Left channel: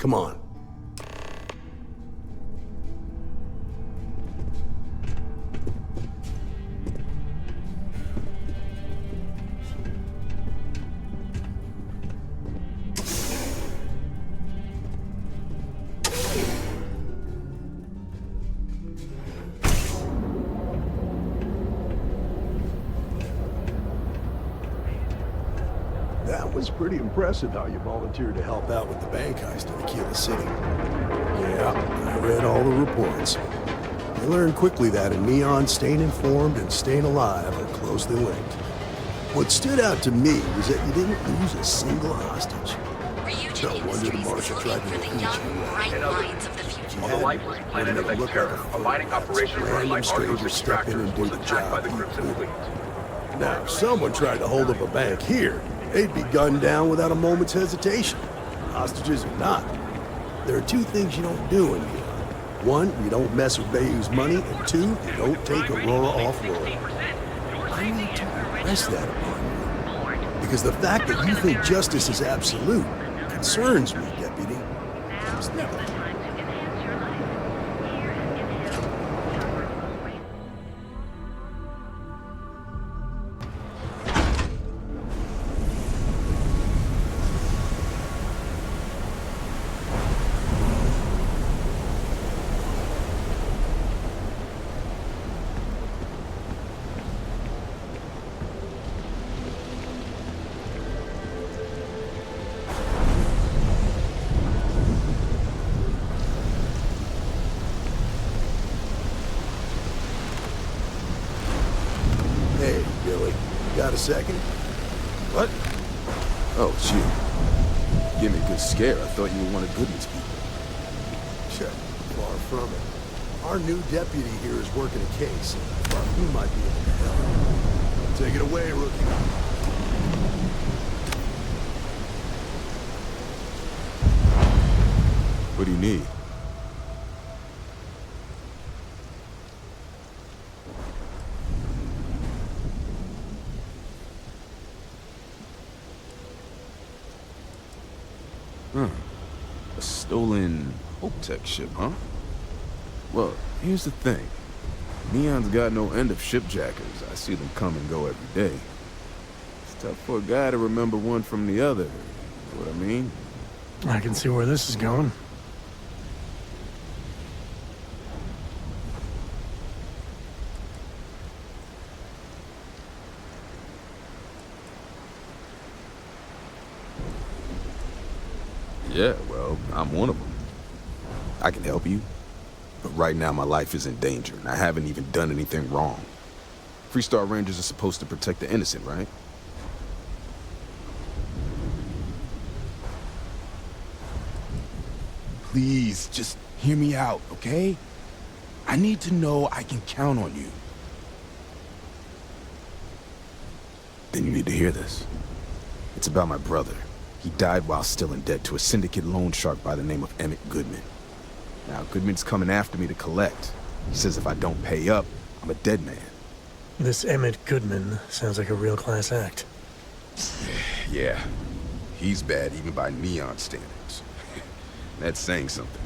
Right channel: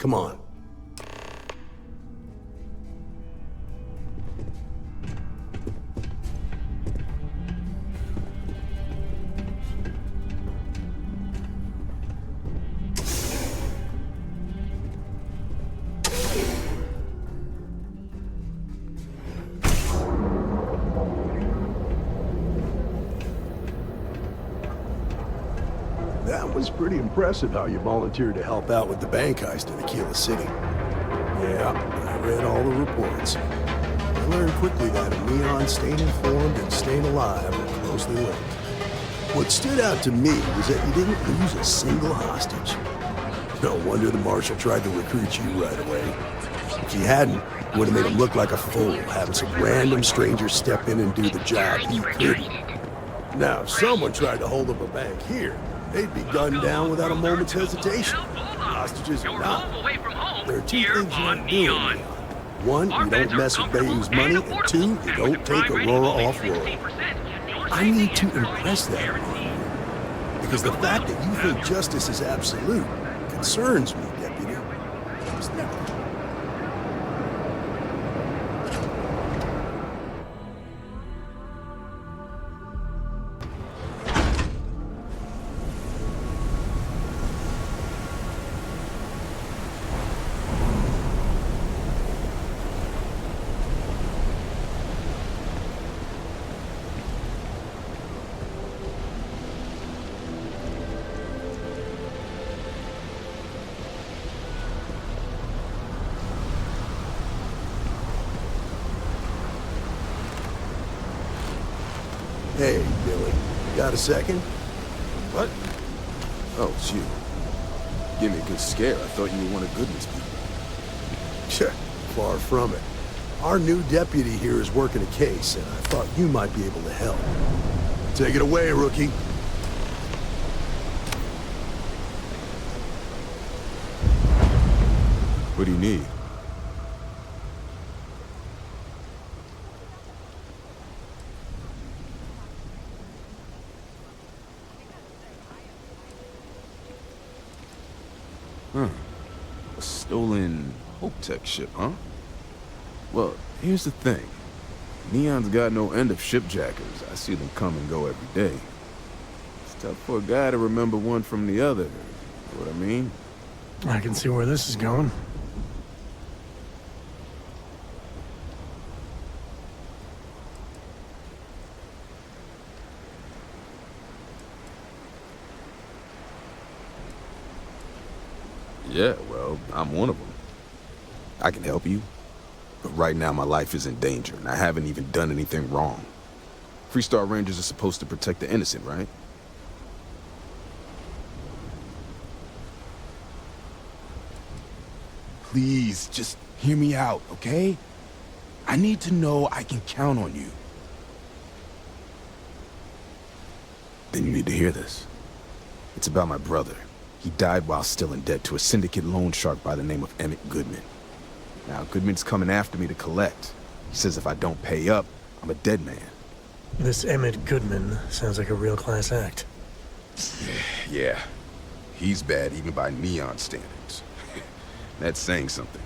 Come on. That was pretty impressive how you volunteered to help out with the bank heist in Aquila City. Yeah, I read all the reports. I learned quickly that in Neon, staying informed and staying alive are closely linked. What stood out to me was that you didn't lose a single hostage. No wonder the marshal tried to recruit you right away. If he hadn't, it would have made him look like a fool, having some random stranger step in and do the job he couldn't. Now, if someone tried to hold up a bank here, they'd be gunned down without a moment's hesitation. Hostages or not. There are two things you don't do in Neon. One, you don't mess with Bayou's money, and two, you don't take Aurora off-world. I need to impress that upon you. Because the fact that you think justice is absolute concerns me, Deputy. Hey, Billy. Got a second? What? Oh, it's you. Give me a good scare. I thought you were one of Goodman's people. Sure, far from it. Our new deputy here is working a case, and I thought you might be able to help. Take it away, rookie. What do you need? A stolen Hope-Tech ship, huh? Well, here's the thing. Neon's got no end of shipjackers. I see them come and go every day. It's tough for a guy to remember one from the other. You know what I mean? I can see where this is going. Yeah, well, I'm one of them. I can help you, but right now my life is in danger, and I haven't even done anything wrong. Freestar Rangers are supposed to protect the innocent, right? Please, just hear me out, okay? I need to know I can count on you. Then you need to hear this. It's about my brother. He died while still in debt to a syndicate loan shark by the name of Emmett Goodman. Now, Goodman's coming after me to collect. He says if I don't pay up, I'm a dead man. This Emmett Goodman sounds like a real class act. Yeah, he's bad even by Neon standards. That's saying something.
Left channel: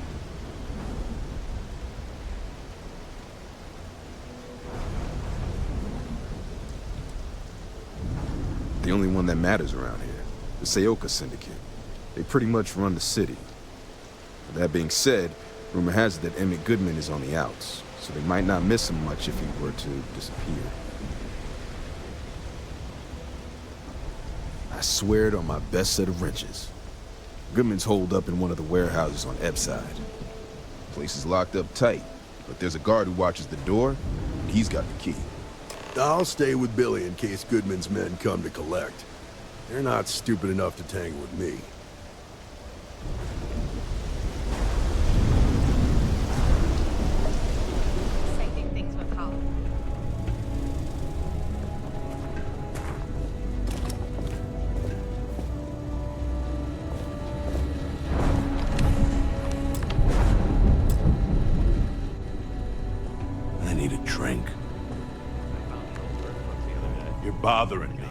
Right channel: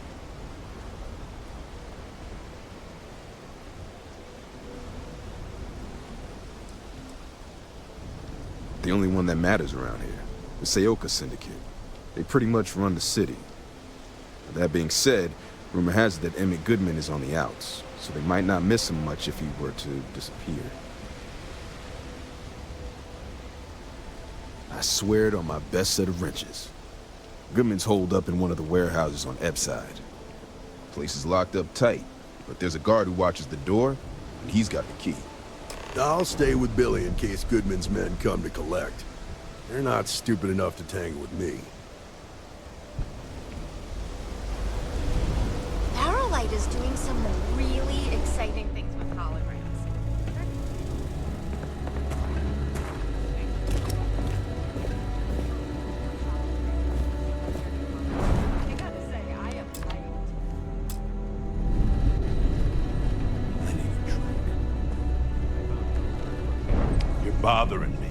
The only one that matters around here. The Seoka Syndicate. They pretty much run the city. But that being said, rumor has it that Emmett Goodman is on the outs, so they might not miss him much if he were to disappear. I swear it on my best set of wrenches. Goodman's holed up in one of the warehouses on Ebbside. Place is locked up tight, but there's a guard who watches the door, and he's got the key. I'll stay with Billy in case Goodman's men come to collect. They're not stupid enough to tangle with me. Arrowlight is doing some really exciting things with holograms. I need a drink. You're bothering me.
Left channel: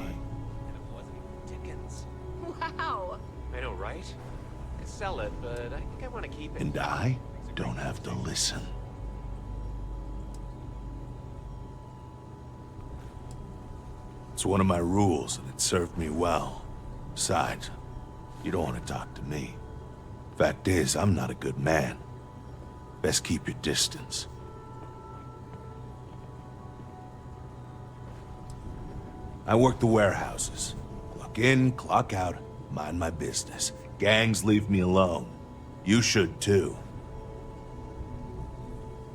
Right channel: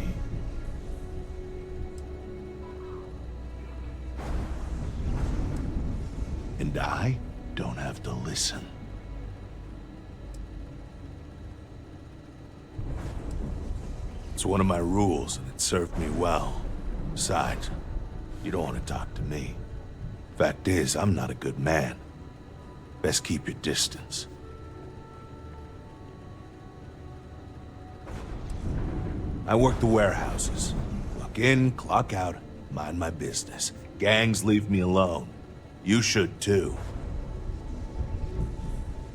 Wow. I know, right? Sell it, but I can And I don't have to listen. It's one of my rules, and it served me well. Besides, you don't want to talk to me. Fact is, I'm not a good man. Best keep your distance. I work the warehouses. Clock in, clock out, mind my business. Gangs leave me alone. You should too.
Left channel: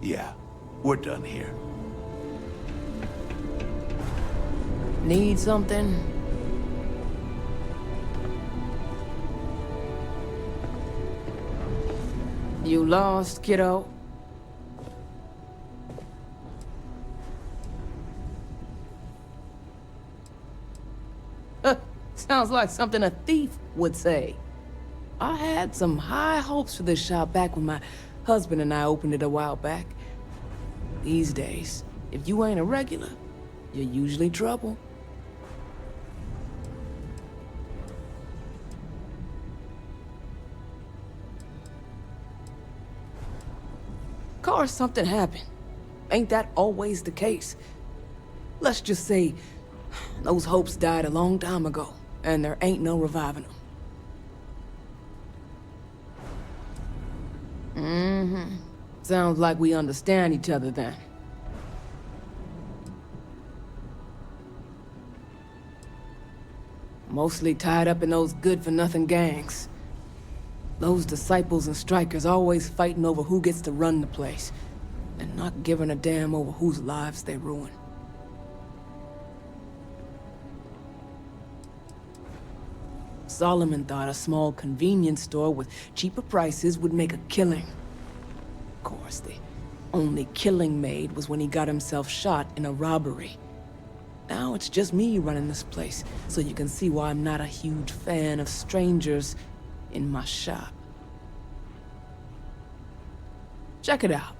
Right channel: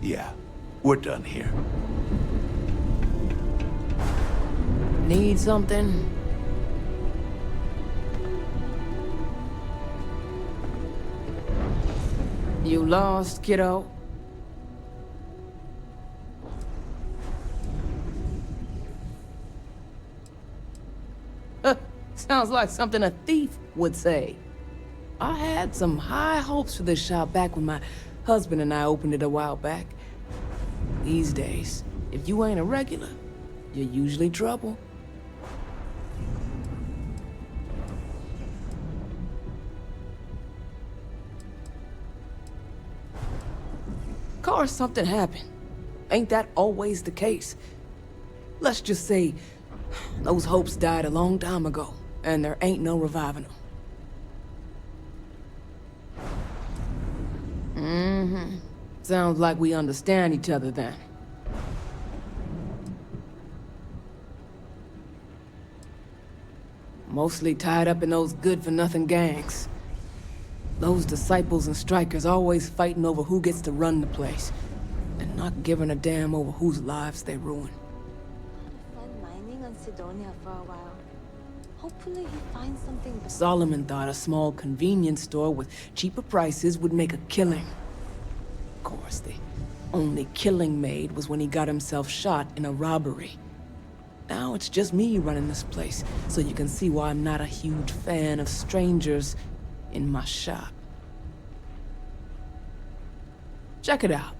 Yeah, we're done here. Need something? You lost, kiddo? Sounds like something a thief would say. I had some high hopes for this shop back when my husband and I opened it a while back. These days, if you ain't a regular, you're usually trouble. Course, something happened. Ain't that always the case? Let's just say those hopes died a long time ago, and there ain't no reviving them. Sounds like we understand each other then. Mostly tied up in those good-for-nothing gangs. Those disciples and strikers always fighting over who gets to run the place, and not giving a damn over whose lives they ruin. Mining on Sidonia for a while. Hopefully we find something. Solomon thought a small convenience store with cheaper prices would make a killing. Of course, the only killing made was when he got himself shot in a robbery. Now it's just me running this place, so you can see why I'm not a huge fan of strangers in my shop. Check it out.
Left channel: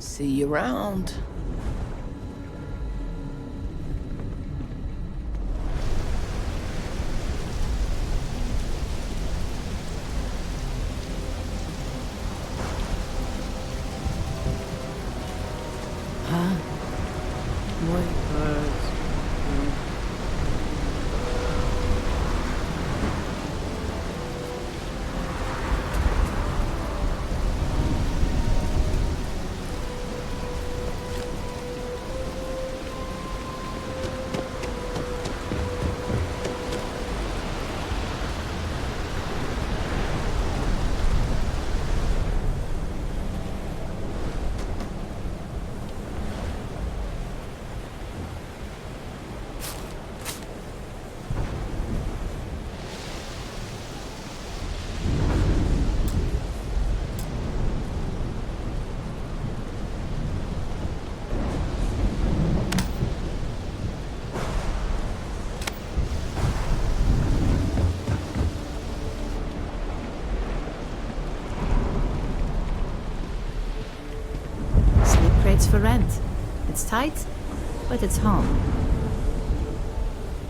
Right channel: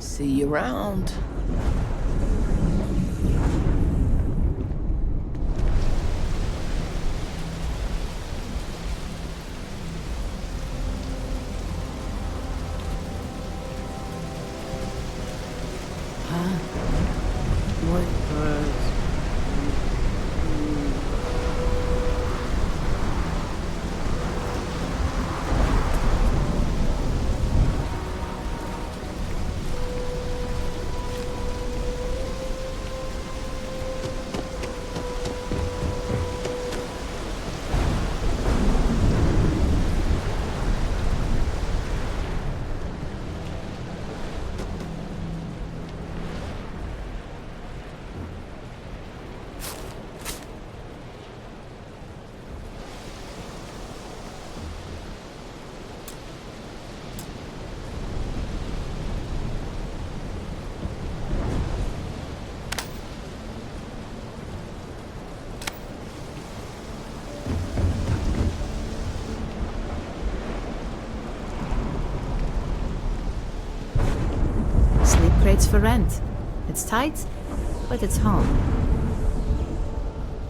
See you around. Huh? What? Sleep crates for rent. It's tight, but it's home.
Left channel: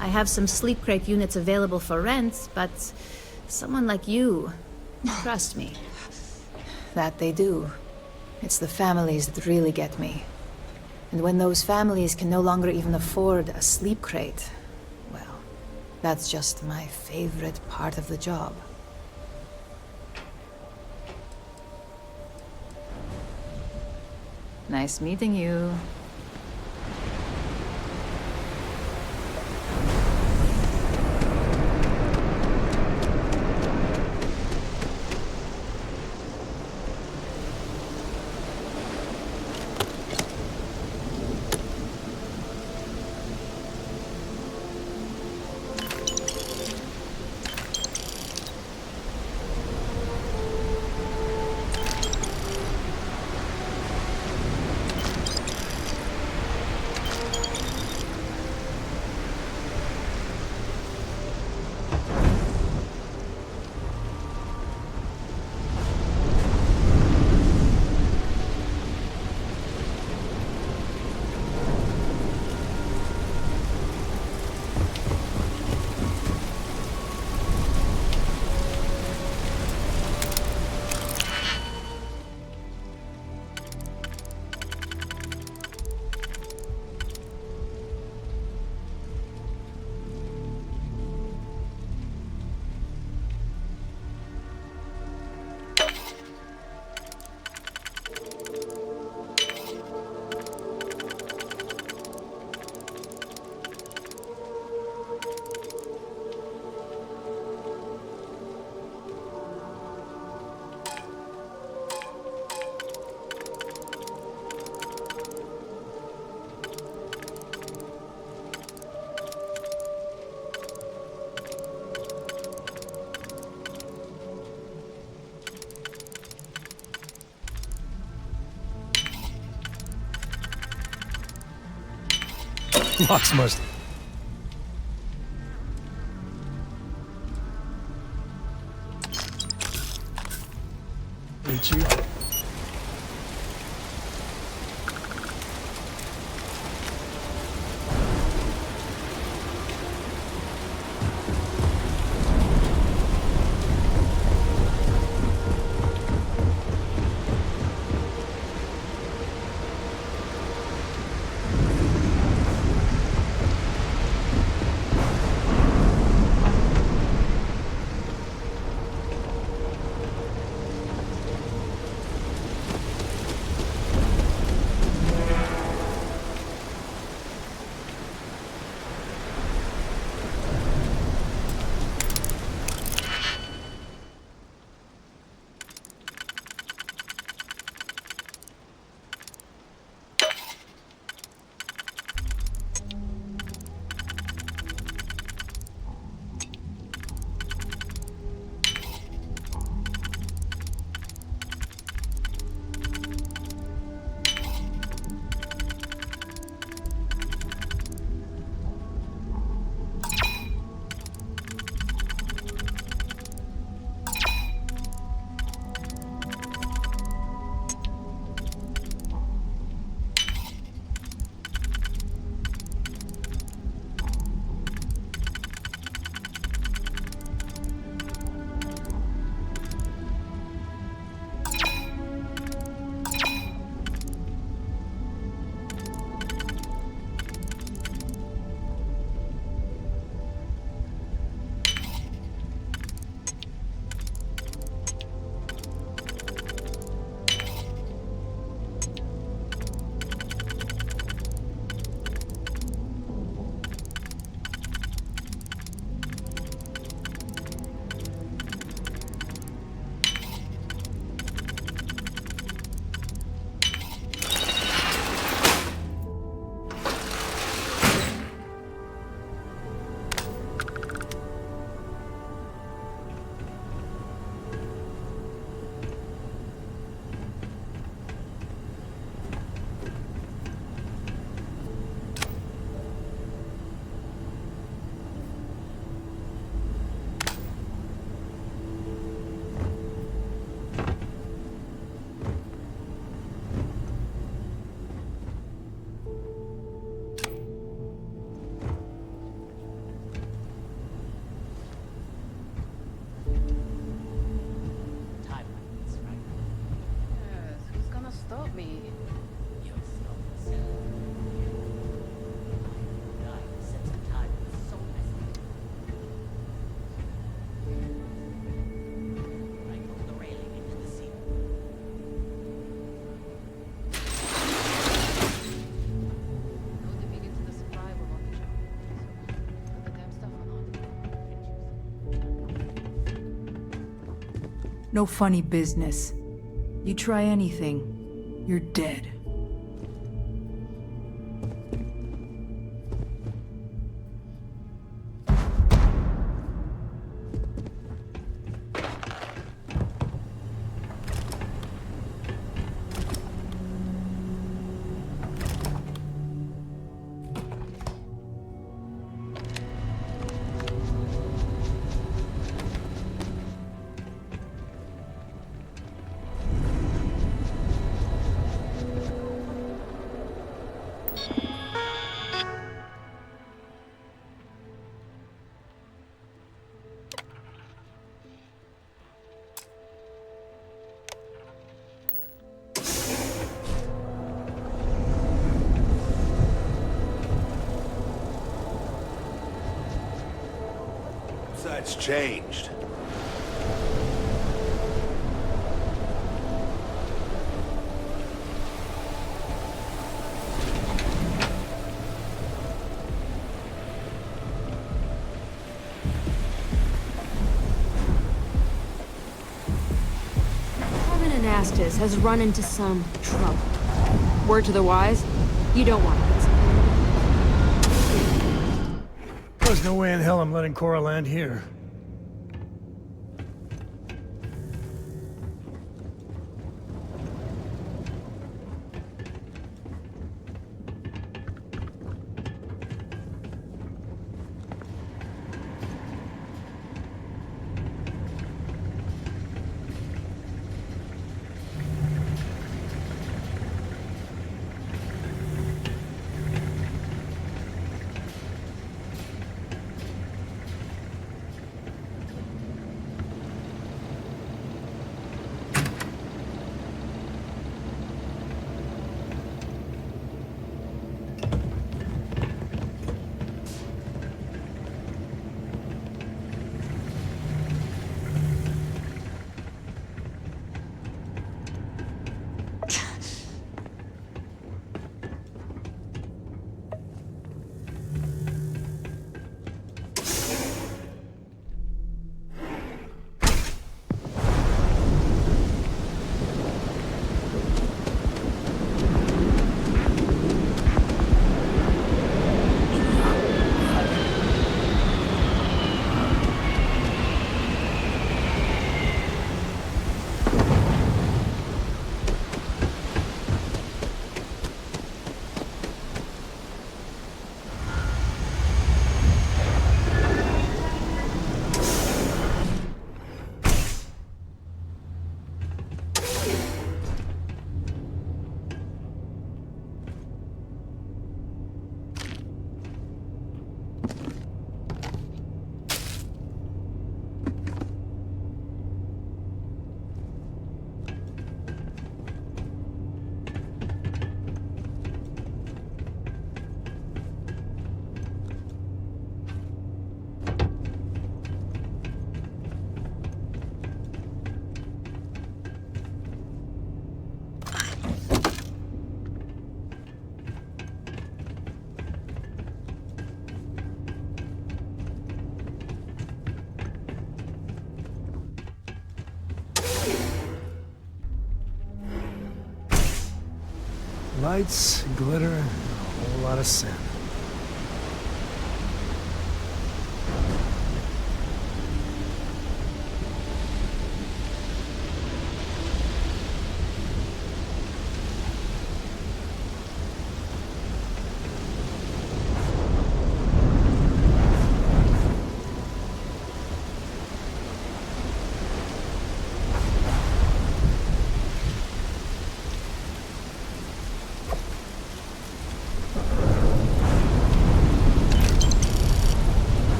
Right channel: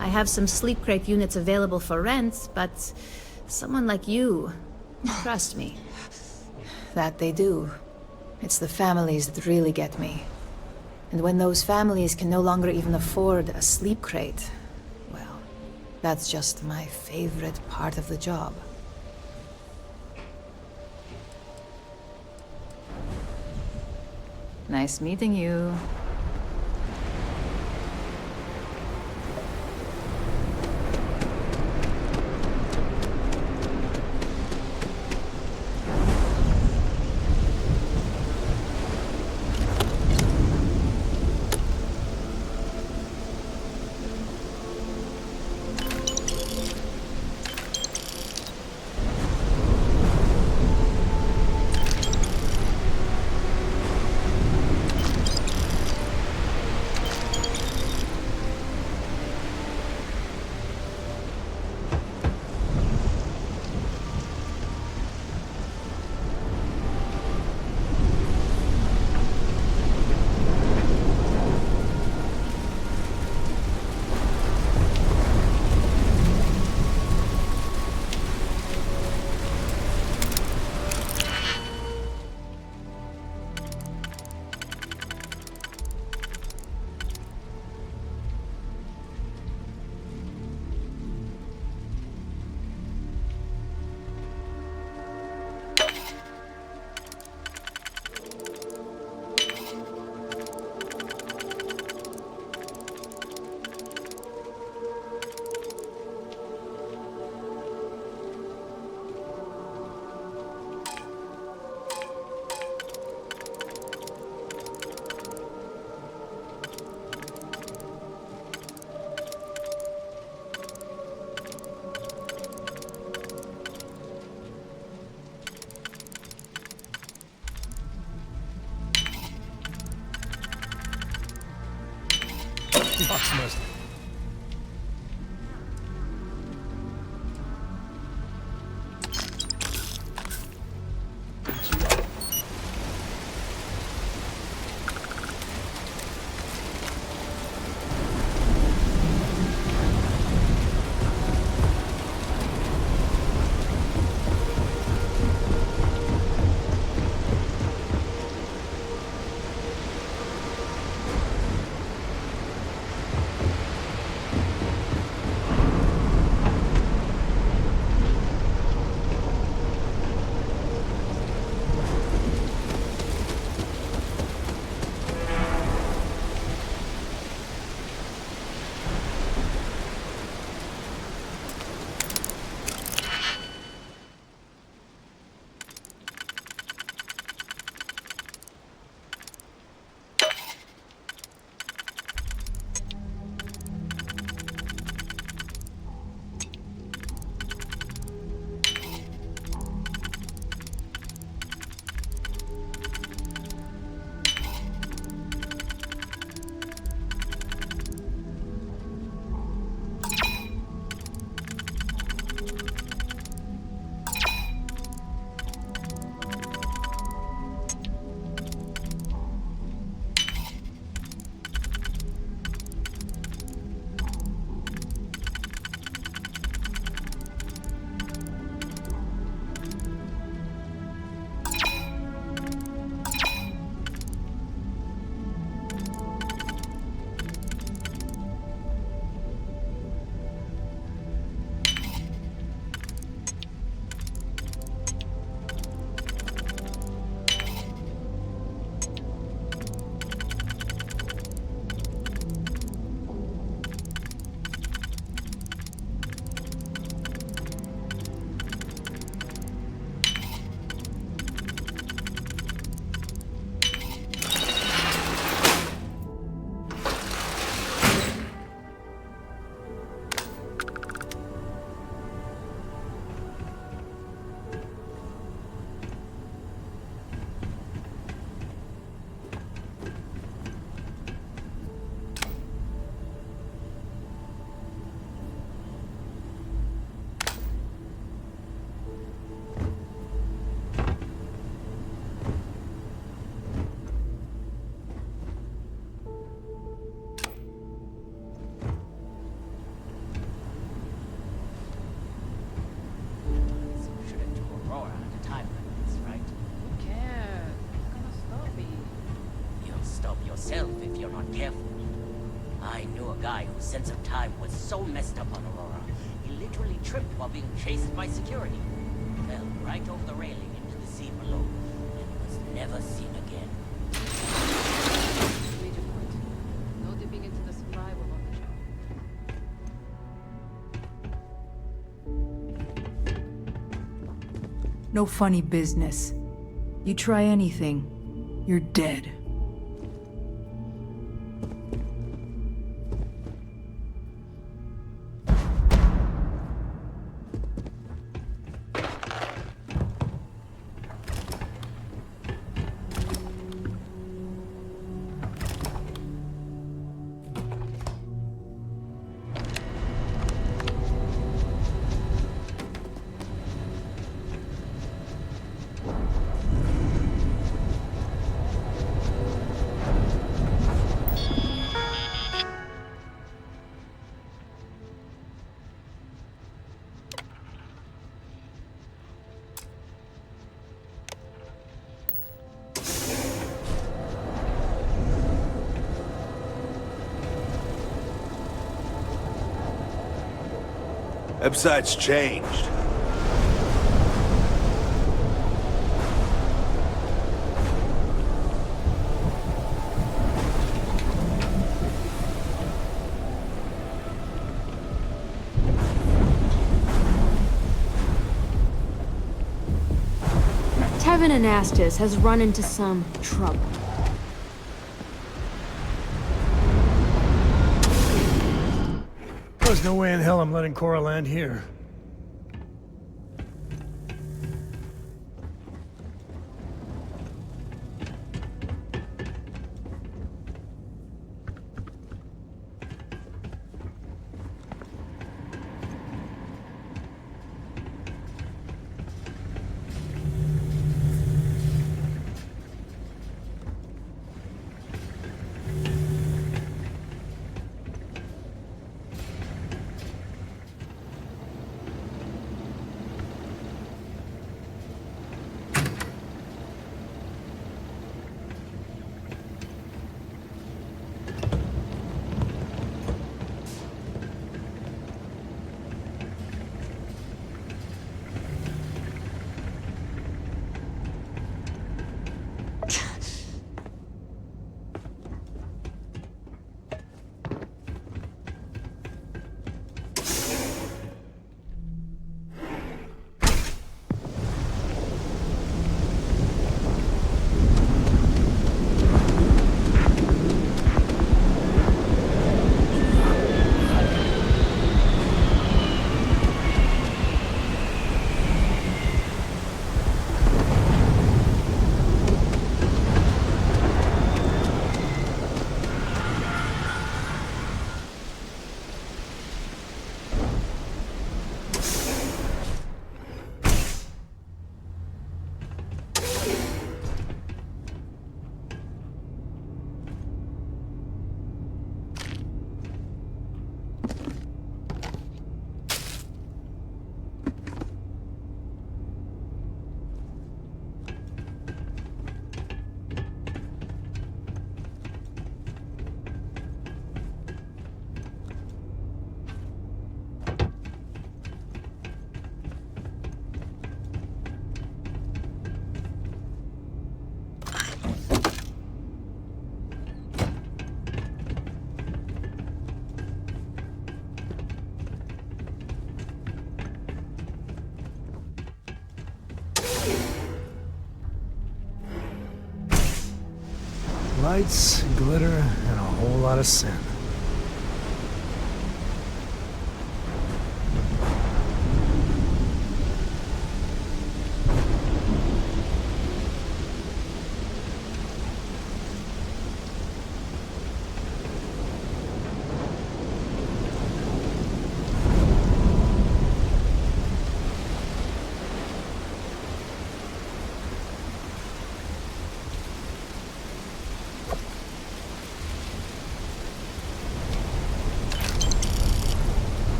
I have some sleep crate units available for rent, but someone like you, trust me. That they do. It's the families that really get me. And when those families can no longer even afford a sleep crate, well, that's just my favorite part of the job. Nice meeting you. Locks must. Ain't you? yourself if you're not careful. I knew a guy whose sense of time was so messed up on Aurora, he literally tripped while being chased by security. Fell right over the railing into the sea below, and was never seen again. No dipping into the survival on the job. Damn stuff. No funny business. You try anything, you're dead. Website's changed. Tevin Anastas has run into some trouble. Word to the wise, you don't want this. There's no way in hell I'm letting Cora land here. Lights, glitter, and a whole lot of sin.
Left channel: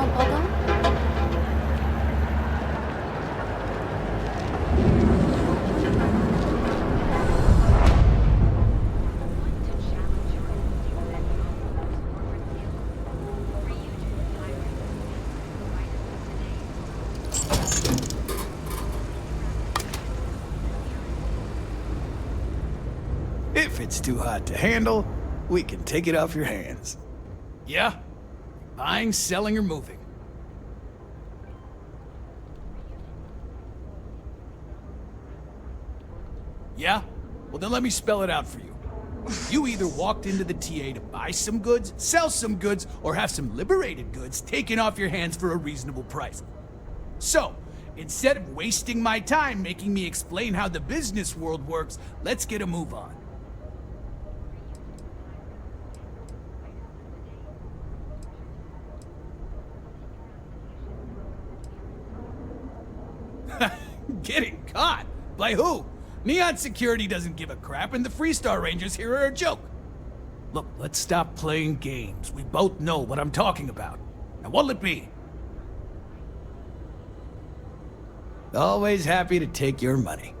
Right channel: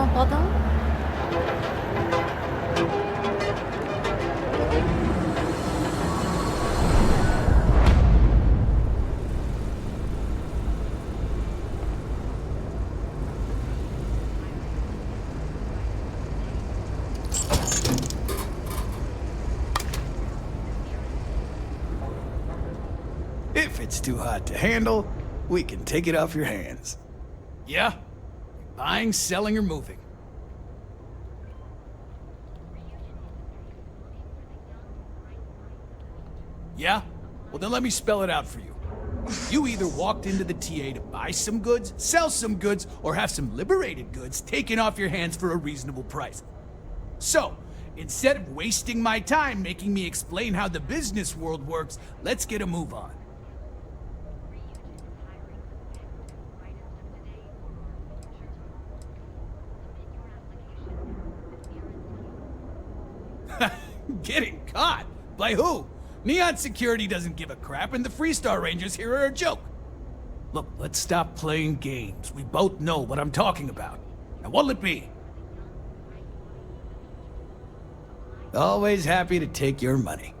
Non, pardon? If it's too hot to handle, we can take it off your hands. Yeah? Buying, selling, or moving? Yeah? Well, then let me spell it out for you. You either walked into the TA to buy some goods, sell some goods, or have some liberated goods taken off your hands for a reasonable price. So, instead of wasting my time making me explain how the business world works, let's get a move on. Getting caught? By who? Neon Security doesn't give a crap, and the Freestar Rangers here are a joke. Look, let's stop playing games. We both know what I'm talking about. Now, what'll it be? Always happy to take your money.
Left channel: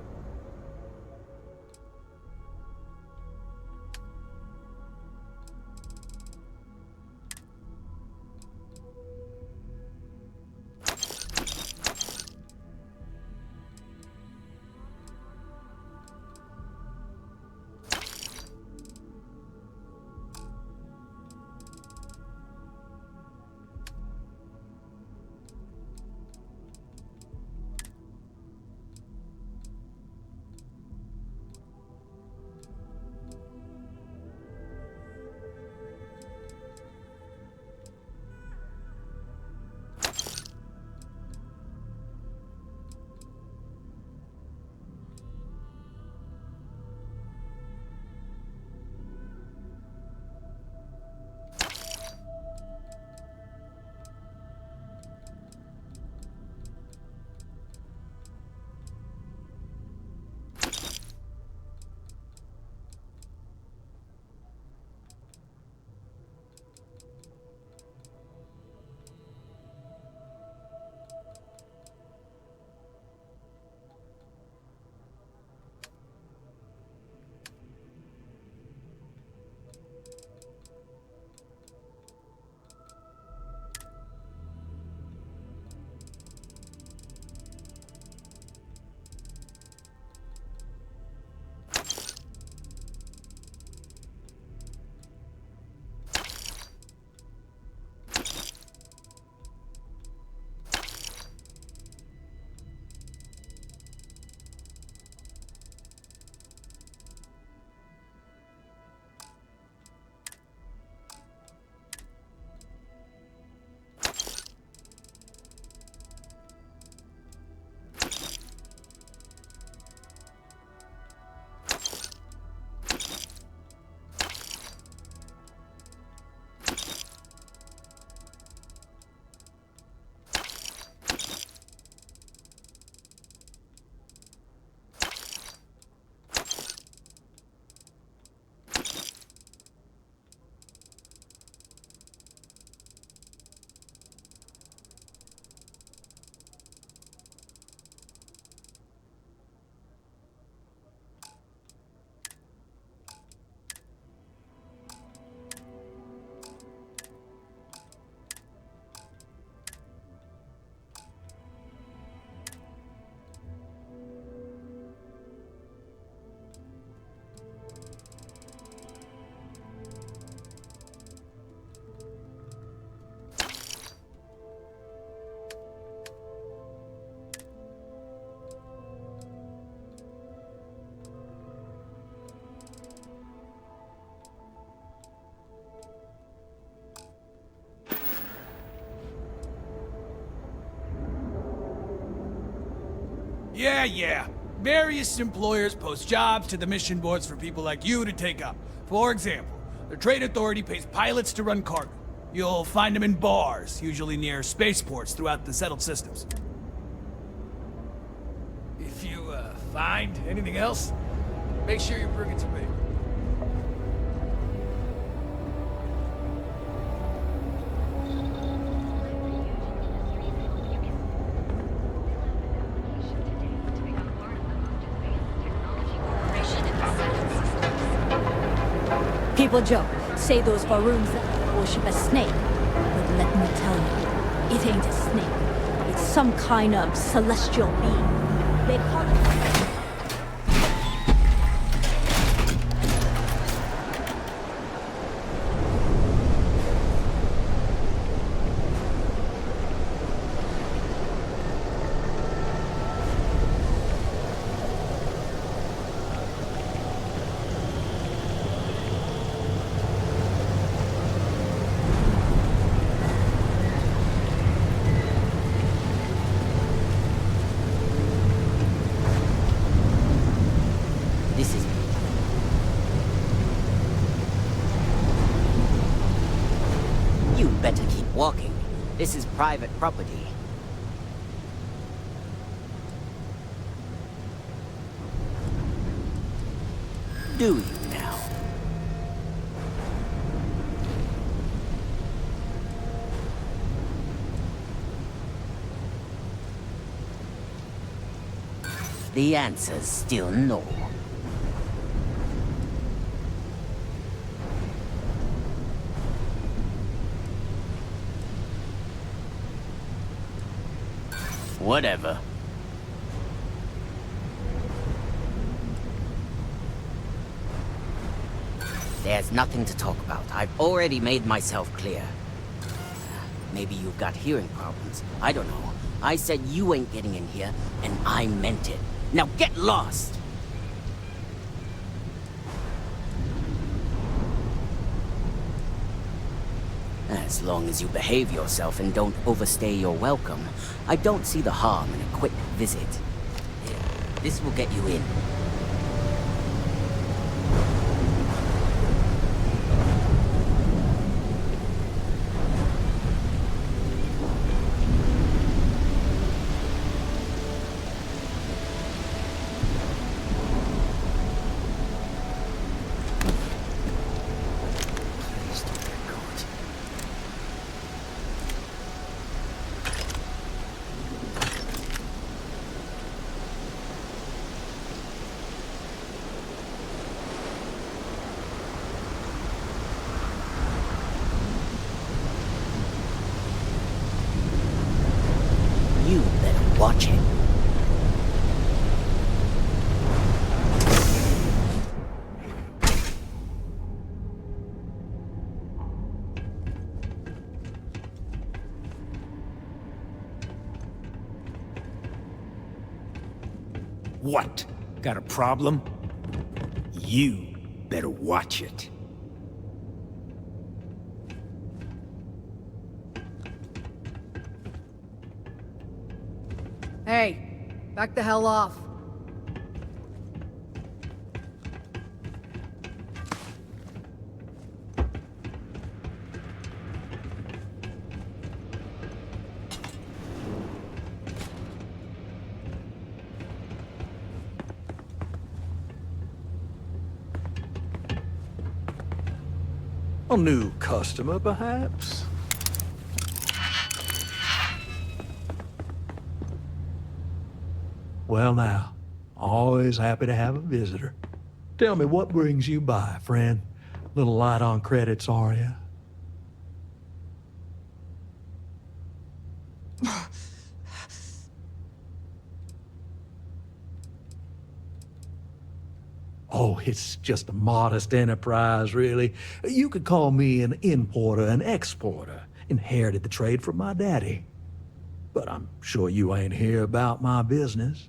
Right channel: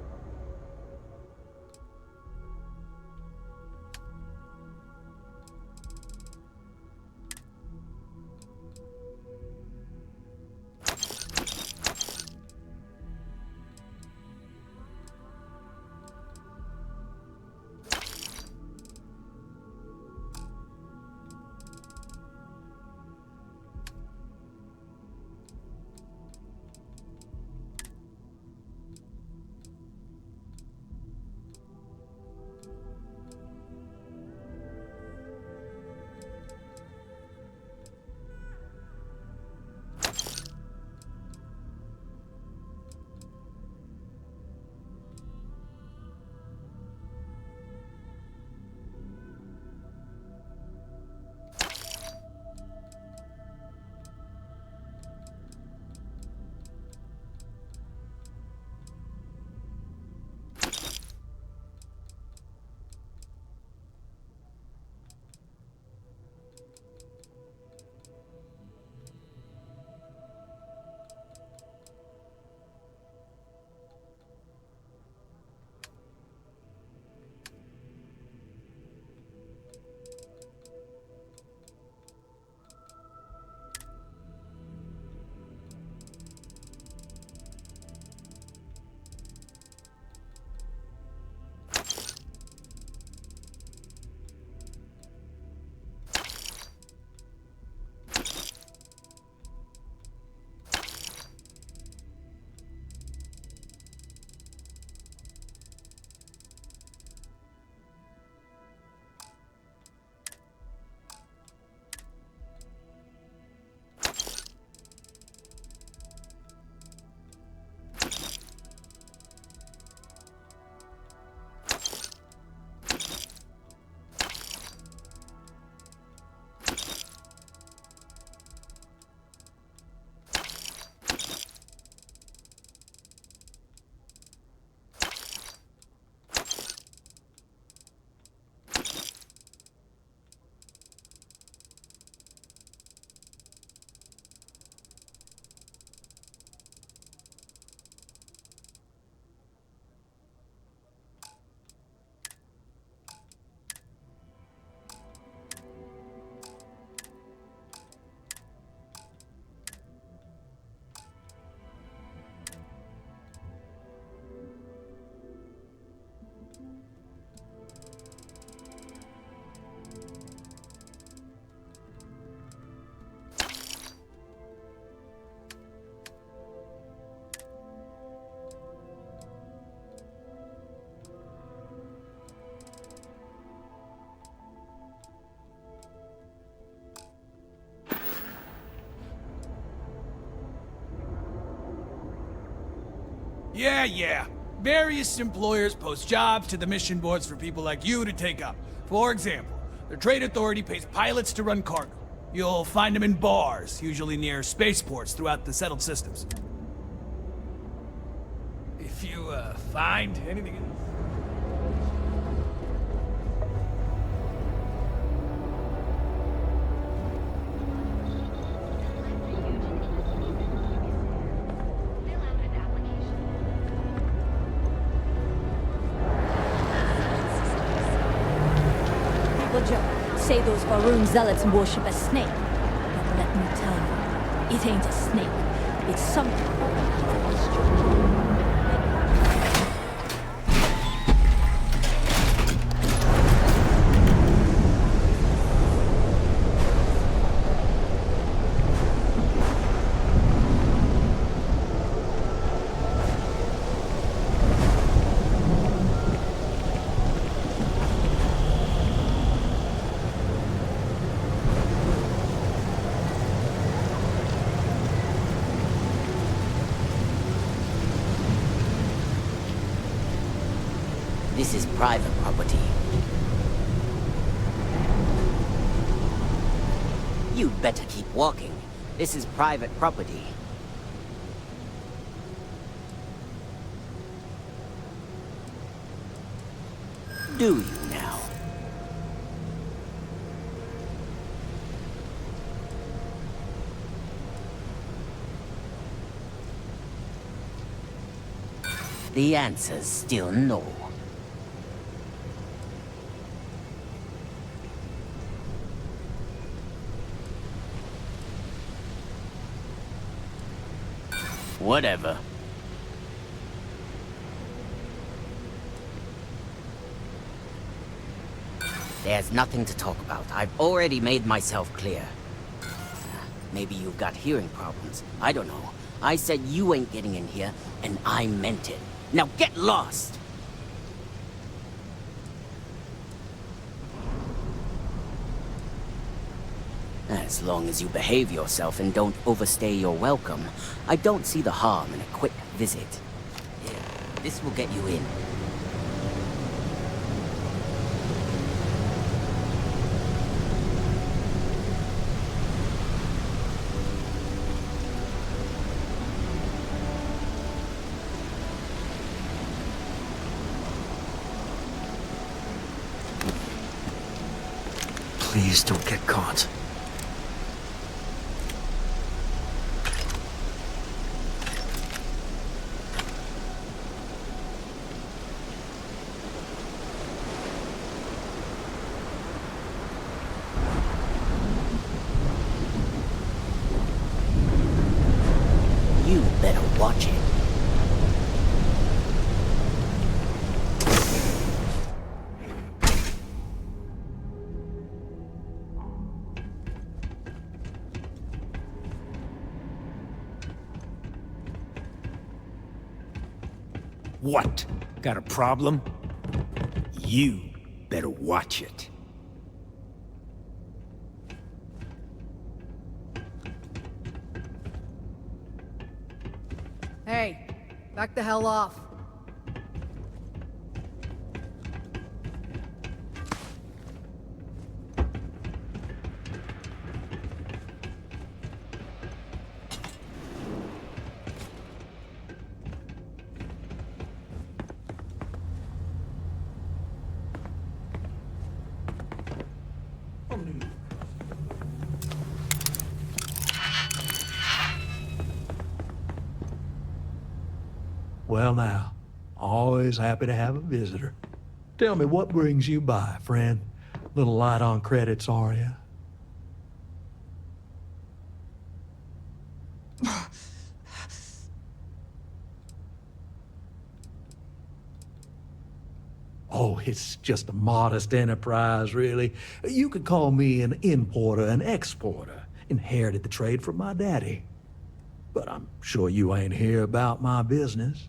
Yeah. Various employers post jobs to the mission boards for people like you to take up. For example, the Trade Authority pays pilots to run cargo. You'll find them in bars, usually near spaceports throughout the settled systems. If you, find anything else, make sure you bring it to me. People joke, say those Faroon zealots worship a snake. But let me tell you, it ain't a snake. It's some kind of celestial being. They call it... This is private property. You'd better keep walking. This is private property. Do you now? The answer's still no. Whatever. There's nothing to talk about. I've already made myself clear. Maybe you've got hearing problems. I don't know. I said you ain't getting in here, and I meant it. Now get lost! As long as you behave yourself and don't overstay your welcome, I don't see the harm in a quick visit. Here, this will get you in. Please don't get caught. You better watch it. What? Got a problem? You better watch it. Hey, back the hell off. A new customer, perhaps? Well now, always happy to have a visitor. Tell me, what brings you by, friend? Little light on credits, are you? Oh, it's just a modest enterprise, really. You could call me an importer and exporter. Inherited the trade from my daddy. But I'm sure you ain't here about my business.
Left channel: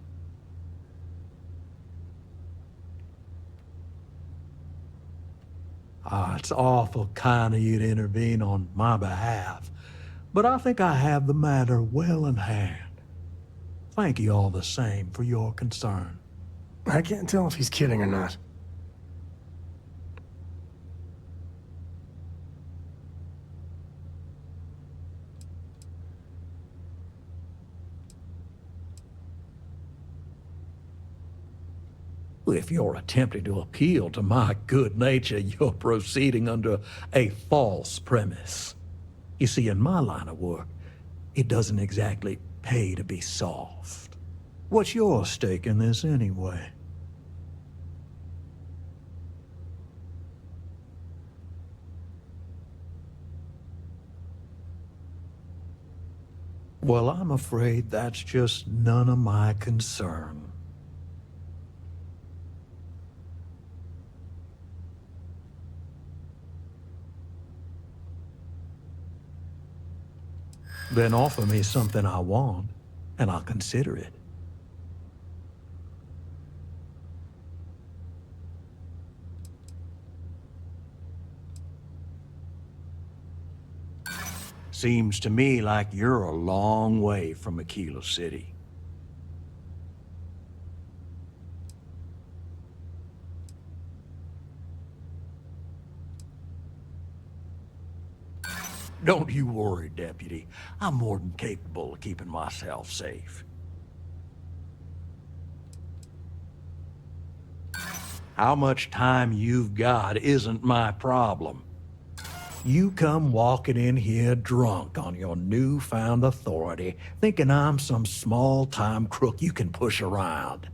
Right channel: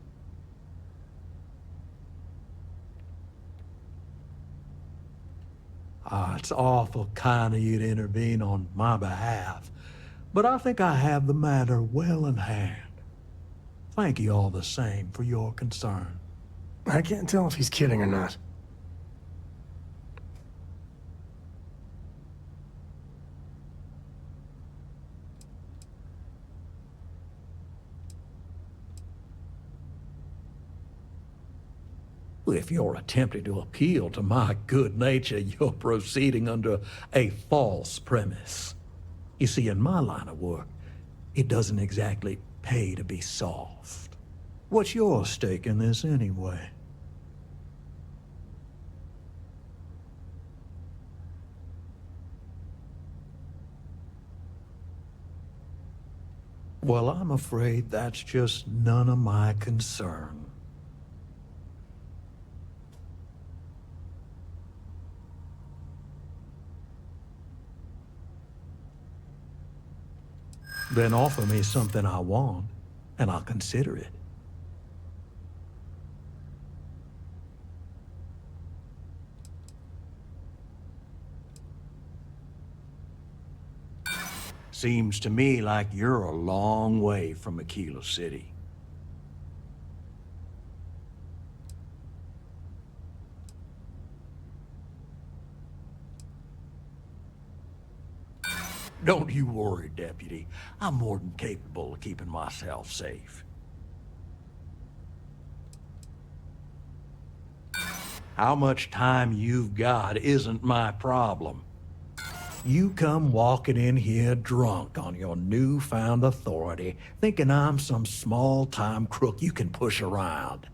Ah, it's awful kind of you to intervene on my behalf. But I think I have the matter well in hand. Thank you all the same for your concern. I can't tell if he's kidding or not. If you're attempting to appeal to my good nature, you're proceeding under a false premise. You see, in my line of work, it doesn't exactly pay to be soft. What's your stake in this anyway? Well, I'm afraid that's just none of my concern. Then offer me something I want, and I'll consider it. Seems to me like you're a long way from Aquila City. Don't you worry, Deputy. I'm more than capable of keeping myself safe. How much time you've got isn't my problem. You come walking in here drunk on your newfound authority, thinking I'm some small-time crook you can push around.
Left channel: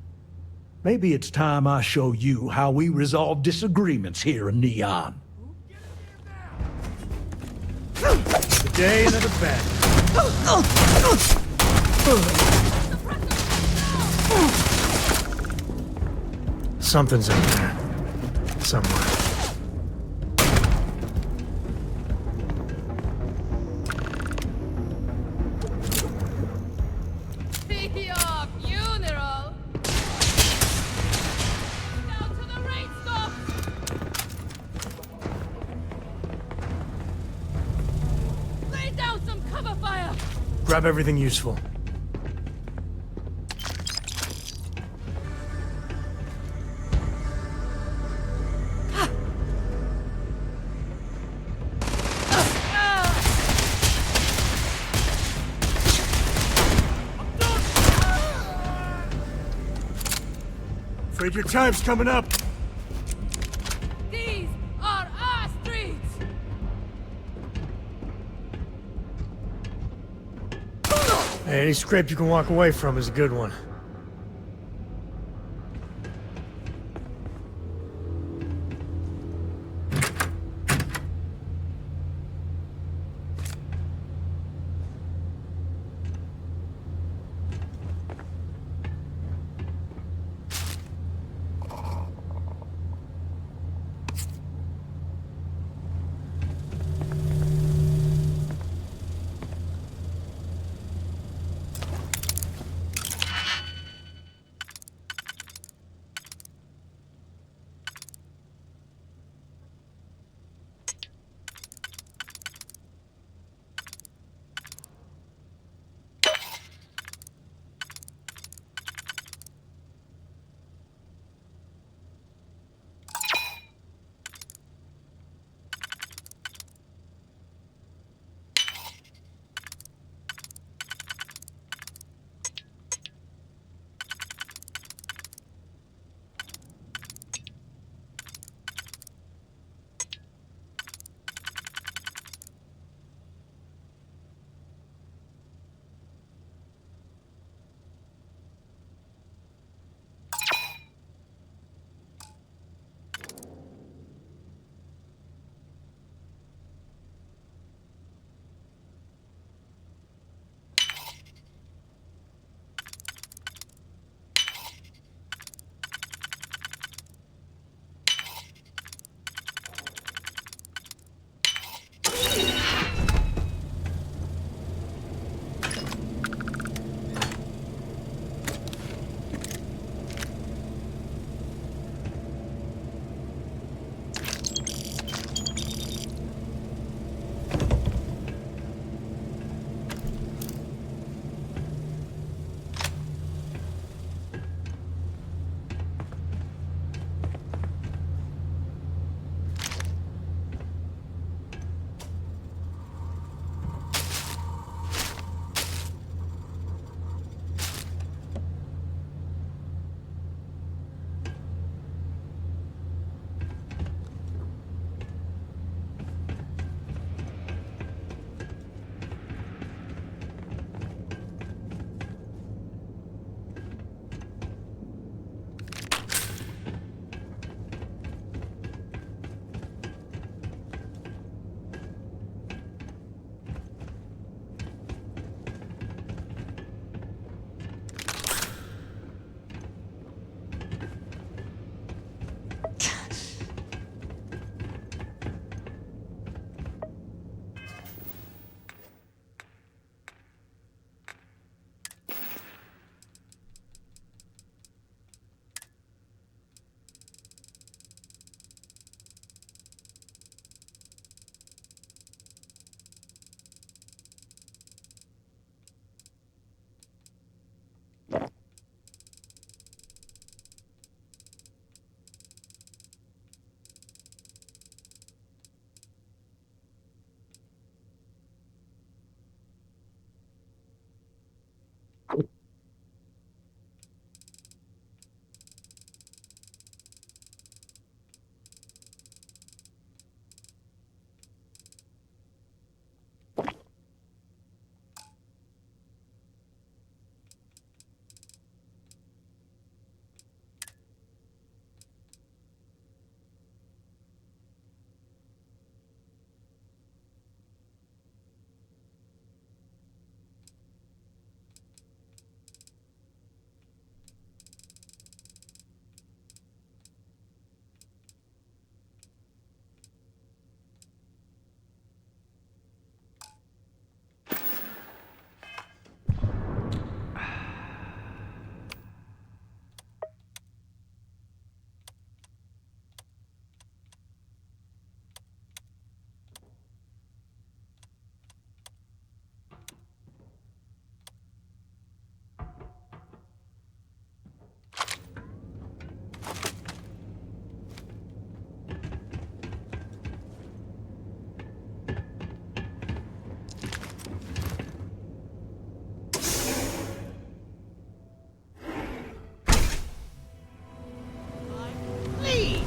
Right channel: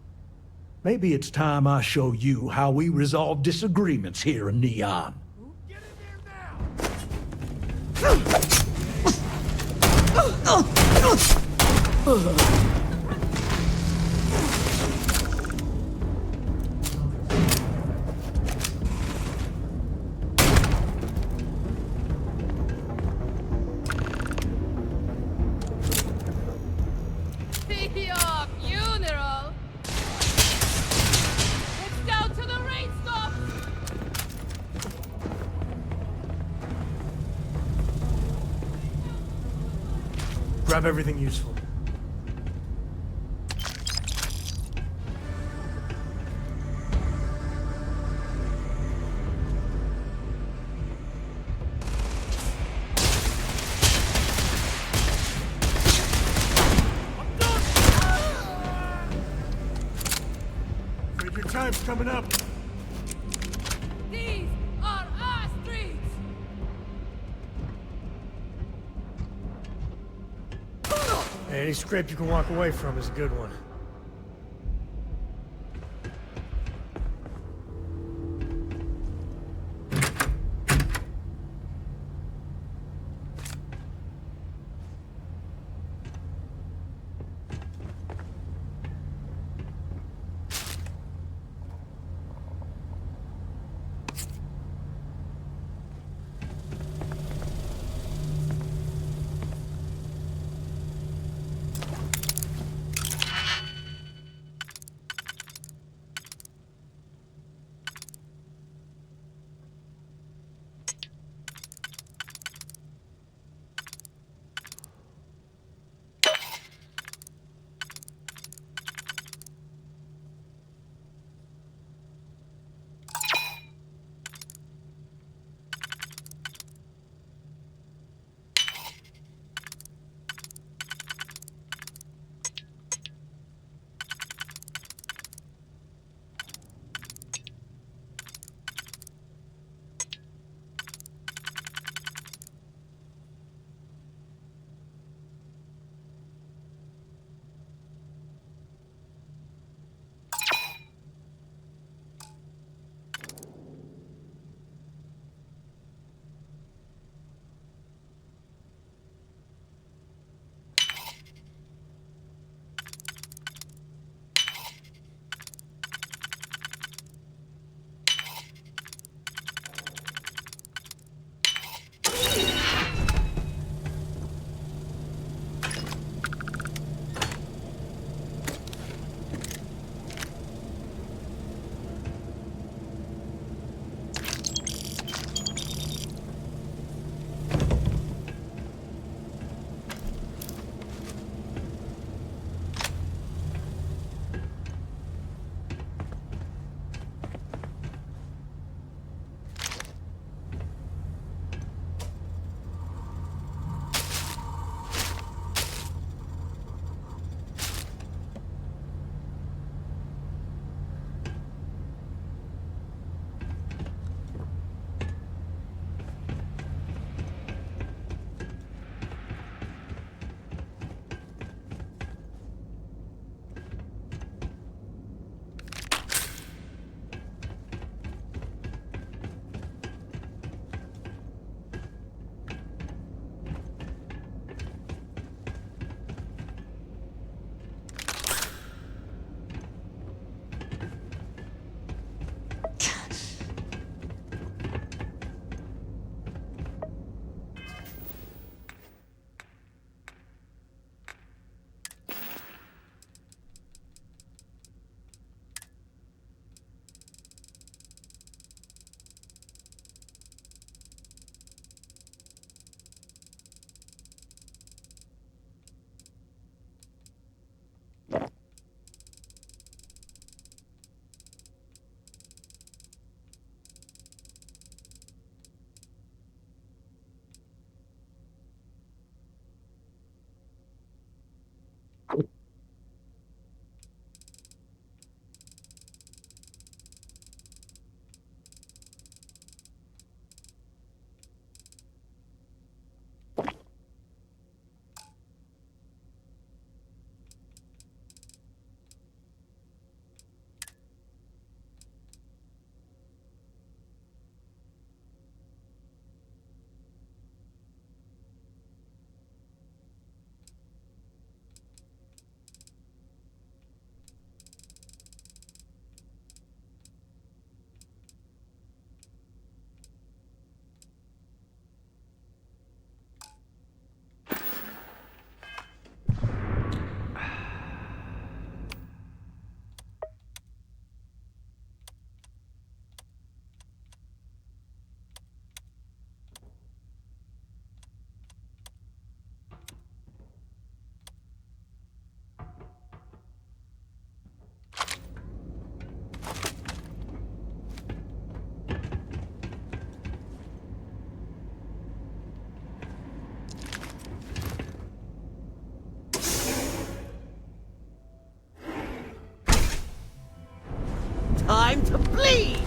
Maybe it's time I show you how we resolve disagreements here in Neon. Day another bad. Something's in there. Somewhere. Your funeral! It's down to the rain stop! Lay down some cover fire! Grab everything useful. Afraid your time's coming up. These are our streets! Hey, any scrape you can walk away from is a good one. time to bleed!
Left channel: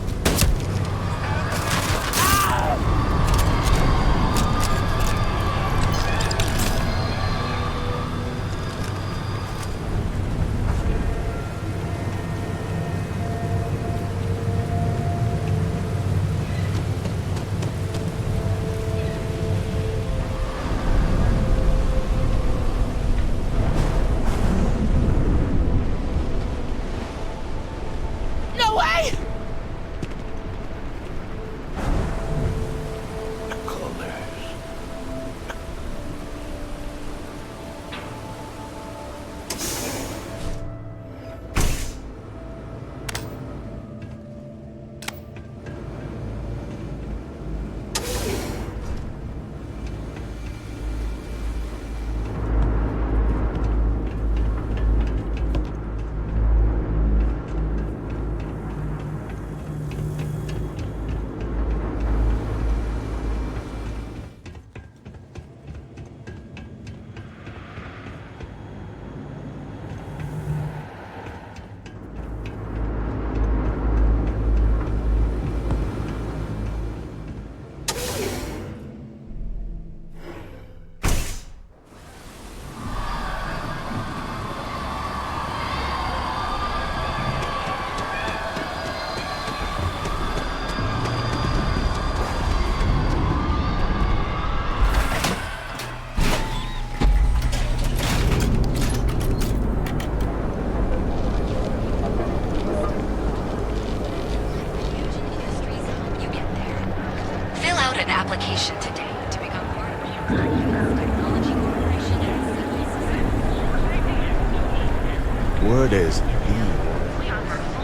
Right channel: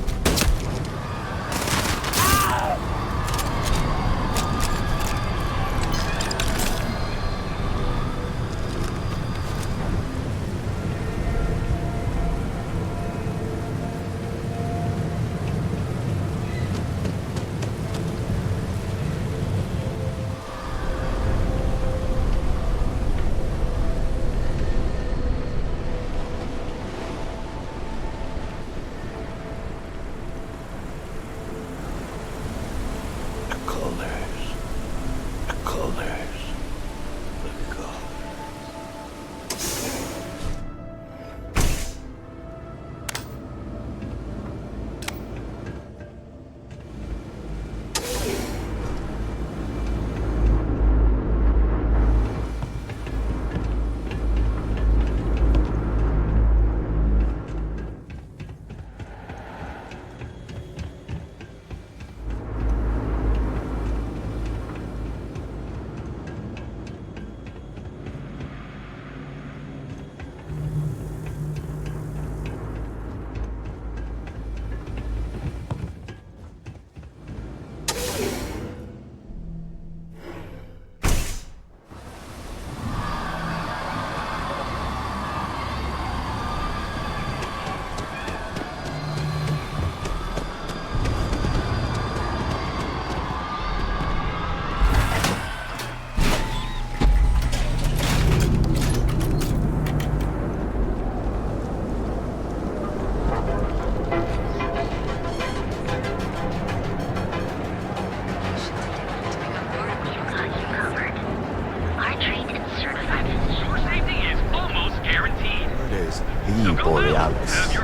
No way! Fill out an application today to become part of technology. I trained and certified. Your safety is almost guaranteed. What is the Borealis?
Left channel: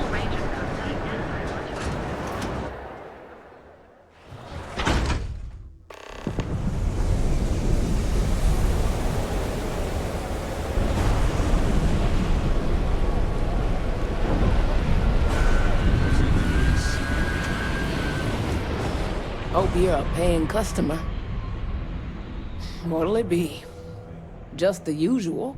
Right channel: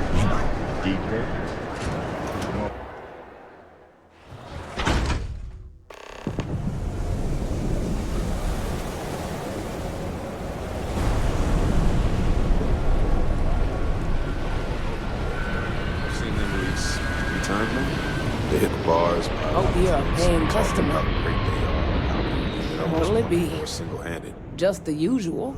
Hope you're a paying customer. What'll it be? Just the usual.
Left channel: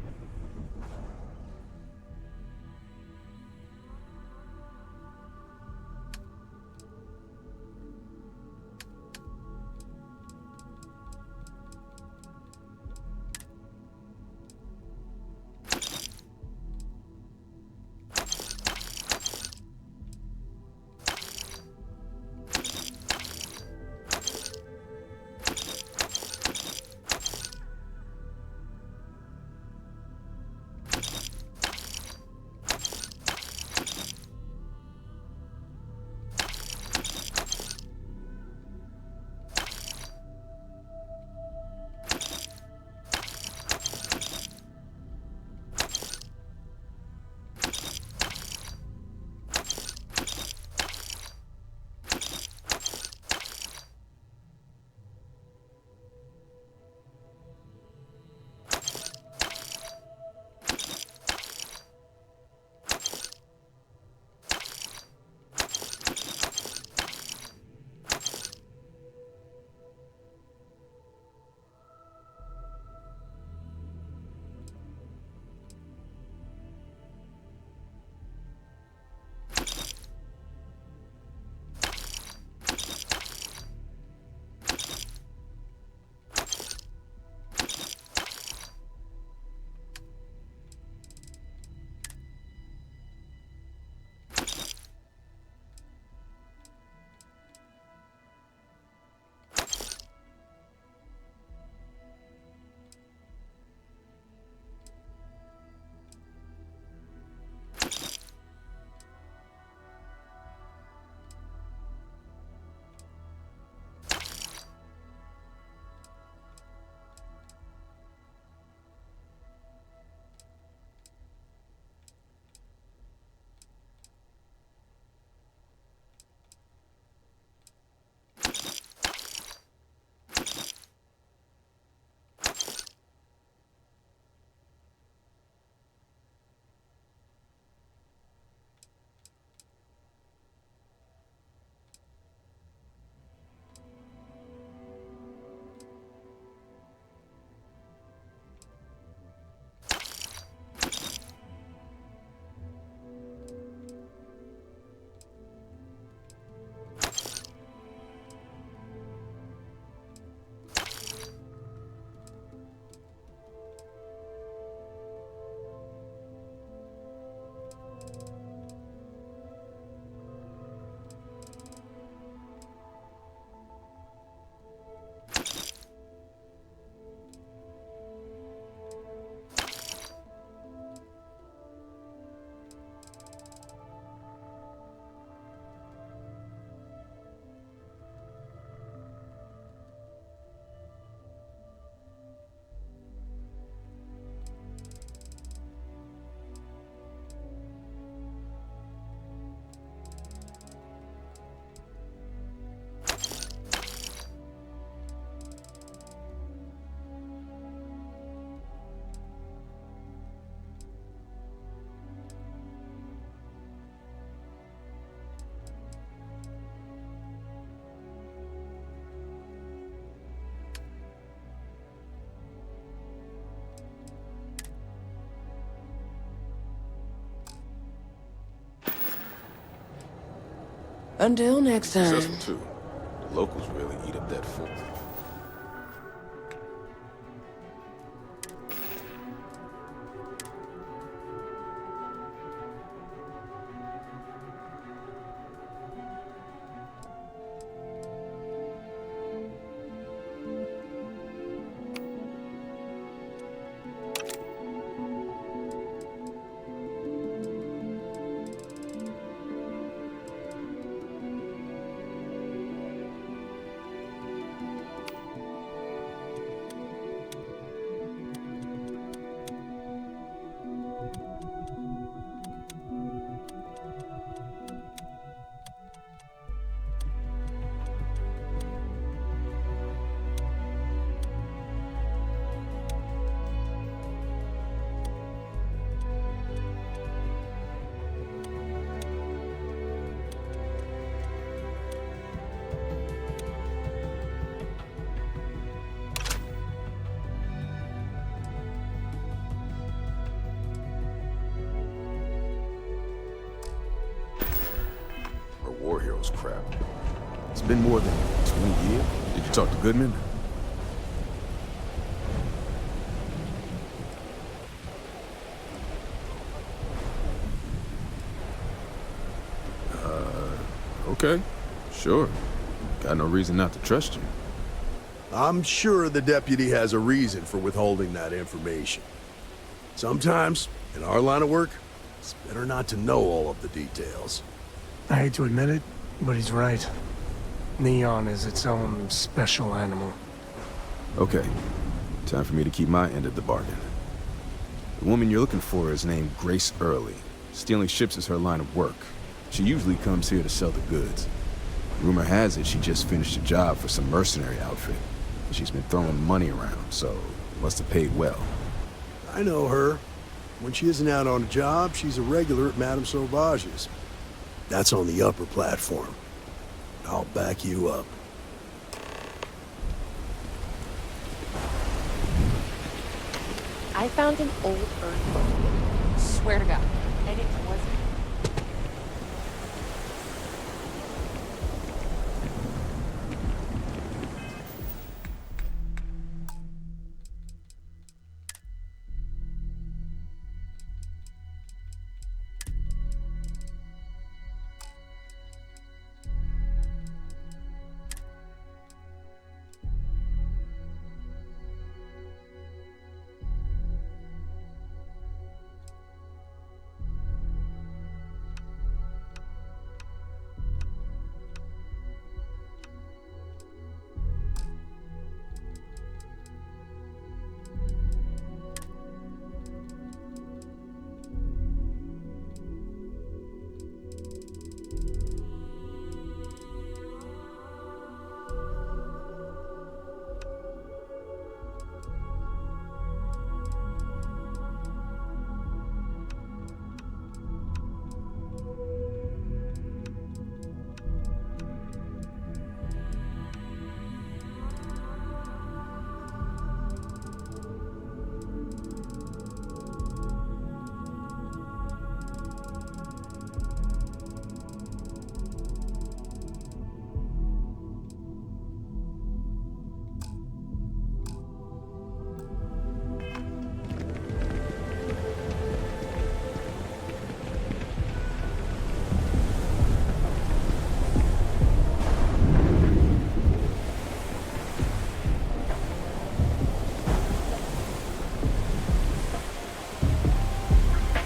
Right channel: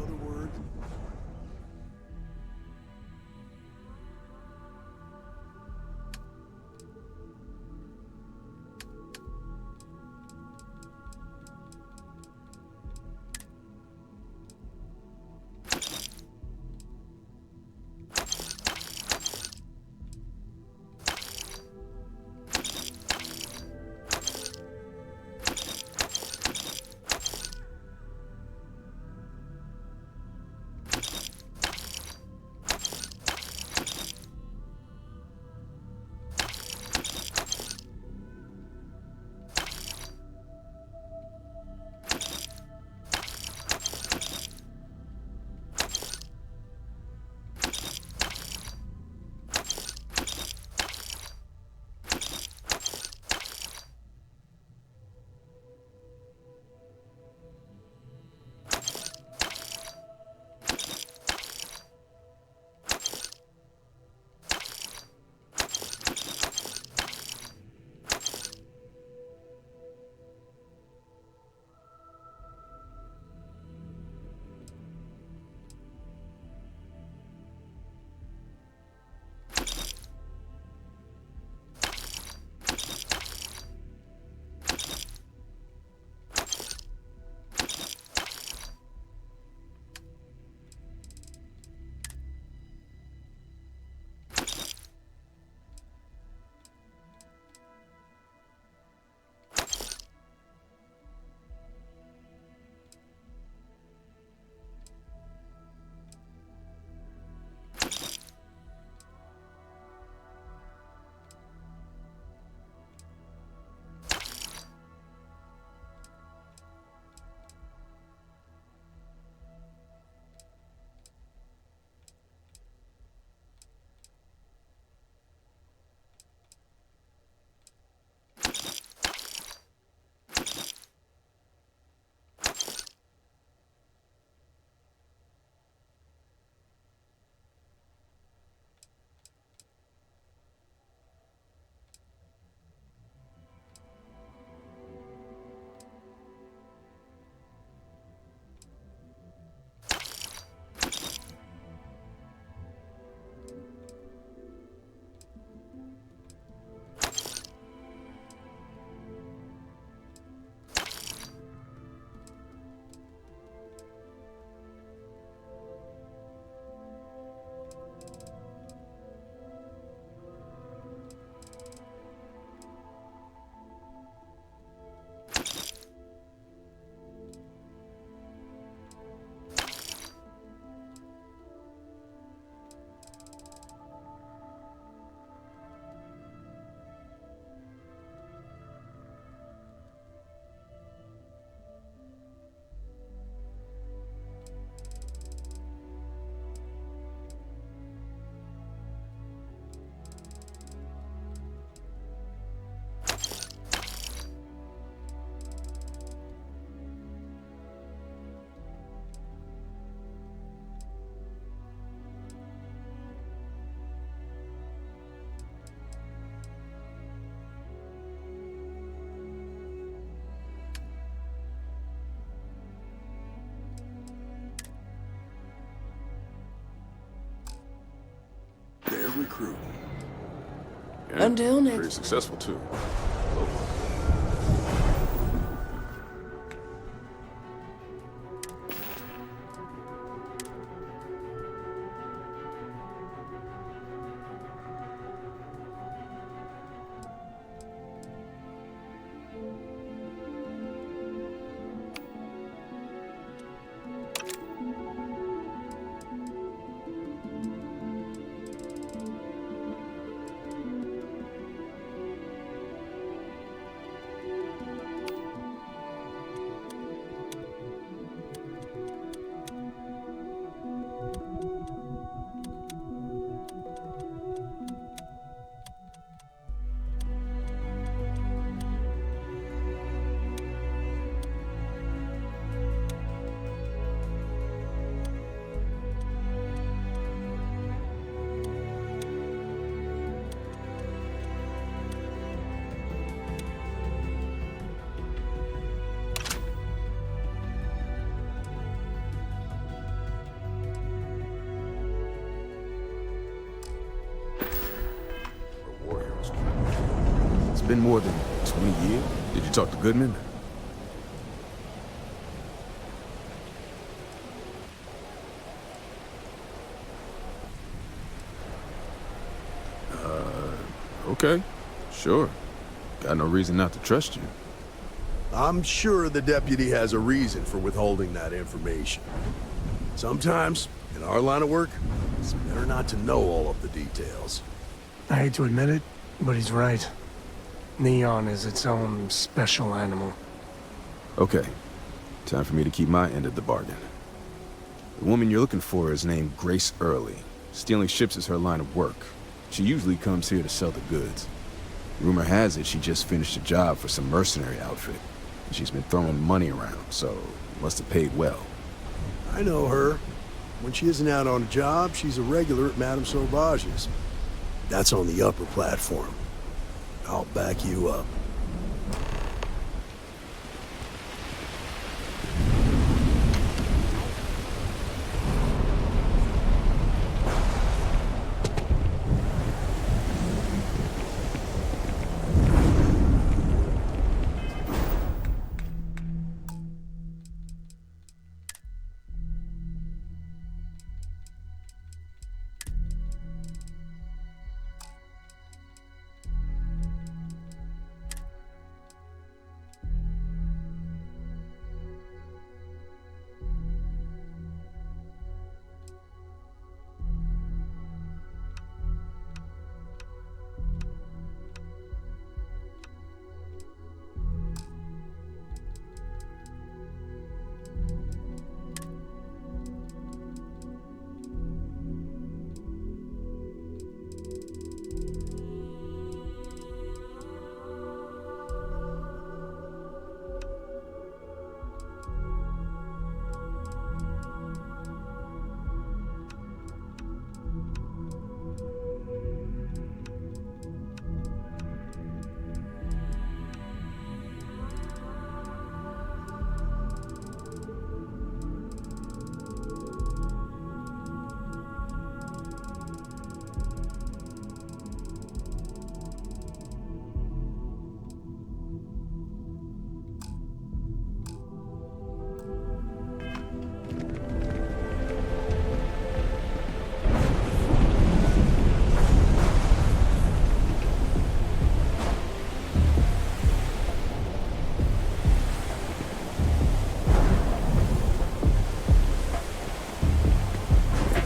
And Until next pretty time. successful, too. Locals really needed that for him. War Heroes crap. It's been more than 20 years. Did you talk to Goodman? Okay. Sure. Got no reason not to trust you. I'm sure the deputy has a reason for withholding that information. Sometimes, in our line of work, it's better not to know all of the details. I hate to admit it, but he's right. Neon is its own special animal. Okay. Time for me to keep my end of the bargain. The woman you're looking for is named Grace Early. Stealing ships is her line of work. She usually comes here to sell the goods. Rumor has it she just finished a job for some mercenary outfit. She's been throwing money around, so must have paid well. I know her. When she isn't out on a job, she's a regular at Madame Sauvage's. That's on the upper platform. I'll back you up. I found an old bird. Swear to God.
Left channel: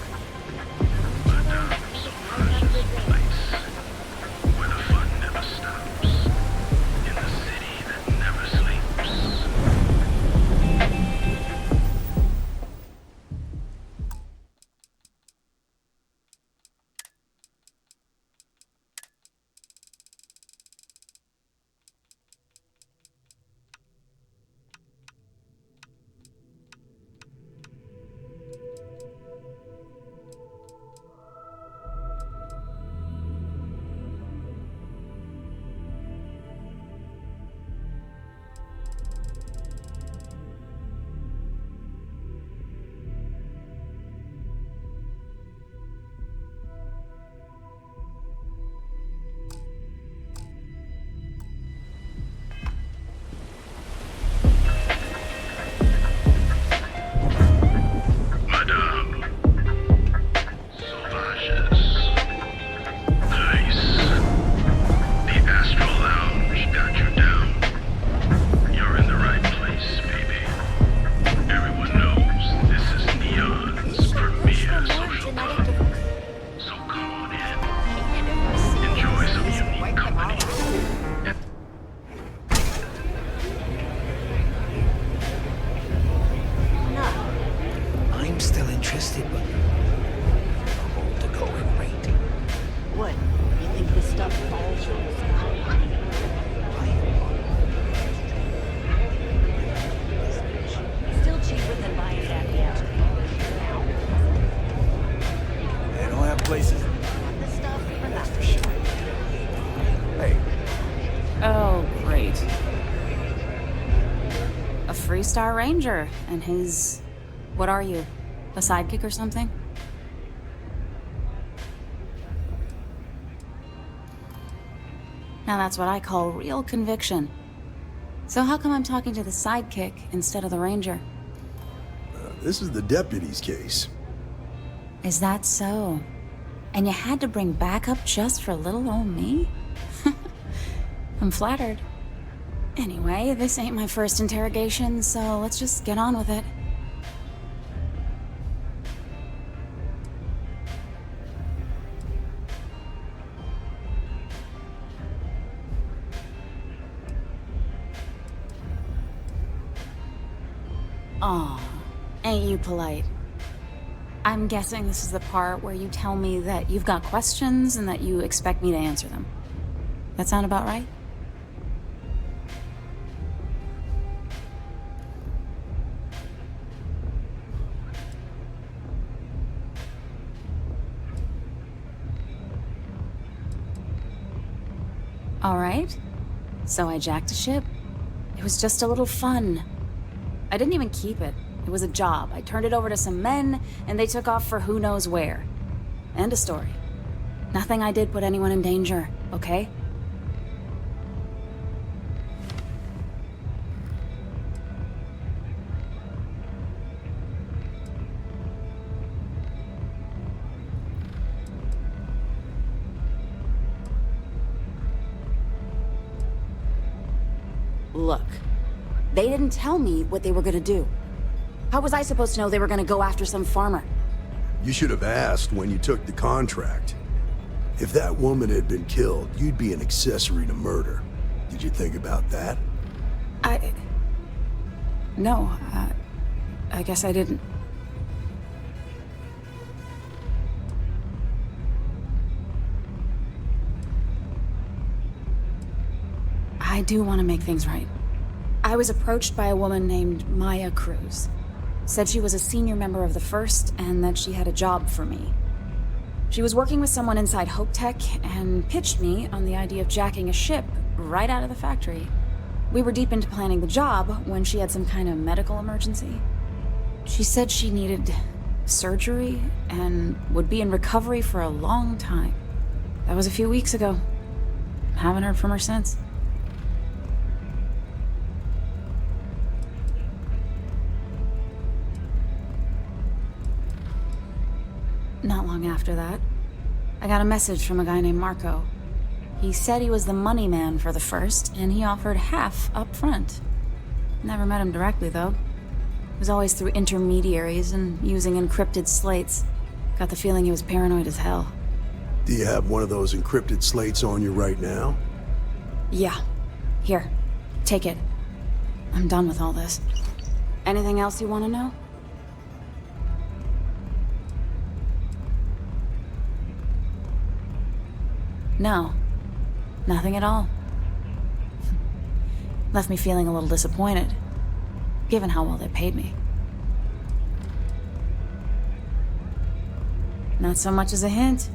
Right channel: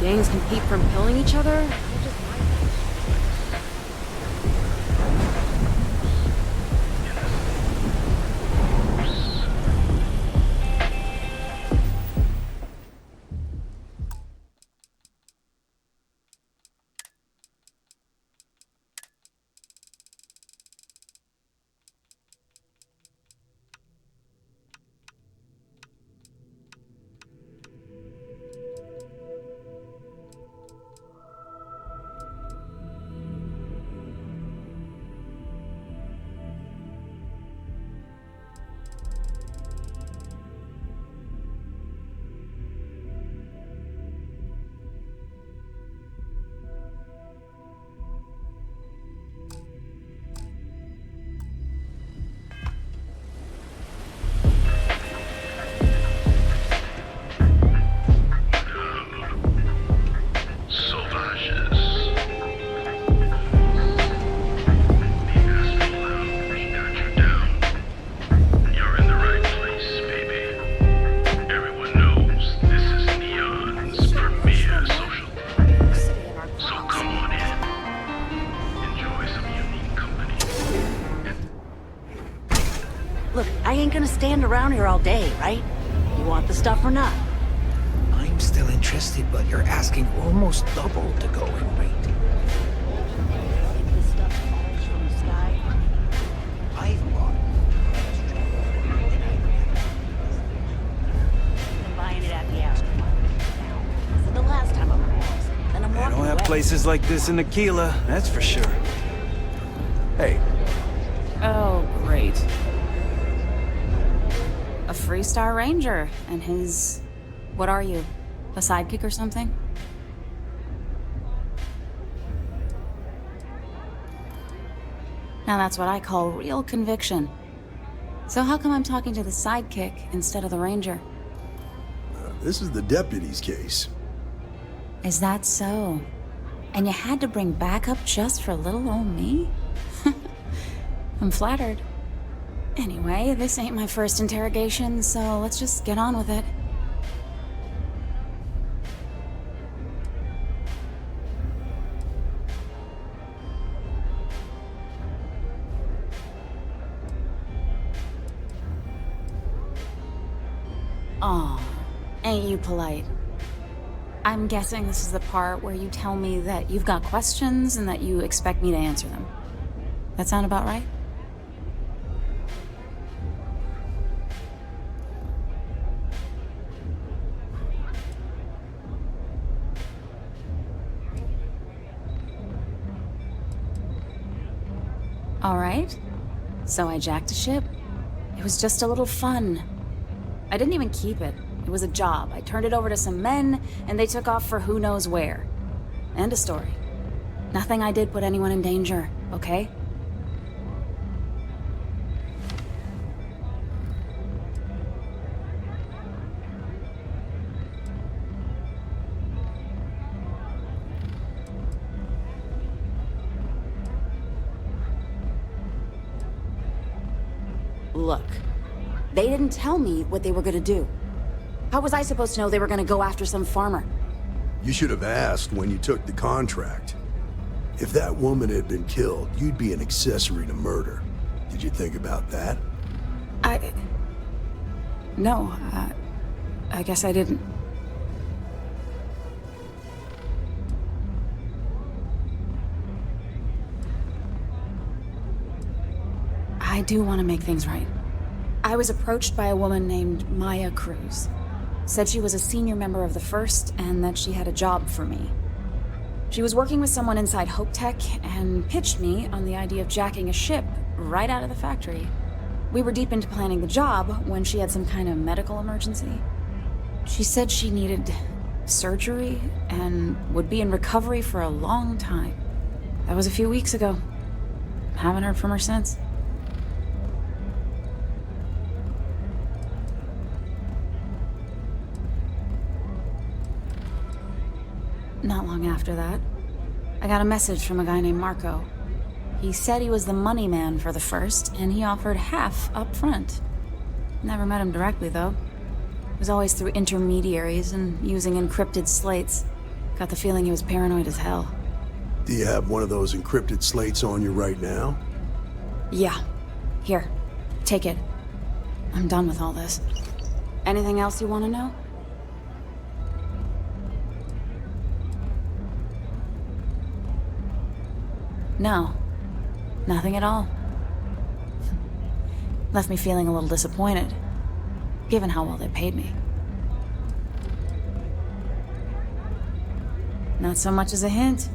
Gangs compete from killing each other? stand around here all day, right? You want the stuff or not? I'm still interested, but you're asking almost double to go in rate. What? You think this stuff falls from the sky? I bought Still cheaper than buying it at the aftermarket. Now, this is the last time I'm and I'm They don't have places like this in Aquila, that's for sure. Hey, Oh, great. A Freestar Ranger, and his... What are you? A sidekick or something? Now that's what I call real conviction. So how come I'm talking to the sidekick instead of the Ranger? This is the deputy's case. Is that so? And you had to bring backup just for little old me? I'm flattered. Anyway, this ain't my first interrogation, so let's just get on with it. Aw, ain't you polite? I'm guessing this is the part where you tell me that you've got questions and that you expect me to answer them. That sound about right? All right. So I jacked a ship. It was just a little fun. I didn't even keep it. It was a job. I turned it over to some men, and they took off for who knows where. End of story. Nothing I did put anyone in danger, okay? Look, they didn't tell me what they were gonna do. How was I supposed to know they were gonna go after some farmer? You should have asked when you took the contract. If that woman had been killed, you'd be an accessory to murder. Did you think about that? No, I guess I didn't. I do want to make things right. I was approached by a woman named Maya Cruz. Said she was a senior member of the First and that she had a job for me. She was working with someone inside Hope Tech and pitched me on the idea of jacking a ship right out of the factory. We were deep into planning the job when she had some kind of medical emergency. She said she needed surgery and would be in recovery for a long time. That was a few weeks ago. Haven't heard from her since. Not long after that, I got a message from a guy named Marco. He said he was the money man for the First, and he offered half up front. Never met him directly, though. It was always through intermediaries and using encrypted slates. Got the feeling he was paranoid as hell. Do you have one of those encrypted slates on you right now? Yeah. Here. Take it. I'm done with all this. Anything else you want to know? No. Nothing at all. Left me feeling a little disappointed, given how well they paid me. Not so much as a hint.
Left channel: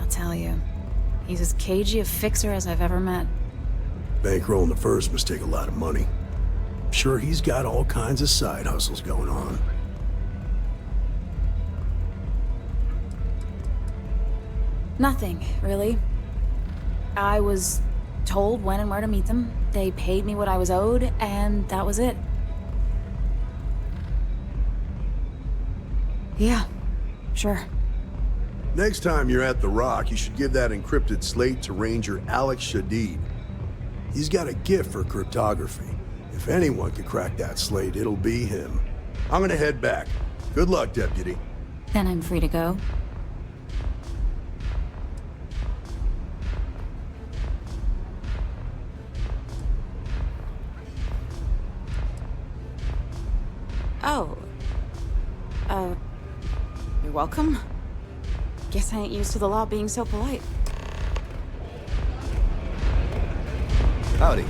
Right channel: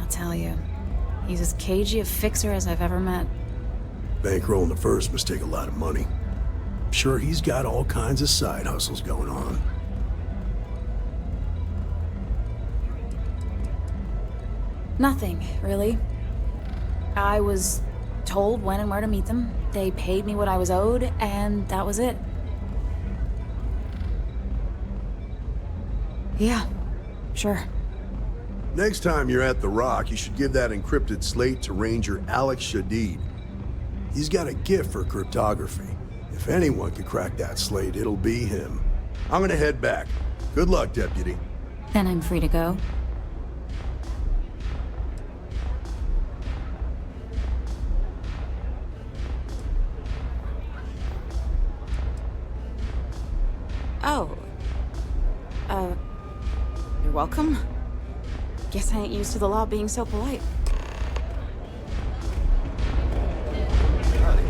I'll tell you. He's as cagey a fixer as I've ever met. Bankrolling the First must take a lot of money. I'm sure he's got all kinds of side hustles going on. Nothing, really. I was told when and where to meet them. They paid me what I was owed, and that was it. Yeah, sure. Next time you're at the Rock, you should give that encrypted slate to Ranger Alex Shadid. He's got a gift for cryptography. If anyone can crack that slate, it'll be him. I'm gonna head back. Good luck, Deputy. Then I'm free to go. Oh. You're welcome. Guess I ain't used to the law being so polite. Howdy.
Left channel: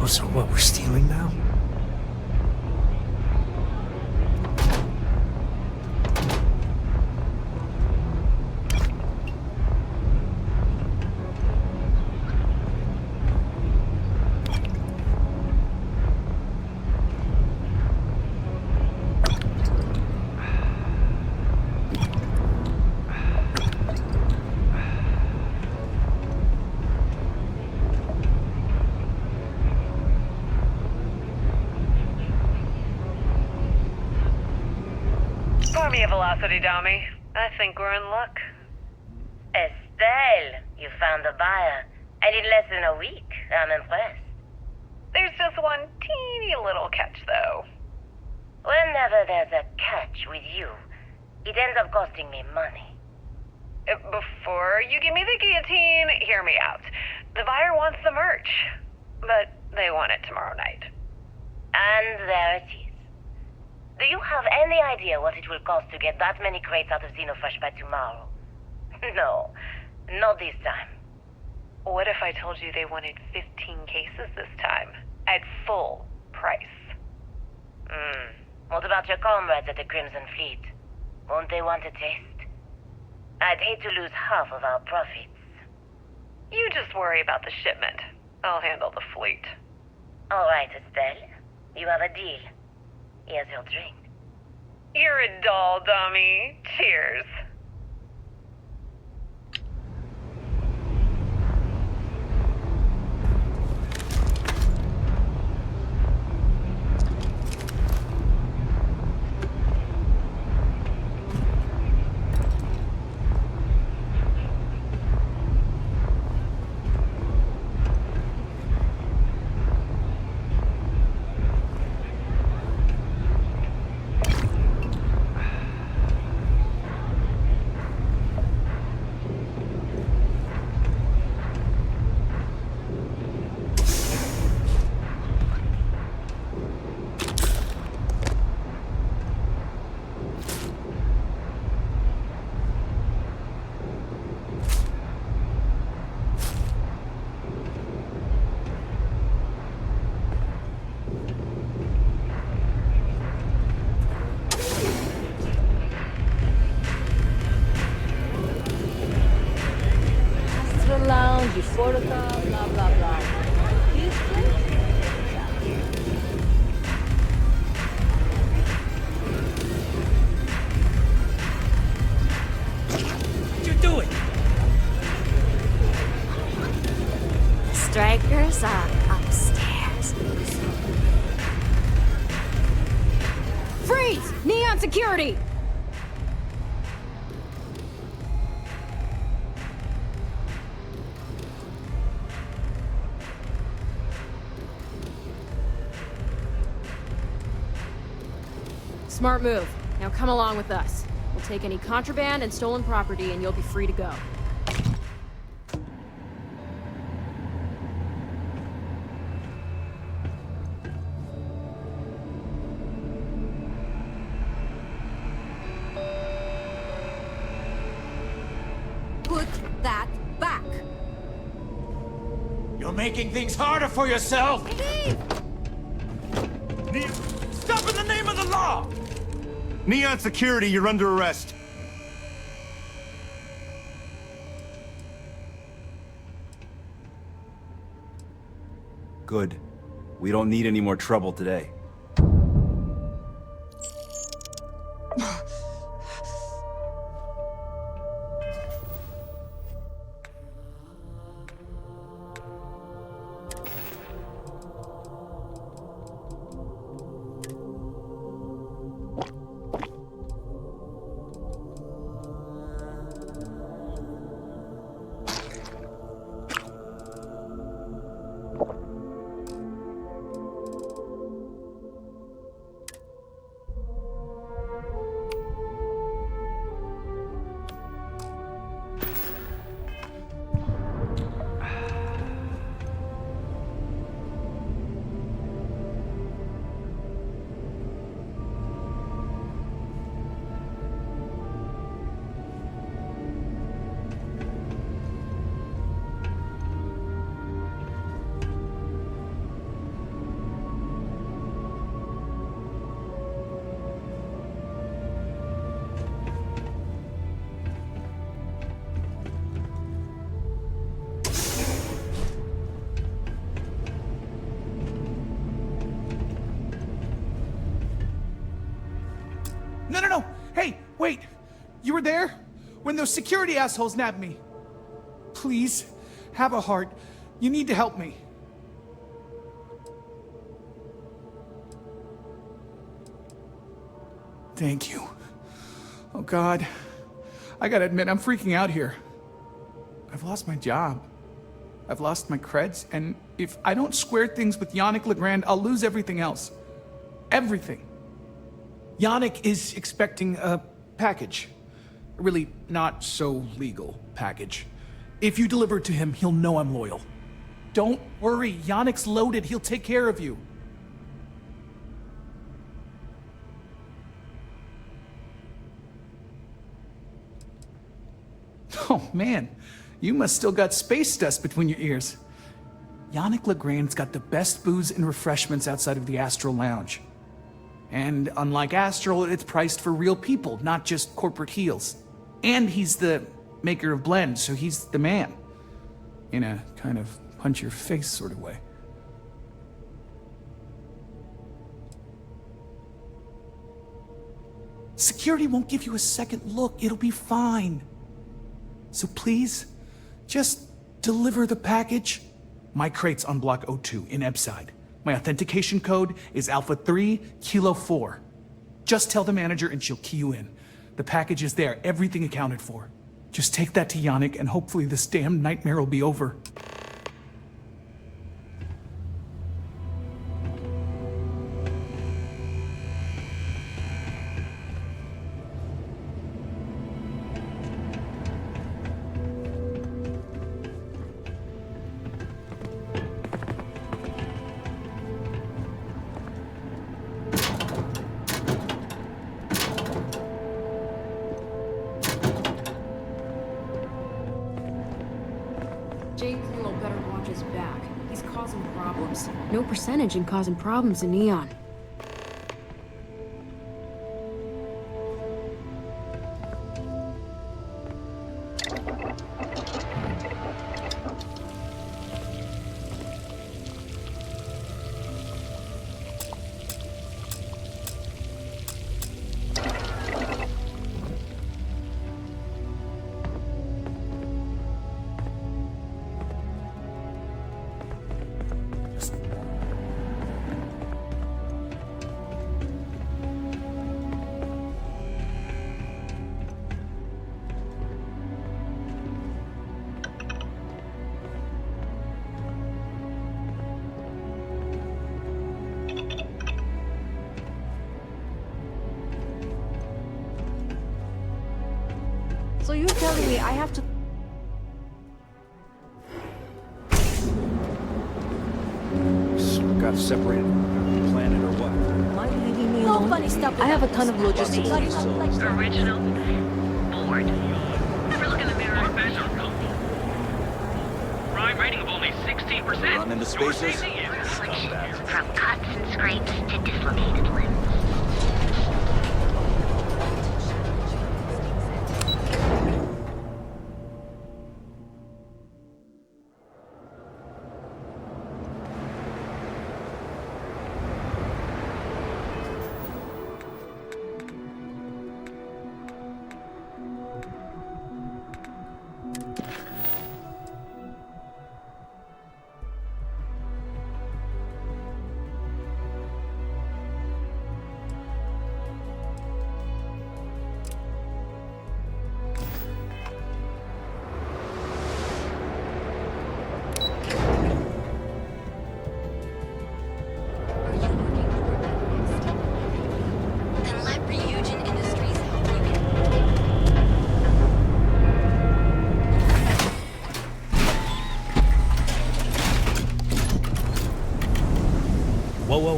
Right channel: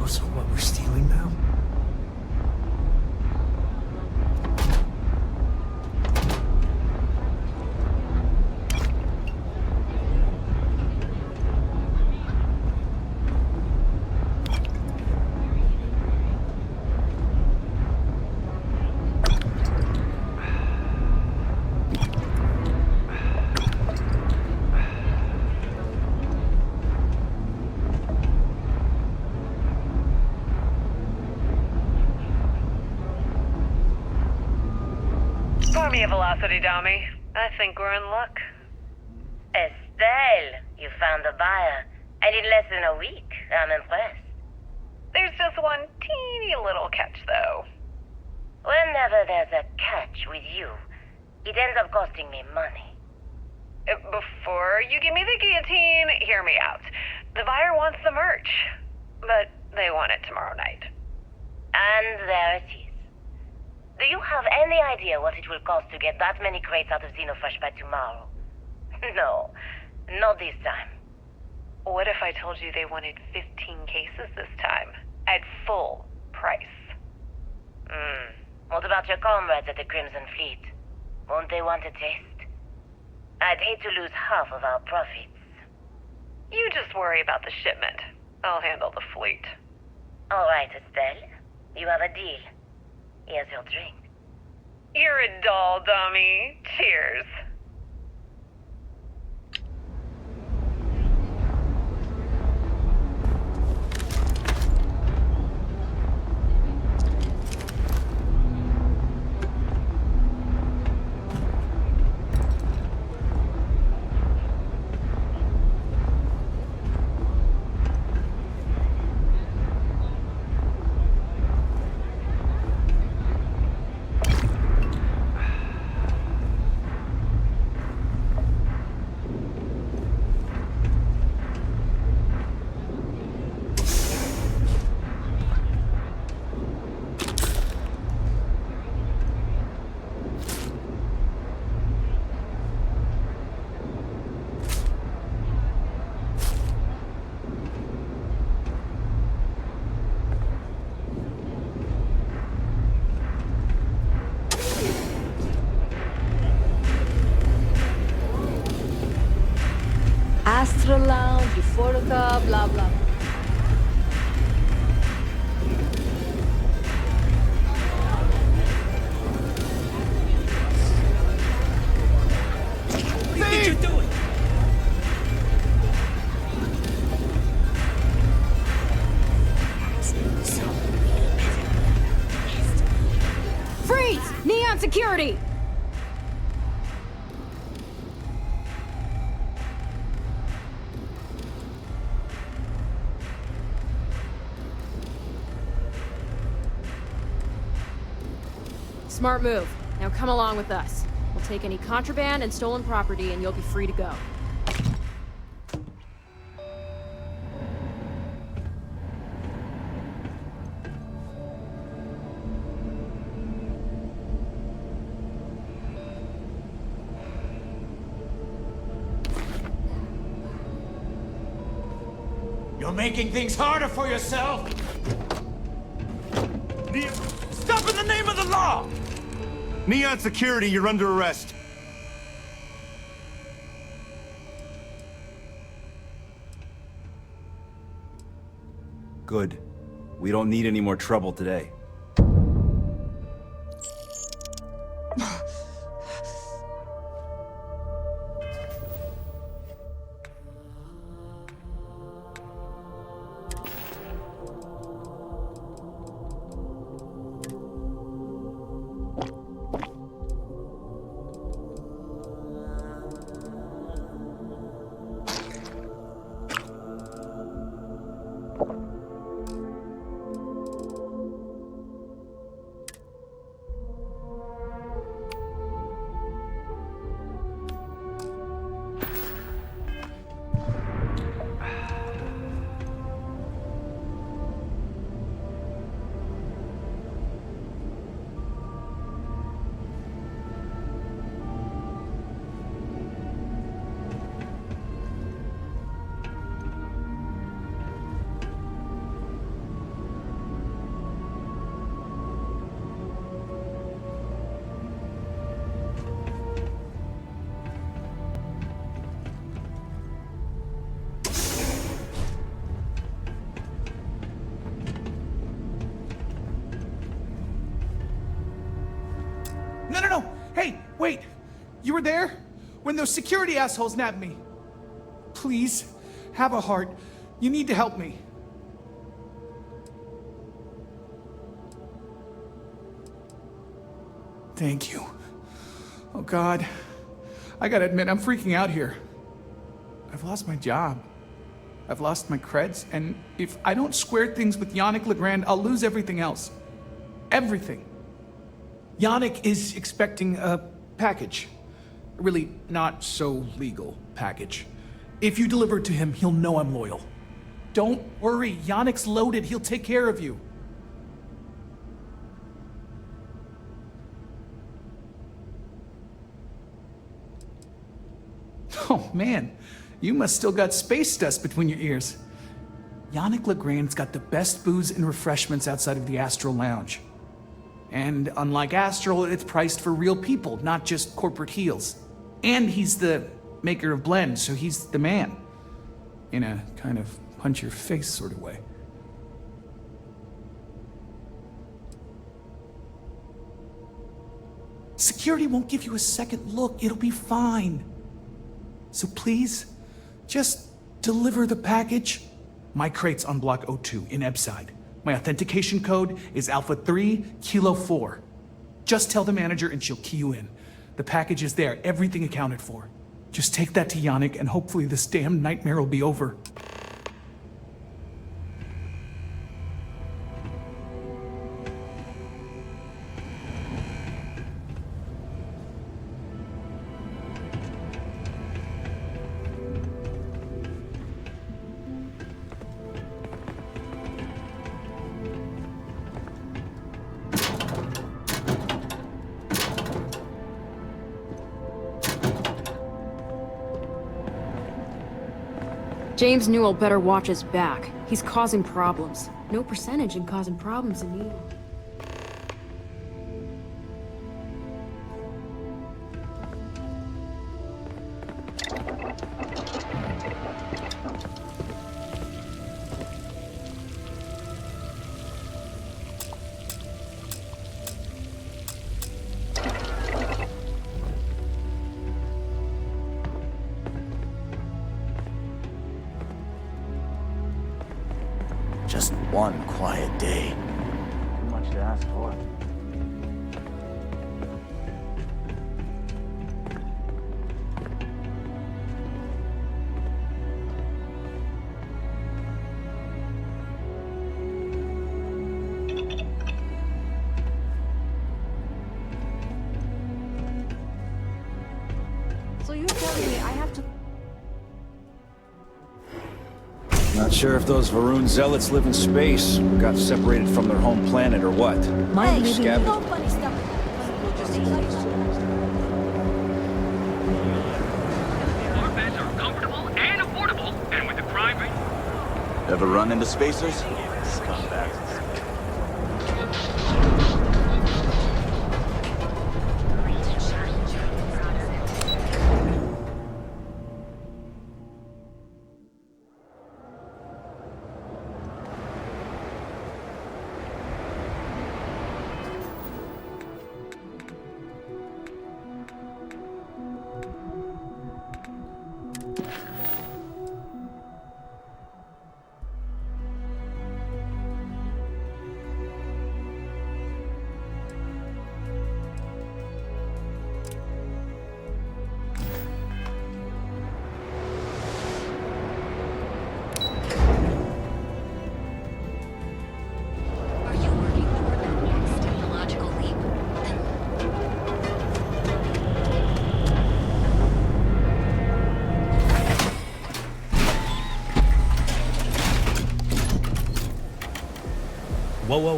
Oh, so what, we're stealing now? Pour me a velocity, dummy. I think we're in luck. Estelle, you found a buyer. And in less than a week. I'm impressed. There's just one teeny little catch, though. Whenever there's a catch with you, it ends up costing me money. Before you give me the guillotine, hear me out. The buyer wants the merch, but they want it tomorrow night. And there it is. Do you have any idea what it will cost to get that many crates out of Xenofresh by tomorrow? No, not this time. What if I told you they wanted 15 cases this time, at full price? What about your comrades at the Crimson Fleet? Won't they want a taste? I'd hate to lose half of our profits. You just worry about the shipment. I'll handle the fleet. All right, Estelle. You have a deal. Here's your drink. You're a doll, dummy. Cheers. Astra Lounge, Euphorica, blah, blah, blah. What you doing? Strikers are upstairs. So Freeze! Neon security! Smart move. Now come along with us. We'll take any contraband and stolen property and you'll be free to go. Put that back. You're making things harder for yourself! Stop in the name of the law! Neon Security, you're under arrest. Good. We don't need any more trouble today. No. Hey, wait. You were there? When those security assholes nabbed me. Please, have a heart. You need to help me. Thank you. Oh, God. I gotta admit, I'm freaking out here. I've lost my job. I've lost my creds, and if I don't square things with Yannick Legrand, I'll lose everything else. Everything. Yannick is expecting a package. A really not so legal package. If you deliver it to him, he'll know I'm loyal. Don't worry, Yannick's loaded. He'll take care of you. Oh, man. You must still got space dust between your ears. Yannick Legrand's got the best booze and refreshments outside of the Astral Lounge. And unlike Astral, it's priced for real people, not just corporate heels. And he's the maker of blends, so he's the man. In a kind of punch-your-face sort of way. Security won't give you a second look. It'll be fine. So please, just deliver the package. My crate's on Block 02 in Ebside. My authentication code is Alpha 3 Kilo 4. Just tell the manager and she'll key you in. The package is there, everything accounted for. Just take that to Yannick and hopefully this damn nightmare will be over. James Newell better watch his back. He's causing problems. No percentage in causing problems in Neon. Just one quiet day. Too much to ask for. So you're telling me I have to... Not sure if those Varun zealots live in space, or got separated from their home planet, or what. No funny stuff. I have a ton of logistics. Original. Lord. We're looking at there. Our beds are comfortable and affordable, and with a crime rating of only 16%. Ever run into spacers? Scumbags. From cuts and scrapes and dislocated.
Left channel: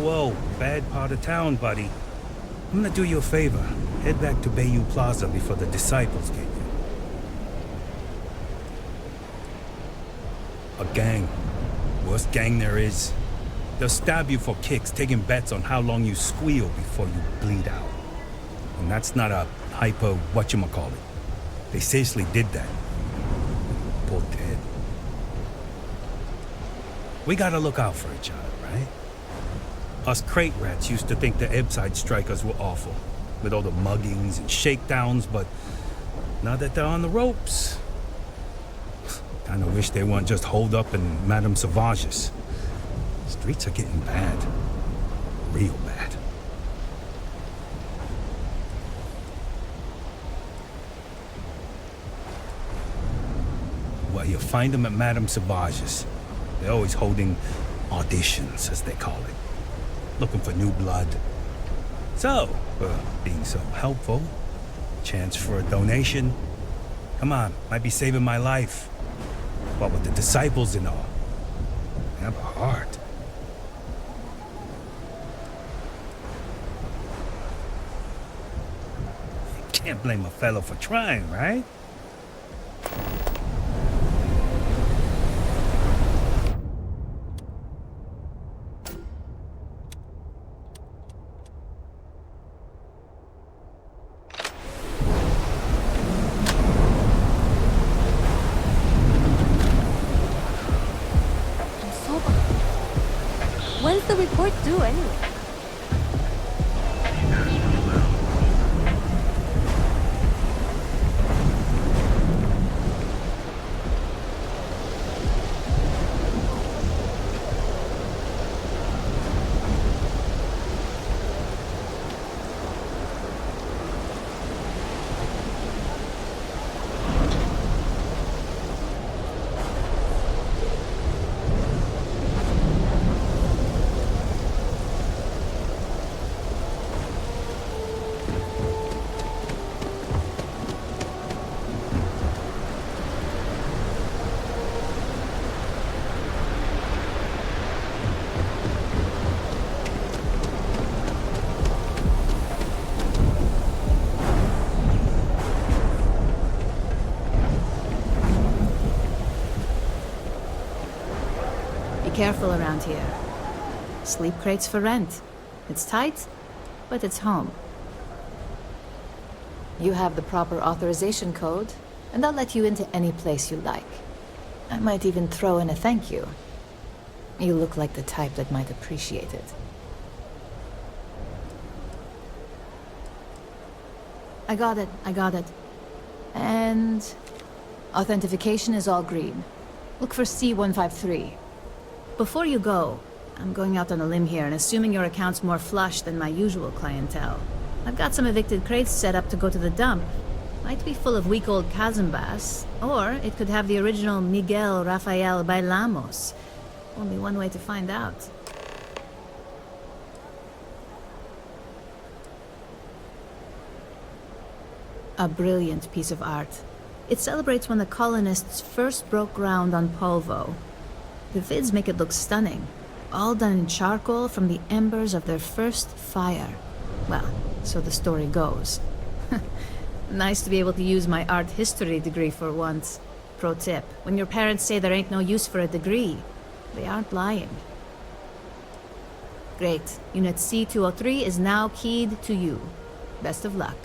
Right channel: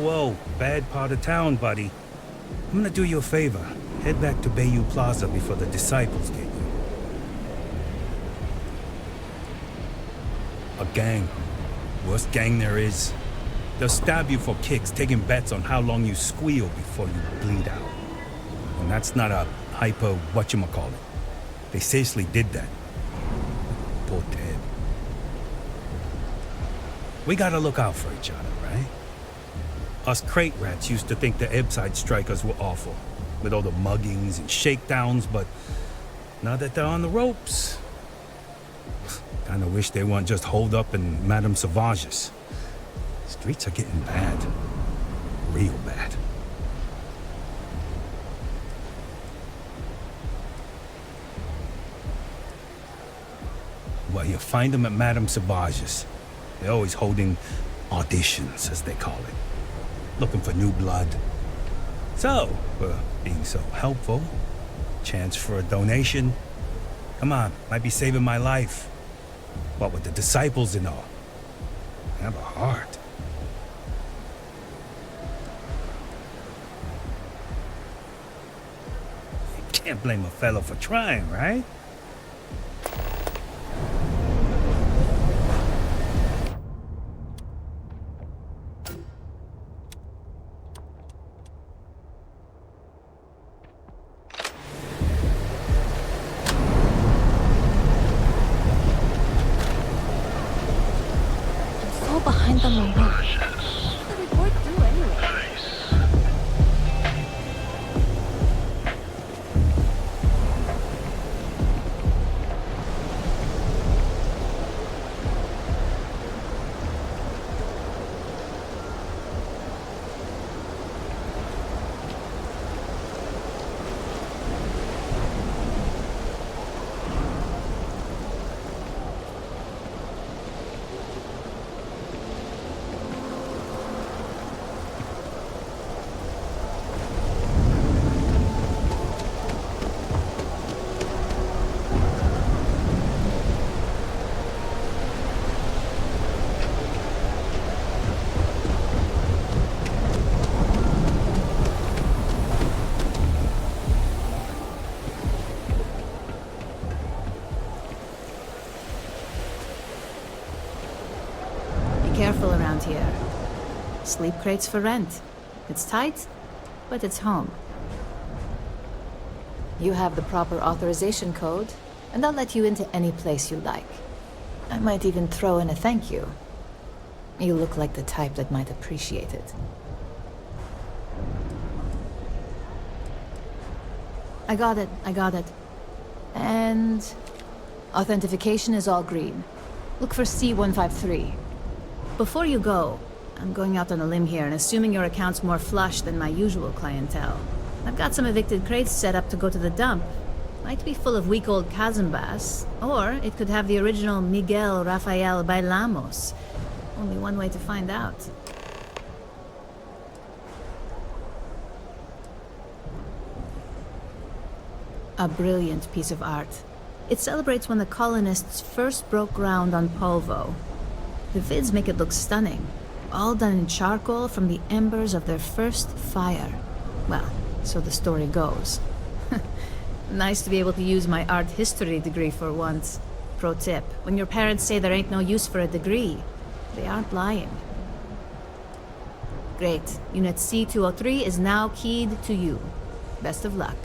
Whoa. Bad part of town, buddy. I'm gonna do you a favor. Head back to Bayou Plaza before the Disciples get you. A gang. Worst gang there is. They'll stab you for kicks, taking bets on how long you squeal before you bleed out. And that's not a hyper whatchamacallit. They seriously did that. Poor Ted. We gotta look out for each other, right? Us crate rats used to think the Ebside strikers were awful. with all the muggings and shakedowns, but now that they're on the ropes, kinda wish they weren't just holed up in Madame Sauvage's. Streets are getting bad. Real bad. Well, you'll find them at Madame Sauvage's. They're always holding auditions, as they call it. Looking for new blood. So, being so helpful, chance for a donation. Come on, might be saving my life. What with the disciples and all. Have a heart. Can't blame a fellow for trying, right? So behind on my work. When's the report due anyway? Careful around here. Sleep crates for rent. It's tight, but it's home. You have the proper authorization code, and I'll let you into any place you like. I might even throw in a thank you. You look like the type that might appreciate it. I got it. And authentication is all green. Look for C153. Before you go, I'm going out on a limb here and assuming your account's more flush than my usual clientele. I've got some evicted crates set up to go to the dump. Might be full of week-old Cazimbas, or it could have the original Miguel Rafael Bailamos. Only one way to find out. A brilliant piece of art. It celebrates when the colonists first broke ground on Polvo. The vids make it look stunning, all done in charcoal from the embers of their first fire. Well, so the story goes. Nice to be able to use my art history degree for once. Pro tip, when your parents say there ain't no use for a degree, they aren't lying. Great. Unit C203 is now keyed to you. Best of luck.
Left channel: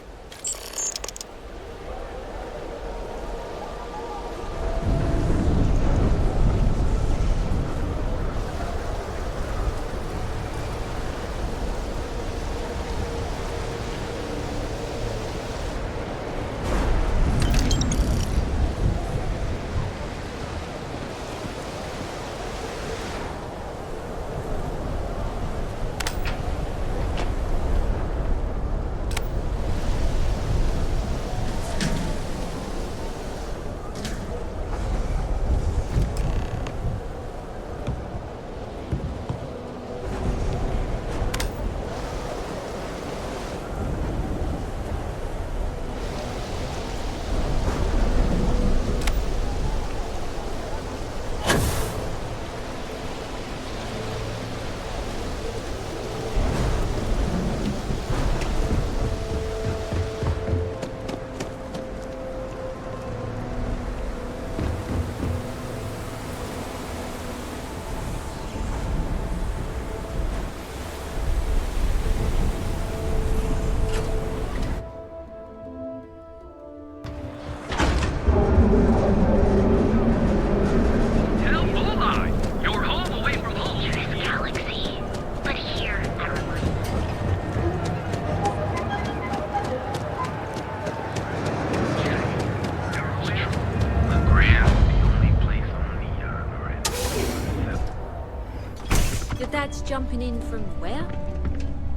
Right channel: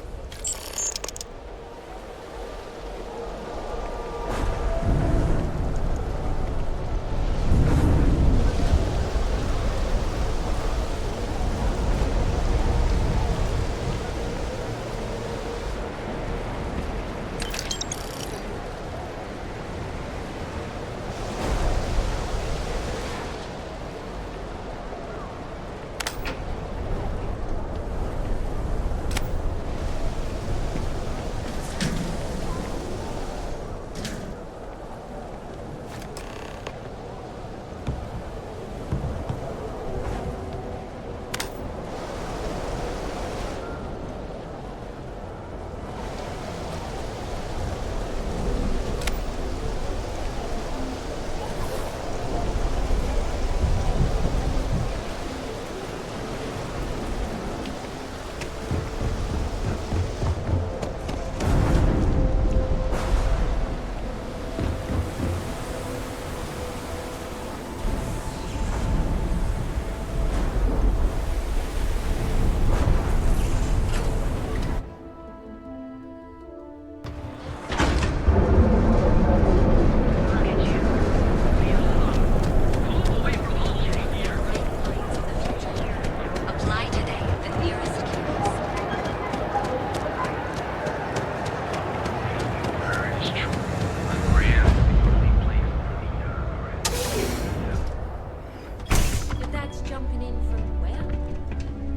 Your dad's jumping in from where?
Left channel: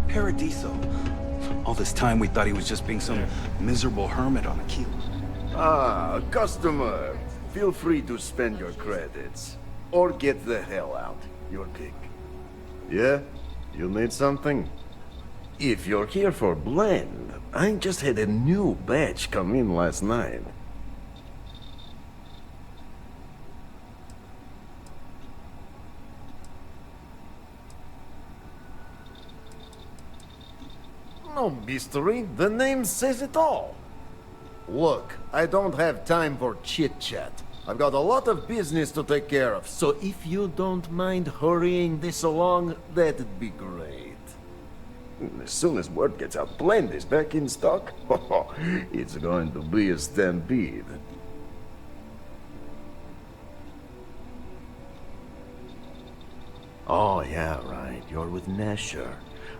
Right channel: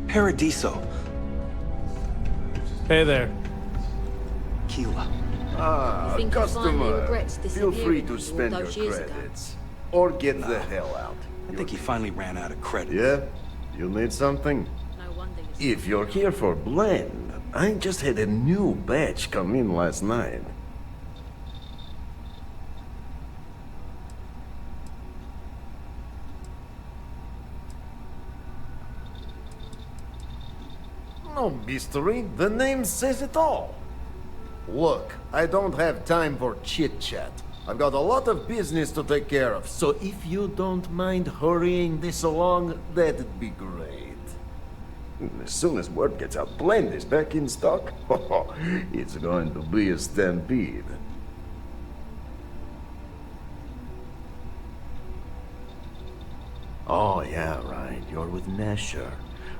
Paradiso. All this time we thought he was just being Hey there. some miserable hermit on Aquila. Ah, Think customer. Vine regrets Feel free disappearing to all spend your those years ago. credits. Or get the hell out. I think he finally ran out of credit. Yeah? You need something? If you're here for blend, I just had a new batch come in last night. No mystery, the name says it all. Look, I don't have time for chit-chat. I've got a lot of business to take care of, so if you don't mind hurrying this along, that'd be great. As soon as word gets out, Blend is back in stock. It's going to be a stampede. Oh, yeah, right. You're with Nesher.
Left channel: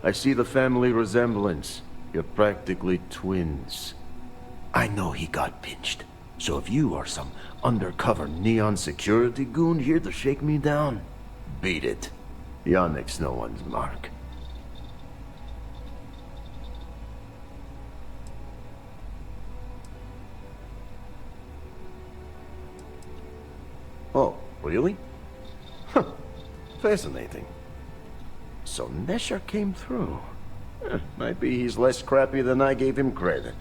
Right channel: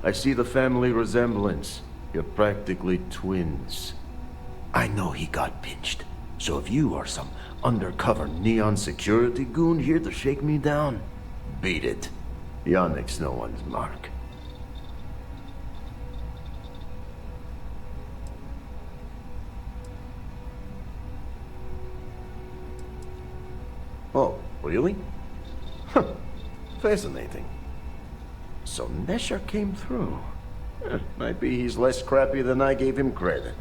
I see the family resemblance. You're practically twins. I know he got pinched. So if you are some undercover neon security goon here to shake me down, beat it. Yannick's no one's mark. Oh, really? Huh. Fascinating. So Nesher came through. Might be he's less crappy than I gave him credit.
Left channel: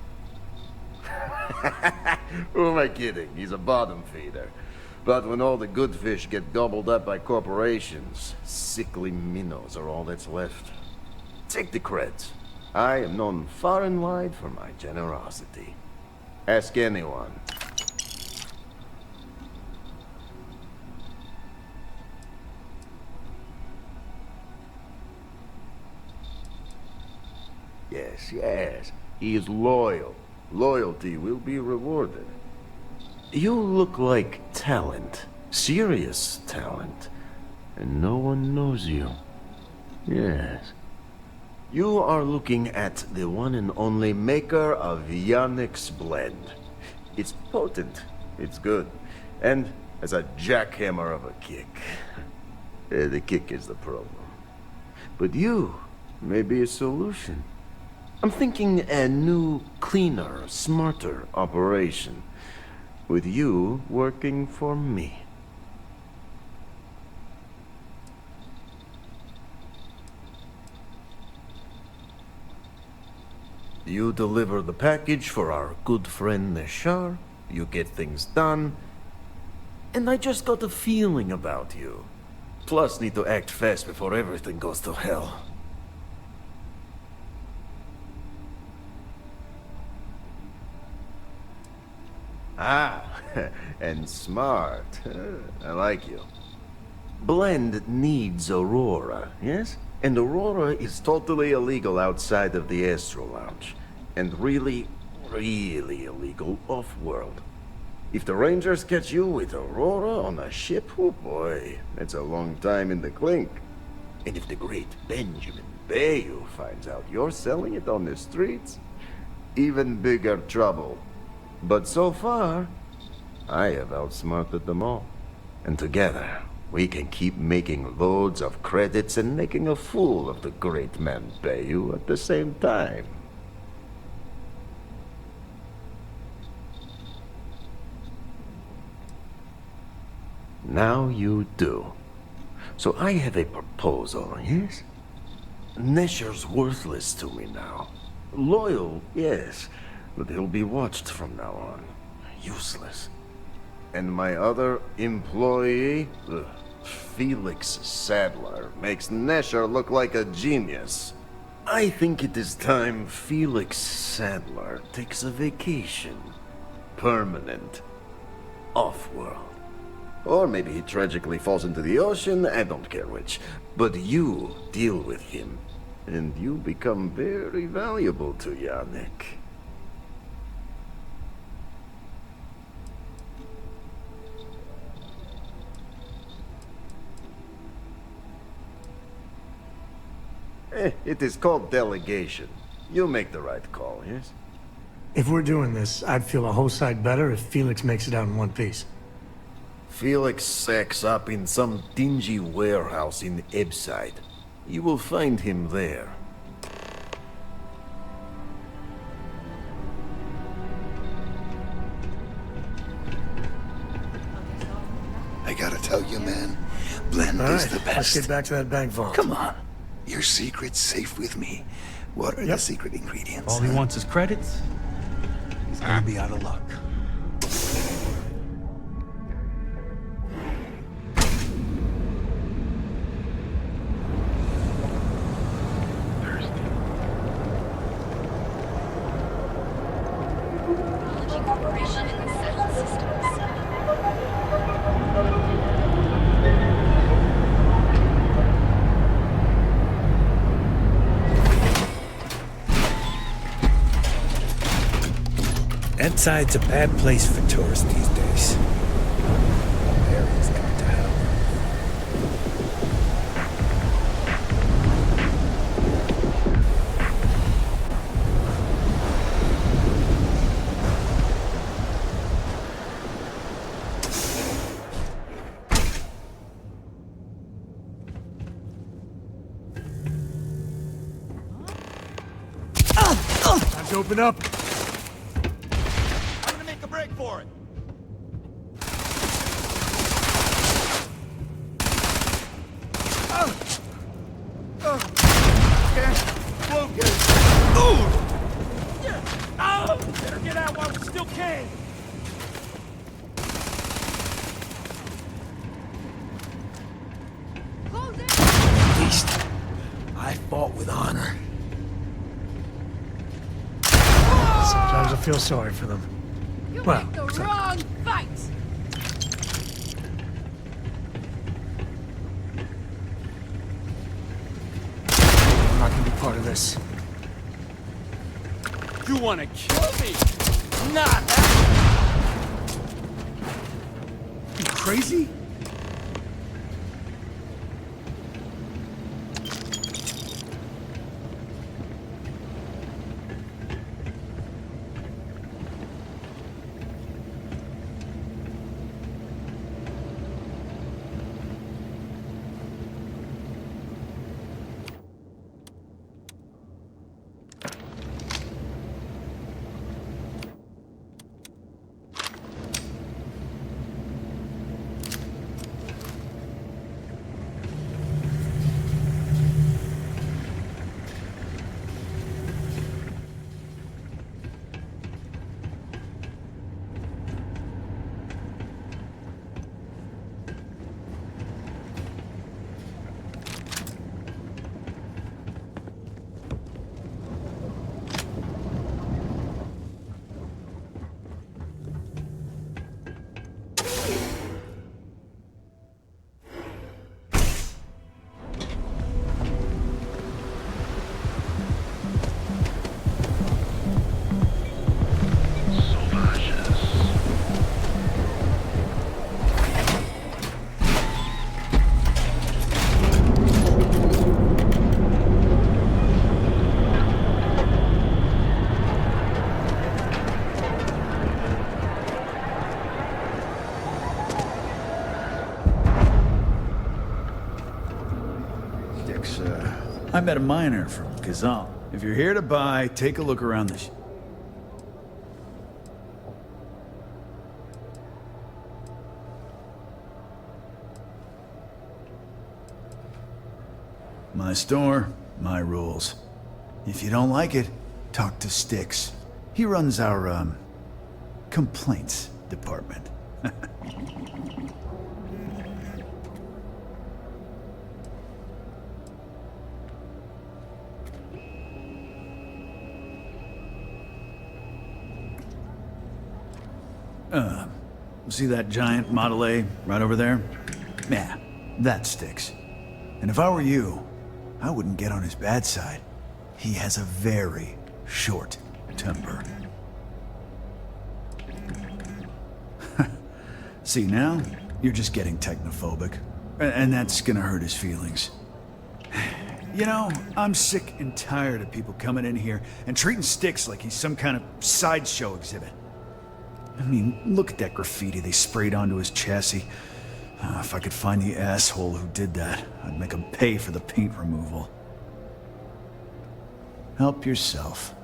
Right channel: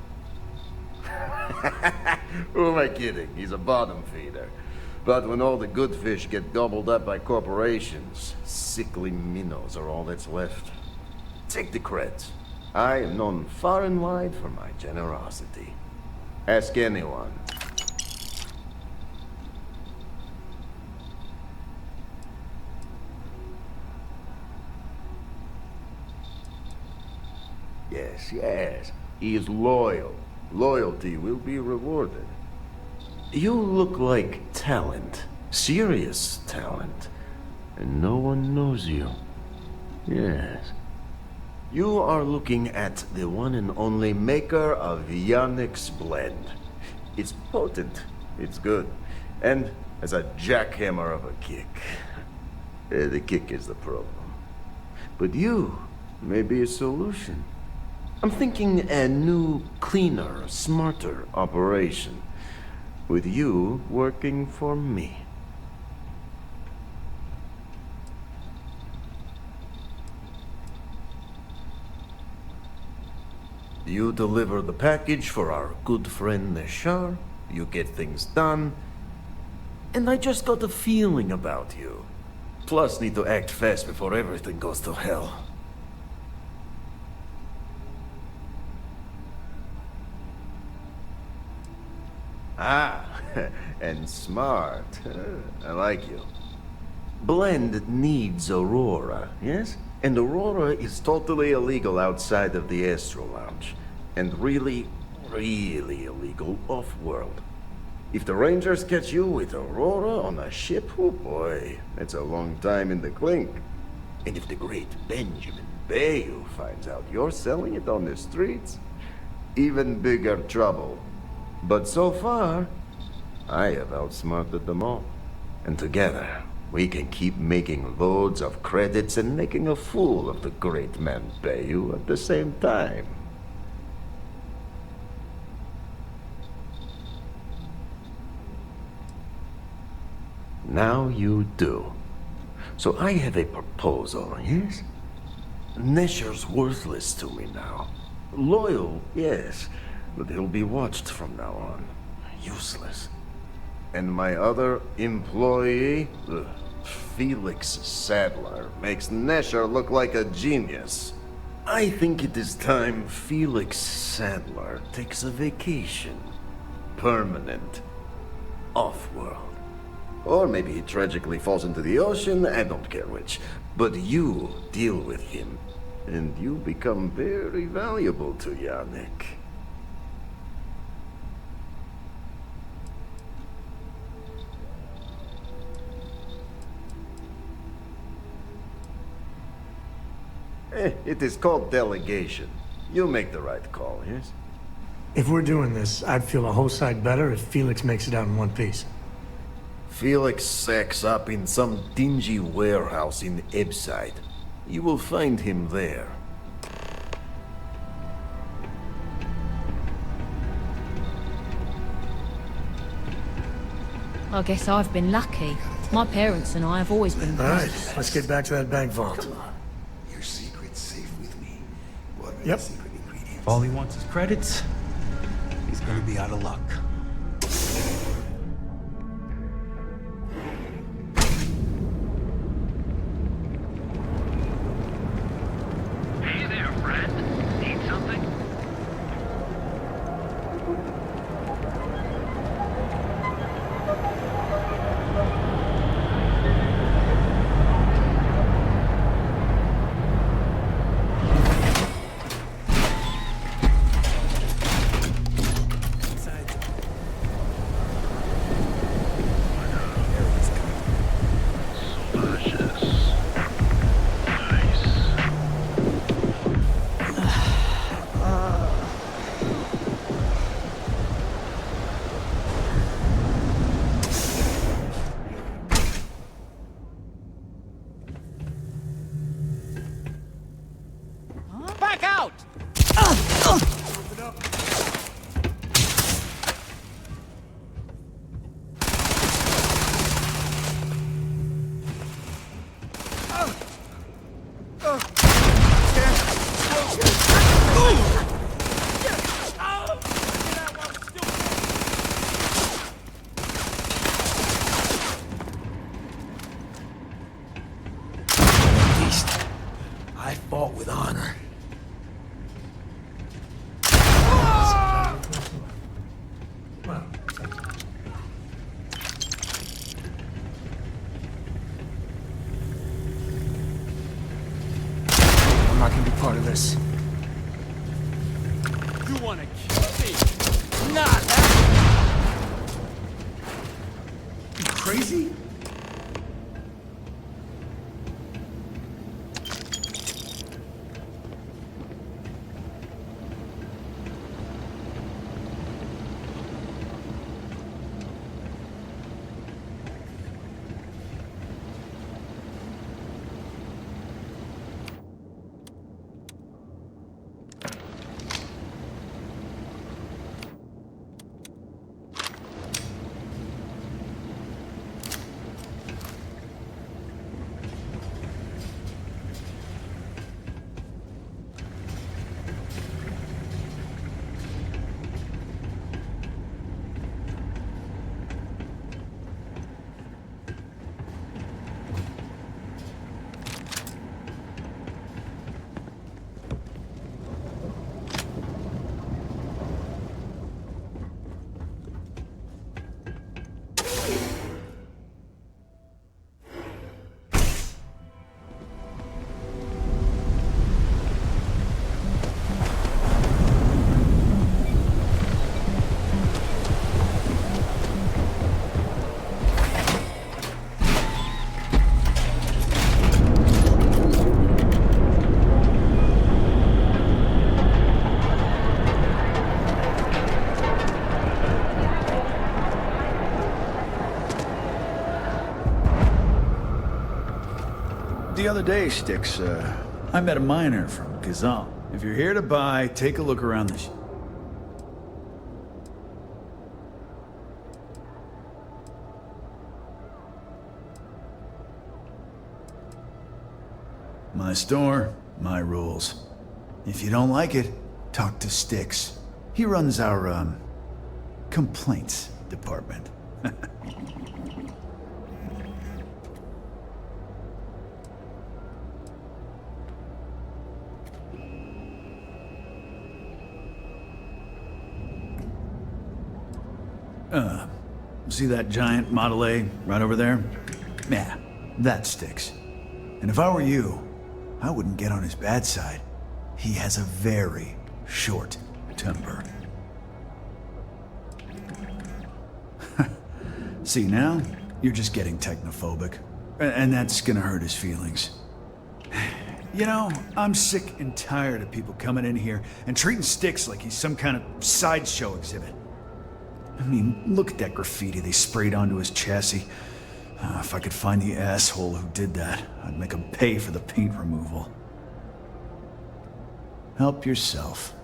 Who am I kidding? He's a bottom feeder. But when all the good fish get gobbled up by corporations, sickly minnows are all that's left. Take the creds. I am known far and wide for my generosity. Ask anyone. Yes, yes. He is loyal. Loyalty will be rewarded. You look like talent. Serious talent. And no one knows you. Yes. You are looking at the one and only maker of Yannick's blend. It's potent. It's good. And has a jackhammer of a kick. The kick is the problem. But you may be a solution. I'm thinking a new, cleaner, smarter operation. With you working for me. You deliver the package for our good friend Neshar, you get things done, and I just got a feeling about you. Plus need to act fast before everything goes to hell. Ah, and smart. I like you. Blend needs Aurora, yes? And Aurora is totally illegal outside of the Astro Lounge. And really, really illegal off-world. If the Rangers catch you with Aurora on a ship, oh boy, that's a long time in the clink. And if the great Benjamin Bayou finds out you're selling it on the streets, even bigger trouble. But so far, I have outsmarted them all. And together, we can keep making loads of credits and making a fool of the great man Bayou at the same time. Now you do. So I have a proposal, yes? Nesher's worthless to me now. Loyal, yes. But he'll be watched from now on. Useless. And my other employee, Felix Sadler, makes Nesher look like a genius. I think it is time Felix Sadler takes a vacation. Permanent. Off-world. Or maybe he tragically falls into the ocean, I don't care which. But you deal with him, and you become very valuable to Yannick. It is called delegation. You make the right call, yes? If we're doing this, I'd feel a whole side better if Felix makes it out in one piece. Felix sacks up in some dingy warehouse in Ebbside. You will find him there. I guess I've been lucky. I gotta tell My you, parents man, and I have always been. All right, let's get back to that bank vault. Come on. Your secret's safe with me. What are the secret ingredients? All he wants is credits. He's gonna be out of luck. Ebbside's a bad place for tourists these days. Areas come to hell. Back out! Let's open up. I fought with honor. Sometimes I feel sorry for them. Well, The wrong fight! I'm not gonna be part of this. You wanna kill me? Not happening! You crazy? The other day, Sticks, I met a miner from Kazal. If you're here to buy, take a look around this. My store, my rules. If you don't like it, talk to Sticks. He runs our, complaints department. See that giant Model A right over there? Yeah, that Sticks. And if I were you, I wouldn't get on his bad side. He has a very short temper. See, now, you're just getting technophobic. And that's gonna hurt his feelings. You know, I'm sick and tired of people coming in here and treating Sticks like he's some kind of sideshow exhibit. I mean, look at that graffiti they sprayed onto his chassis. If I could find the asshole who did that, I'd make him pay for the paint removal. Help yourself.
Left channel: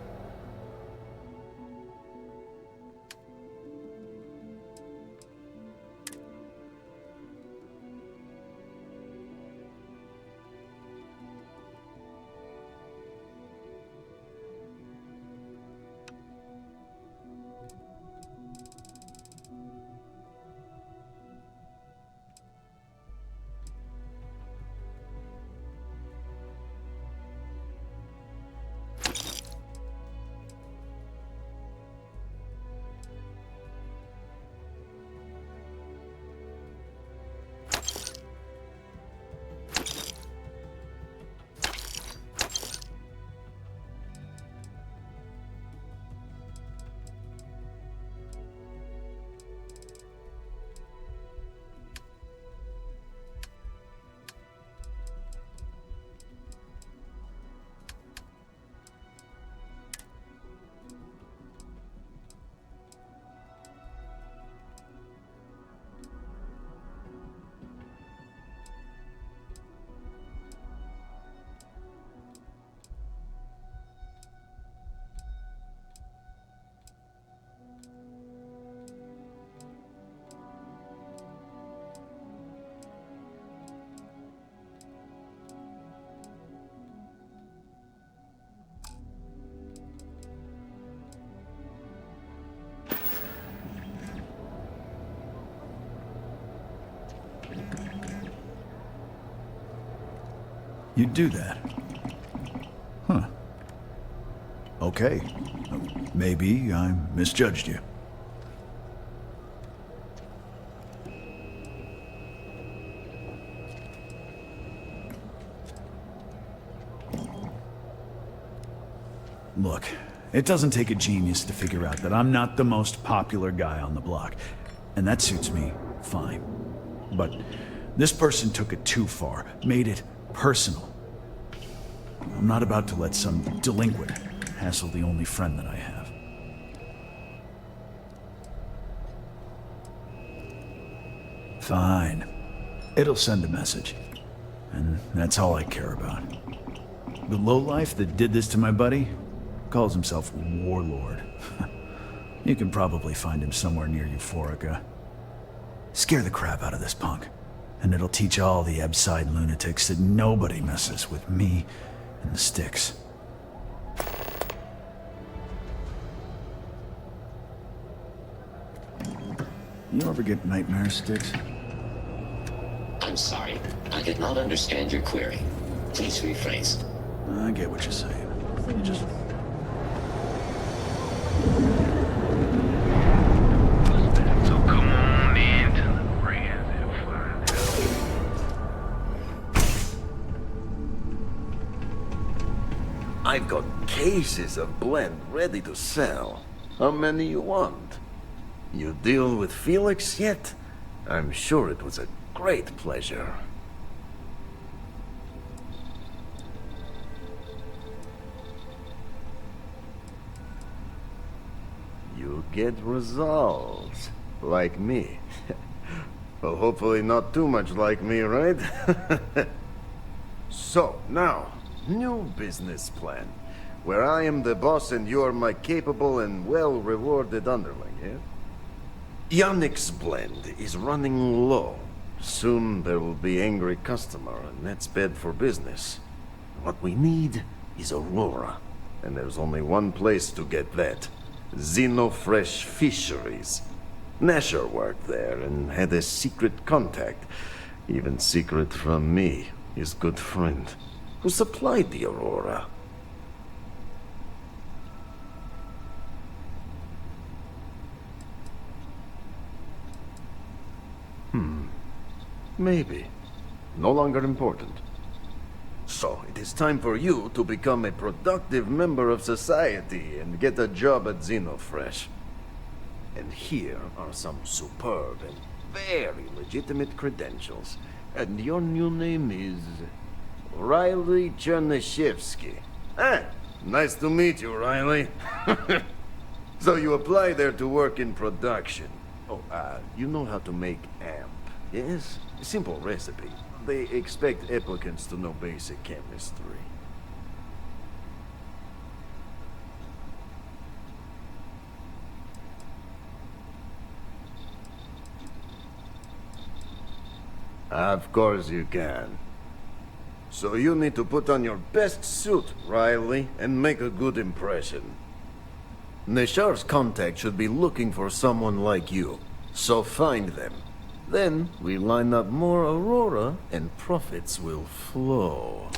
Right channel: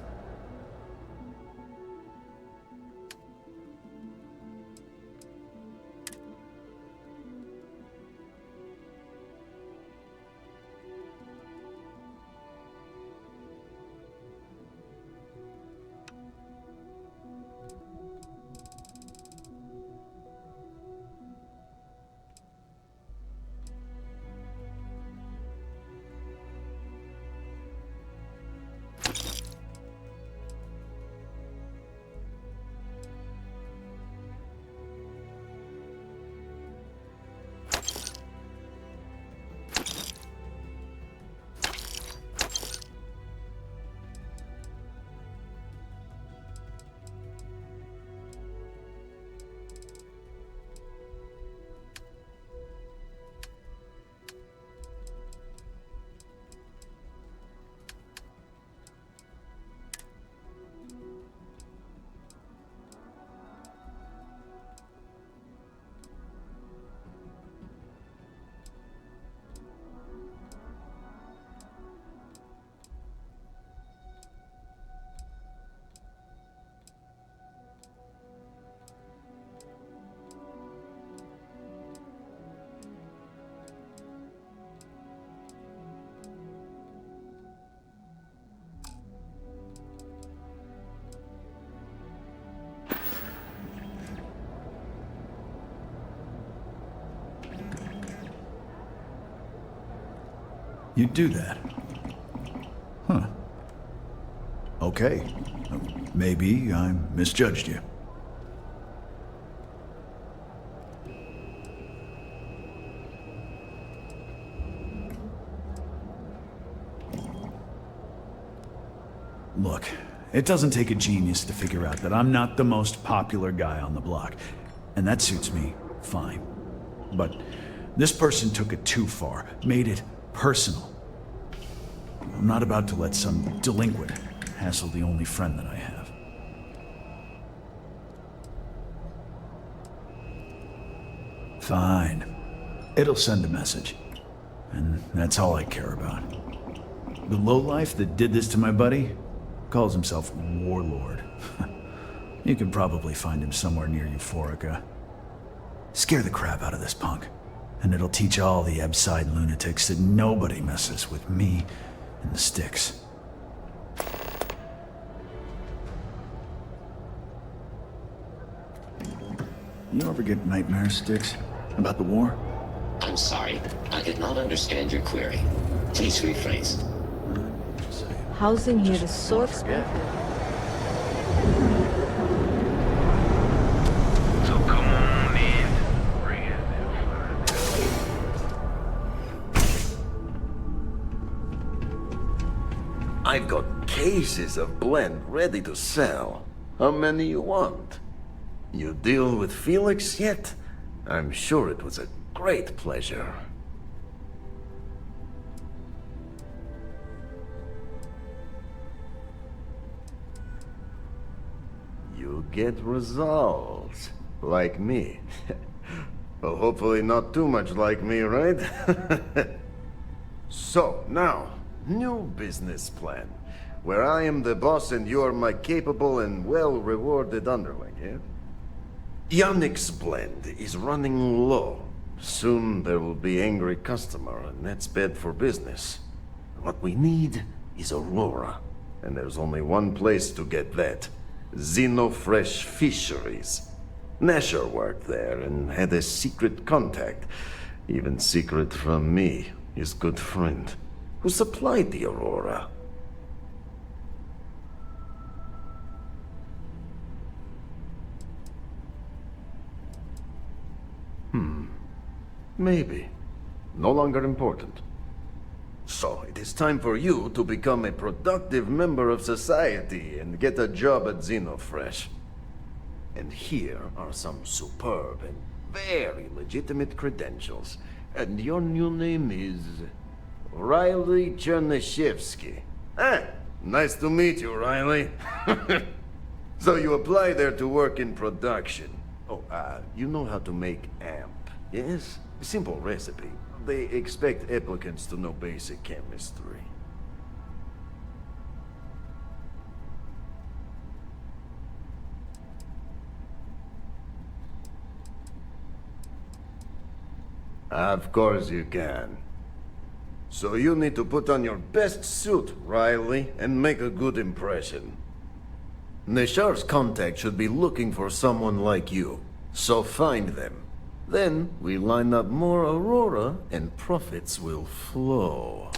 You'd do that? Huh. Okay. Maybe I misjudged you. Look, it doesn't take a genius to figure out that I'm not the most popular guy on the block. And that suits me fine. But this person took it too far, made it personal. I'm not about to let some delinquent hassle the only friend that I have. Fine. It'll send a message. And that's all I care about. The lowlife that did this to my buddy calls himself Warlord. You can probably find him somewhere near Euphorica. Scare the crap out of this punk. And it'll teach all the Ebside lunatics that nobody messes with me and the sticks. You ever get nightmares, Sticks? About the war? I'm sorry. I did not understand your query. Please rephrase. I get what you're saying. Housing here is so expensive. So come on in to the brand and find out. I've got cases of blend ready to sell. How many you want? You deal with Felix yet? I'm sure it was a great pleasure. You get results. Like me. Well, hopefully not too much like me, right? So, now, new business plan. Where I am the boss and you are my capable and well-rewarded underling, yeah? Yannick's blend is running low. Soon there will be angry customer, and that's bad for business. What we need is Aurora. And there's only one place to get that. Xenofresh Fisheries. Nasher worked there and had a secret contact. Even secret from me, his good friend, who supplied the Aurora. Maybe. No longer important. So, it is time for you to become a productive member of society and get a job at Xenofresh. And here are some superb and very legitimate credentials. And your new name is... Riley Chernyshevsky. Ah, nice to meet you, Riley. So you apply there to work in production. Oh, you know how to make amp, yes? Simple recipe. They expect applicants to know basic chemistry. Of course you can. So you need to put on your best suit, Riley, and make a good impression. The sheriff's contact should be looking for someone like you, so find them. Then we line up more Aurora, and profits will flow.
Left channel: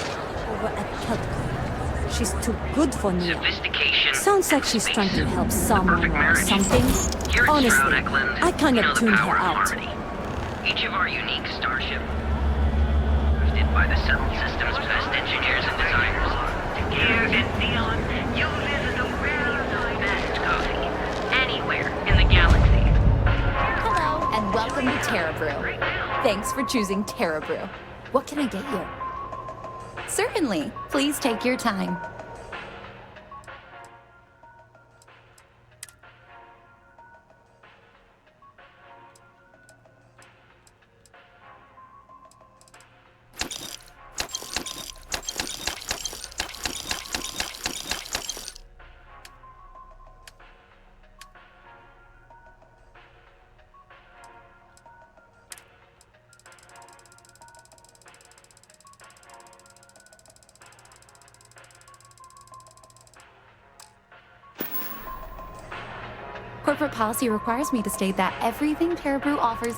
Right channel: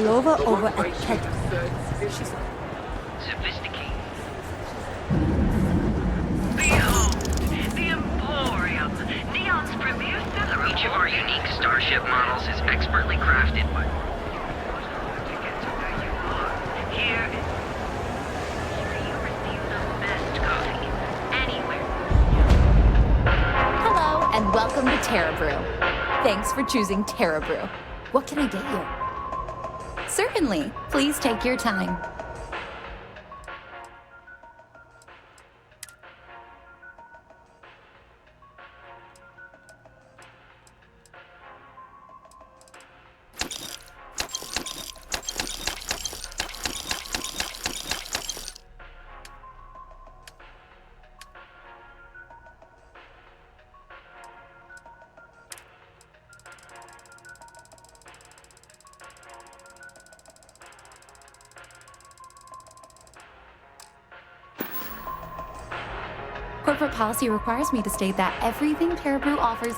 Clover over at Ketco. She's too good for me. Sounds like she's trying to help something. Honestly, I kind of tuned her out. Each of our unique Starship models is expertly crafted by the Settled System's best engineers and designers. Here at Neon, you'll visit the best coffee anywhere in the galaxy. Hello, and welcome to Terra Brew. Thanks for choosing Terra Brew. What can I get you? Certainly. Please take your time. Corporate policy requires me to state that everything Terra Brew offers.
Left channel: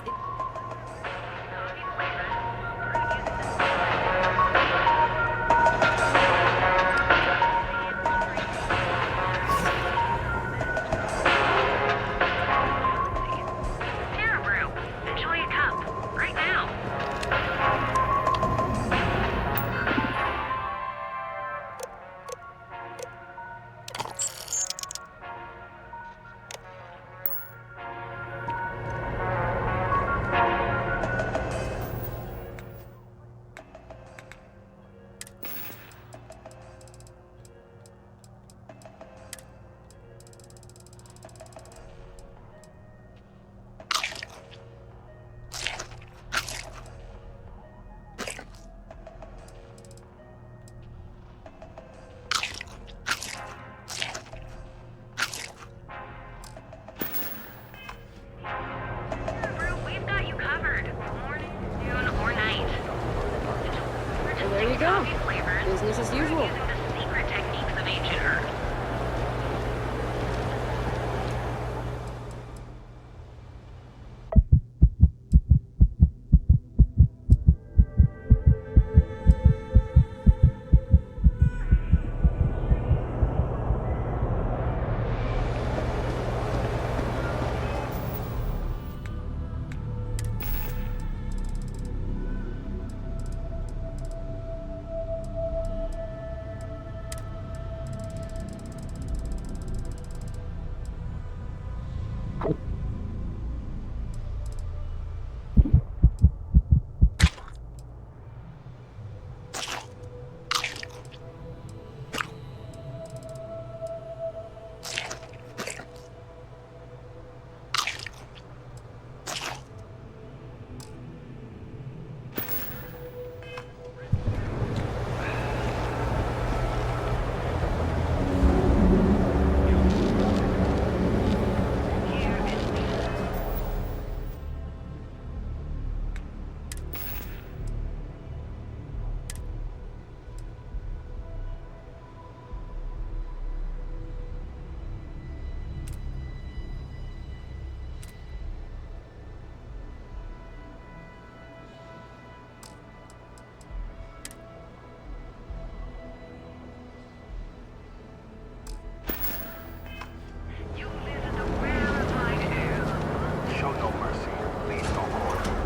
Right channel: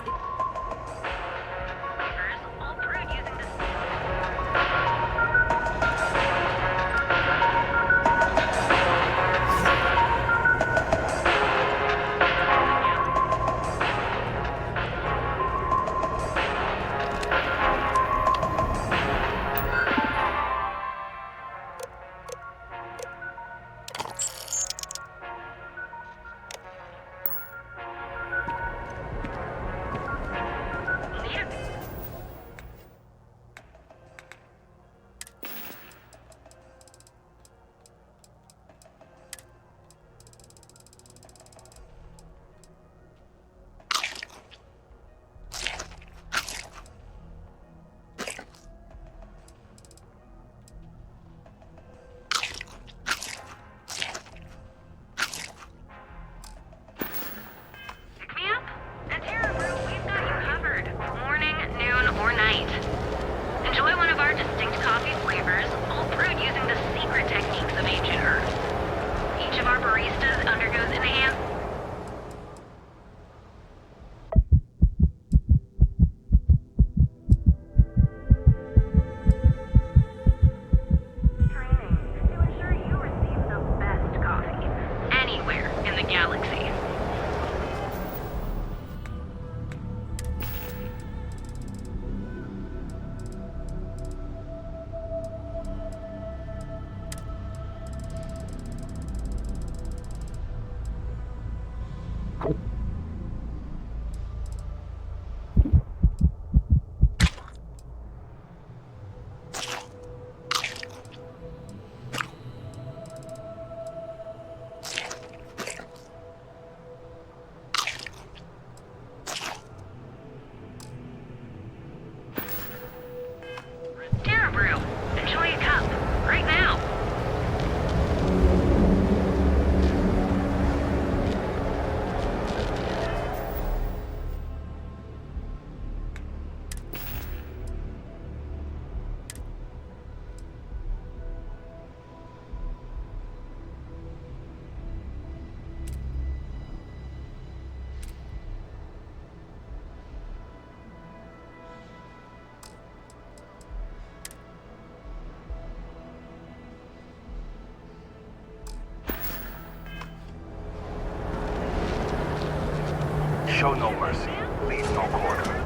show no mercy, leave no quarter.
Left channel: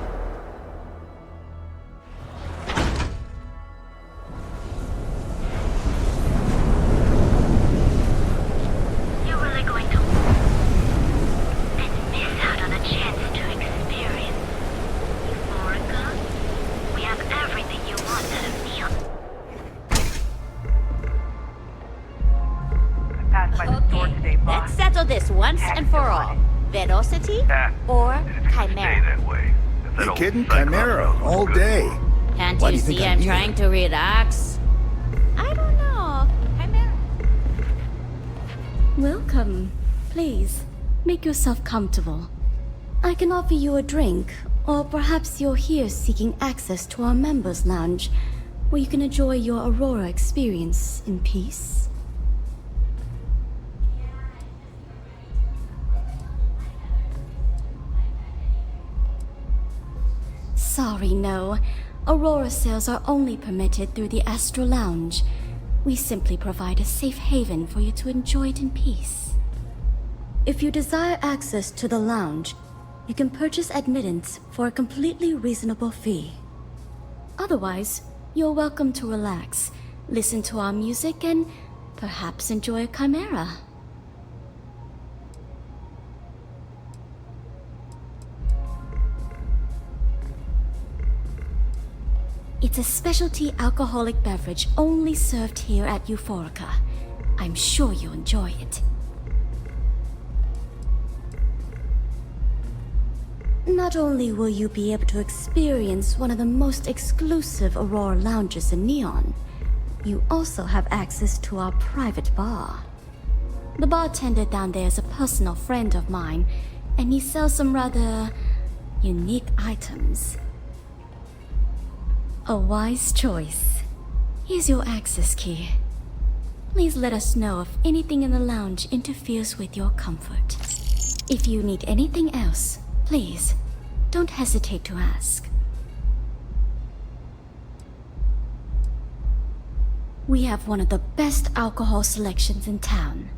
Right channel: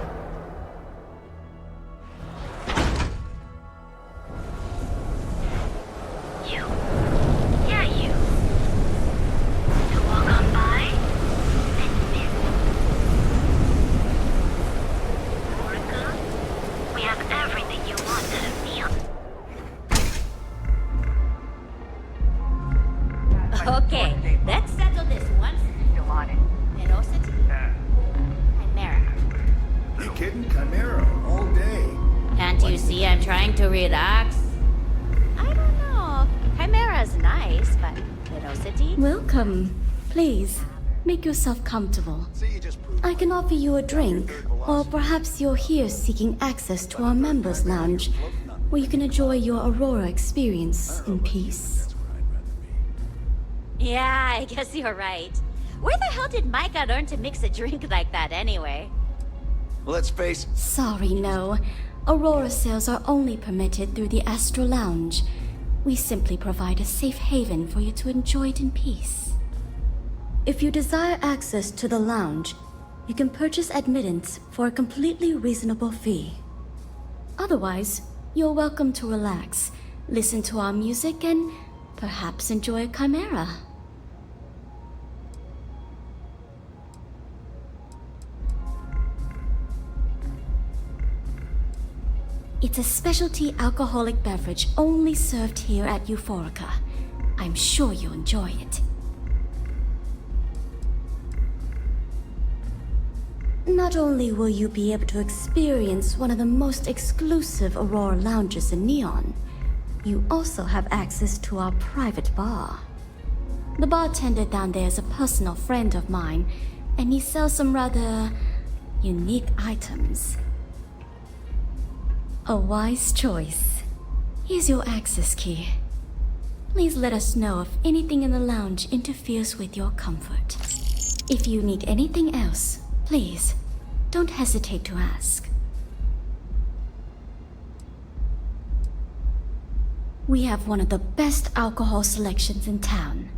Okay, let's settle this once and for all. Velocity or Chimera? You kidding? Chimera, all day. Can't Why you do you think see I'm I'm trying to relax? I don't know. Chimera's nice, but Velocity? Welcome. Please, make yourself comfortable. I can offer you a drink, or perhaps you're here seeking access to our members' lounge, where you can enjoy your Aurora experience in peace. Yeah, I guess you're right. Where the hell did Micah learn to mix a drink like that anyway? Let's face it. Sorry, no. Aurora sales are only permitted through the Astral Lounge. We simply provide a safe haven for you to enjoy it in peace. If you desire access to the lounge, you can purchase admittance for a completely reasonable fee. Otherwise, you're welcome to relax, listen to our music, and perhaps enjoy a chimera. It's a specialty alcoholic beverage only served here at Euphorica. I'm sure you'll enjoy it. Not only will you be able to experience one of the most exclusive Aurora lounges in Neon, you also have access to our private bar. The bartender down there is a personal friend of mine, and he sells some rather unique items. A wise choice. Here's your access key. Please let us know if anything in the lounge interferes with your comfort. If you need anything else, please, don't hesitate to ask. We have one of the best alcohol selections in town.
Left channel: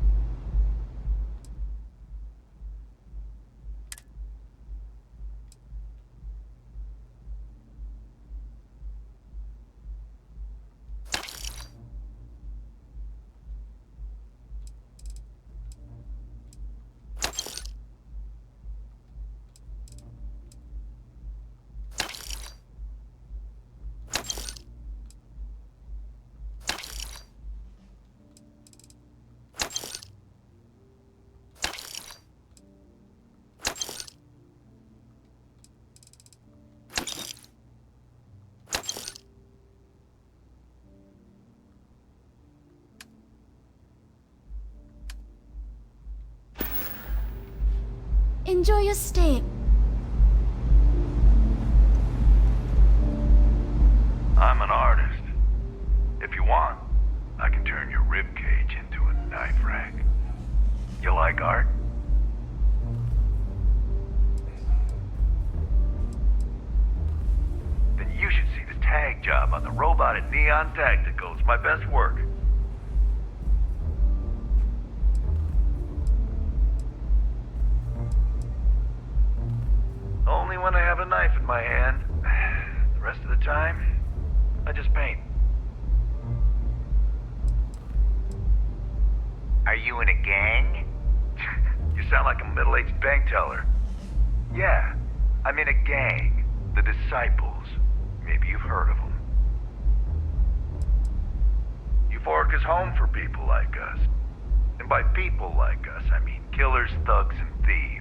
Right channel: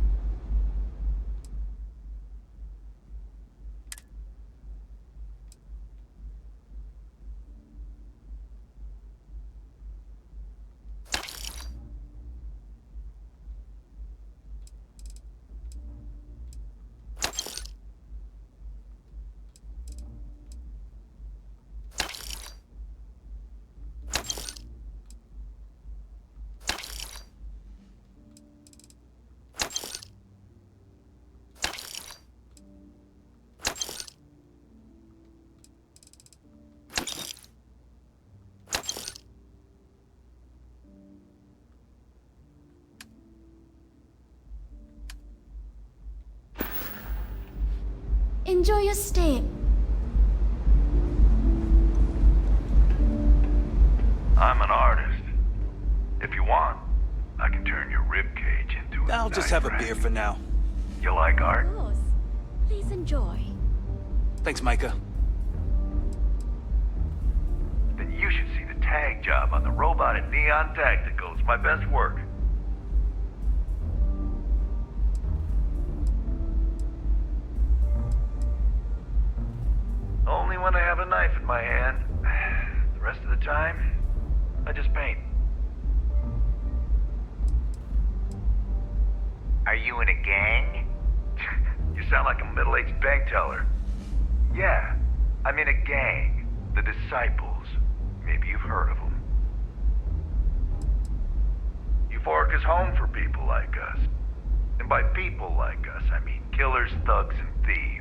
Enjoy your stay. I'm an artist. If you want, I can turn your ribcage into a I'll just have a beer for now. You like art? Please enjoy. Thanks, Micah. Then you should see the tag job on the robot at Neon Tactical. It's my best work. Only when I have a knife in my hand. The rest of the time, I just paint. Are you in a gang? You sound like a middle-aged bank teller. Yeah, I'm in a gang. The Disciples. Maybe you've heard of them. Euphorica's home for people like us. And by people like us, I mean killers, thugs, and thieves.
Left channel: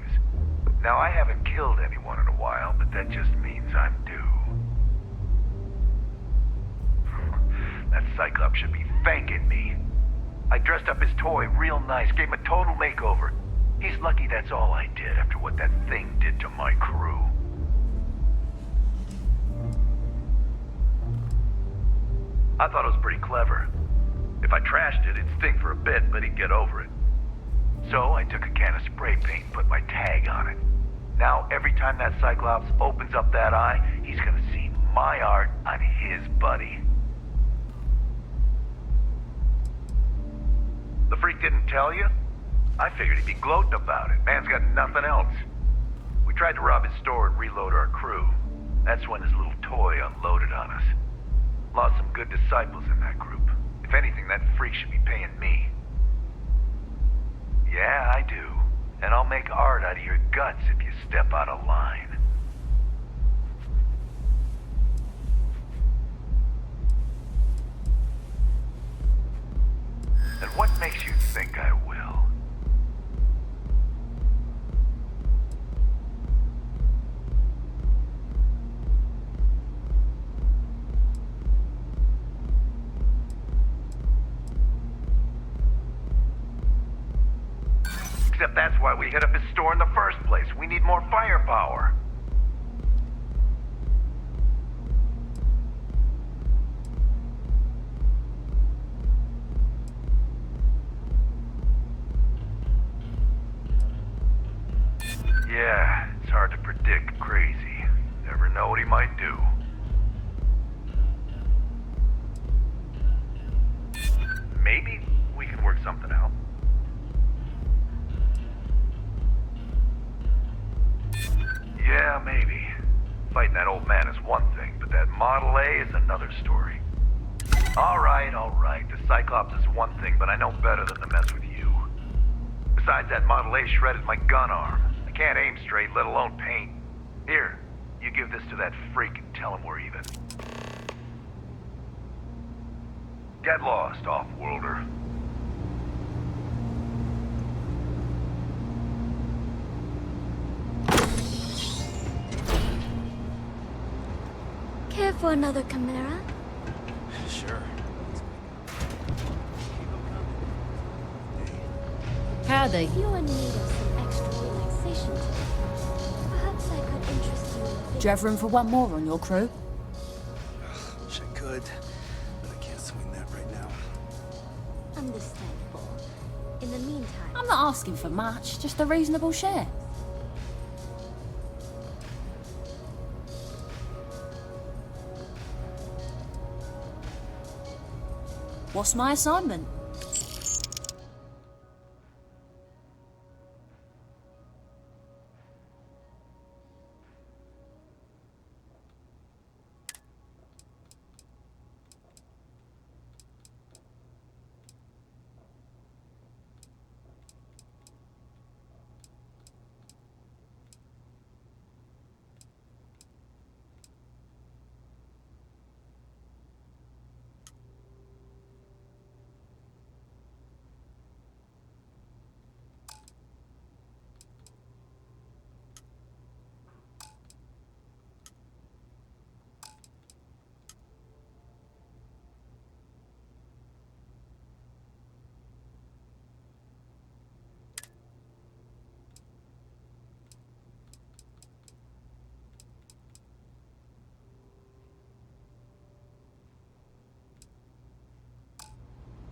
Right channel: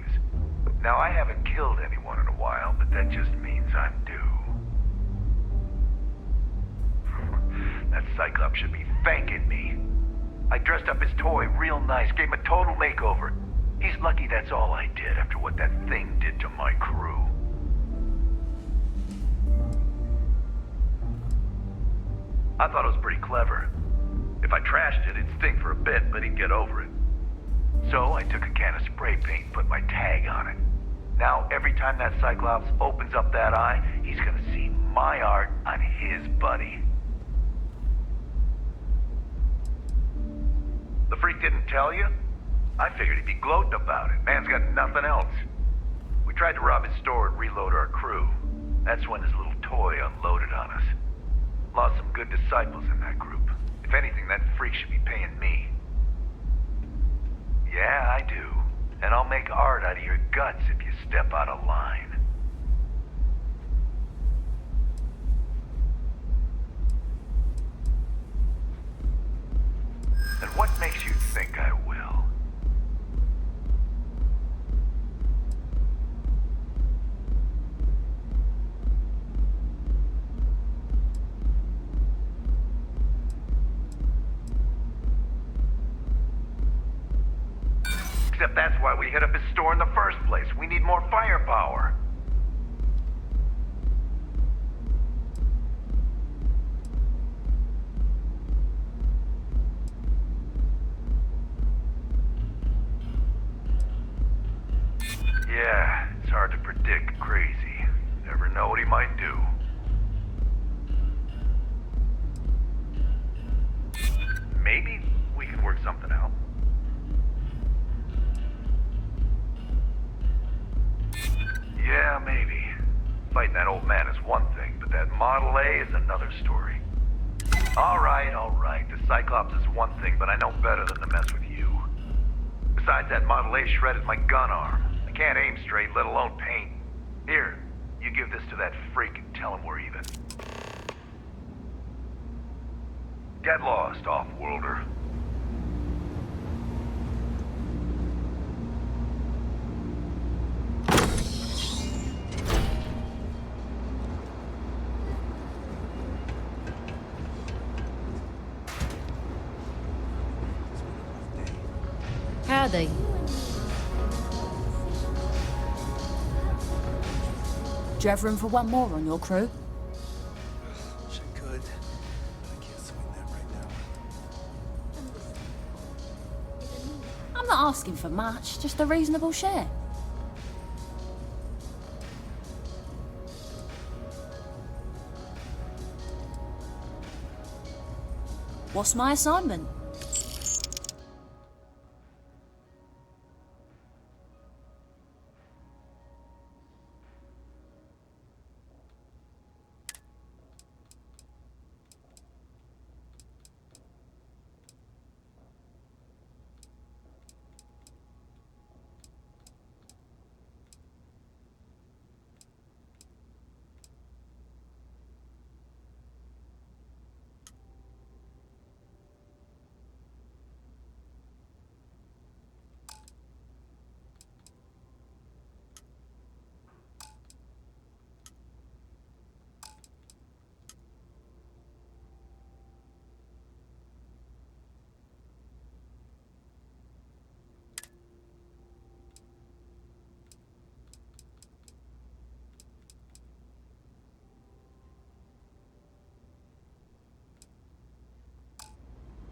Now, I haven't killed anyone in a while, but that just means I'm due. That Cyclops should be thanking me. I dressed up his toy real nice, gave him a total makeover. He's lucky that's all I did after what that thing did to my crew. I thought it was pretty clever. If I trashed it, it'd sting for a bit, but he'd get over it. So I took a can of spray paint and put my tag on it. Now, every time that Cyclops opens up that eye, he's gonna see my art on his buddy. The freak didn't tell you? I figured he'd be gloating about it. Man's got nothing else. We tried to rob his store and reload our crew. That's when his little toy unloaded on us. Lost some good disciples in that group. If anything, that freak should be paying me. Yeah, I do. And I'll make art out of your guts if you step out of line. And what makes you think I will? Except that's why we hit up his store in the first place. We need more firepower. Yeah, it's hard to predict Crazy. Never know what he might do. Maybe we can work something out. Yeah, maybe. Fighting that old man is one thing, but that Model A is another story. All right. The Cyclops is one thing, but I know better than to mess with you. Besides, that Model A shredded my gun arm. I can't aim straight, let alone paint. Here, you give this to that freak and tell him we're even. Get lost, off-worlder. Care for another Chimera? Sure. Howdy. You are in need of some extra relaxation today. Perhaps I could interest you. Do you have room for one more on your crew? Wish I could, but I can't swing that right now. Understandable. In the meantime, I'm not asking for much, just a reasonable share. What's my assignment?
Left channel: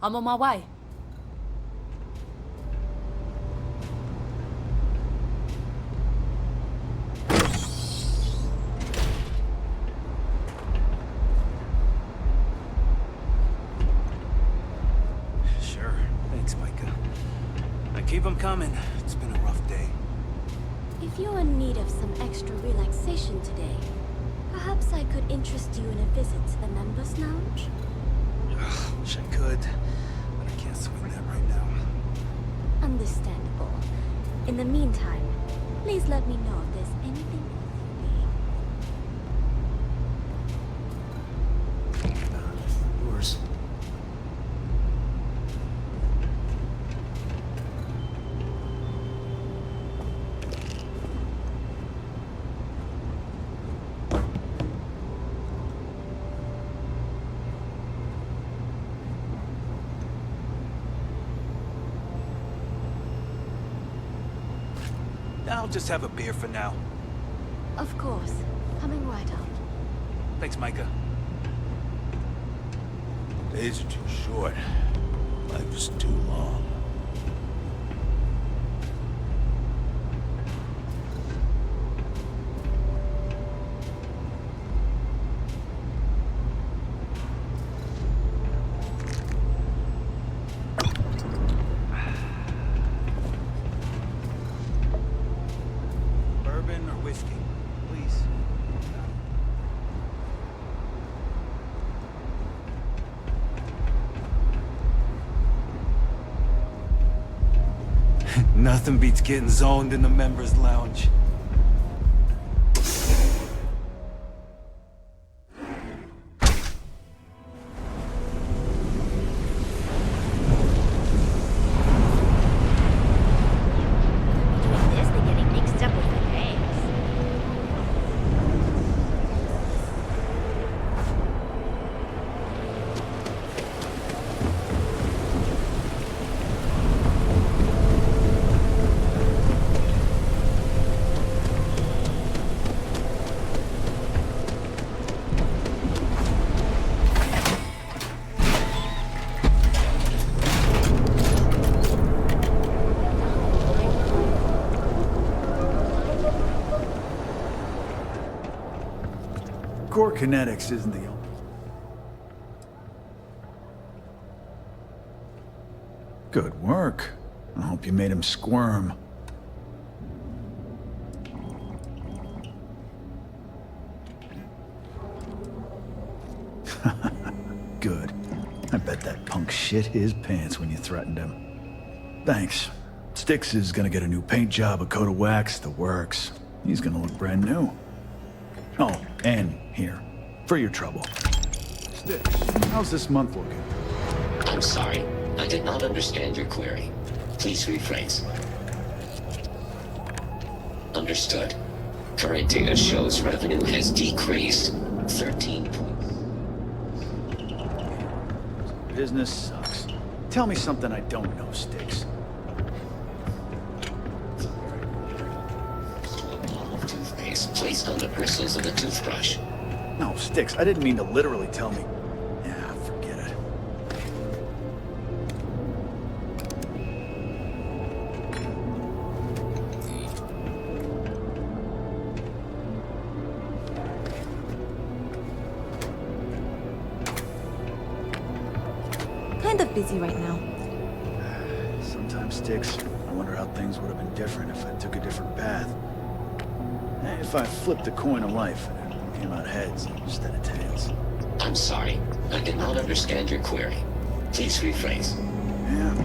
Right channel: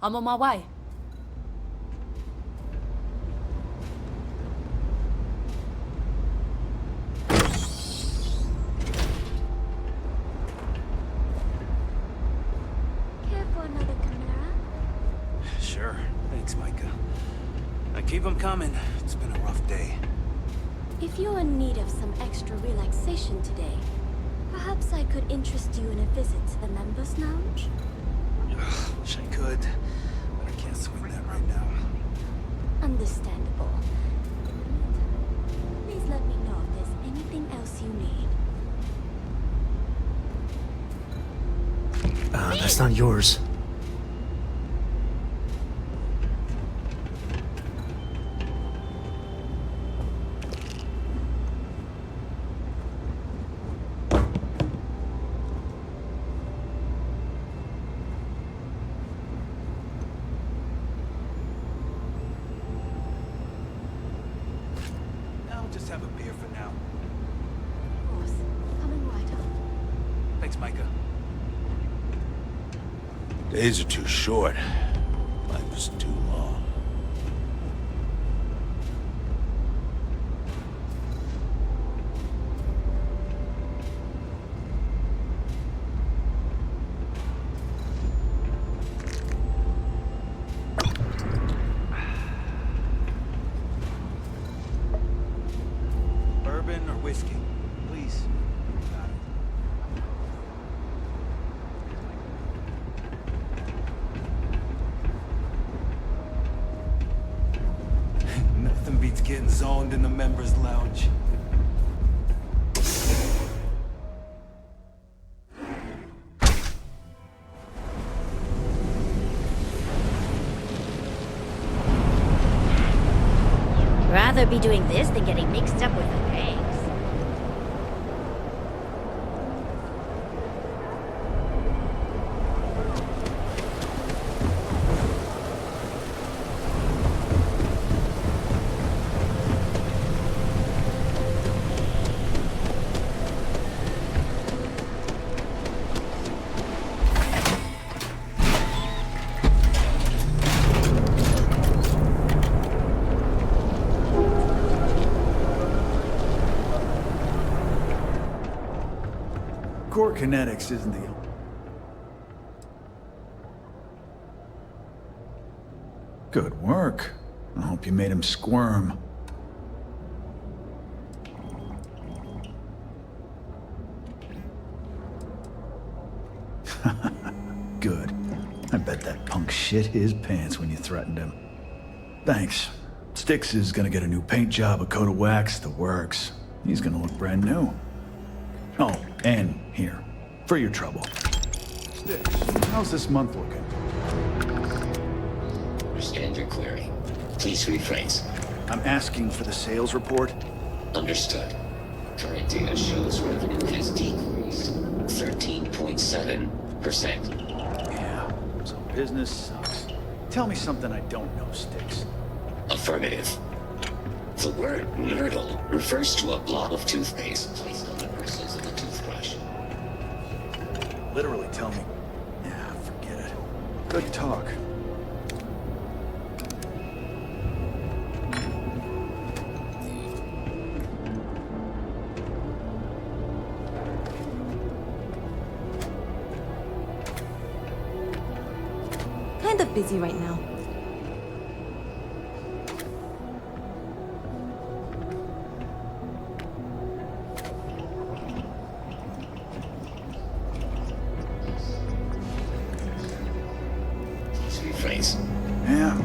I'm on my way. Sure. Thanks, Micah. Now keep them coming. It's been a rough day. if you're in need of some extra relaxation today, perhaps I could interest you in a visit to the Members Lounge? Wish I could, but I can't swing that right now. Understandable. In the meantime, please let me know if there's anything else you need. That's not yours. I'll just have a beer for now. Of course. Coming right up. Thanks, Micah. Days are too short. Life is too long. Bourbon or whiskey, please. Nothing beats getting zoned in the members' lounge. Rather be doing this than getting mixed up with the eggs. Core kinetics isn't the only... Good work. I hope you made him squirm. Good. I bet that punk shit his pants when you threatened him. Thanks. Styx is gonna get a new paint job, a coat of wax, the works. He's gonna look brand new. Oh, and here, for your trouble. Styx, how's this month looking? I'm sorry. I did not understand your query. Please rephrase. I'm asking for the sales report. Understood. Current data shows revenue has decreased 13.7%. Yeah, so business sucks. Tell me something I don't know, Styx. Affirmative. The word myrtle refers to a blob of toothpaste placed on the bristles of a toothbrush. No, Styx, I didn't mean to literally tell me. Yeah, forget it. Good talk. Kind of busy right now. Sometimes, Styx, I wonder how things would have been different if I took a different path. If I flipped a coin of life, it came out heads instead of tails. I'm sorry. I did not understand your query. Please rephrase. Yeah,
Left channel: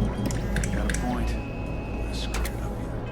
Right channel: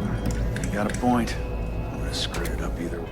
you got a point. I would have screwed it up either way.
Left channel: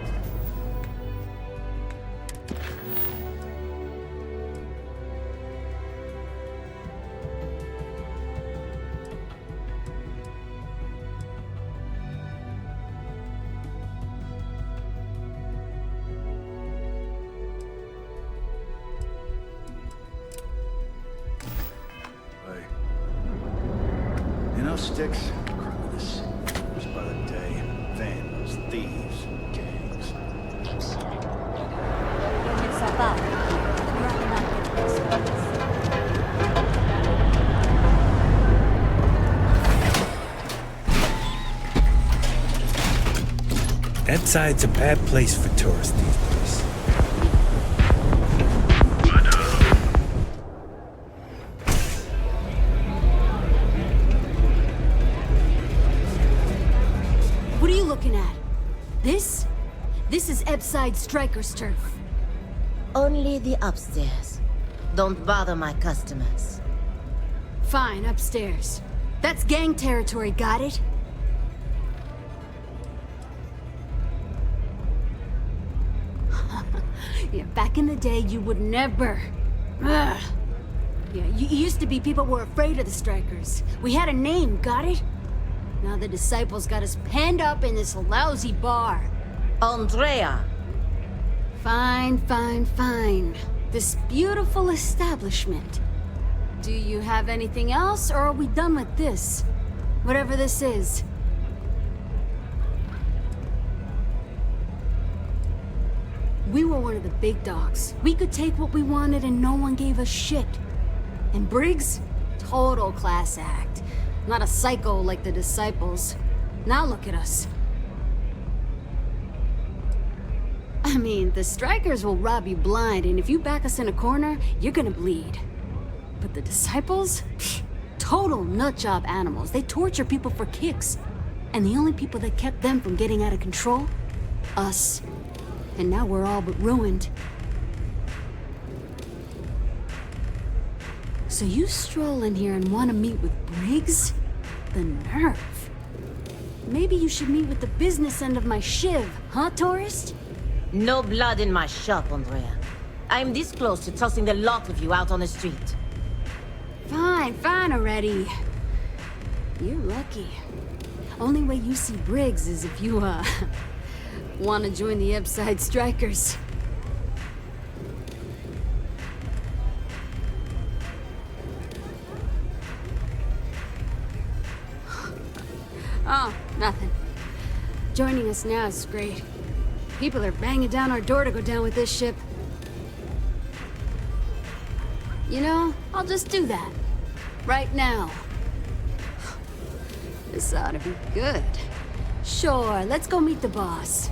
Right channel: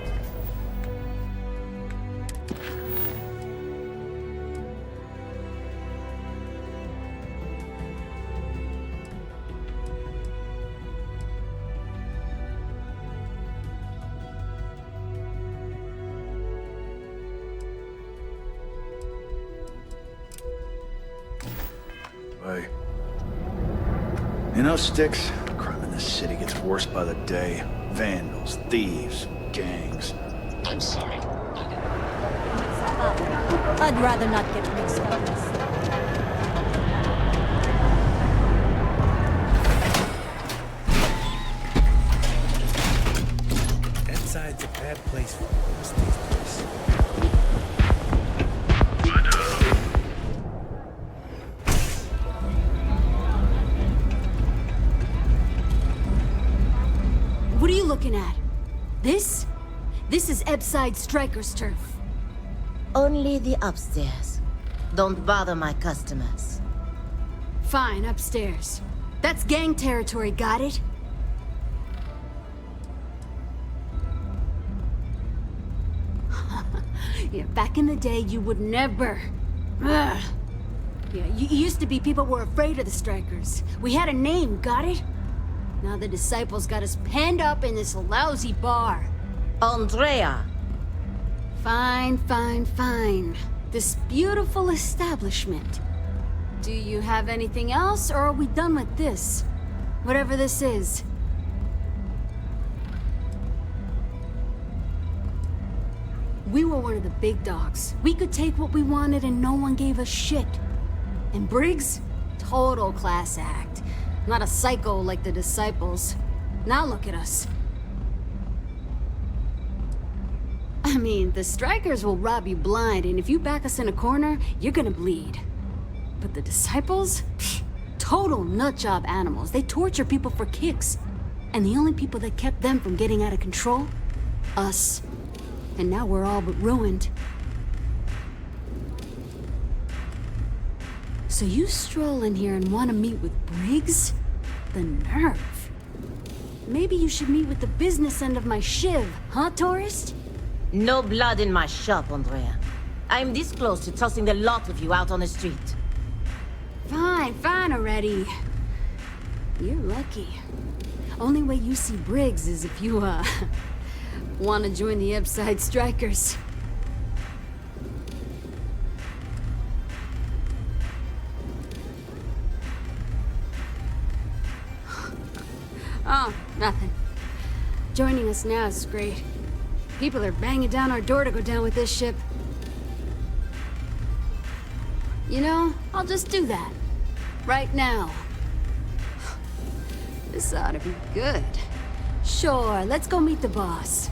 You know, Styx, crime in this city gets worse by the day. Vandals, thieves, gangs. I'm sorry. Get mixed up. I'd rather not get mixed up. That side's a bad place for tourists these days. What are you looking at? This? This is Ebside Striker's turf. Only the upstairs. Don't bother my customers. Fine, upstairs. That's gang territory, got it? Yeah, back in the day, you would never... Ugh. Yeah, you used to be people were afraid of the Strikers. We had a name, got it? Now the Disciples got us penned up in this lousy bar. Andrea! Fine, fine, fine. This beautiful establishment. Do you have anything else, or are we done with this? Whatever this is. We were one of the big dogs. We could take what we wanted and no one gave us shit. And Briggs? Total class act. Not a psycho like the Disciples. Now look at us. I mean, the Strikers will rob you blind, and if you back us in a corner, you're gonna bleed. But the Disciples? Pfft, total nutjob animals. They torture people for kicks. And the only people that kept them from getting out of control? Us. And now we're all but ruined. So you stroll in here and want to meet with Briggs? The nerve. Maybe you should meet with the business end of my shiv, huh, tourist? No blood in my shop, Andrea. I'm this close to tossing the lot of you out on the street. Fine, fine already. You're lucky. Only way you see Briggs is if you, want to join the Upside Strikers. Oh, nothing. Joining us now is great. People are banging down our door to go down with this ship. You know, I'll just do that. Right now. This ought to be good. Sure, let's go meet the boss.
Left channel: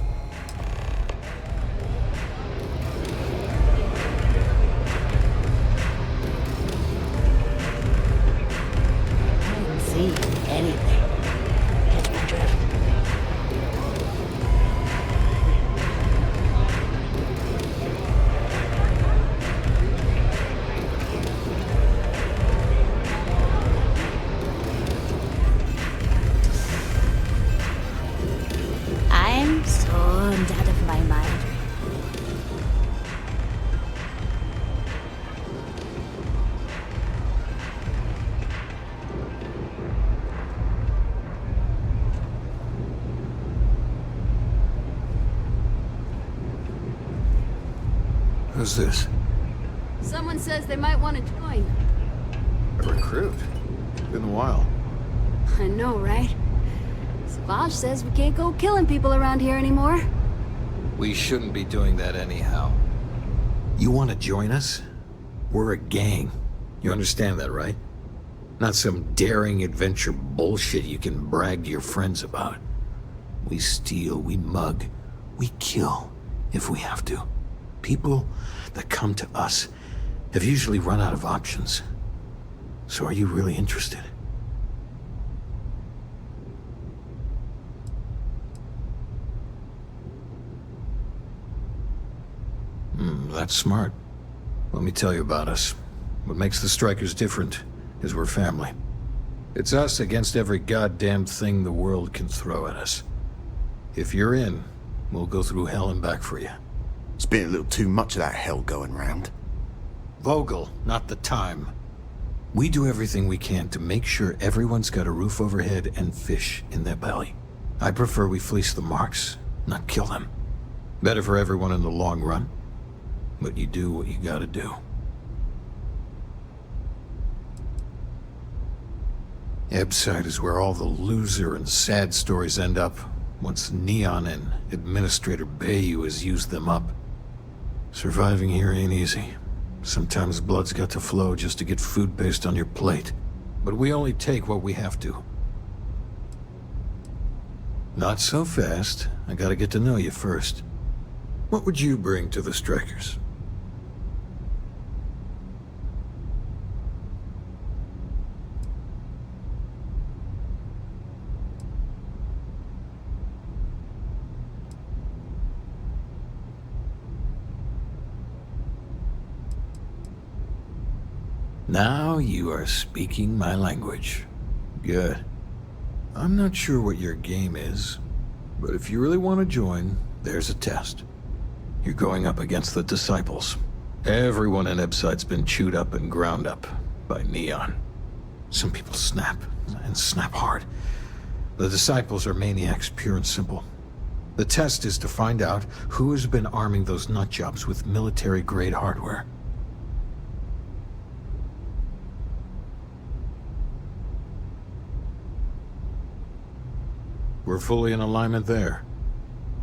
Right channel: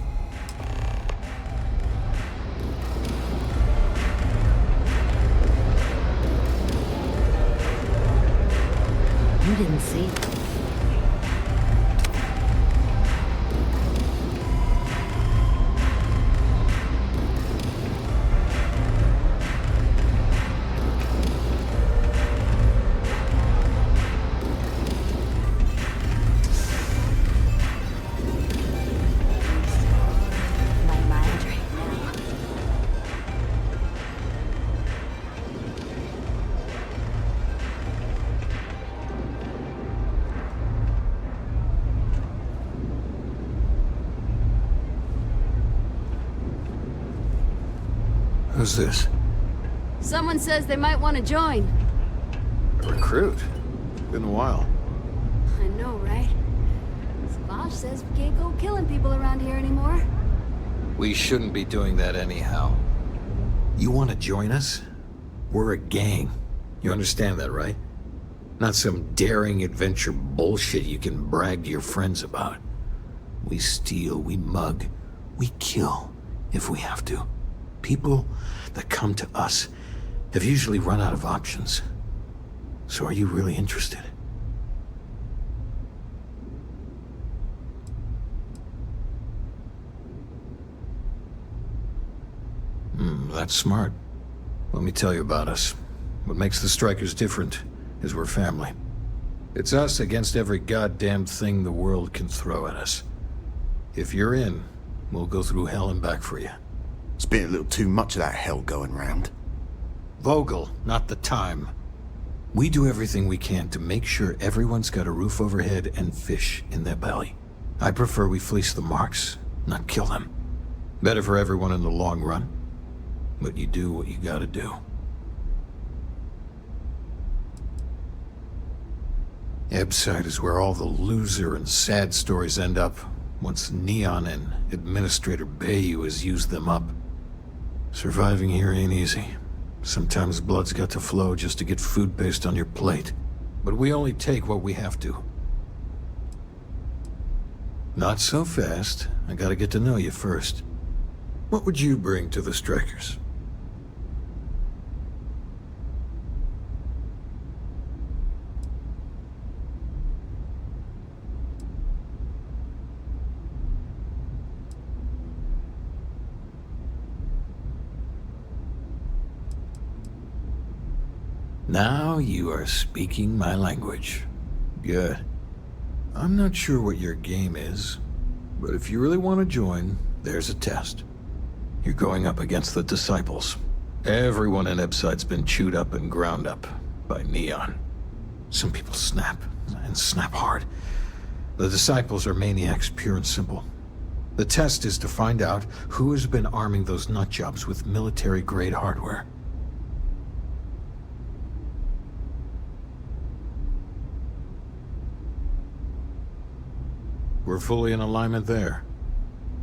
You didn't see anything. I'm zoned out of my mind right now. Who's this? Someone says they might want to join. A recruit? Been a while. I know, right? Savage says we can't go killing people around here anymore. We shouldn't be doing that anyhow. You want to join us? We're a gang. You understand that, right? Not some daring adventure bullshit you can brag to your friends about. We steal, we mug, we kill, if we have to. People that come to us have usually run out of options. So are you really interested? That's smart. Let me tell you about us. What makes the Strikers different is we're family. It's us against every goddamn thing the world can throw at us. If you're in, we'll go through hell and back for you. It's been a little too much of that hell going round. Vogel, not the time. We do everything we can to make sure everyone's got a roof overhead and fish in their belly. I prefer we fleece the marks, not kill them. Better for everyone in the long run. But you do what you gotta do. Ebside is where all the loser and sad stories end up once Neon and Administrator Bayou has used them up. Surviving here ain't easy. Sometimes blood's got to flow just to get food based on your plate. But we only take what we have to. Not so fast. I gotta get to know you first. What would you bring to the Strikers? Now you are speaking my language. Good. I'm not sure what your game is, but if you really want to join, there's a test. You're going up against the Disciples. Everyone in Ebside's been chewed up and ground up by Neon. Some people snap, and snap hard. The Disciples are maniacs, pure and simple. The test is to find out who has been arming those nutjobs with military-grade hardware. We're fully in alignment there.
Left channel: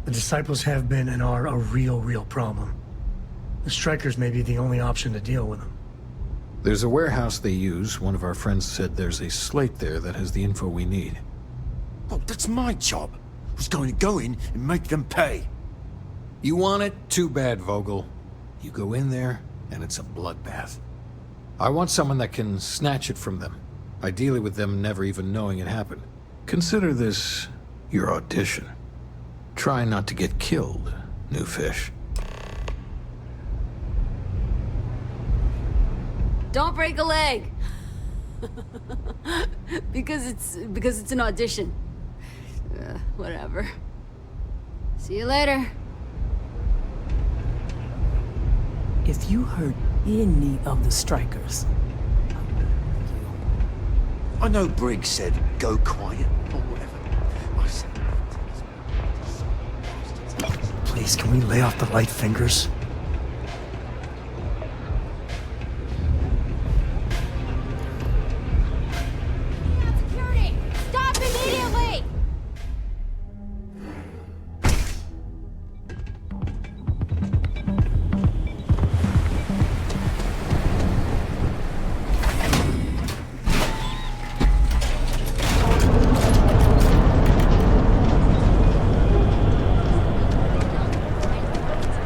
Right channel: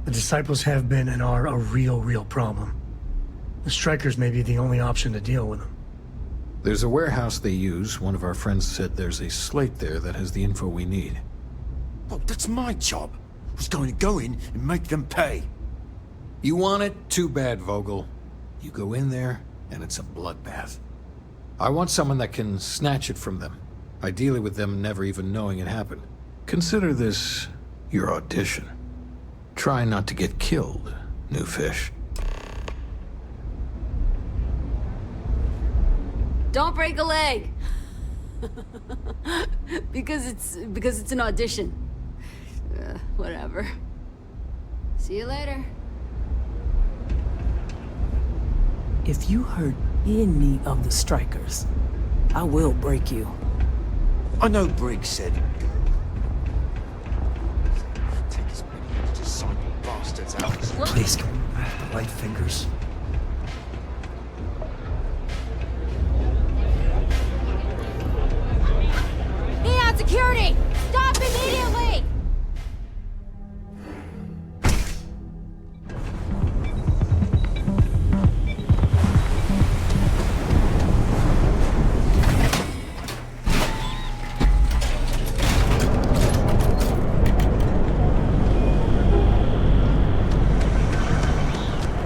The Disciples have been and are a real problem. The Strikers may be the only option to deal with them. There's a warehouse they use. One of our friends said there's a slate there that has the info we need. Oh, that's my job. I was going to go in and make them pay. You want it? Too bad, Vogel. You go in there, and it's a bloodbath. I want someone that can snatch it from them. Ideally with them never even knowing it happened. Consider this your audition. Try not to get killed, new fish. Don't break a leg. because it's an audition. Whatever. See you later. If you hurt any of the strikers, I will break you. I know Briggs said, go quiet. I said, take his disciple bastards out. Please, can we lay off the light fingers? Neon security! Stop immediately!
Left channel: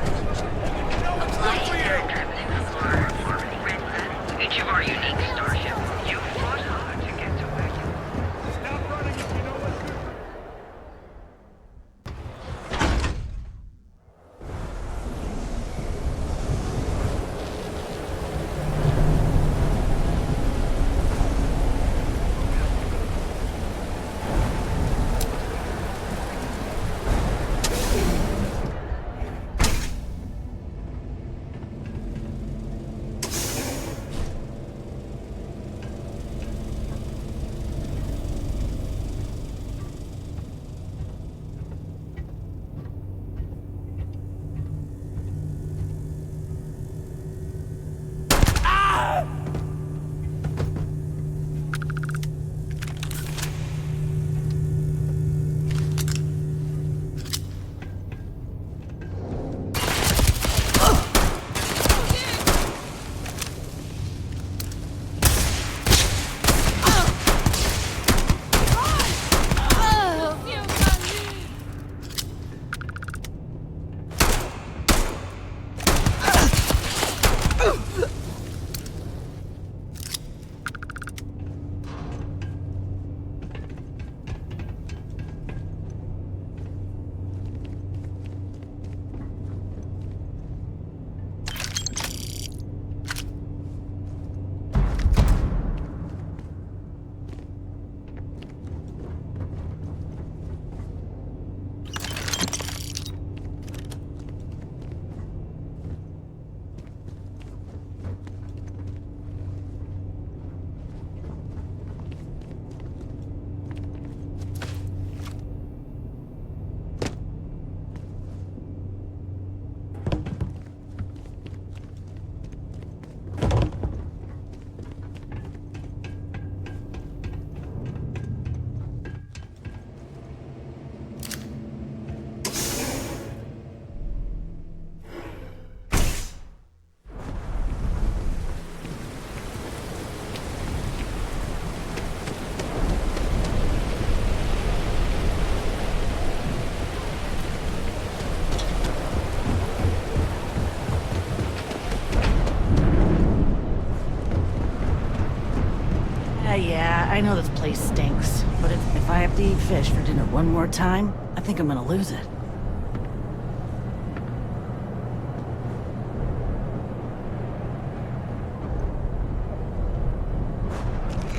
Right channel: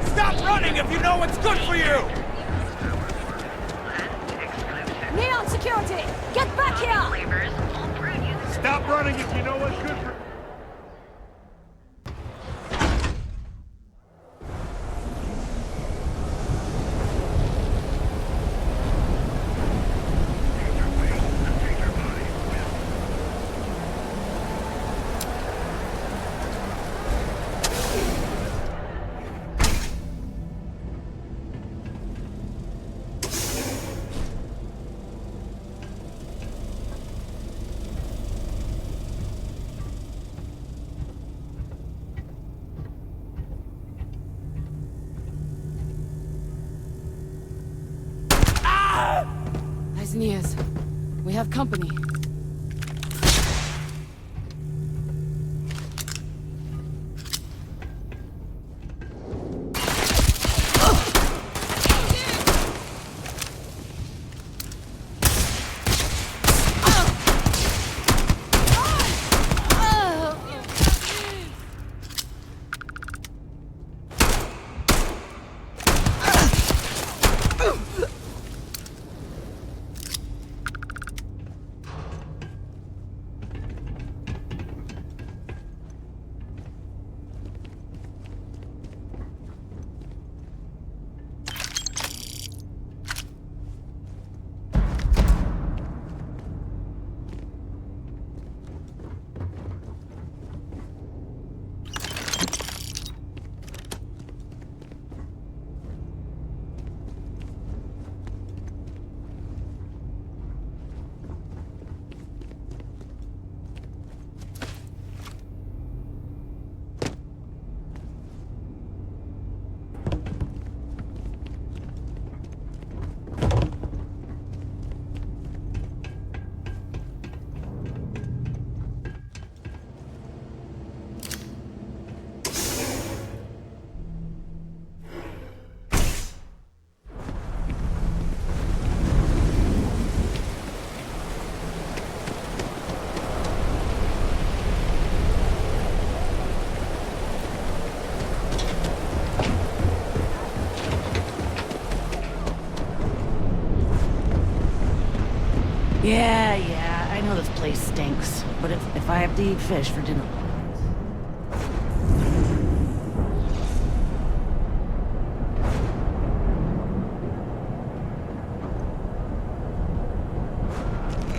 Stop running if you know what's good for you! Neon security! Get back here! Stop running if you know what's good for... Nice Nias. We have company. Yeah, I know this place stinks, but if I have to eat fish for dinner one more time, I think I'm gonna lose it.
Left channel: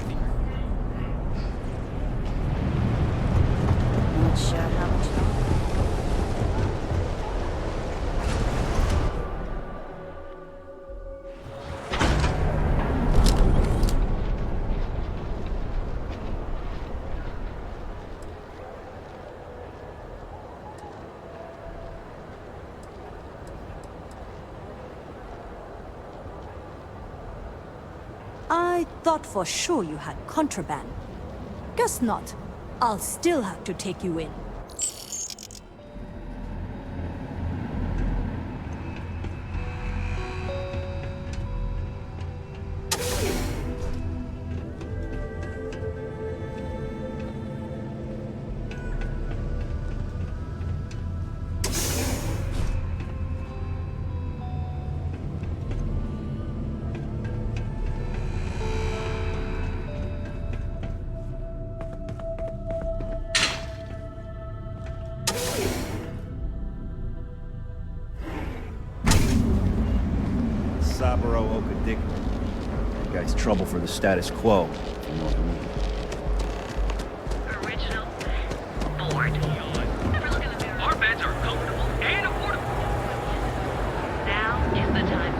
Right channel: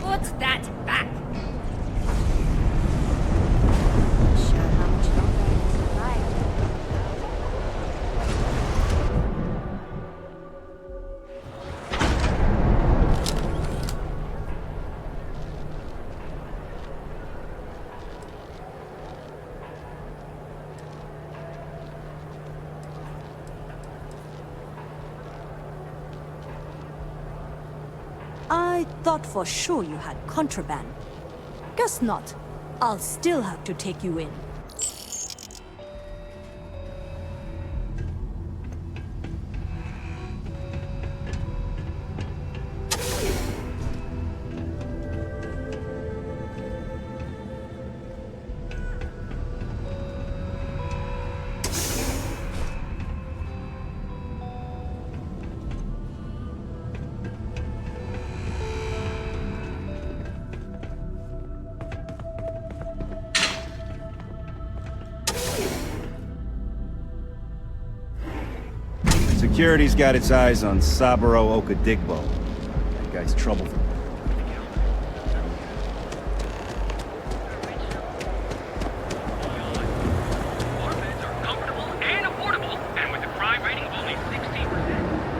What's that back? Not sure how much longer I can survive. I thought for sure you had contraband. Guess not. I'll still have to take you in. Security's got its eyes on Saburo Okadikbo. The guy's trouble for the status quo. You know what I mean? Our beds are comfortable and affordable, and with the Prime rating of only 60 is the time.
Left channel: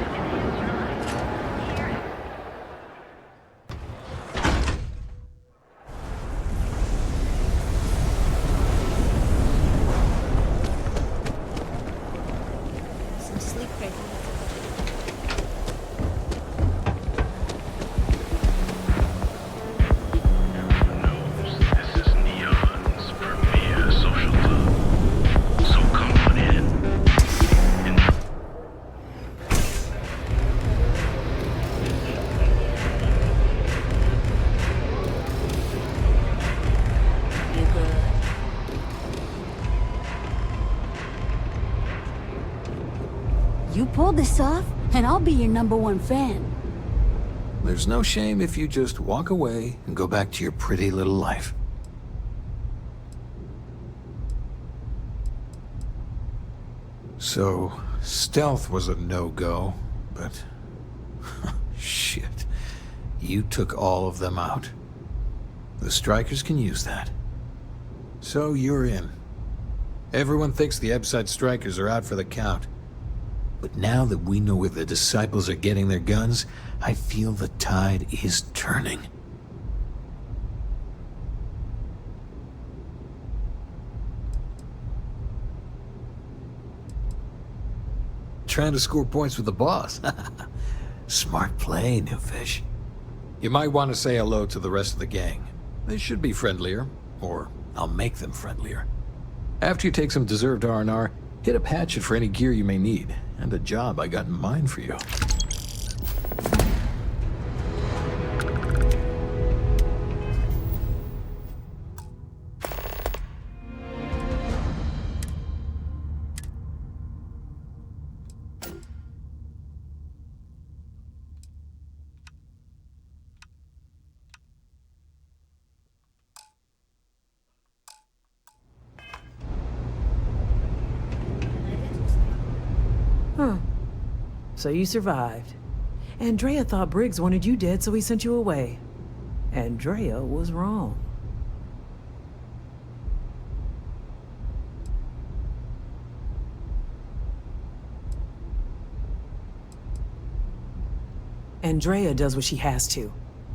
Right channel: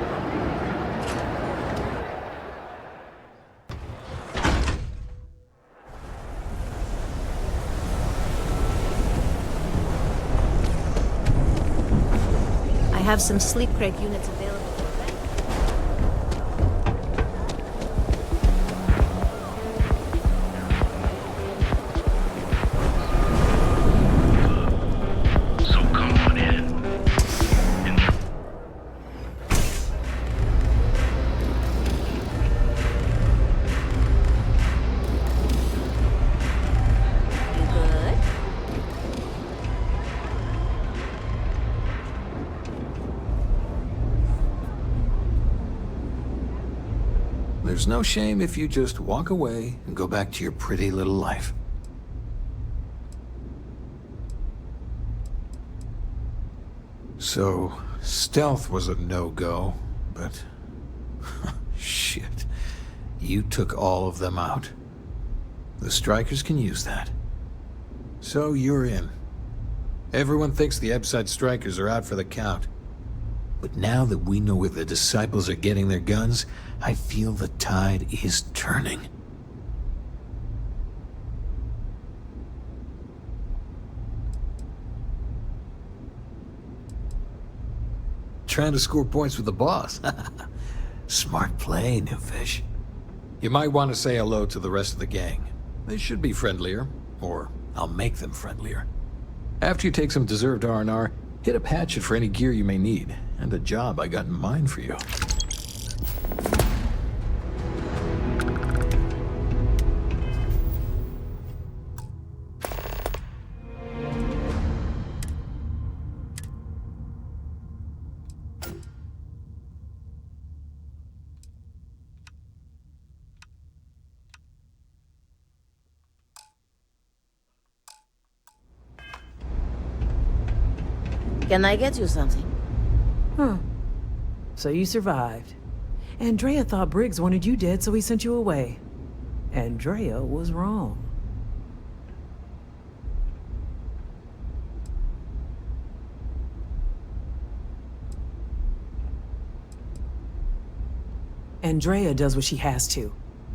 I have some sleep crate units available. So come on in. You good? You pull this off, and I'll be your #1 fan. There's no shame if you just walk away and go back to your pretty little life. So, stealth was a no-go, but... shit. You took all of them out. The strikers can use that. So you're in. Everyone thinks the Ebside strikers are out for the count. But now that we know where the disciples are getting their guns, I feel the tide is turning. Trying to score points with the boss. Smart play, new fish. You might want to say hello to the rest of the gang. They should be friendlier, or I'll make them friendlier. After you take some deserved R&R, hit up Hatchet for any gear you may need, and a job I got in mind for you. Can I get you something? Huh. So you survived. Andrea thought Briggs wanted you dead, so he sent you away. Andrea was wrong. Andrea does what she has to.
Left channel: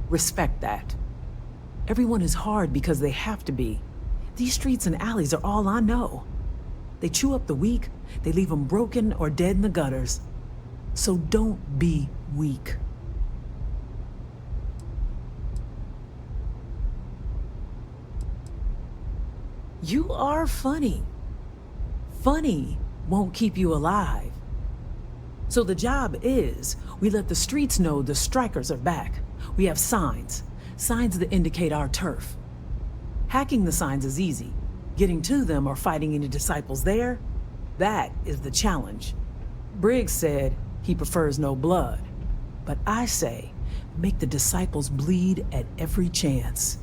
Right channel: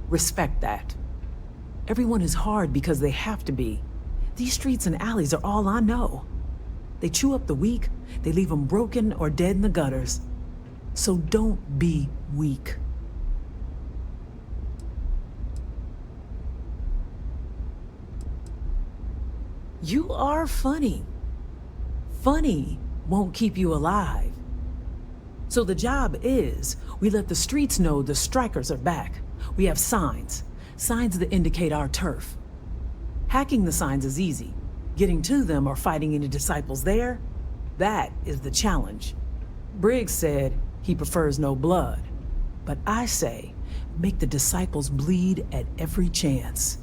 Respect that. Everyone is hard because they have to be. These streets and alleys are all I know. They chew up the weak, they leave them broken or dead in the gutters. So don't be weak. You are funny. Funny won't keep you alive. So the job is, we let the streets know the strikers are back. We have signs that indicate our turf. Hacking the signs is easy. Getting to them or fighting any disciples there, that is the challenge. Briggs said he prefers no blood, but I say make the disciples bleed at every chance.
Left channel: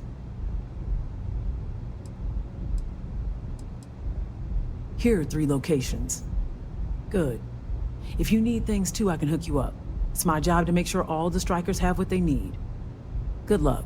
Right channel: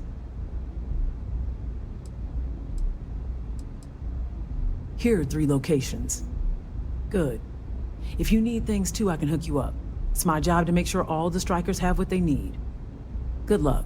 Here are 3 locations. Good. If you need things too, I can hook you up. It's my job to make sure all the strikers have what they need. Good luck.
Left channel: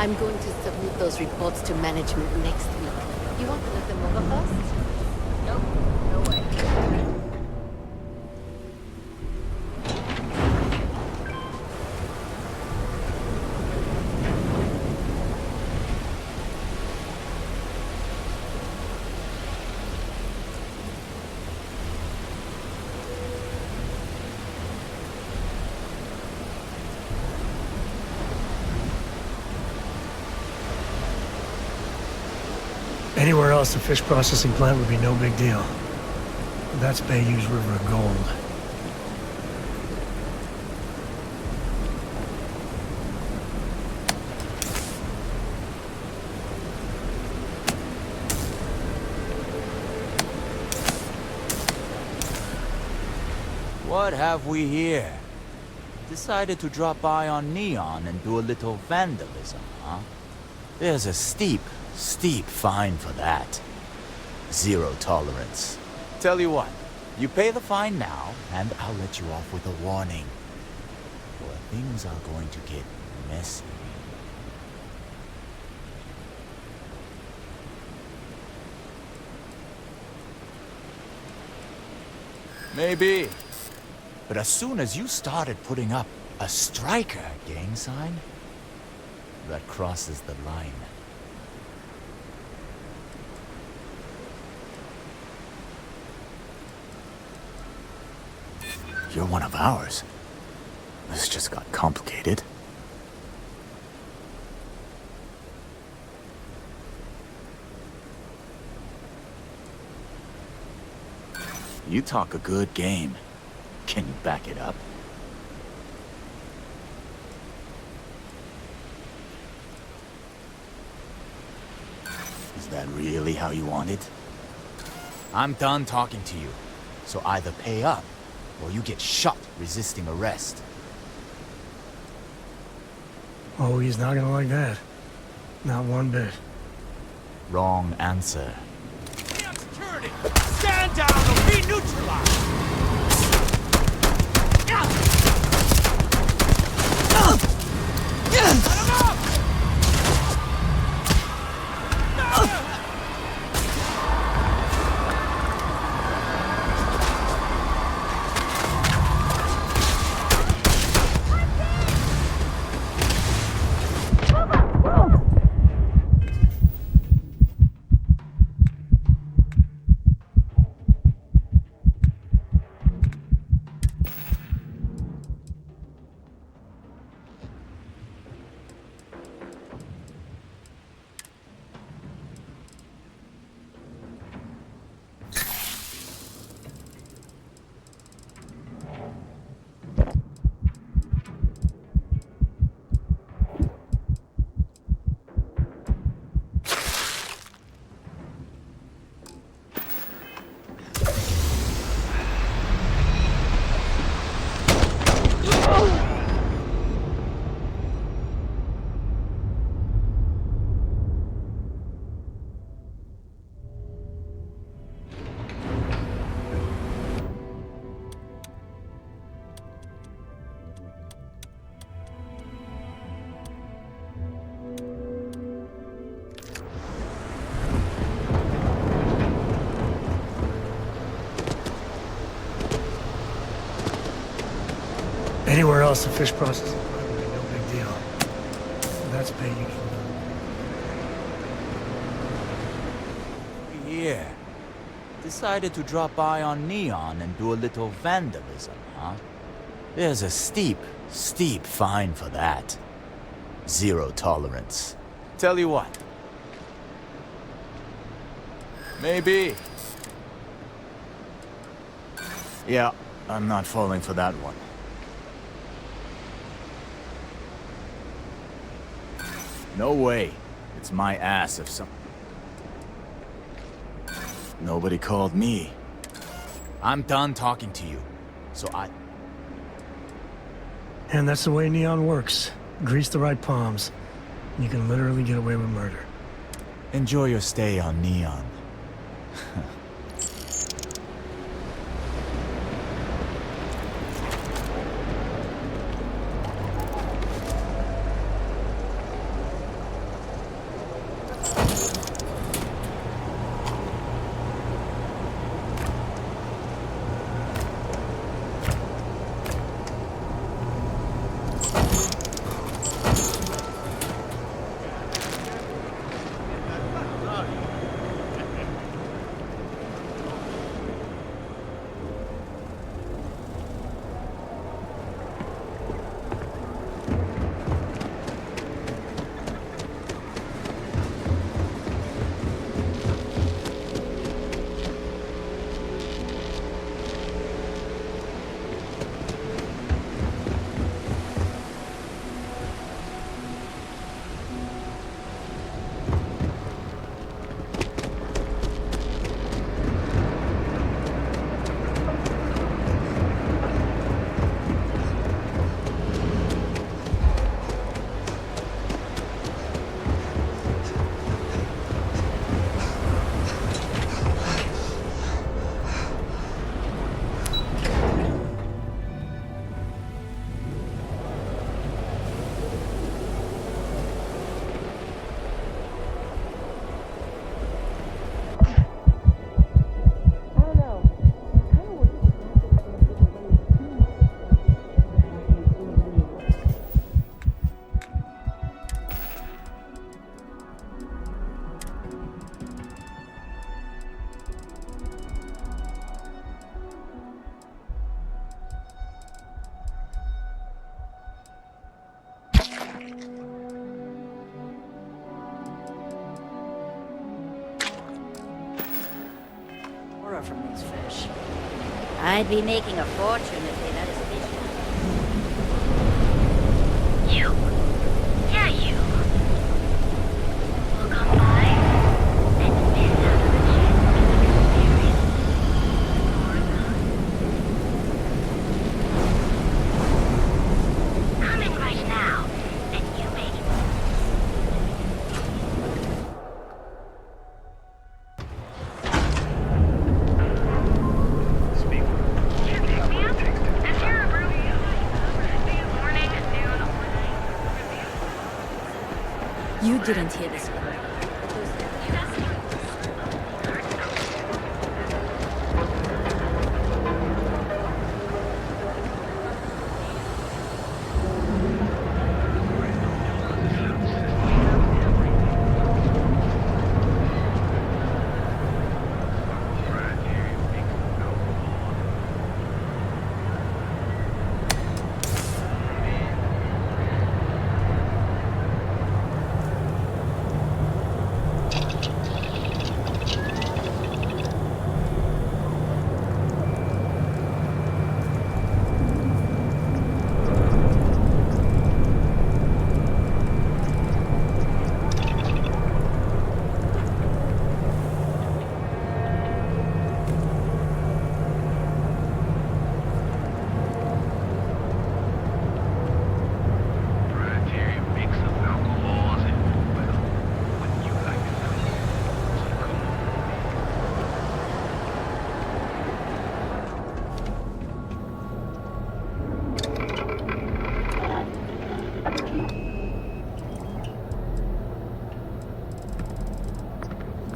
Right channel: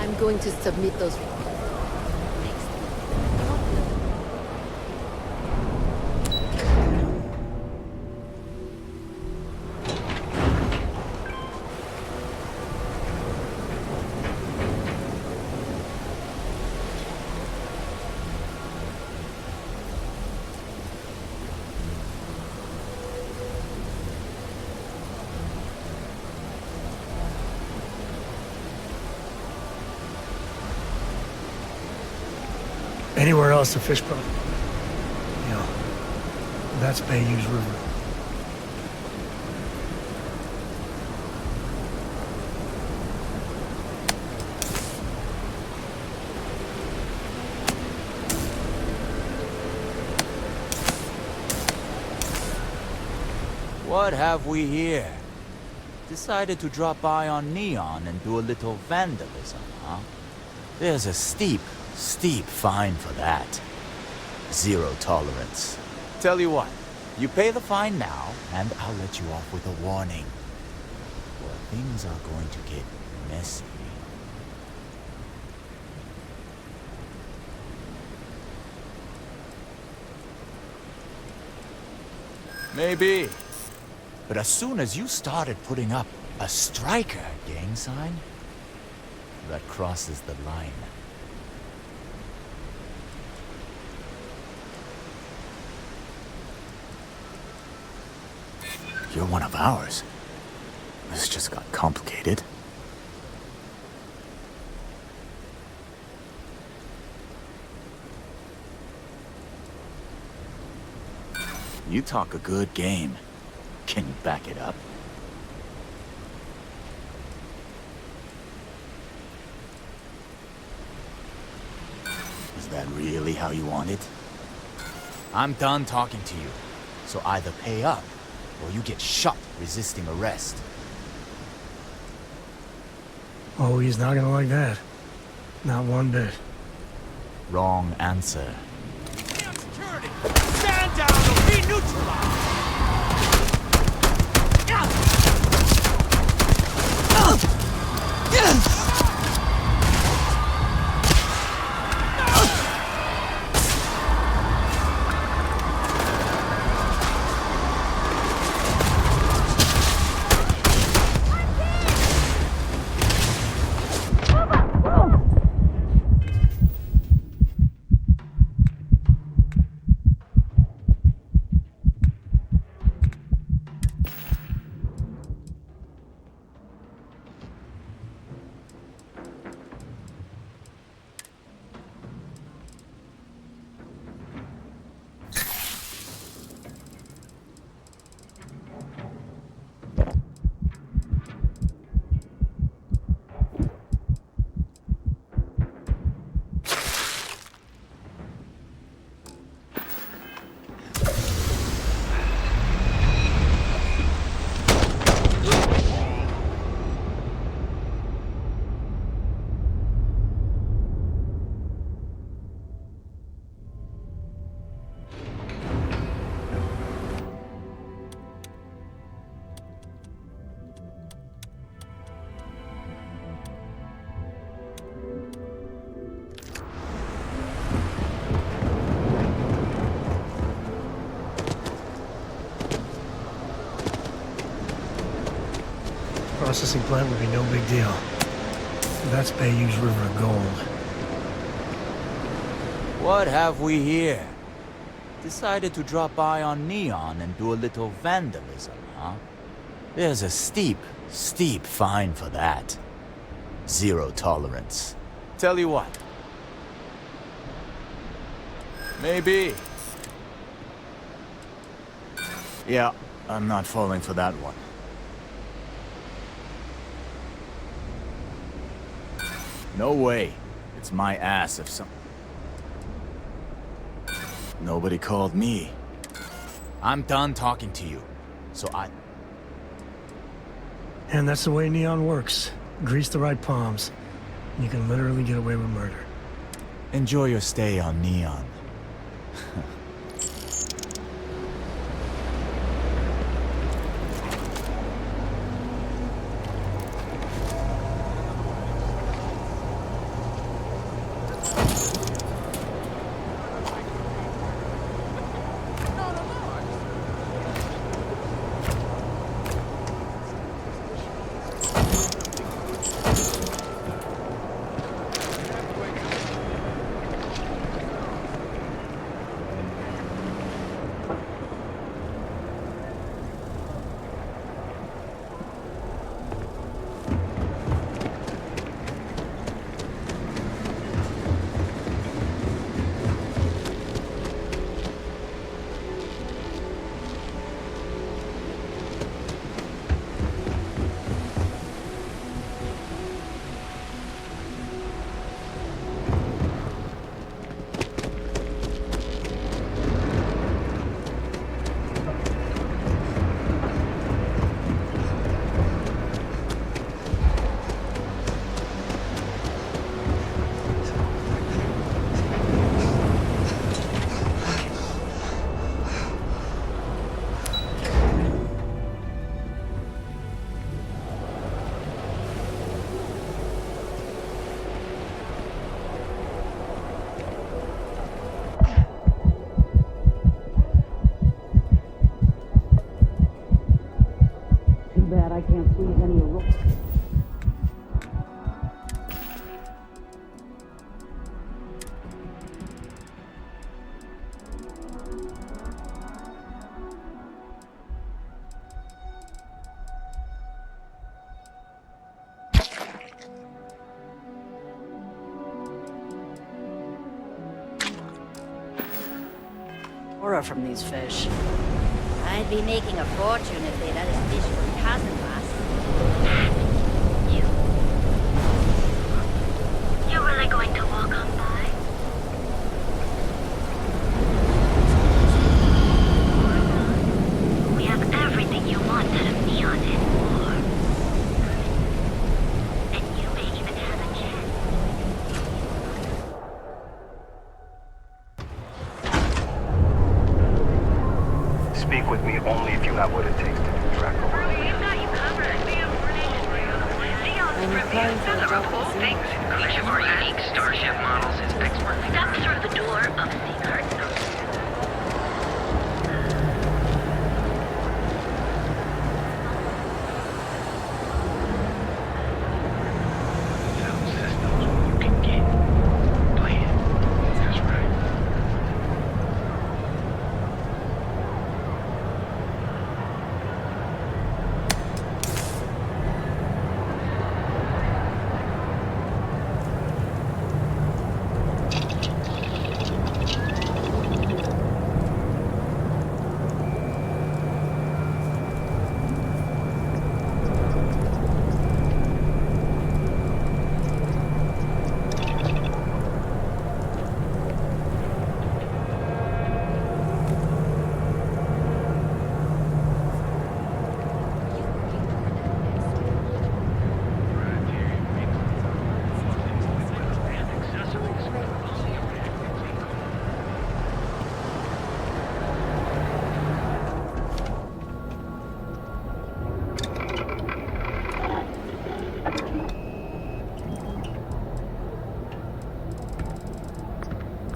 I'm going to submit those reports to management next week. You want to look them over first? Anywhere else, the fish processing plant would be no big deal. That's Bayou's River of Gold. What have we here? Decided to drop by on Neon and do a little vandalism, huh? There's a steep fine for that. Zero tolerance. Tell you what, you pay the fine now, and I'll let you off with a warning. Or things are going to get messy. Maybe. But as soon as you started putting up a striker gang sign, that crosses the line. You're one of ours. This just got complicated. You talk a good game. Can you back it up? Is that really how you want it? I'm done talking to you. So either pay up, or you get shot resisting arrest. Oh, he's not gonna like that. Not one bit. Wrong answer. Security! Stand down or be neutralized! Anywhere else, the fish processing plant would be no big deal. That's Bayou's River of Gold. What have we here? Decided to drop by on Neon and do a little vandalism, huh? There's a steep fine for that. Zero tolerance. Tell you what. Maybe. Yeah, I'm not falling for that one. No way. It's my ass if some... Nobody called me. I'm done talking to you. So And that's the way Neon works. Grease the right palms. You can literally get away with murder. Enjoy your stay on Neon. Aurora from these fish. I'd be making a fortune if they let us fish for customers. You? Yeah, you. You're really going to walk on by? We have everything you want out of Neon and more. Come in right now, and you may even have a chance. Speak with me only if you have what it takes to do that. You didn't take Starship models and expert. Step through the door of the art.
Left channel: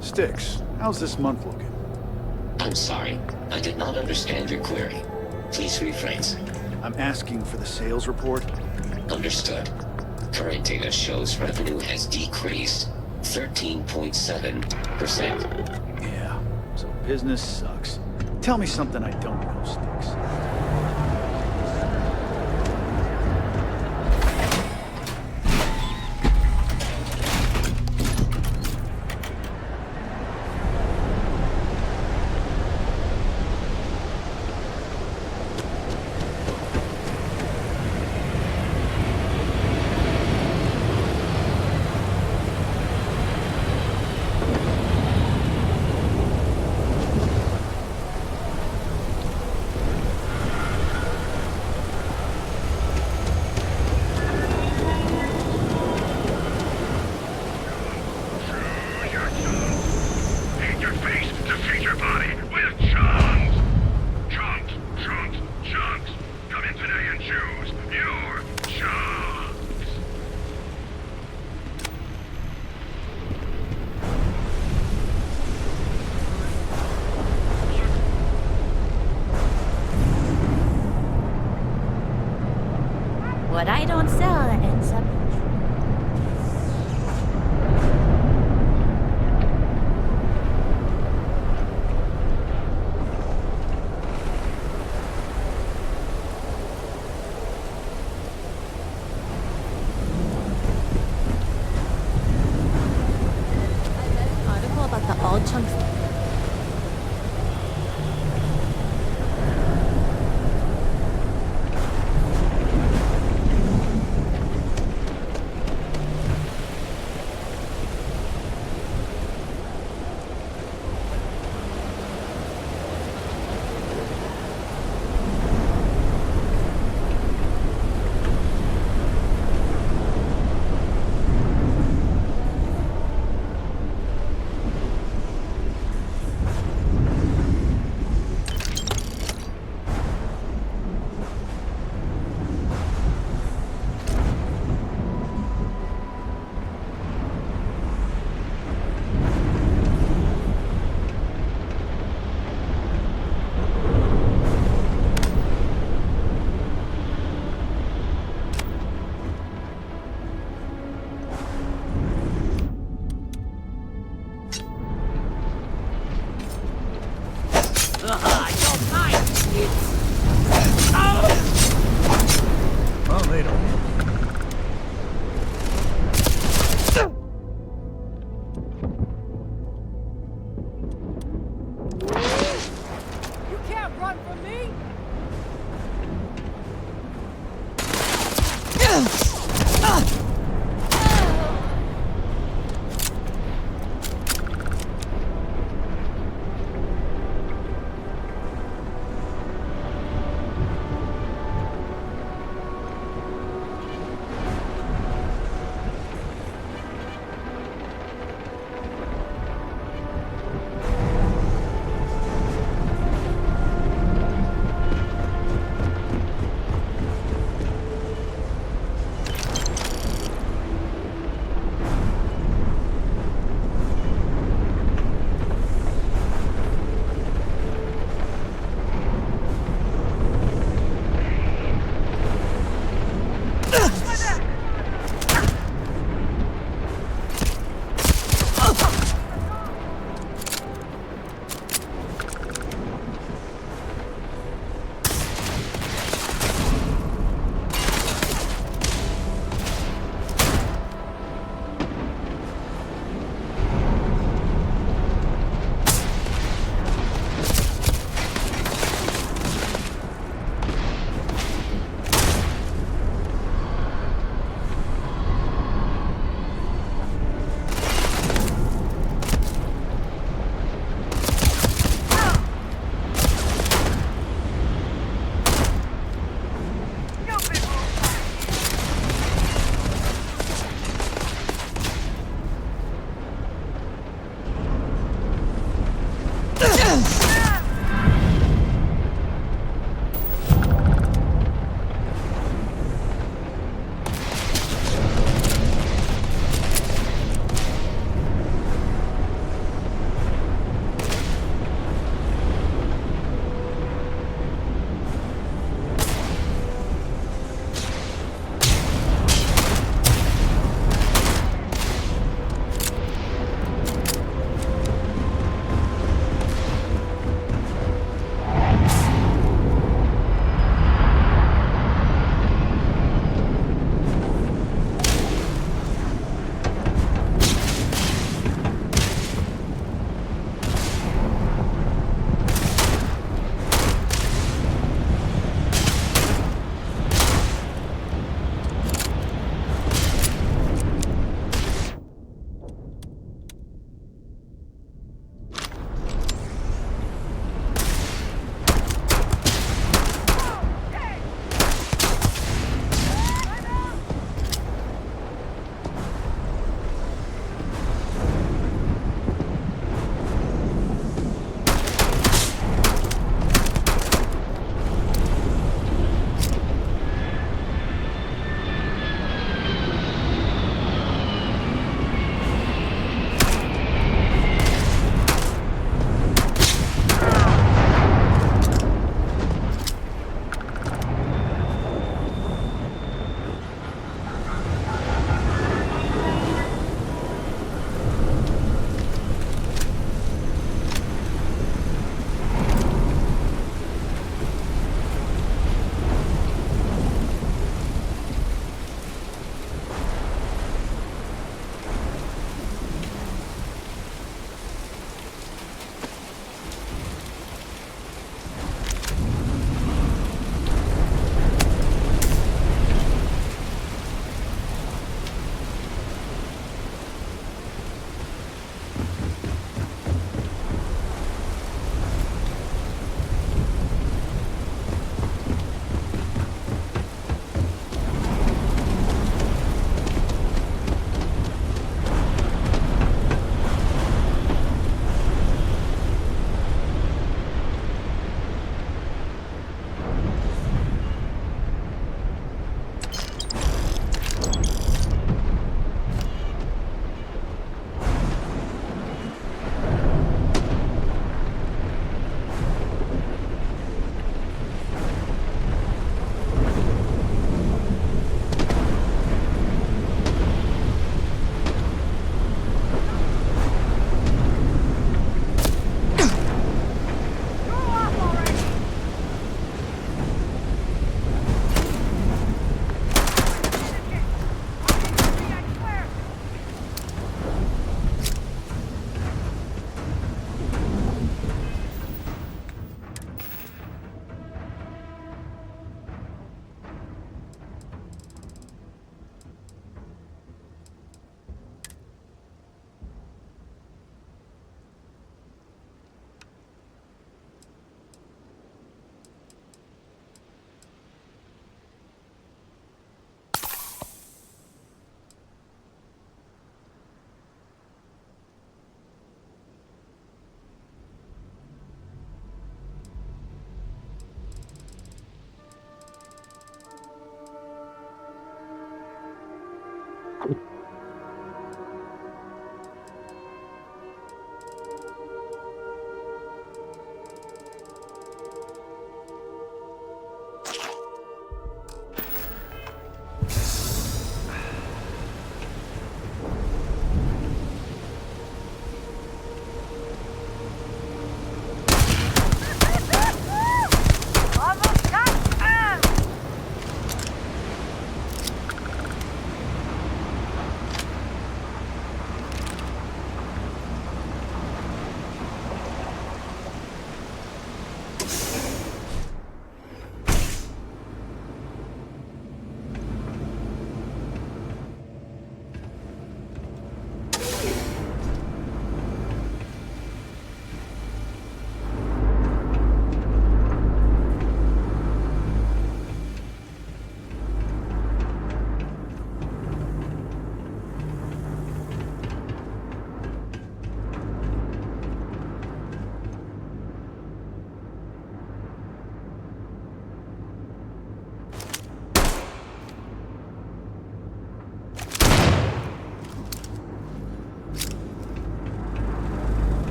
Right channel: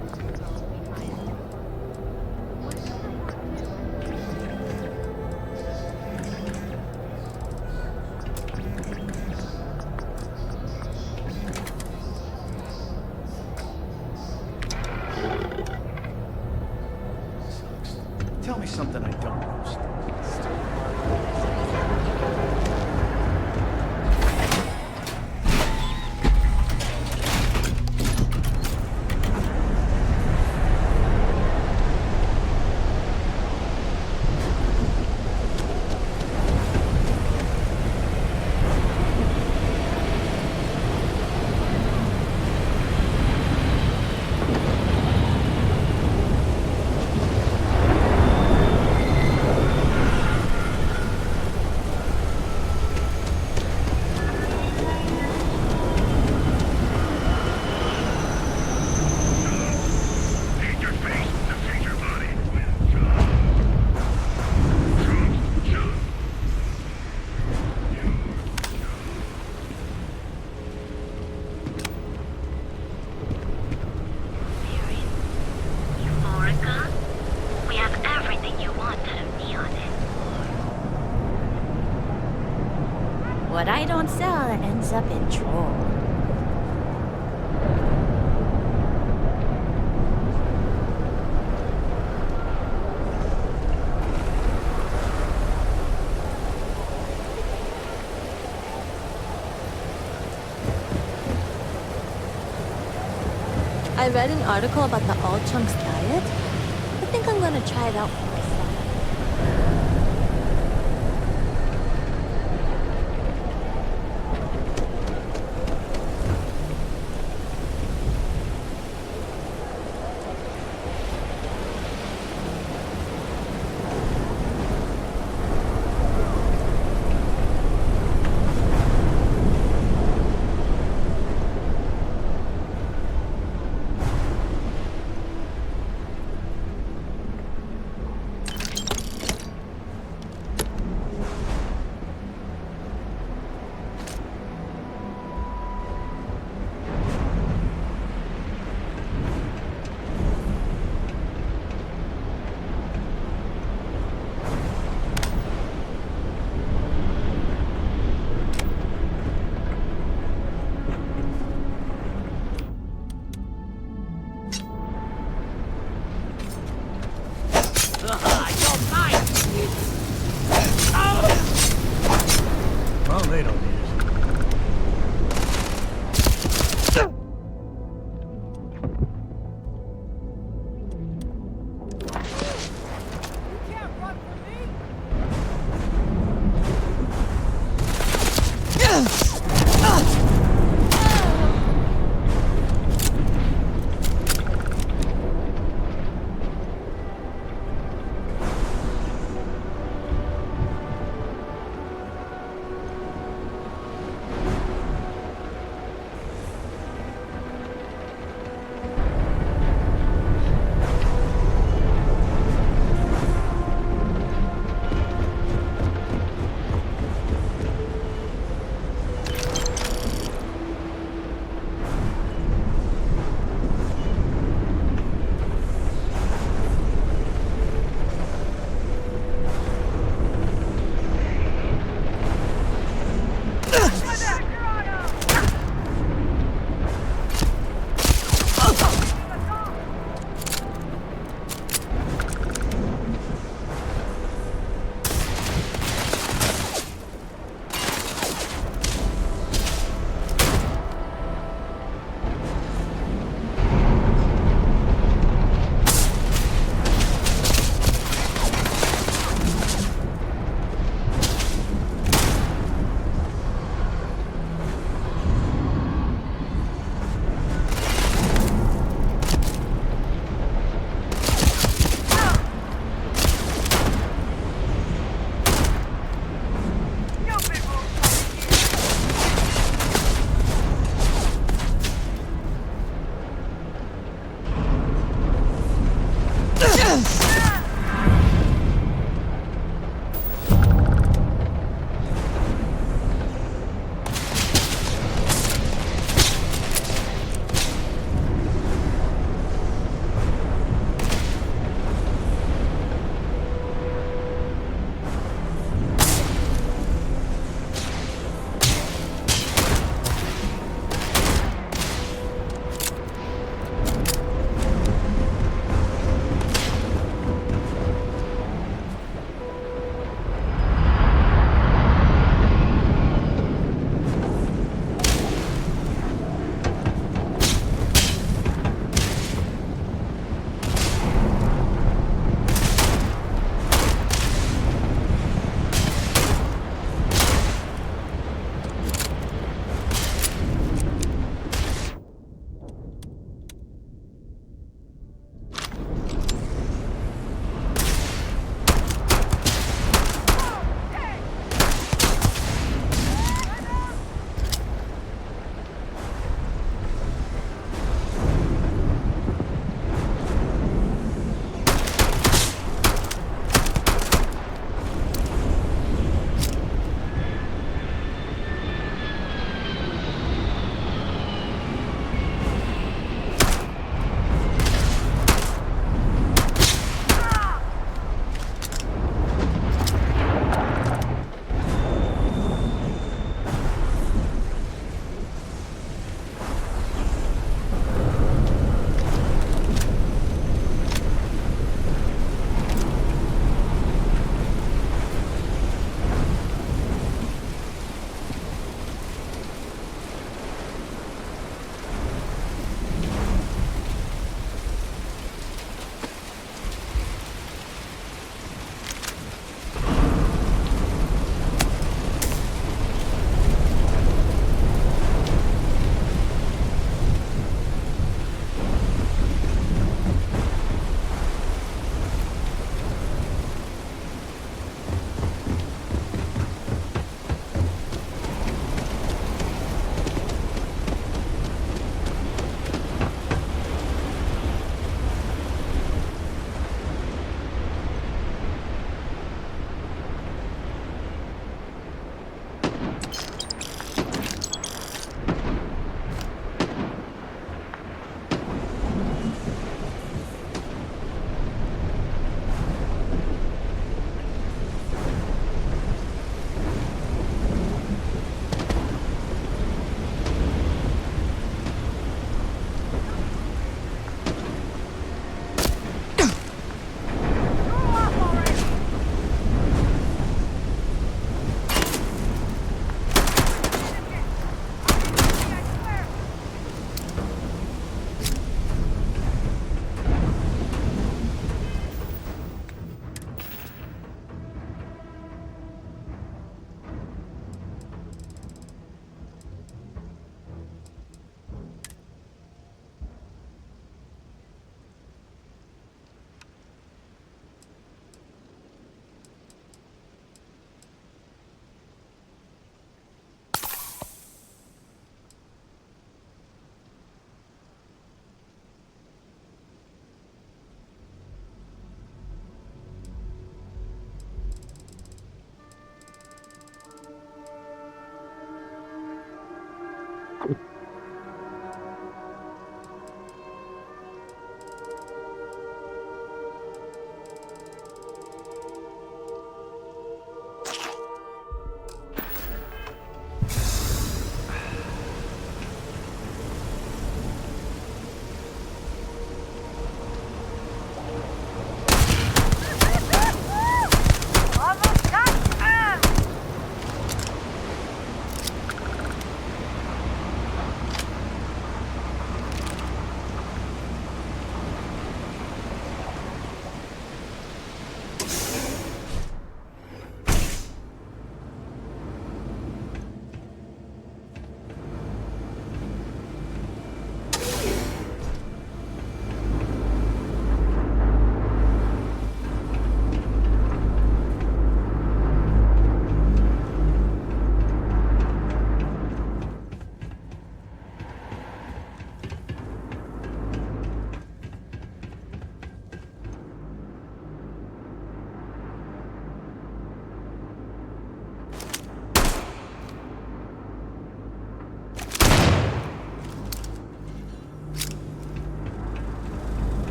Sticks, how's this month looking? I'm sorry. I did not understand your query. Please rephrase. I'm asking for the sales report. Understood. Current data shows revenue has decreased 13.7%. Yeah, so business sucks. Tell me something I don't know, Sticks. What I don't sell ends up in drawer. I read an article about the all chunks diet. I think I'm gonna try it out for myself.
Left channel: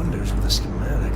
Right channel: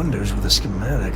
wonders with a schematic.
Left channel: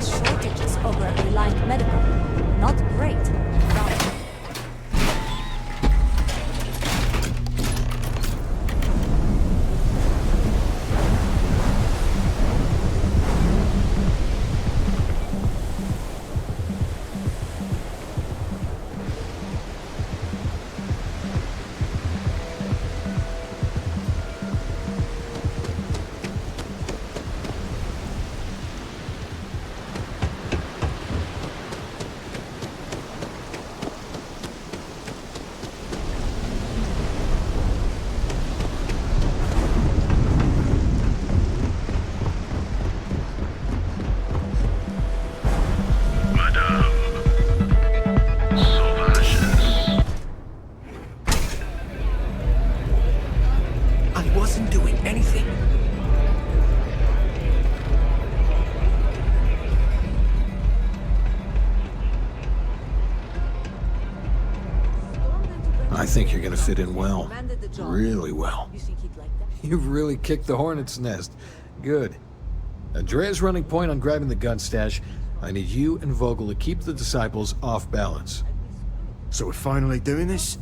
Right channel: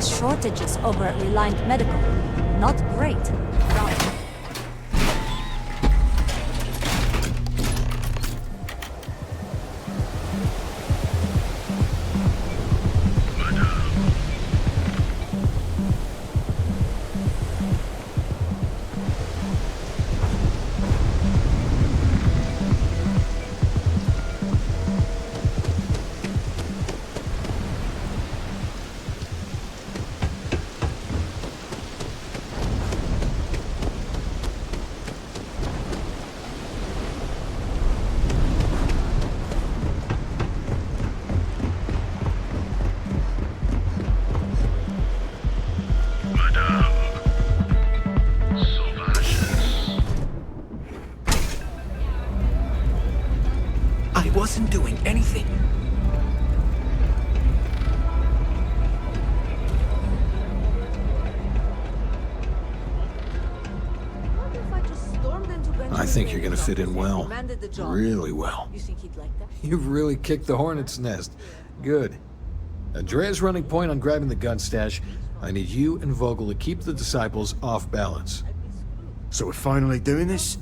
Shortages over at Reliant Medical. Not great. I wasn't doing anything. I think you're gonna fit in well. Really well. You think he'd like that? You've really kicked the hornet's nest. Good. Andrea's running point on grabbing the gun stash. I need you and Vogel to keep the disciples off balance. So we're finally doing this?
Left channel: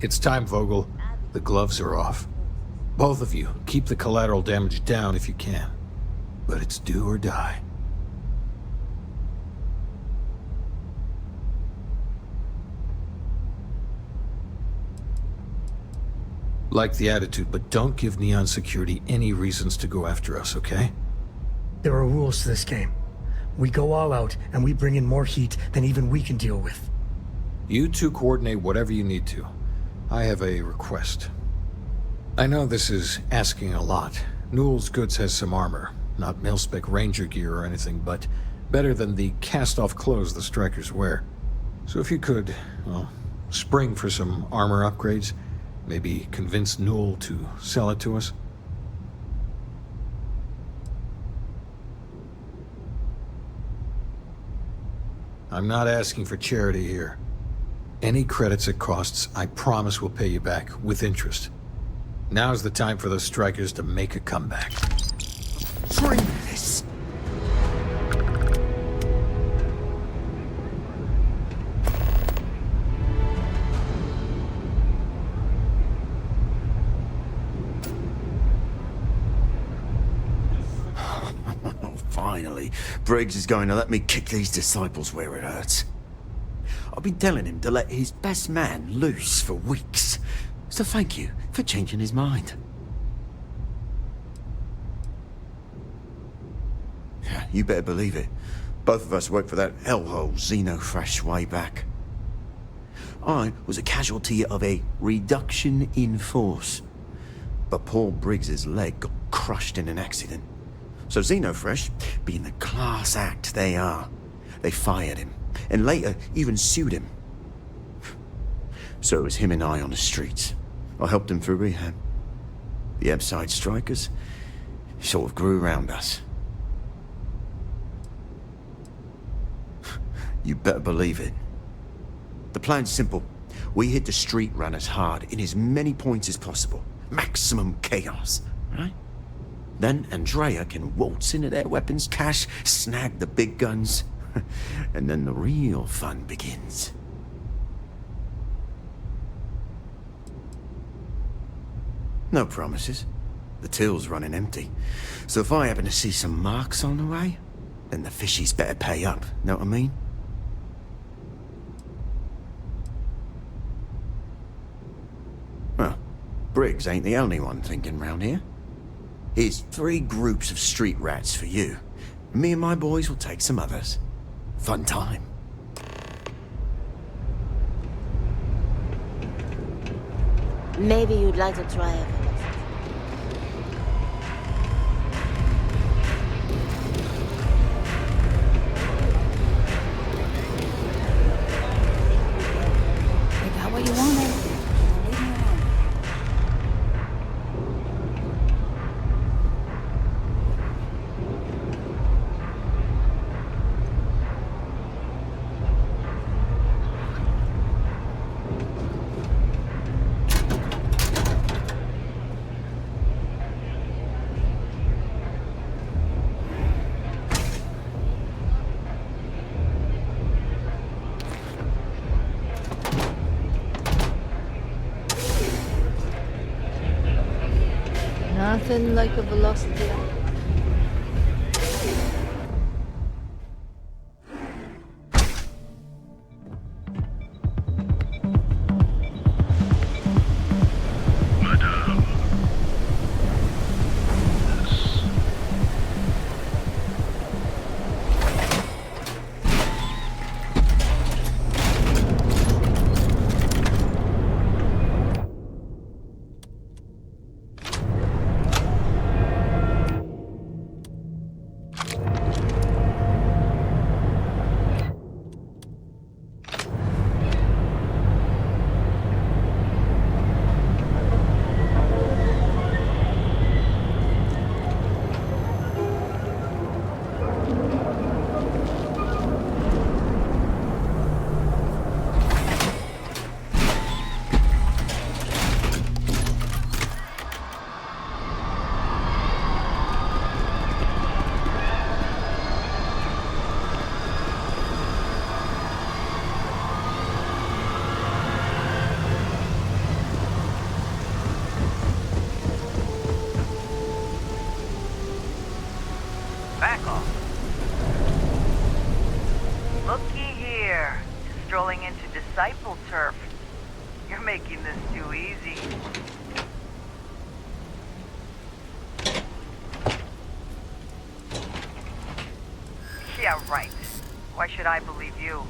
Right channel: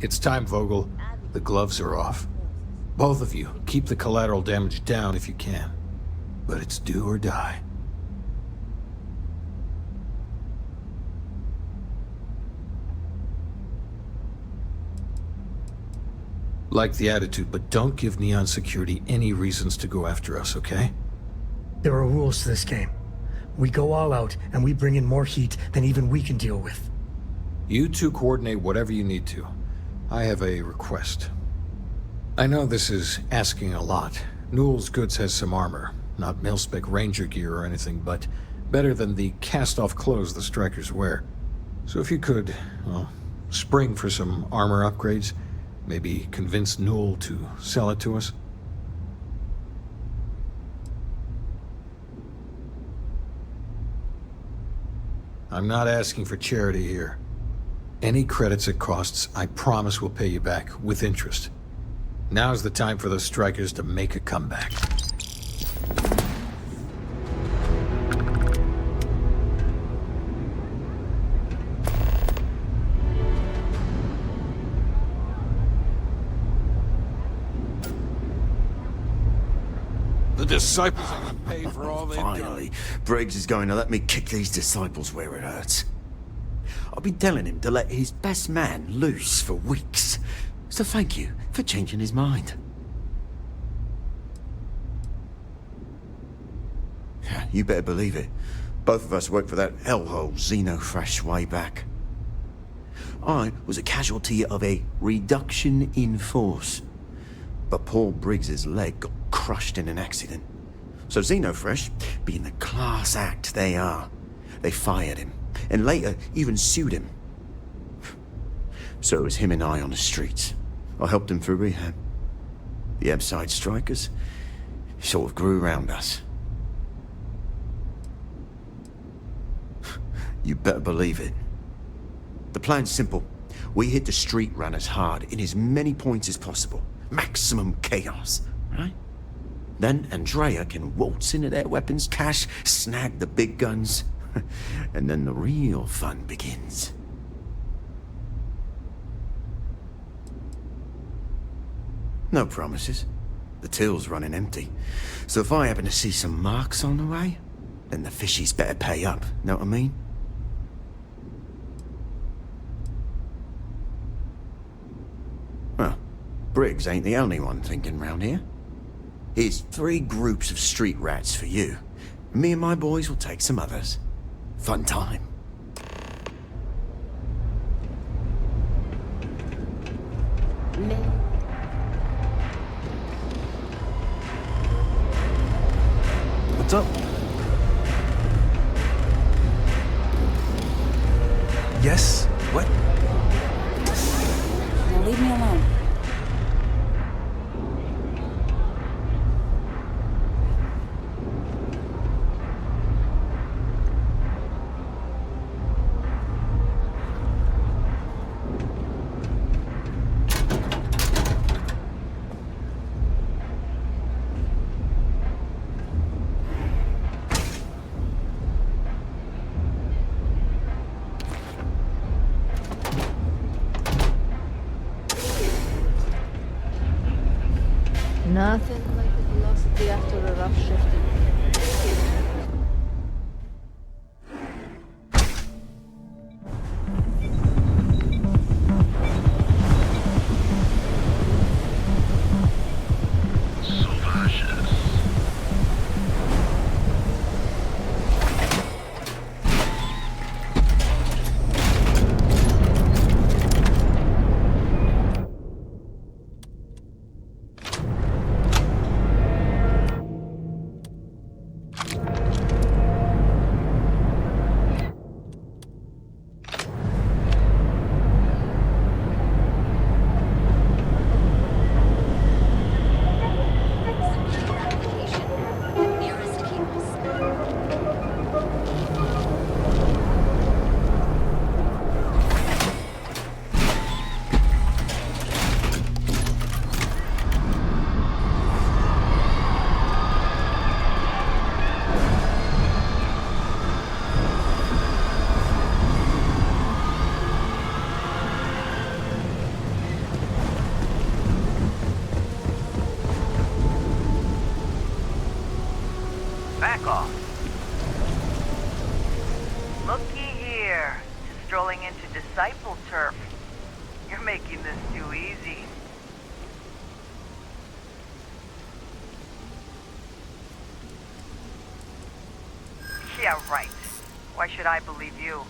It's time, Vogel. The gloves are off. Both of you, keep the collateral damage down if you can. But it's do or die. Like the attitude, but don't give Neon Security any reasons to go after us, okay? There are rules to this game. We go all out, and we bring in more heat than even we can deal with. You two coordinate whatever you need to. I have a request. I know this is asking a lot. Newell's Goods has some armor. Not mil-spec ranger gear or anything, but better than the cast-off clothes the strikers wear. So if you could, well, spring for some armor upgrades, maybe convince Newell to sell it to us. I'm not asking for charity here. Any credits it costs, I promise we'll pay you back, with interest. Now's the time for those strikers to make a comeback. This. The disciples pay for all they Finally, Briggs is going to let me kick these disciples where it hurts. I've been telling him to let his best man loose for weeks. So thank you for changing his mind. Yeah, you better believe it. Both of us worked for that hellhole Xenofresh way back. I was a casualty of a reduction in force. But Paul Briggs's leg got crushed in an accident. So Xenofresh, being the class act they are, they fired him, and later even sued him. So it was him and I on the streets. I helped him through rehab. The Ebside strikers sort of grew around us. You better believe it. The plan's simple. We hit the street runners hard in as many points as possible. Maximum chaos, right? Then Andrea can waltz into their weapons cache, snag the big guns, and then the real fun begins. No promises. The till's running empty. So if I happen to see some marks on the way, then the fishies better pay up, know what I mean? Well, Briggs ain't the only one thinking round here. Here's 3 groups of street rats for you. Me and my boys will take some others. Fun time. Maybe you'd like to try it. What's up? Yes? What? I got what you wanted. Now leave me alone. Nothing like a velocity after a rupture. Back off. Looky here. Just strolling into Disciple turf. You're making this too easy. Yeah, right. Why should I believe you?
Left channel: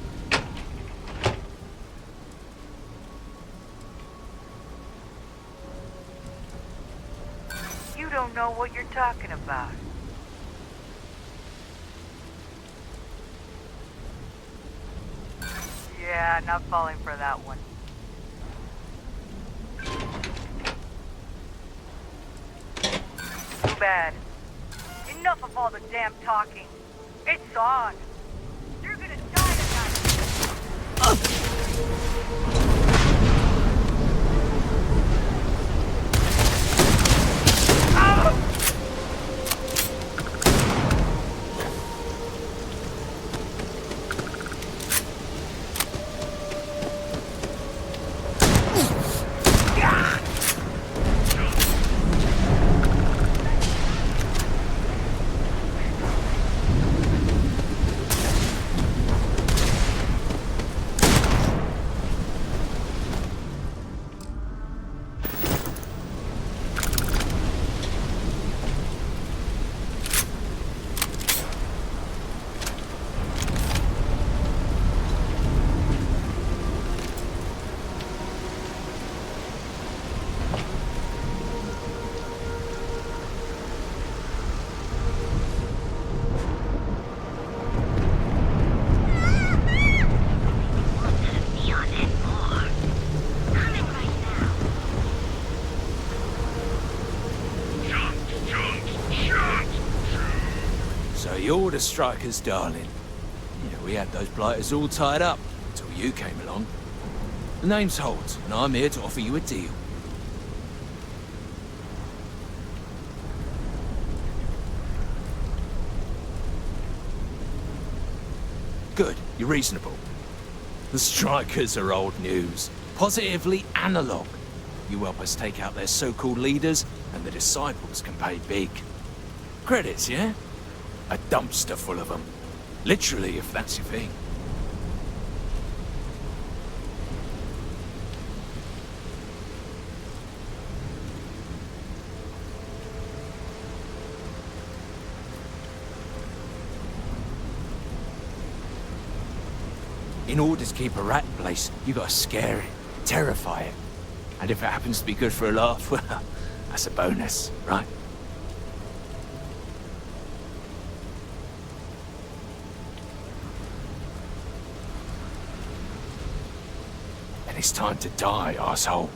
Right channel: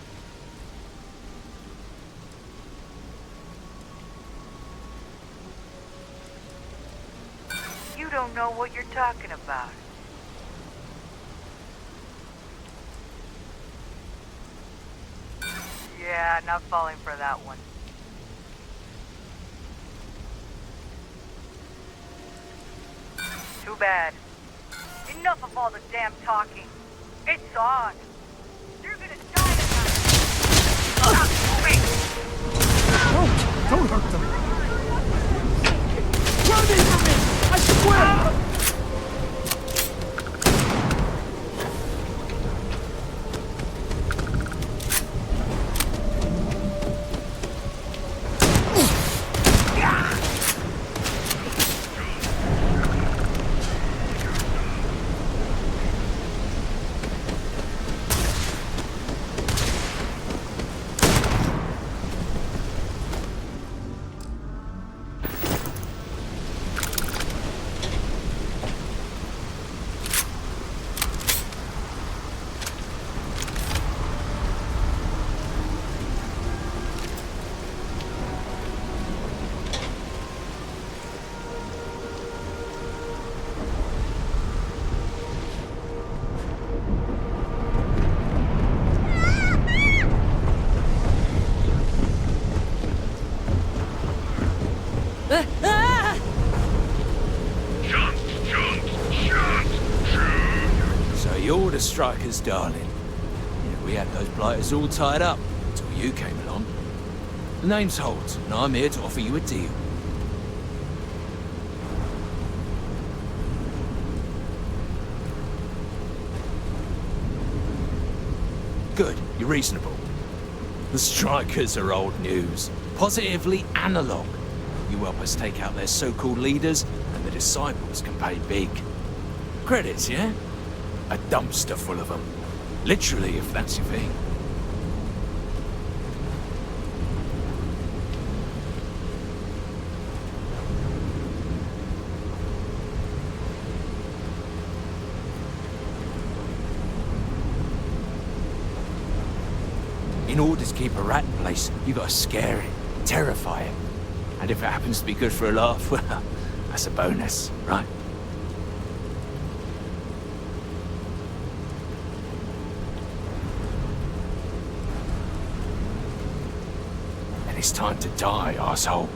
You don't know what you're talking about. Yeah, not falling for that one. Too bad. Enough of all the damn talking. It's on. You're gonna die tonight. Wait. Don't hurt them. You're the strikers, darling. Yeah, we had those blighters all tied up until you came along. The name's Holt, and I'm here to offer you a deal. Good, you're reasonable. The strikers are old news, positively analog. You help us take out their so-called leaders, and the disciples can pay big. Credits, yeah? A dumpster full of them. Literally, if that's your thing. In order to keep a rat in place, you gotta scare it, terrify it. And if it happens to be good for a laugh, well, that's a bonus, right? And it's time to die, asshole.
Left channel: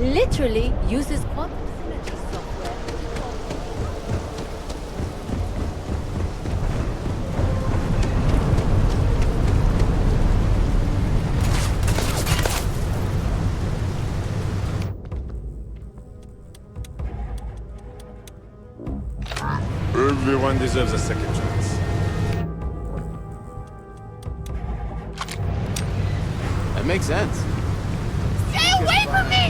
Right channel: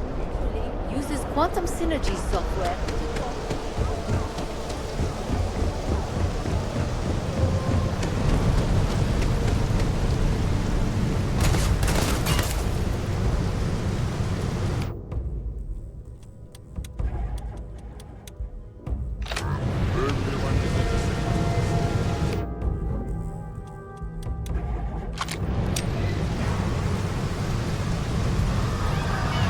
Literally uses quantum synergy software. Everyone deserves a second chance. That makes sense. Stay away from me!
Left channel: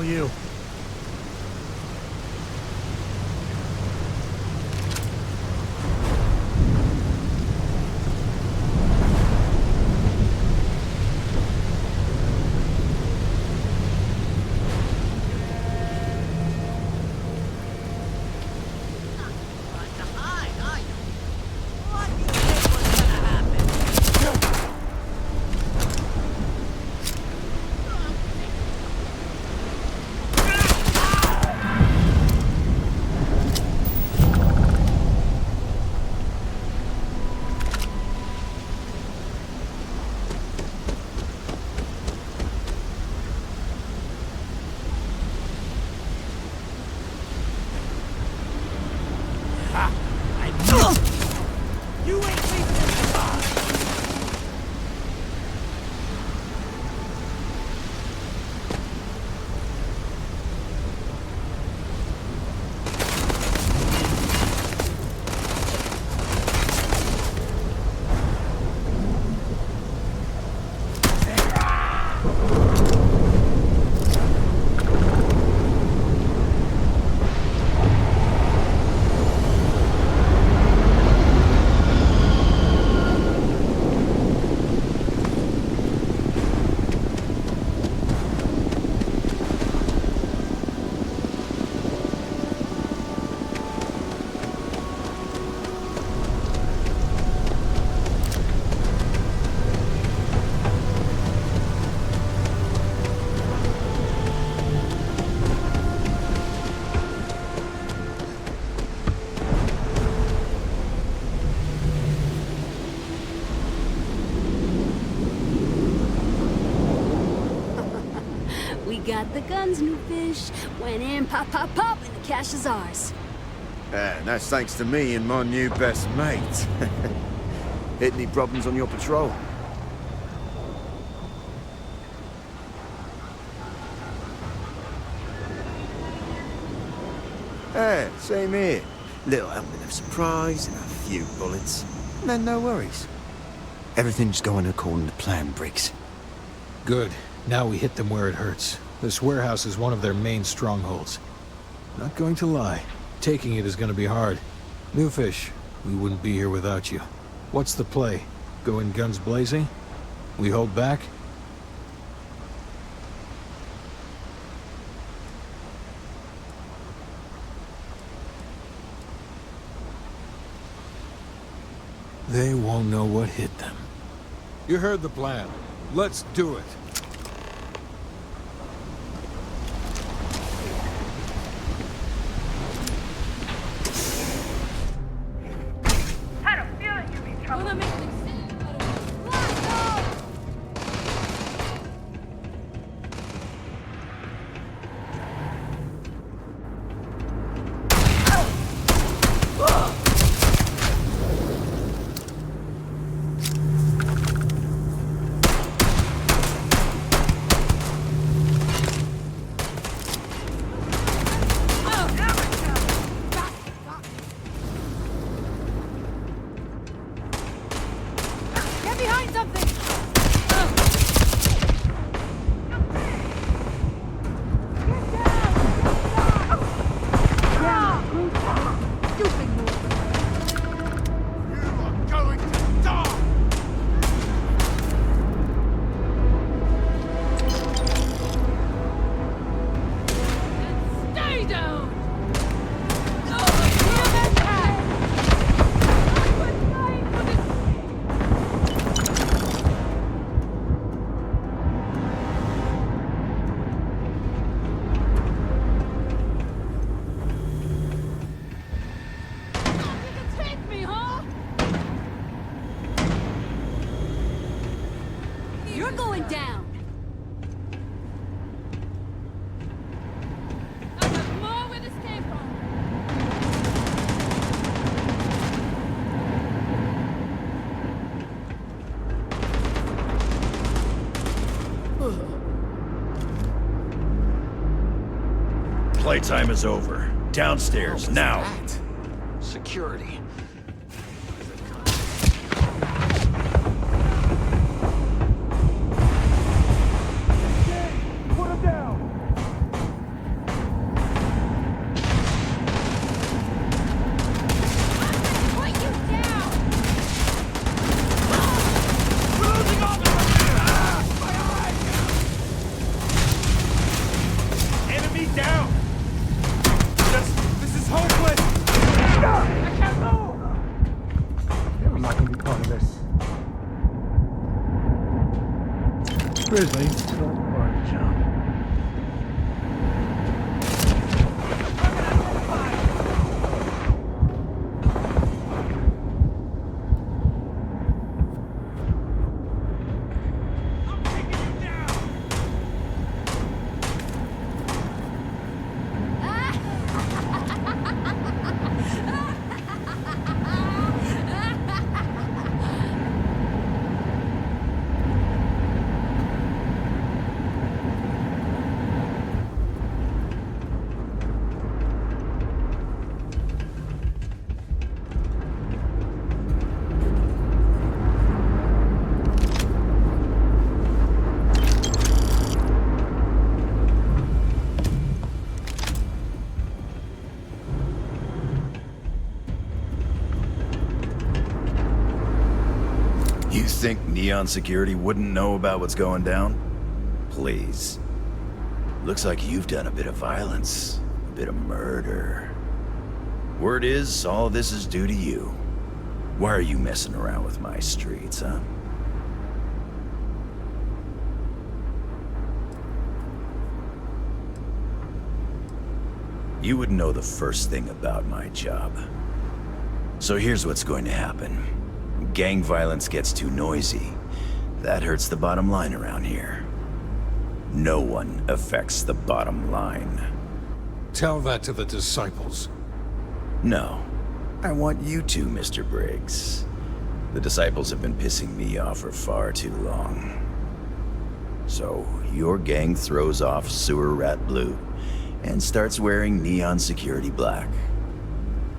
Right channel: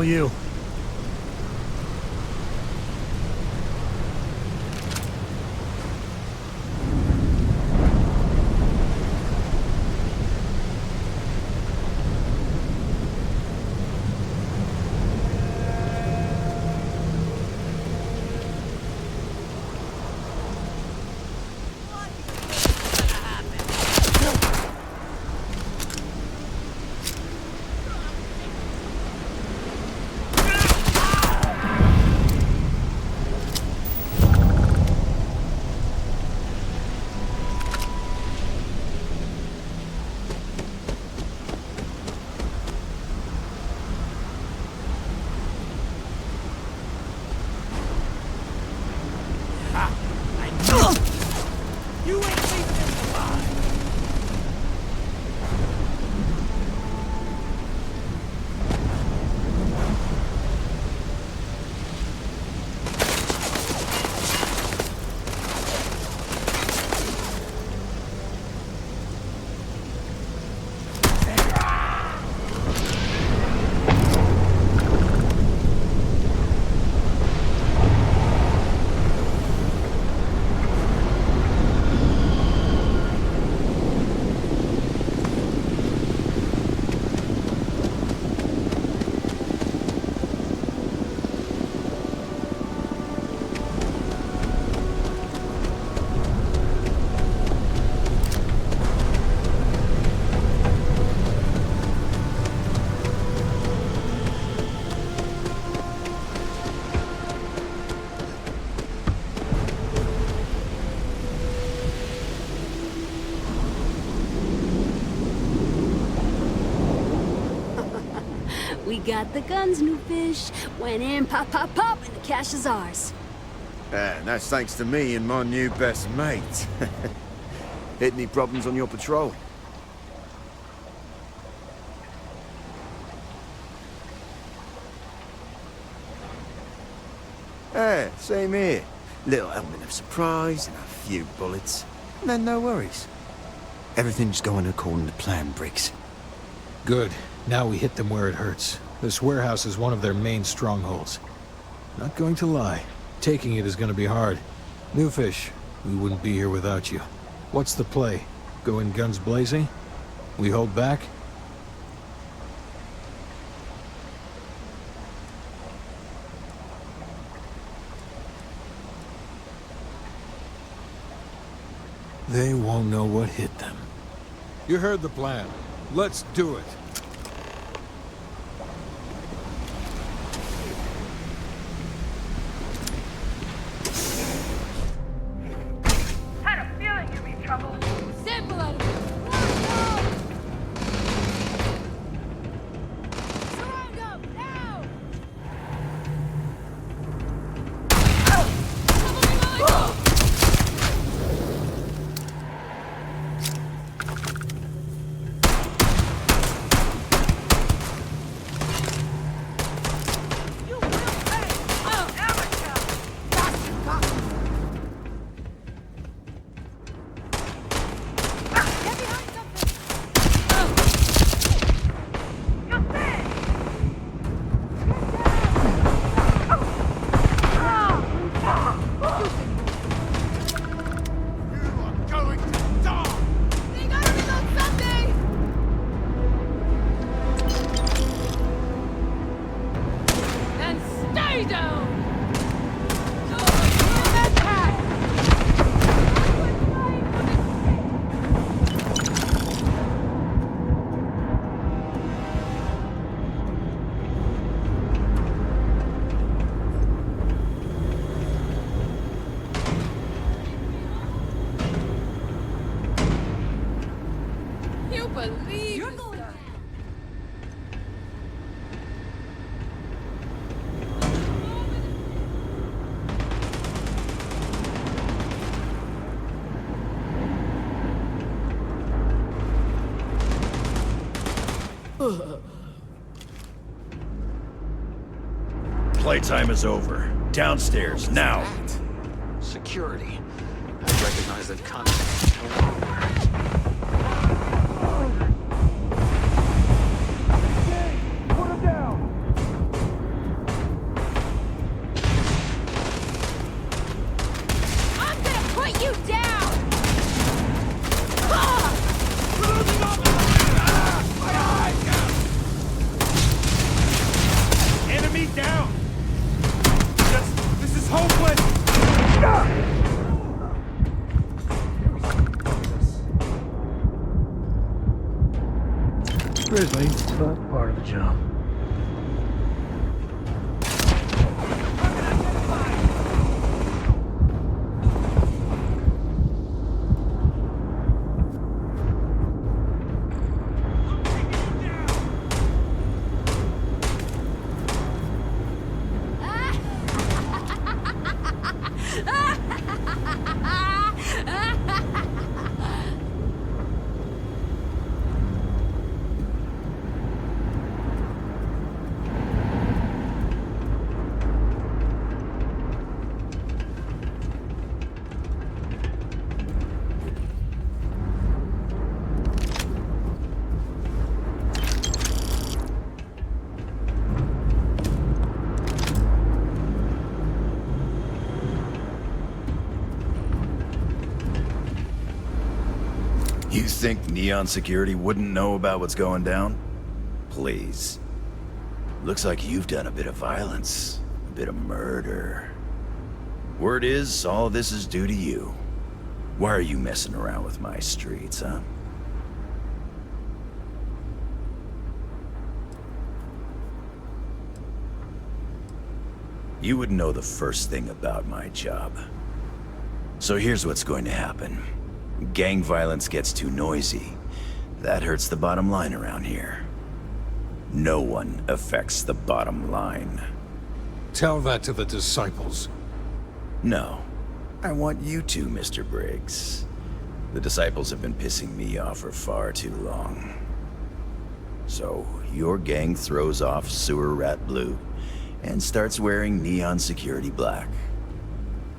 All you. We got the guns, new fish. Went in, pop, pop, pop, and the cash is ours. And that's thanks to me and my new best mate. Hit any problems on your patrol? Same here. Little element of surprise and a few bullets. And then no worries. Everything's going according to plan, Briggs. Good. Now we hit them where it hurts. This warehouse is one of their main strongholds. Not going to lie. Taking it is going to be hard. New fish, we wouldn't be here without you. What's the play? Go in guns blazing? We hold back? They won't know what hit them. You heard the plan. Let's do it. Had a feeling you'd be in trouble. You're going down. Playtime is over. Downstairs, now. Security. I recognize that concept. Put him down! Cheers, buddy. It's all part of the job. You think Neon Security wouldn't know about what's going down? Please. Looks like you've done a bit of violence, a bit of murder. Word is, all this is due to you. Why are you messing around with my streets, huh? You would know the first thing about my job. So here's what's going to happen. Gang violence gets too noisy. That hurts the bottom line around here. No one affects the bottom line. Tell that to the disciples. No. I want you to, Mr. Briggs. The disciples have been pissing me off for far too long. So, your gang throws off Sewer Rat Blue and starts wearing Neon Security Black.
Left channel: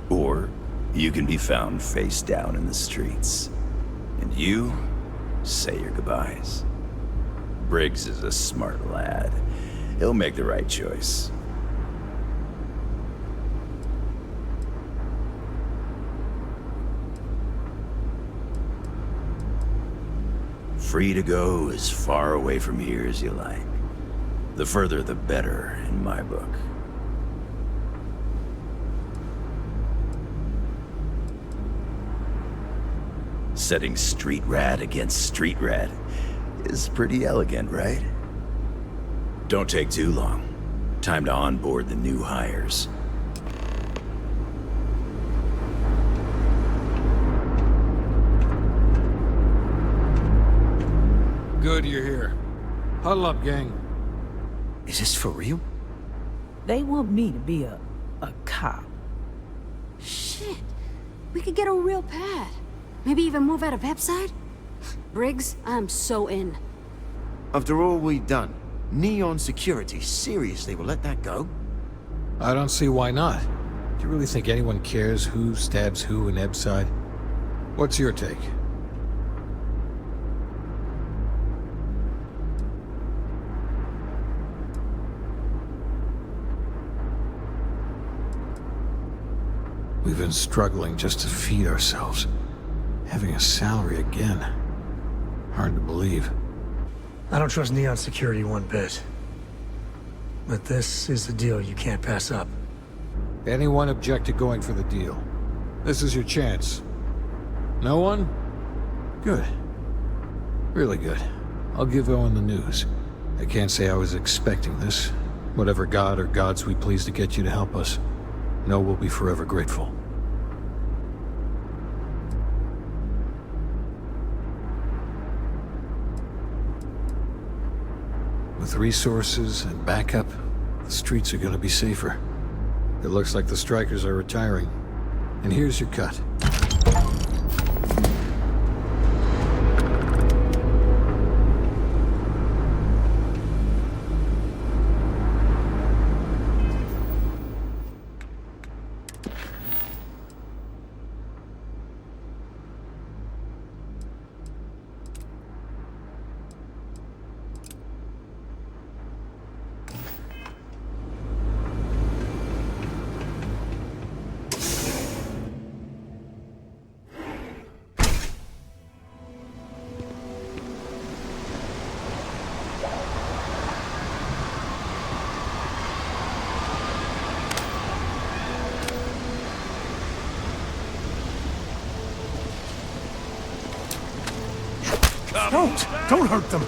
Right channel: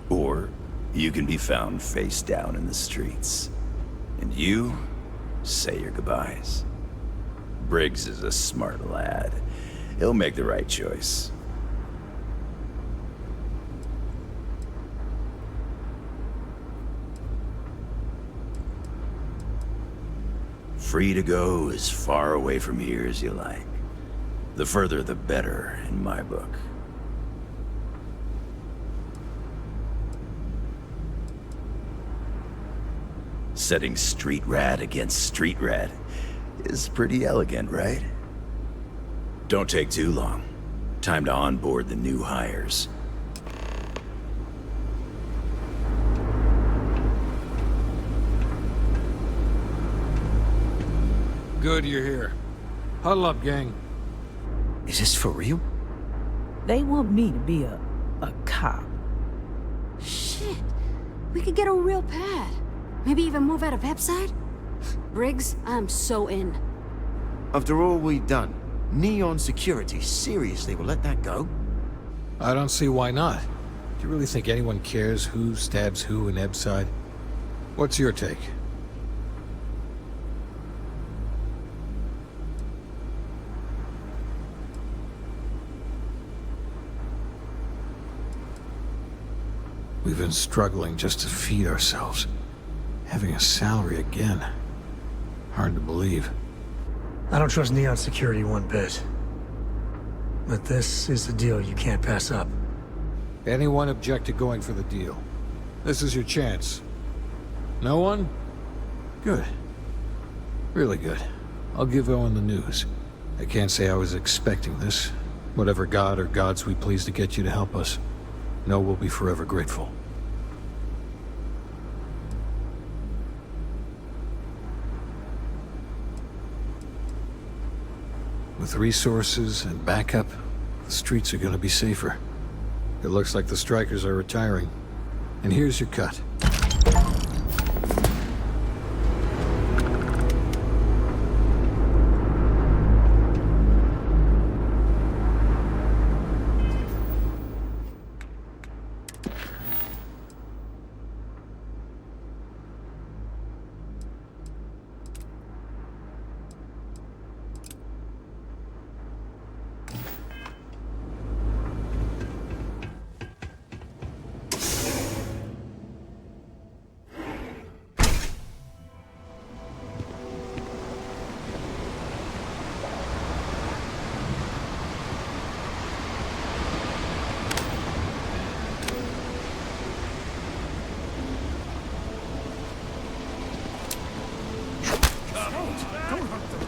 Or you can be found face down in the streets. And you say your goodbyes. Briggs is a smart lad. He'll make the right choice. Free to go as far away from here as you like. The further the better, in my book. Setting street rat against street rat is pretty elegant, right? Don't take too long. Time to onboard the new hires. Good you're here. Huddle up, gang. Is this for real? They want me to be a cop. Shit. We could get a real pad. Maybe even move out of Pepside? Briggs, I'm so in. After all we've done, Neon Security seriously will let that go? I don't see why not. Do you really think anyone cares who stabs who in Ebside? What's your take? We've been struggling just to feed ourselves. Having a salary again. Hard to believe. I don't trust Neon Security one bit. But this is the deal you can't pass up. Anyone object to going for the deal? This is your chance. No one? Good. Really good. I'll give Owen the news. I can't say I was expecting this. Whatever god or gods we please to get you to help us. No, we'll be forever grateful. With resources and backup, the streets are gonna be safer. It looks like the strikers are retiring. And here's your cut. Don't hurt them.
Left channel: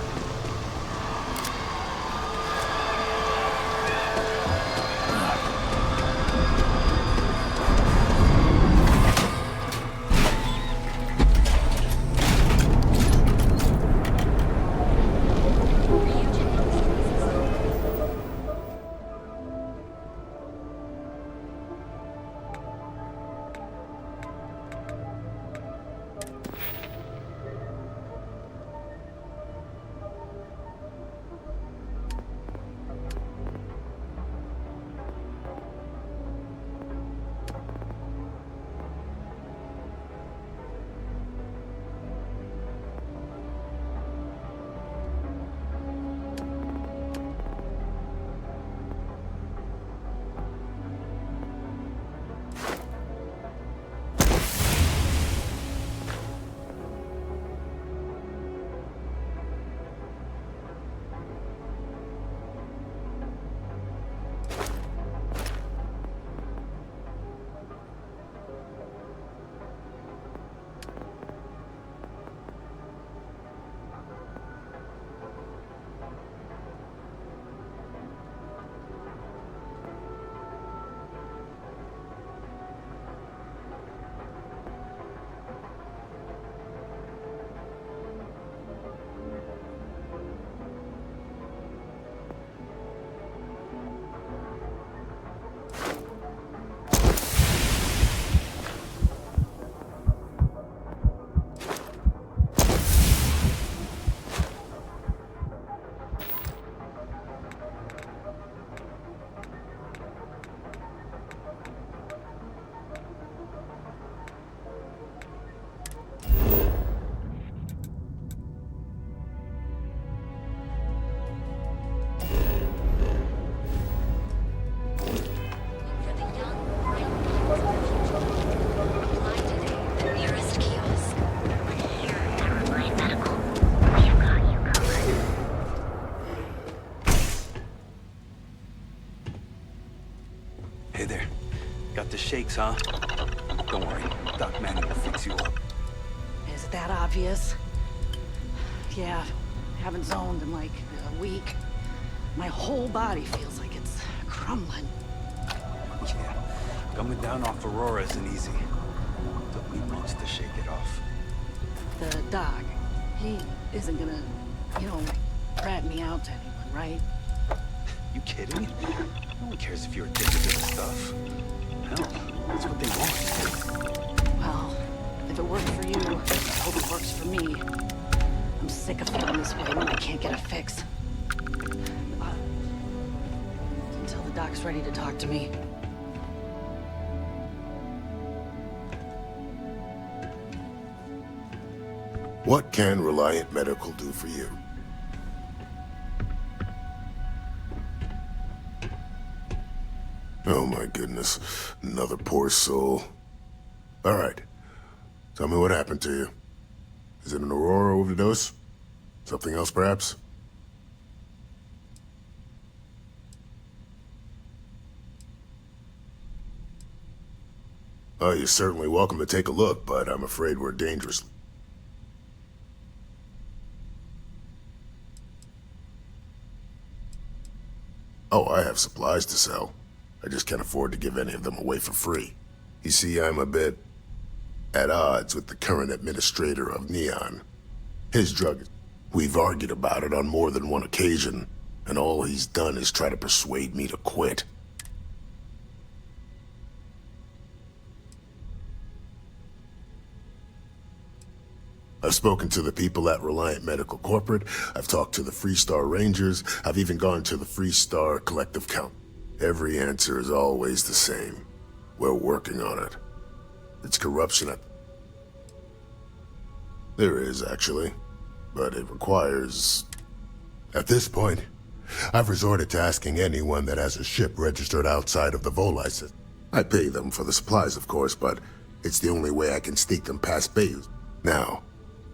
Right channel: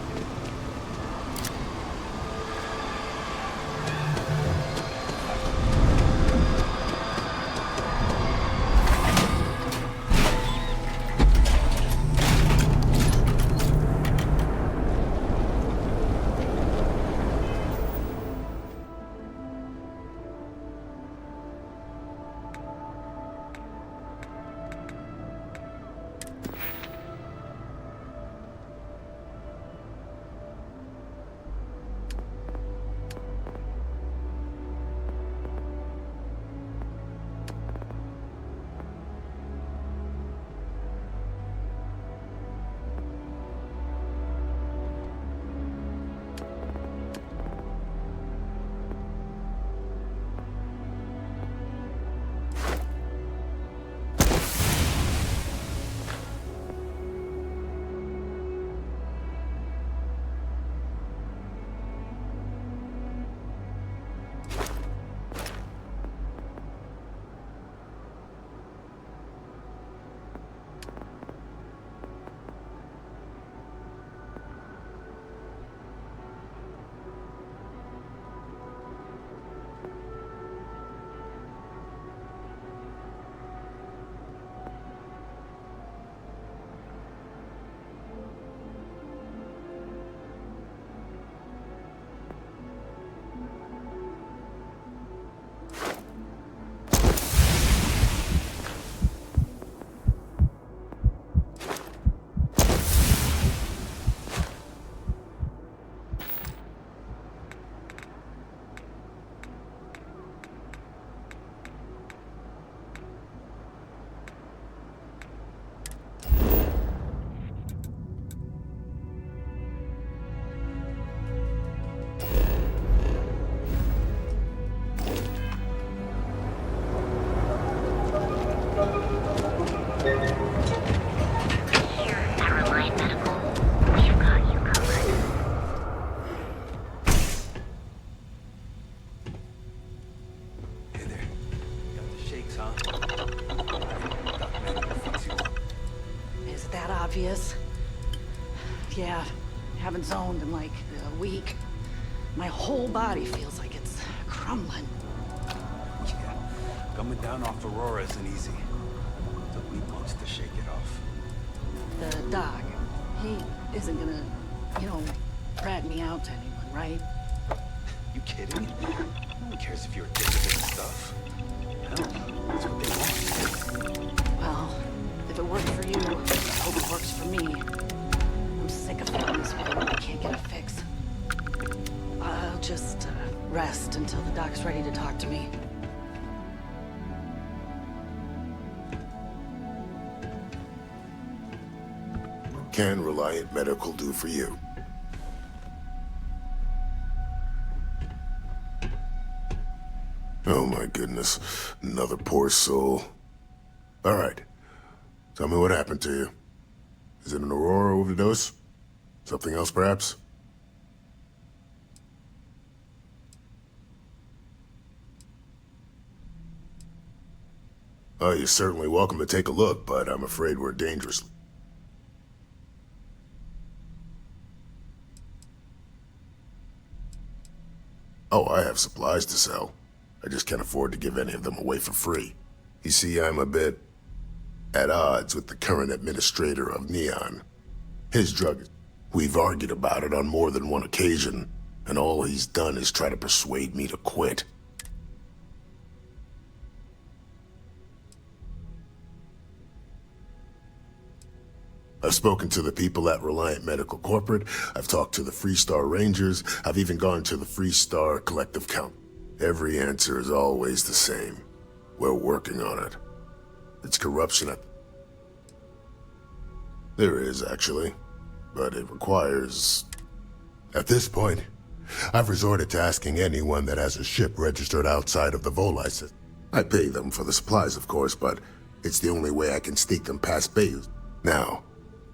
Hey there. Got the shakes, huh? Don't worry, Doc Manny will fix you up. Is it that obvious? Yeah, haven't zoned in like a week. My whole body feels like it's crumbling. Yeah, coming down off Aurora isn't easy. Took me months to shake it off. The doc, he isn't gonna, rat me out to anyone, right? You kidding? No one cares if you're addicted to the stuff. Hell, that's what they want. Well, if it worked for you, I hope it works for me. I'm sick of feeling this way when I can't get a fix. I'll just rest until the doc's ready to talk to me. What can Reliant Medical do for you? Oh my goodness, another poor soul. All right, tell me what happened to you. Is it an Aurora overdose? Something else, perhaps? Oh, you're certainly welcome to take a look, but I'm afraid we're dangerously... Oh, I have supplies to sell. I just can't afford to give any of them away for free. You see, I'm a bit at odds with the current administrator of Neon. His drug, we've argued about it on more than one occasion, and all he's done is try to persuade me to quit. I've spoken to the people at Reliant Medical Corporate, I've talked to the Freestar Rangers, I've even gone to the Freestar Collective Count. Every answer is always the same. We're working on it. It's corruption at... There is, actually. But it requires... At this point, I've resorted to asking anyone that has a ship registered outside of the Volai system. I pay them for the supplies, of course, but it's the only way I can sneak them past Bayous. Now,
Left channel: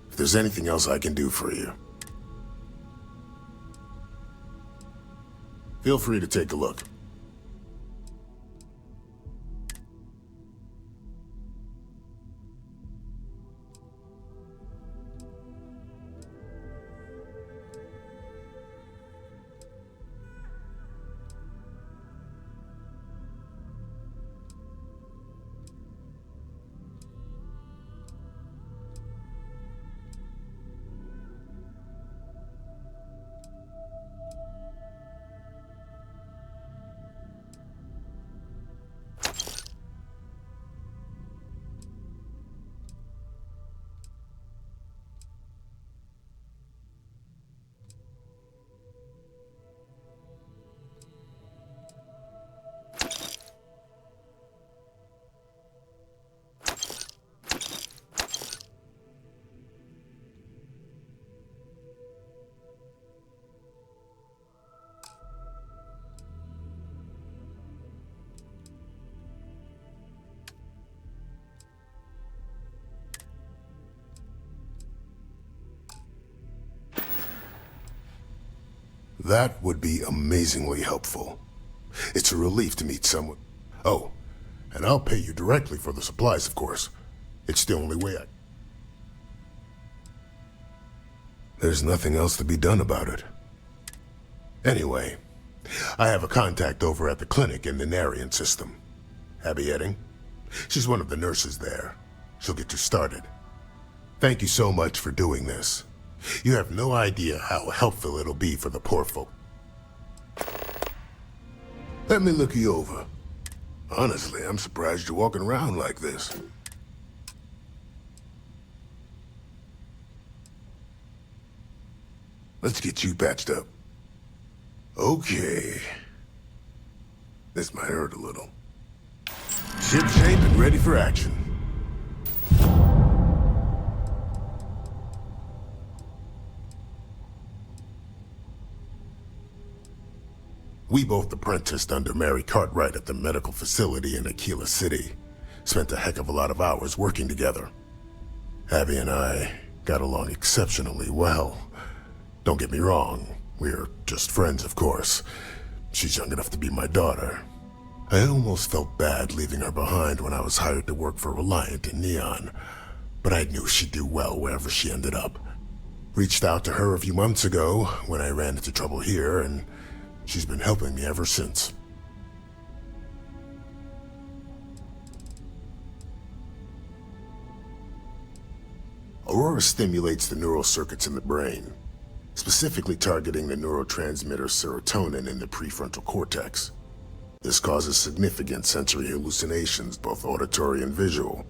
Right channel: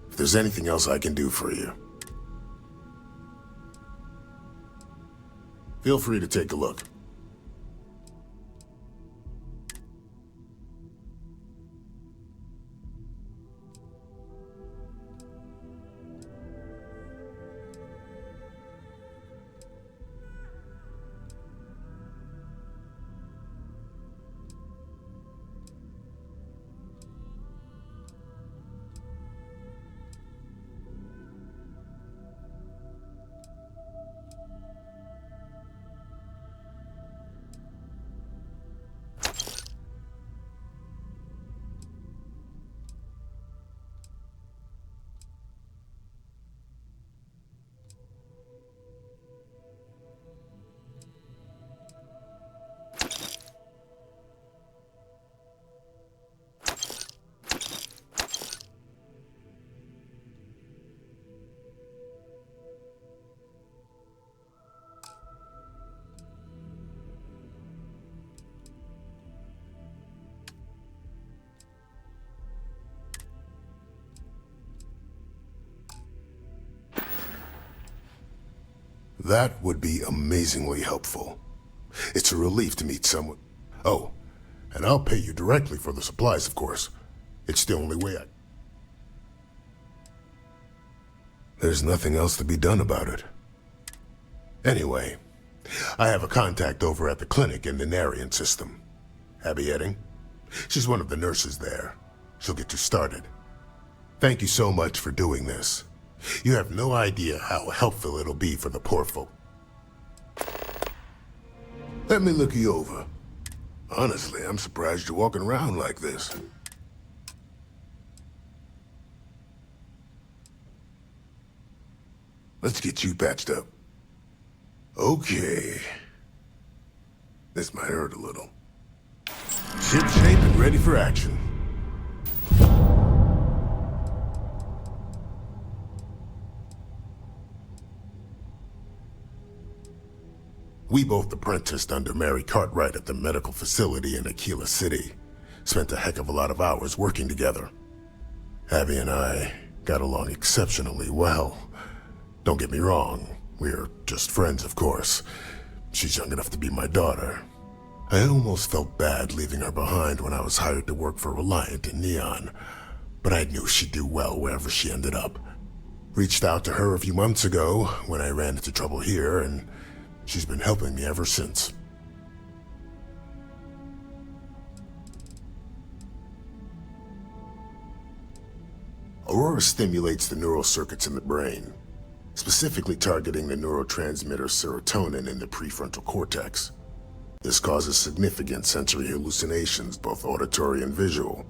if there's anything else I can do for you, feel free to take a look. That would be amazingly helpful. It's a relief to meet someone. Oh, and I'll pay you directly for the supplies, of course. It's the only way I... There's nothing else to be done about it. Anyway, I have a contact over at the clinic in the Narian system. Abby Edding. She's one of the nurses there. She'll get you started. Thank you so much for doing this. You have no idea how helpful it'll be for the poor folk. Let me look you over. Honestly, I'm surprised you're walking around like this. Let's get you patched up. Okay. This might hurt a little. Ship shape and ready for action. We both apprenticed under Mary Cartwright at the medical facility in Aquila City. Spent a heck of a lot of hours working together. Abby and I got along exceptionally well. Don't get me wrong, we're just friends, of course. She's young enough to be my daughter. I almost felt bad leaving her behind when I was hired to work for Reliant in Neon, but I knew she'd do well wherever she ended up. Reached out to her a few months ago when I ran into trouble here, and she's been helping me ever since. Aurora stimulates the neural circuits in the brain, specifically targeting the neurotransmitter serotonin in the prefrontal cortex. This causes significant sensory hallucinations, both auditory and visual.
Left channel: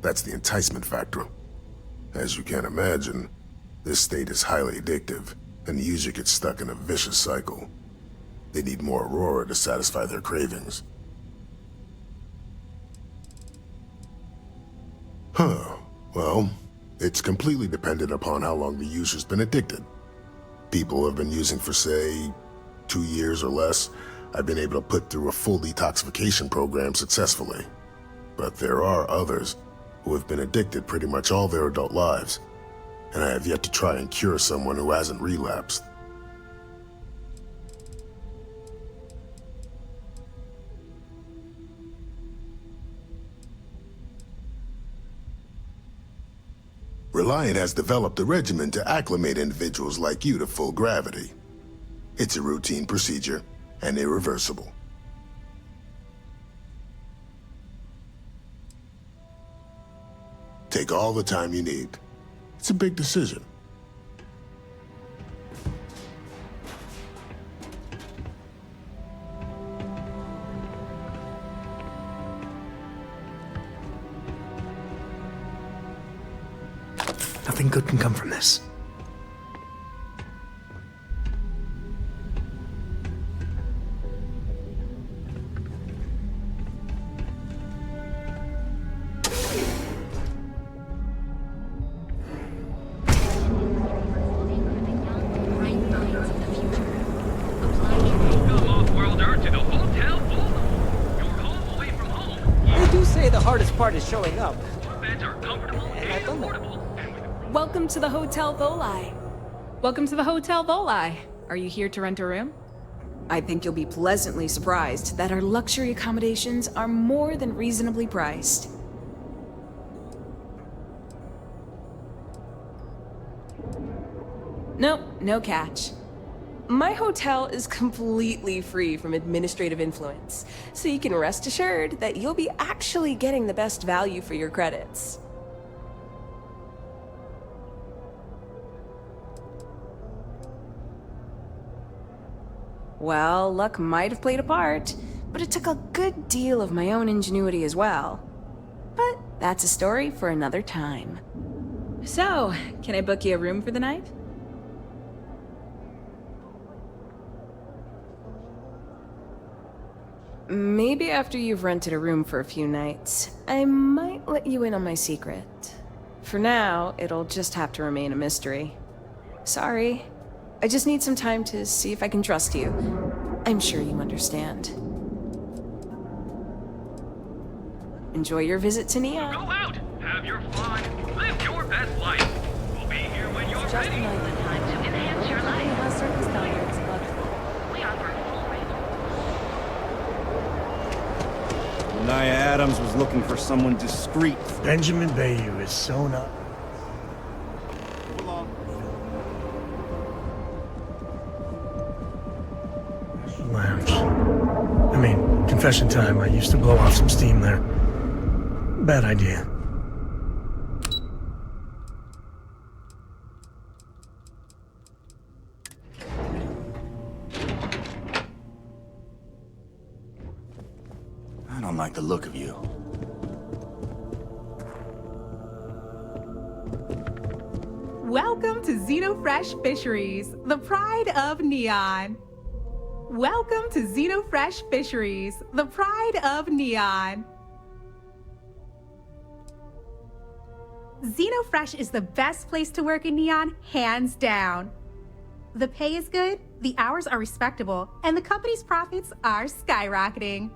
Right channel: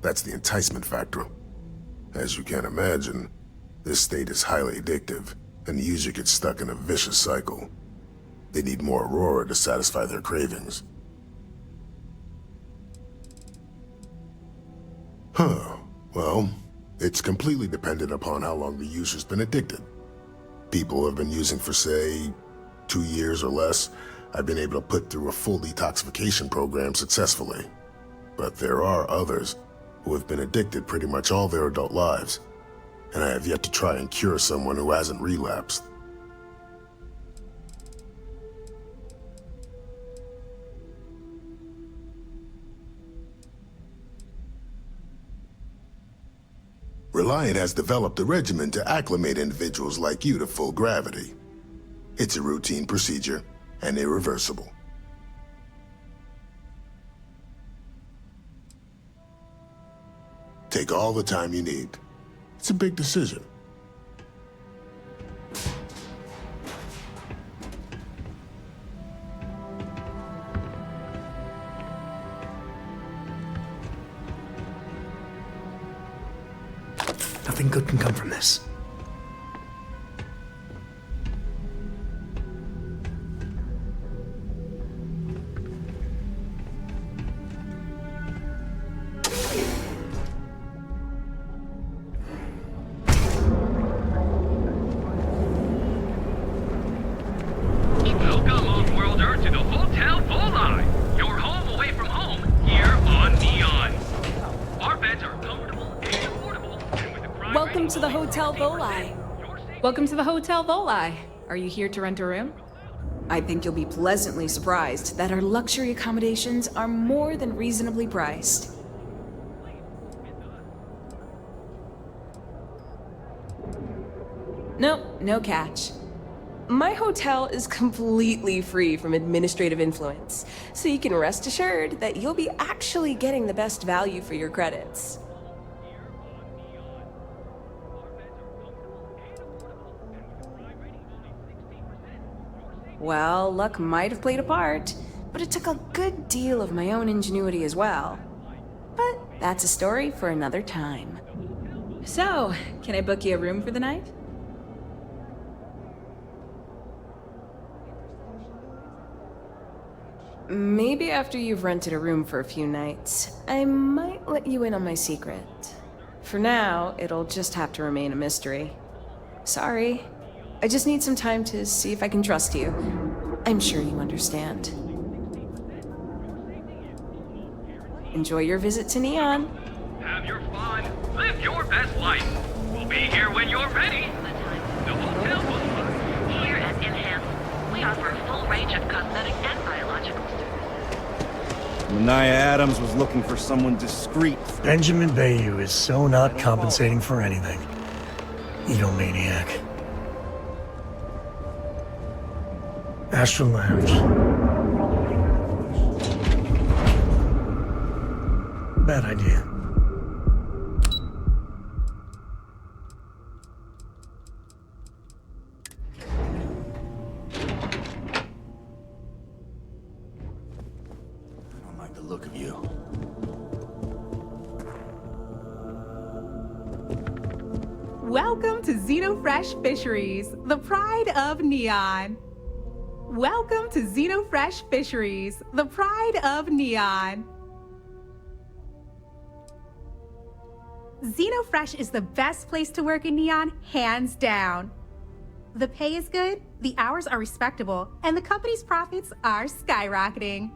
That's the enticement factor. As you can imagine, this state is highly addictive, and the user gets stuck in a vicious cycle. They need more Aurora to satisfy their cravings. Well, it's completely dependent upon how long the user's been addicted. People who have been using for, say, 2 years or less, I've been able to put through a full detoxification program successfully. But there are others who have been addicted pretty much all their adult lives, and I have yet to try and cure someone who hasn't relapsed. Reliant has developed a regimen to acclimate individuals like you to full gravity. It's a routine procedure and irreversible. Take all the time you need. It's a big decision. Nothing good can come from this. Welcome, off-worlder, to the Hotel Volai. Your home away from home, here on say the hardest Neon. part is showing up. Our beds are comfortable and affordable. Welcome to the Hotel Volai. Welcome to the Hotel Volai. Are you here to rent a room? I think you'll be pleasantly surprised that our luxury accommodations are more than reasonably priced. Nope, no catch. My hotel is completely free from administrative influence, so you can rest assured that you'll be actually getting the best value for your credits. Well, luck might have played a part, but it took a good deal of my own ingenuity as well. But that's a story for another time. So, can I book you a room for the night? Maybe after you've rented a room for a few nights, I might let you in on my secret. For now, it'll just have to remain a mystery. Sorry. I just need some time to see if I can trust you. I'm sure you understand. Enjoy your visit to Neon. Go out, have your fun, live your best life. We'll be here when you're ready. Here at Inhale, we offer a full range of cosmetic and biological Mania Adams was looking for someone discreet. Benjamin Bayou is so not compensating for anything. Egomaniac. Astral Lounge. I mean, confession time. I used to blow off some steam there. Bad idea. I don't like the look of you. Welcome to Xenofresh Fisheries, the pride of Neon. Welcome to Xenofresh Fisheries, the pride of Neon. Xenofresh is the best place to work in Neon, hands down. The pay is good, the hours are respectable, and the company's profits are skyrocketing.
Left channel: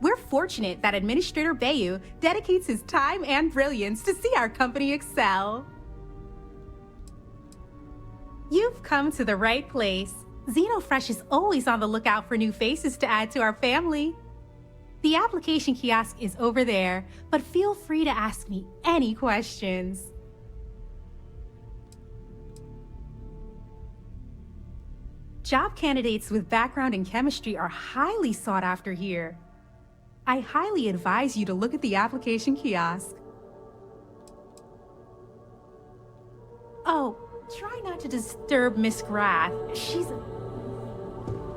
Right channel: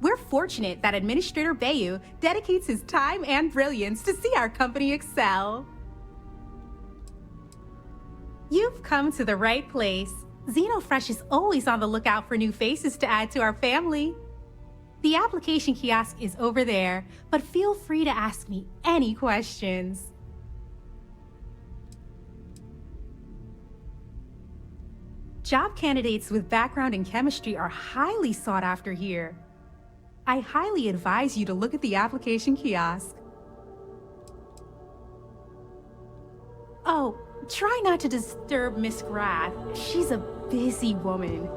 We're fortunate that Administrator Bayou dedicates his time and brilliance to see our company excel. You've come to the right place. Xenofresh is always on the lookout for new faces to add to our family. The application kiosk is over there, but feel free to ask me any questions. Job candidates with background in chemistry are highly sought after here. I highly advise you to look at the application kiosk. Oh, try not to disturb Miss Grath. She's a busy woman.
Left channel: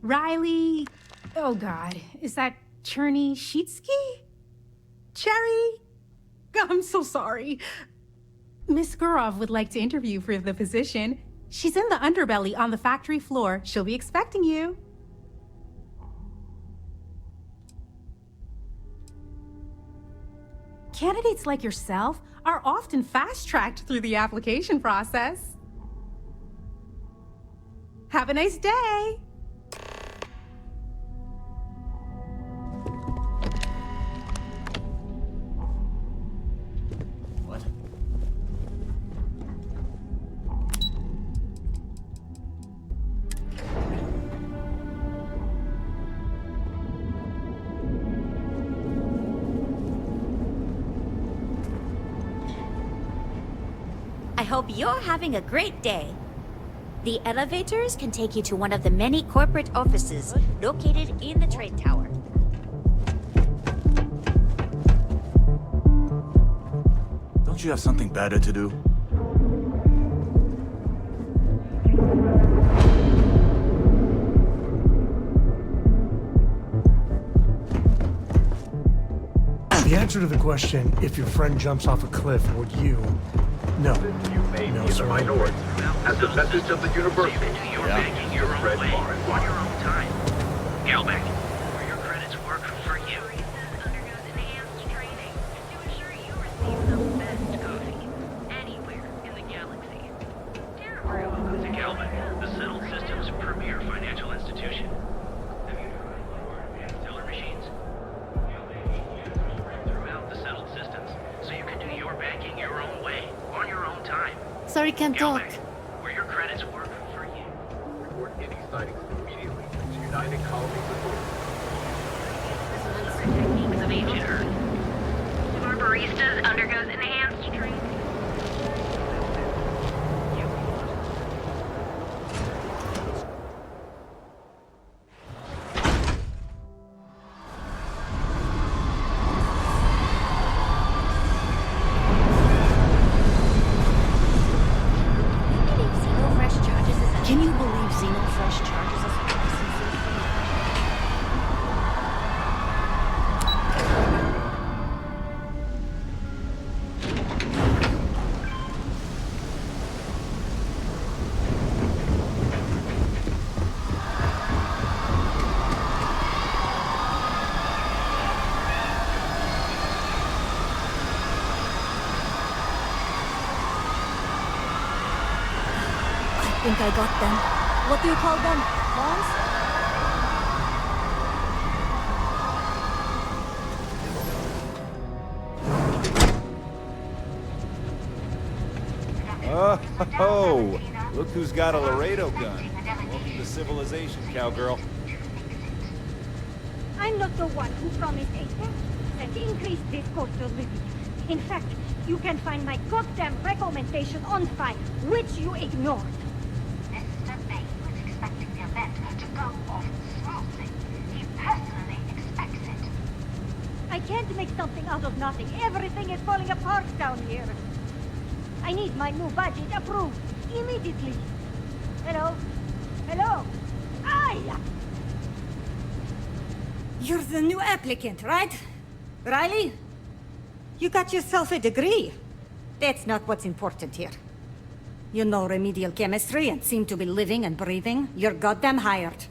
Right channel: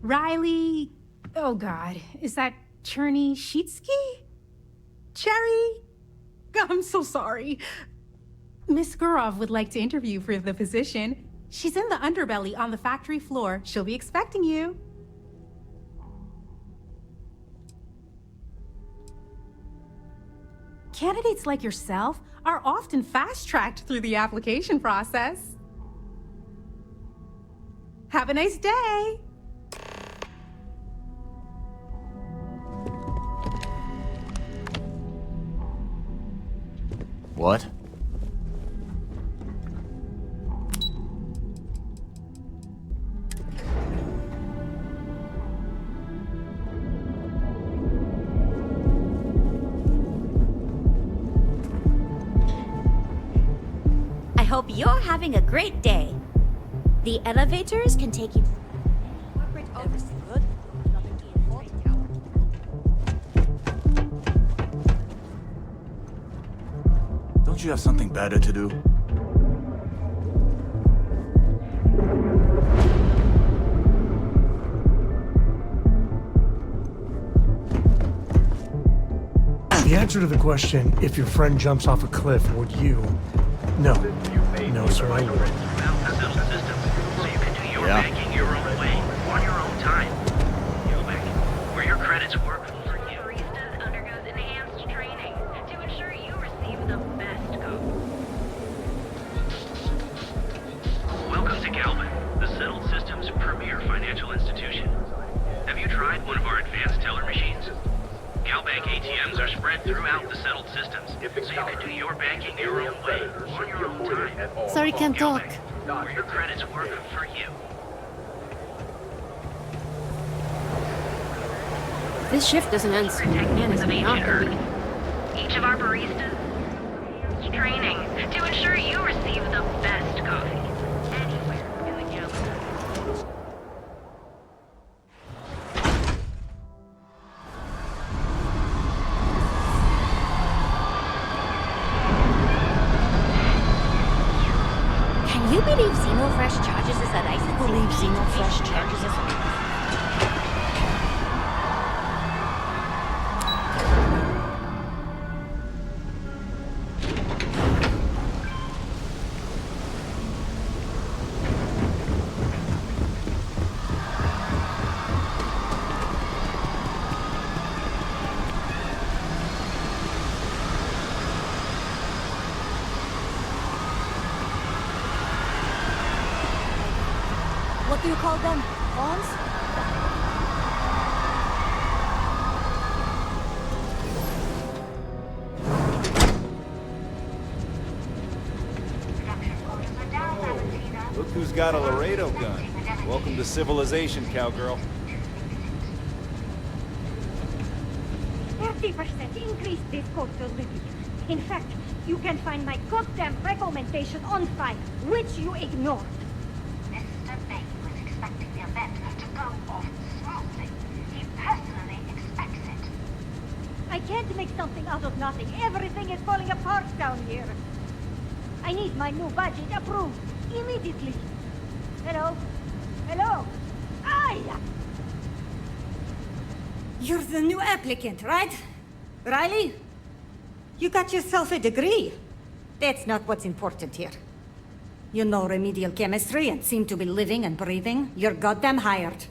Riley... Oh god, is that Cherny Sheetsky? Cherry? I'm so sorry. Miss Gurov would like to interview for the position. She's in the underbelly on the factory floor. She'll be expecting you. Candidates like yourself are often fast-tracked through the application process. Have a nice day! What? I hope you're having a great day. The elevators can take you to one of the many corporate offices located in the trade tower. Don't you have something better to do? The answer to the question, if your friend jumps off a cliff, would you? No. No, sir, I wouldn't. At the message of the universe. So you can do your banking your own way, on your own time. Gelbeck, where your credits work for you. Baristas undergoes enhanced training to ensure you receive the best coffee anywhere in the galaxy. Welcome to Gelbeck, the Settled Systems' premier financial institution. Have you tried one of our advanced teller machines? Galbank ATMs are spread throughout the settled systems, so you can do your banking your own way, on your own time. Sorry, can't talk. Where your credits work for you. This shift doesn't end soon. Techniques of ancient Earth. Each of our baristas undergoes enhanced training to ensure you receive the best coffee. Can you believe Xenofresh charges us a Can you believe Xenofresh charges us a license? I think I got them. What do you call them? Pawns? Oh, look who's got a Laredo gun. Welcome to civilization, cowgirl. I'm not the one who promised a 50% increase this cost of living. In fact, you can find my goddamn recommendation on file, which you ignored. Mr. May was expecting the event to go off smoothly. He personally expects it. I can't make something out of nothing. Everything is falling apart down here. I need my new budget approved immediately. Hello? Hello? Aye! You're the new applicant, right? Riley? You got yourself a degree. That's not what's important here. You know remedial chemistry and seem to be living and breathing. You're goddamn hired.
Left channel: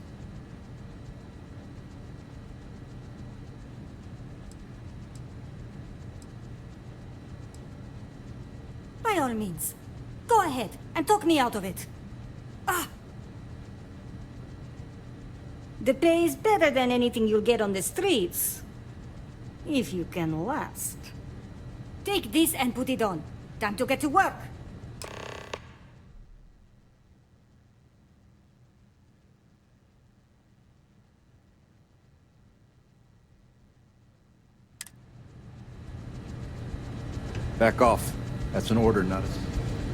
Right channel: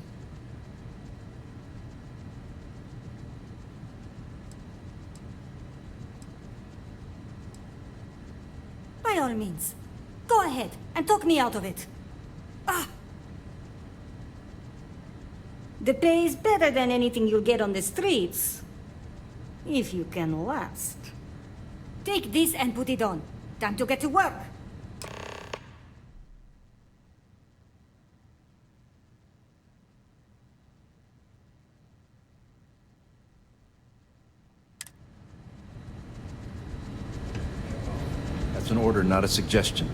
By all means, go ahead and talk me out of it. The pay is better than anything you'll get on the streets. If you can last. Take this and put it on. Time to get to work. Back off. That's an order, not a suggestion.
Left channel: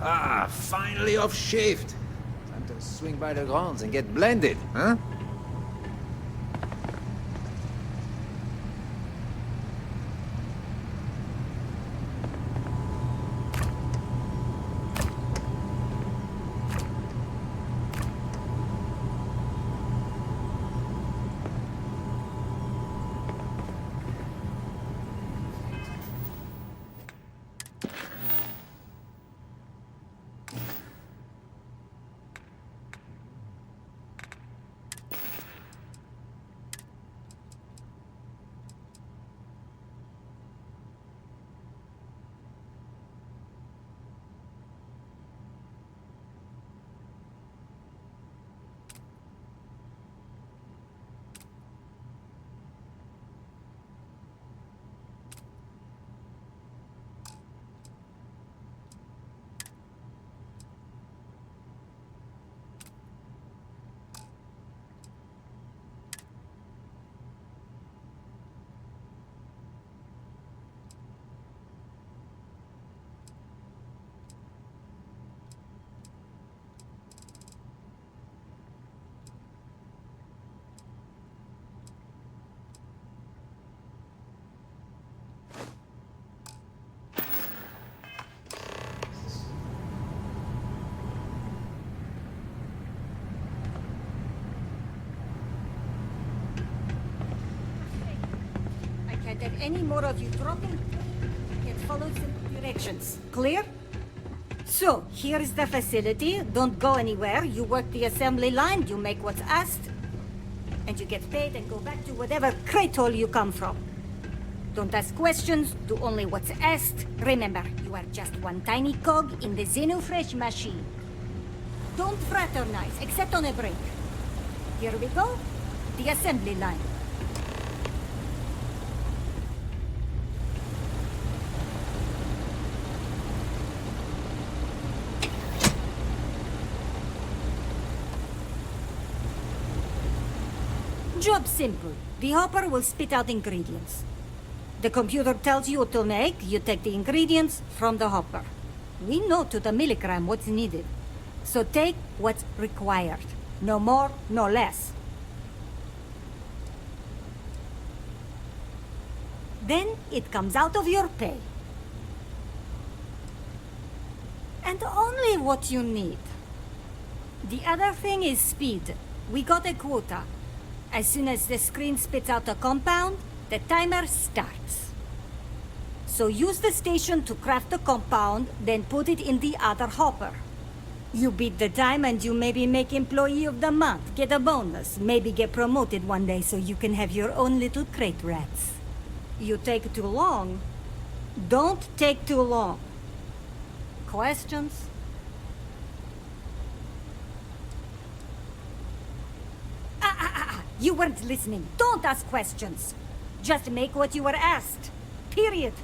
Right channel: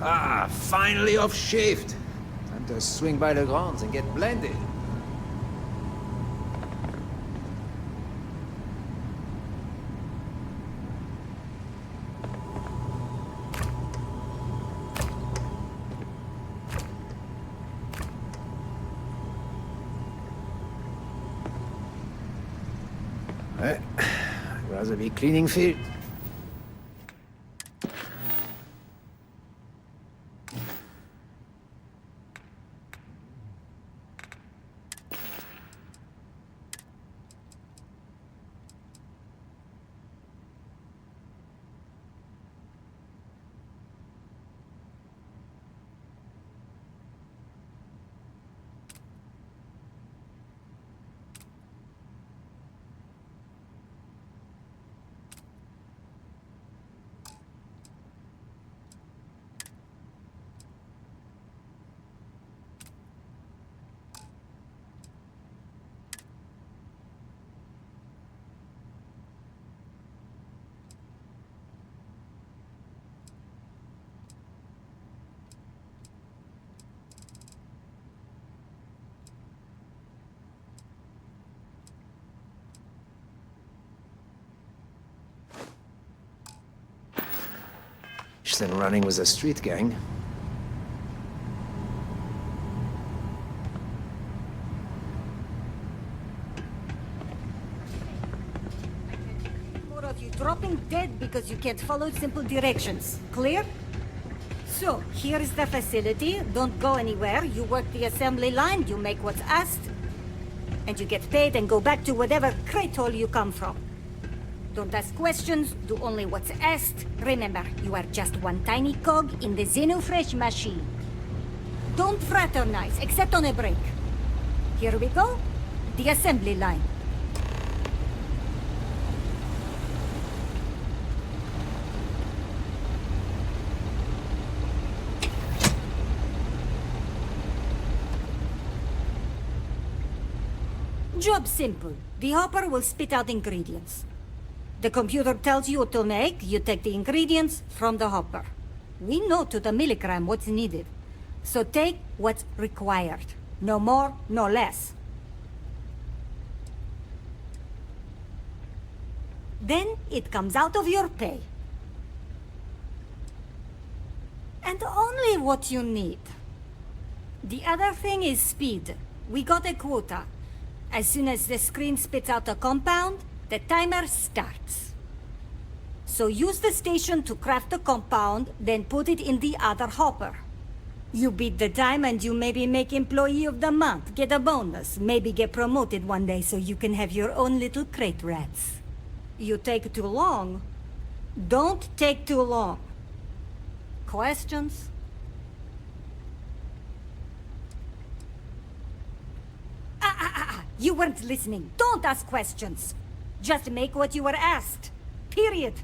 Ah, finally off shift. Time to swing by the grounds and get blended, huh? I'd rather be cleaning field. Than running with a street gang. I can't have any more of you dropping dead because you can't follow simple directions. Clear? So, here is the facility. Don't go anywhere. You work the assembly line, you make what's asked, and you get paid and go back to whatever crate hole you come from. Don't ask questions, do only what's asked. Remember, you are just one tiny cog in the Xenofresh machine. Don't fraternize, except on a break. Here we go. The assembly line. Job simple. The hopper will spit out ingredients. The computer tells you what to make, you take the ingredients from the hopper. We know to the milligram what's needed. So take what's required. No more, no less. Then it comes out of your pay. And only what you need. The other thing is speed. We got a quota. As soon as the screen spits out a compound, the timer starts. So use the station to craft the compound, then put it in the other hopper. You beat the time and you maybe make Employee of the Month, get a bonus, maybe get promoted one day so you can have your own little crate rats. You take too long. Don't take too long. Questions? You weren't listening. Don't ask questions. Just make what you were asked. Period.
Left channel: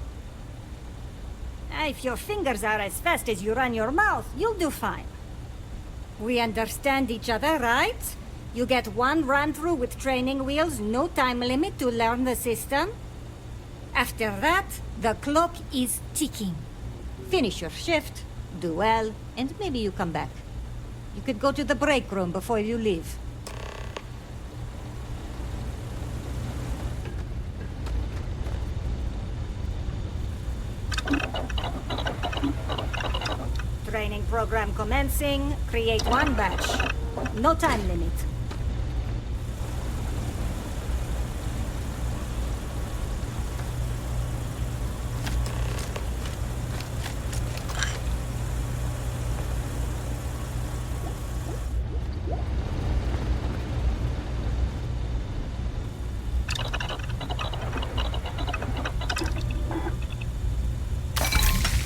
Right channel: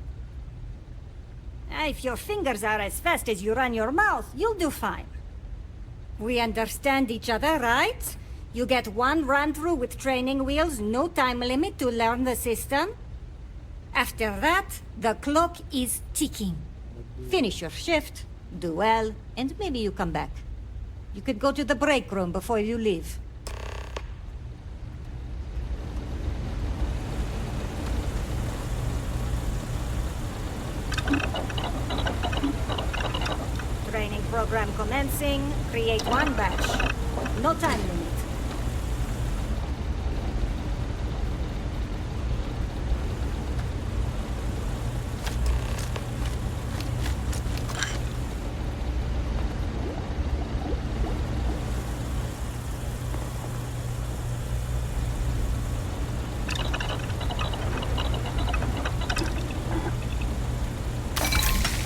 If your fingers are as fast as you run your mouth, you'll do fine. We understand each other, right? You get one run-through with training wheels, no time limit to learn the system. After that, the clock is ticking. Finish your shift, do well, and maybe you come back. You could go to the break room before you leave. Training program commencing. Create one batch. No time limit.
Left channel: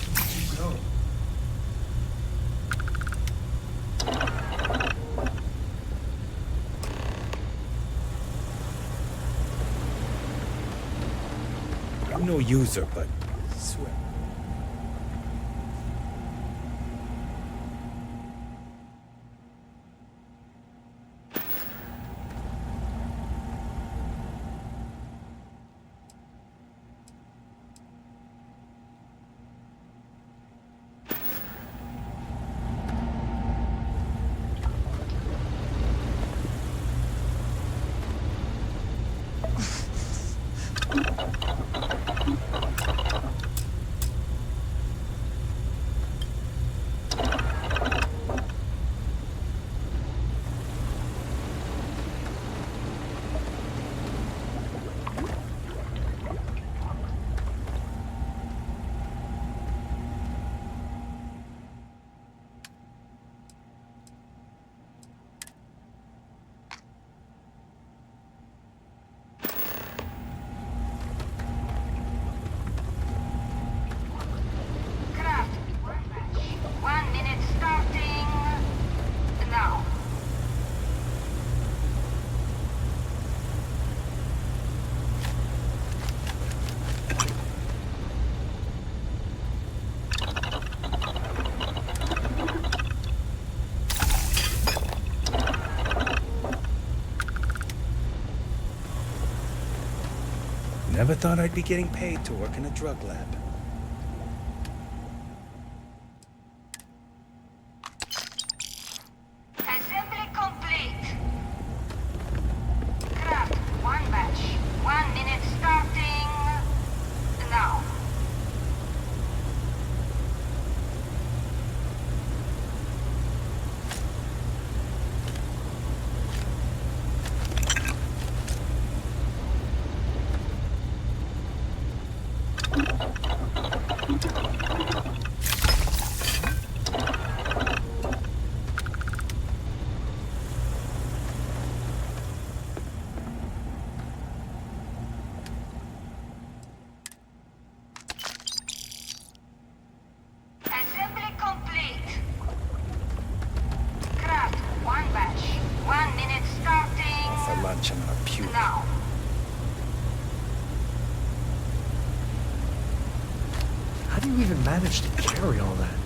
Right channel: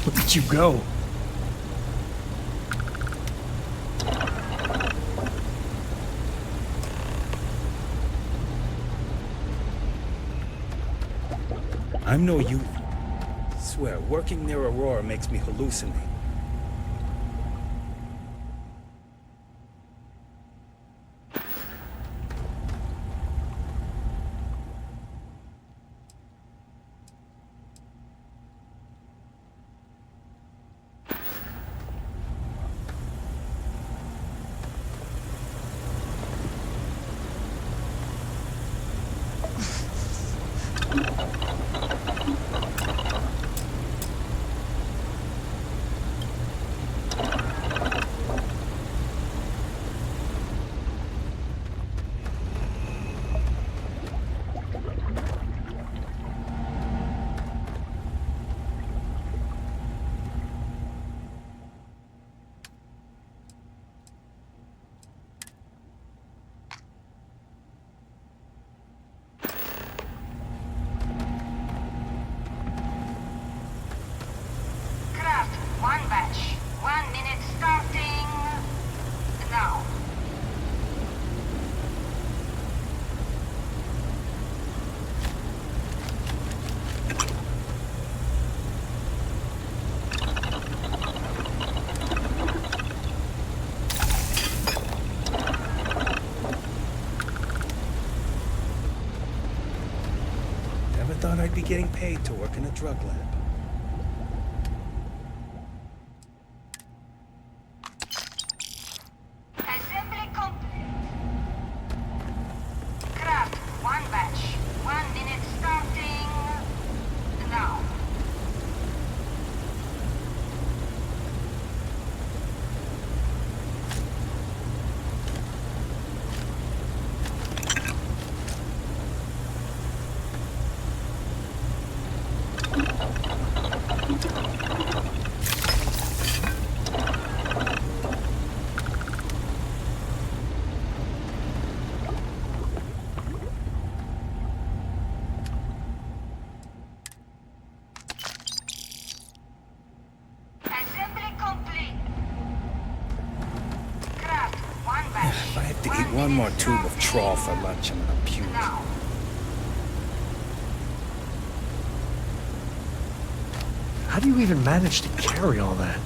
Look at you go. I'm no user, but I swear, working near Aurora makes me hallucinate. One batch. 1 minute starting now. Never thought I'd be getting paid to work in a drug lab. Assembly complete. Craft one batch. 1 minute starting now. Assembly complete. Craft one batch. If I have to eat one more tube of trawl for lunch, I'm gonna puke. Now. How do you even manage to carry all that?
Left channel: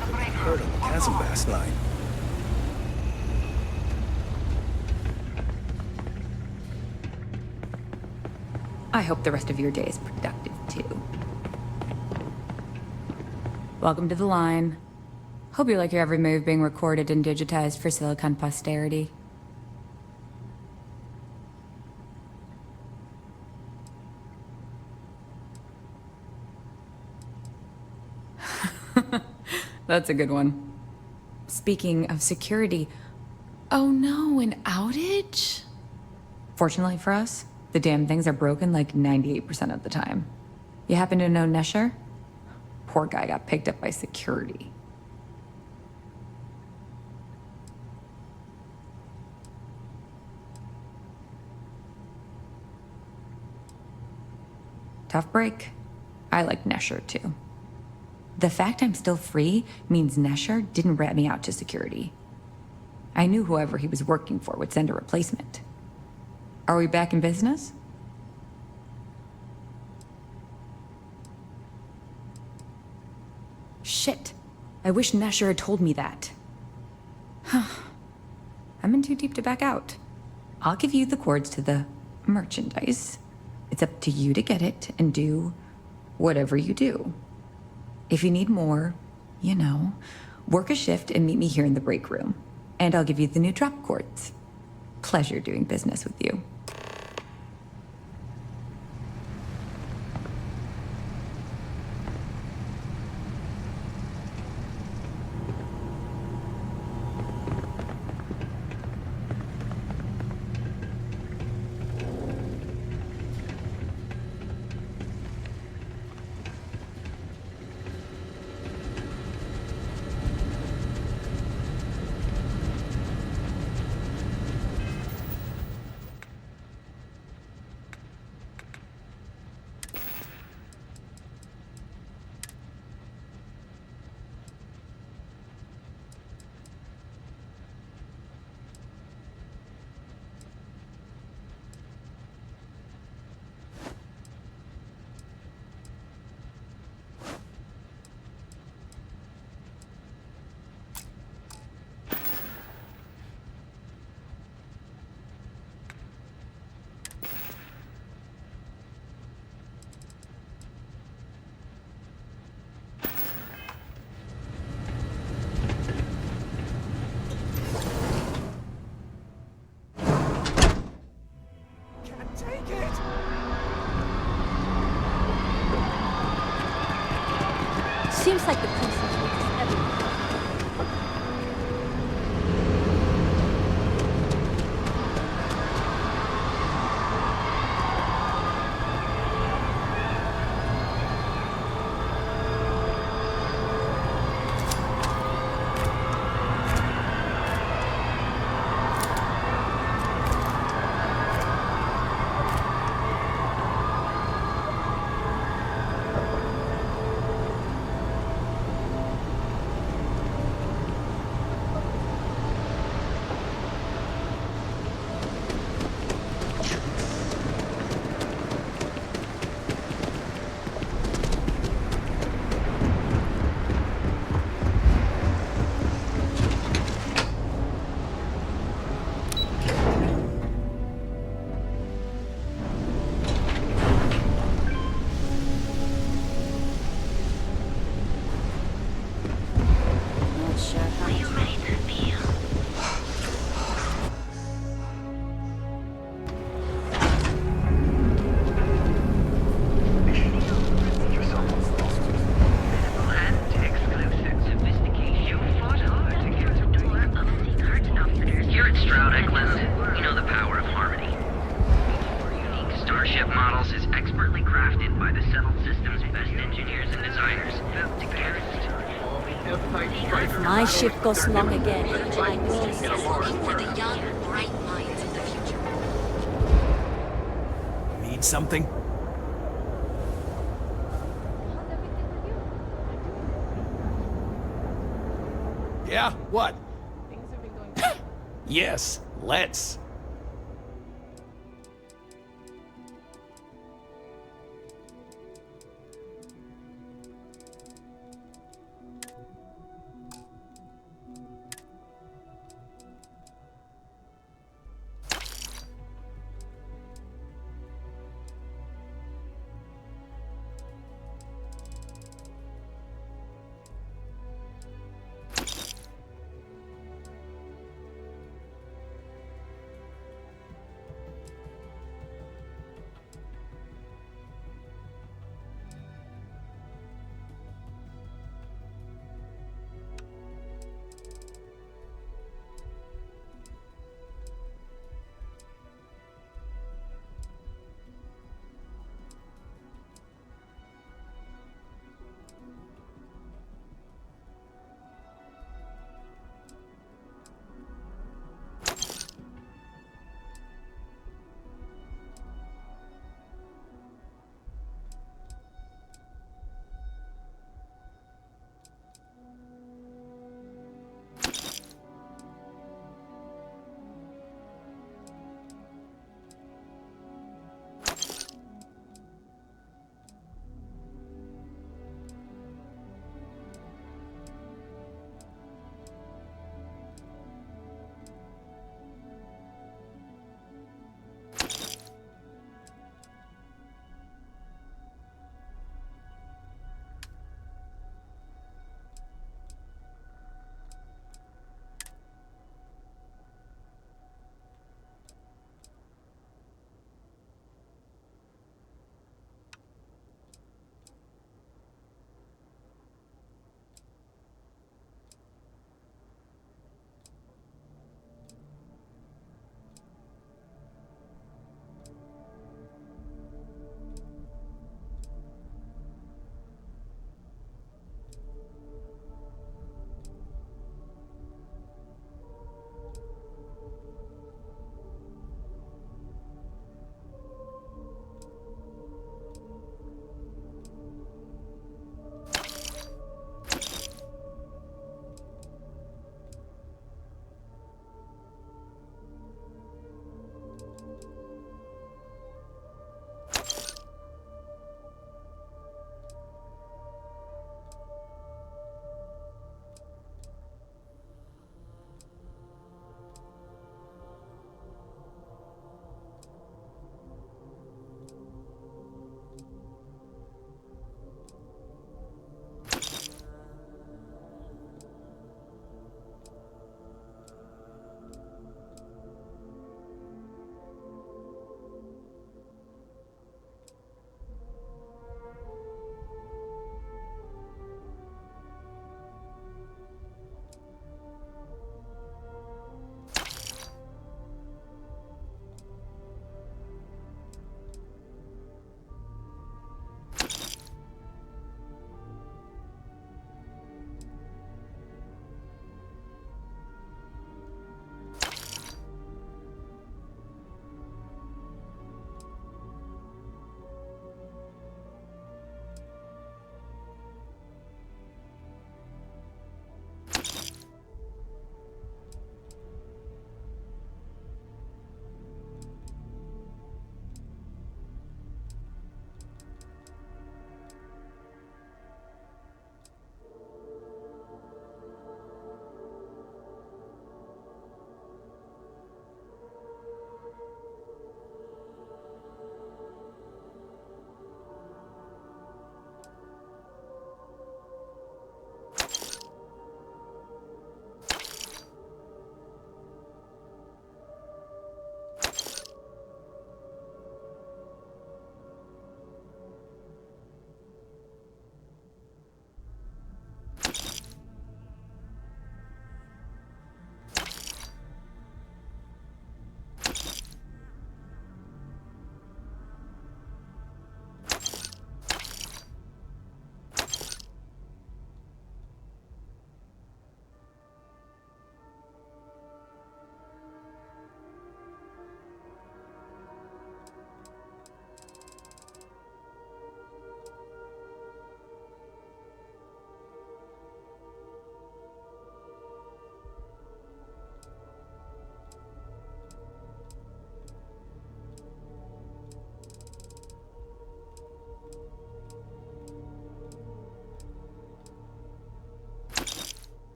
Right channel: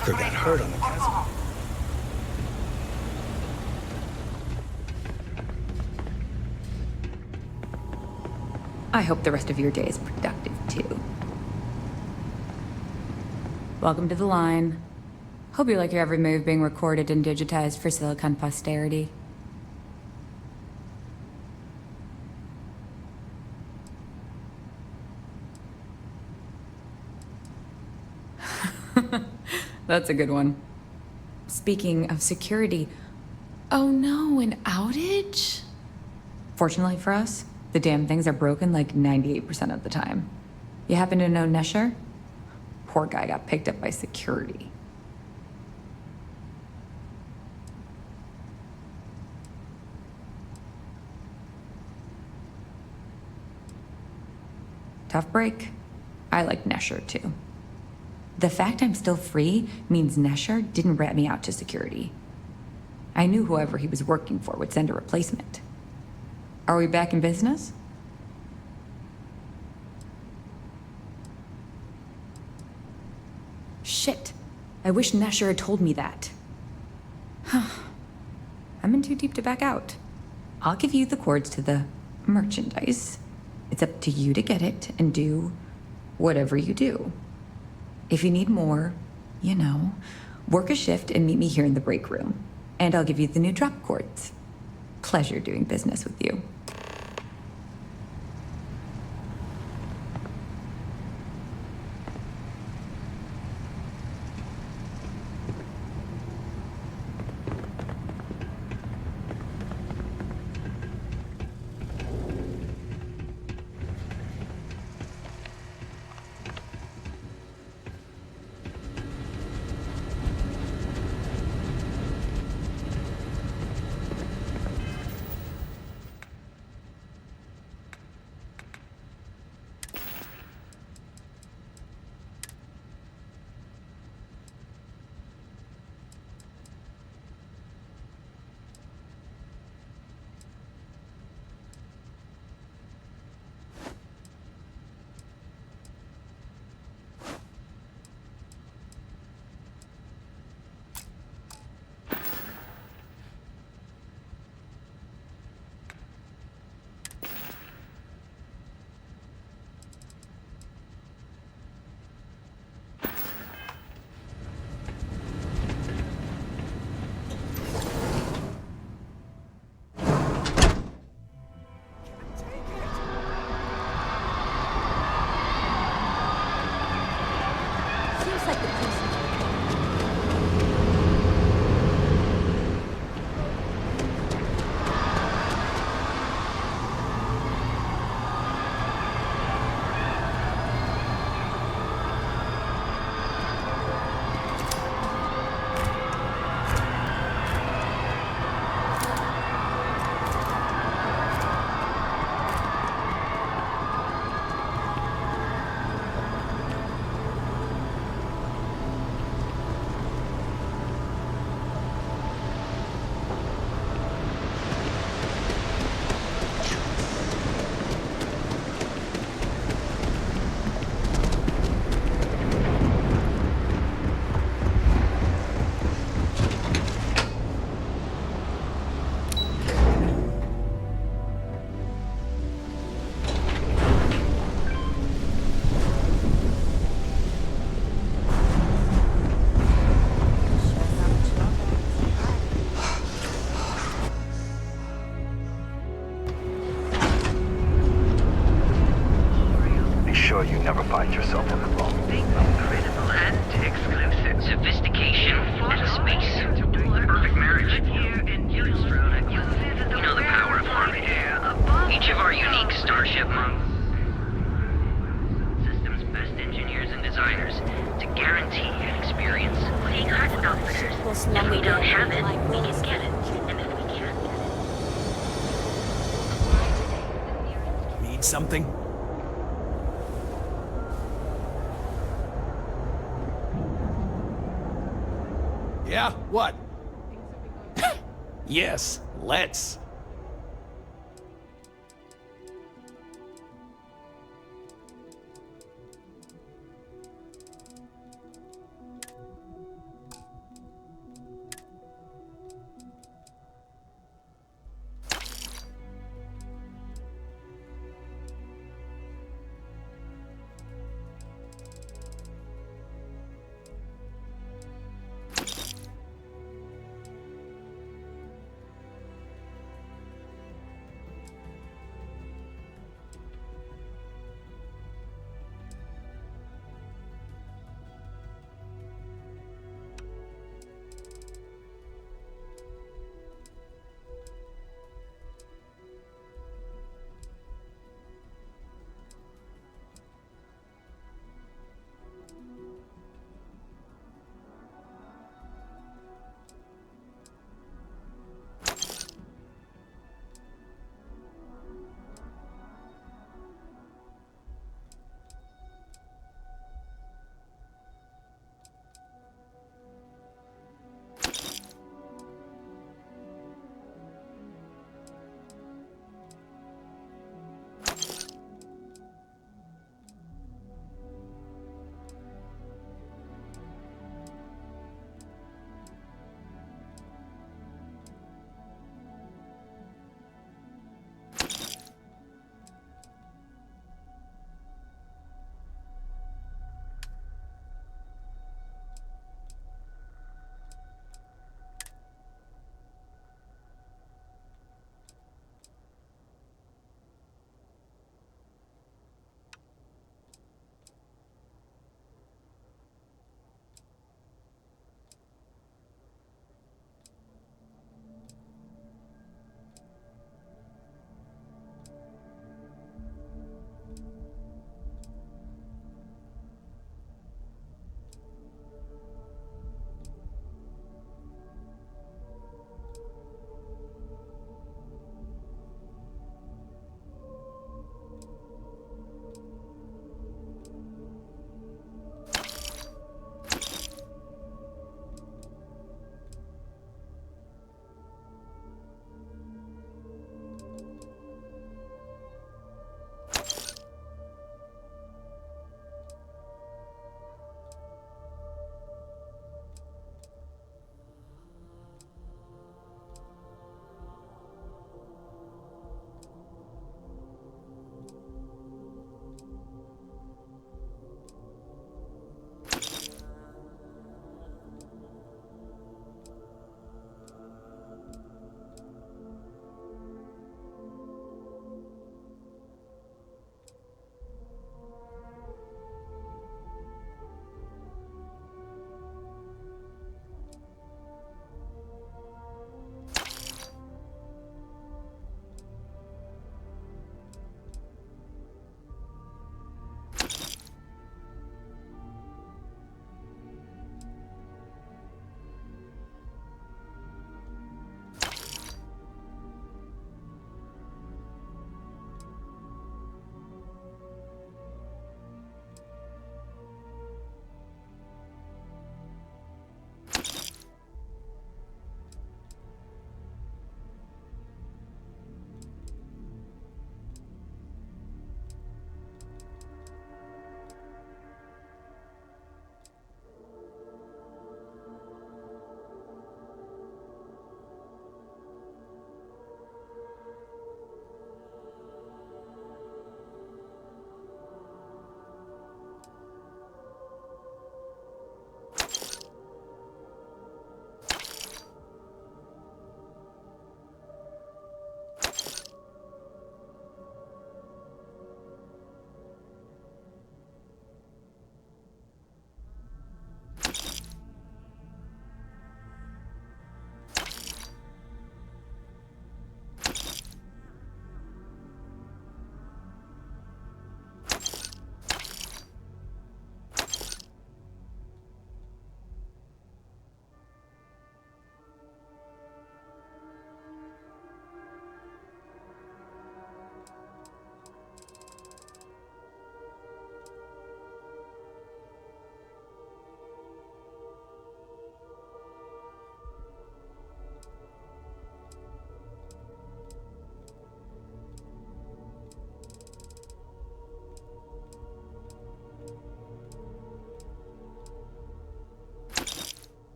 Parker got hurt on the chasm last night. I hope the rest of your day is productive, too. Welcome to the line. Hope you like your every move being recorded and digitized for Silicon posterity. That's a good one. Speaking of security, oh no, an outage? Fortunately for us, the damn things are broken like 98% of the time. You happen to know Nesher? Poor guy got picked up by security. Tough break. I like Nesher too. The fact I'm still free means Nesher didn't rat me out to security. I knew whoever he was working for would send a replacement. Are we back in business? Shit. I wish Nesher had told me that. I'm in too deep to back out. I'll give you the cords to the merchandise. It's up to you to get it and do whatever you do. If you need more, you know, work a shift and meet me here in the break room. And I'll give you the new drop cords. Pleasure doing business with you. Seems like the Crimson Fleet is everywhere. Be sure you never find yourself on the wrong thing. Critical and exclusive. Sophistication for space. Perfect marriage. Here at Stroud Eklund, we know the power of harmony. Each of our unique Starship models is expertly crafted by the settled system's best engineers and designers to guarantee experience. If my ship goes long again, I will Need something? Yeah, what? Yes, let's.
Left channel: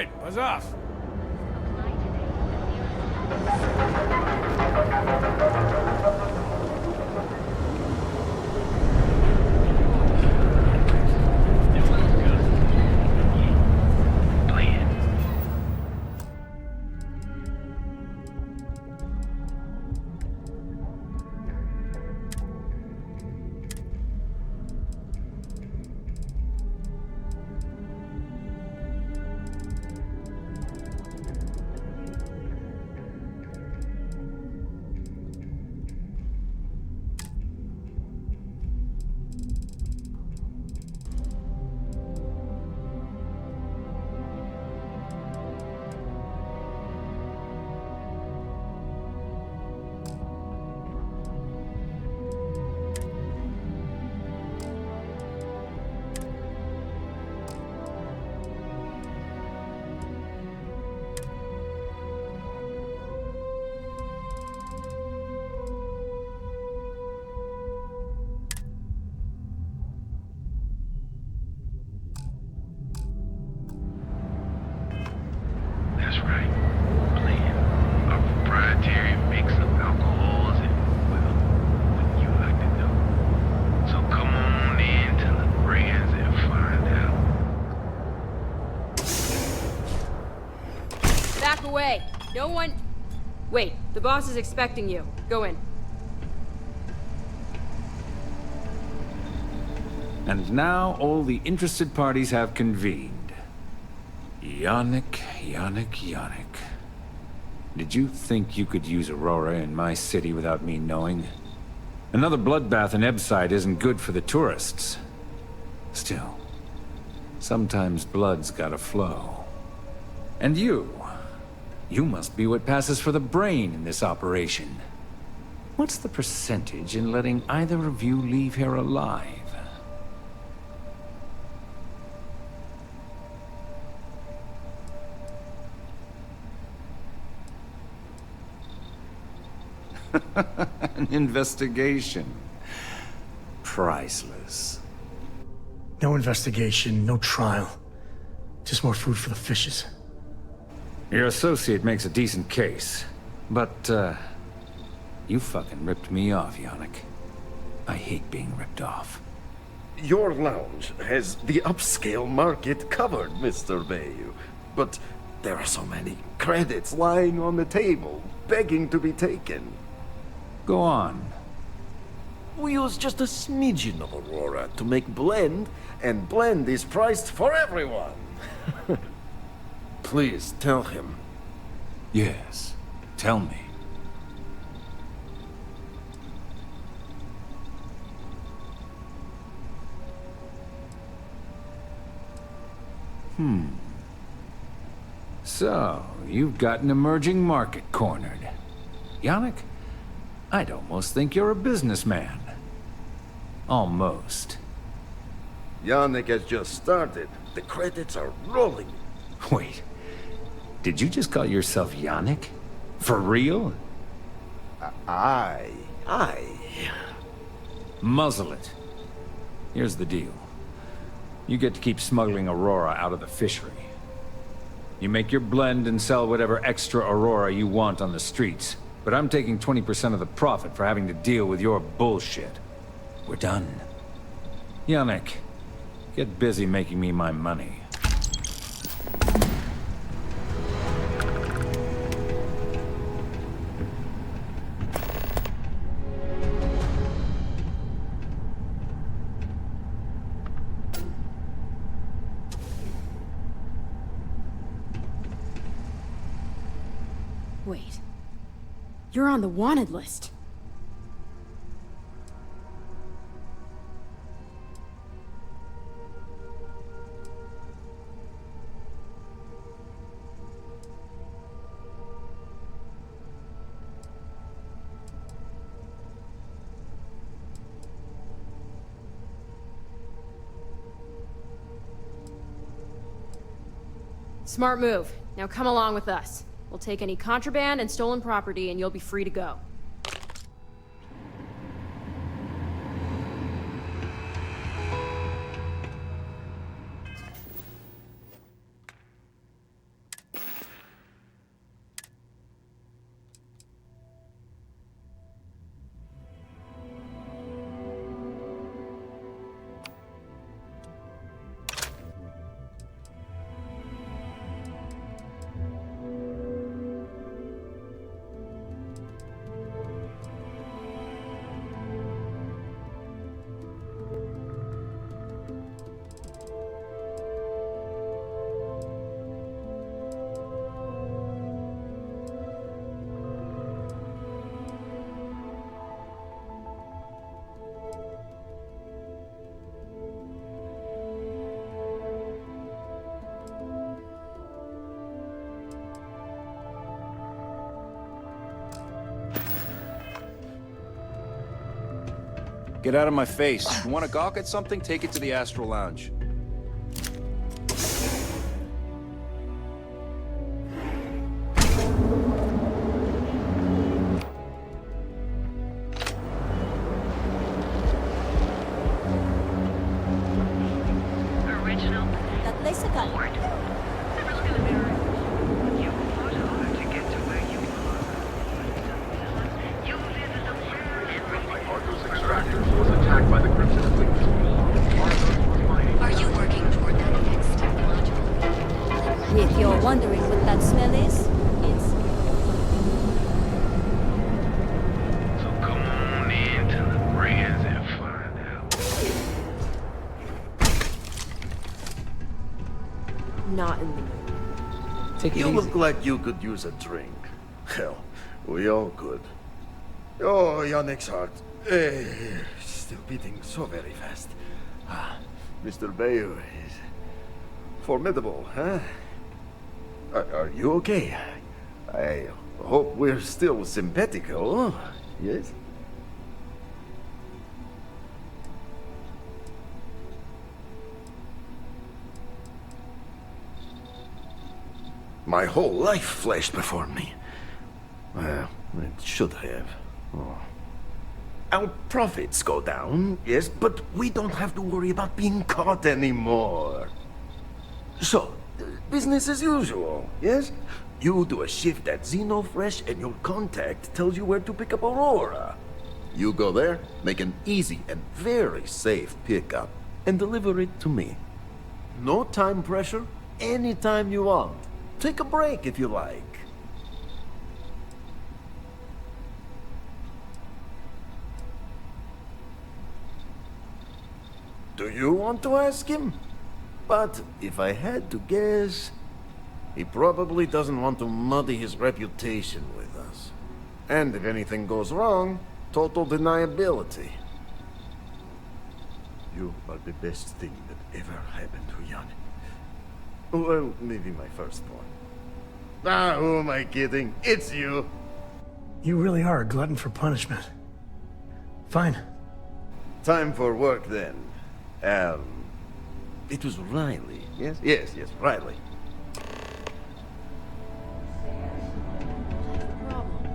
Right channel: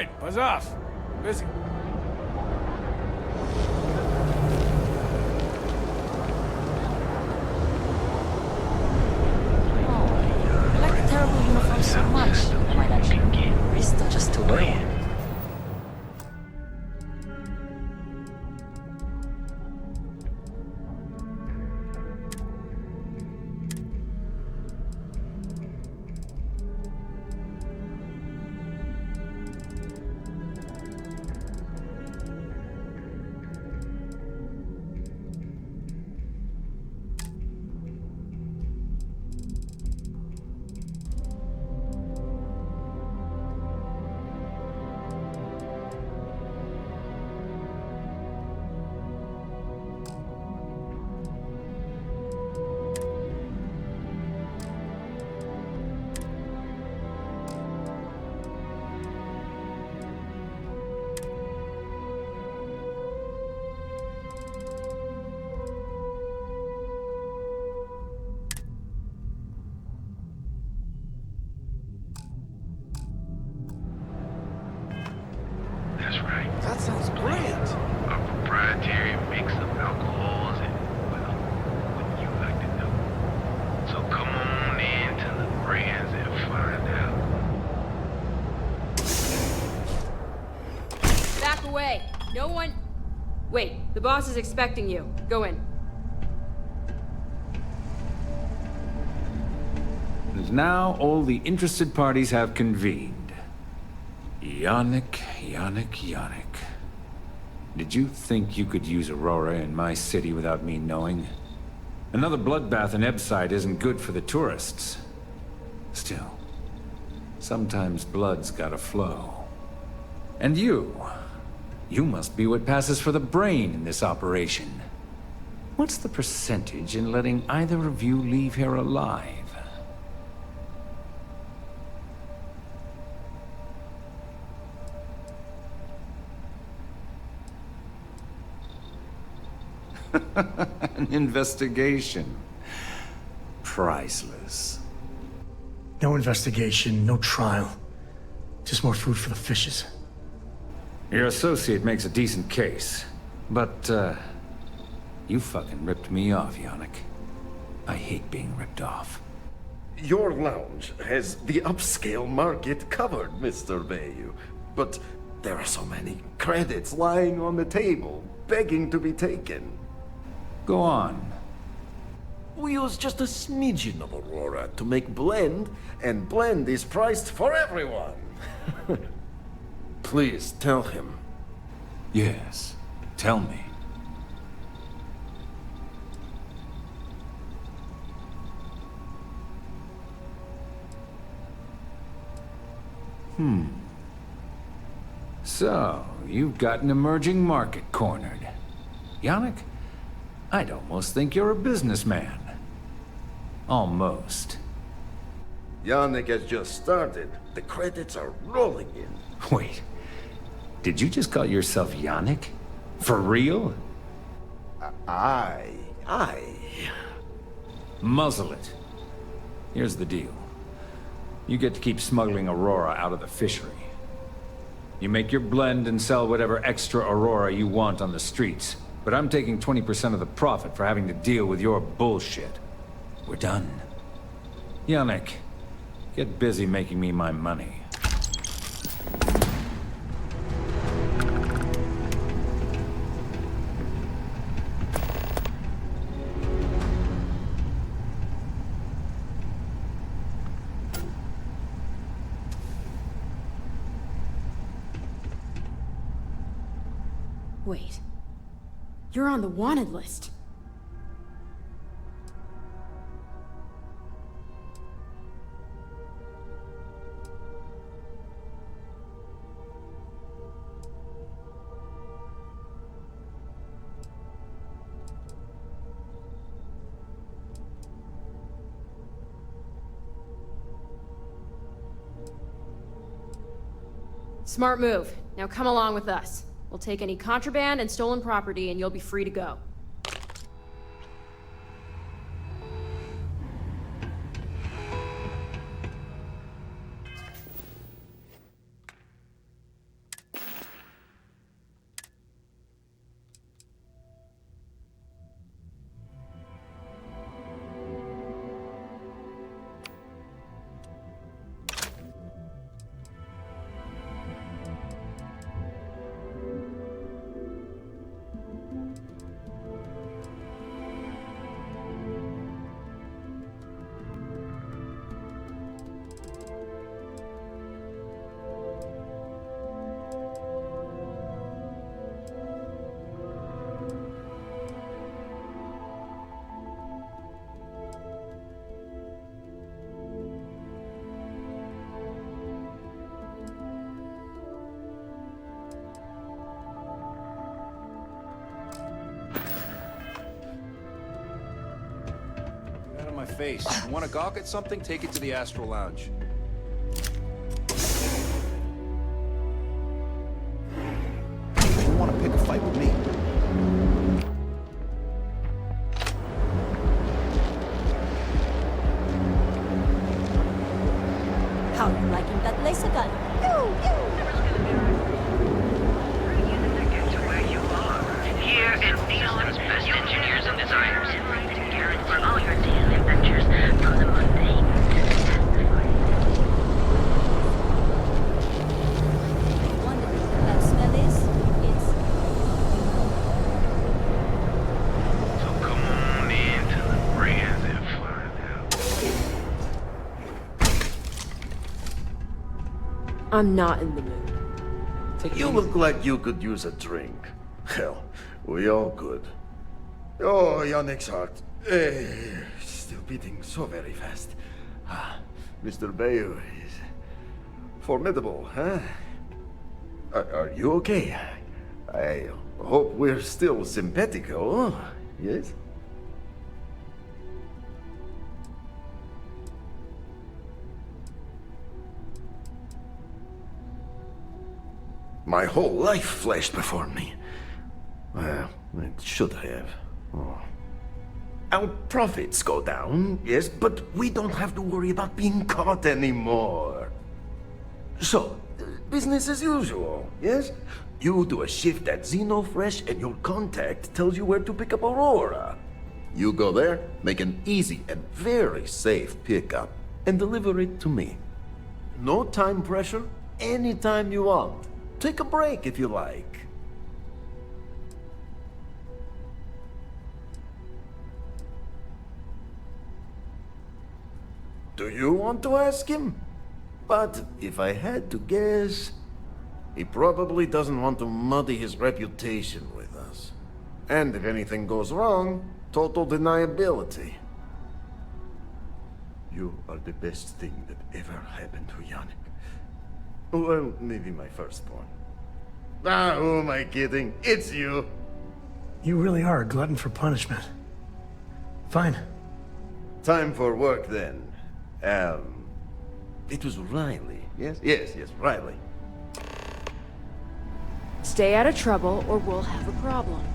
right, buzz off. Busy. Just to win. That's right. That sounds brilliant. A proprietary mix of alcohols and, well, wouldn't you like to know? So come on in to the brands and find out. Back away. No one... Wait, the boss is expecting you. Go in. And now all the interested parties have convened. Yannick. Did you think you could use Aurora in my city without me knowing? Another bloodbath in Ebside isn't good for the tourists. Still, sometimes blood's gotta flow. And you must be what passes for the brain in this operation. What's the percentage in letting either of you leave here alive? An investigation. Priceless. No investigation, no trial. Just more food for the fishes. Your associate makes a decent case, but, you fucking ripped me off, Yannick. I hate being ripped off. Your lounge has the upscale market covered, Mr. Bayou. But there are so many credits lying on the table, begging to be taken. Go on. We use just a smidgen of Aurora to make blend, and blend is priced for everyone. Please tell him. Yes, tell me. So, you've got an emerging market cornered. Yannick, I'd almost think you're a businessman. Almost. Yannick has just started. The credits are rolling in. Wait, did you just call yourself Yannick? For real? Aye. Muzzle it. Here's the deal. You get to keep smuggling Aurora out of the fishery. You make your blend and sell whatever extra Aurora you want on the streets. But I'm taking 20% of the profit for having to deal with your bullshit. We're done. Yannick, get busy making me my money. Wait. You're on the wanted list. Smart move. Now come along with us. We'll take any contraband and stolen property, and you'll be free to go. Get out of my face. You want to gawk at something? Take it to the Astral Lounge. Want to pick a fight with me? I'm liking that bicycle. Here at Neon's best engineers and designers. For all your deals and vouchers, nothing but Are you working toward the next technological? If you're wondering what that smell is, it's... So come on in to the brands and find out. I'm not in the mood. Take it You easy. look like you could use a drink. Hell, we all could. Oh, Yannick's heart. Still beating so very fast. Mr. Bayou is formidable, huh? Are you okay? I hope we're still simpatico, yes? My whole life flashed before me. Well, it should have. Oh. Our profits go down, yes, but we don't have to worry about being caught anymore. So, business as usual, yes? You do a shift at Xenofresh and your contact tells you where to pick up Aurora. You go there, make an easy and very safe pickup, and deliver it to me. No time pressure, anytime you want. Take a break if you like. Do you want to ask him? But if I had to guess, he probably doesn't want to muddy his reputation with us. And if anything goes wrong, total deniability. You are the best thing that ever happened to Yannick. Well, maybe my firstborn. Who am I kidding? It's you. You really are a glutton for punishment. Fine. Time for work then. It was Riley, yes? Yes, Riley. Stay out of trouble or we'll have a problem.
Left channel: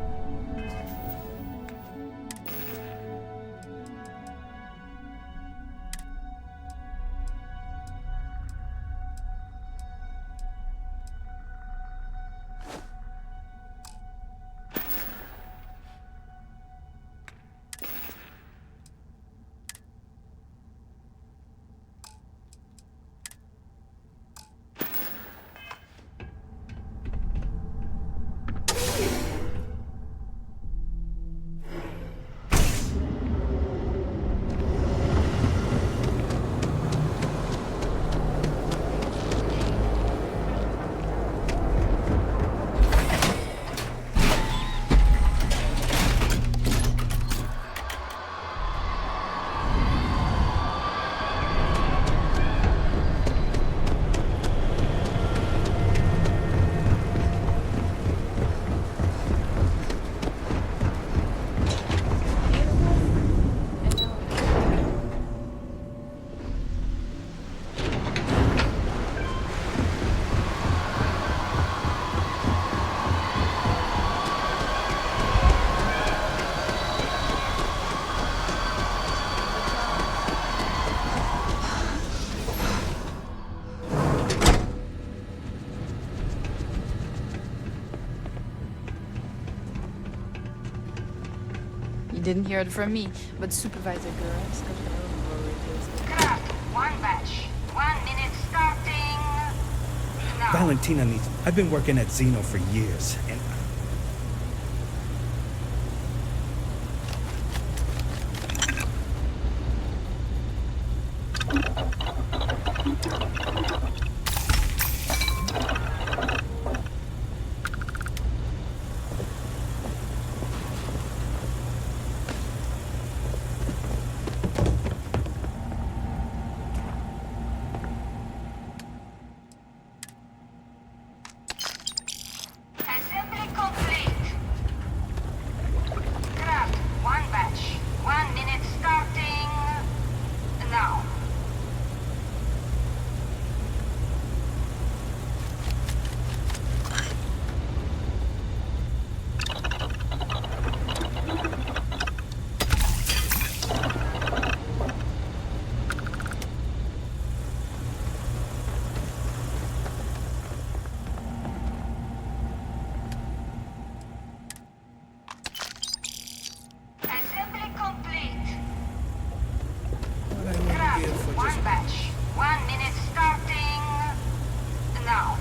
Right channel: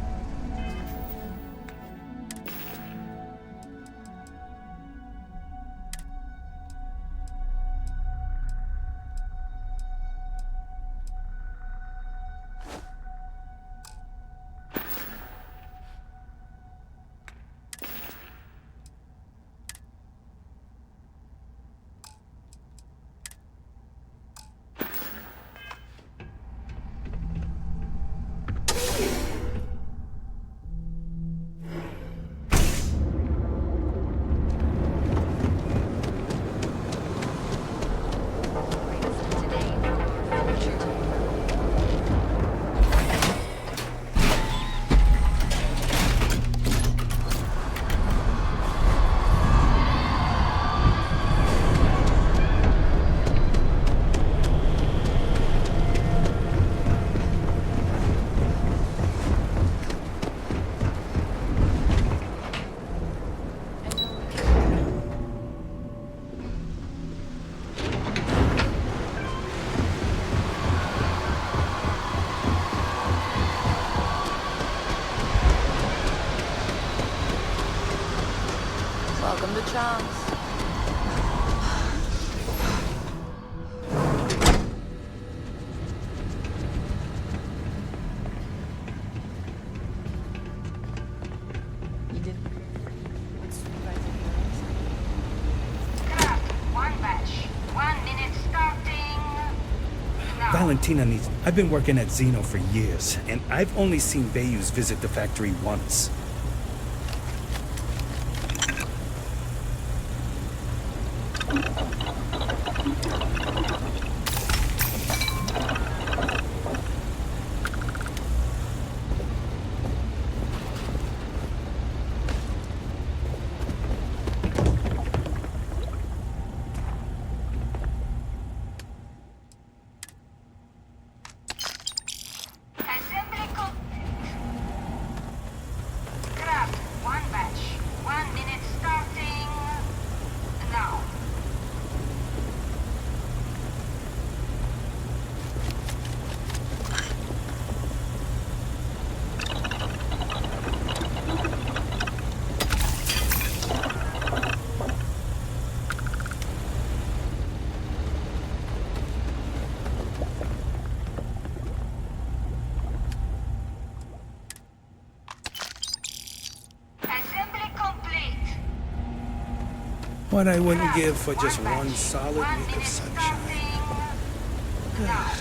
Didn't hear it from me, but Supervisor girls. Craft, one batch. 1 minute starting. Now. Valentina needs... I've been working at Xeno for years, and I've only seen Bayous visit the factory once. What I wouldn't give for just one solid 1 meal minute sandwich. starting now.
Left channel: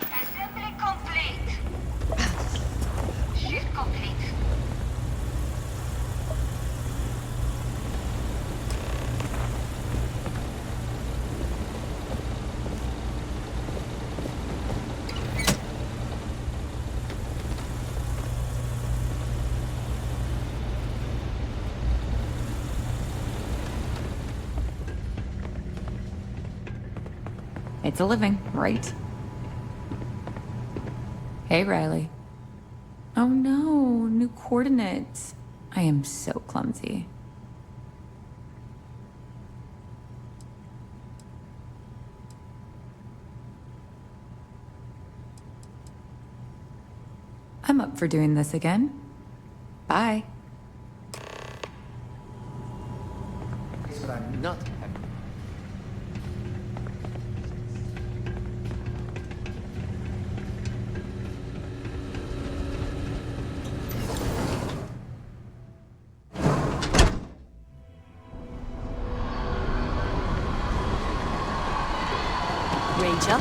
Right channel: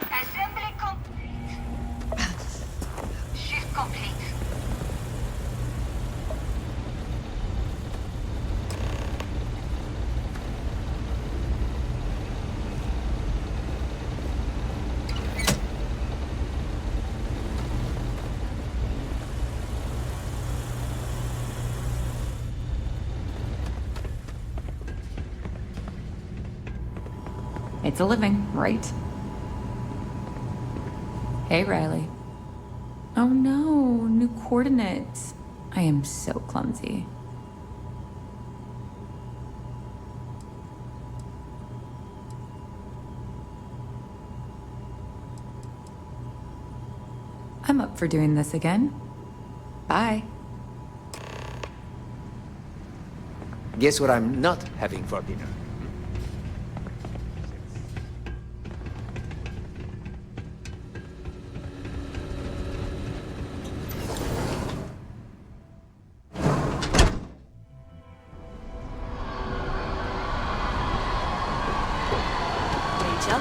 Assembly complete. Shift complete. It's a living, right? Hey, Riley. Oh no, new coordinates. I am so clumsy. I'm up for doing this again. Bye. Guess what I'm not having for dinner? Rachel?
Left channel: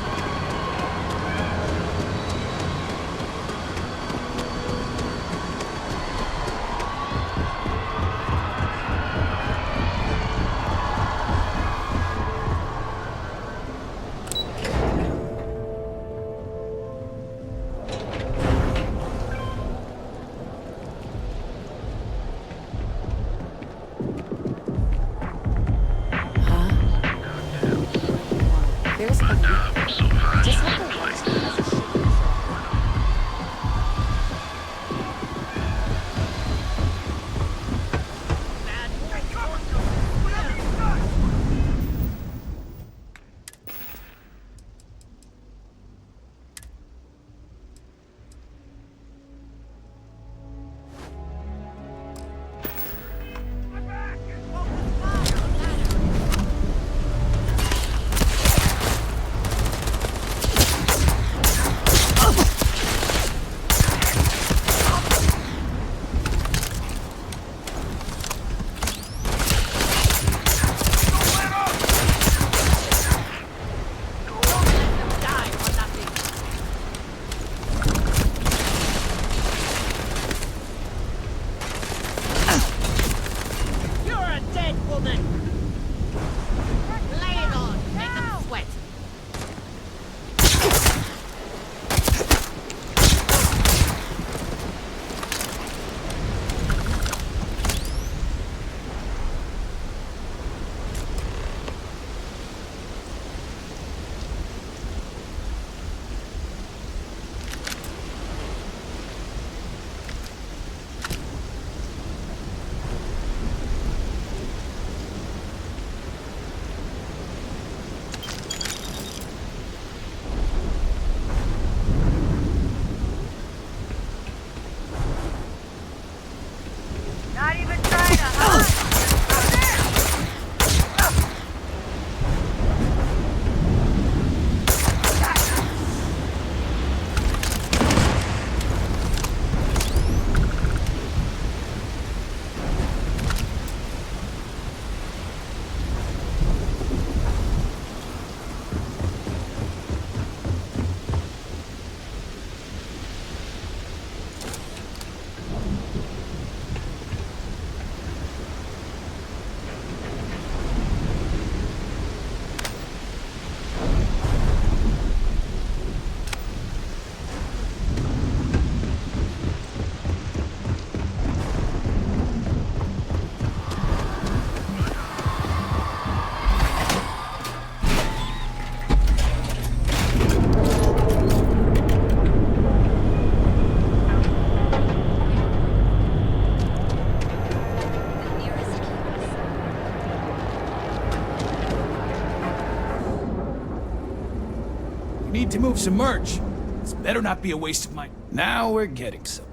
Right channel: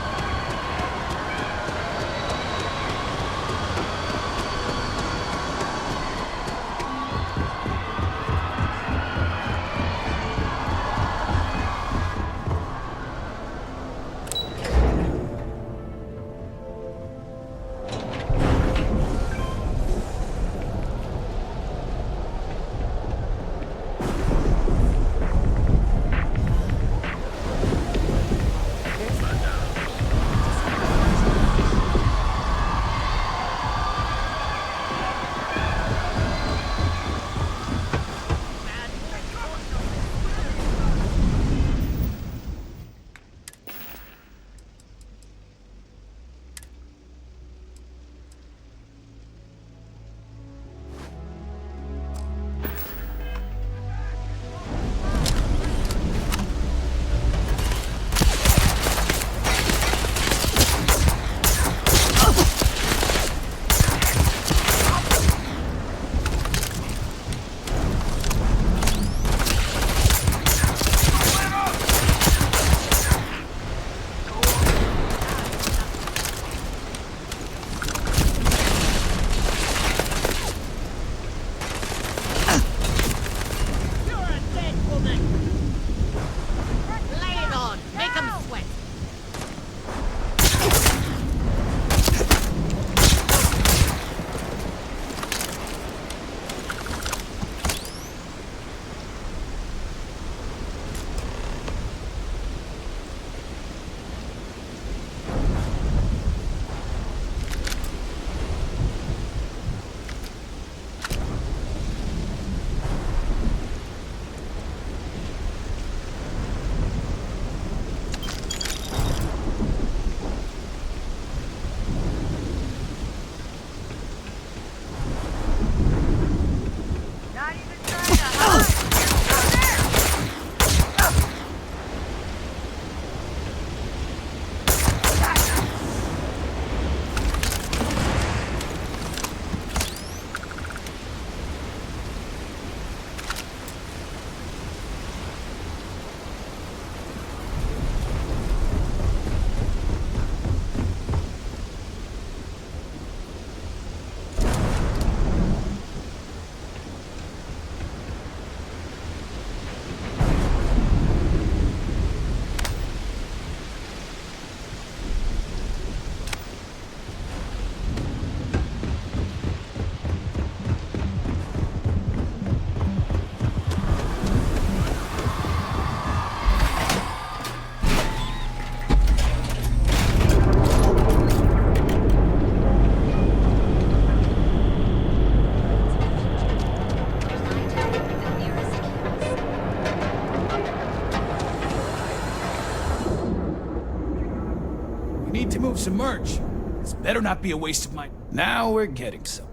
There's a need to move some merch. This better not be a waste of my... Now we're getting some.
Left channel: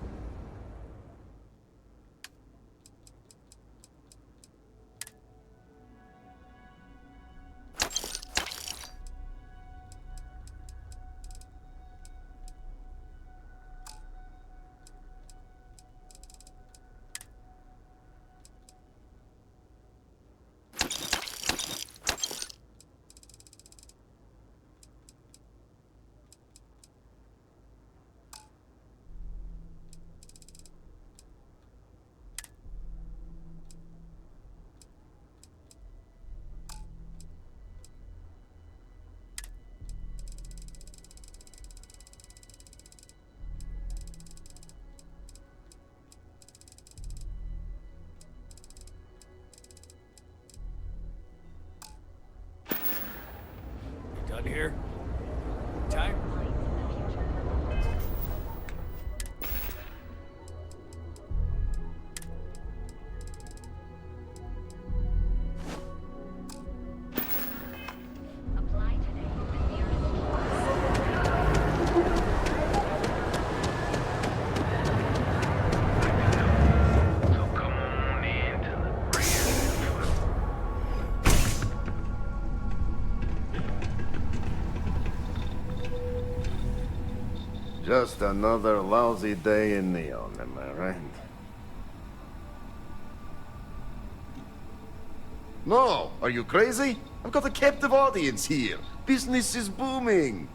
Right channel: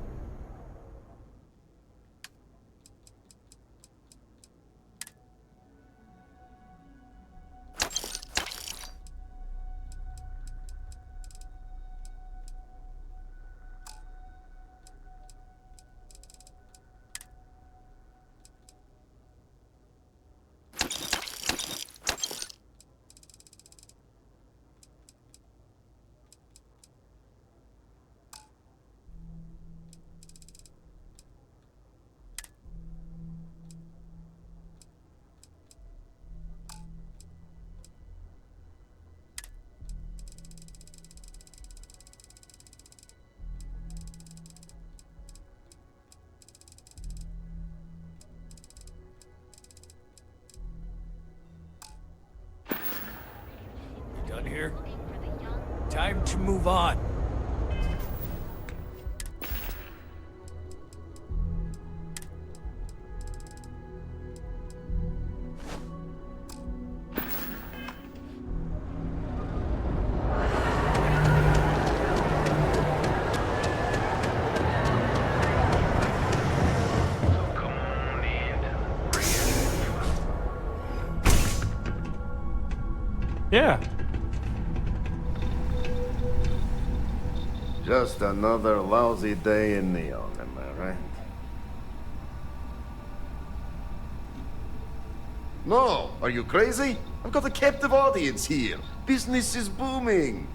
Done here? Time to move on. Yeah. Just another lousy day in Neon, am I right? No, are you crazy? I've got a captive audience here. Business is booming.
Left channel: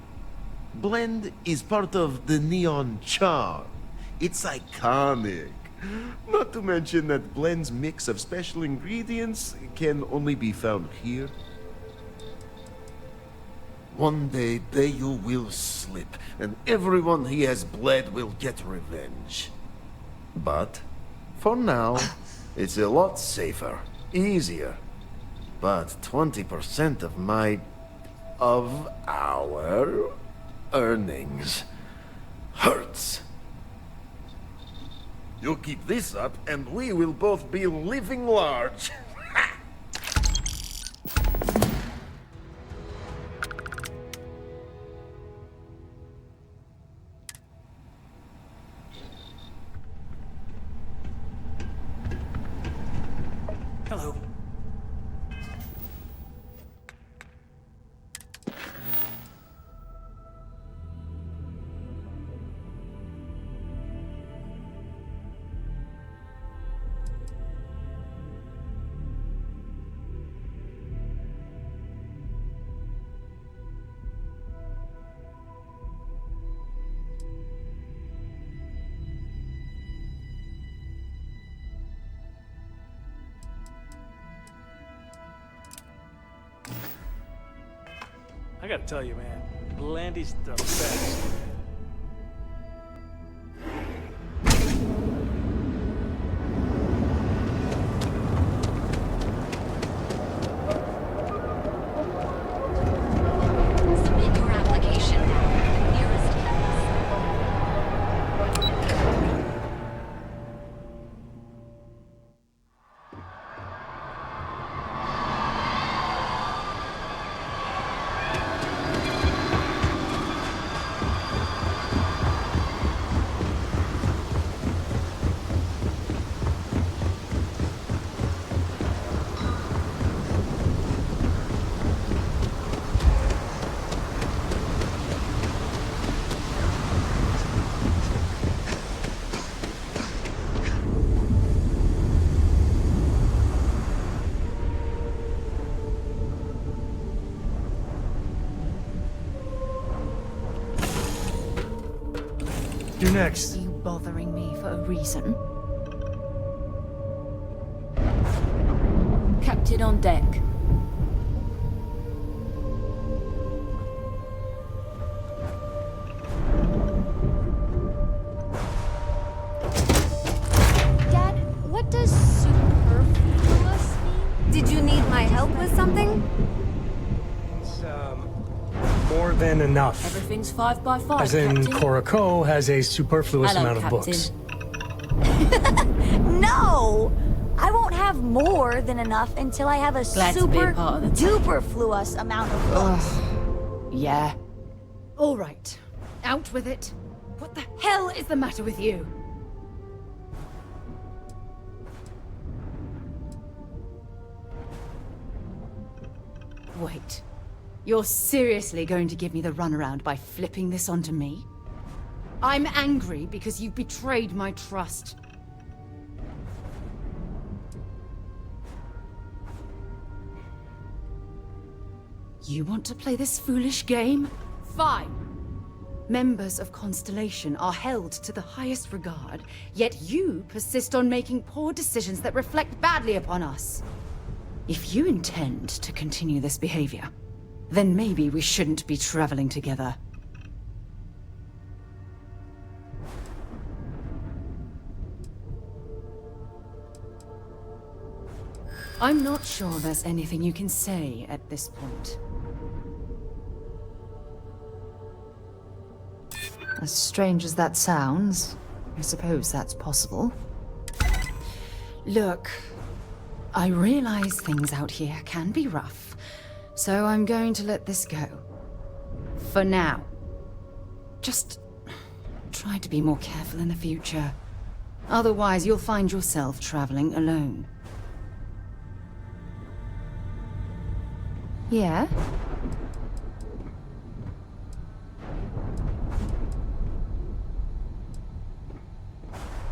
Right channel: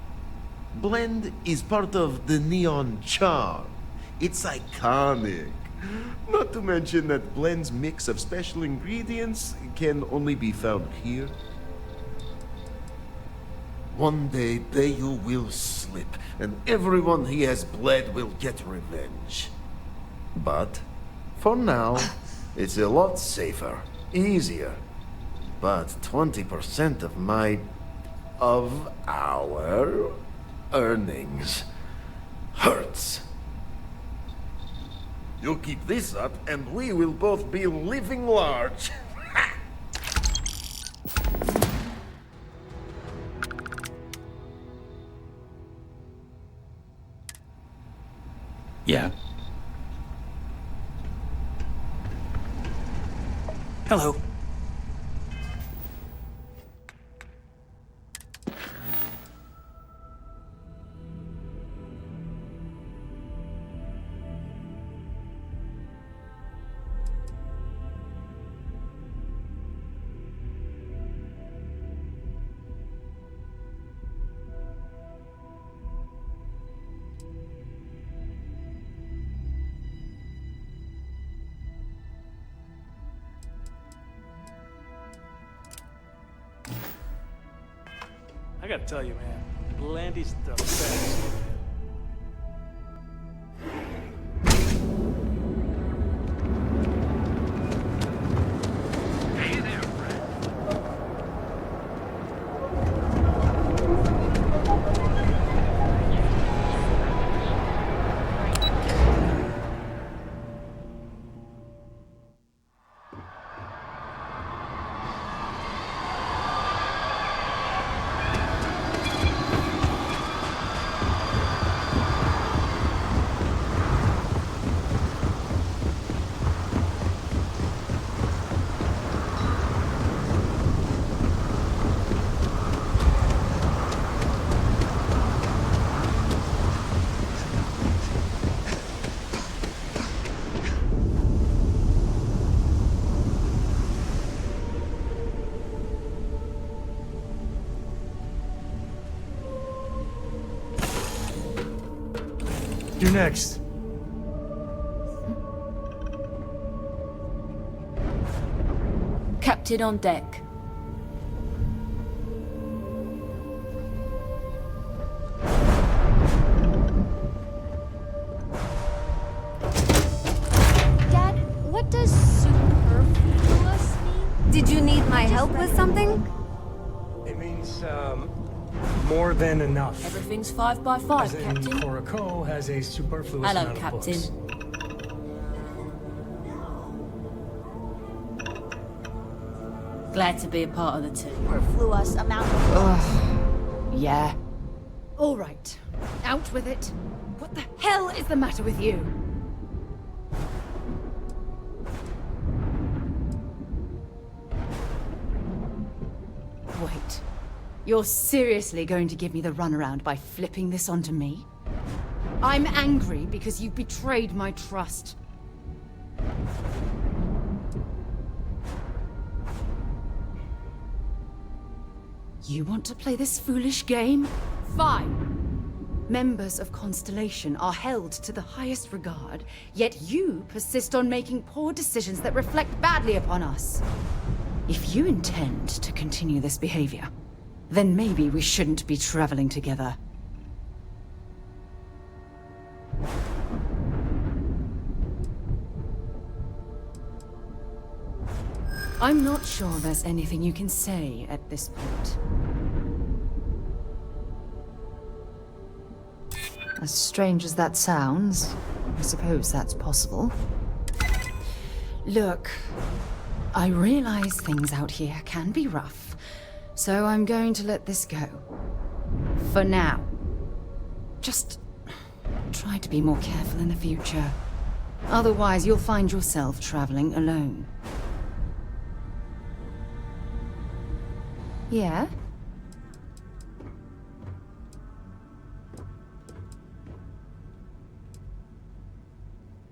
Blend is part of the Neon charm. It's iconic. Not to mention that Blend's mix of special ingredients can only be found here. One day, Bayu will slip, and everyone he has bled will get revenge. But, for now, it's a lot safer, easier. But 20% of our earnings hurts. You keep this up, and we will both be living large. Yeah. Hello. I gotta tell you, man, Blandy's the best. You next. You bothering me for a reason? Captain on deck. Dad, what does superfluous mean? Did you need my help with something? It means, more than enough. Everything's 5 by 5, As in, Captain. Korako has a superfluous Hello, amount of Captain. books. No! I won't have more than enough until I have a Glad to be a part of the team. superfluous amount of books. Yeah. All right. Out with it. What the hell is the matter with you? Wait. You're seriously going to give me the runaround by flipping this onto me? I'm angry because you've betrayed my trust. You want to play this foolish game? Fine. Members of Constellation are held to the highest regard, yet you persist on making poor decisions that reflect badly upon us. If you intend to continue this behavior, then maybe we shouldn't be traveling together. I'm not sure there's anything you can say at this point. As strange as that sounds, I suppose that's possible. Look, I realize things out here can be rough, so I'm going to let this go. For now. Just try to be more careful in the future. Otherwise, you'll find yourself traveling alone. Yeah?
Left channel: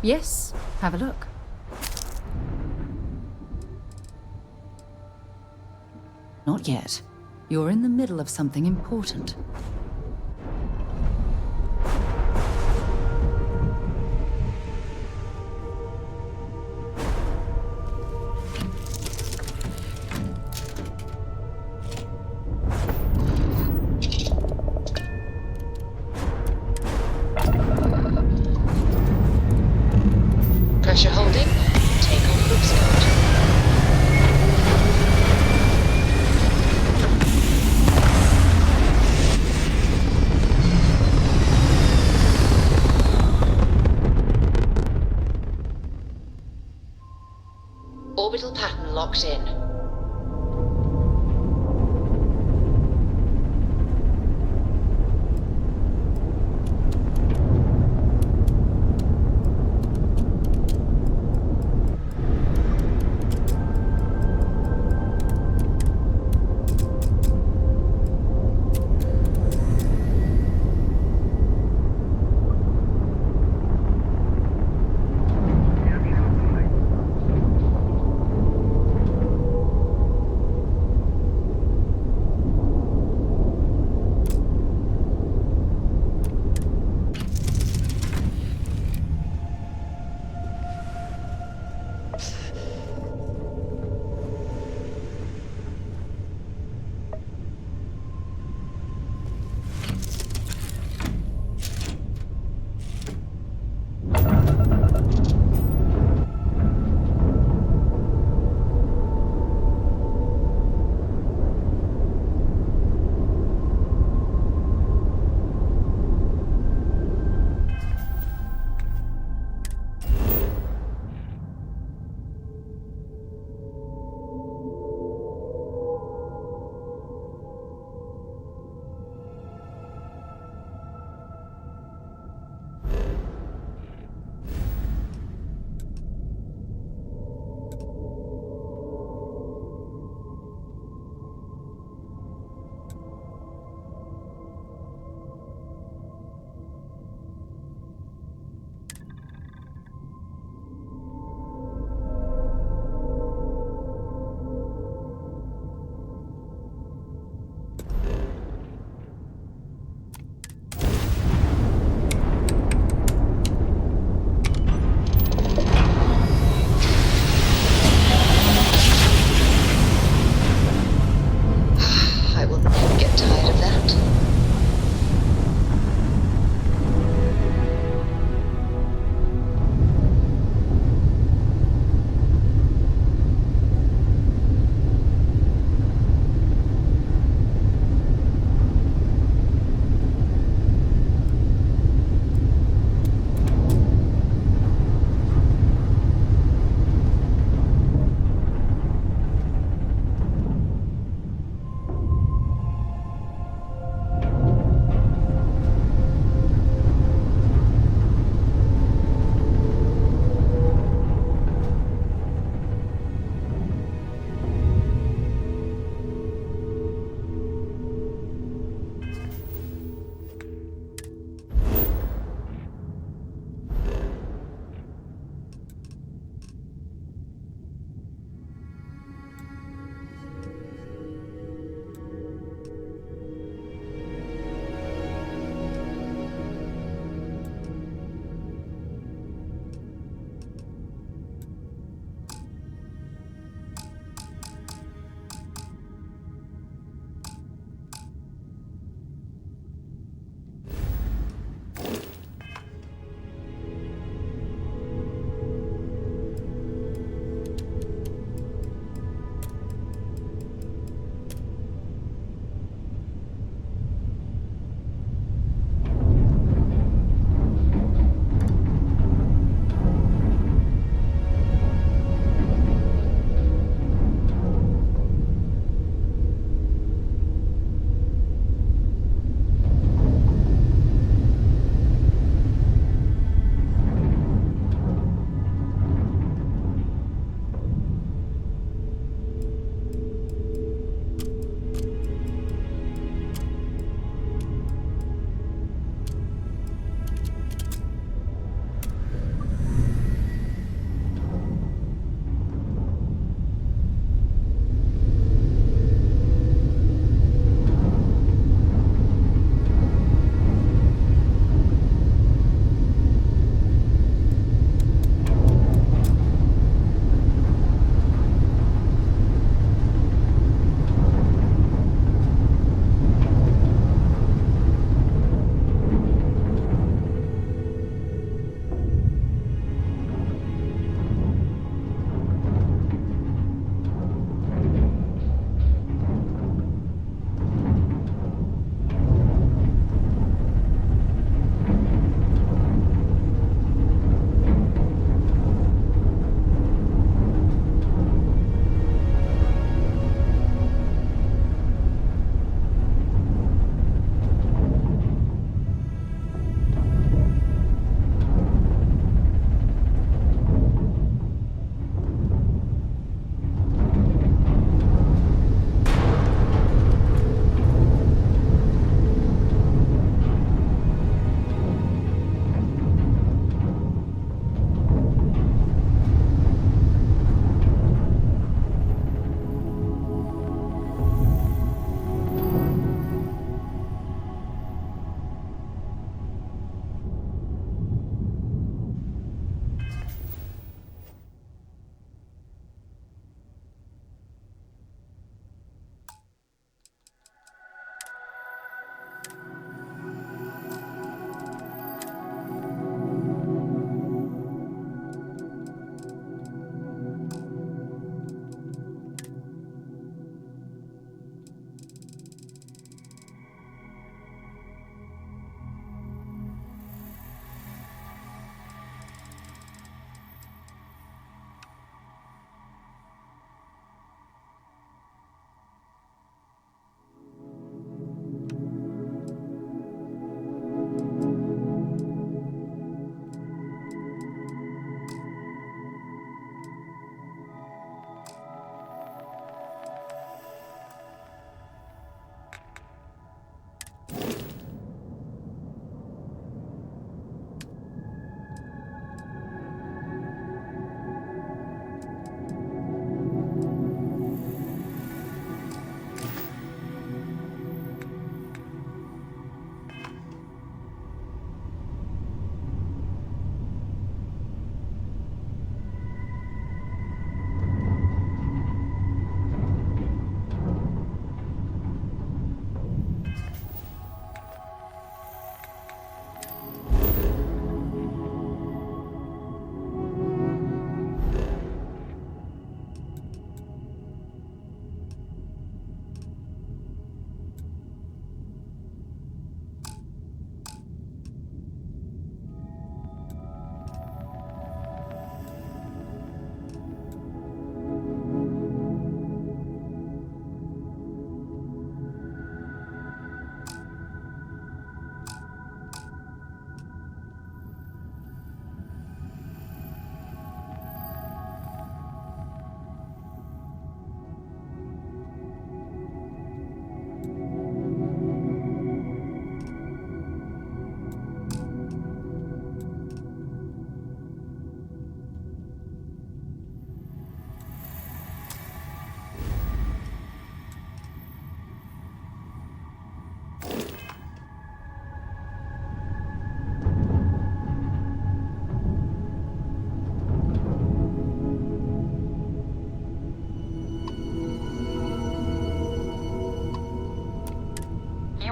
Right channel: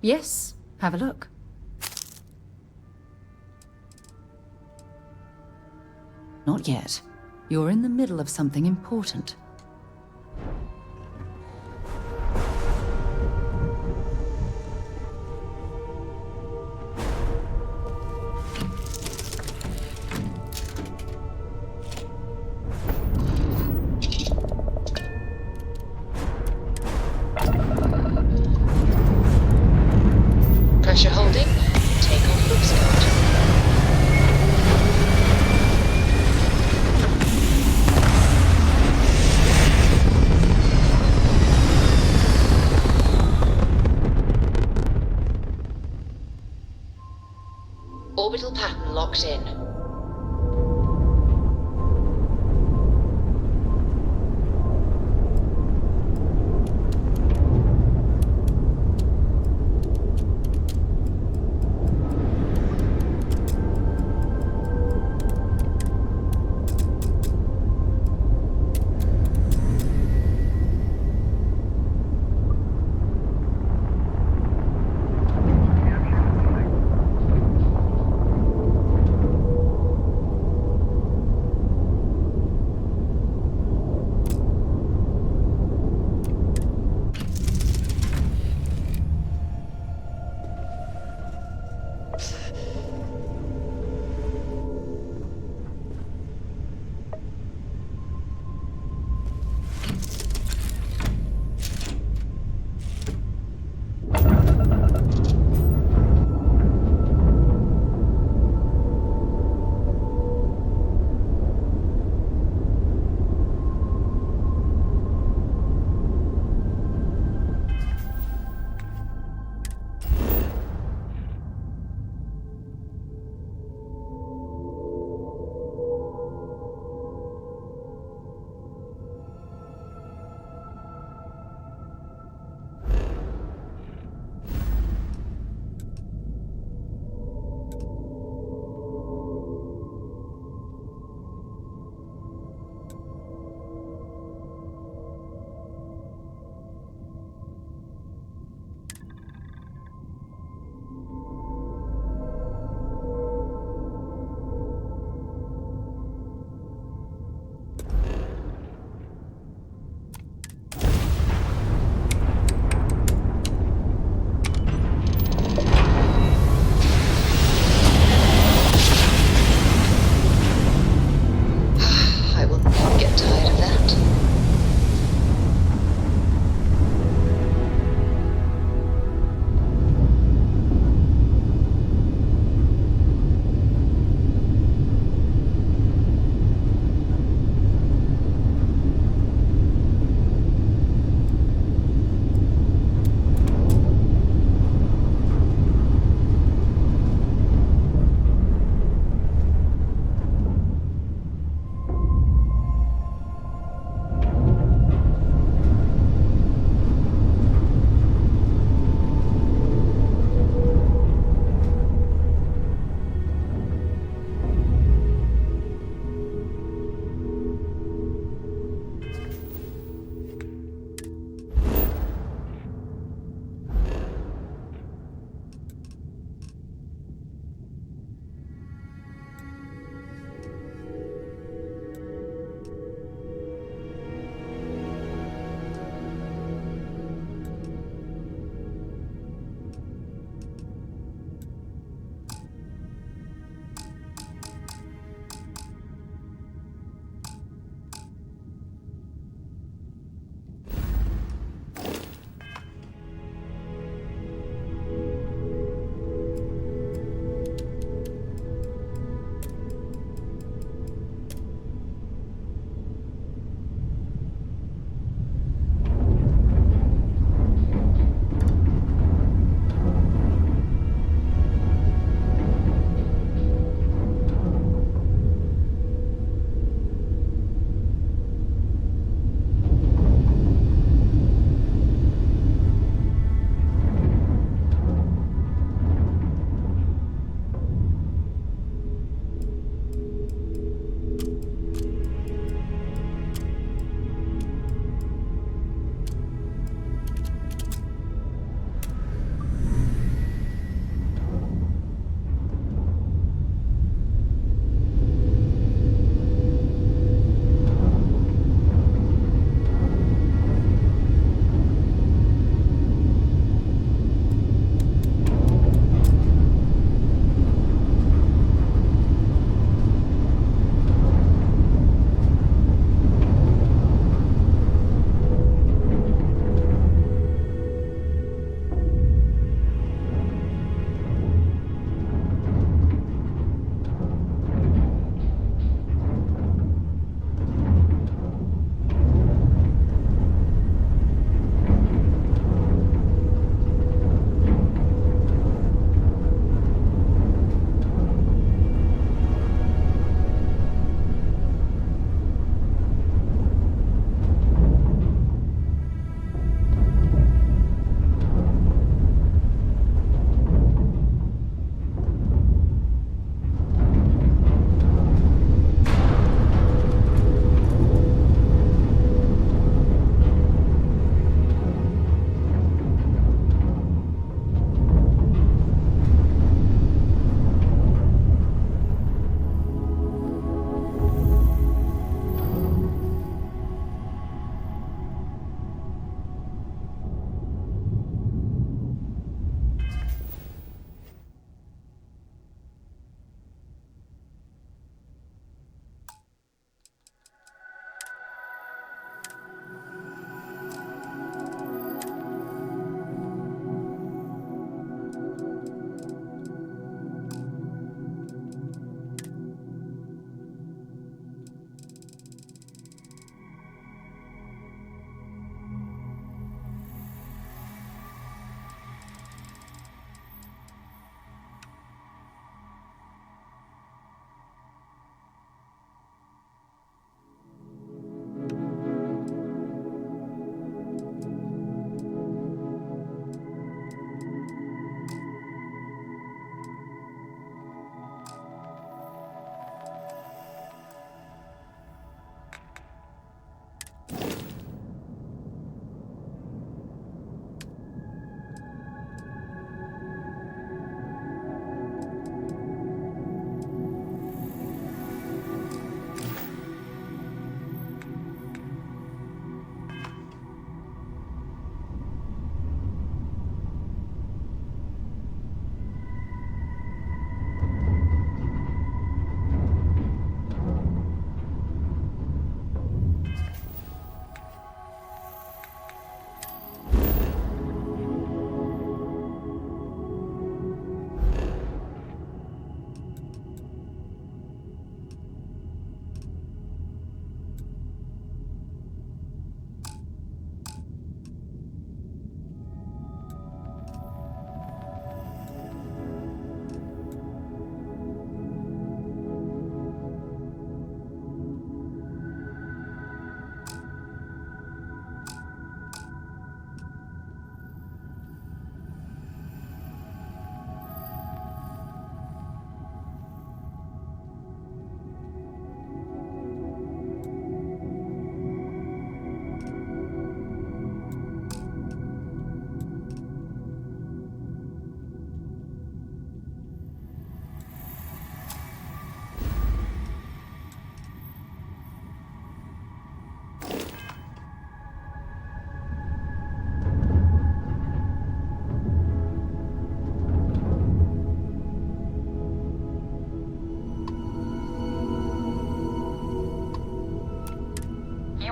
Yes, have a look. Not yet. You're in the middle of something important. Pressure holding. Take off loop start. Orbital pattern locked in.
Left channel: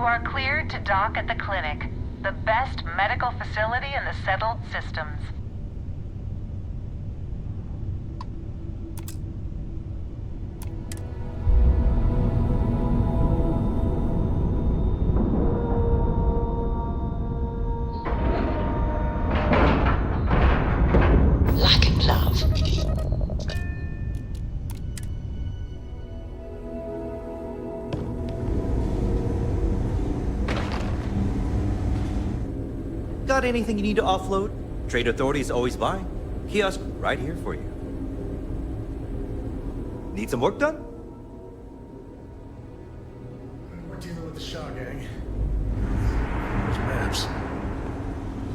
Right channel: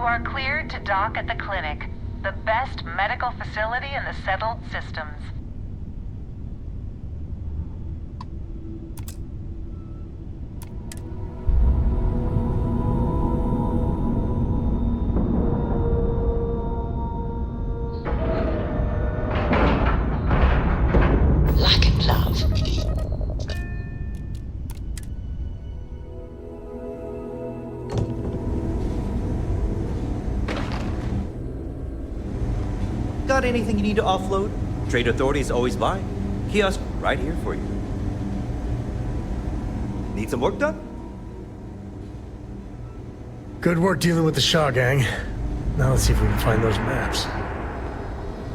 You are cleared to dock at the clinic, the best medical facility in the settled systems. Lack and love. Got anything you need to offload? Trade Authority is always buying. Kiosk right here for you. Need some work done? Good work dealing with the Shaw gang. Now let's see if we can find those maps.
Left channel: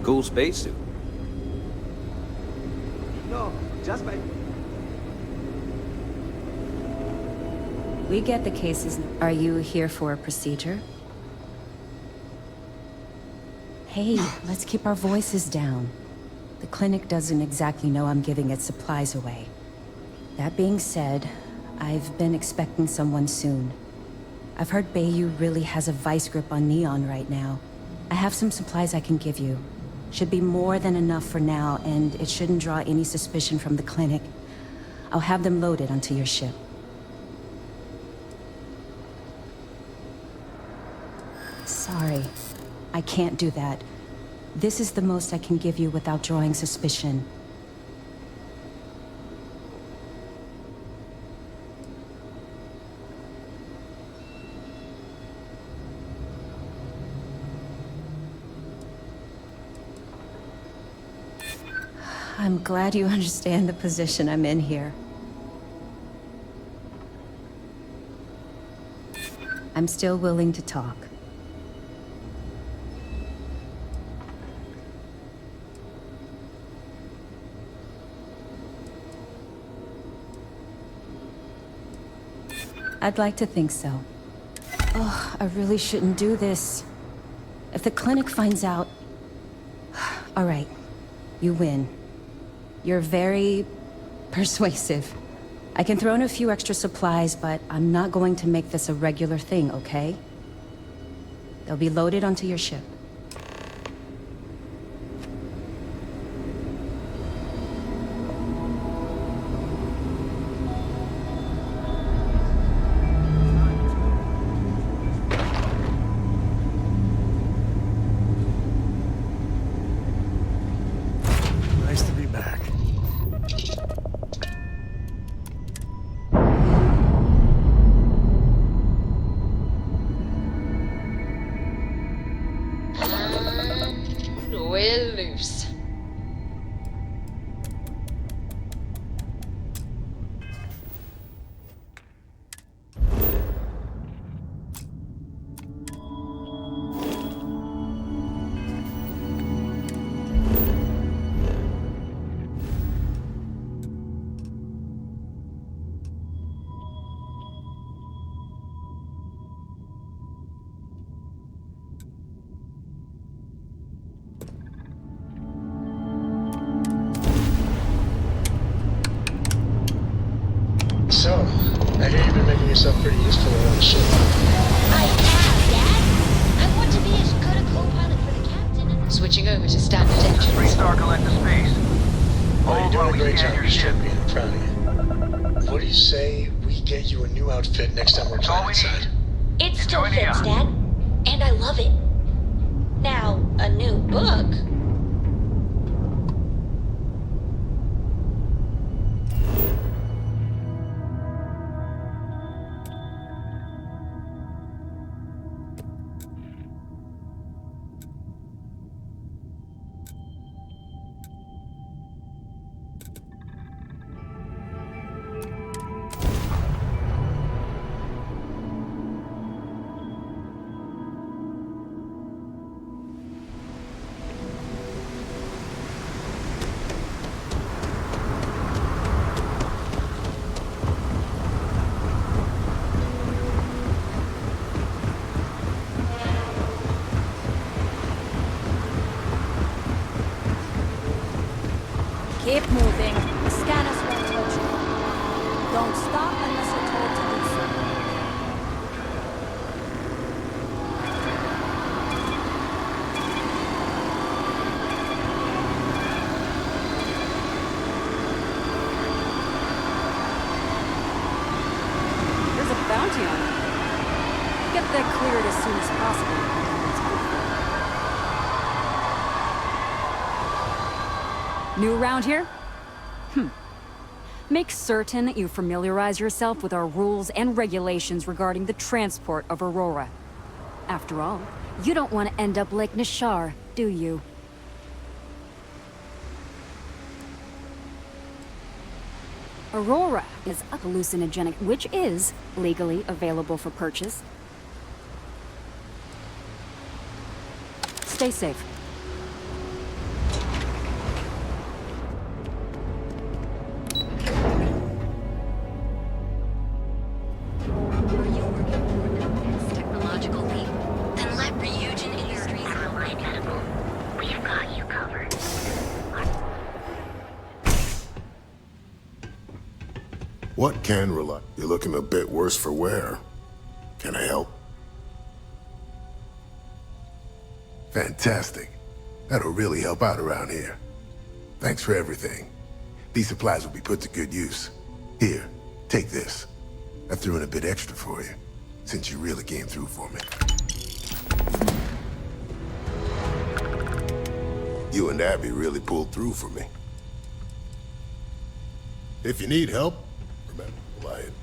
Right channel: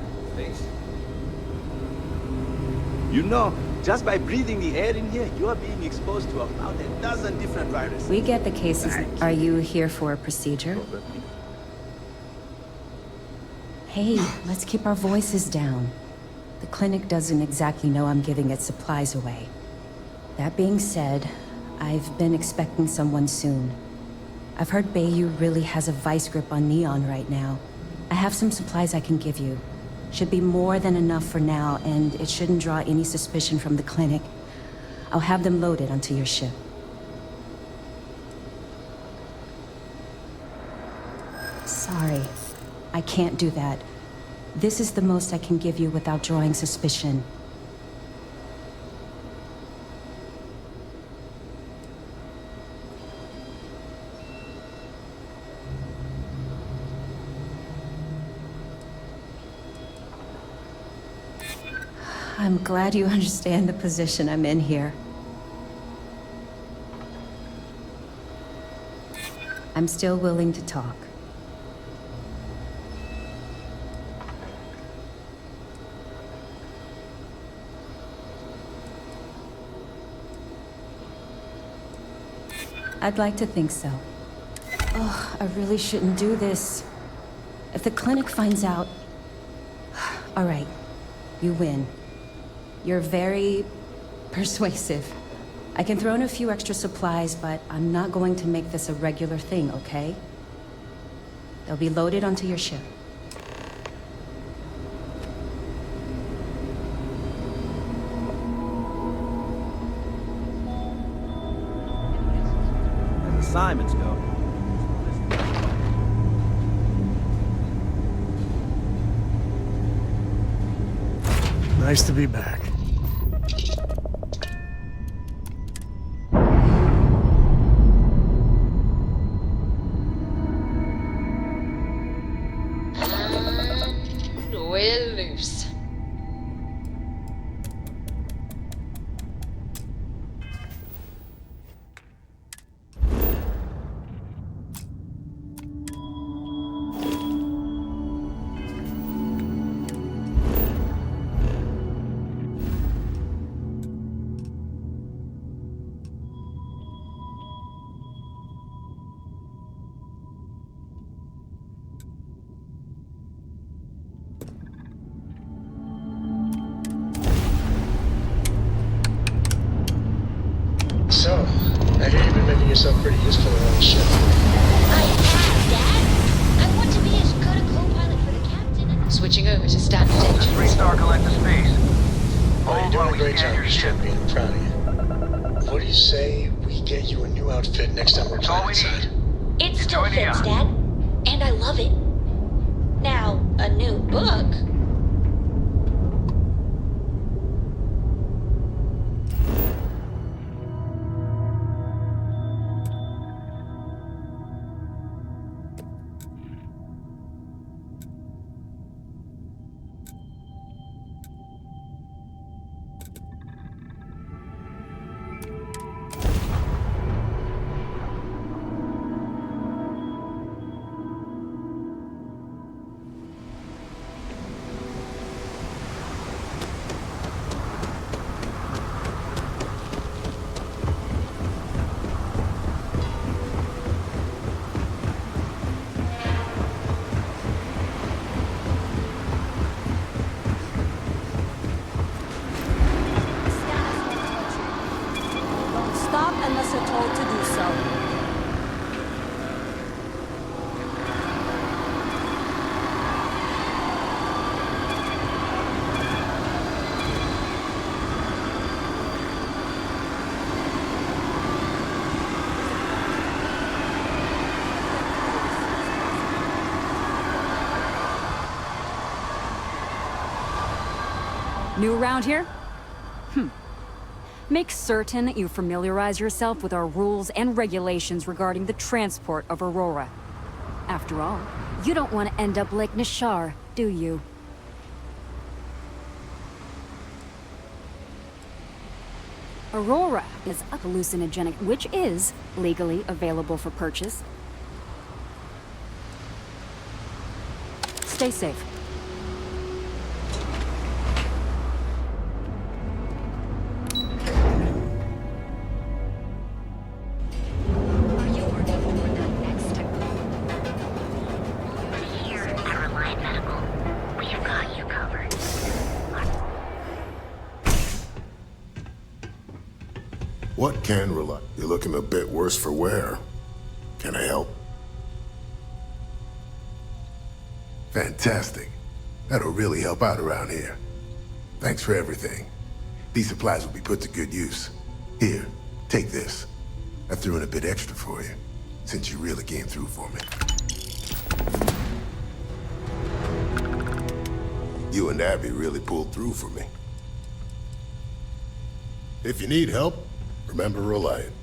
Cool spacesuit. You know, just by breathing the air in here, you are being exposed to about a dozen different viruses. We get the cases. Are you here for a procedure? Hey, let's keep our voices down. The clinic doesn't exactly know I'm giving its supplies away. That being said, I've been expecting someone soon. I've heard Bayou really has a vice grip on Neon right now. I have some supplies I can give you. Should be more than enough for now, and it shouldn't draw any suspicion from the clinic. I'll have them loaded onto your ship. Sorry, I can't do that. This is the most I can give you without drawing suspicion. I'm glad you understand the position I'm in here. I'm still willing to talk. I'd like to think so. Oh, I really shouldn't do this. If the clinic finds out... All right, you win. You're very persuasive. I can throw in a few extra supplies, but I'm not going to make this a regular thing, okay? They'll be loaded onto your ship. Simon's going. Nice to be back. We're loose. So, I hear you've been making yourself pretty useful around the ship. I have, Dad. I want to be as good a co-pilot for the captain as... Switching over to standard engines. 3-star collector space. Well, you're doing a great job, Champion. I'm proud of you. What do you say we get you a new outfit next time we're planetside? It still fits, Dad. And I love it. Now, a new book. Keep moving. The scanners won't hurt you. Don't stop unless you're told to do so. bounty on you. Get that cleared as soon as possible. New around here? Make certain that you familiarize yourself with our rules and regulations regarding the transport of Aurora. After all, you don't want to end up like Nishar, do you? Aurora is a hallucinogenic, which is legally available for purchase. Stay safe. What can rely? You're looking a bit worse for wear. Can I help? Fantastic. That'll really help out around here. Thanks for everything. These supplies will be put to good use. Here, take this. I threw in a bit extra for you, since you really came through for me. You and Abby really pulled through for me. If you need help, remember Reliant.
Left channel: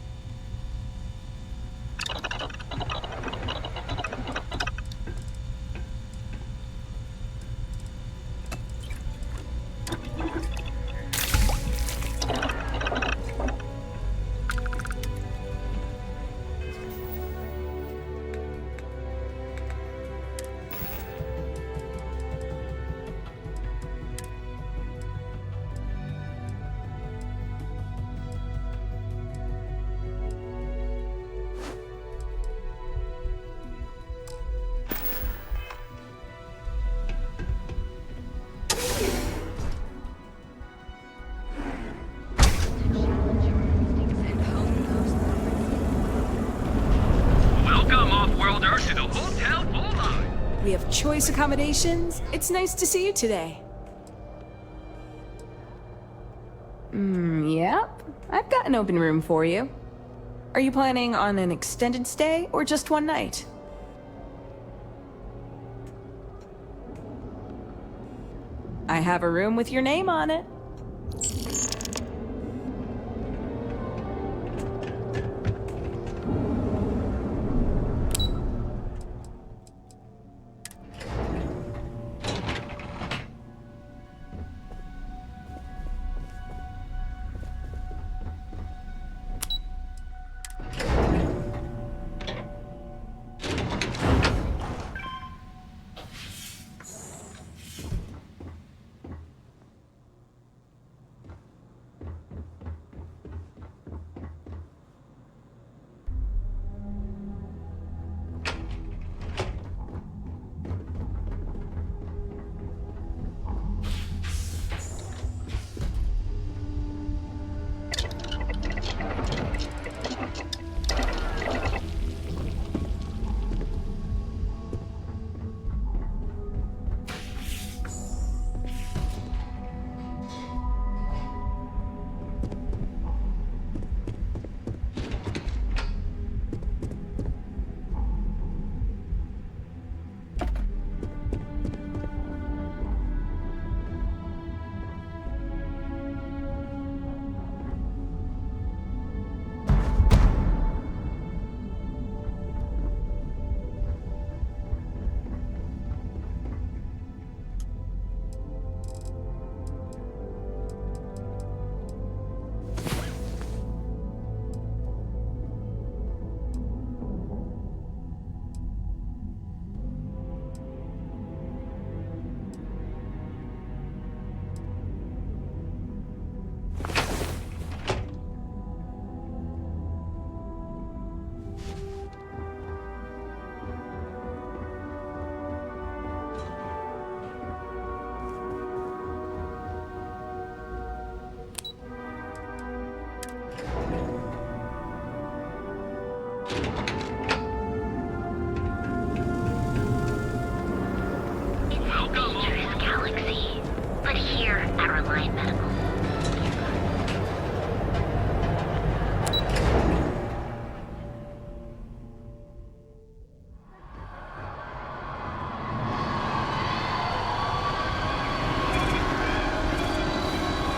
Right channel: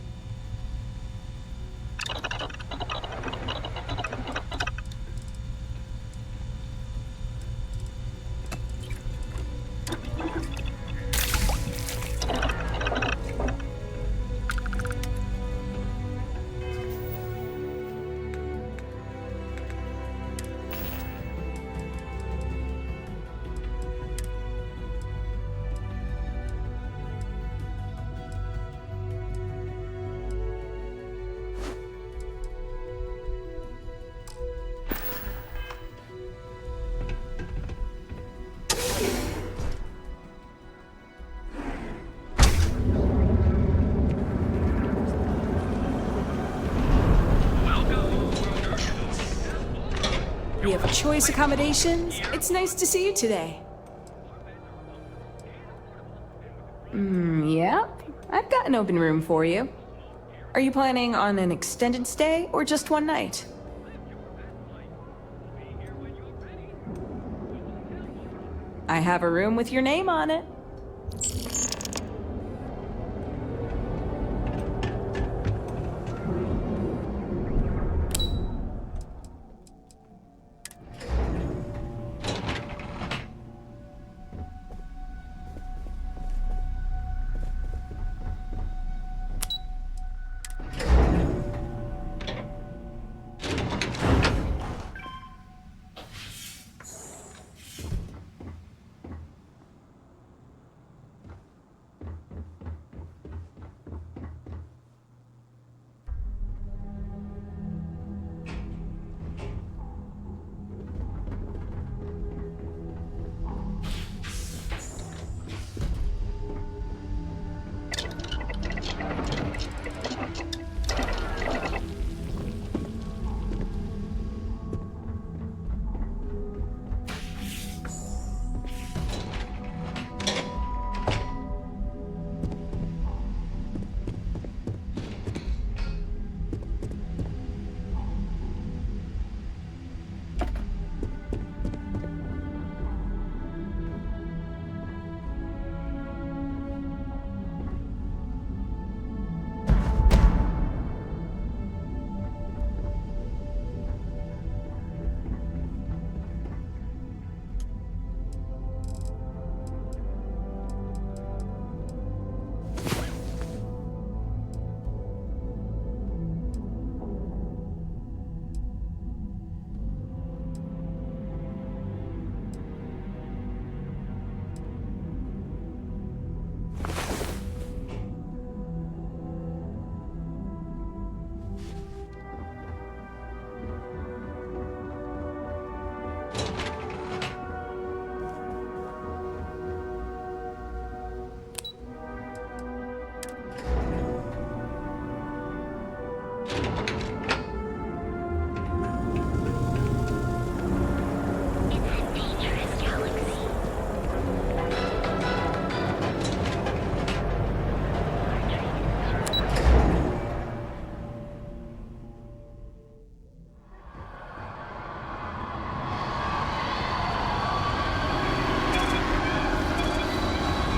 We have choice accommodations. It's nice to see you today. Yep. I've got an open room for you. Are you planning on an extended stay or just one night? I have a room with your name on it.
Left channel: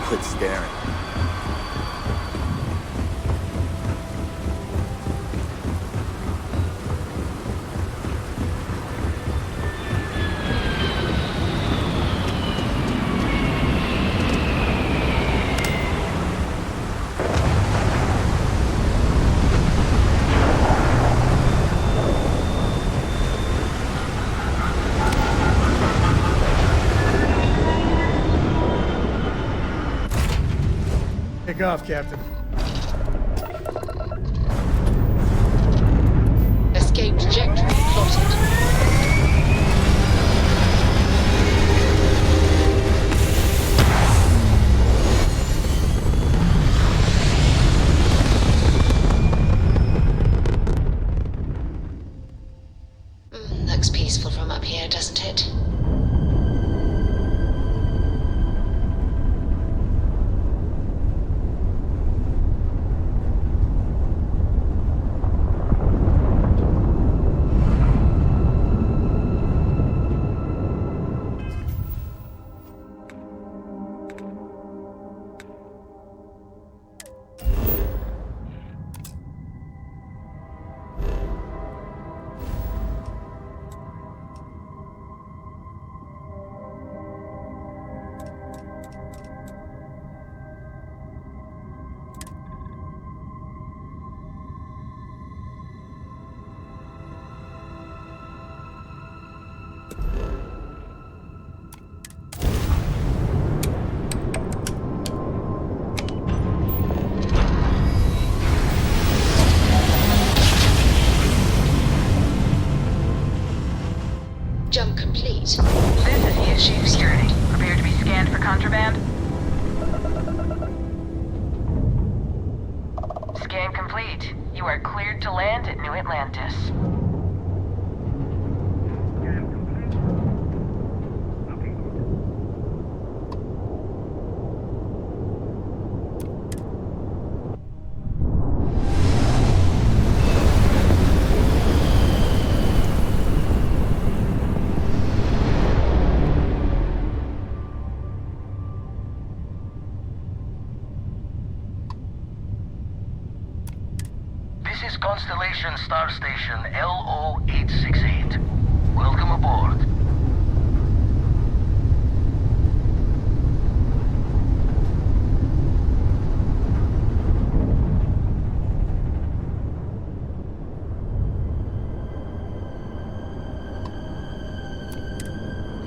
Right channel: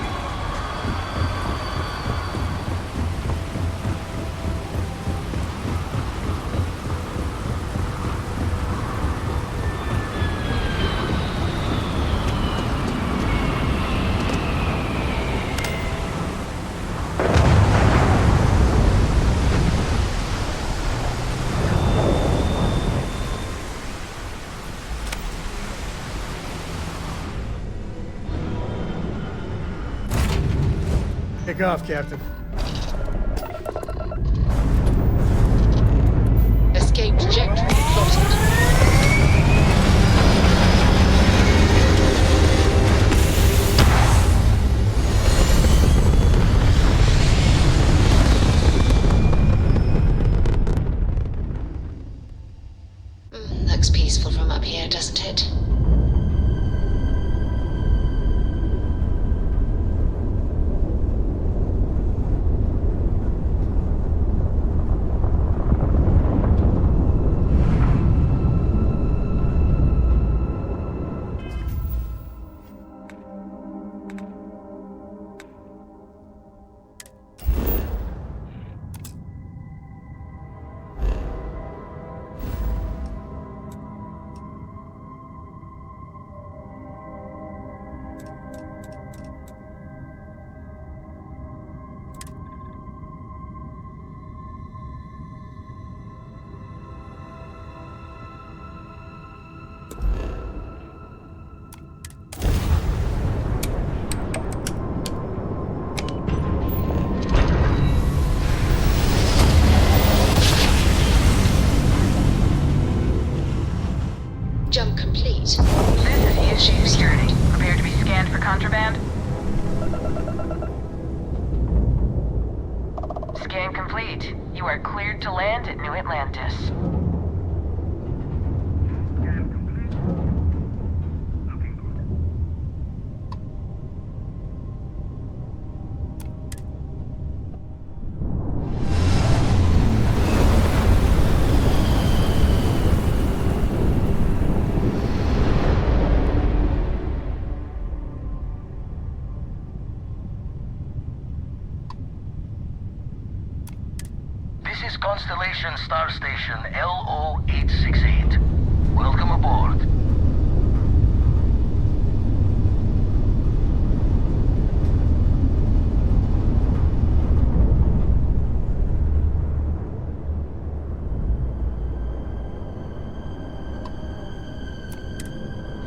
quit staring. Take off, Captain. Escape trajectory plotted. Looks peaceful from up here, doesn't it? Jump complete. This is ESG Security. Prepare to be scanned for contraband. Scan complete. You are cleared to land at New Atlantis. This is Constellation Star Station LO-868. Welcome aboard.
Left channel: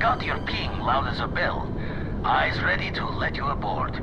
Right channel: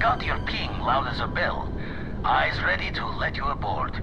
Got your ping loud as a bell. Eyes ready to let you aboard.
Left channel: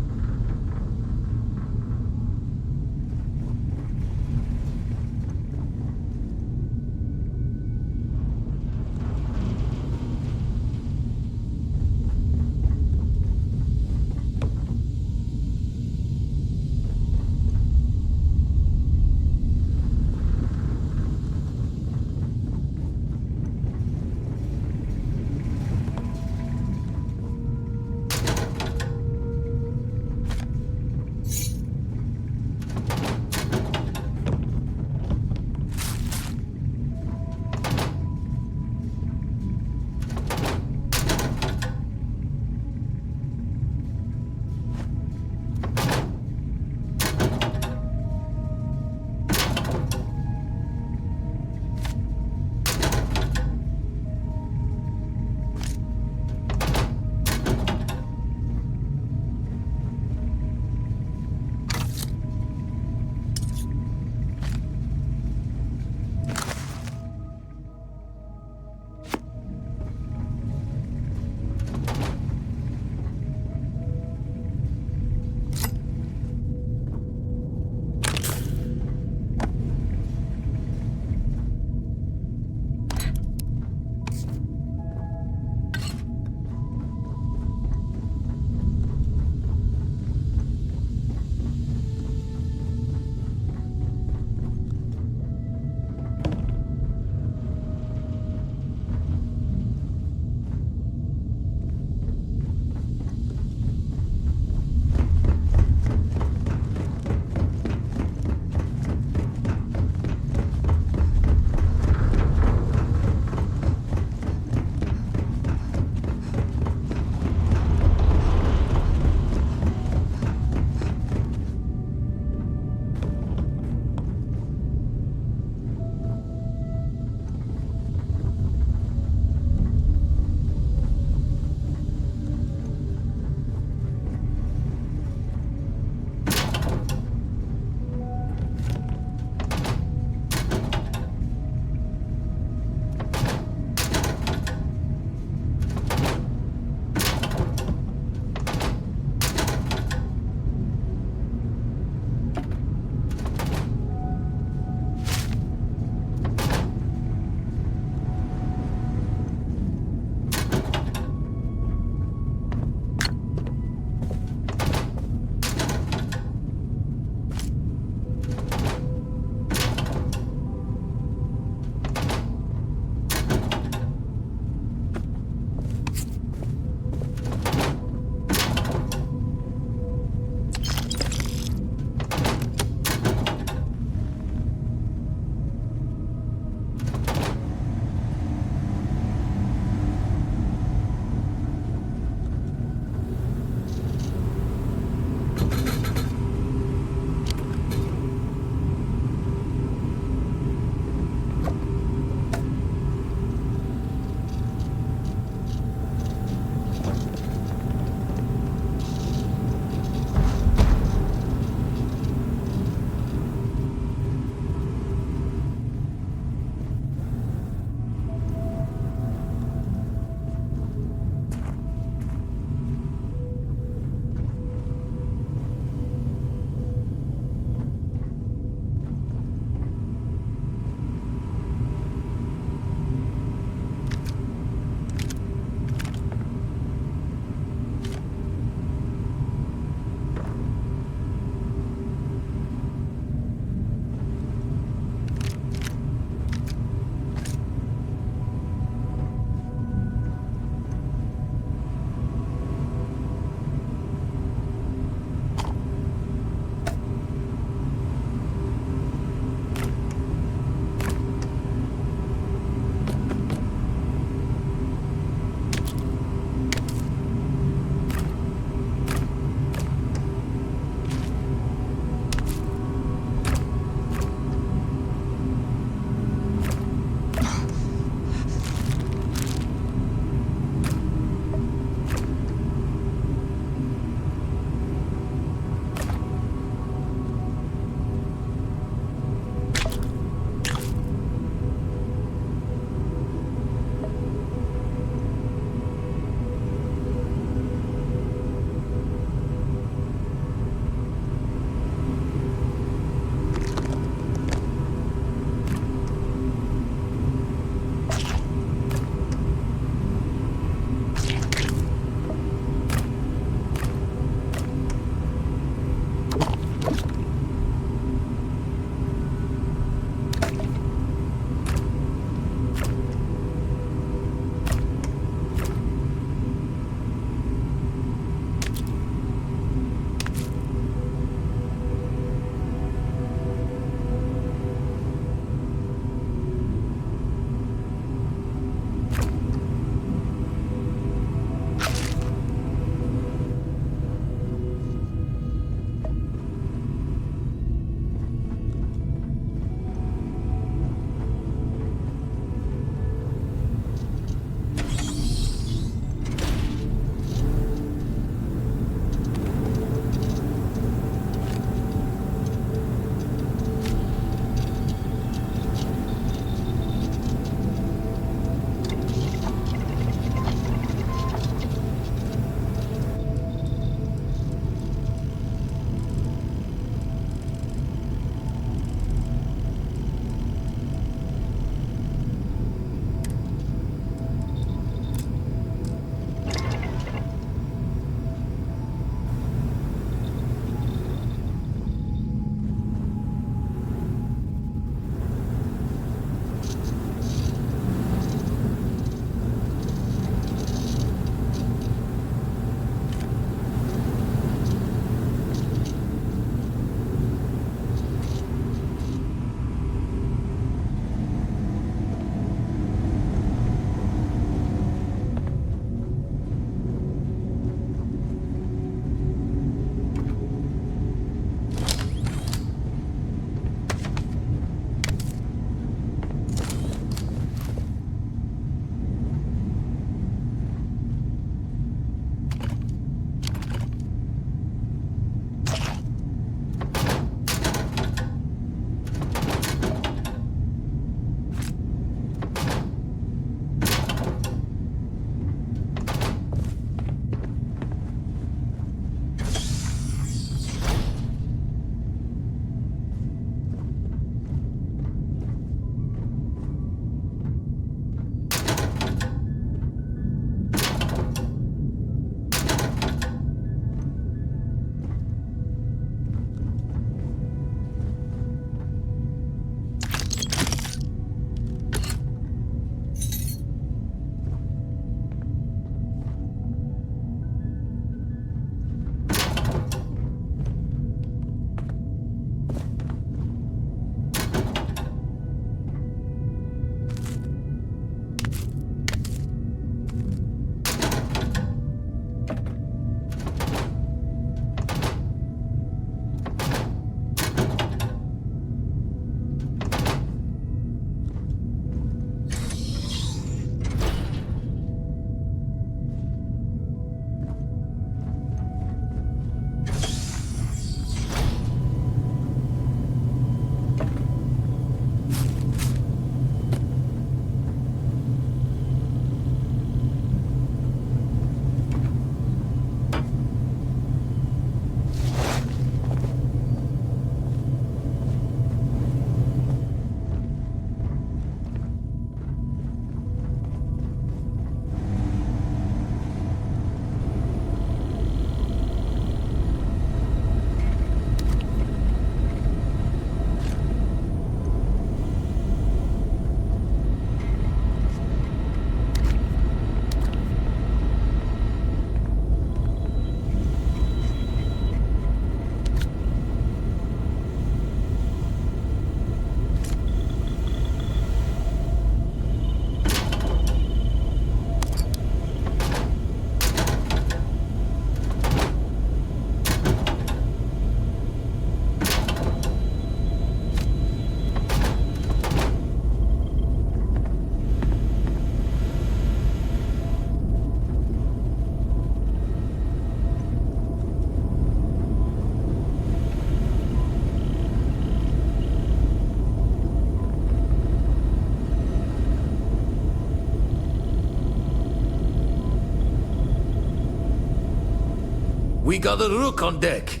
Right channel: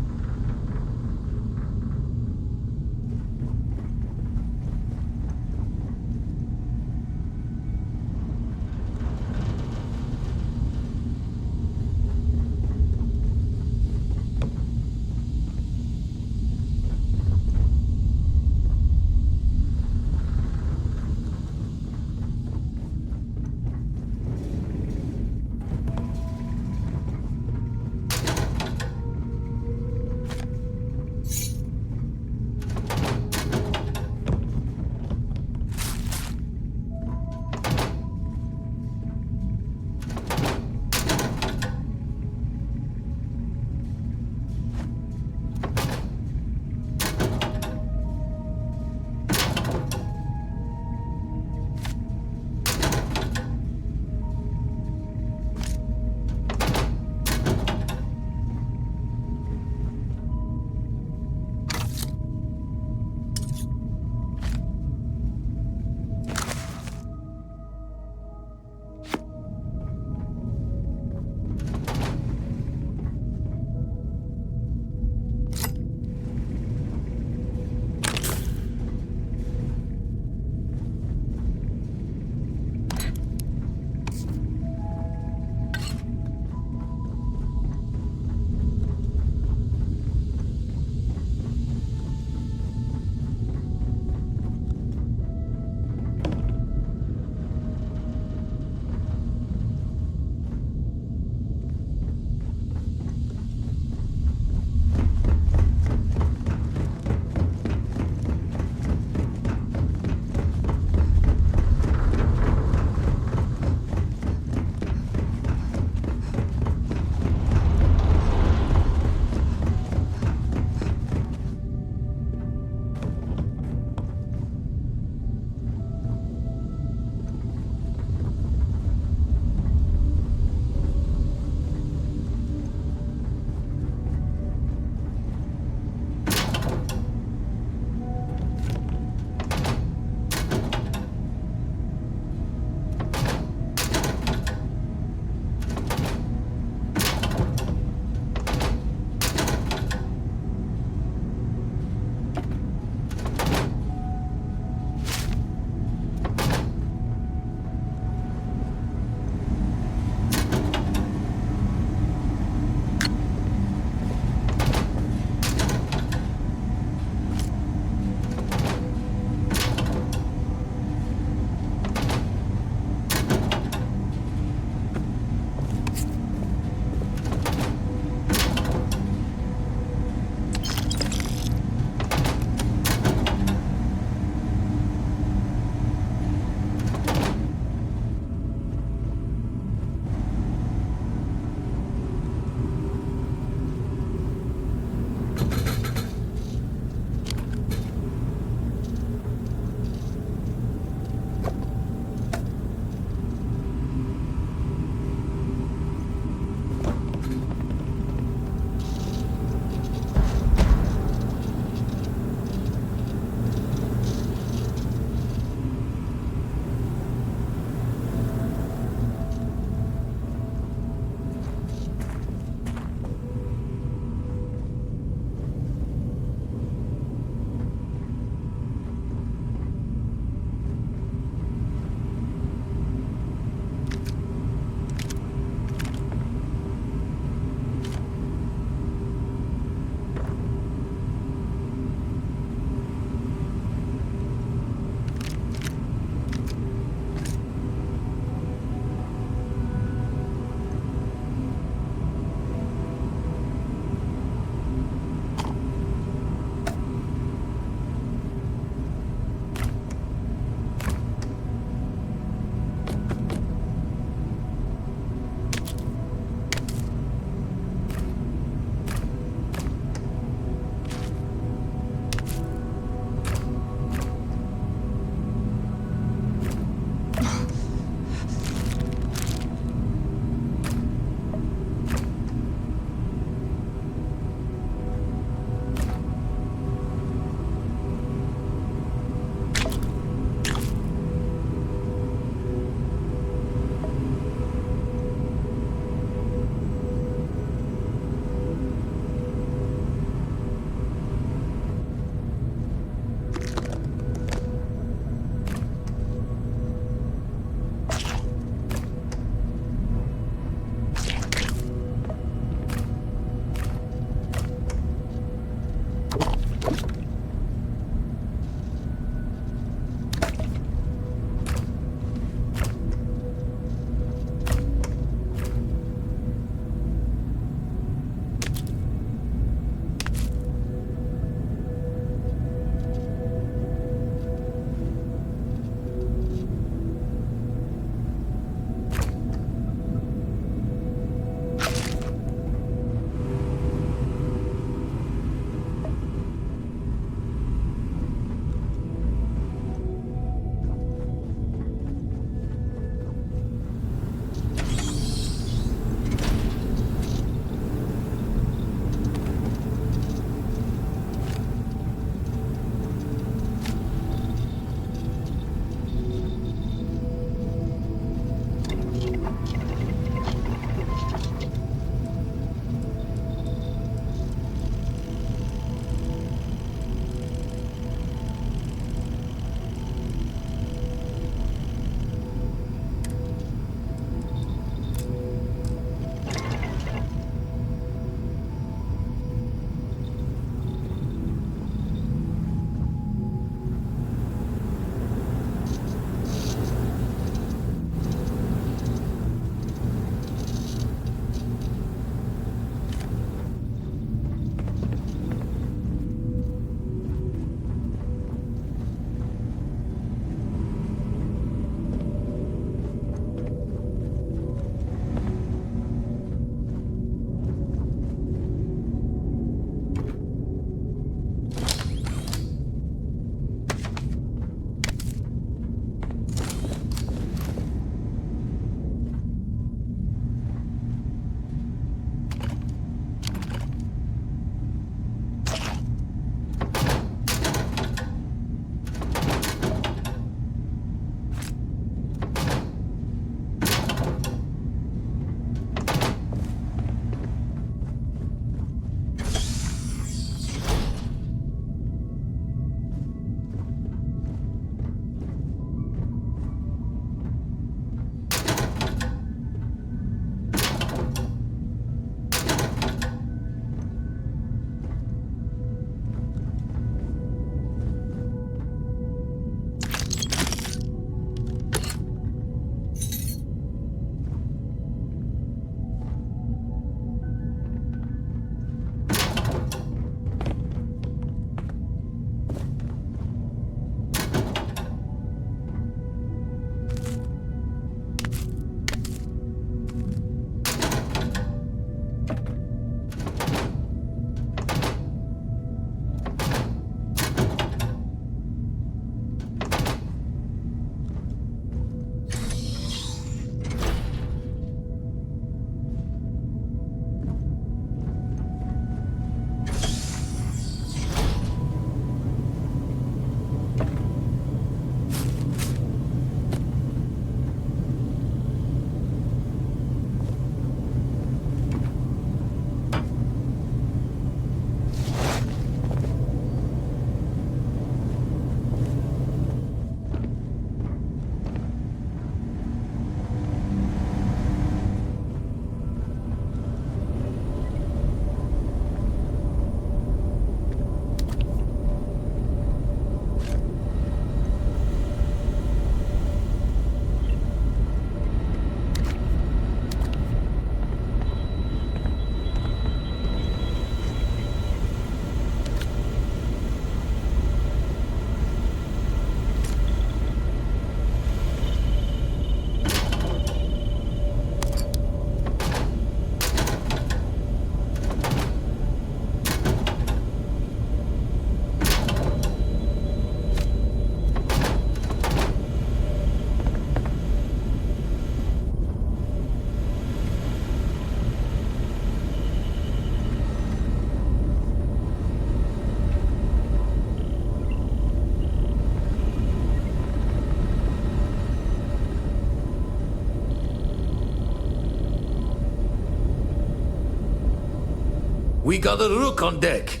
We got a rook on deck.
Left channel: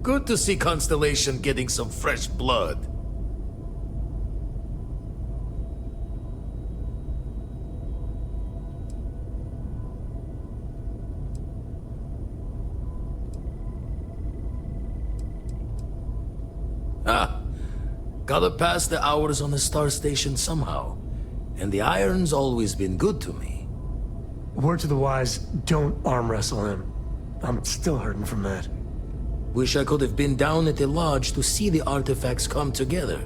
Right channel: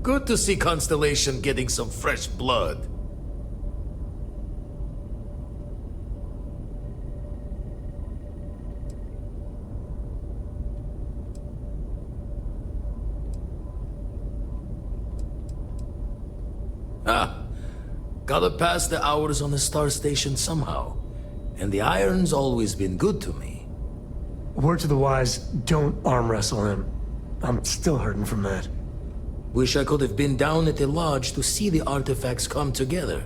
Good to see Constellation getting some fresh blood. Ah, gotta pass the hours on the star station somehow. And the Iron's always been good to me. Word to the wise, don't arm wrestle him. I'm still hurting from that. Wish I could have been down at the lodge to see the artifacts come together.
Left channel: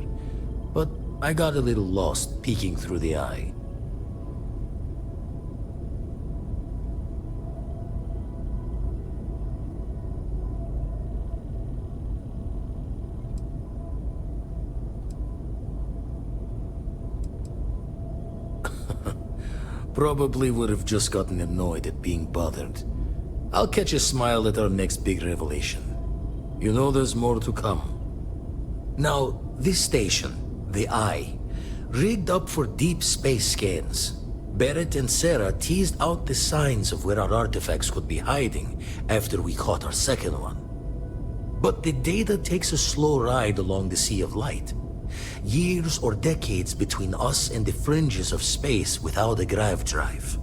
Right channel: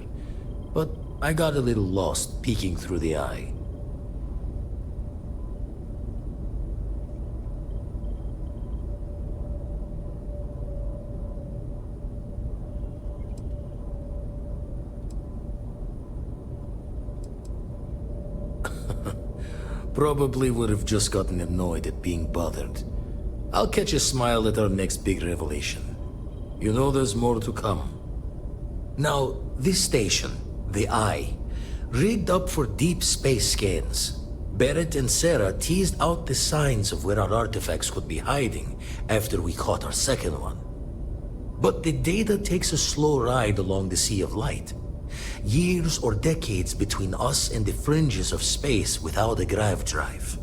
But I got a little lost peeking through the eye. Probably would have just gotten annoyed at being bothered. I'll catch a smile at our next big revelation. You know there's more to come. Now, this station, the Eye, rigged up for deep space scans. Barrett and Sarah teased out the signs of where our artifacts could be hiding after we caught our second one. But the data takes a slow ride along the Sea of Light. Years or decades between us and the fringes of space without a grav drive.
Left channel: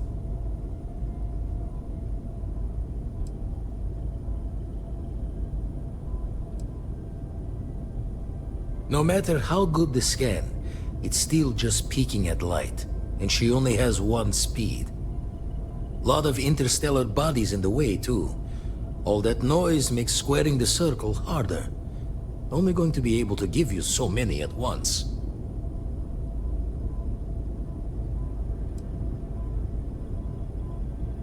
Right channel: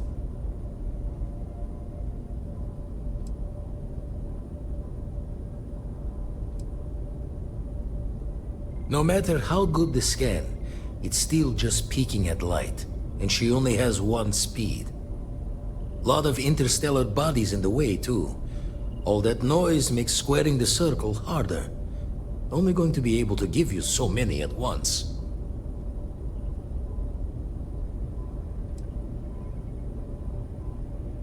No matter how good the scan, it's still just peeking at light, and she only has one speed. Lot of interstellar bodies in the way, too. All that noise makes squaring the circle harder. Only going to be able to give you so many at once.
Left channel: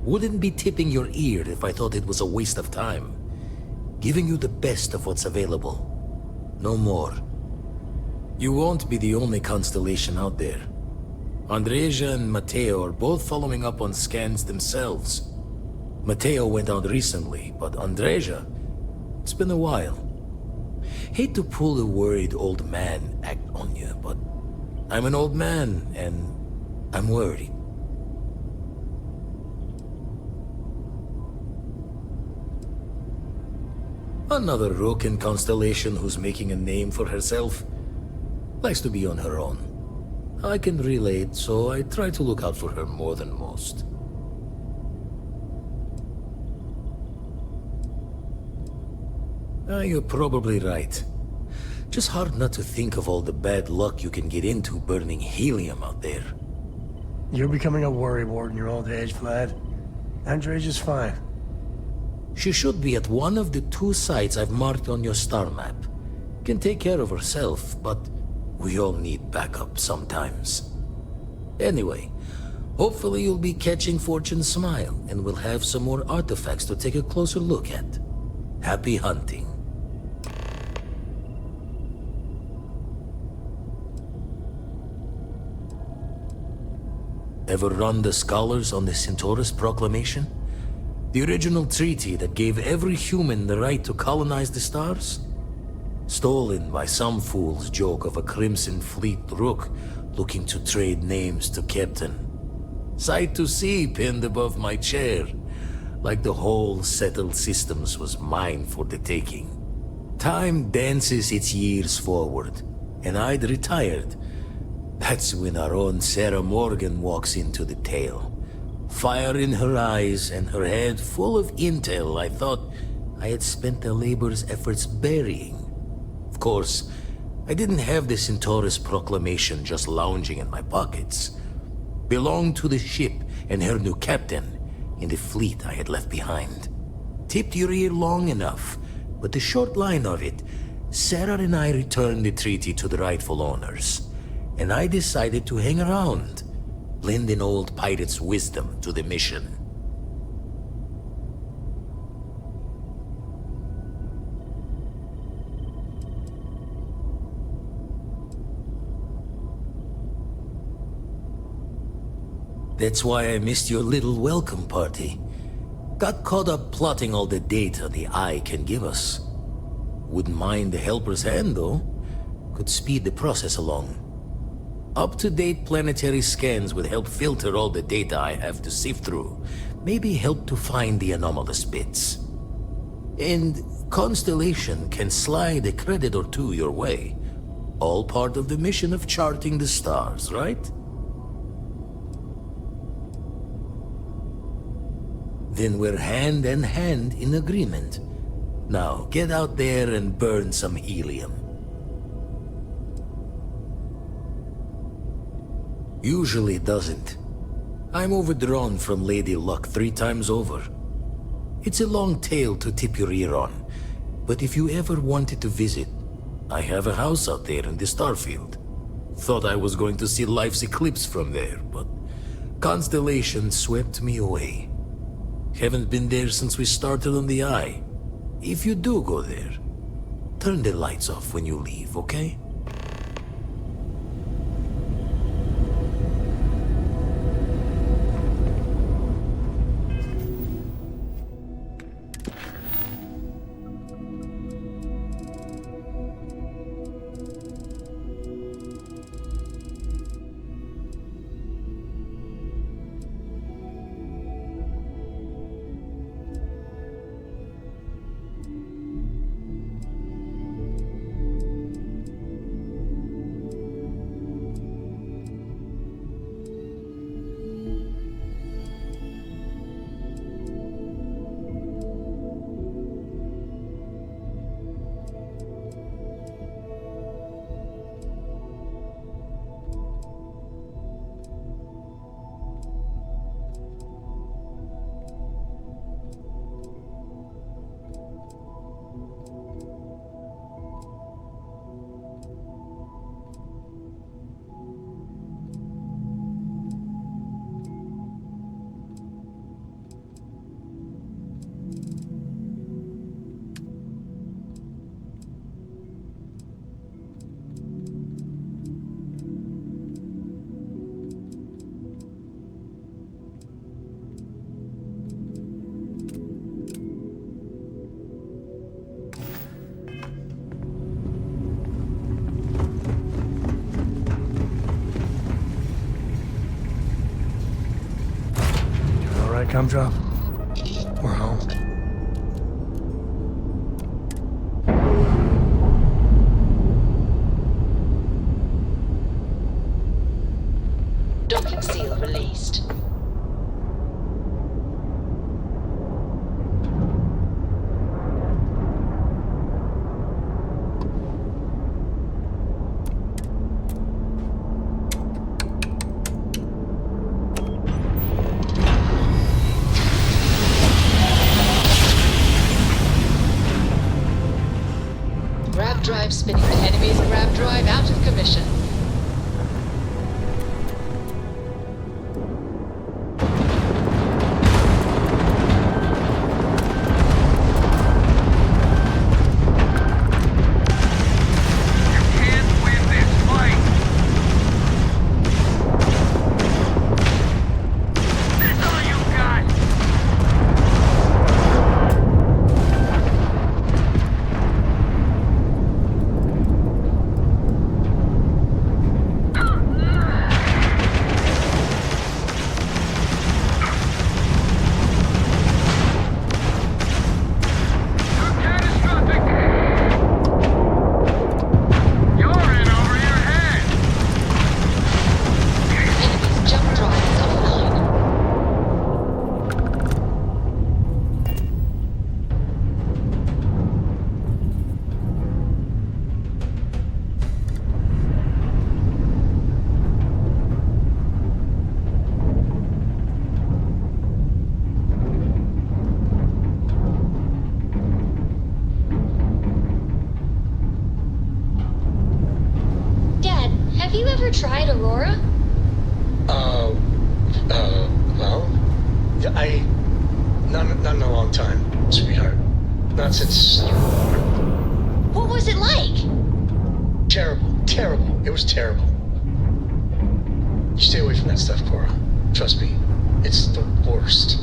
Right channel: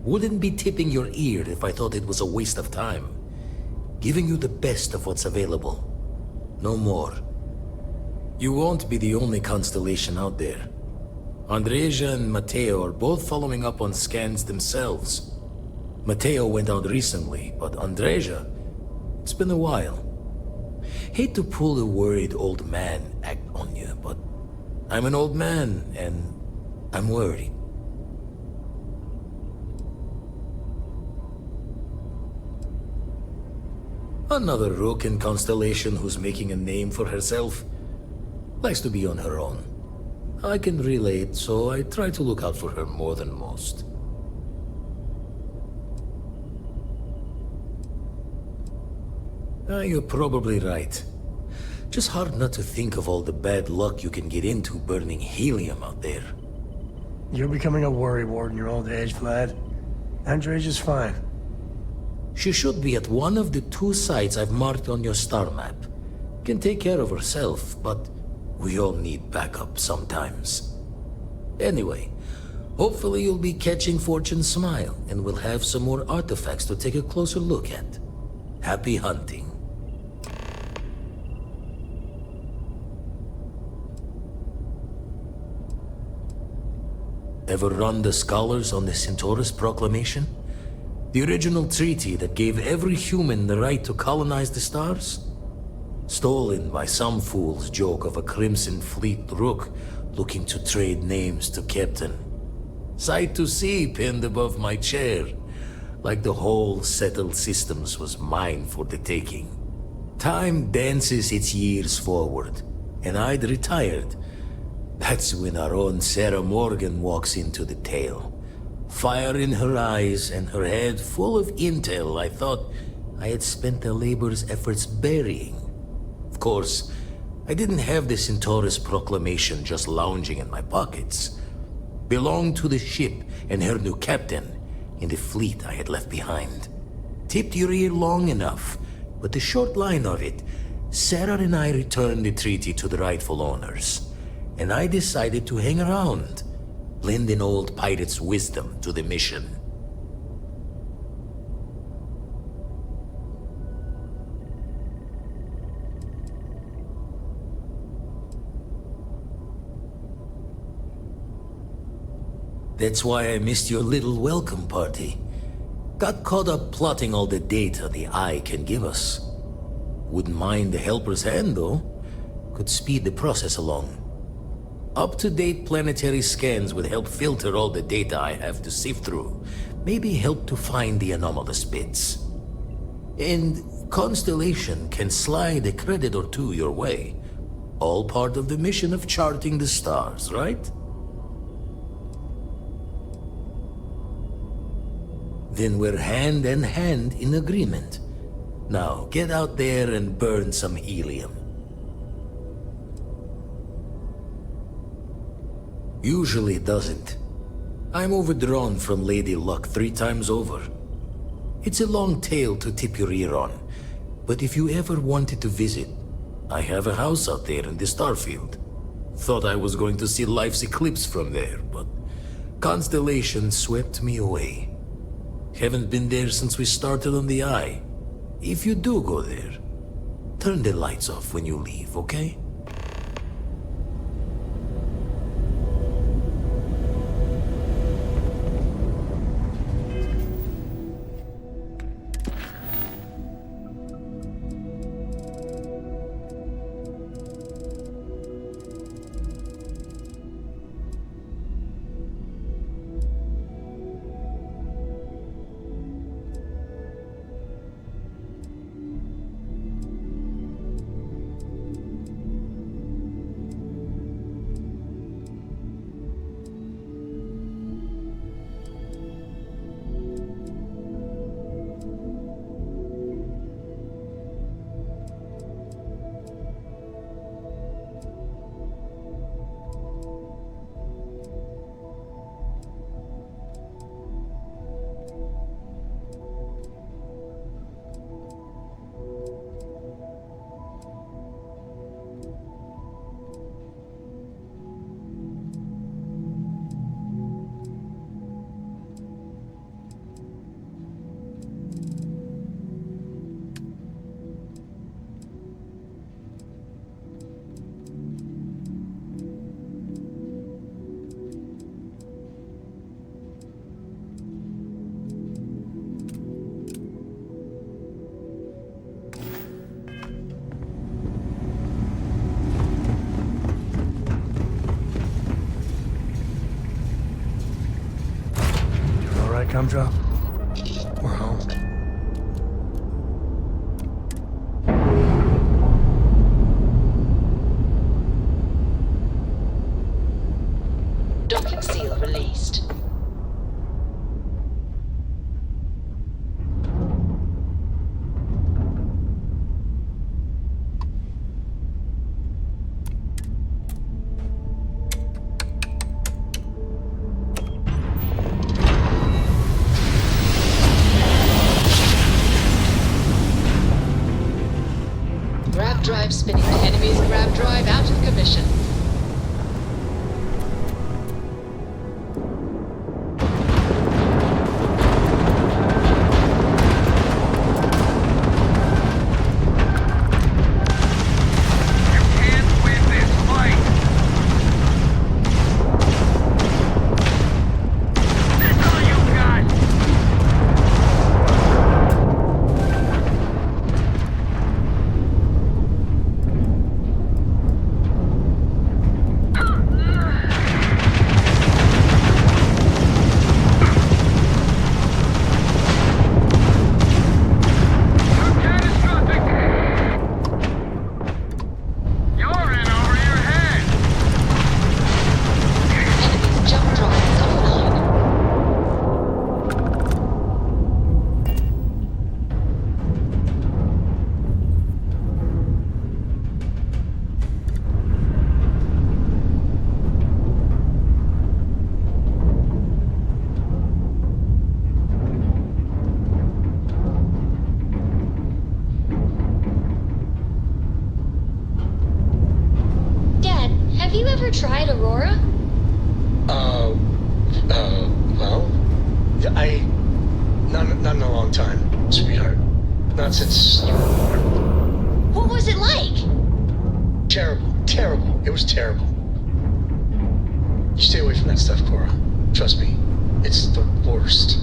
Wouldn't be tipping your ear if I thought it was a waste of time. Giving you the best of what's available. No more. You won't be the only constellation out there. Andreja and Matteo are both following up on scans themselves. Matteo went out recently, but Andreja, it's been a while. Hate to pull a worried old man act on you, but I'm an old man, and I'm worried. Another rook in Constellation who's making a name for herself. Likes to be on her own. I can relate, so I try to look out for her more than most. You're probably right. Just hard not to think of all the bad luck you can get into burning helium out there. You're becoming a worrywart in your old age, Vlad. Andreja's fine. She should be at one of the 2 sites I've marked on your star map. Can take care of herself, but we all need backup sometimes. Anyway, hopefully you'll be catching Fortune's smile, and we'll have some more artifacts to take a closer look at. Happy hunting. Ever run the scholars on the Centaurus Proclamation? The original treaty that gave every human the right to colonize the stars? Stolen by some fool's joke of a Crimson Fleet rook looking to trade names to Captain. Sight to see pinned above my chair, like the whole settled systems was mine for the taking. Time dances its years forward, and I'd retired. That's when our own Sarah Morgan walks into the tale. Fire in her eyes and her head full of intel I thought I had spent the labor's efforts burying. Of course, I didn't have the Centaurus Proclamation just lounging in my pockets. Belonged to the ship and her new captain in the fleet I had left behind. Tipped your ear long enough, but the short line of it, Sarah and I returned the treaty to the rightful owners. And I decided to hang around, lend an old pirate's wisdom to the mission. That's why I missed your little welcome party. Got caught up plotting all the data the Eye can give us. Wouldn't mind a helper's hand, though. Could speed the process along. Up-to-date planetary scans would help filter all the data I have to sift through. Maybe help to find the anomalous bits. And Constellation can slide a credit or two your way. All part of the mission of charting the stars, right? Then we're hand in hand in agreement. Now, get out there and burn some helium. Usually doesn't. I'm overdrawn from Lady Luck 3 times over. It's a long tale to tip your ear on, but if you ever wanted to visit, I have a house out there in the Starfield. Thought I was going to see life's eclipse from there, but Constellation swept me away. Haven't been there since we started on the Eye. If you do go there, turn the lights off when you leave, okay? Come drop. We're home. Docking seal released. Grav drive spinning the enemy's grav drive out of commission. Tried Aurora? Well, not in a long time, sweetheart. Not since you were born. What was it like? Terrible. It was terrible. You stay away from that stuff, Cora. Trust me, it's the worst.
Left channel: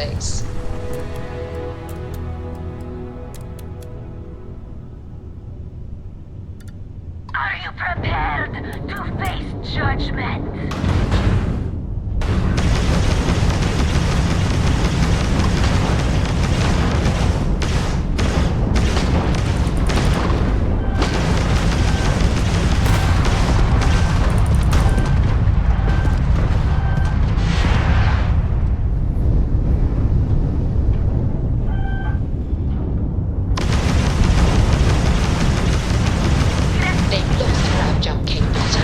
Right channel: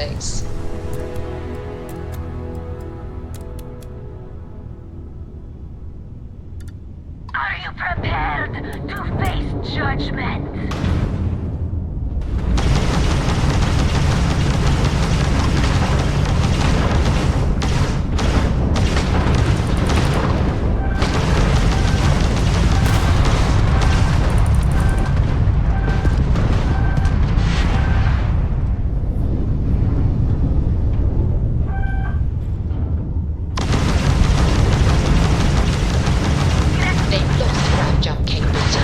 place. Are you prepared to face judgment? They've lost grab jump capability.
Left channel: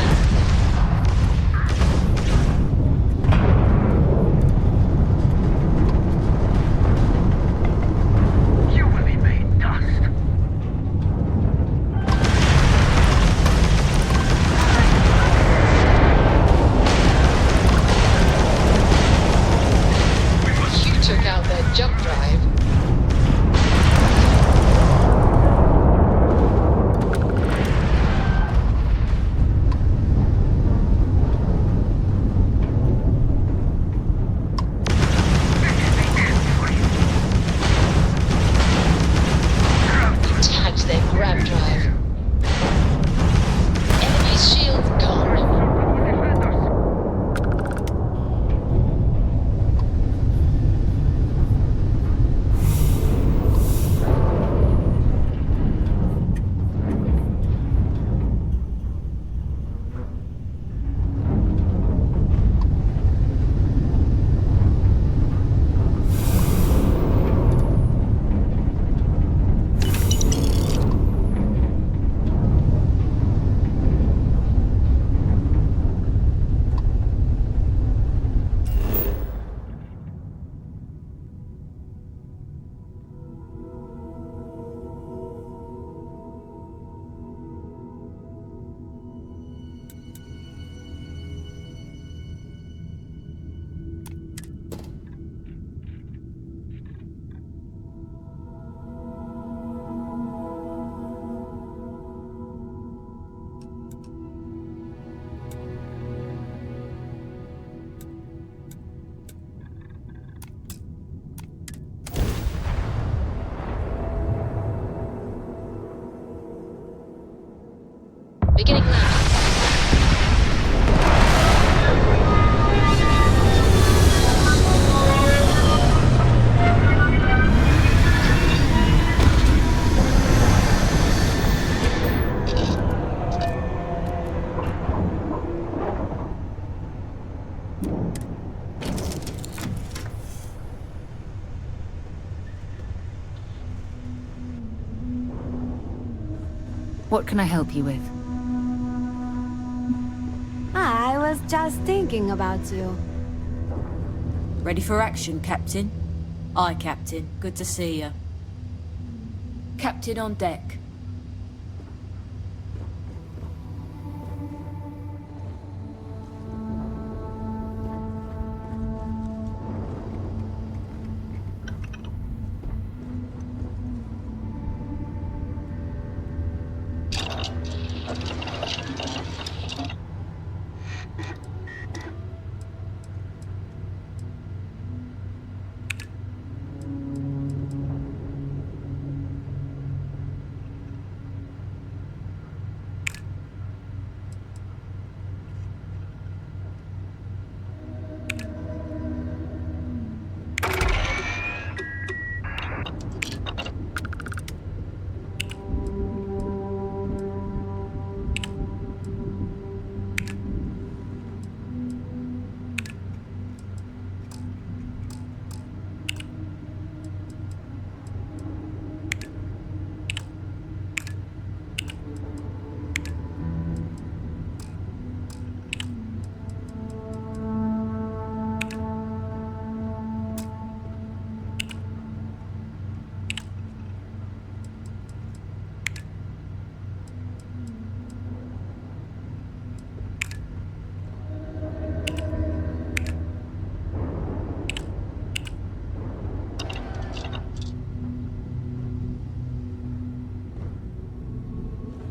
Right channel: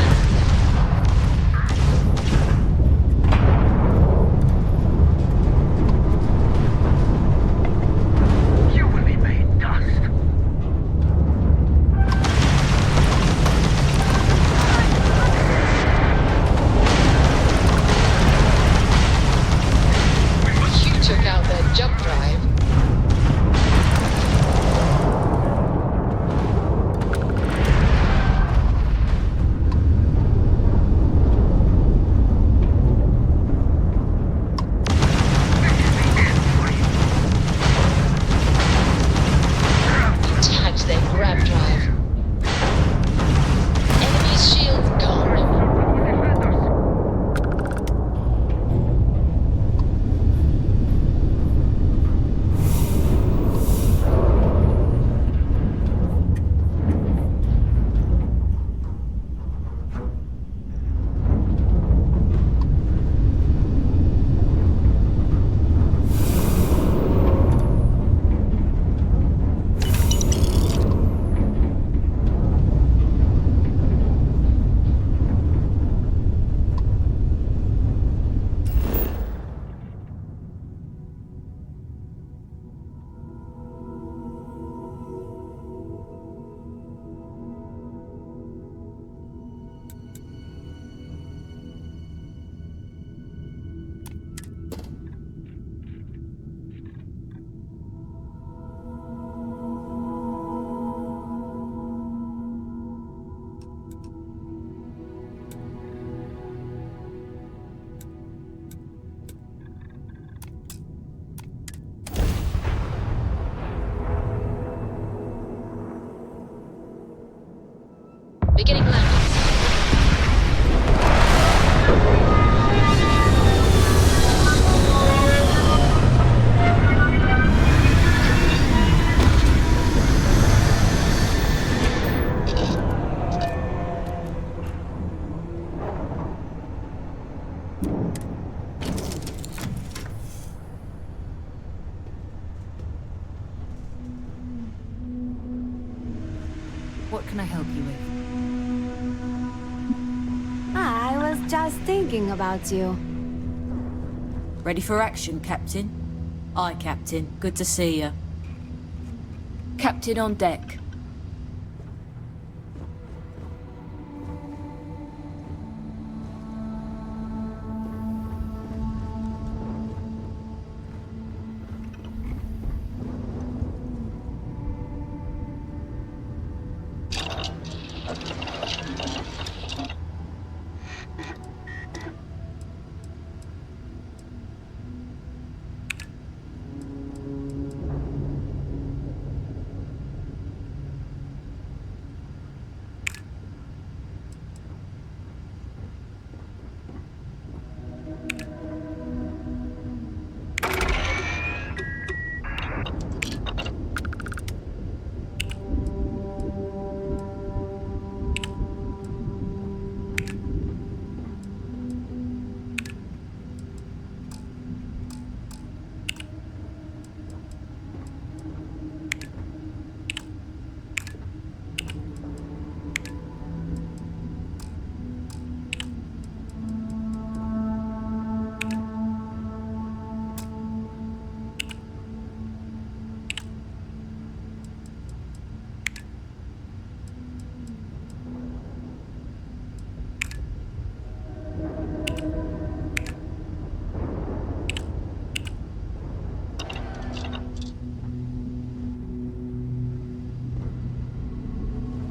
You will be made dust. You took out their jump drive. You tagged their grab drive. Enemy shield gone. Beginning landing. What can I help you with? I was just thinking about you. Ready for action, Captain? Aye, Captain. Good to see you. Captain on deck.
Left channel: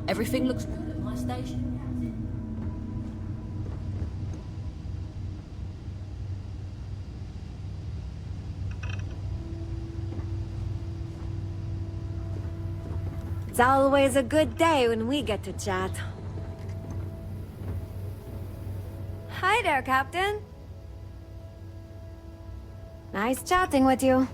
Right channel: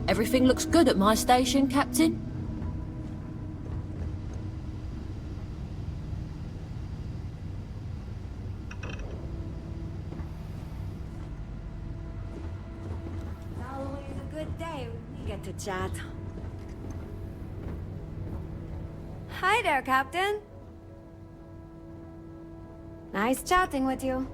Everything looks good at my station, Captain? It's always a good day when we get to chat. Hi there, Captain. Nice chatting with you.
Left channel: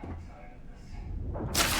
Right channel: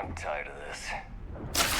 I'm tired of this.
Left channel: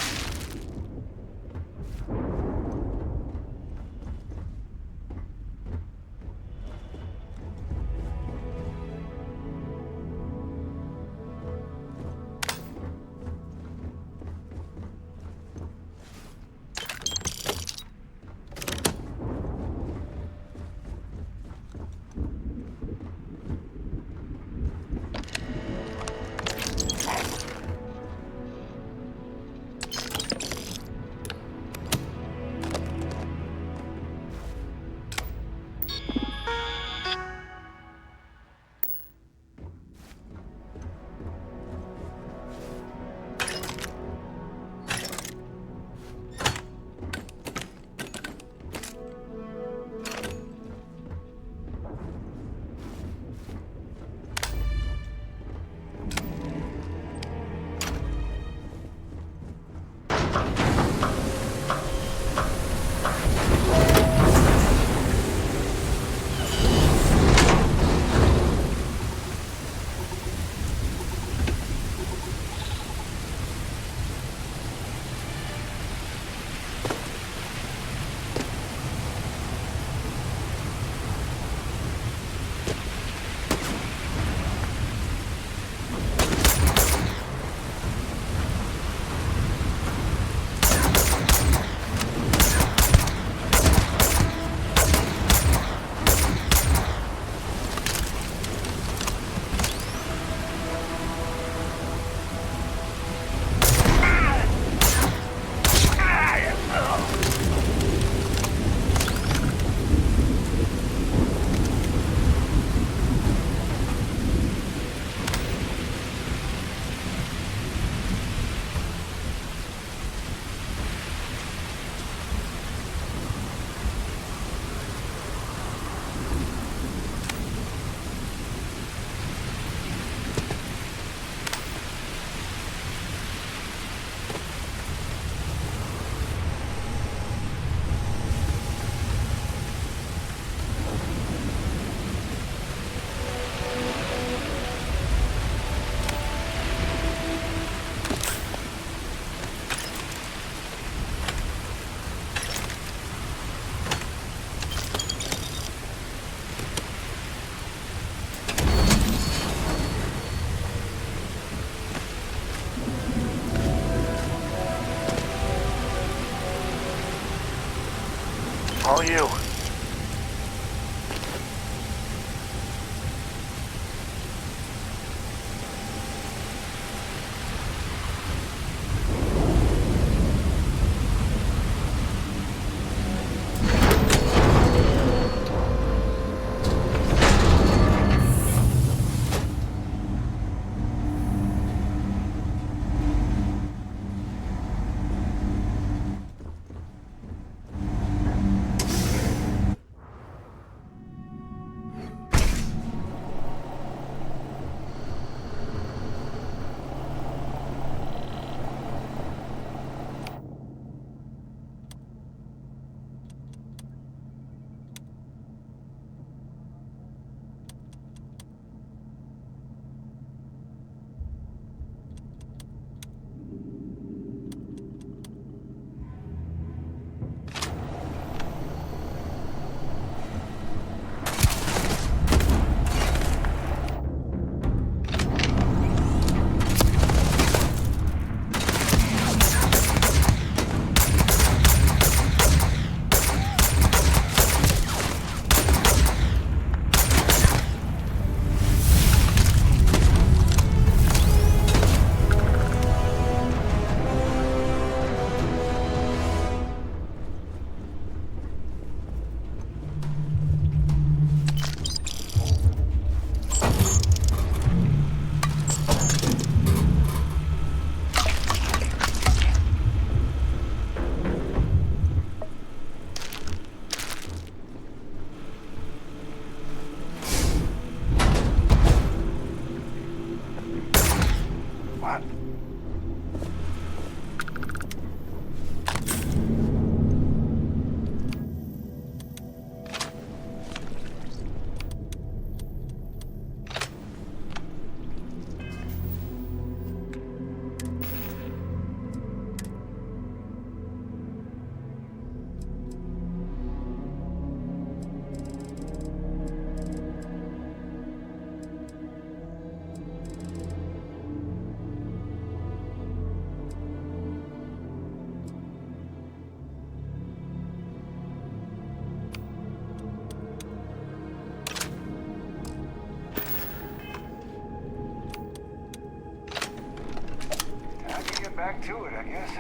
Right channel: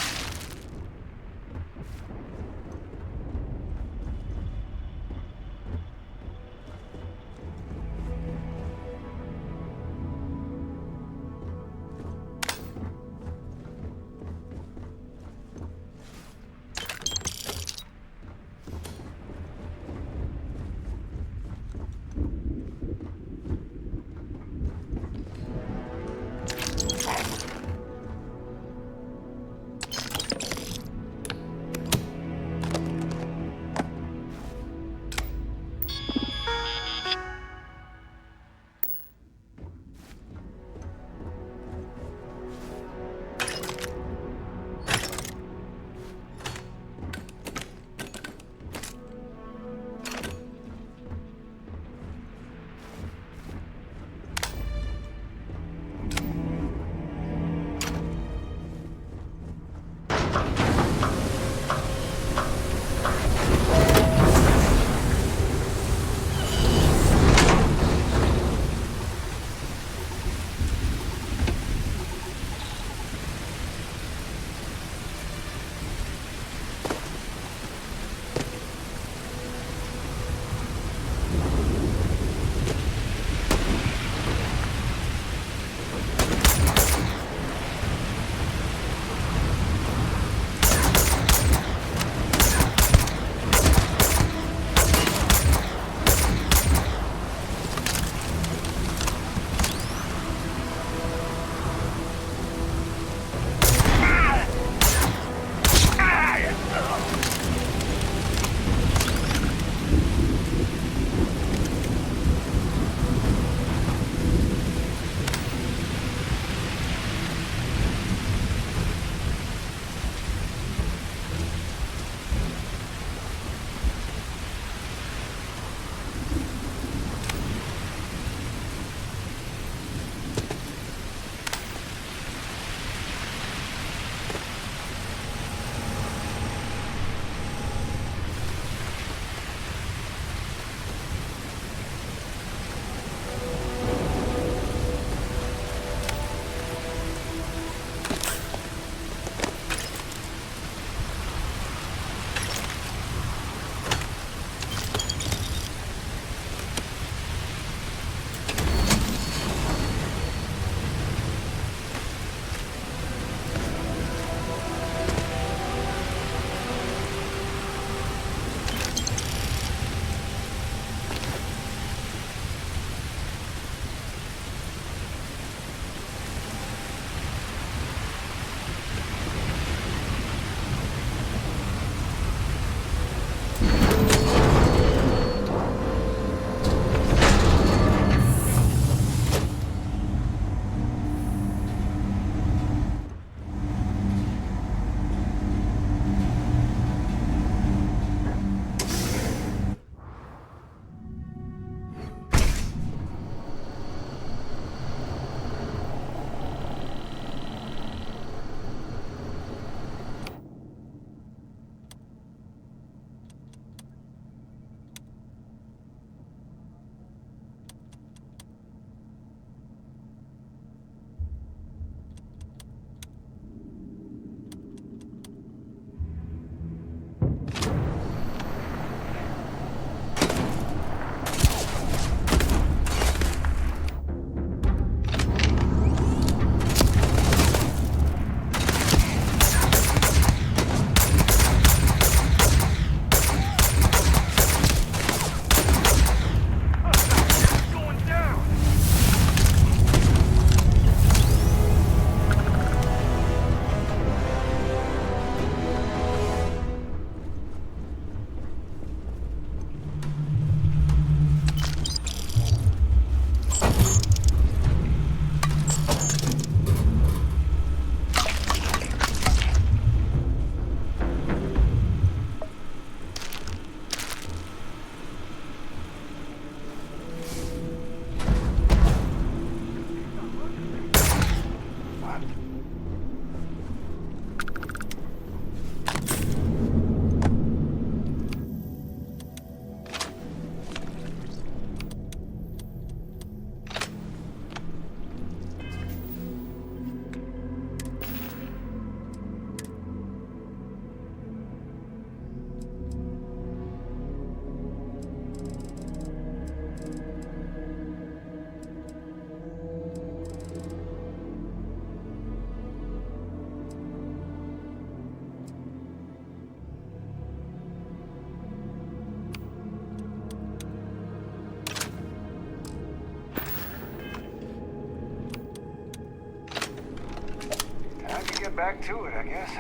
Back to it, I guess.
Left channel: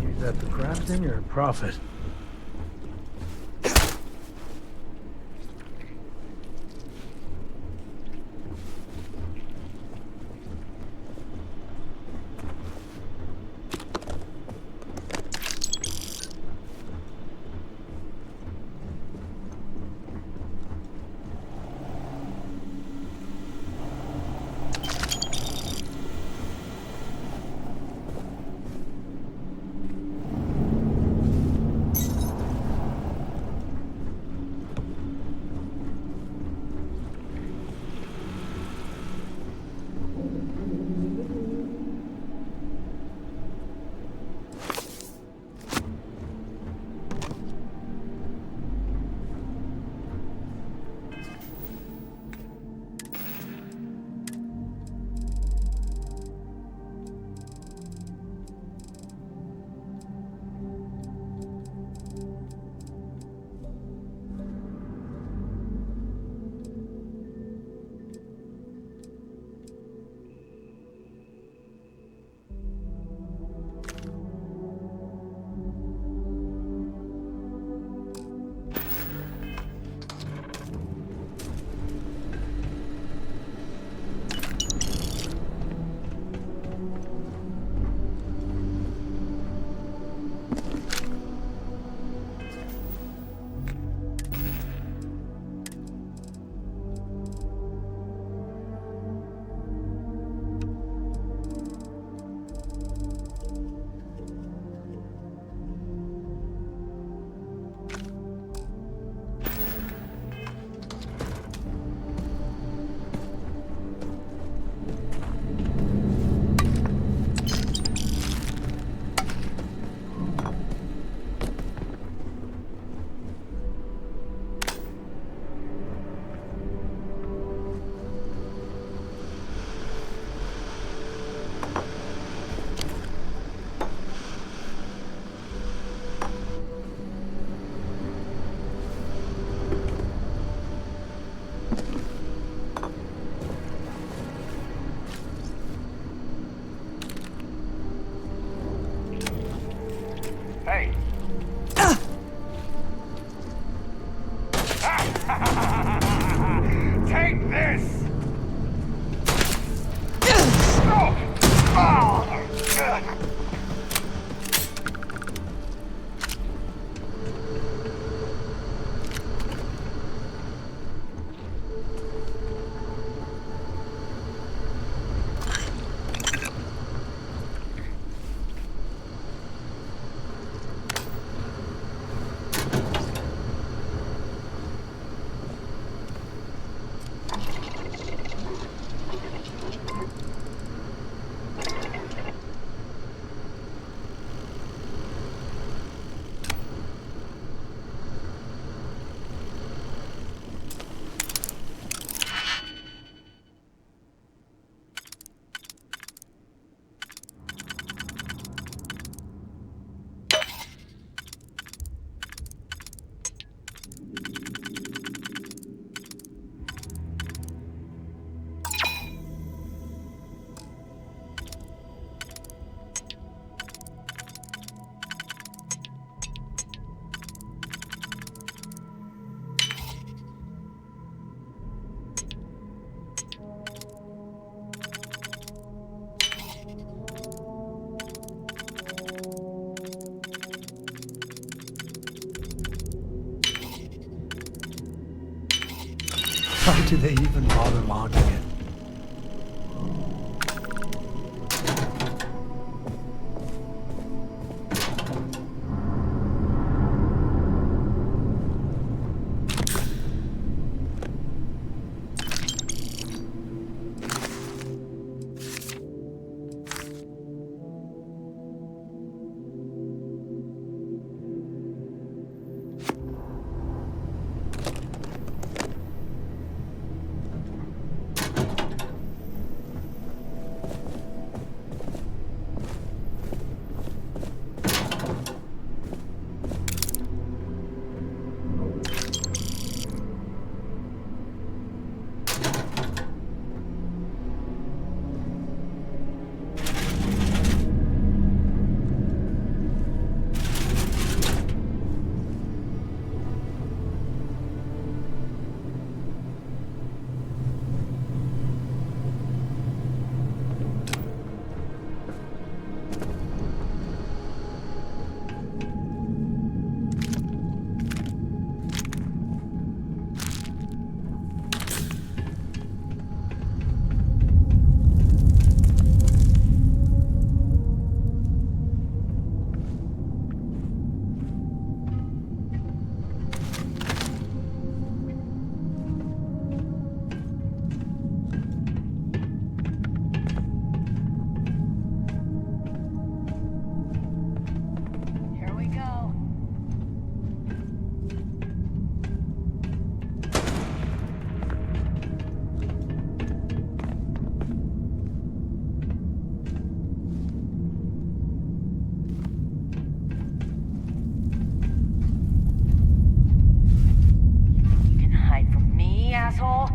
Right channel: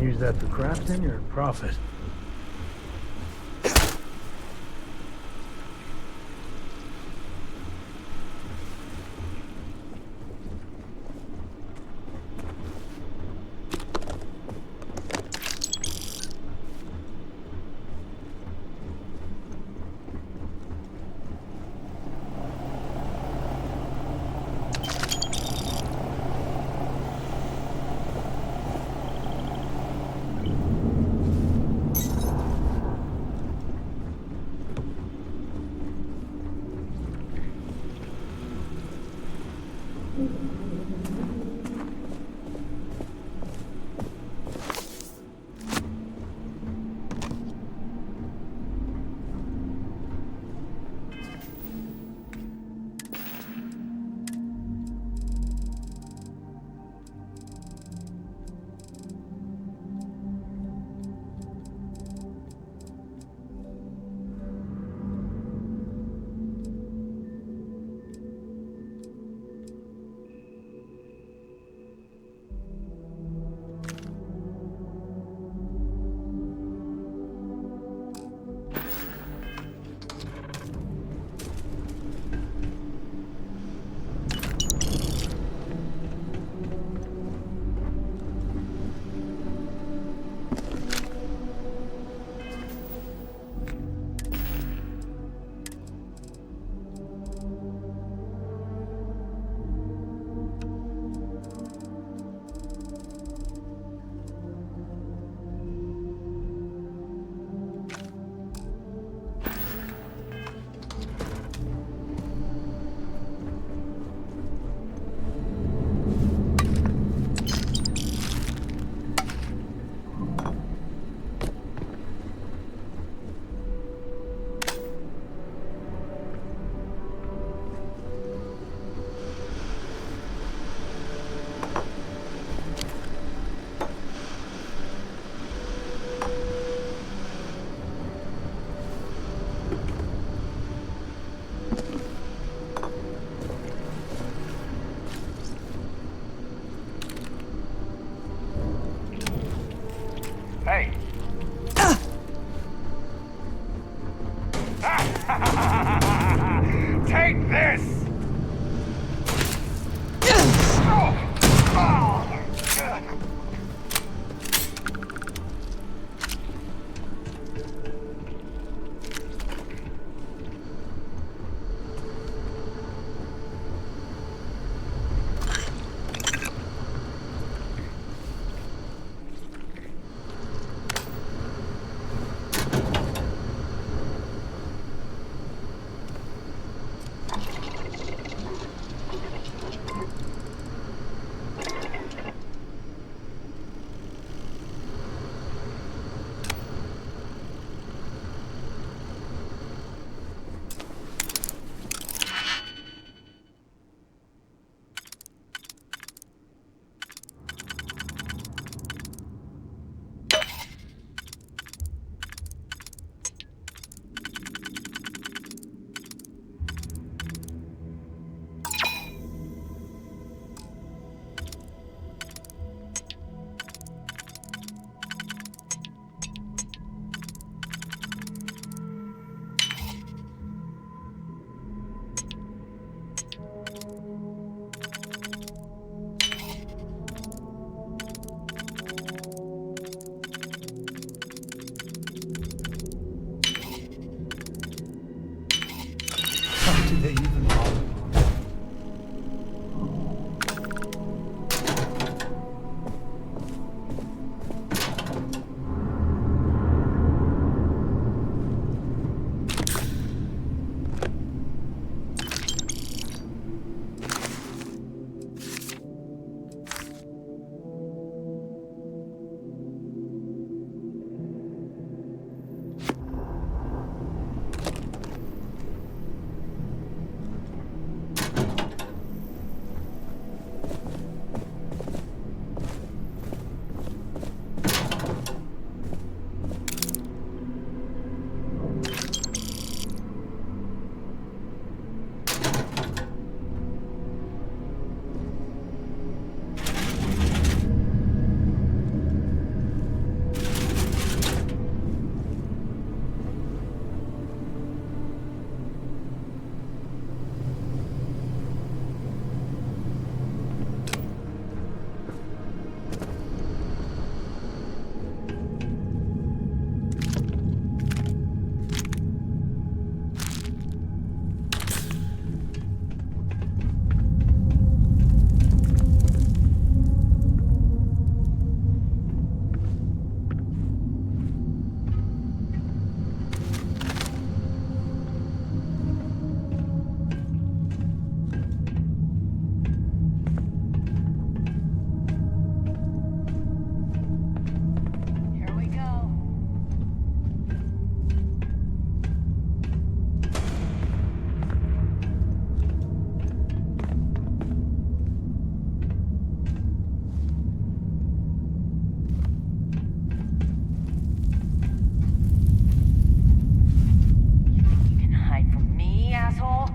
Use that for crafting or profit? Hey! Take this! How do they even bother logging? asshole.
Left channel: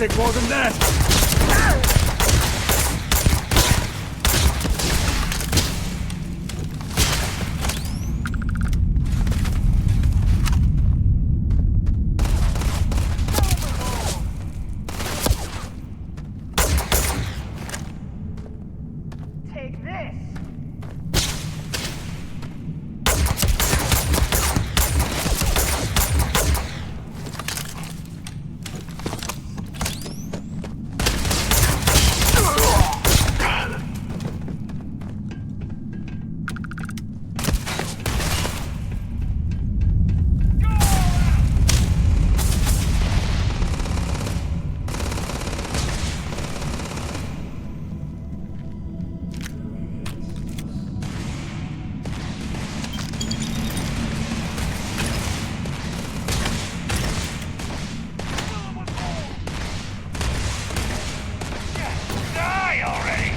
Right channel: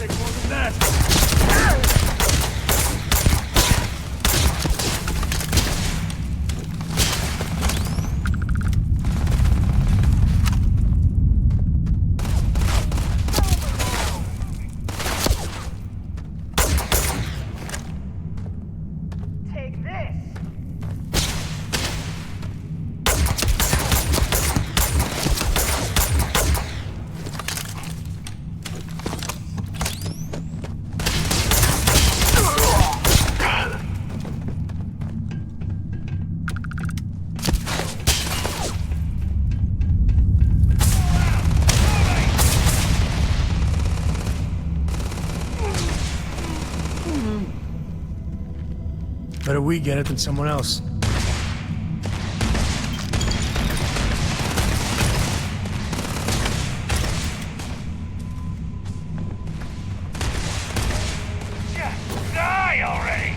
Take more than that. Take this. Better we get it than someone else. Die already!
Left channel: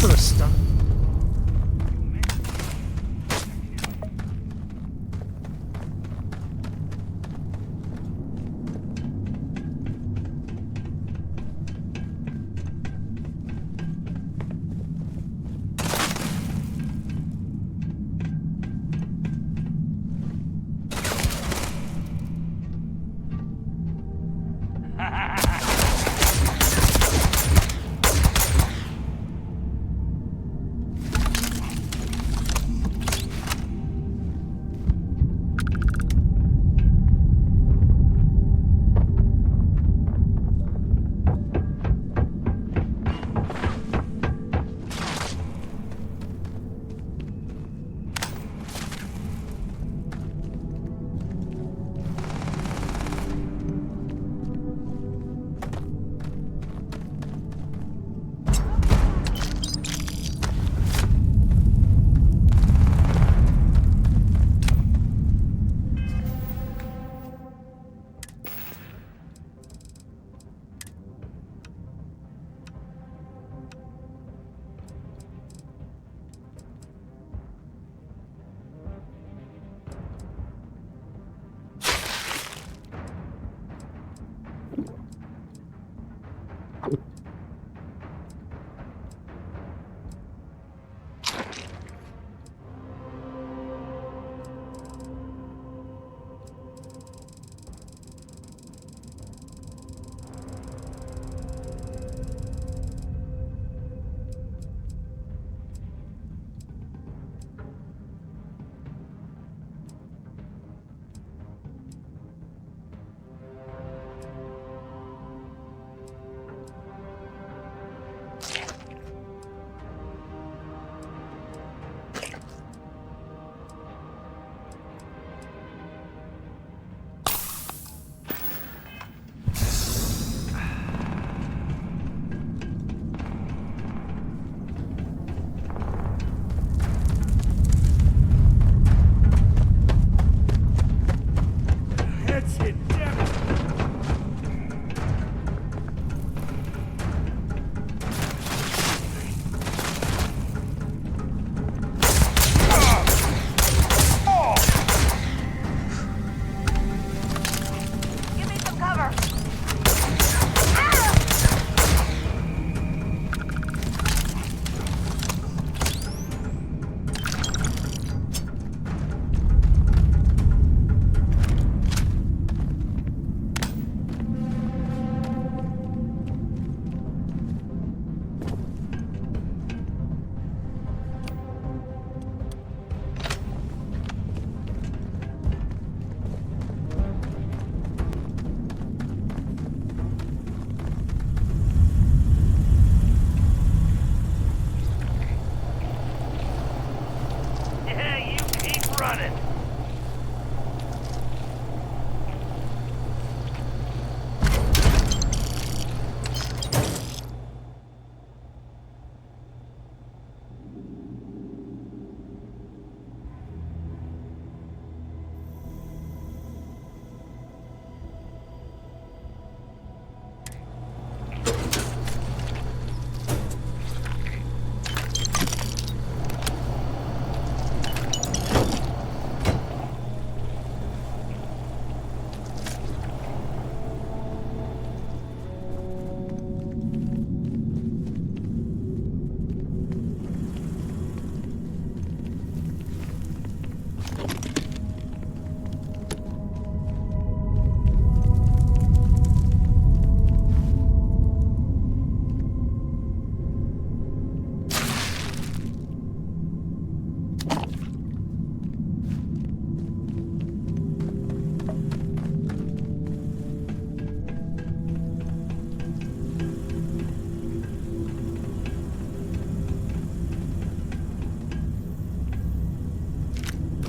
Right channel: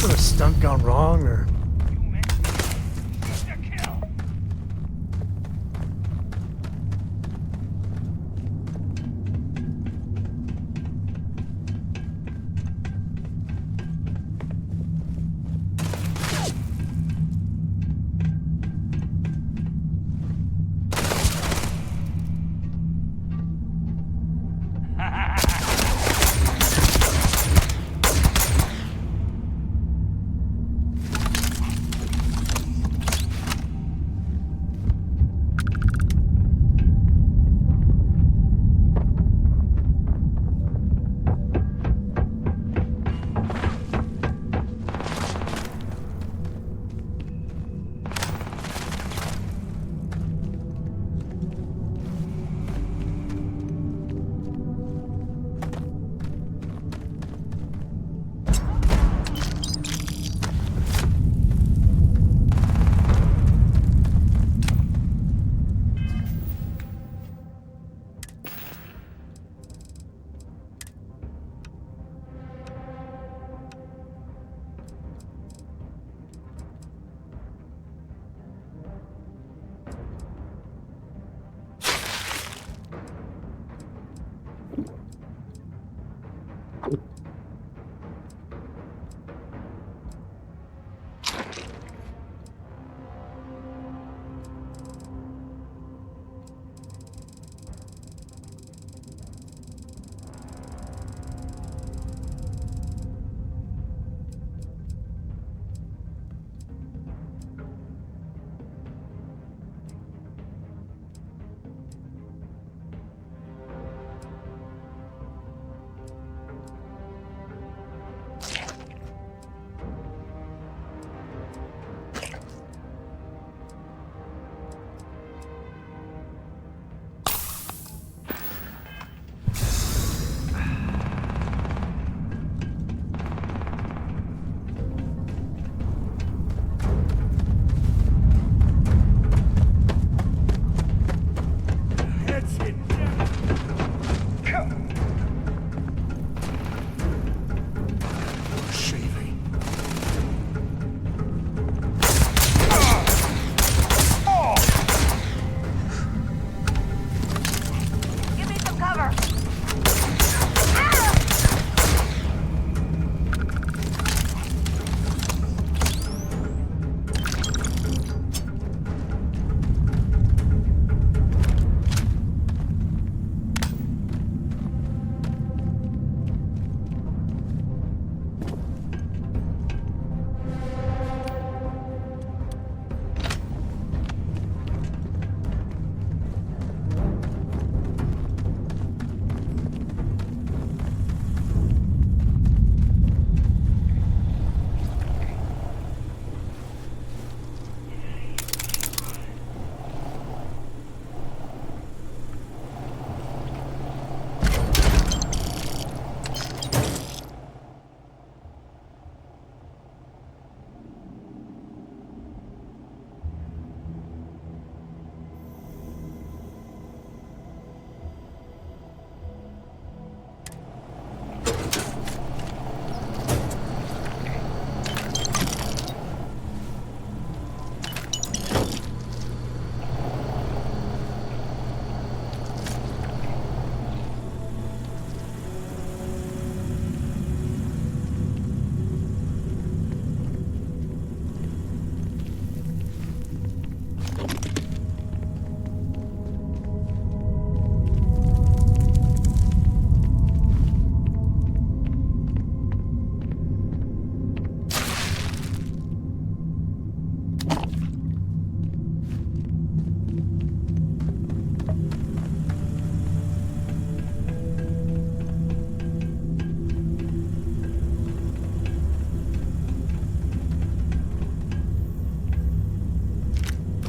Is there a stunt gone wrong, or...?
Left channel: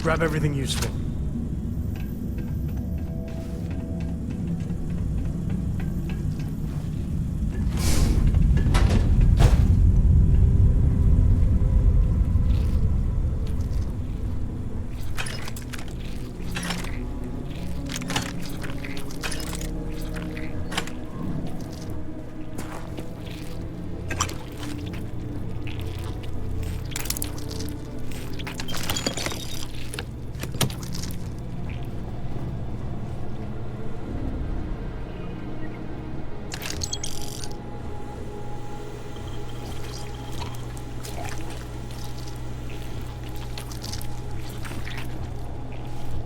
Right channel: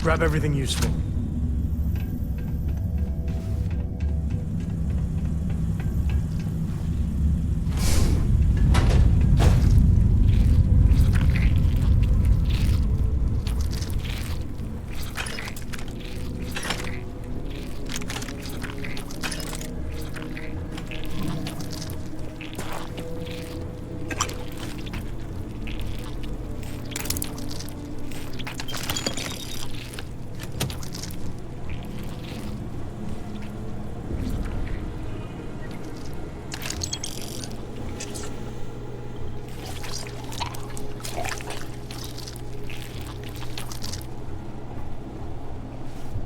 Grab everything useful.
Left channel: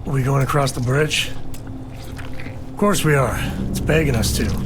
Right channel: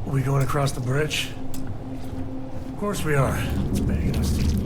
We going across the bridge? Of course we are. It's begging us to.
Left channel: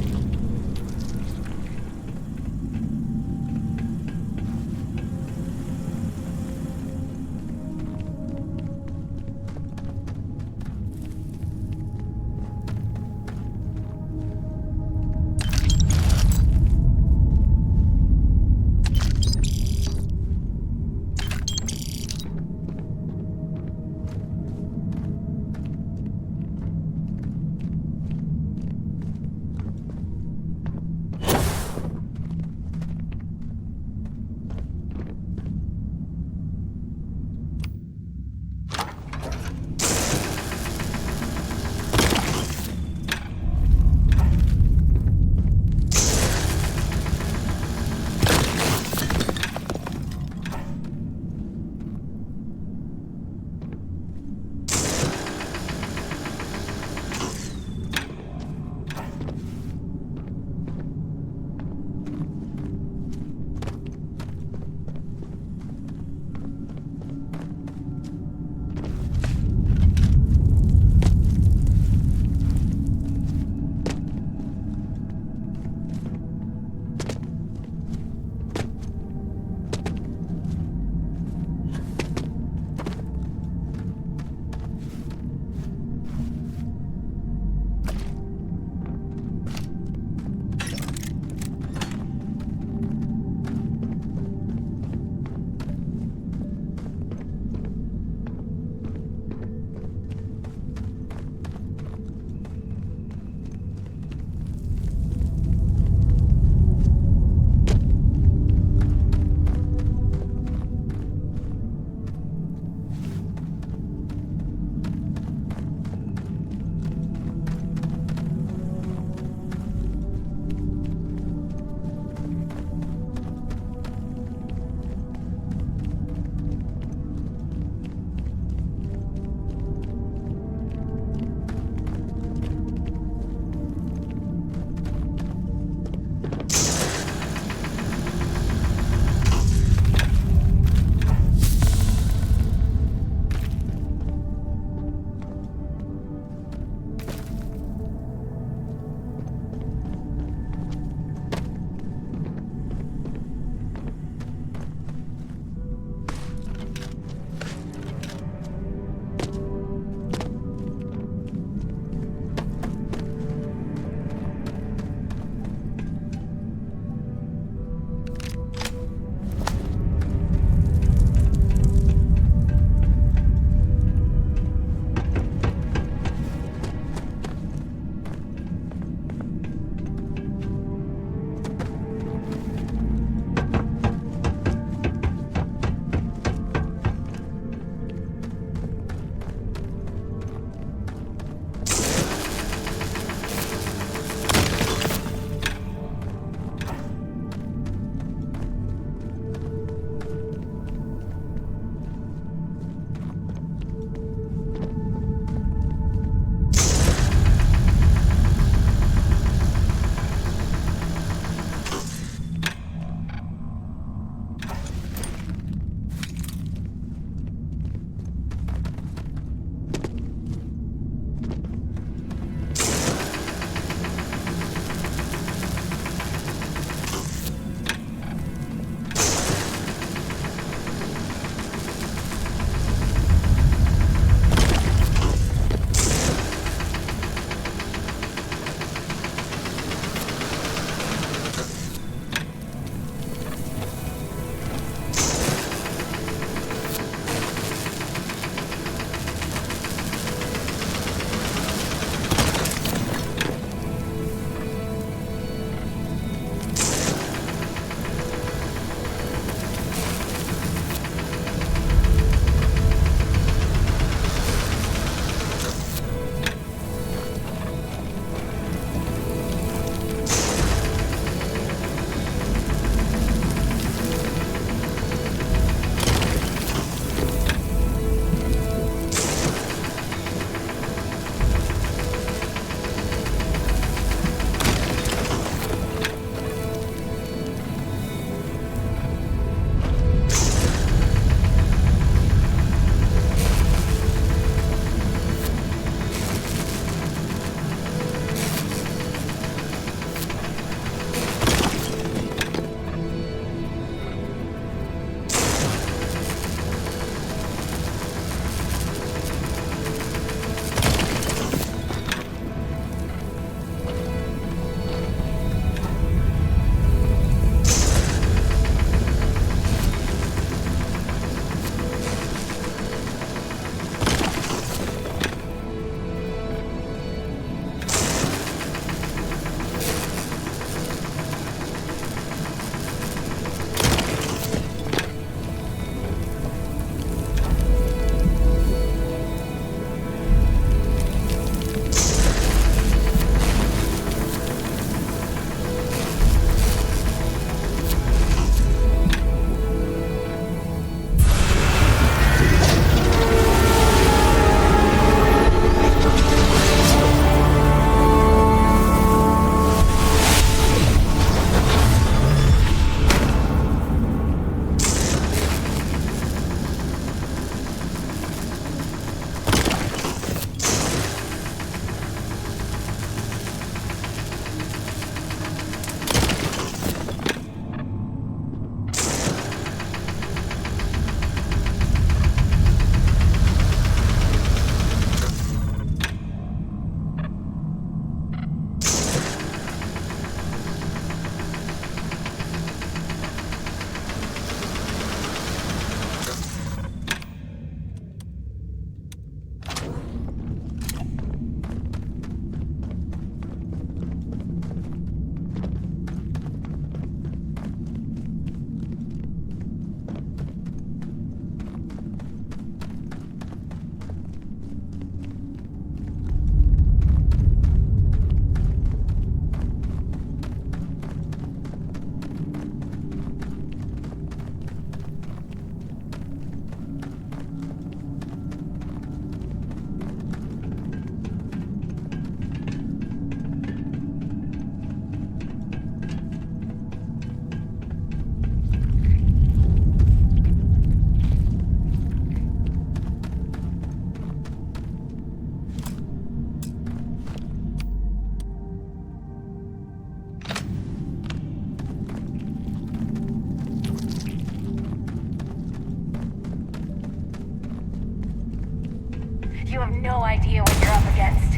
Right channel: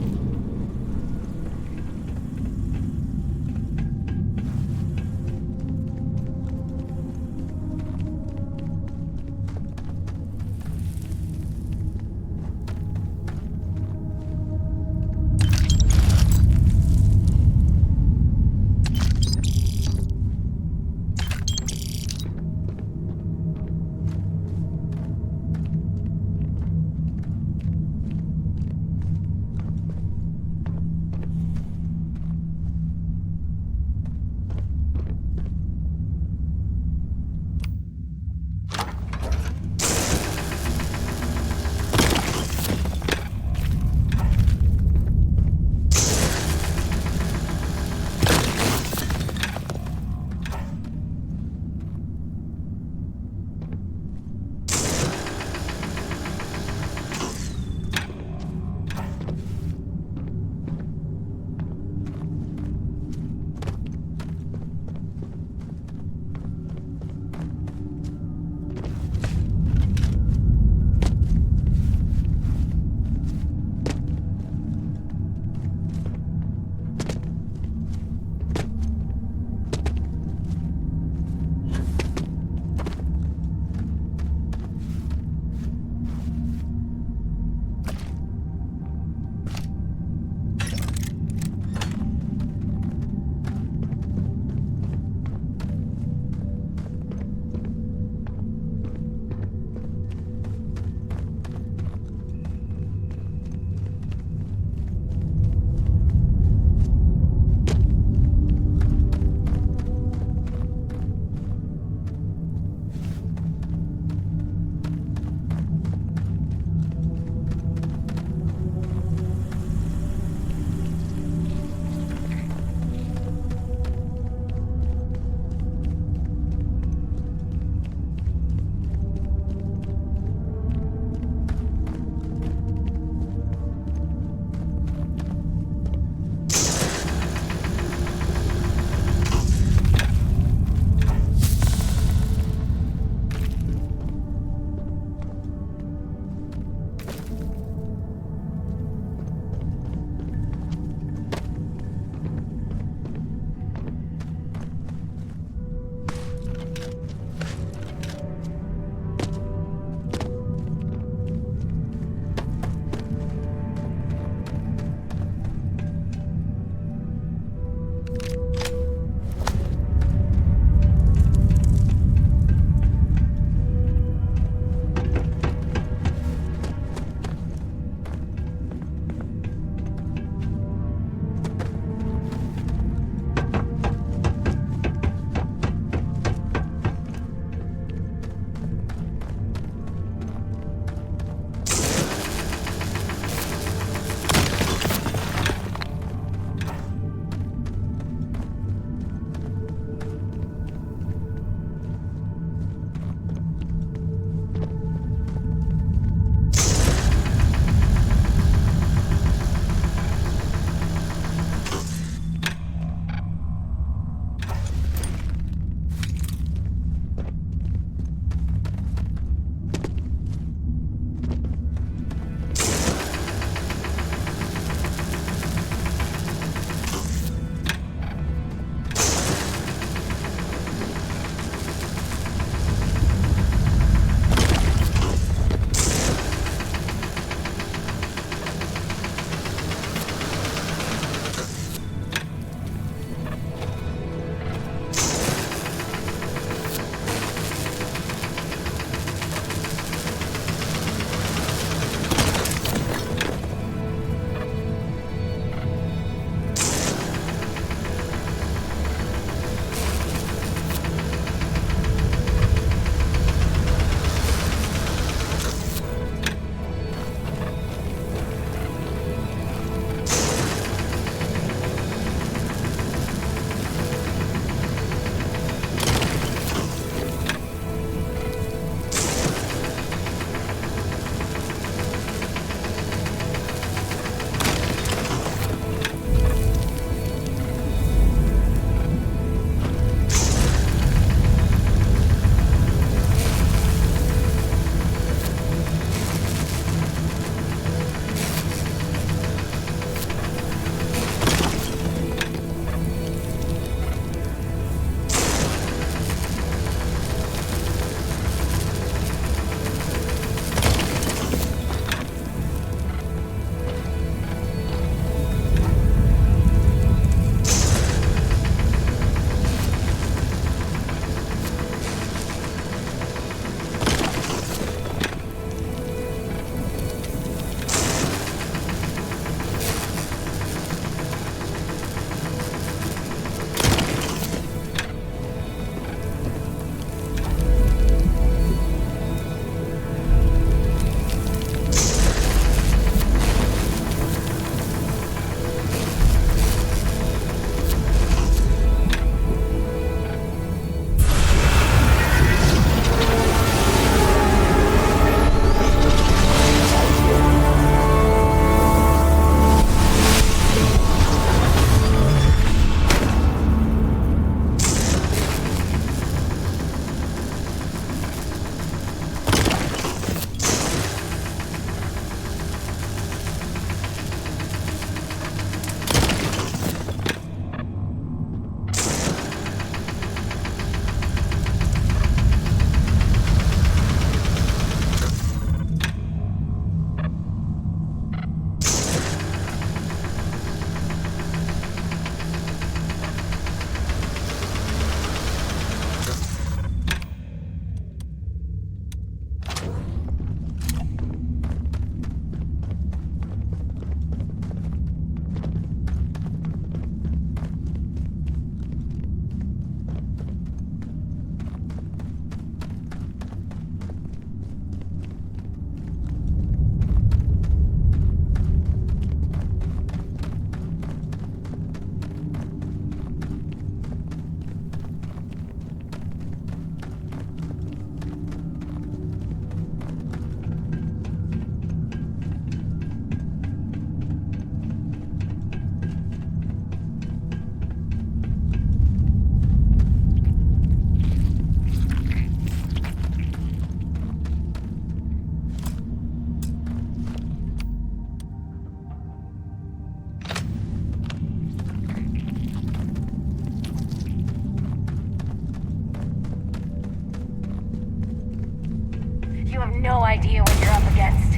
You have no idea what you're up against.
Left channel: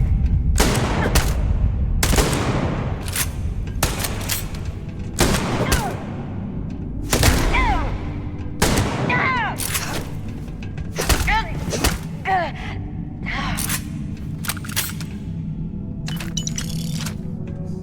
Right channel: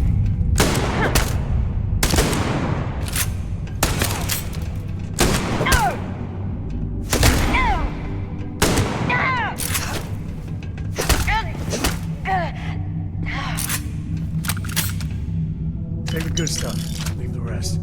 Take the good stuff. Leave the rest.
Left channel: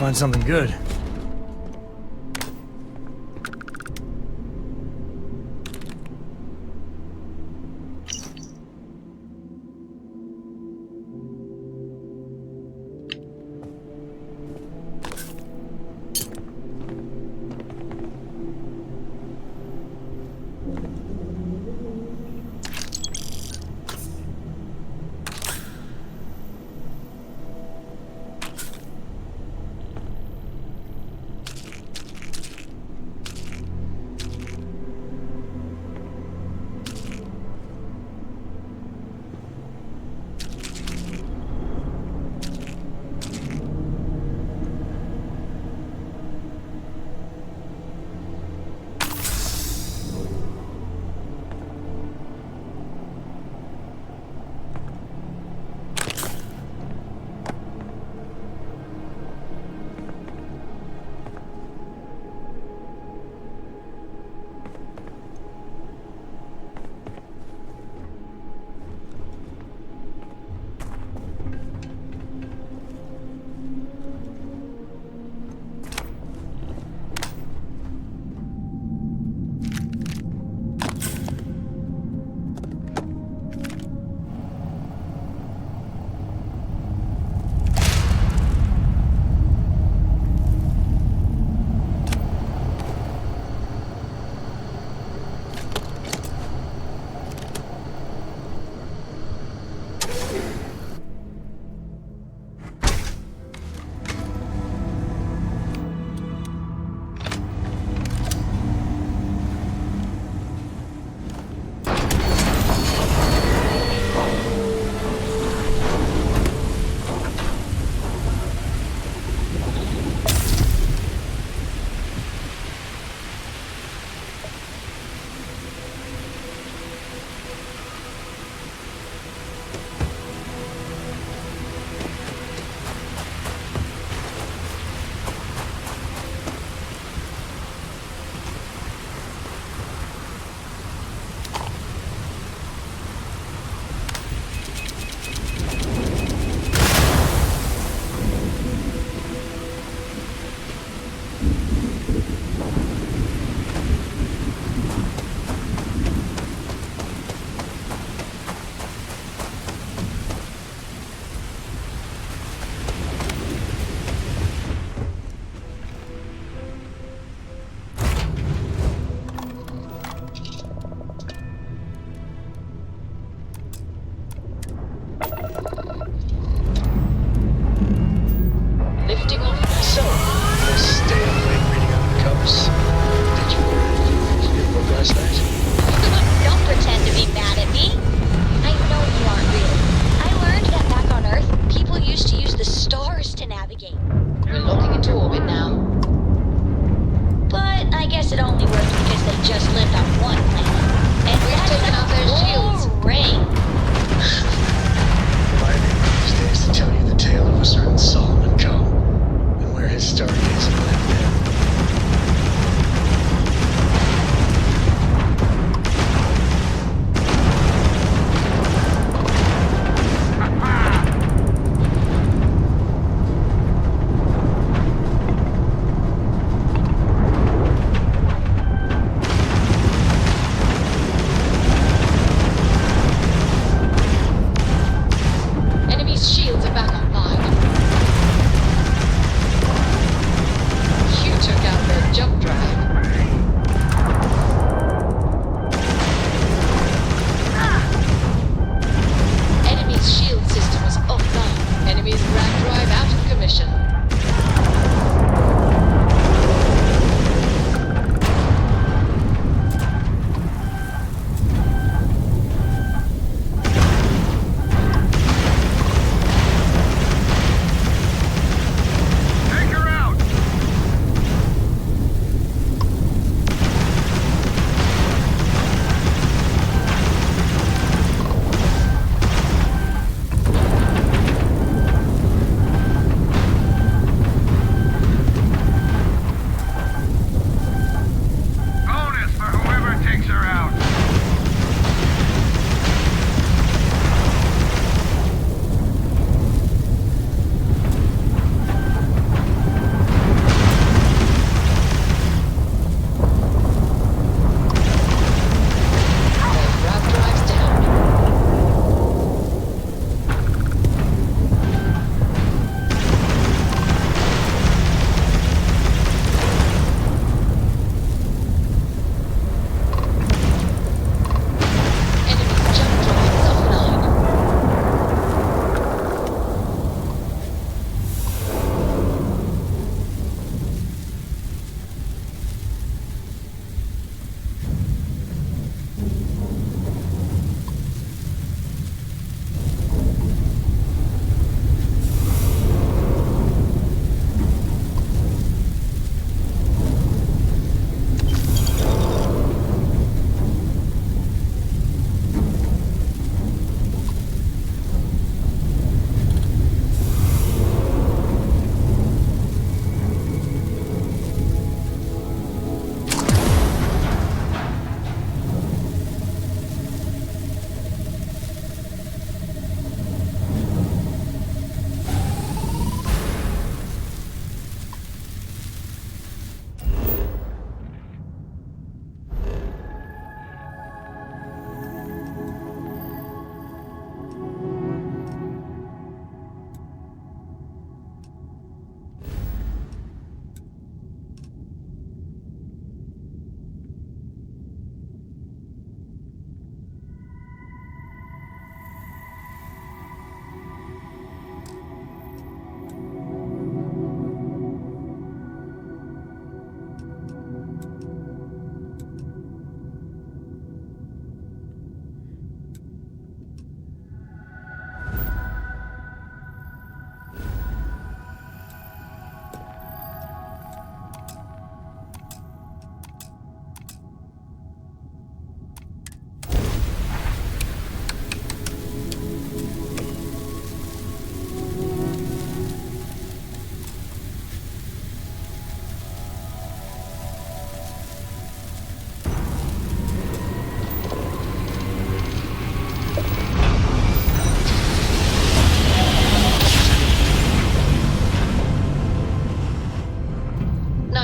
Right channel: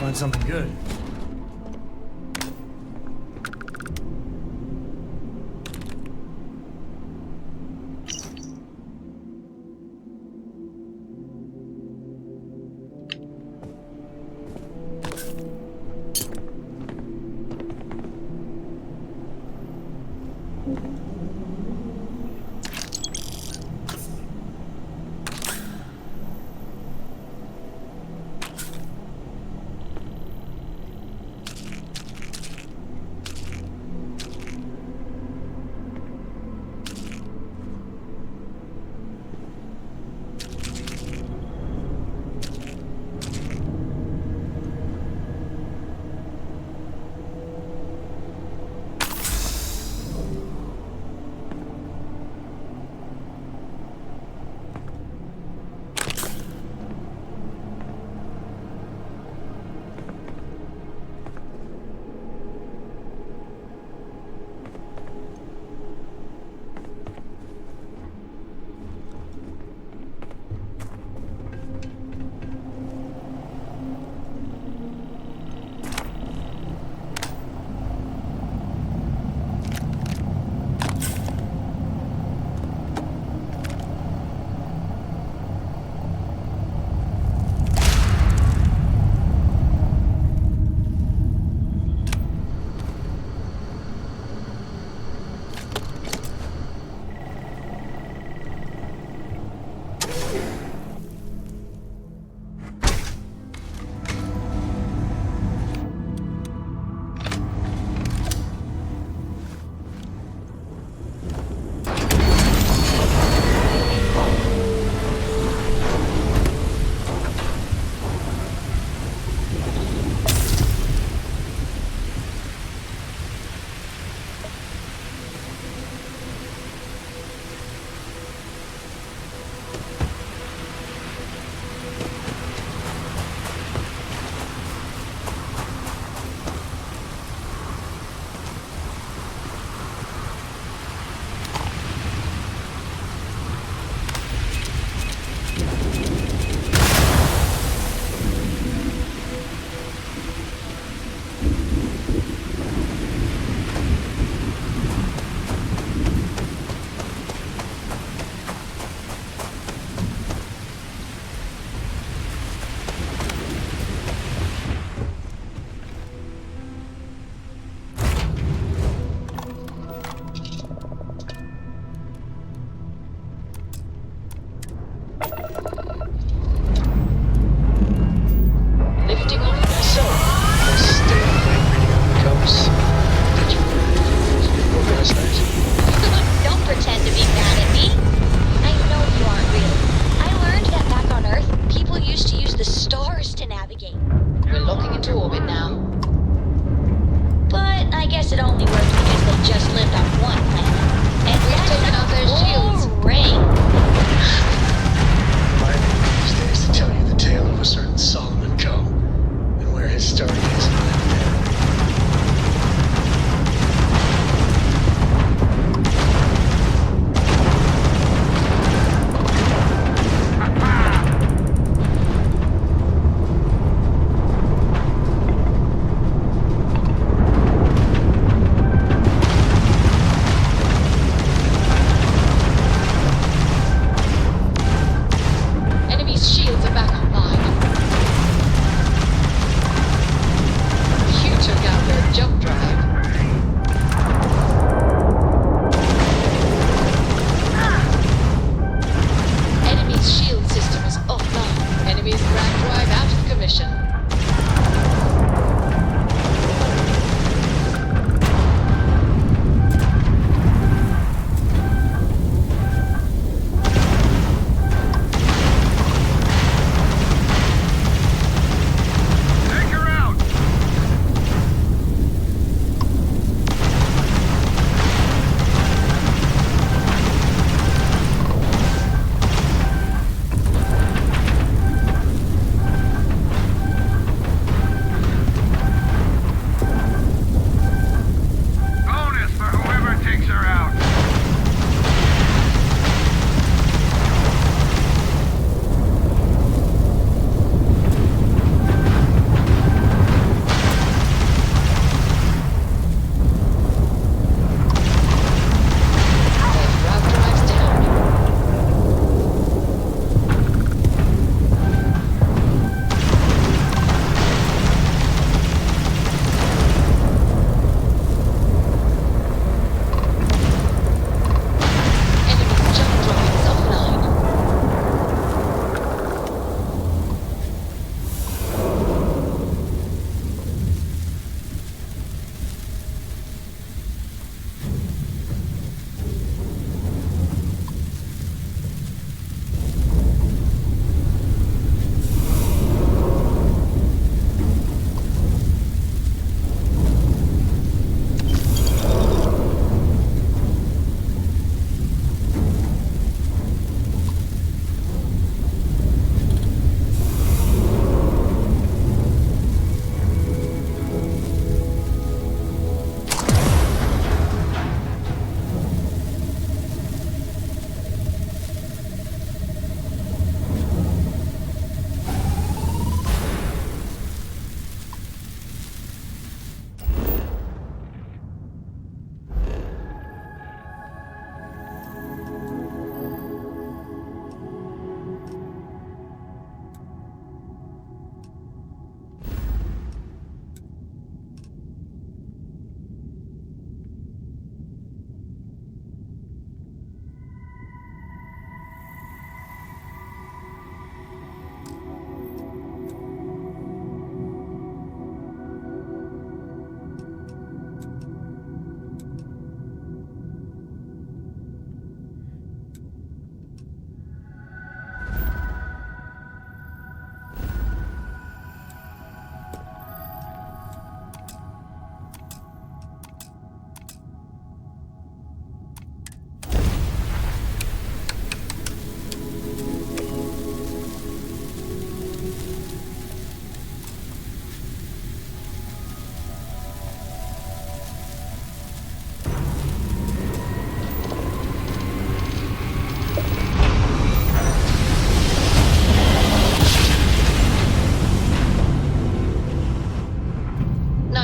find something good.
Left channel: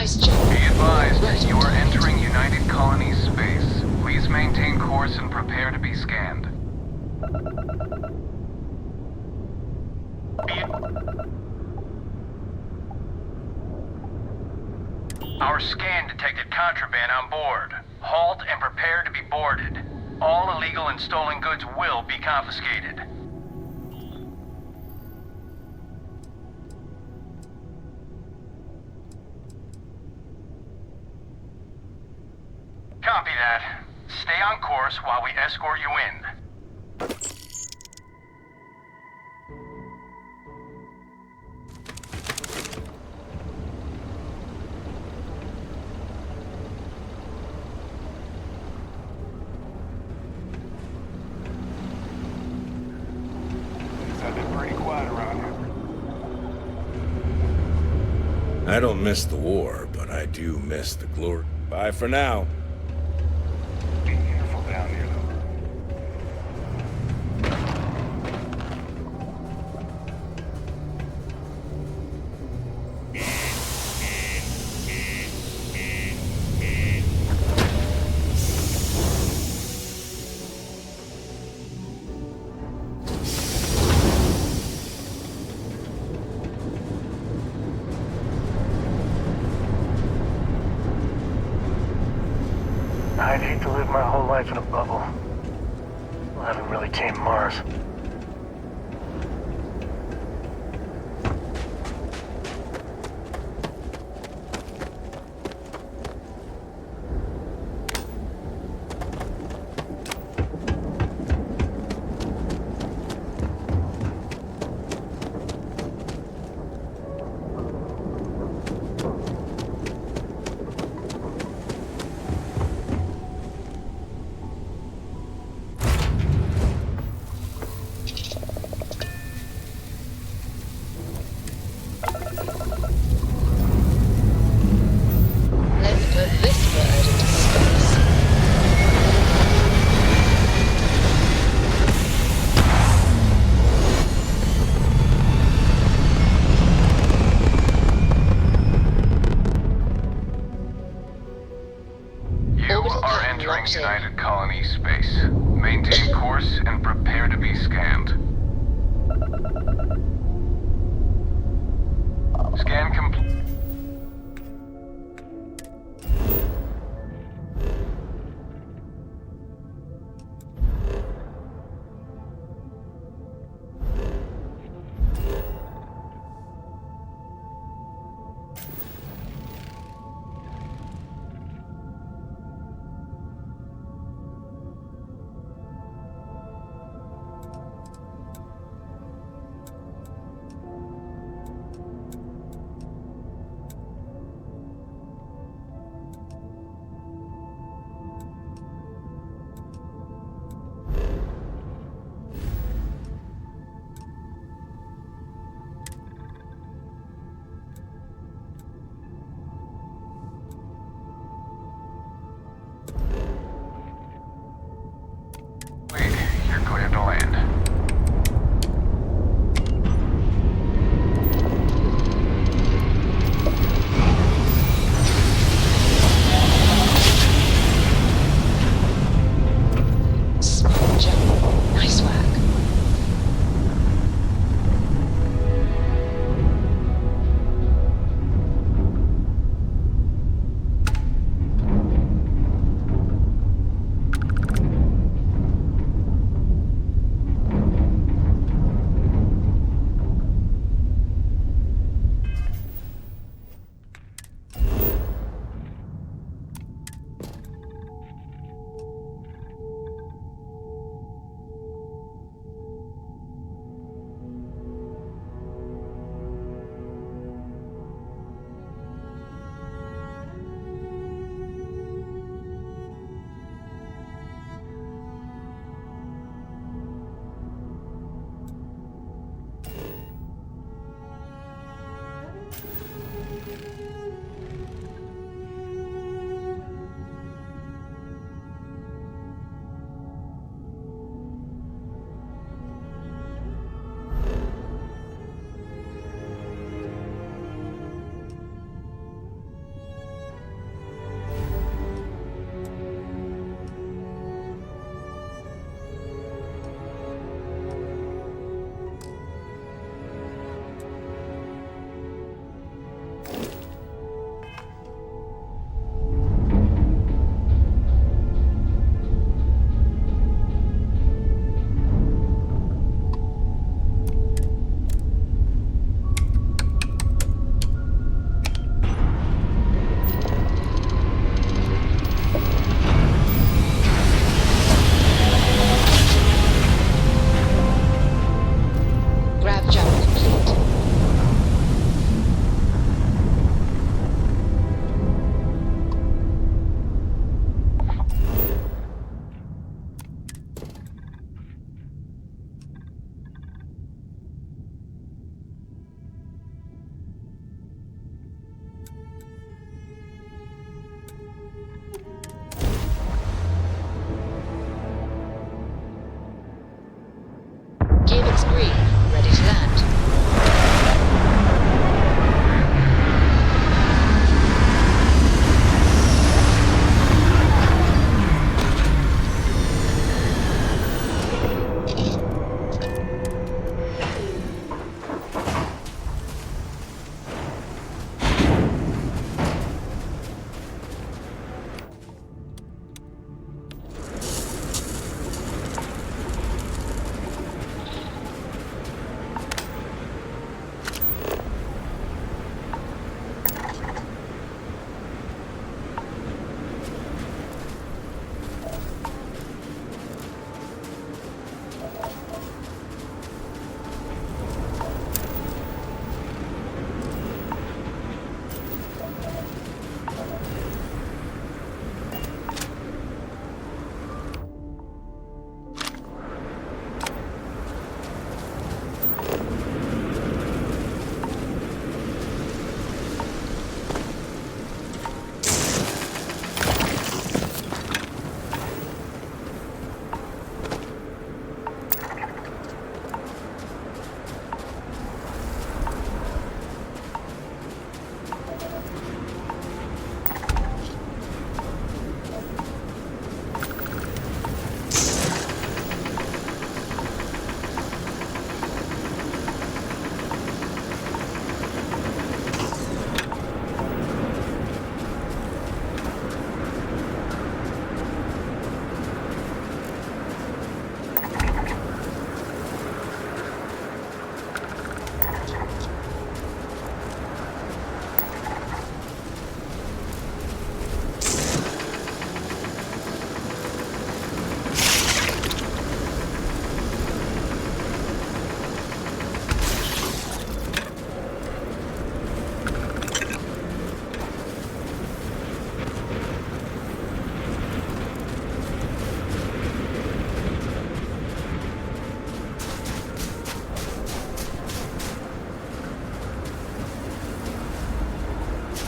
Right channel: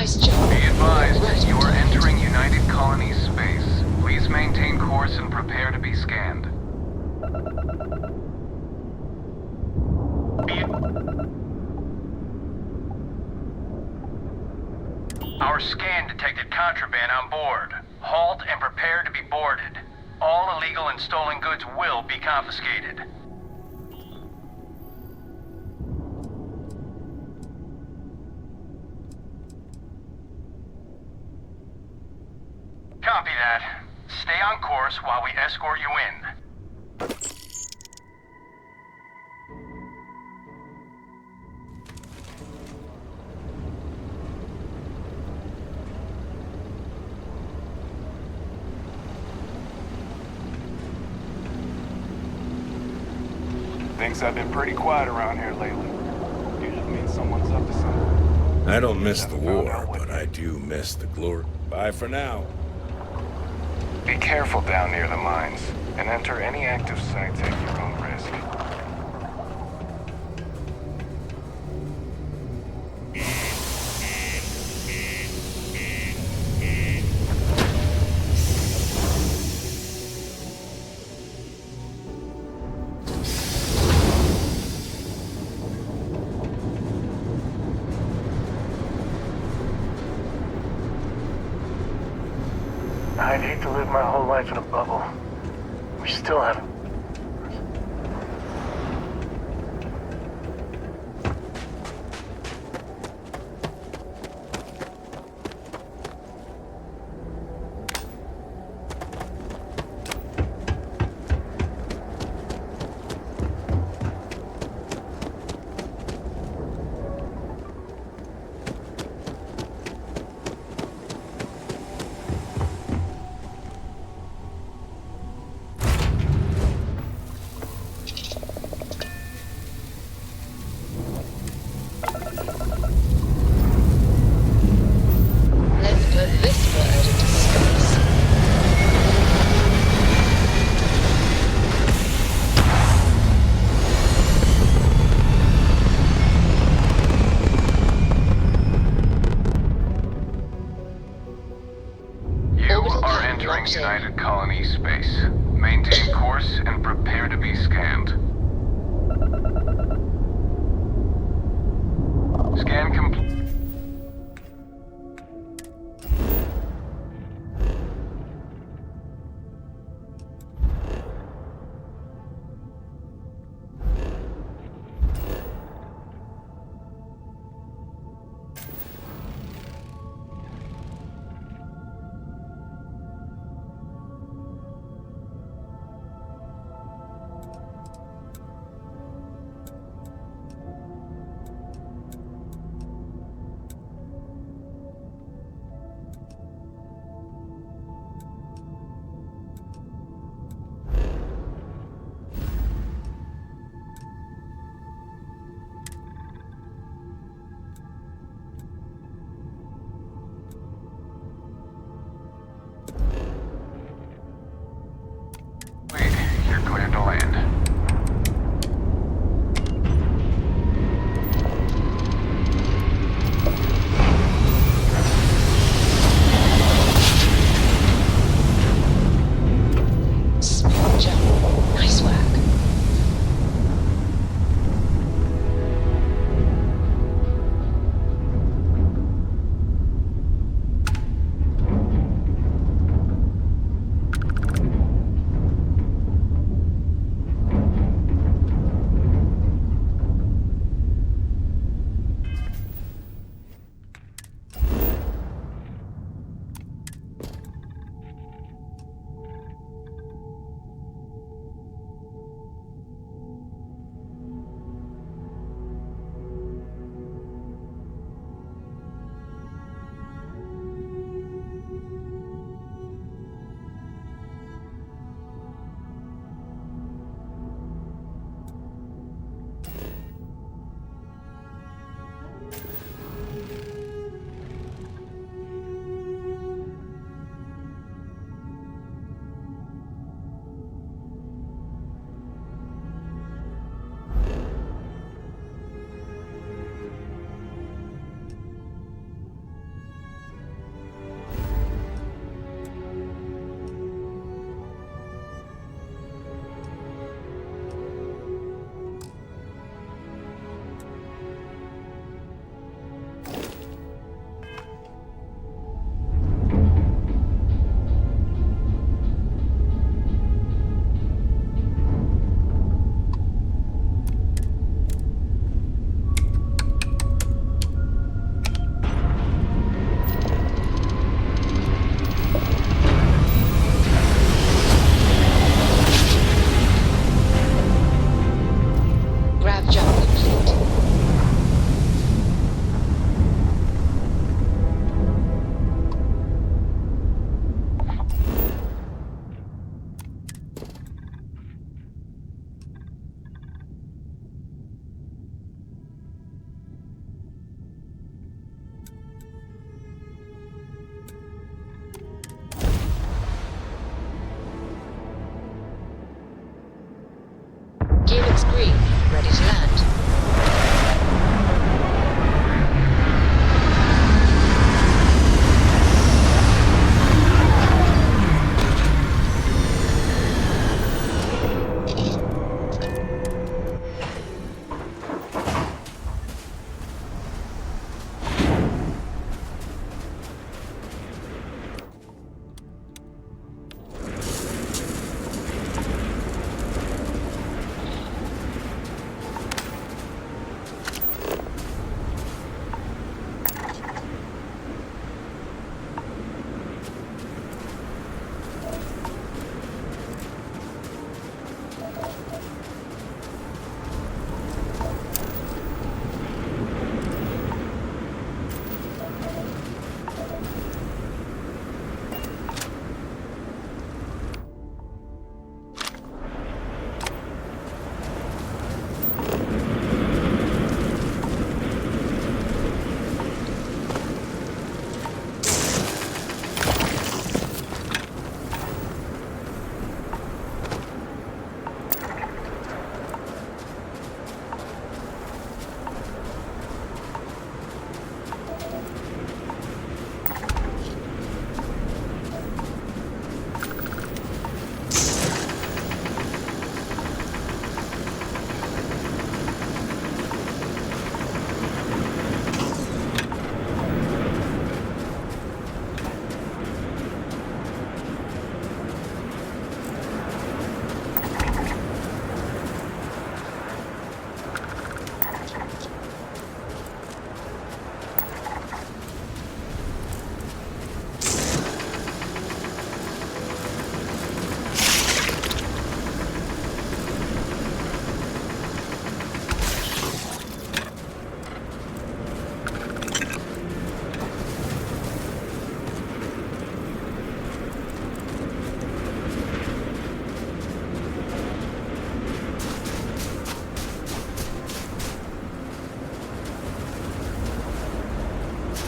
Nice job. Be advised, Right on you are target. entering United Colonies space. Please maintain course and prepare to be scanned. Our scan detected contraband on board. Halt and prepare to be boarded. All illegal and stolen goods will be confiscated. Copy that. Stay on course while we escort you in. Things have been pretty quiet around here lately. Usually means someone's up to something. I don't miss the war, but I do miss the glory. Bye for now. Be careful down near the mines, and enter any active sites at your own risk. I'd hate to live my whole life in a bubble. We still haven't really tamed Mars. Let's put this bird into space. You are entering United Colonies space. Maintain course and prepare to be scanned. Scan complete. is green. Ready to land.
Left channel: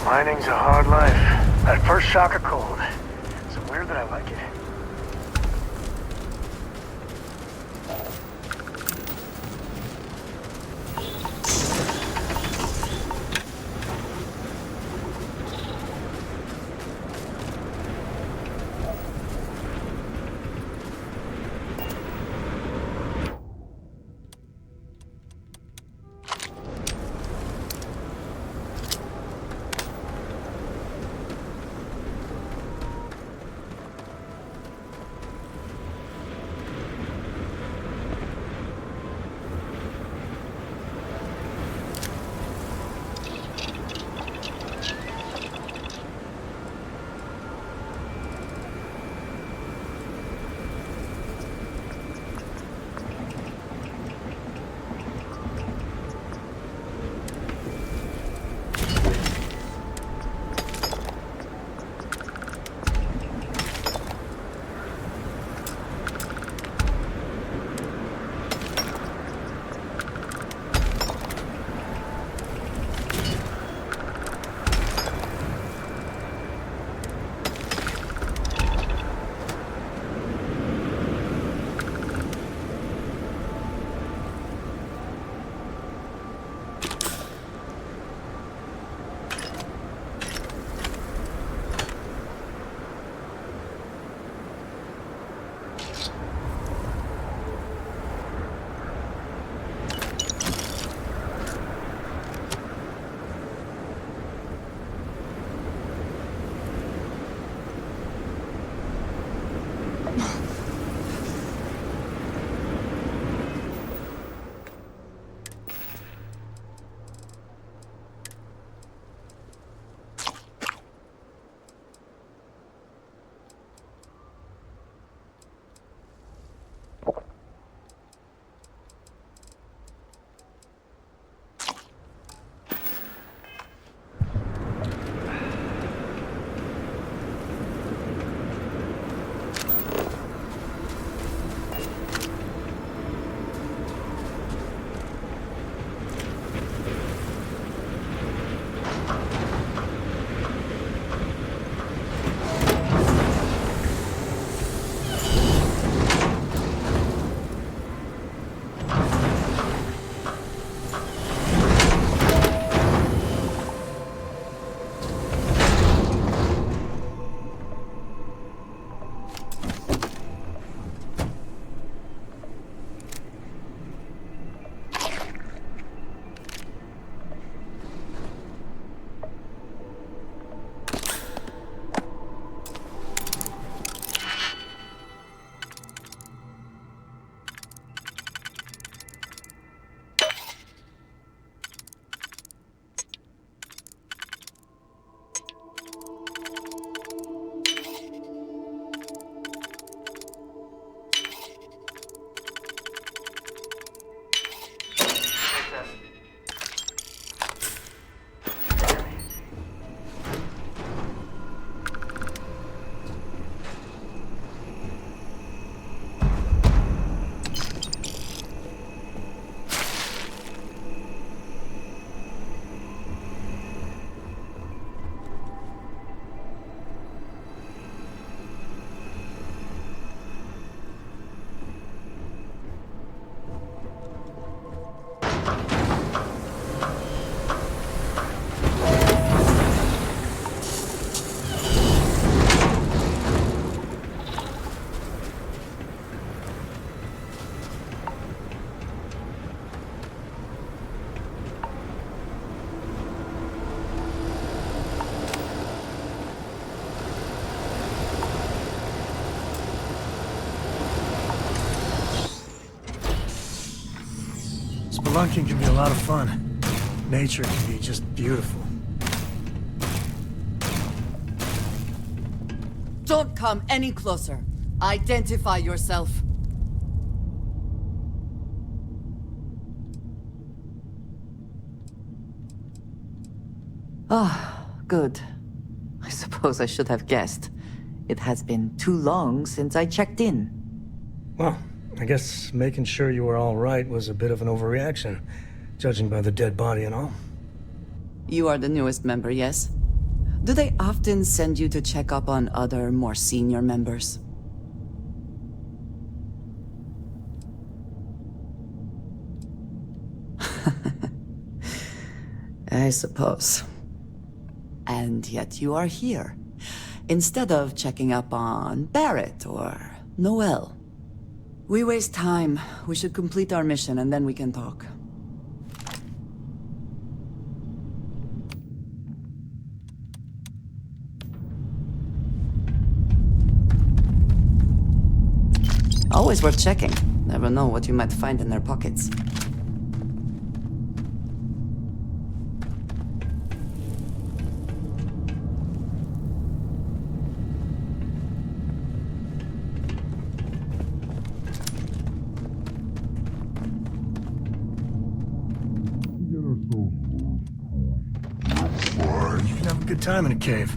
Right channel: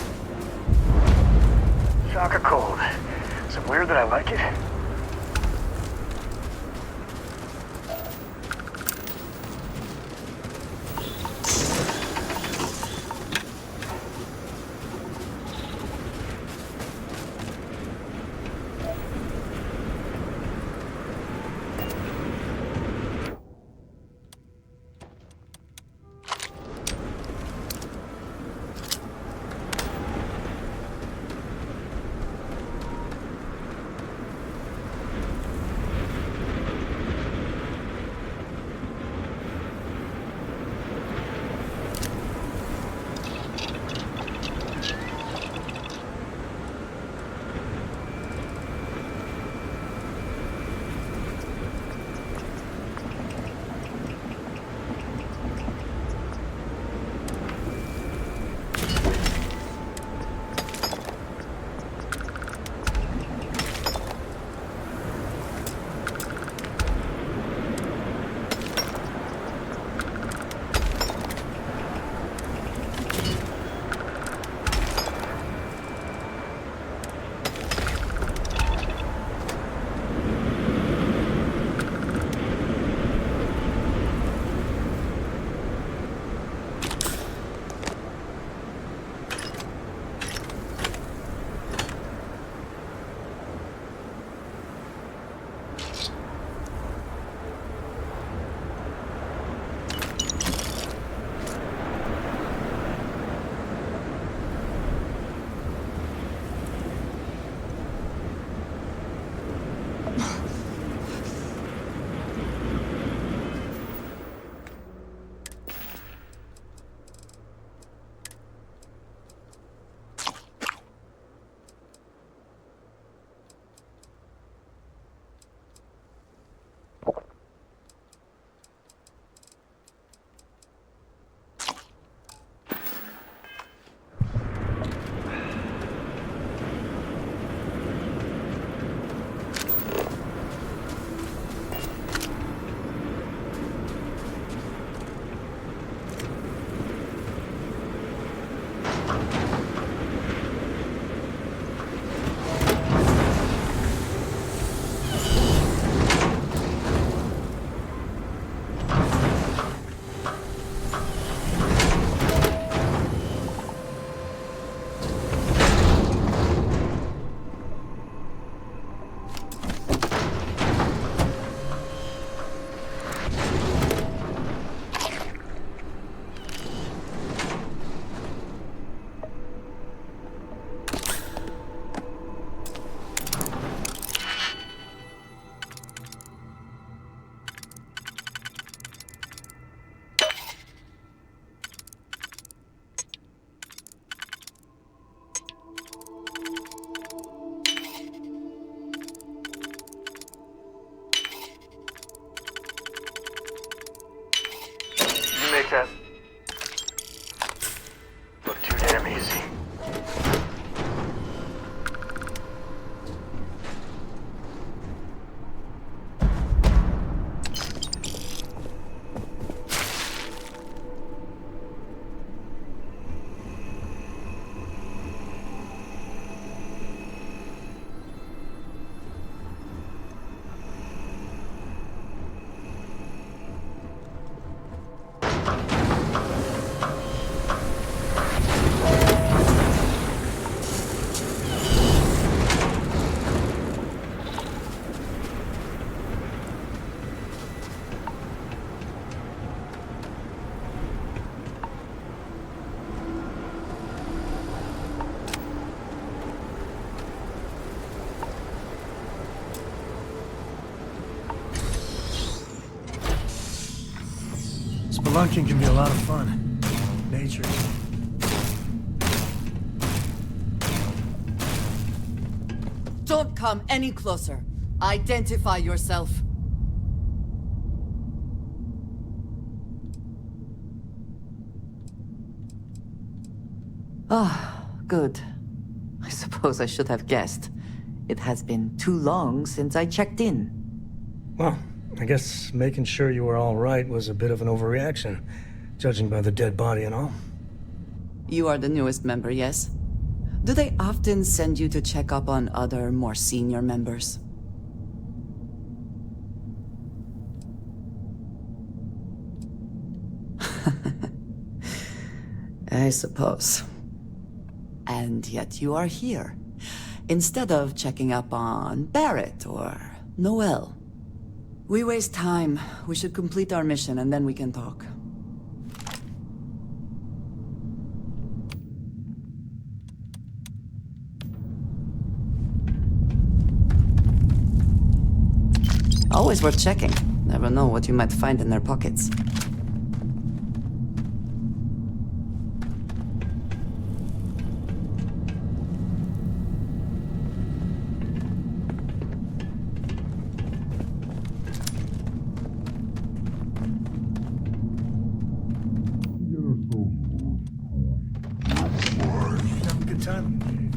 Mining's a hard life. That first shock of cold. Is it weird that I like it? Spelunking can be a lot of fun. Nature can be just beautiful. Don't come any closer. Identify yourself. Ah, good. I suppose I should have guessed. It has been too long since I checked in. Well, I guess making sure you were all right was a bit of an overreaction, judging by the dead body and all. You are the newest member, yes? Do they often send you to check up on other, more senior members? I suppose. And yet you are here, instead of checking up on Barrett or Noel. We waste time. We should complete our mission and then we can talk. Always worth checking. Never know what you might find in their pockets. You can have a good time in a cave.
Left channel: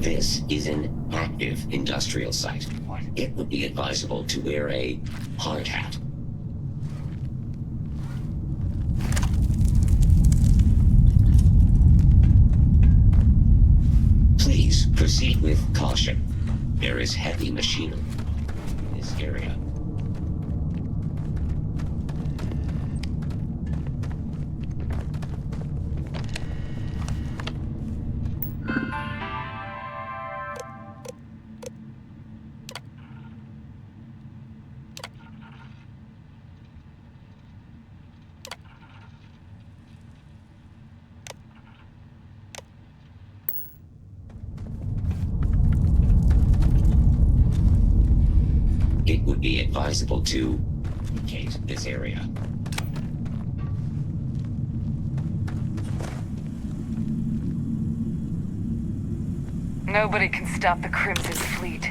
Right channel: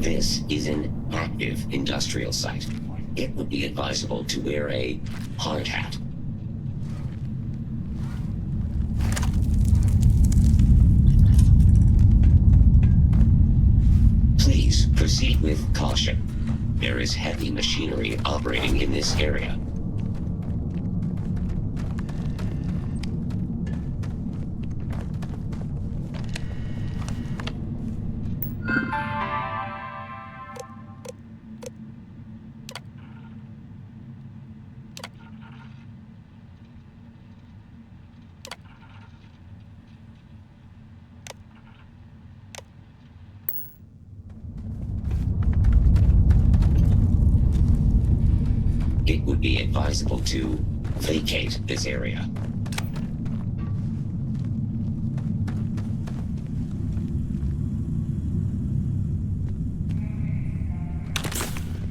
This is an active industrial site. It would be advisable to wear a hard hat. Please proceed with caution. There is heavy machinery operating in this area. It would be advisable to vacate this area. Nobody can stop the Crimson Fleet.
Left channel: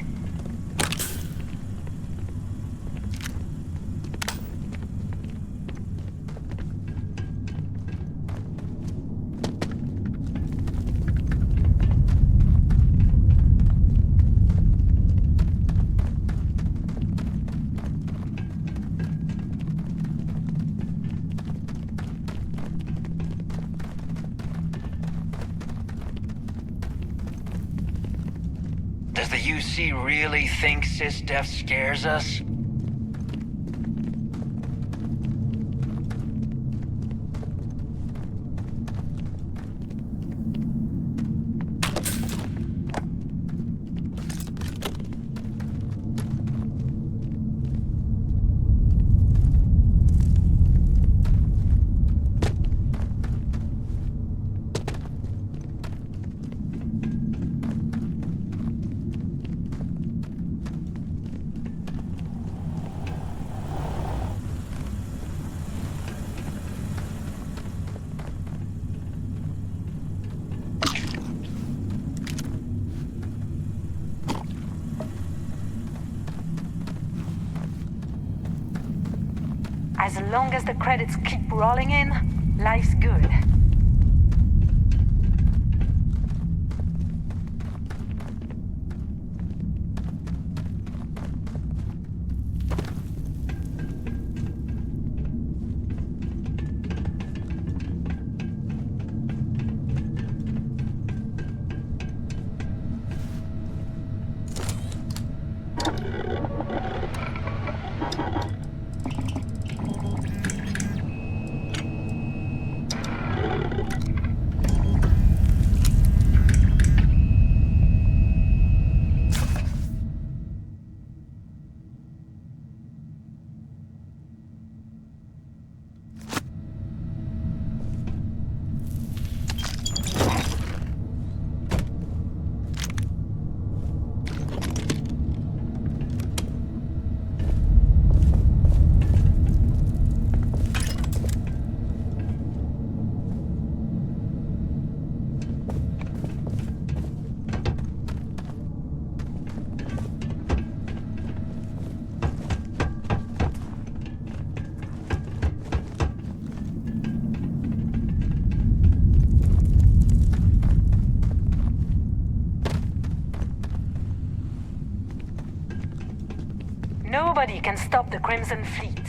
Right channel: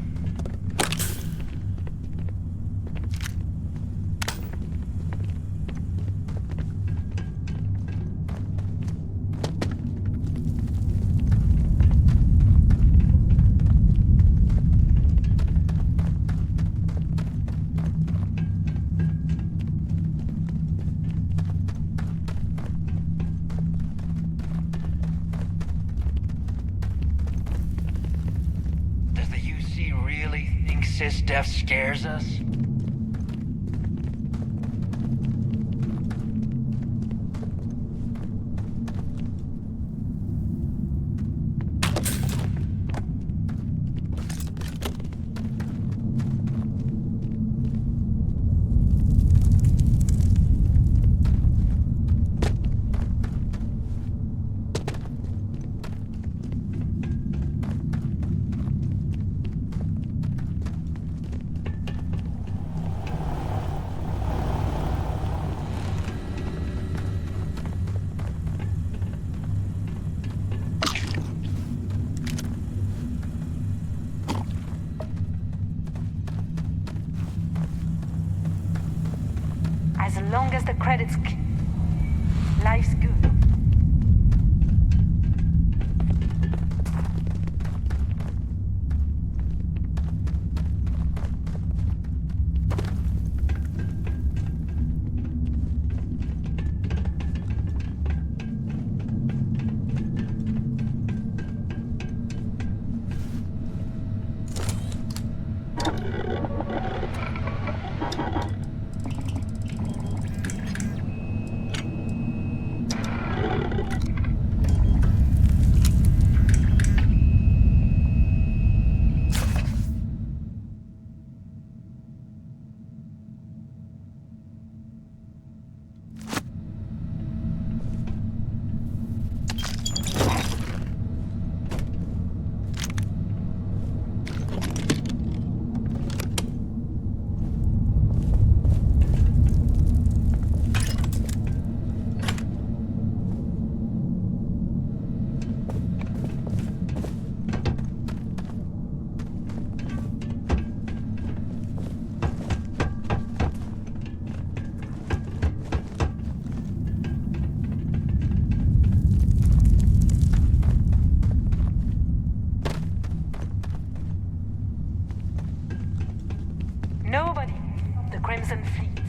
Does the UC really think sysdef scares us? As long as the credits keep rolling in, life's good. Nobody can stop the Crimson Fleet.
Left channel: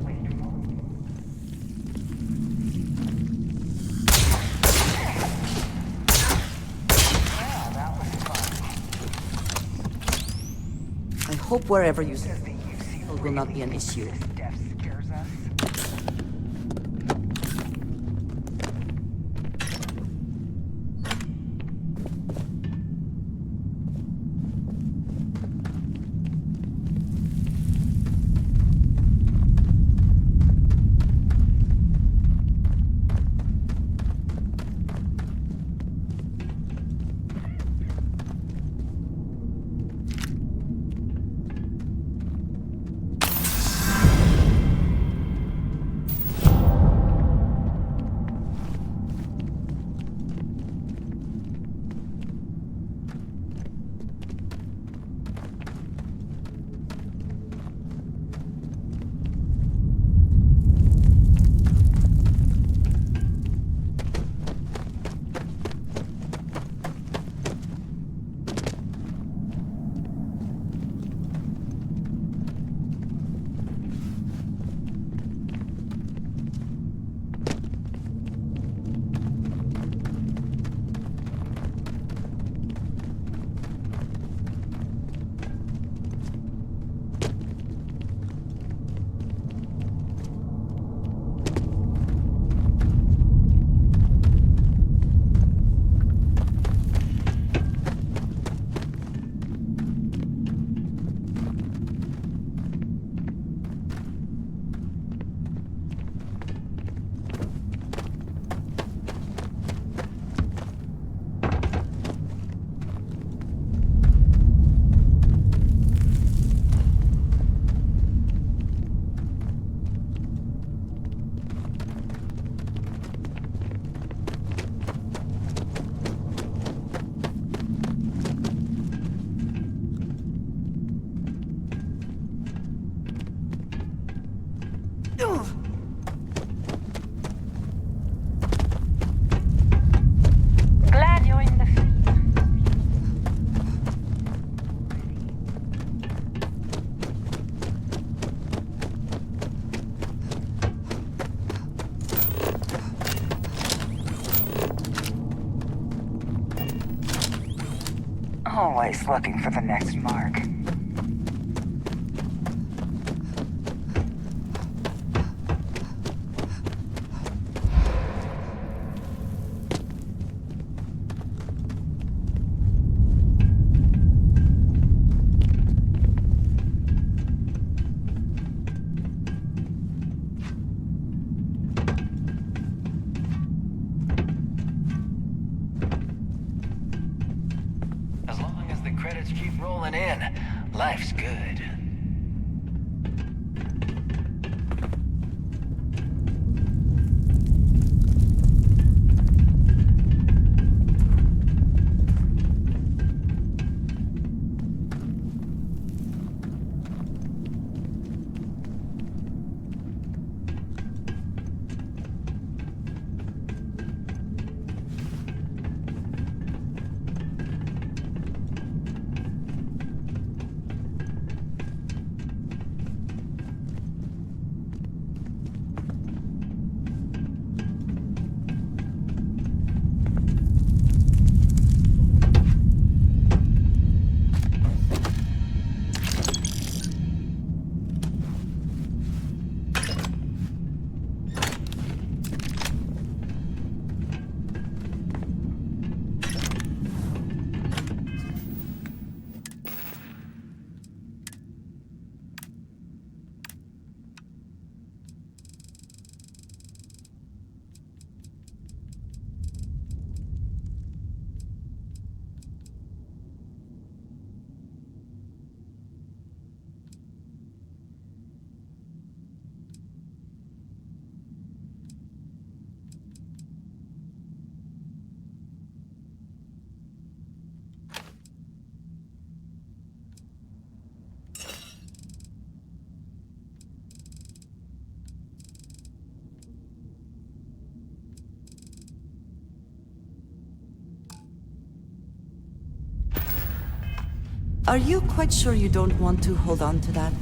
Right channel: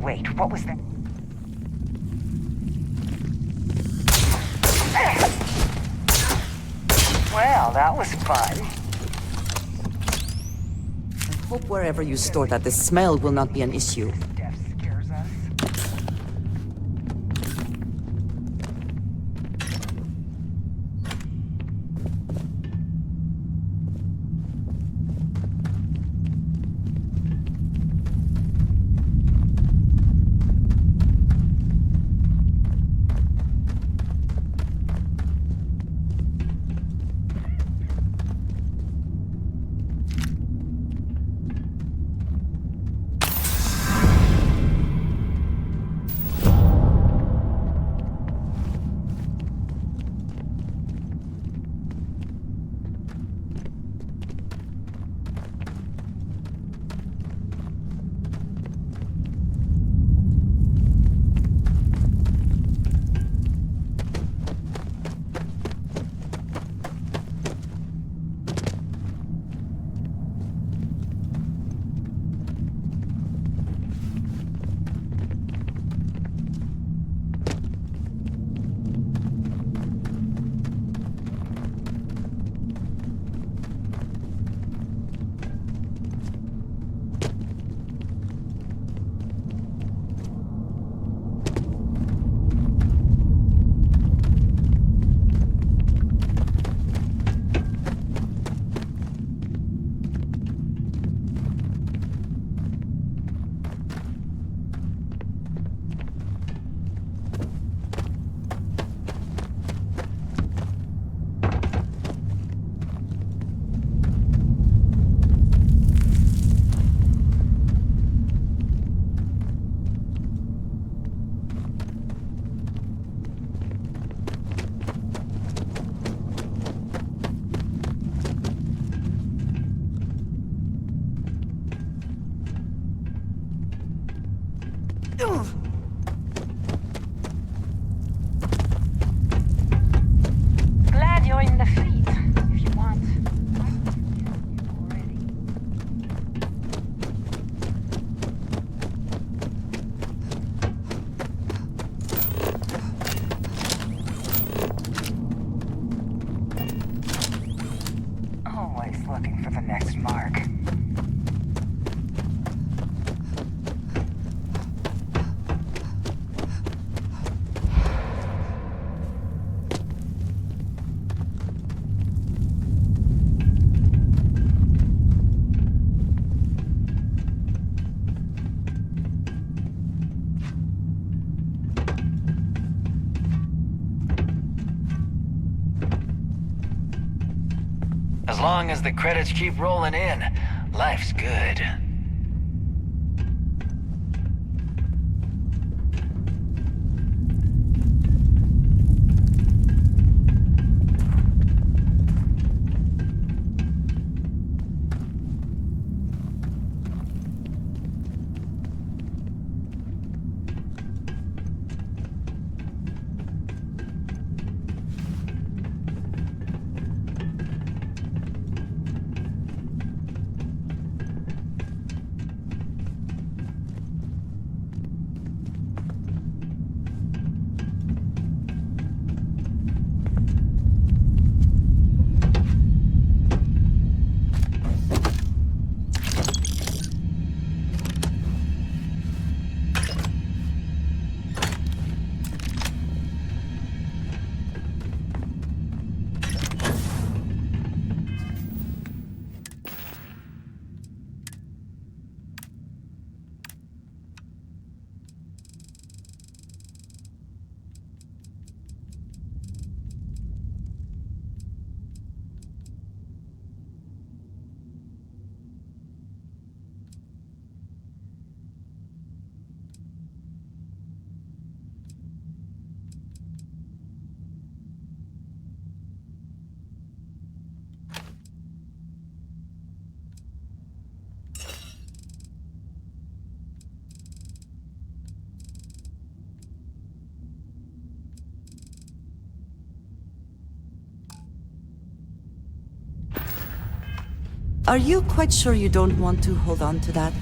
Wait, what was that? Well, that was fun. I hope wherever you store that, the smell will not be an issue. Death scares us. Glad you're in the fleet, if you want. Always looking for the next mark. As long as the credits keep rolling in, life's good. Are you quite sure you don't want to hold on to that?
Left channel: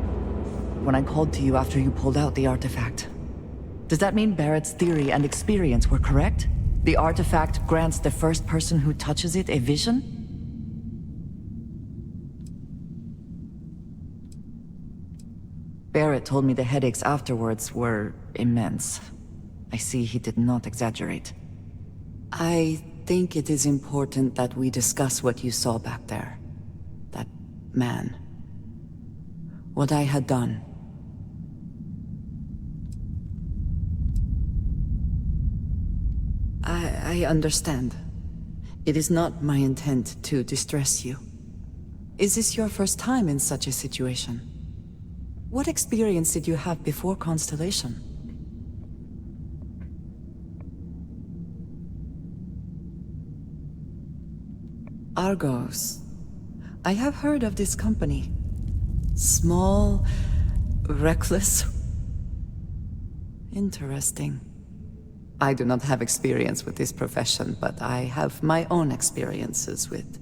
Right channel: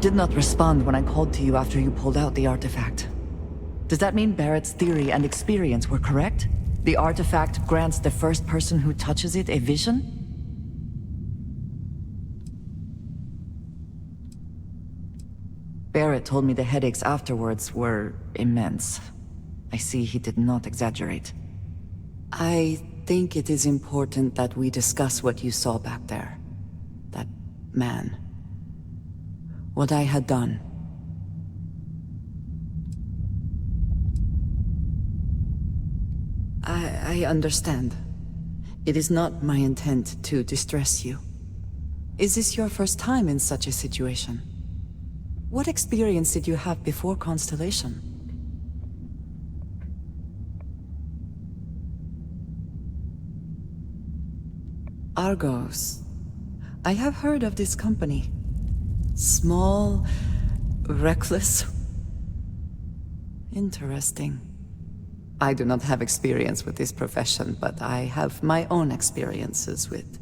did not respond when I called to you after you pulled out the artifact. Does that mean Barrett's theory and experience were correct? The artifact grants the first person who touches it a vision? Barrett told me the headaches afterwards were immense. I see he did not exaggerate. I think it is important that we discuss what you saw back there. That man. What I had done. I understand. It is not my intent to distress you. Is this your first time in such a situation? What experience did you have before Constellation? Argos. I have heard of this company. Small, reckless. Interesting. I do not have experience with this profession, but I have my own experiences with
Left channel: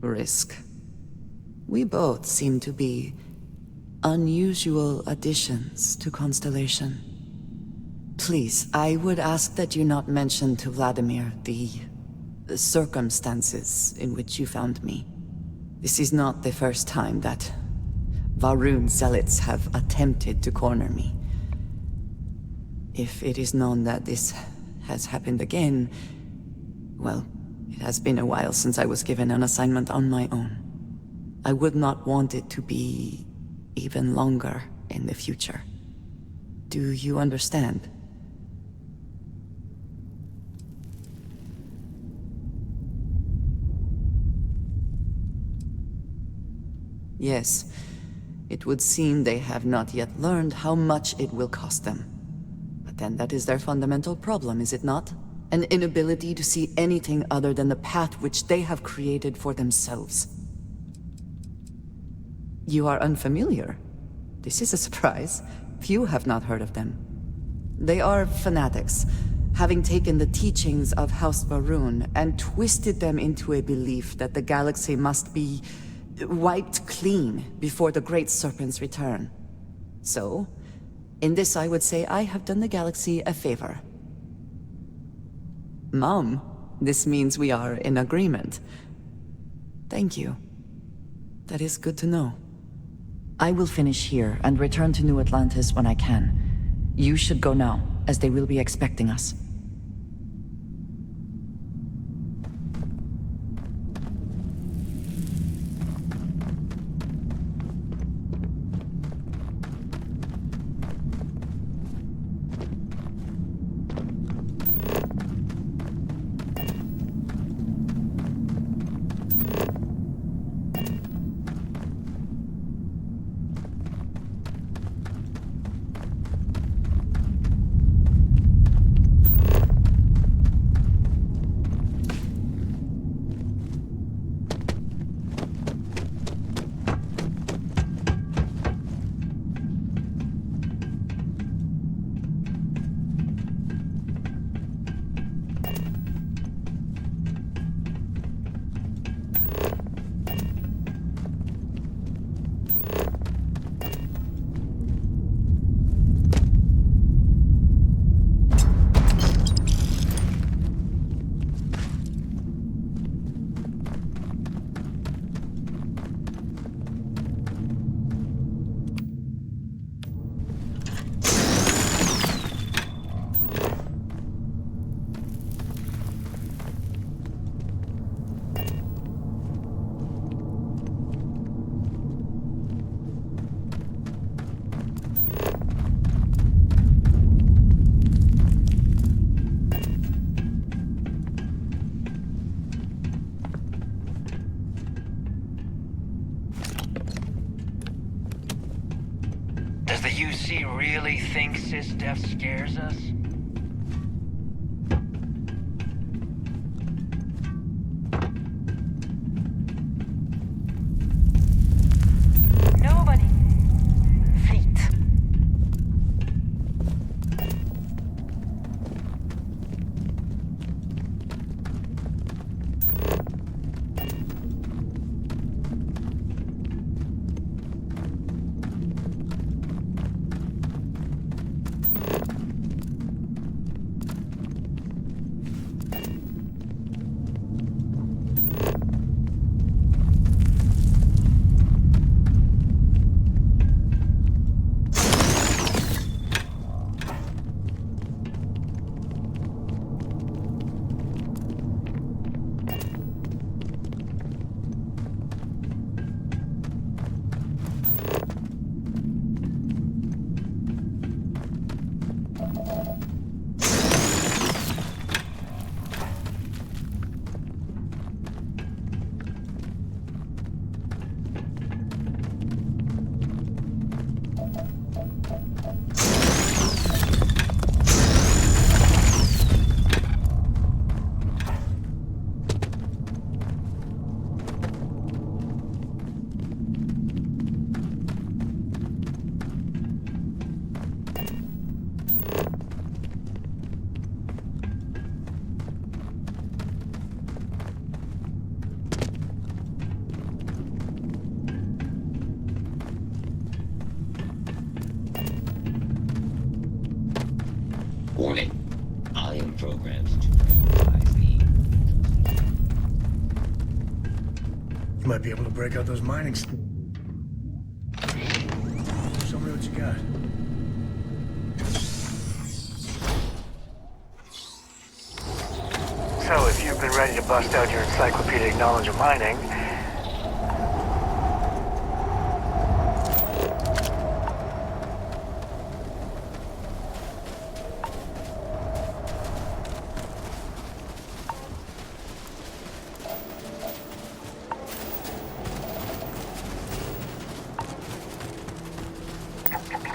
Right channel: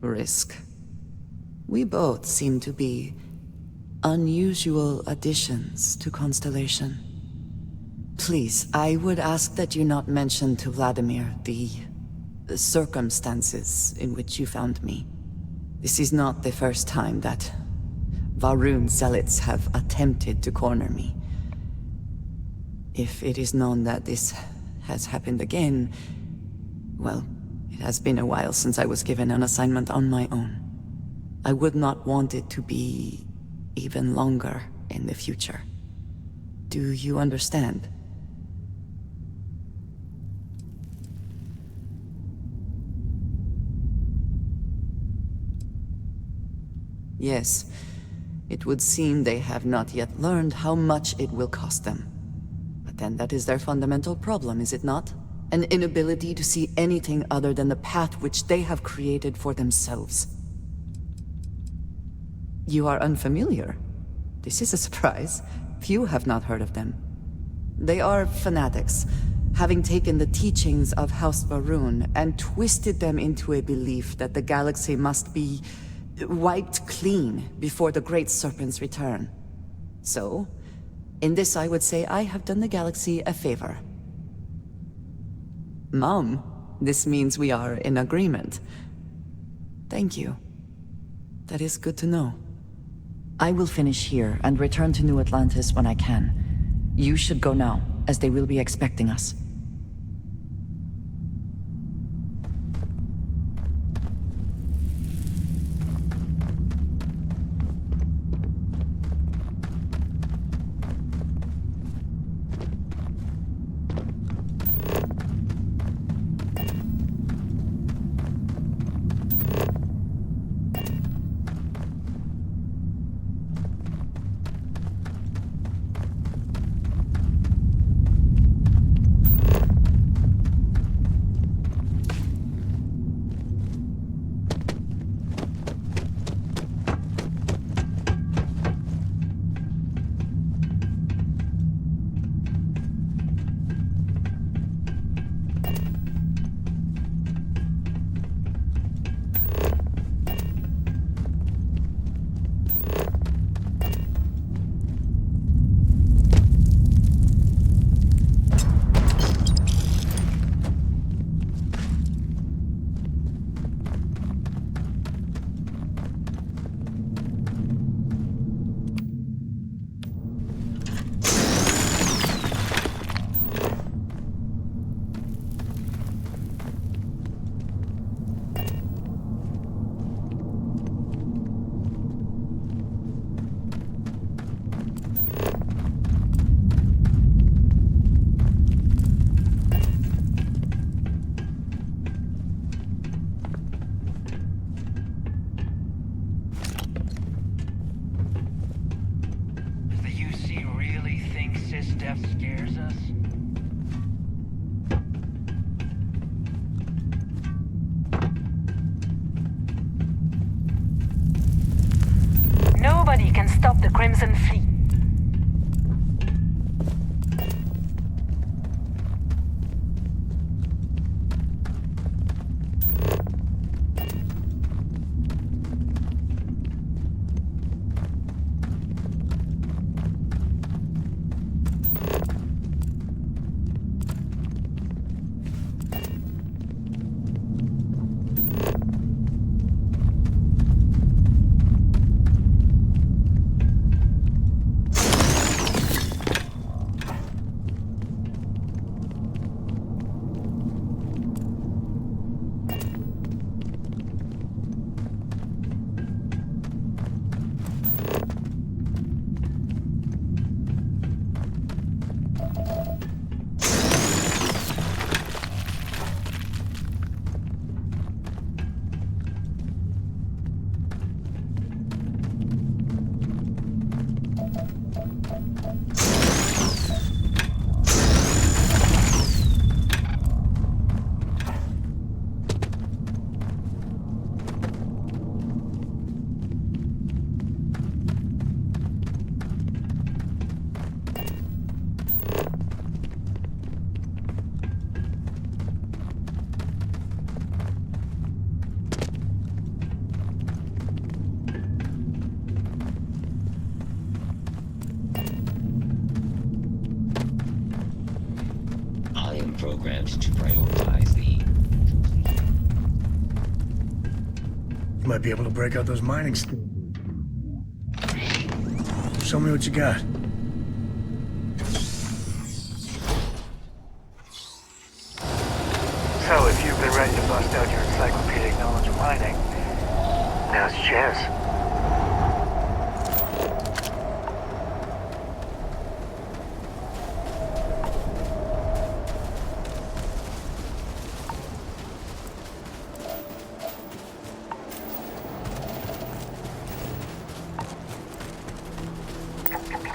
risk. We both seem to be unusual additions to Constellation. Please, I would ask that you not mention to Vladimir the circumstances in which you found me. This is not the first time that Varun zealots have attempted to corner me. If it is known that this has happened again, well, it has been a while since I was given an assignment on my own. I would not want it to be even longer in the future. Do you understand? Yes, it would seem they have not yet learned how much it will cost them. But then that is their fundamental problem, is it not? An inability to see anything other than the path which they have created for themselves. You are unfamiliar. This is a surprise. Few have not heard of them. They are fanatics, having taken the teachings of House Varun and twisted them into a belief that the galaxy must be wiped clean before the Great Serpent's return. So, in this I would say I have done the galaxy a favor. Mom, this means we are in agreement. Thank you. That is good to know. I will finish here and return to New Atlantis when I can. You should go now, as they will be expecting us. Does the UC really think SysDef scares us? Nobody can stop the Crimson Fleet. Warning. I am programmed to prioritize the... You might be able to break out those mining Show me what you got. So, if you've been ready to bust out your encyclopedic knowledge of mining, now's your chance.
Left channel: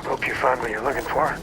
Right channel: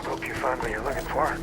Hope you find what you're looking for.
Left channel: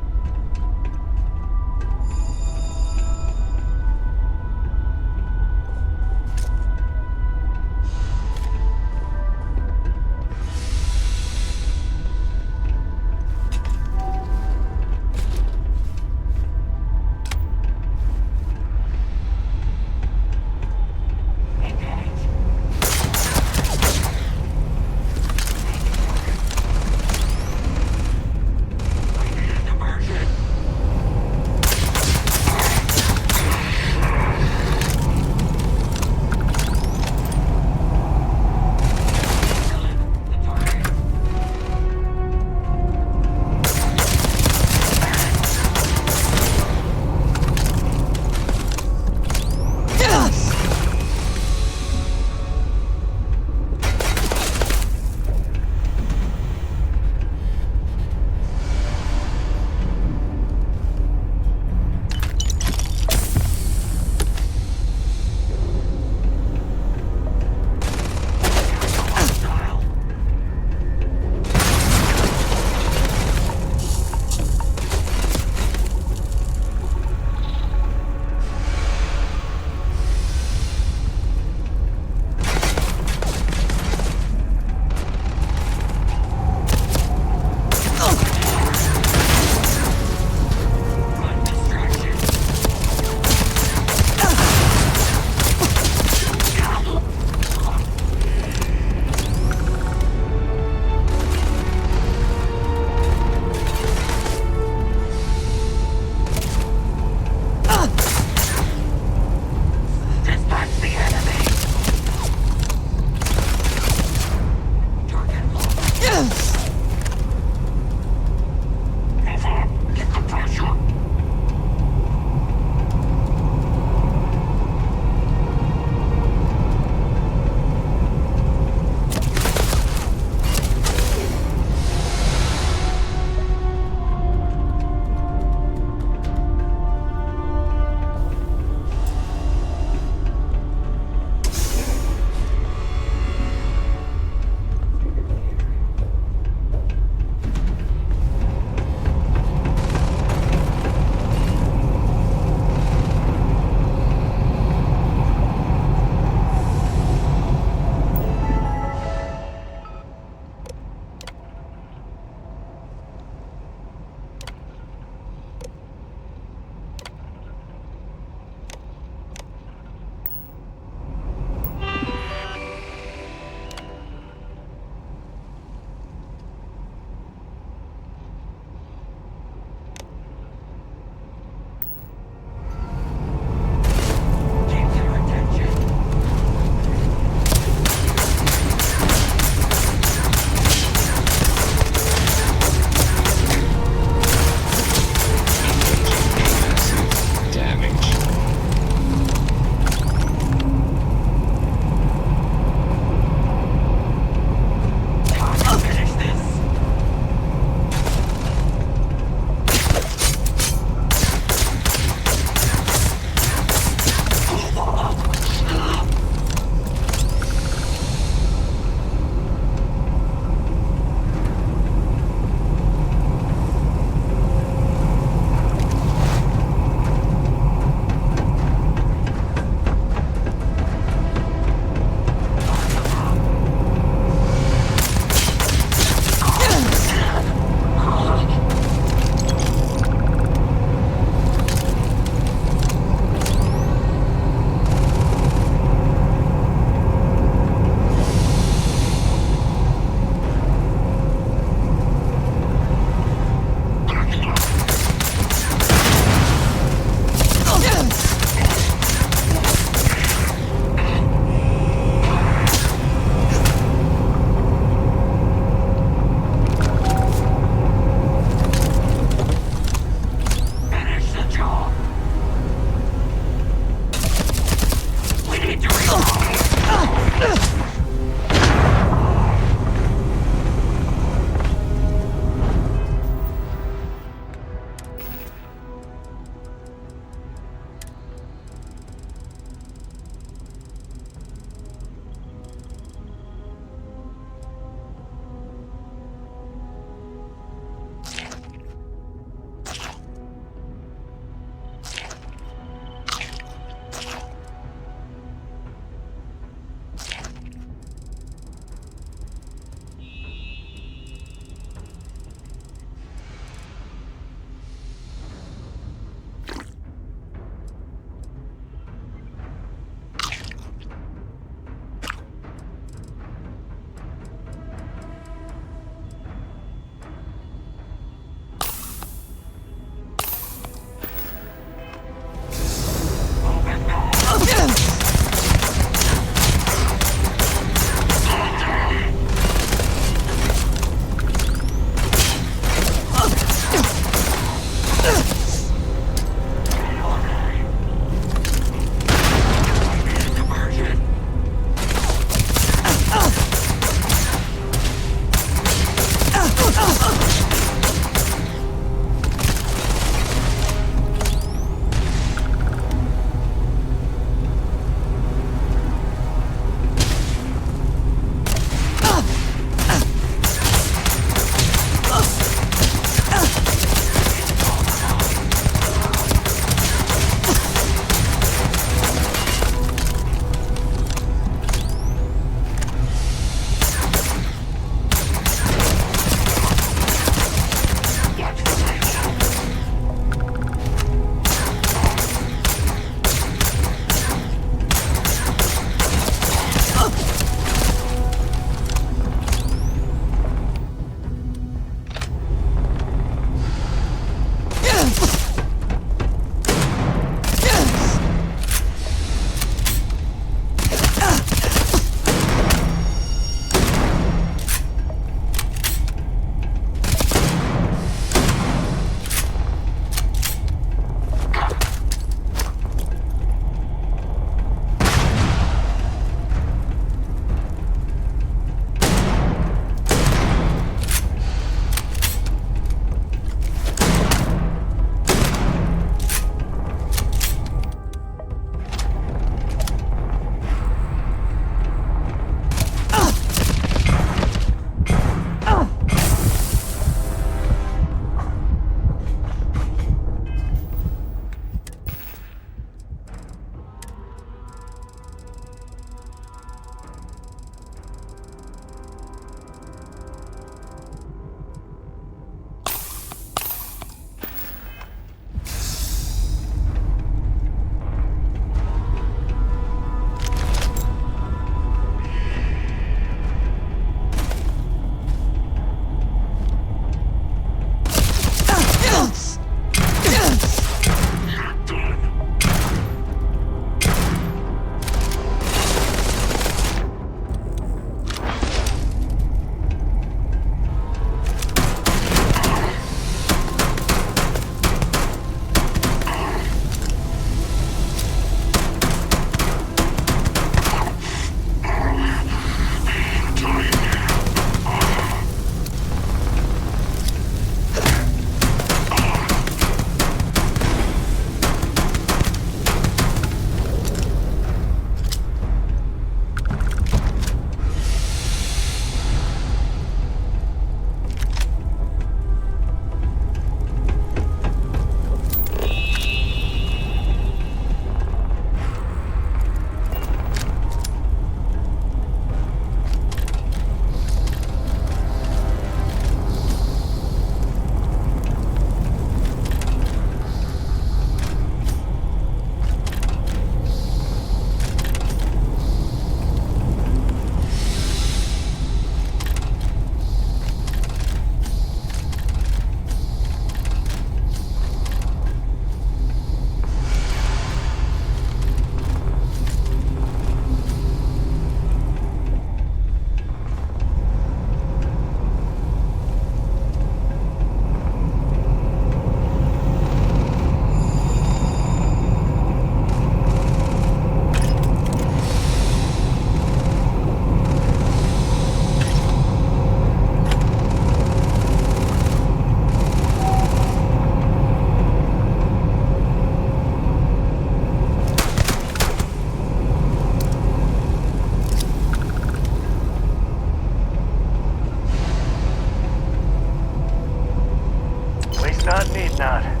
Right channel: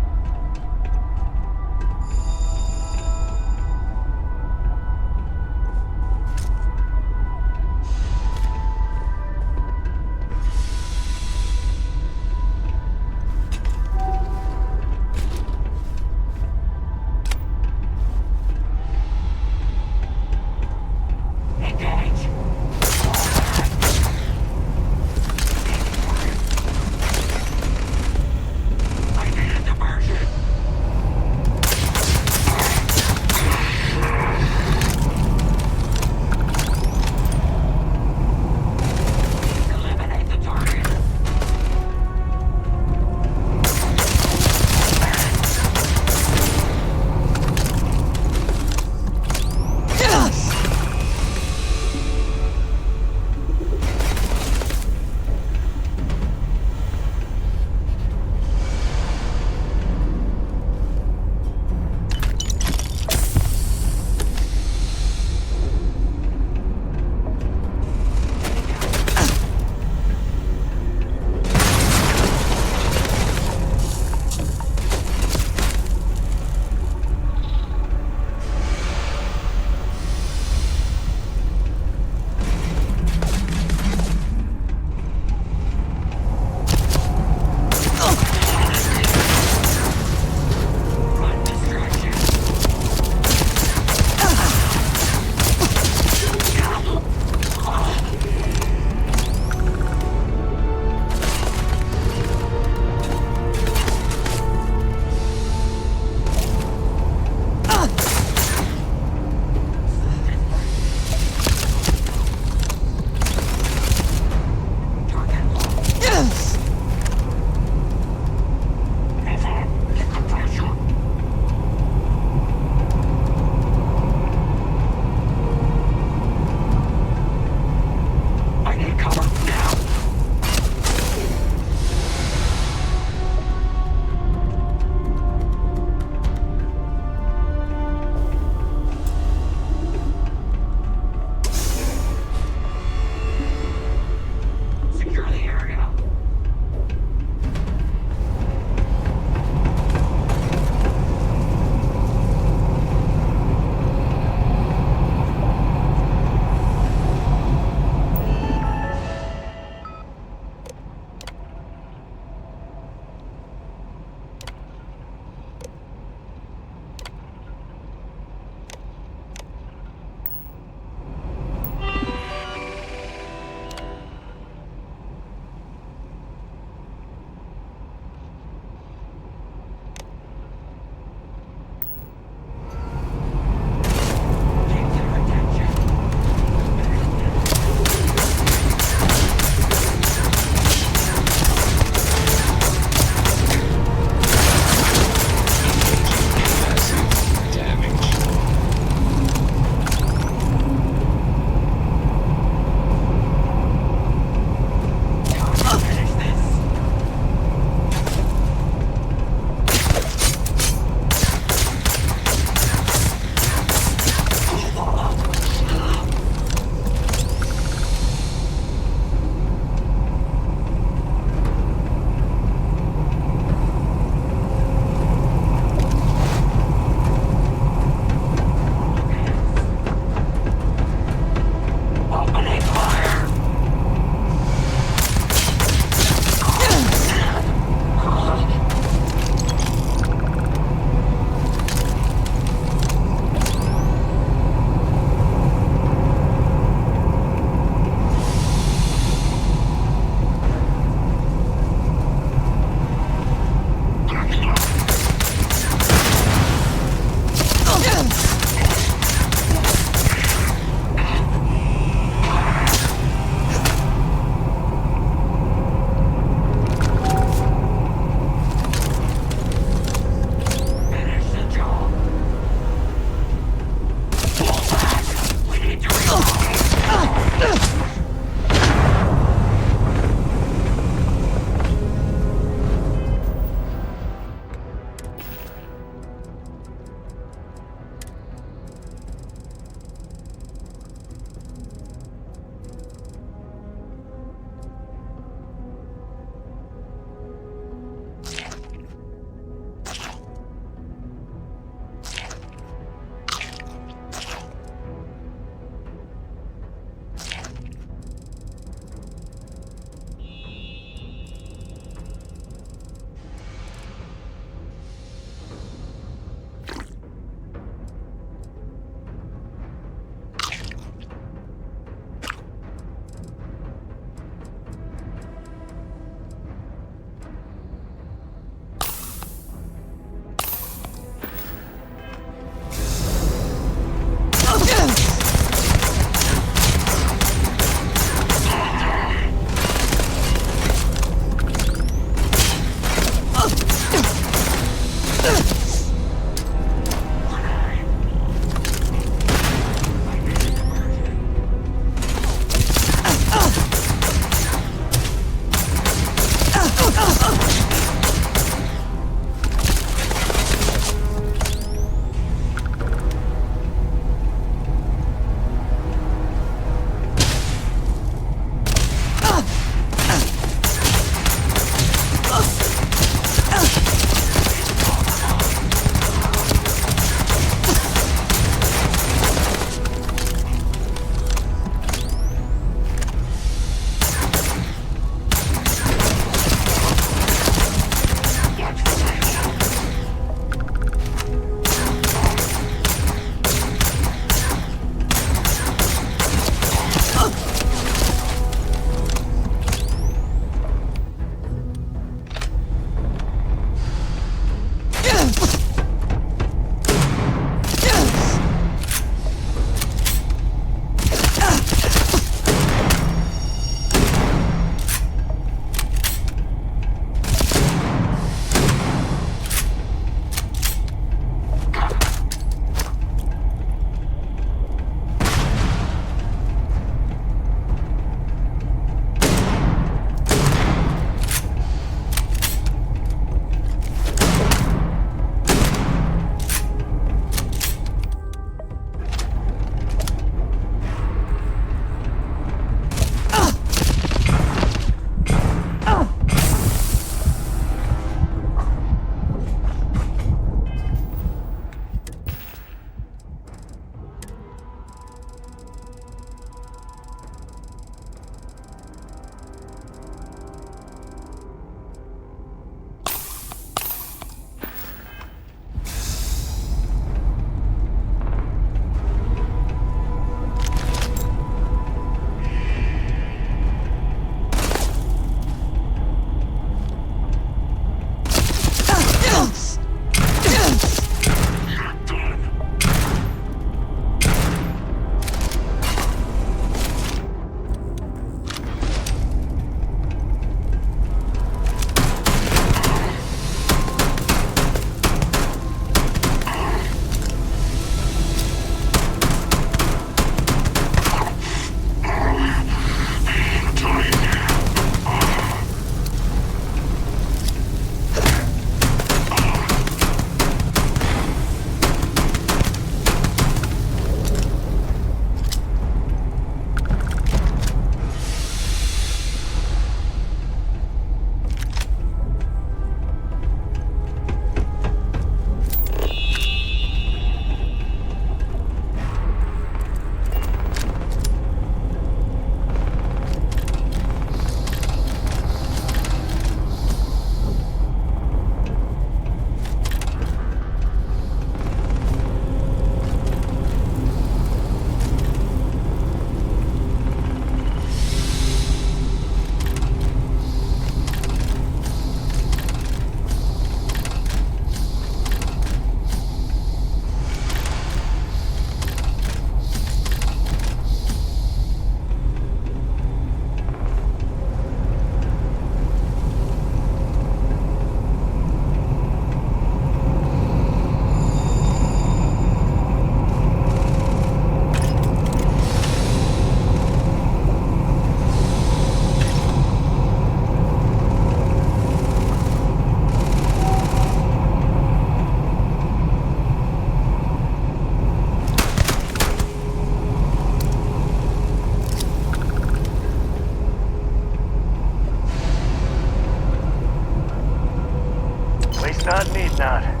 Not need not.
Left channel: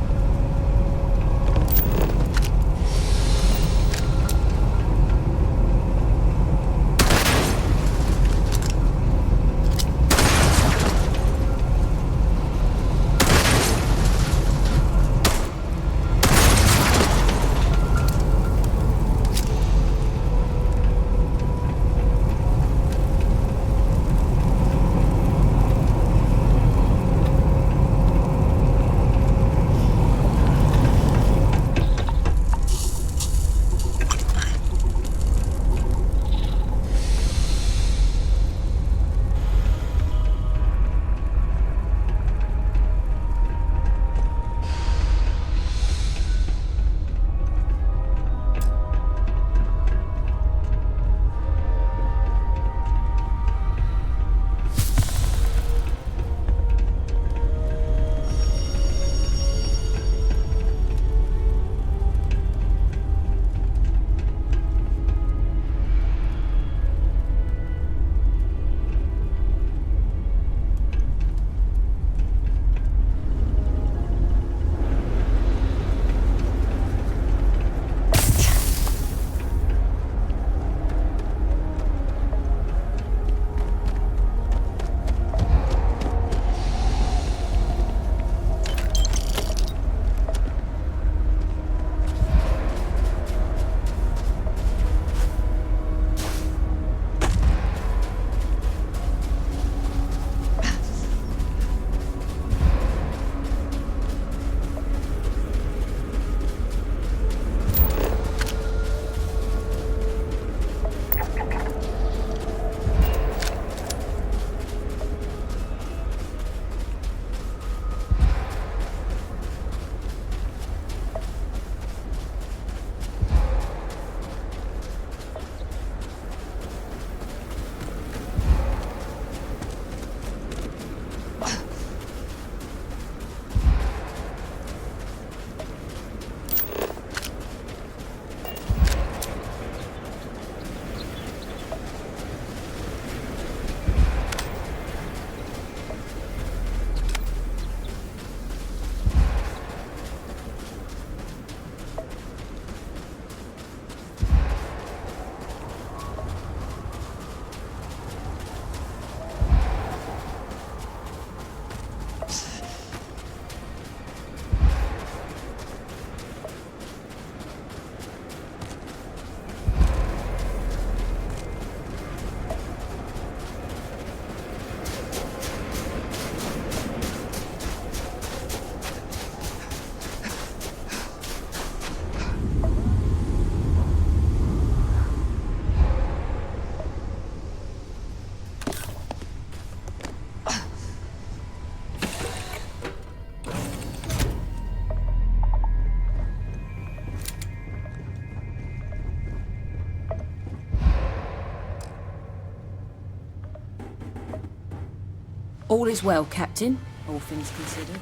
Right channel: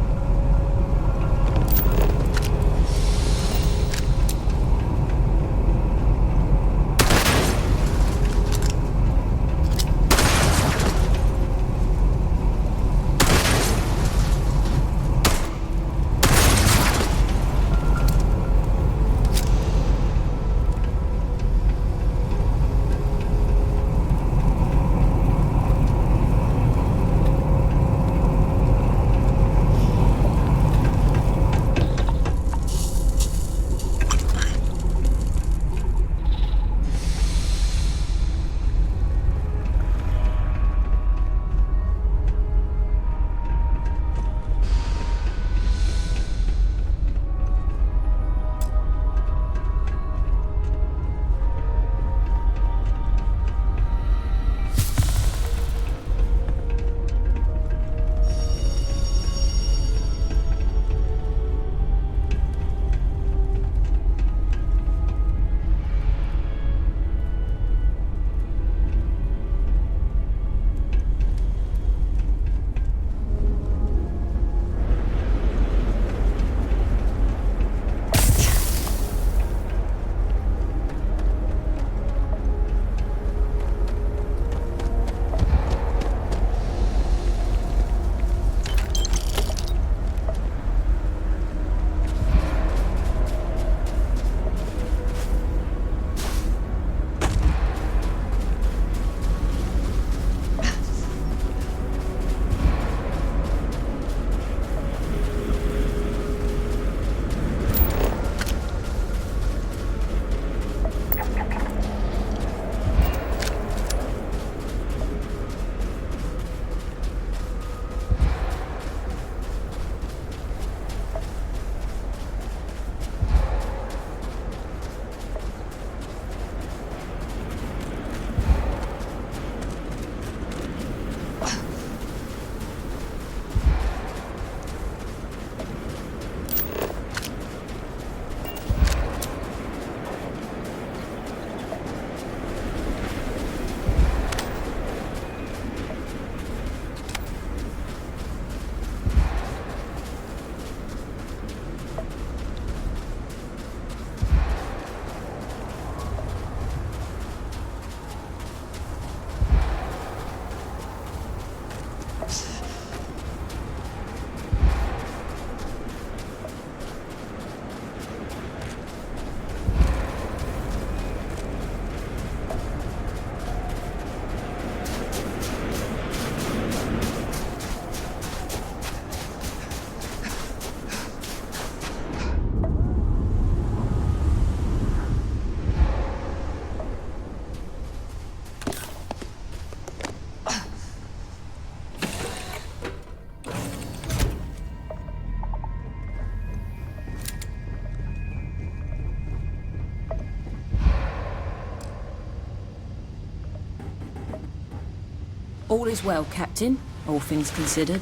All is well, Captain, all things considered.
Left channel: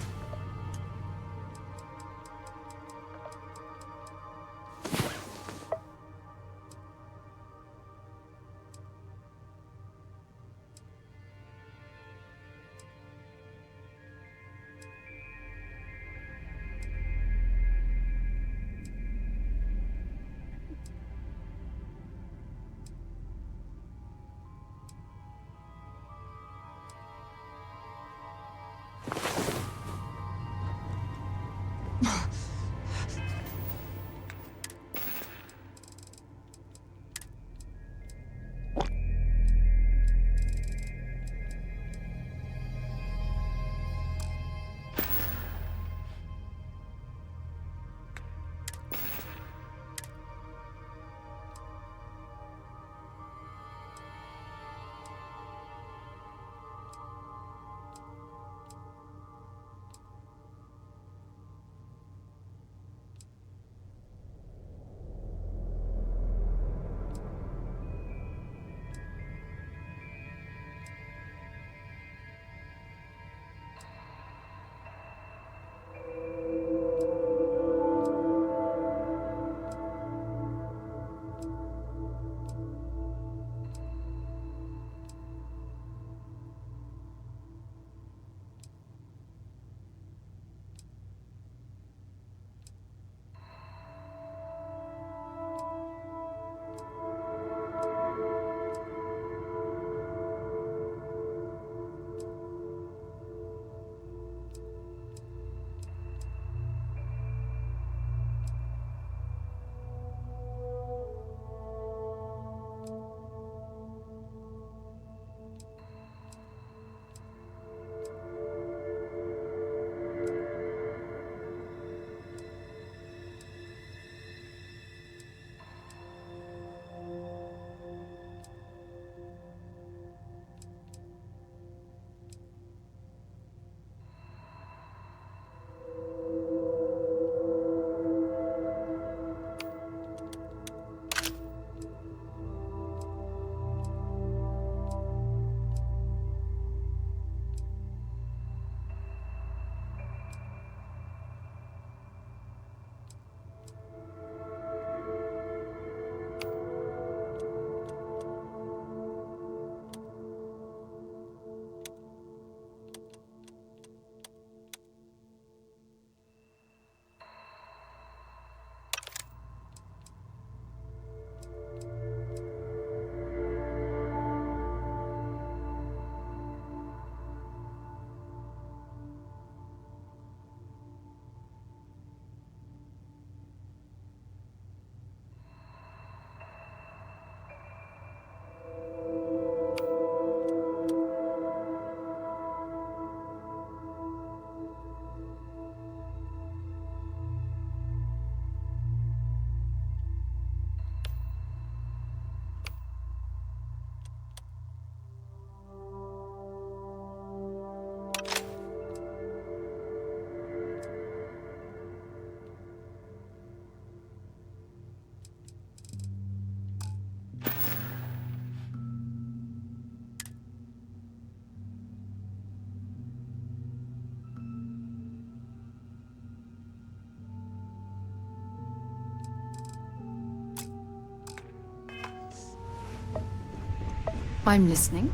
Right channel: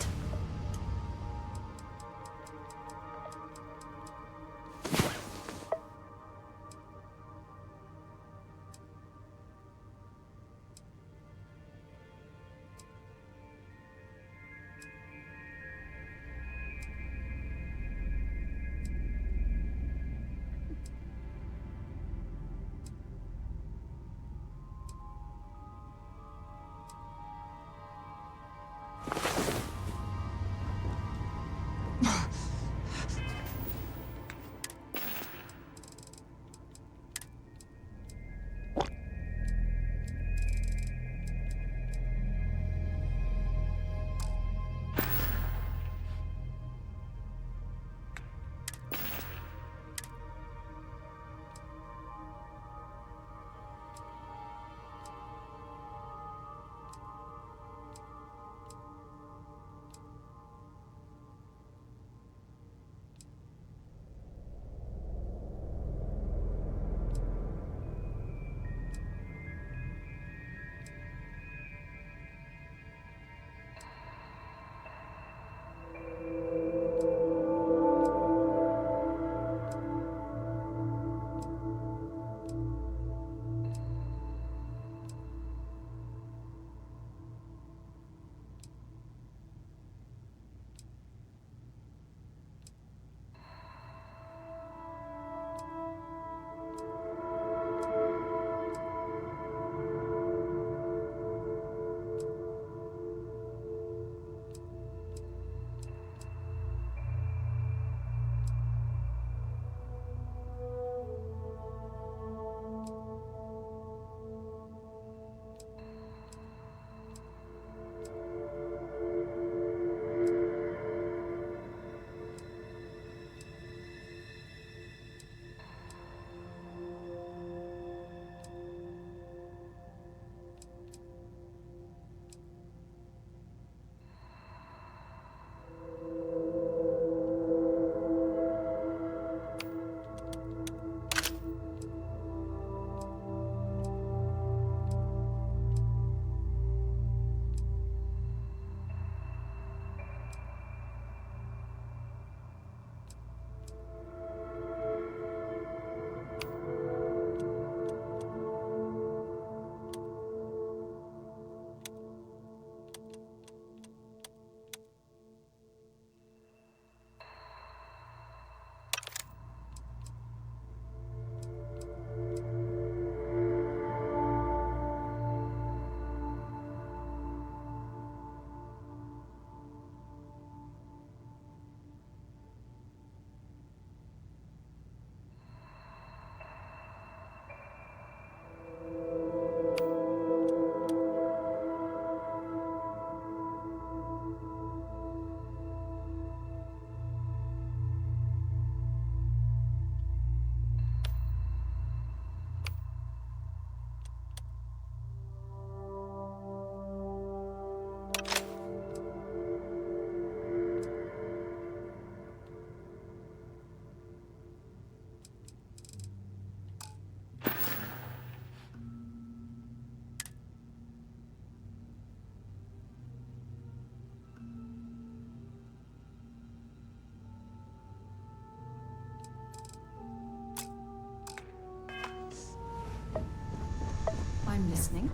I'm listening.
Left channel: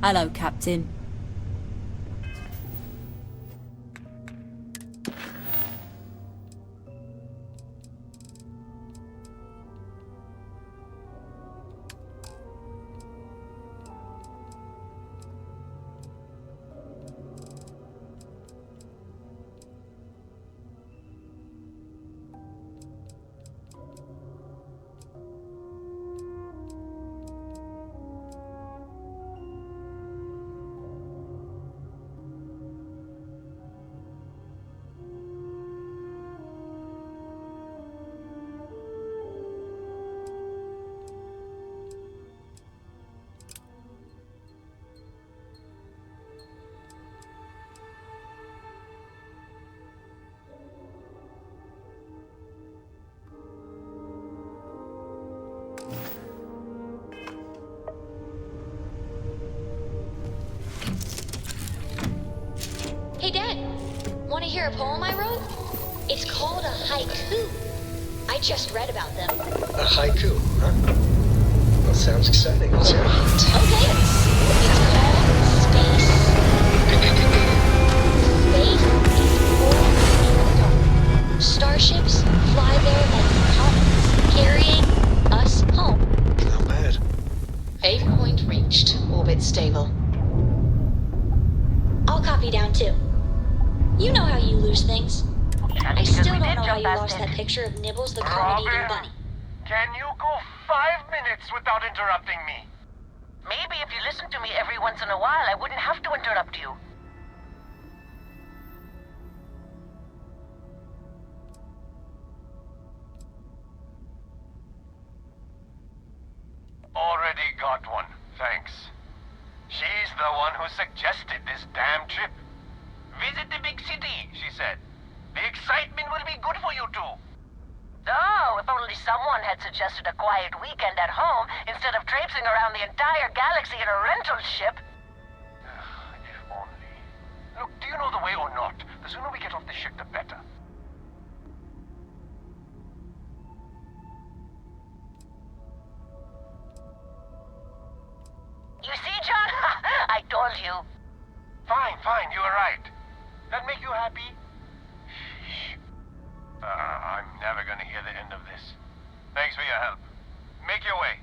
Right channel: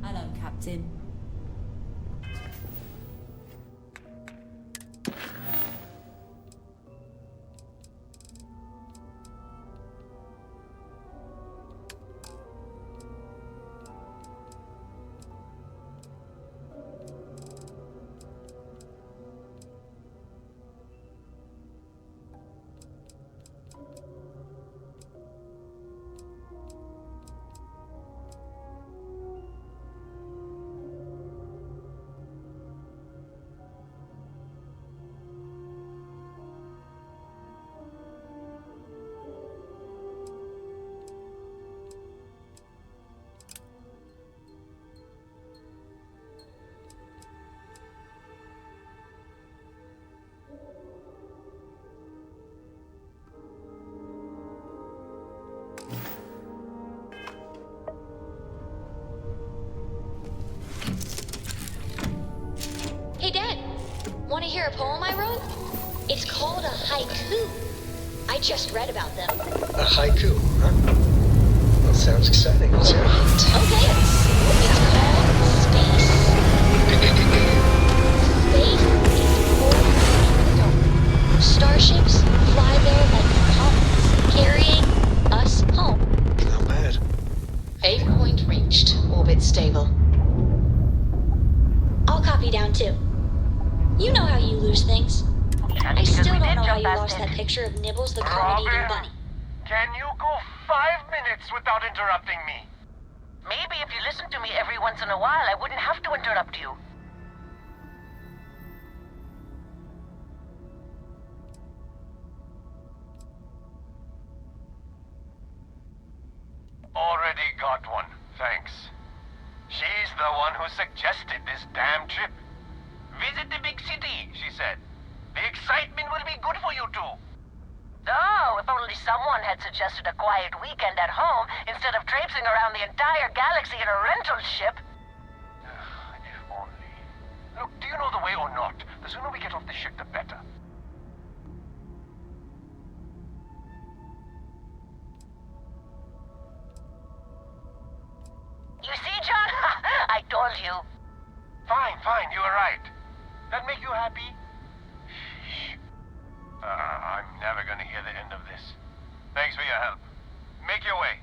Hello, Captain. Hey, Dad. Want to hear a poem I wrote? It's called a haiku. I just read about them. A haiku, huh? Well, sounds exciting. Let's hear it. Okay. It's called Space. Space is pouring in the dark. Starships fly there like comets, carrying us home. Not bad. Aim point reached. Orbit stable. I'll copy down too. You know how you lose things. I still don't know how you lost that picture of Nibbles the comet-eating bunny. Can you go 5 minutes without interrupting me? Maybe if you listen to me every once in a while, I wouldn't have to interrupt you. Already got one, thanks. She's the one who suggested this damn trip. Visit the big city, she said. The excitement will be good for you two. Oh, if only someone had suggested a quiet weekend at home instead of traipsing around the entire galaxy in a rental ship. If only. Look, do you know the way or not? The sooner we get off the ship, the better. You see, John? I told you. Fine, you were right. That make you happy? Shh. I'm never gonna hear the end of this. Thanks for your help. Make your way.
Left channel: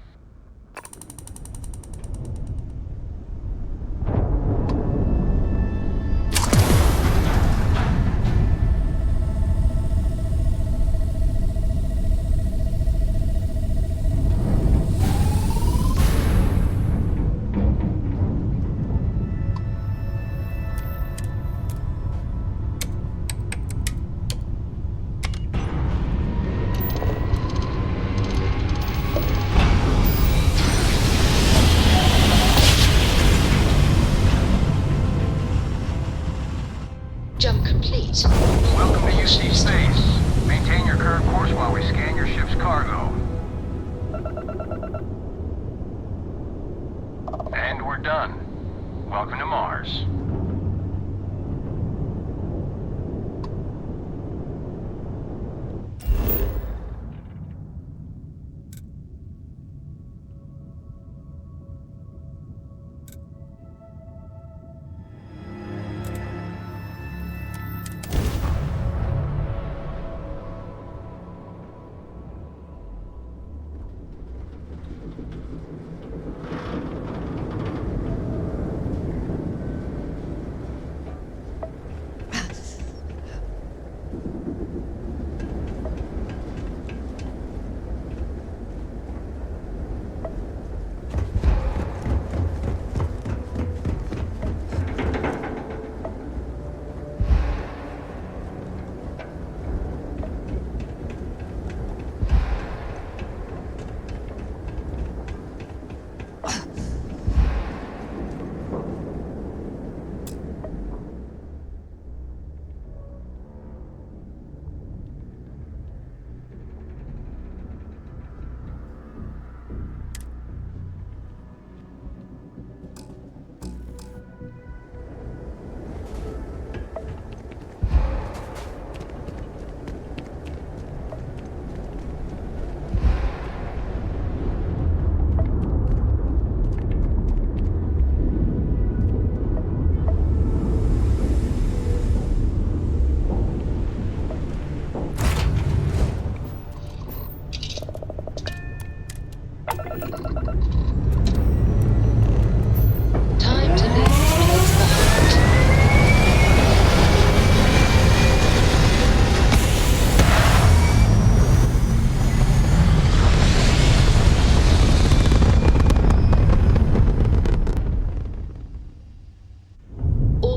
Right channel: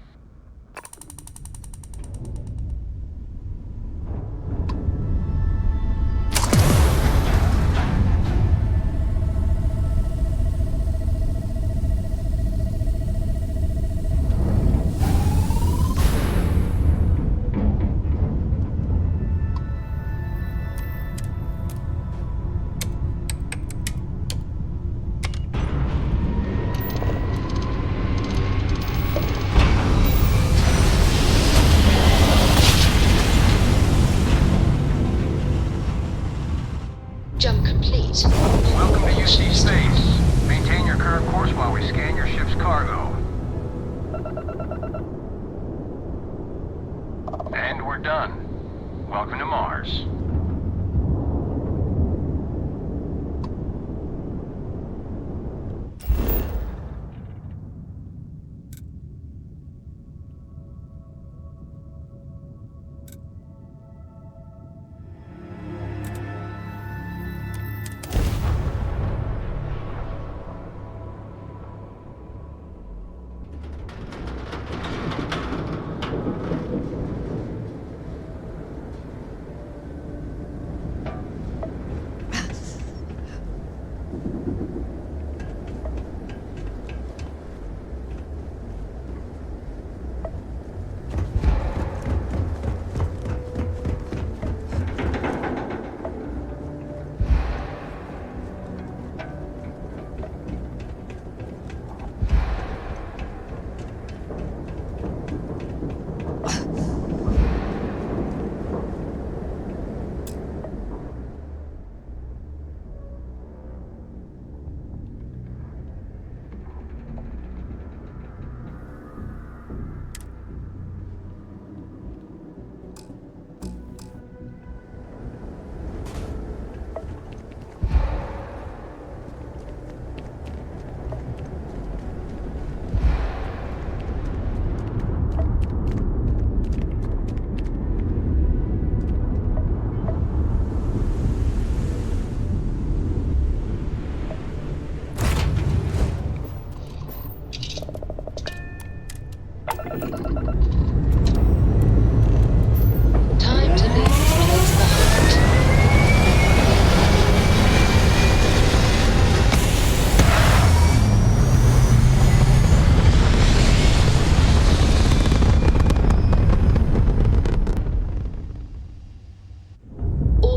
Jump complete. Welcome to UC Space. Maintain your current course while we scan your ship's cargo. And we're done. Welcome to Mars.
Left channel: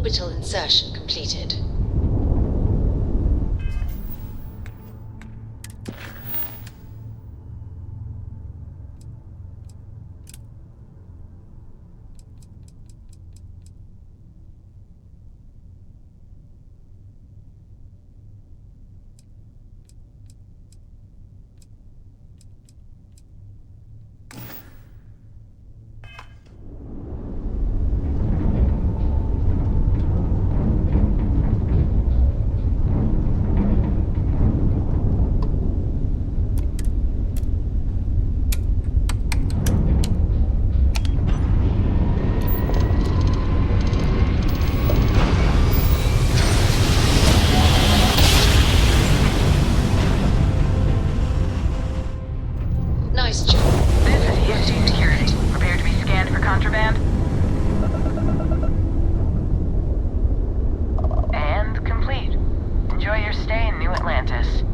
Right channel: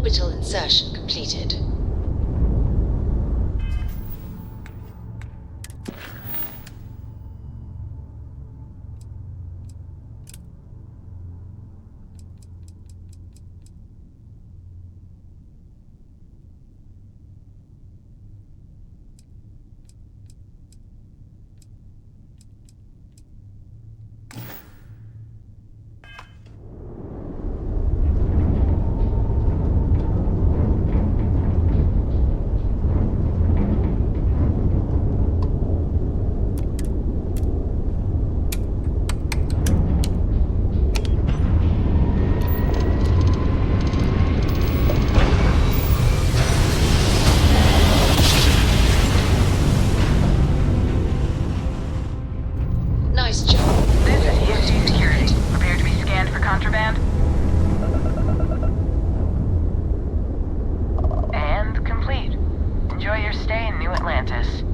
Orbital insertion completed. Nice job. This is ESG Security. Prepare to be scanned for contraband. And complete. Enjoy your stay in New Atlantis.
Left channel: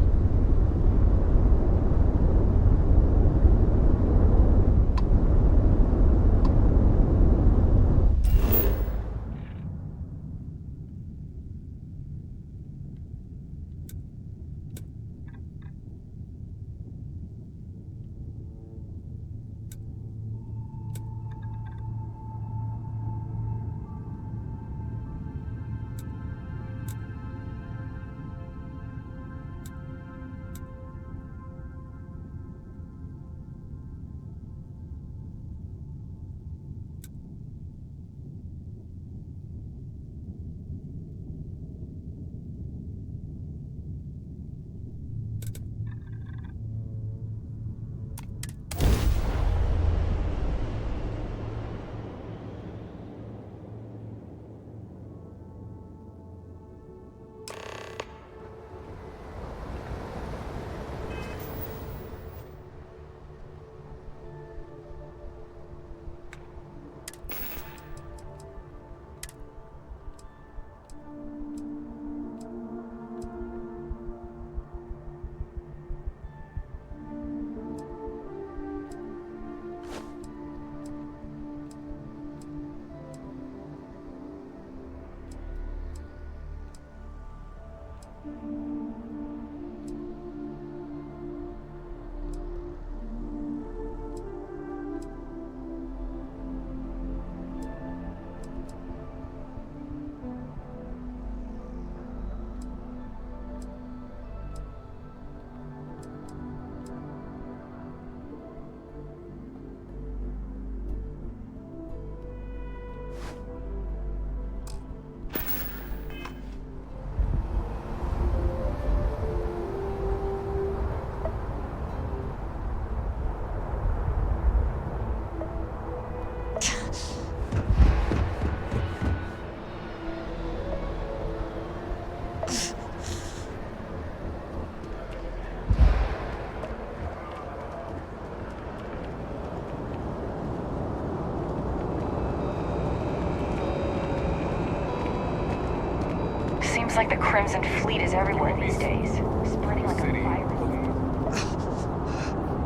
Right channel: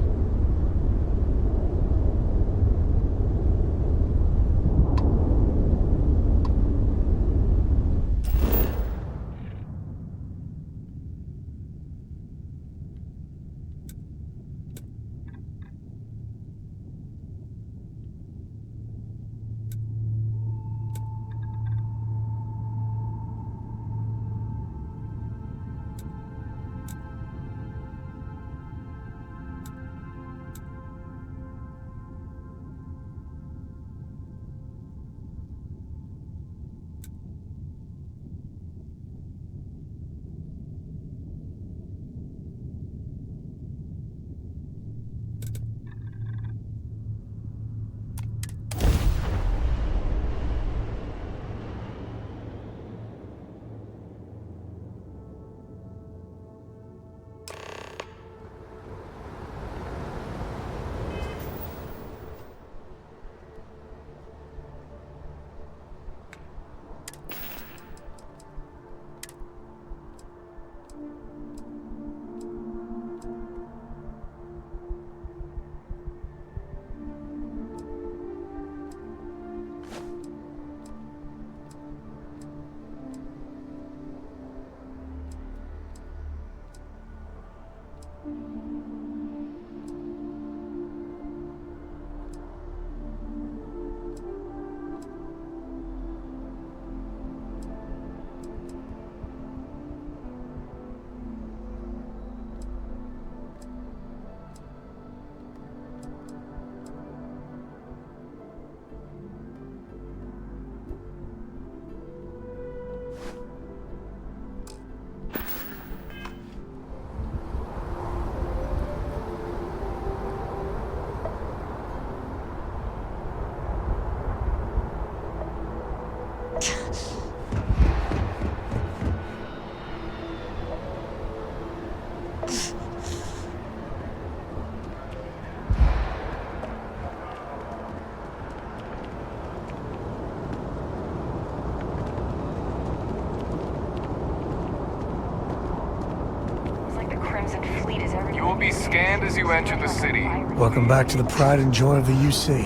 Like the Crimson Fleet is everywhere. You will be scanned as you enter the city. Welcome back to the pride and joy of the UC.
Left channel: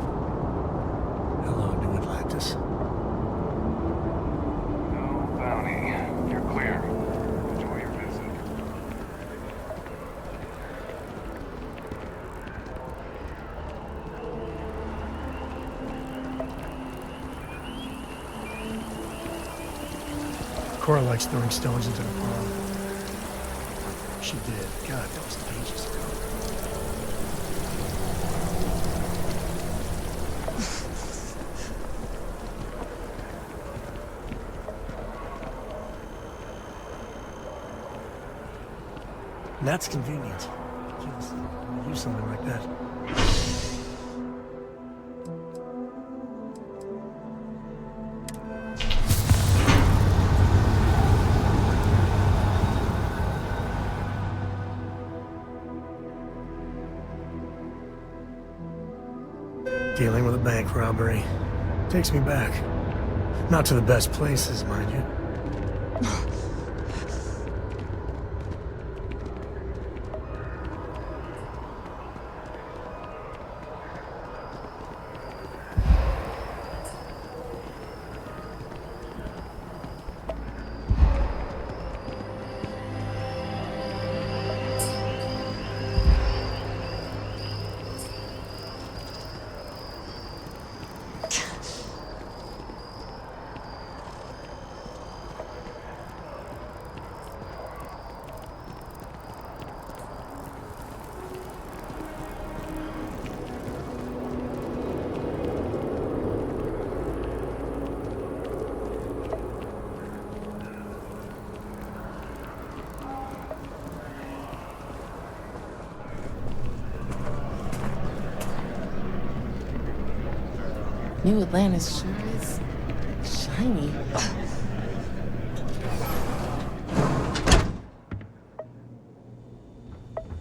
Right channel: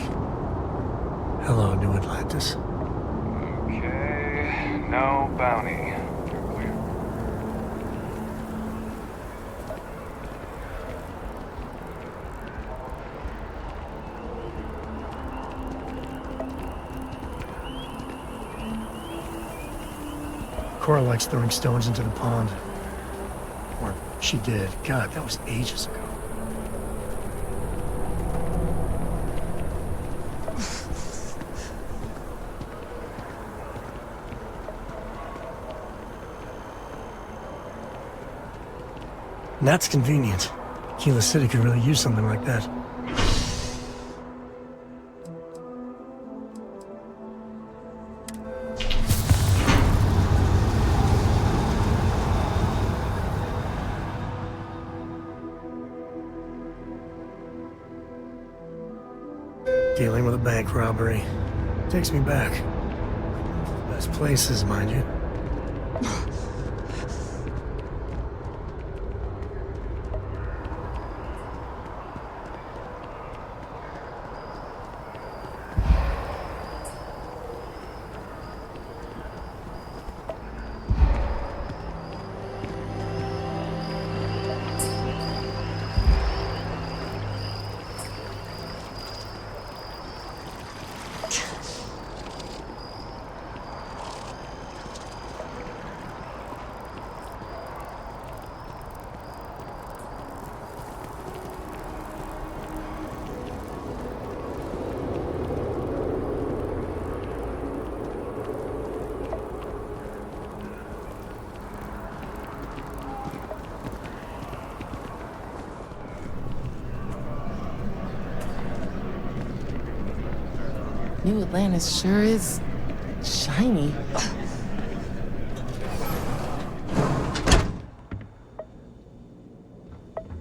Hello, New Atlantis. Okay. No bounty. You're clear. Enjoy your visit. Cora likes throwing stones into the pond. Or she did. God, that was ages ago. And that's convenient. Kila City could really use something like that. Dealing with a bank robbery. Takes me back. Not to the best places, mind you. New Atlantis sure is shiny.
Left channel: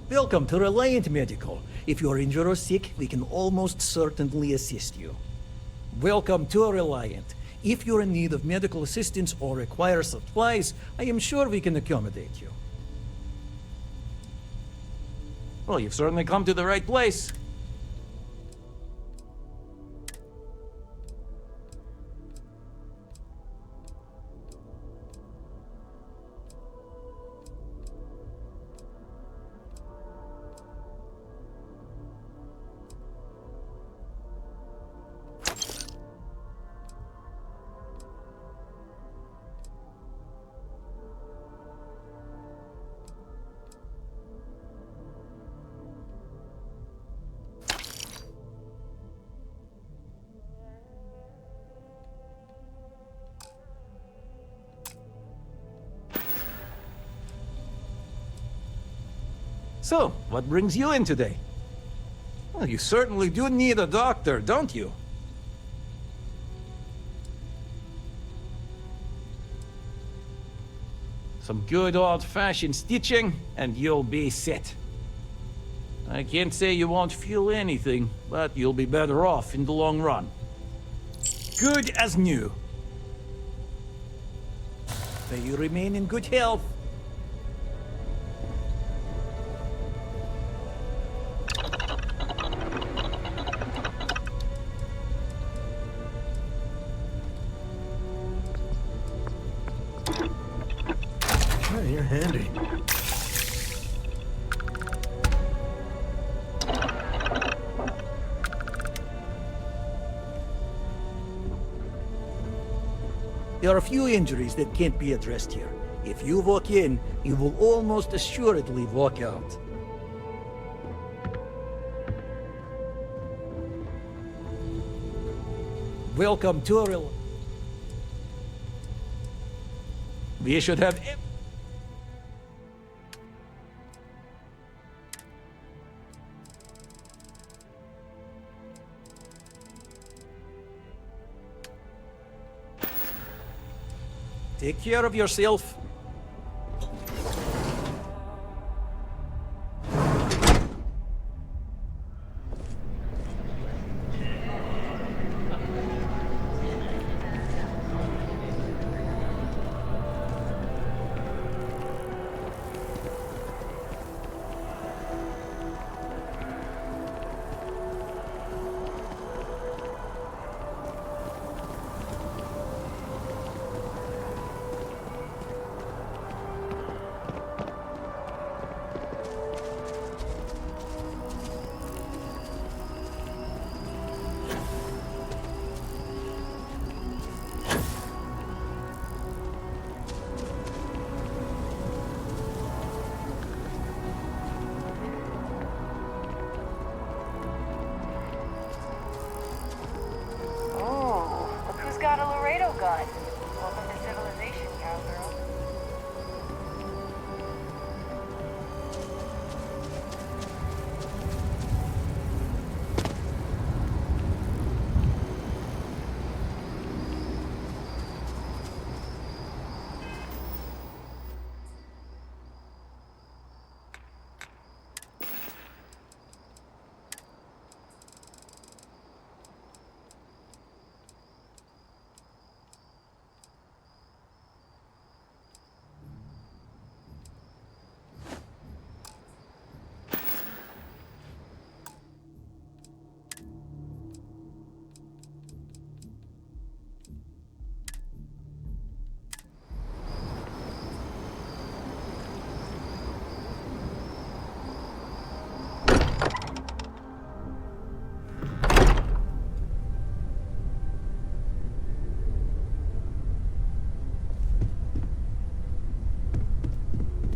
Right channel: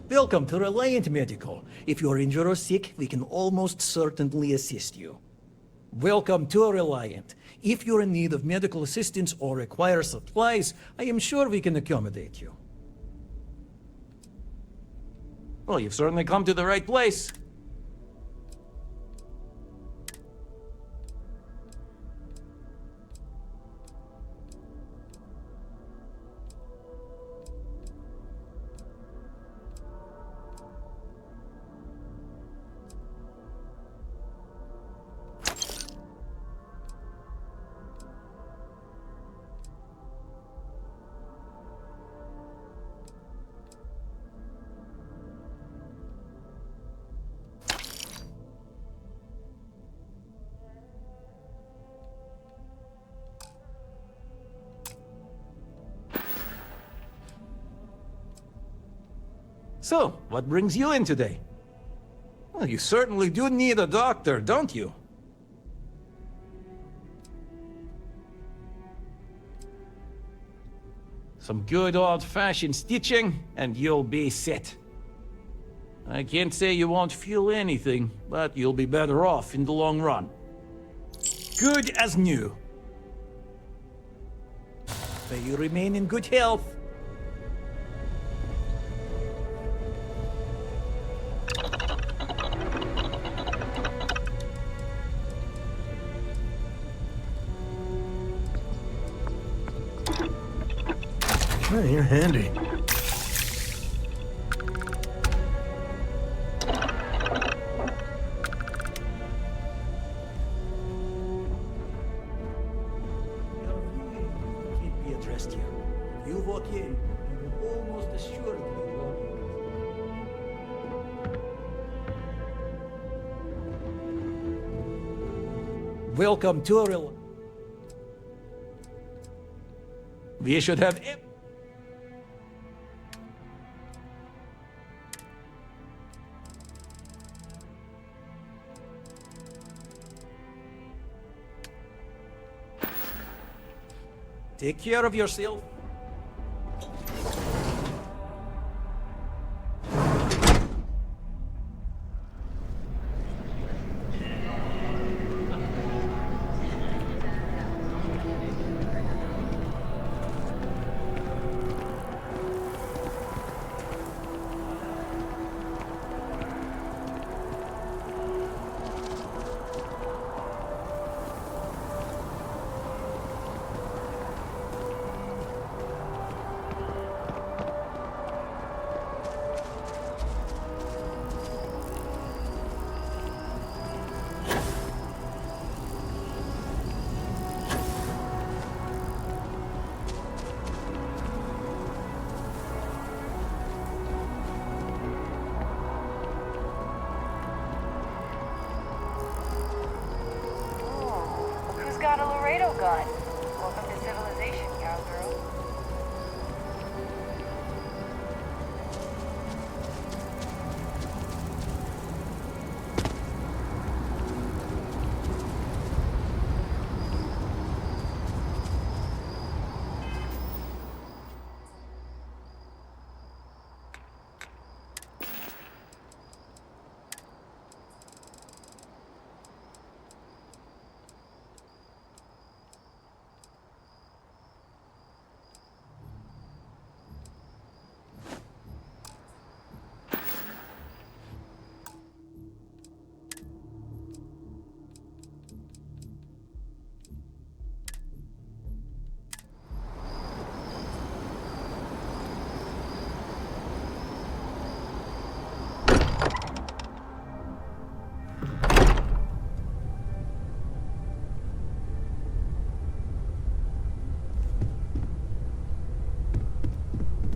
Welcome to Reliant Medical. If you're injured or sick, we can almost certainly assist you. Welcome to Reliant. If you're in need of medical assistance or require supplies, I am sure we can accommodate you. Well, you've certainly come to the right place. So, what brings you in today? Well, you certainly do need a doctor, don't you? Some good old-fashioned stitching, and you'll be set. I can't say you won't feel anything, but you'll be better off in the long run. Good as new. May you remain in good health. Hey, you're handy. There are a few injuries that can't be addressed here. If you walk in, you will almost assuredly walk out. Welcome to Real. We should have. Take care of yourself. Got a Laredo gun. Welcome to civilization, cowgirl.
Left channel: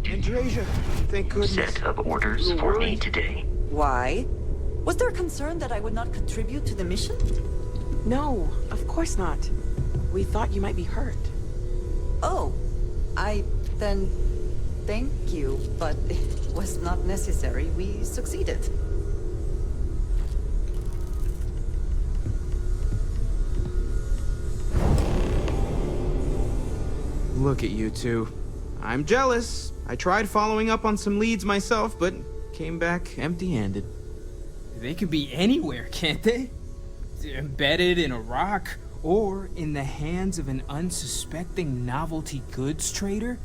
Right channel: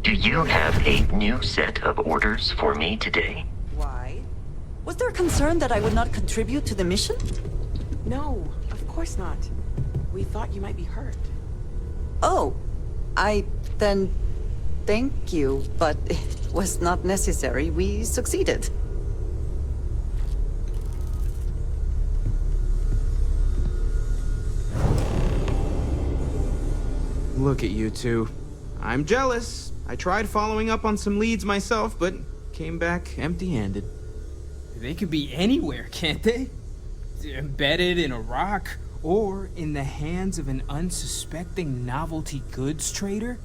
Do you have a new set of orders for me today? Why? Was there a concern that I would not contribute to the mission? No, of course not. We thought you might be hurt. Oh, then thank you, but it was not necessary. We succeeded. Look at you two. I'm jealous. I tried following up on some leads myself, but came back empty-handed. They could be anywhere, can't they? Embedded in a rock, or in the hands of an unsuspecting novelty goods trader?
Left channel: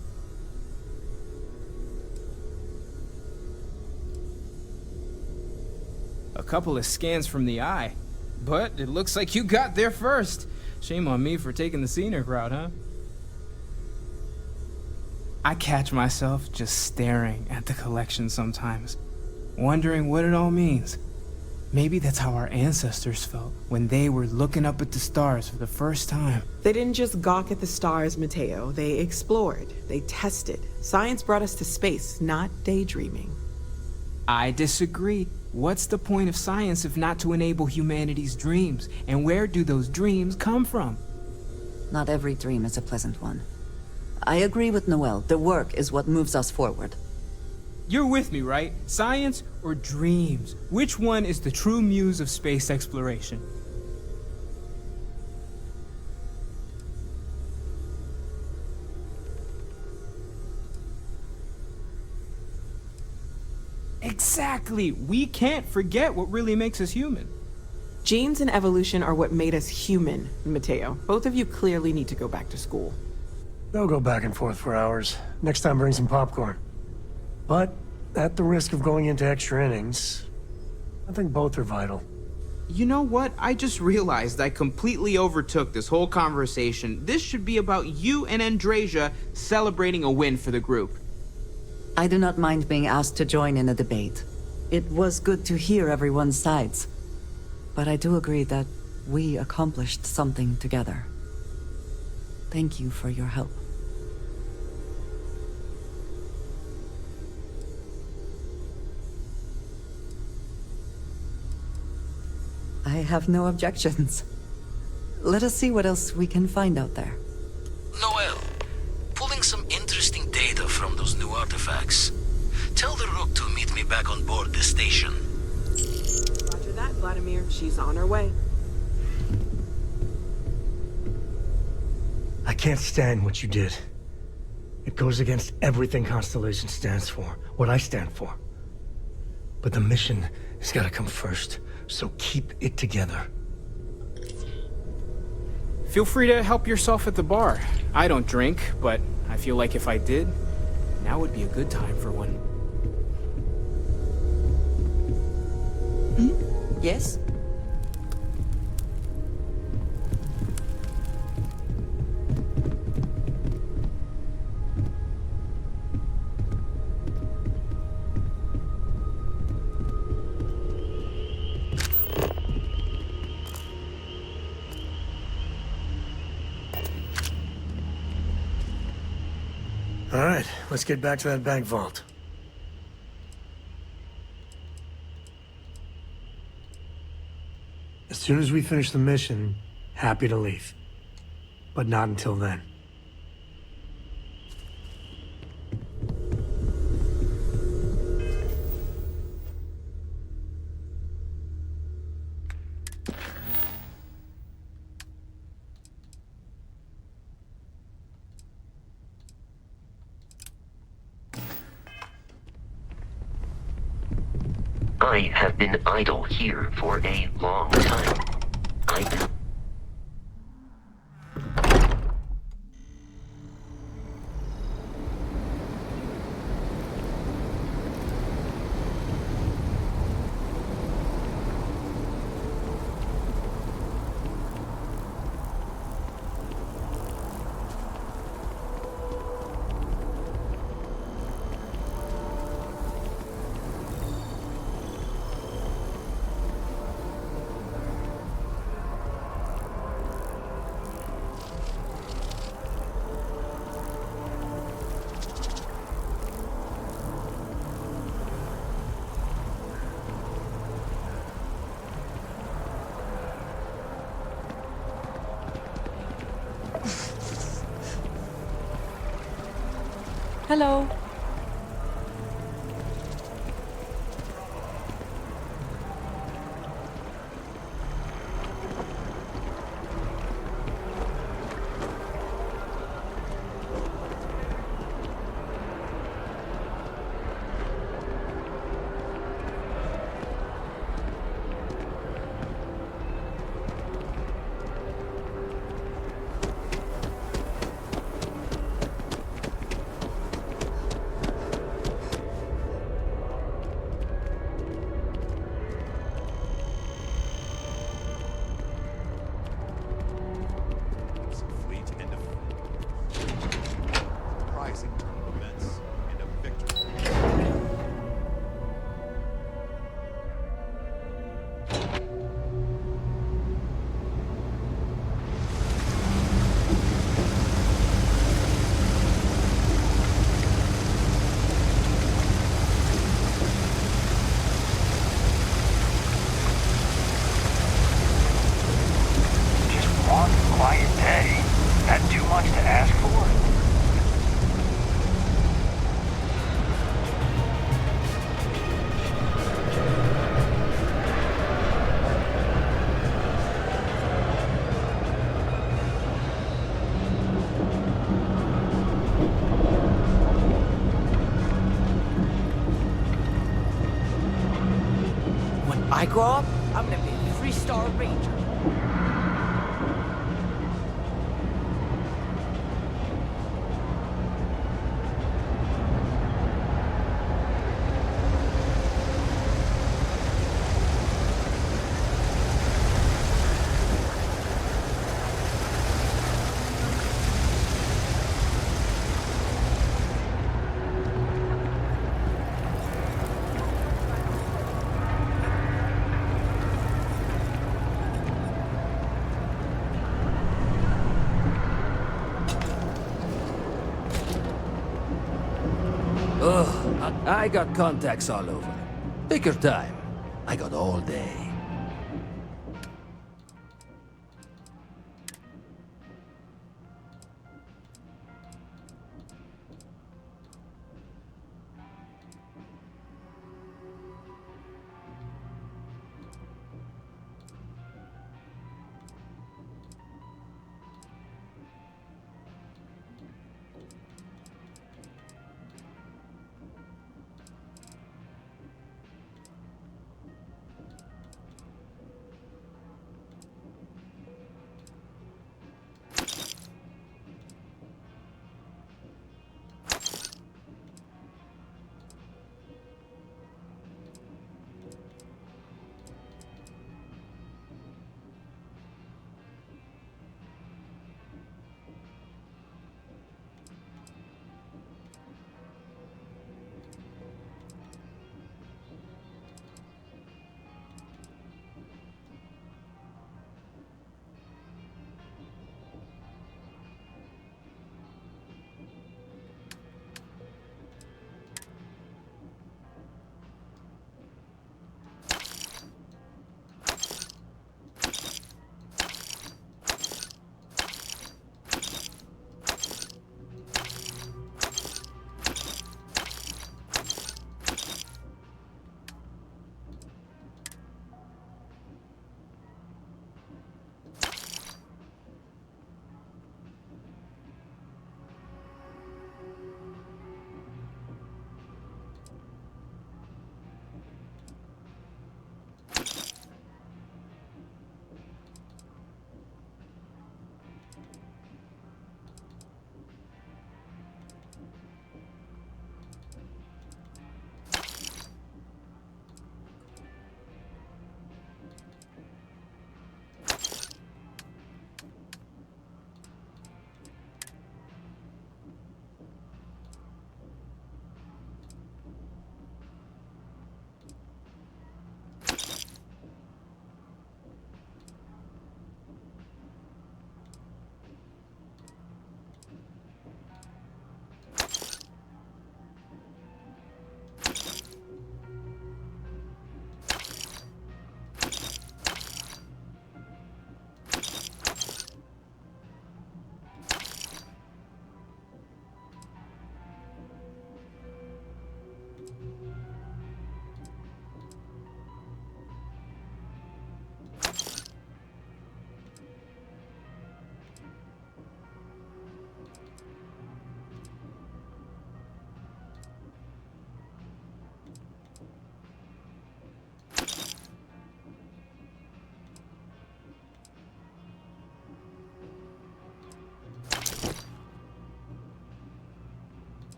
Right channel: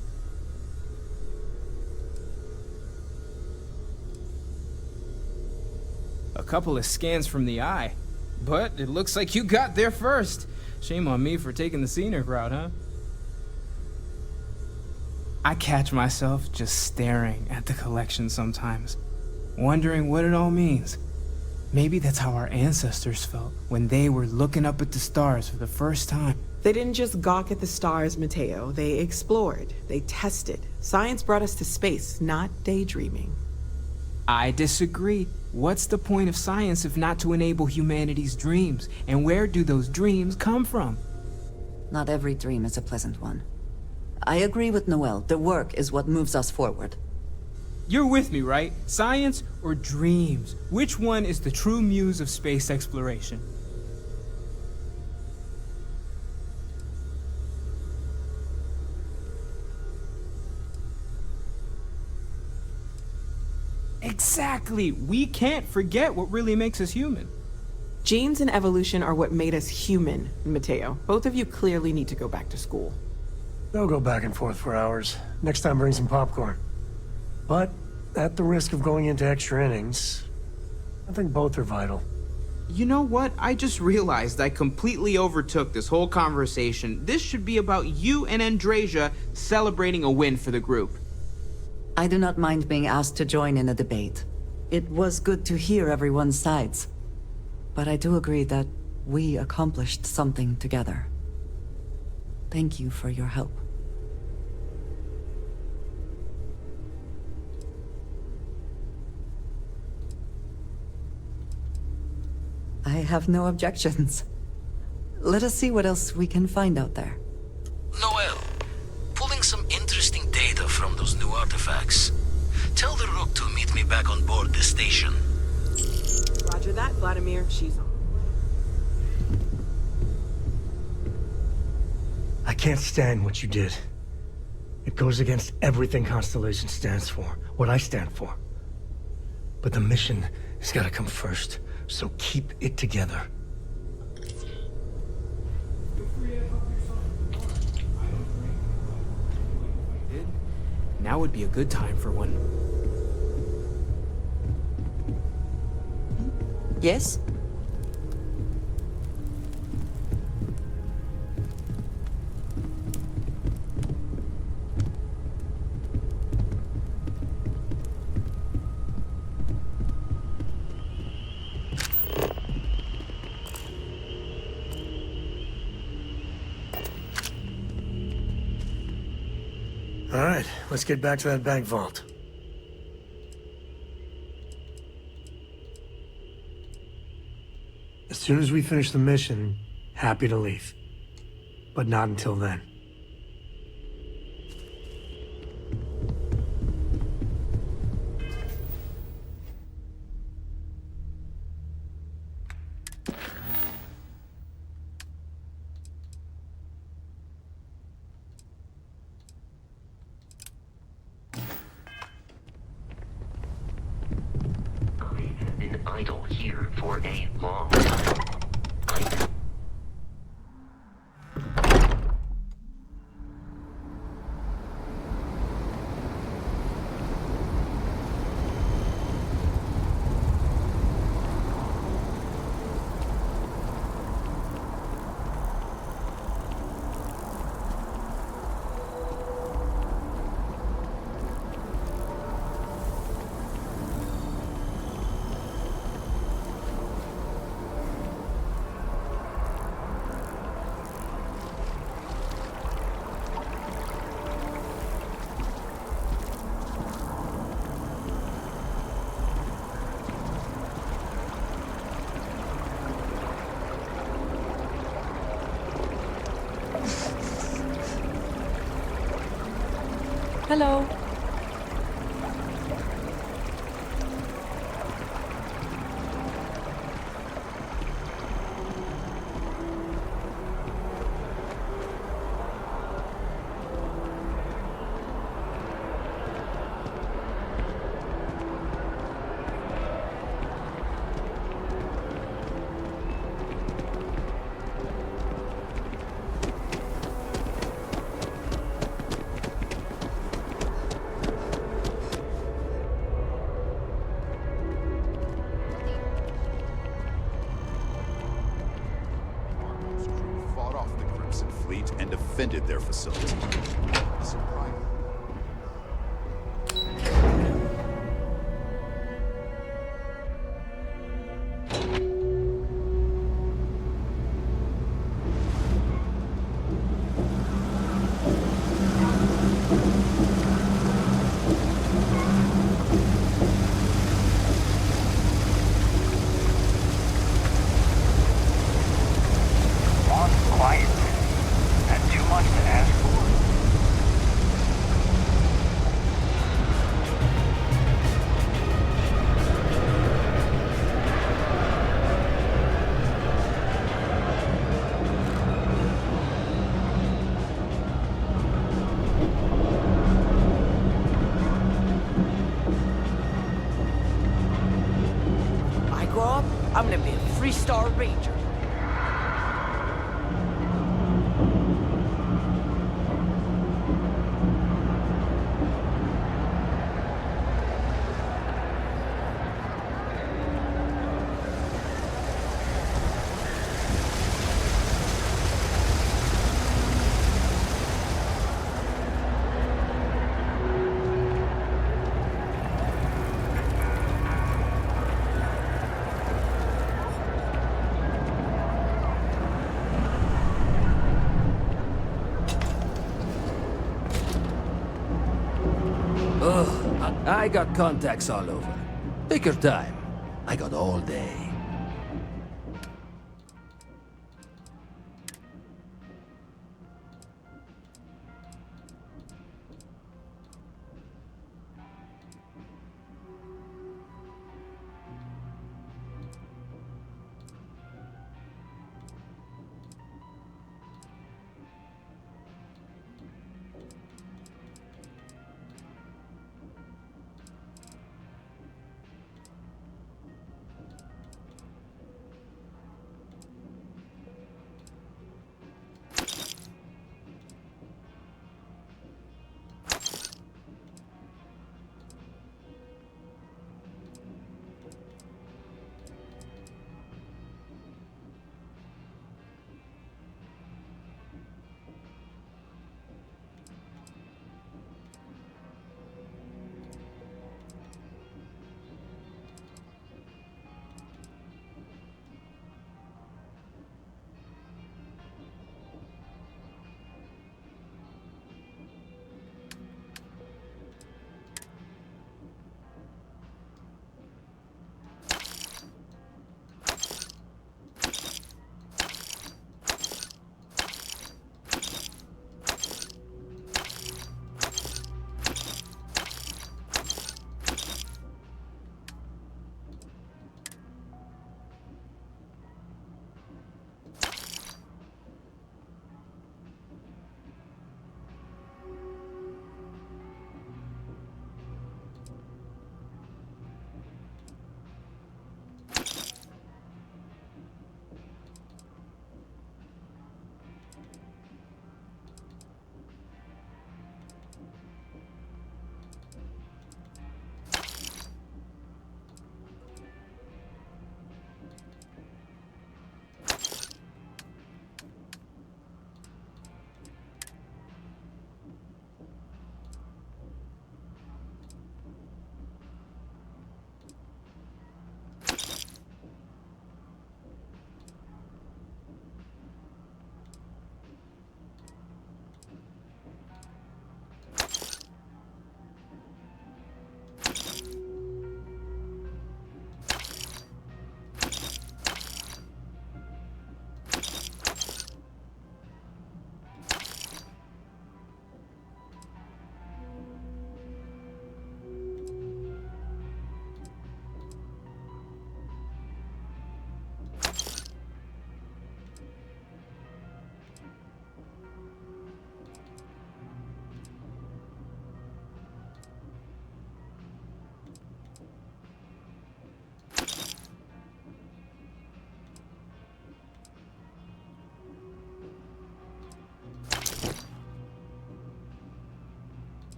A couple of scans from the eye, but it looks like you got there first. Shame on me for taking the scenic route, huh? I catch myself just staring at the collection sometimes, wondering what it all means. Maybe that's how our ancestors felt when they were looking up at the stars for the first time. They didn't just gawk at the stars, Mateo. They explored. They tested. Science brought us to space, not daydreaming. I disagree. What's the point of science if not to enable humanity's dreams? And where do those dreams come from? Not every dream is a pleasant one. I agree with Noel. The work is what moves us forward. You're with me, right? Science or dreams? Which one is the true muse of space exploration? Exactly! We can't forget what really makes us human. Genes and evolution are what made us human, Mateo. Both of you clearly need to go back to school. They'll go back and forth for hours. Next time, bring some popcorn. But, at the risk of going into extra innings, I think both are vital. You know what? I just realized I completely overtook this whole conversation. This should be about you and Andrasia celebrating a win for the group. I do not mind being asked to join in a debate. It was good to hear everyone's sides. But I do agree that we accomplished something together. Thank you for your help. I have no objections. Let us see what else we can find out there. Noel, pulling some interesting data from those new artifacts. Tell the Rook to meet me back on board the station. Roger that, Vladimir. She's on her way. I can't stand what you did. It goes against everything Constellation stands for, what I stand for. But the mission has got to come first, so keep it together. Feel free to help yourself at the bar. I don't drink, but I feel like if I did, now would be a good time for one. Yes? All right, let's get back to that bank vault. As soon as we finish the mission, happy to leave. But not until then. I have been idle here for a long time. Hello. grow up, I'm gonna be a 3-star ranger. Ugh, I got contacts all over. Take your time. I got all day.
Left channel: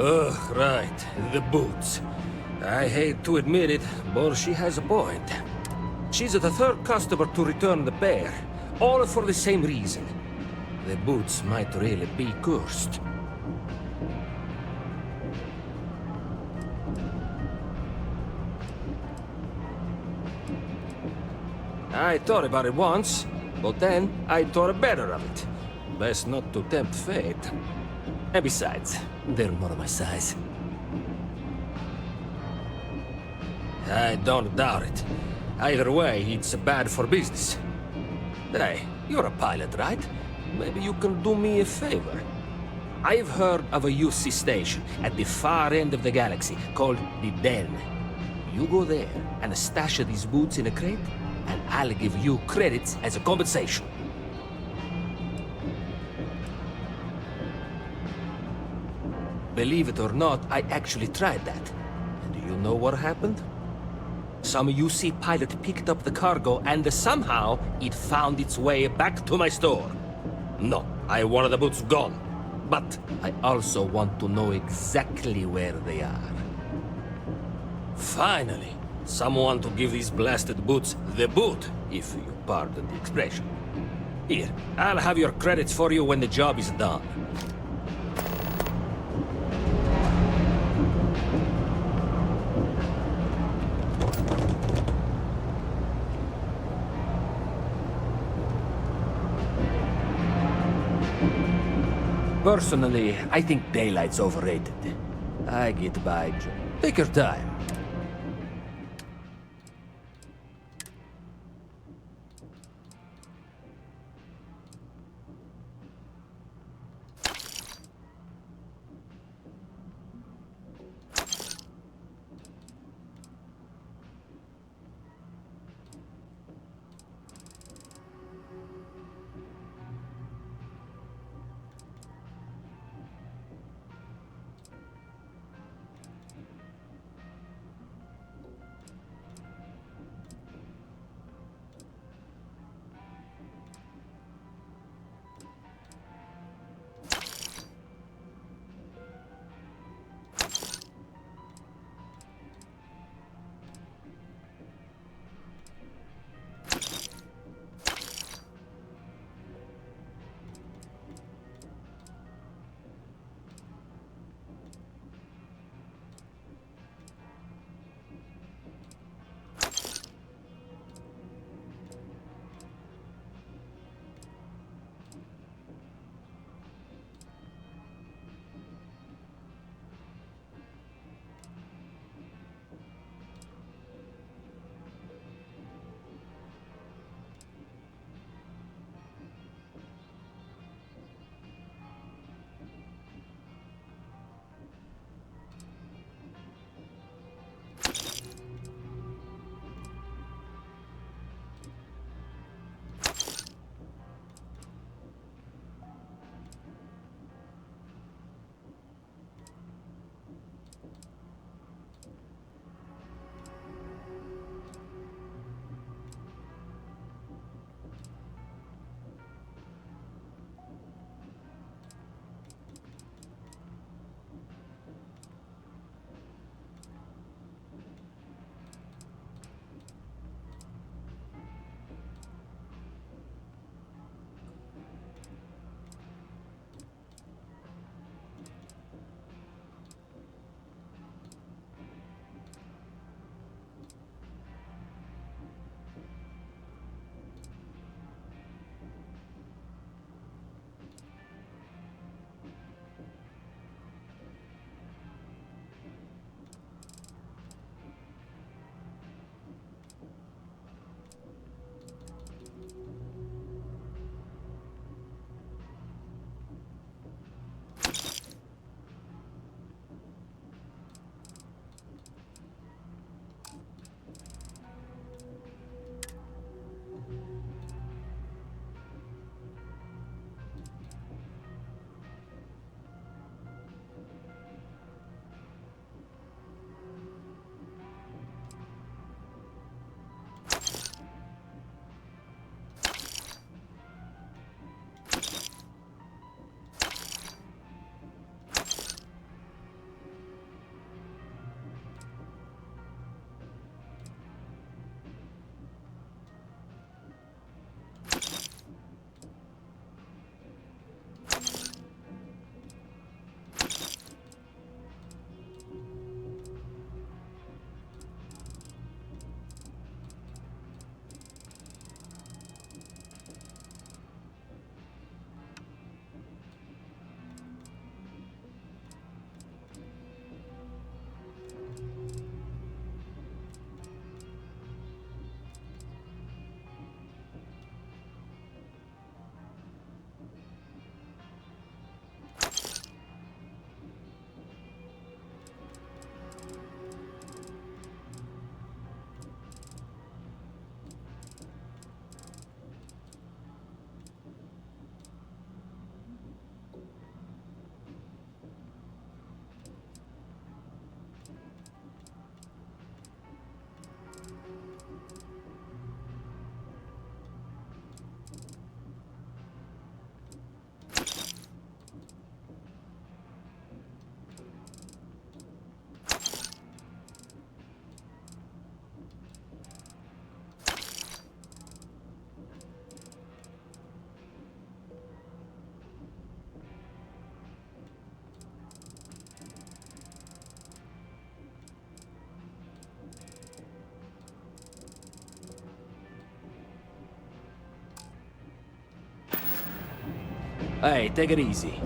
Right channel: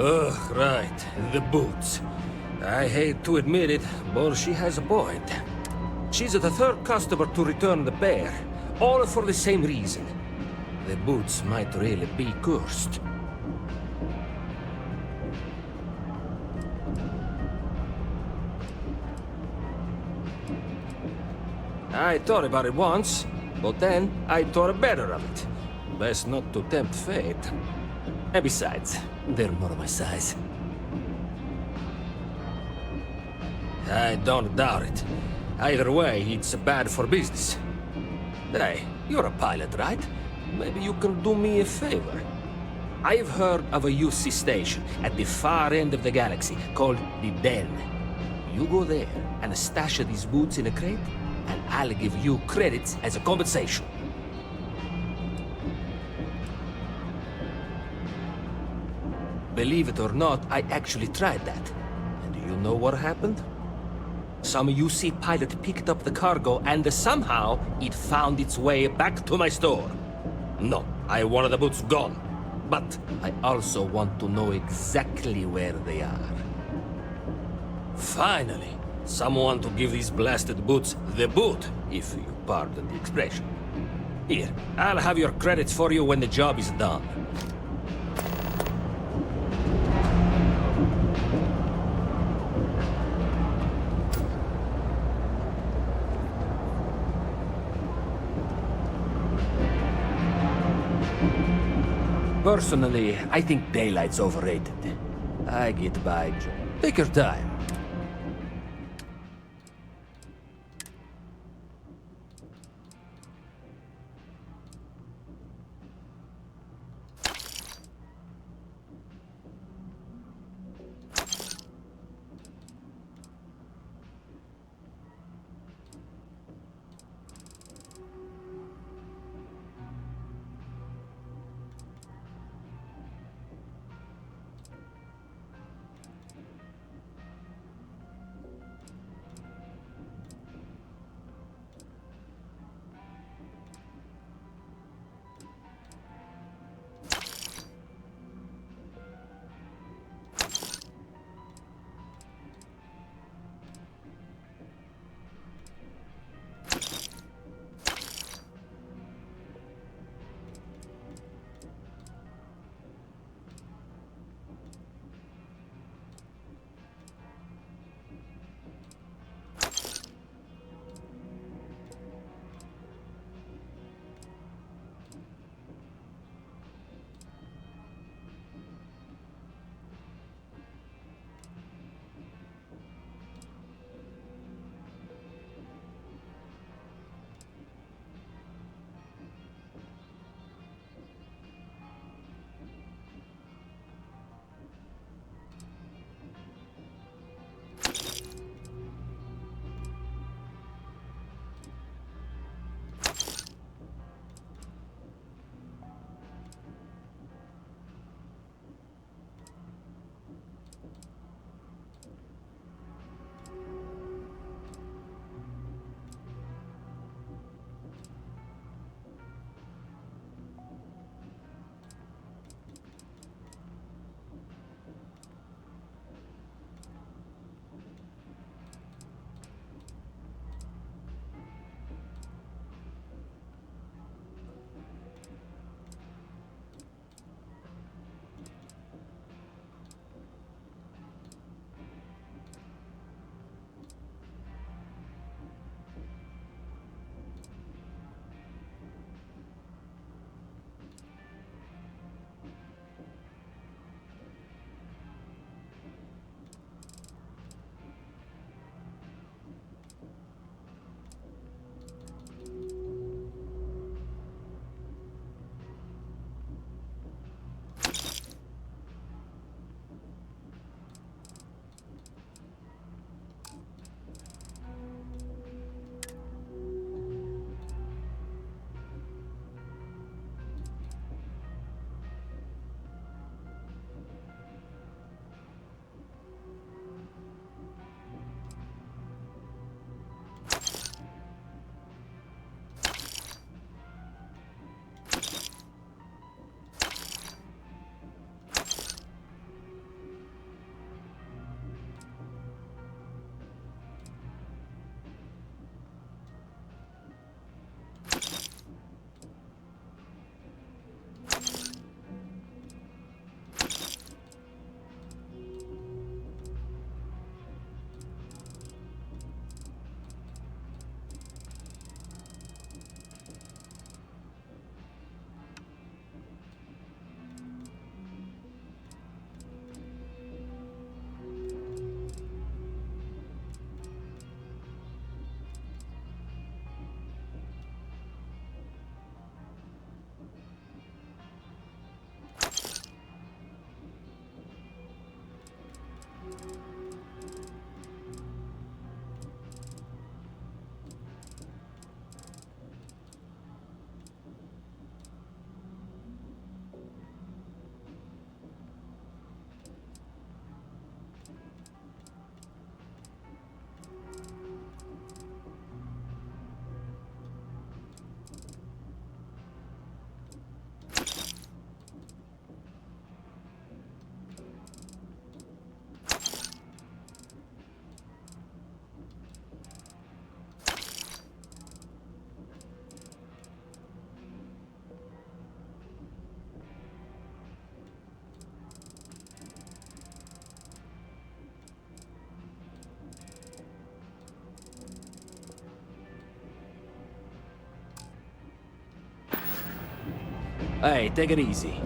Ugh, right. The boots. I hate to admit it, but she has a point. She's the third customer to return the pair, all for the same reason. The boots might really be cursed. I thought about it once, but then I thought better of it. Best not to tempt fate. And besides, they're more my size. I don't doubt it. Either way, it's bad for business. Hey, you're a pilot, right? Maybe you can do me a favor. I've heard of a UC station at the far end of the galaxy called the Den. You go there and stash these boots in a crate, and I'll give you credits as a compensation. Believe it or not, I actually tried that. And do you know what happened? Some UC pilot picked up the cargo and somehow it found its way back to my store. No, I wanted the boots gone. But I also want to know exactly where they are. Finally, someone to give these blasted boots the boot, if you pardon the expression. Here, I'll have your credits for you when the job is done. Personally, I think daylight's overrated. I get by. Take your time. Hey, take it easy.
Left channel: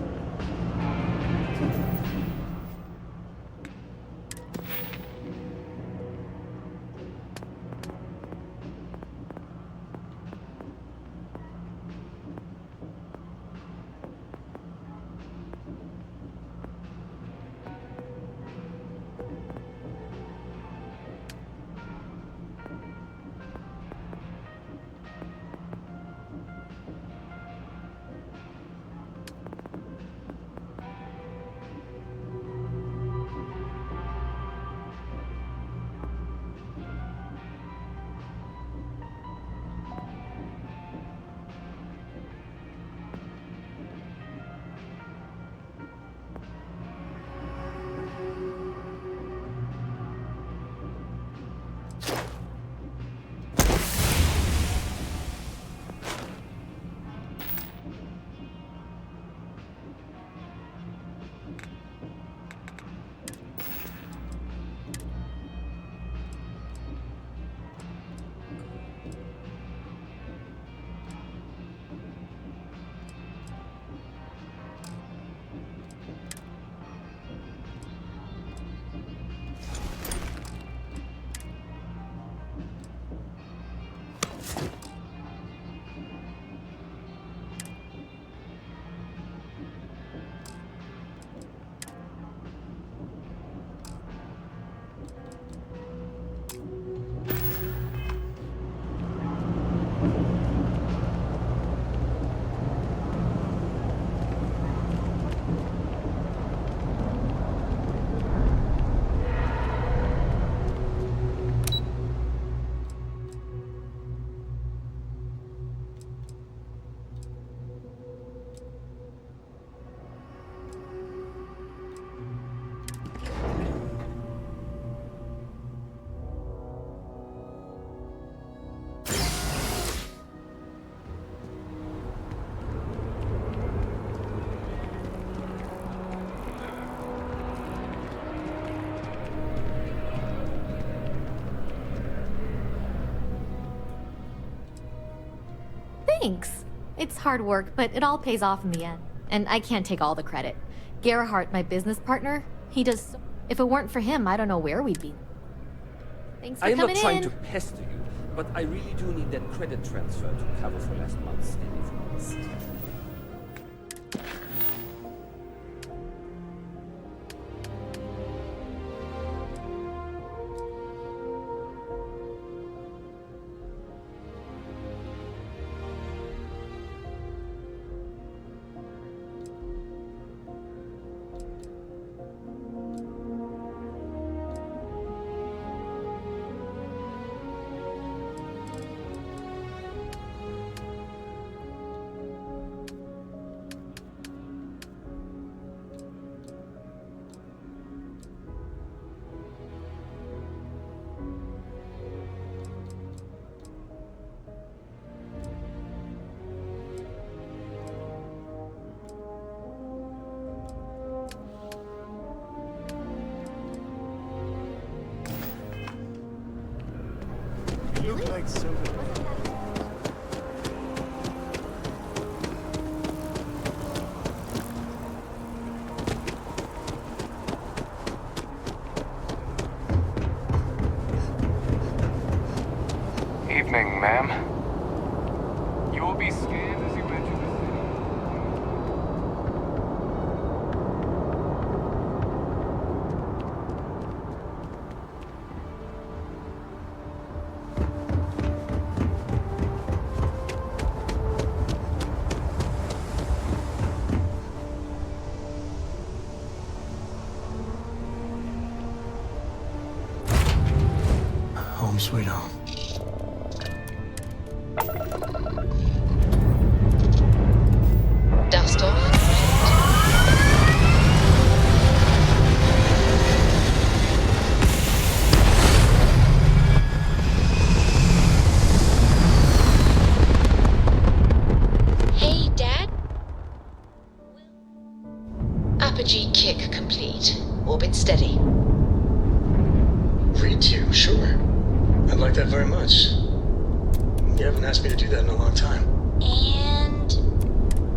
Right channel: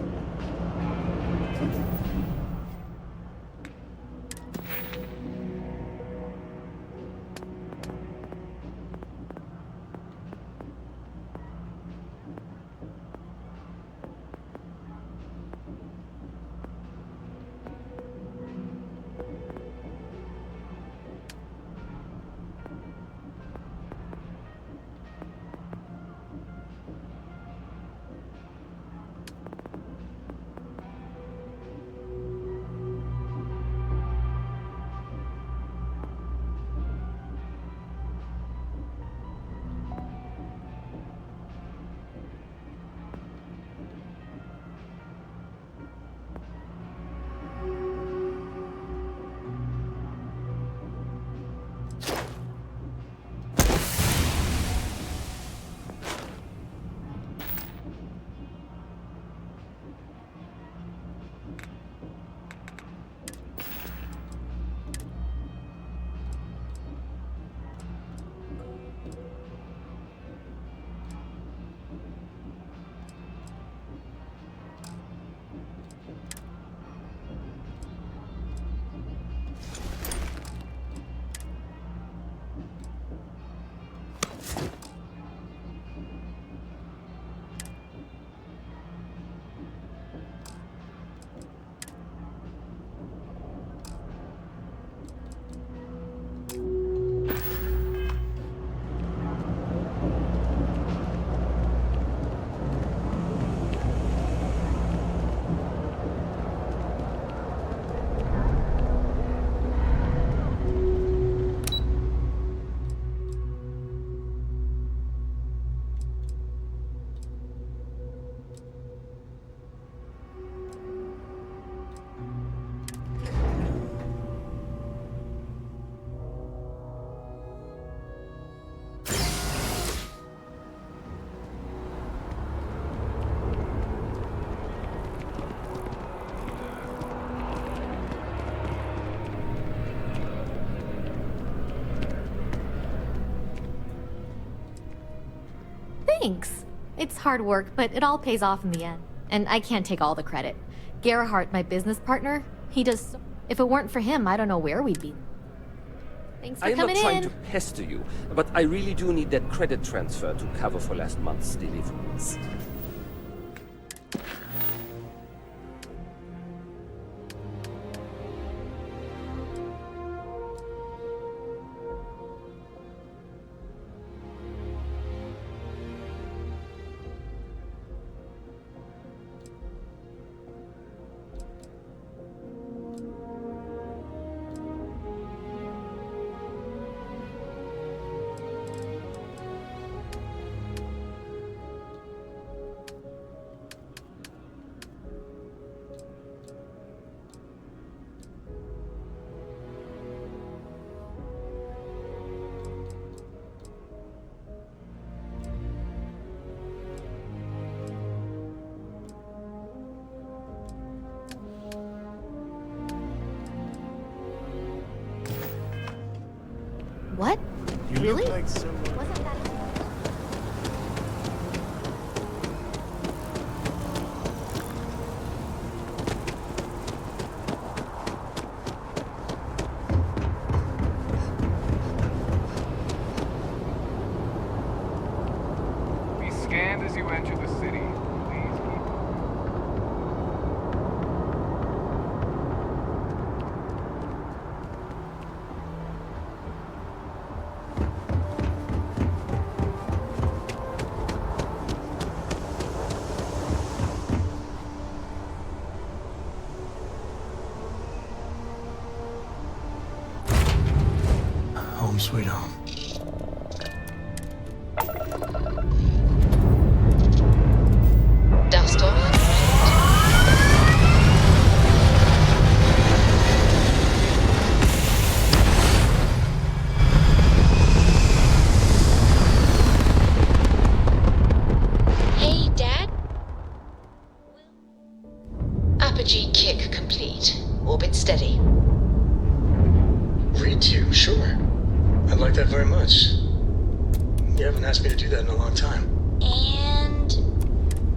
Thanks. It's hard work, but it all pays off in the end. And I can't take all the credit. Gerhardt, my business partner, he does so... If it weren't for him, I don't know where we'd be. Thanks for I'm coming not trying in. to pester you, but I really do need that credit transfer to cover for last month's deliveries. What? You Really? look like someone. Wasn't that... Evening, ma'am. You will be scanned as you enter the city. Home sweet home. Dust off. Hey, Dad? Apogee kick complete. Orbit steady. Read to you, sure. I'd like that very much. You haven't asked me to do that in a long time. And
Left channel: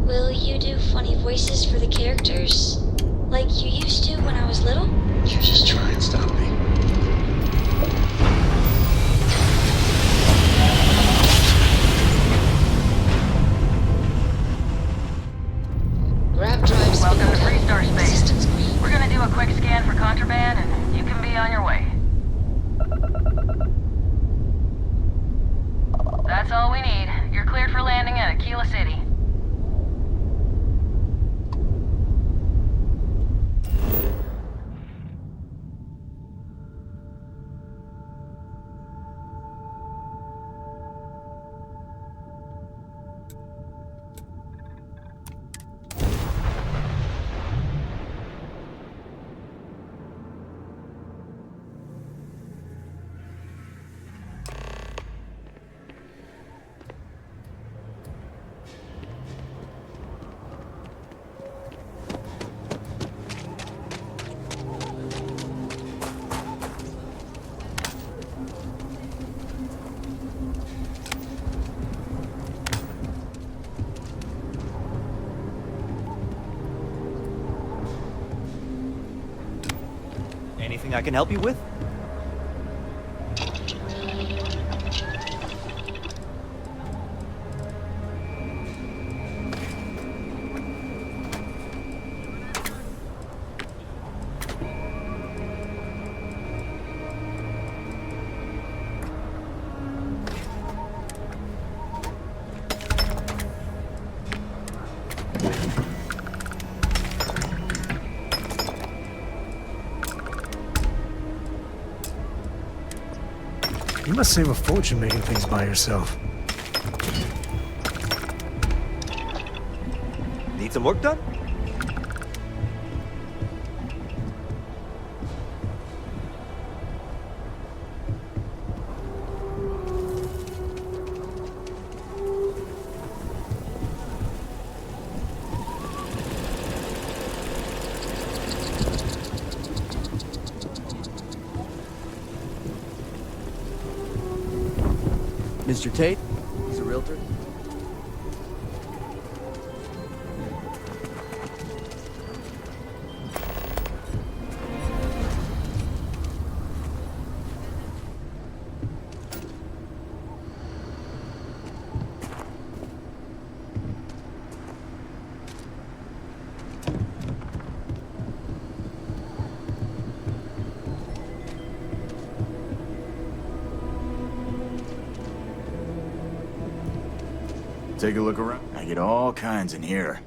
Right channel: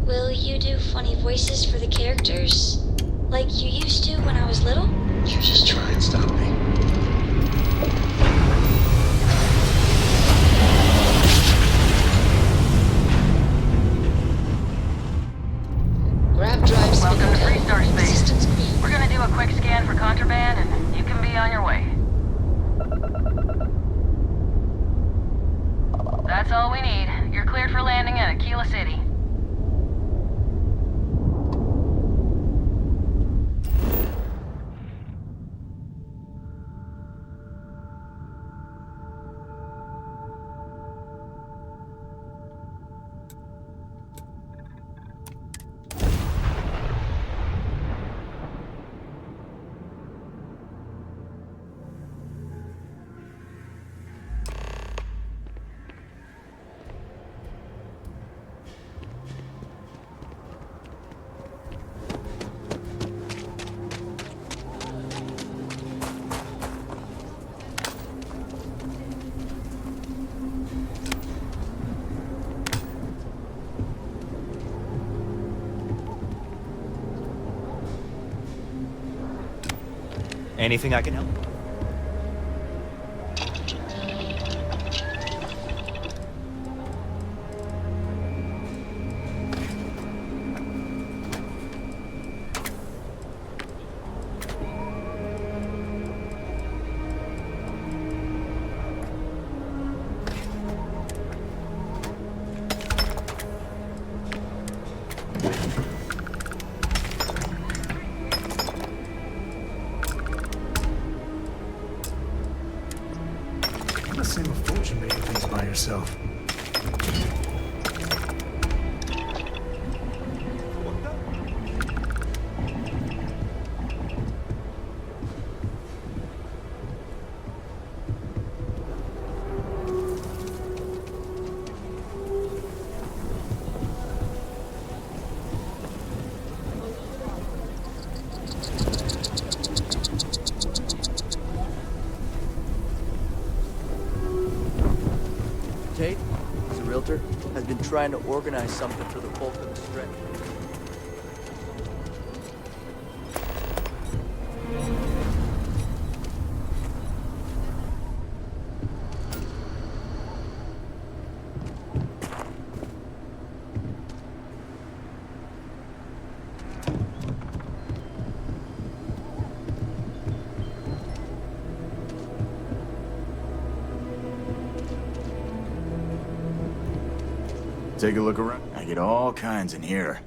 Will you do funny voices for the characters? Like you used to when I was little? You just try and stop me. Grab drive. Welcome to Freestar Space. We're gonna do a quick scan for contraband, and you can be on your way. That's all we need. You're cleared for landing at Aquila City. Anything I can help you with? You must save a fortune making things by yourself. Need some work done? Mr. Tate, he's a realtor, has been trying to organize something for the bulk of the stretch. Take a look around. I get all kinds in here.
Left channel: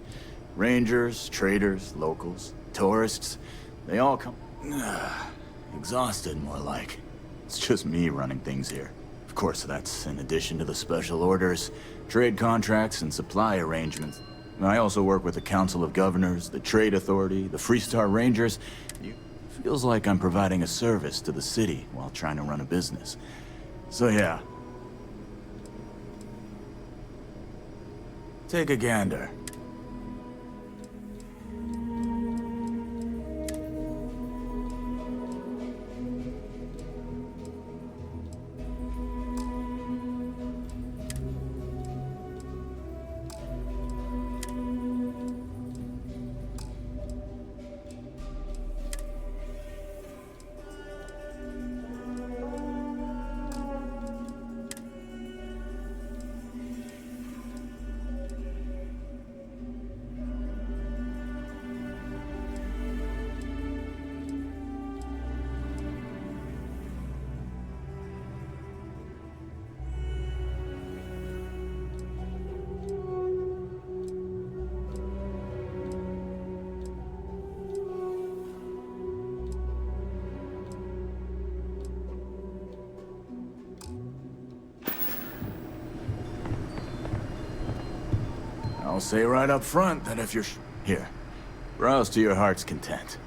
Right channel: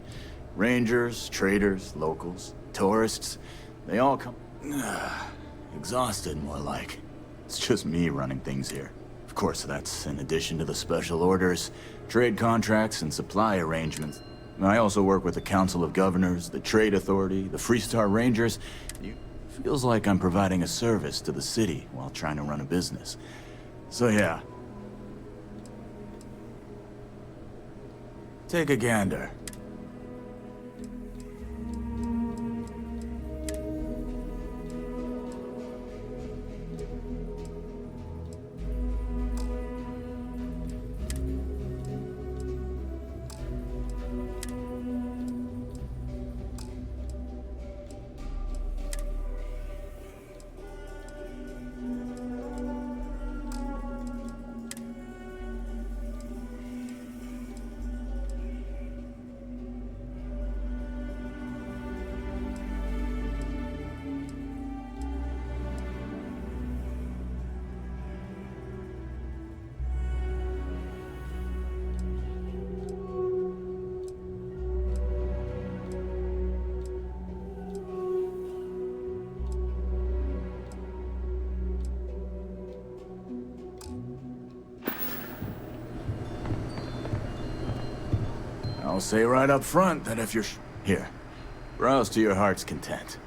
Rangers, traders, locals, tourists. They all come... exhausted, more like. It's just me running things here. Of course, that's in addition to the special orders, trade contracts, and supply arrangements. I also work with the Council of Governors, the Trade Authority, the Freestar Rangers. It feels like I'm providing a service to the city while trying to run a business. So yeah. Take a gander. I'll say right up front that if you're... Here, browse to your heart's content.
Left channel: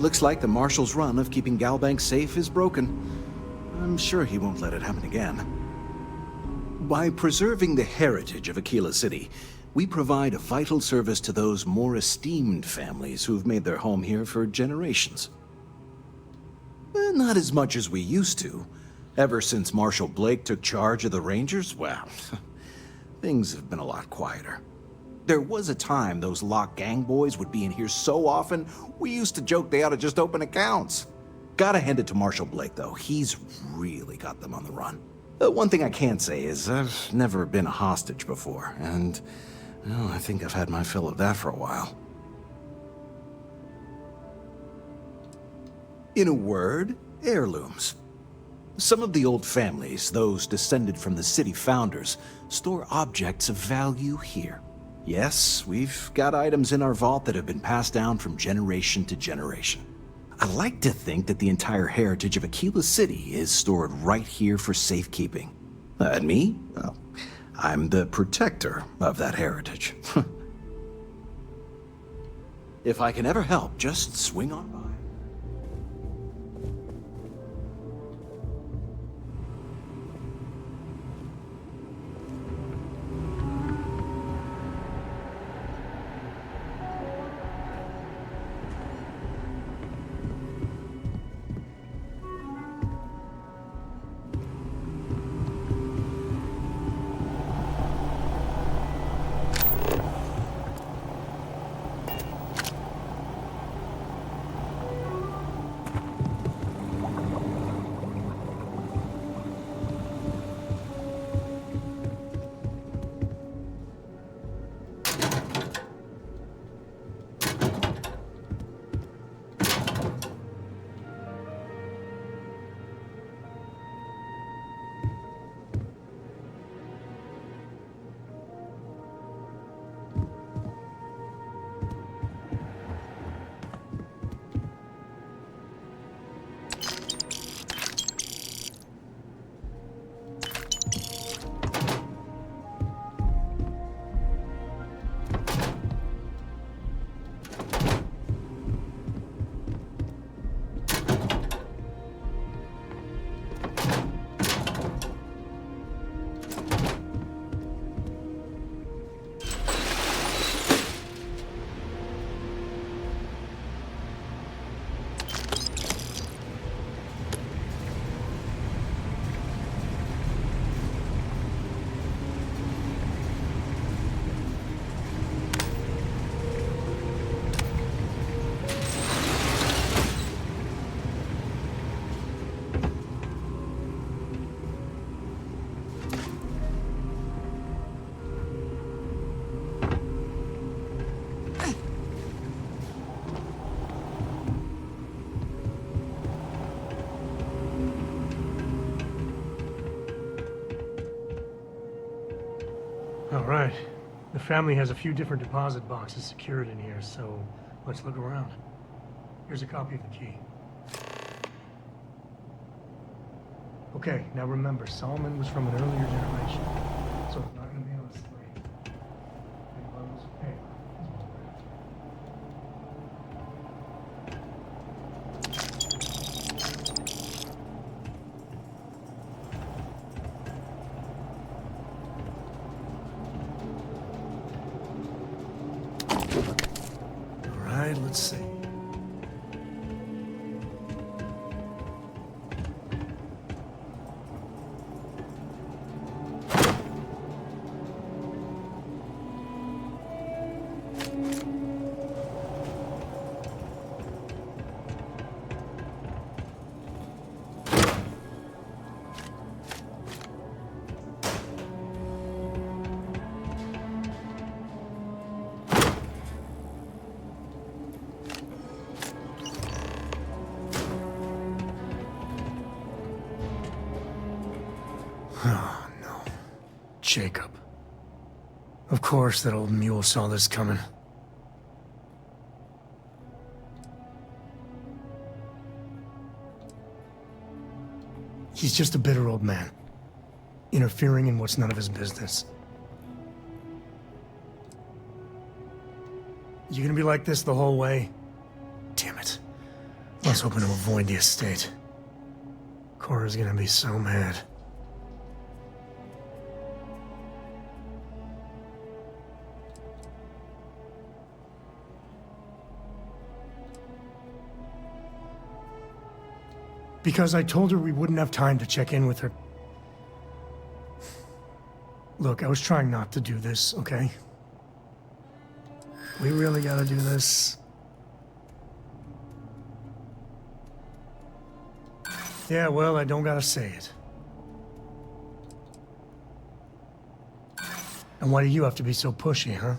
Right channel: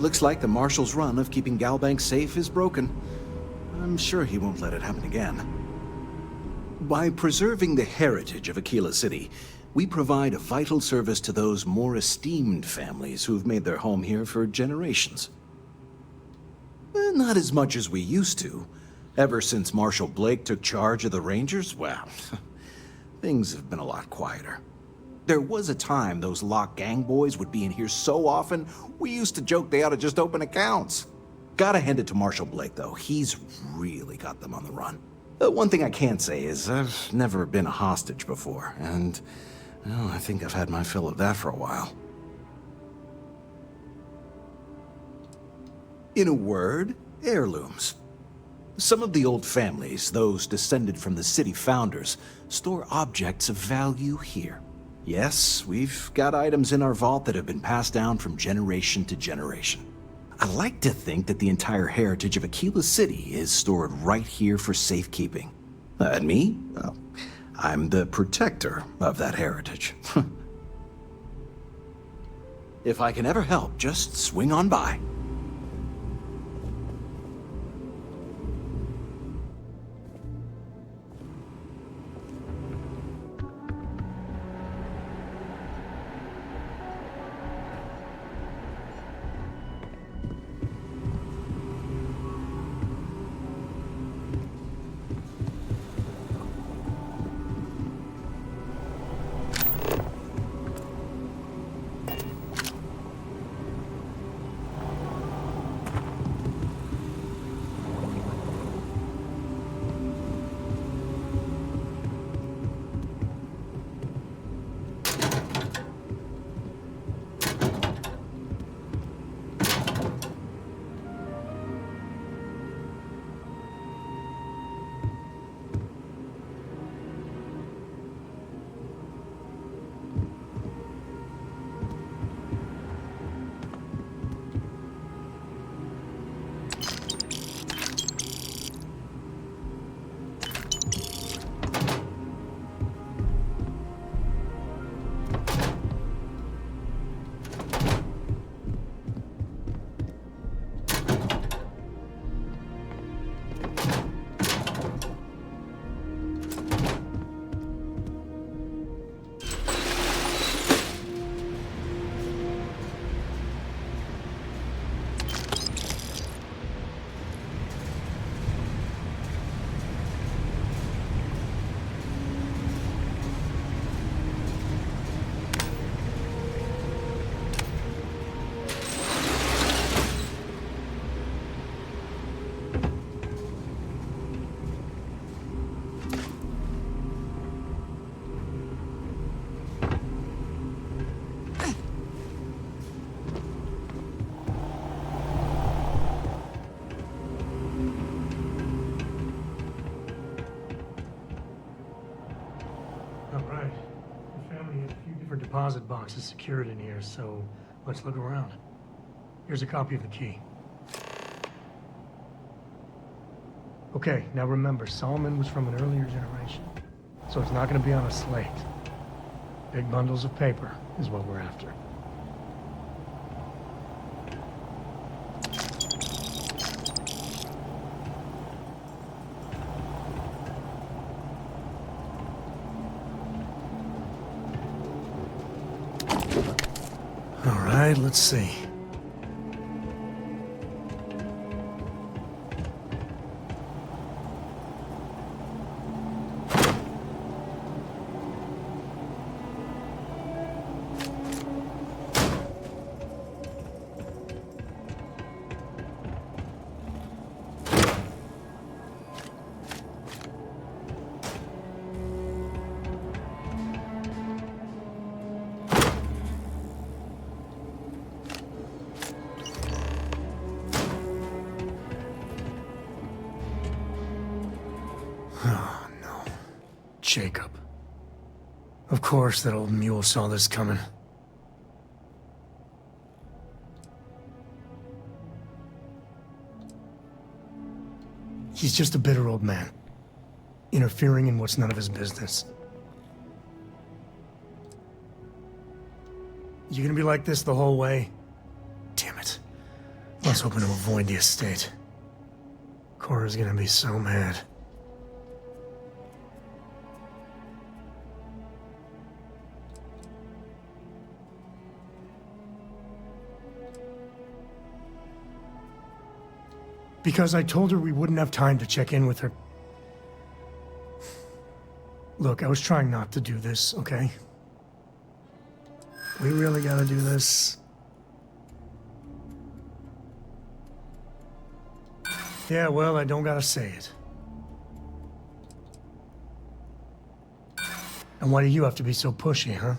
looks like the Marshal's run of keeping Galbank safe is broken. I'm sure he won't let it happen again. By preserving the heritage of Aquila City, we provide a vital service to those more esteemed families who've made their home here for generations. Not as much as we used to. Ever since Marshal Blake took charge of the Rangers, well, things have been a lot quieter. There was a time those Lock Gang boys would be in here so often, we used to joke they ought to just open accounts. Gotta hand it to Marshal Blake, though. He's really got them on the run. One thing I can't say is I've never been a hostage before, and well, I think I've had my fill of that for a while. In a word, heirlooms. Some of the old families, those descended from the city founders, store objects of value here. Yes, we've got items in our vault that have been passed down from generation to generation. I like to think that the entire heritage of Aquila City is stored right here for safekeeping. And me? Well, I'm the protector of that heritage. If I can ever help, just swing on by. All right. The family has a few different deposit boxes secured in here, so let's look around. Here's a copy of the key. Okay, now remember, Solomon was from an earlier generation, so it's not going to be on a slate. Big bundles of paper is what we're after. All right, let's see. Oh, no. Jacob. Of course that old mule saw this coming. He's just a bitter old man, interfering in what's none of his business. You gonna be like this the whole way? Damn it. I was hoping to avoid the estate. Cora's gonna be so mad. Because I told her we wouldn't have time to check in with her. Look, I was trying not to do this, okay? We really gotta do this. Yeah, well, I don't gotta say it. And why do you have to be so pushy, huh?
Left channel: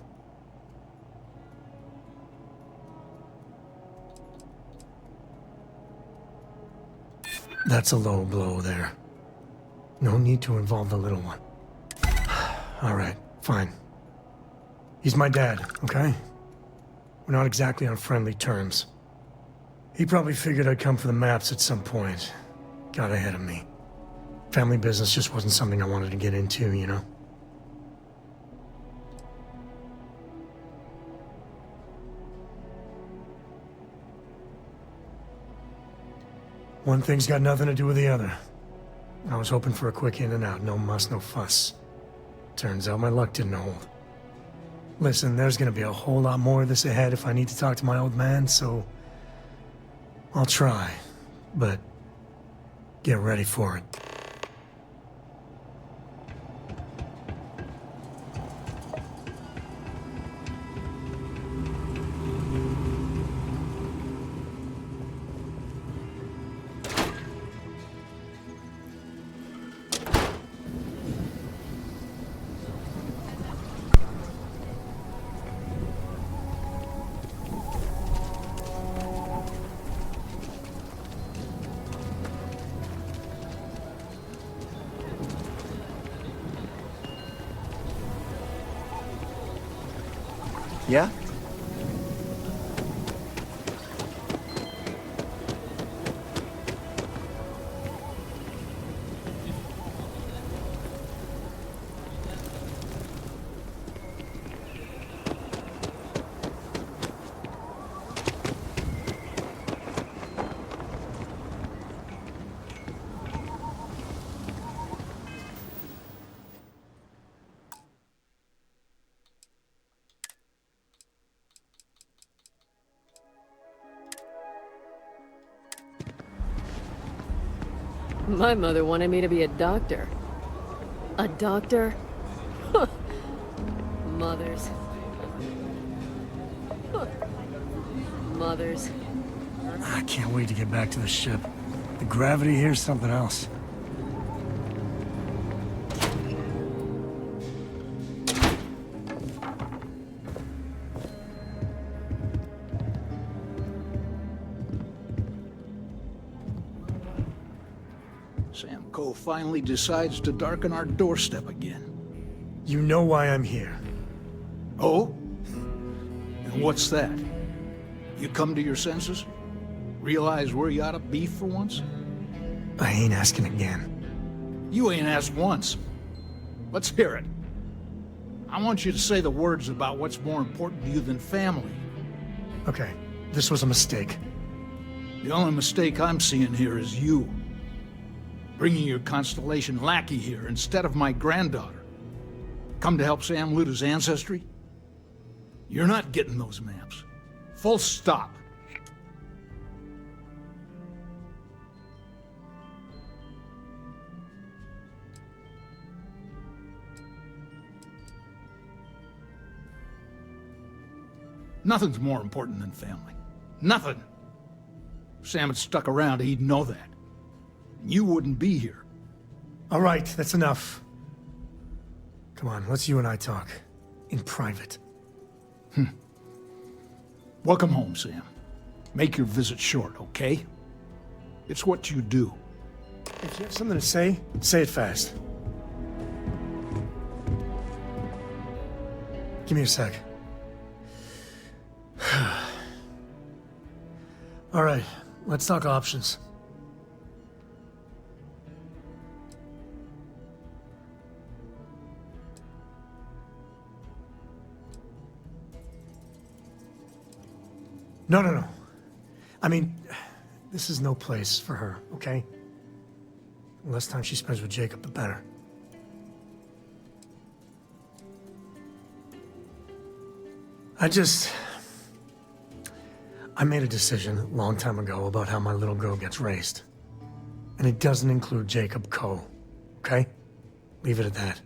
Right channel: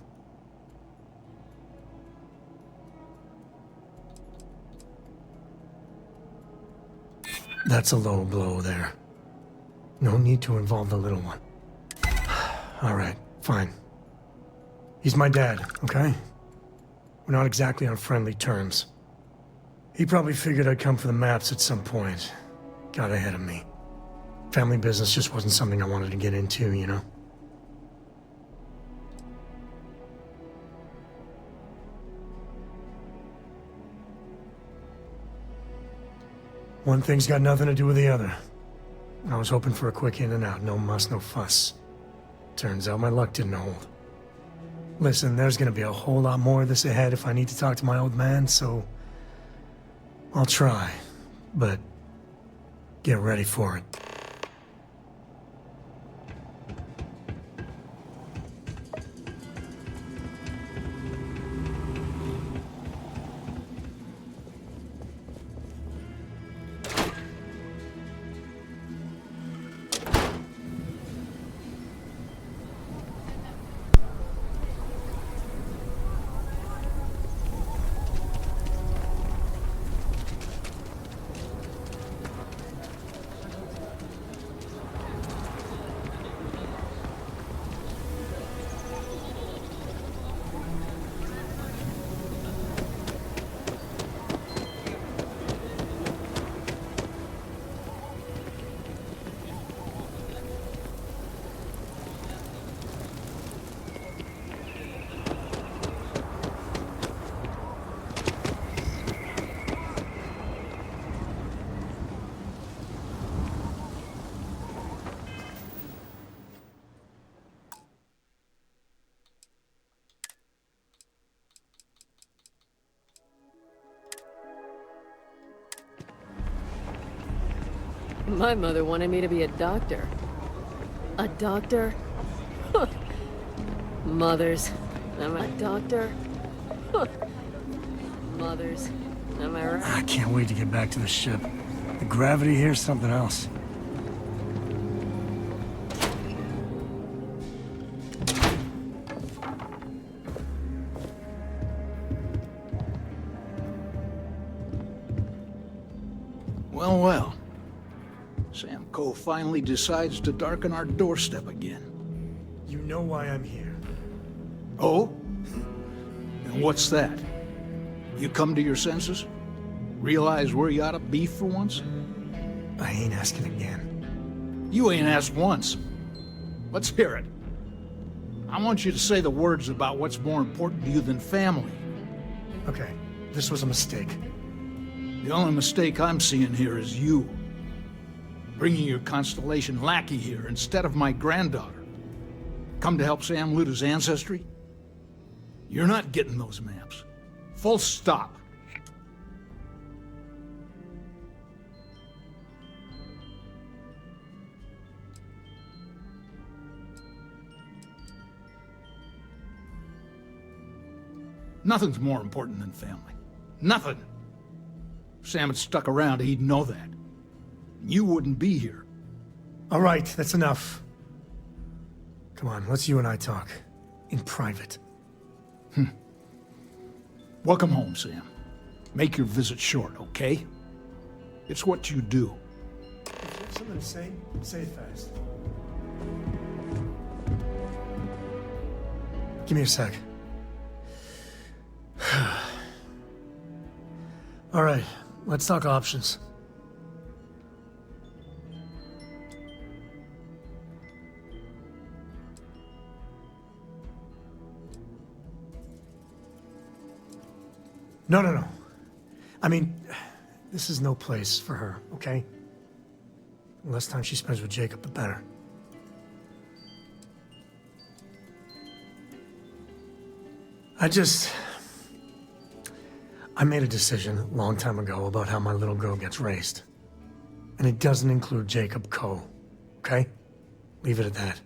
That's a low blow there. No need to involve the little one. All right, fine. He's my dad, okay? We're not exactly on friendly terms. He probably figured I'd come for the maps at some point. Got ahead of me. Family business just wasn't something I wanted to get into, you know? One thing's got nothing to do with the other. I was hoping for a quick in and out, no muss, no fuss. Turns out my luck didn't hold. Listen, there's gonna be a whole lot more of this ahead if I need to talk to my old man, so... I'll try, but... get ready for it. Yeah? My mother wanted me to be a doctor. A doctor? Mothers. Am I a doctor? Mothers. Am I right? I can't wait to get back to the ship. The gravity here's something else. Well, well. Sam Coe finally decides to darken our doorstep again. You know why I'm here. Oh? And what's that? You come to your senses? Realize where you ought to be for once? I ain't asking again. You ain't asked once. Let's hear it. I want you to say the words about what's more important to you than family. Okay, this was a mistake. The only mistake I'm seeing here is you. Bringing your Constellation lackey here instead of my granddaughter. Come to help Sam loot his ancestry? You're not getting those maps. Full stop. Nothing's more important than family. Nothing. If Sam had stuck around, he'd know that. You wouldn't be here. All right, that's enough. Come on, let's you and I talk. In private. Welcome home, Sam. Make your visit short, okay? It's what you do. If you have something to say it fast. Give me a sec. All right, let's talk options. No. I mean, this is no place for her, okay? The less time she spends with Jacob, the better. I made a decision a long time ago about how my little girl gets raised. And it doesn't include Jacob Coe, okay? Leave it at that.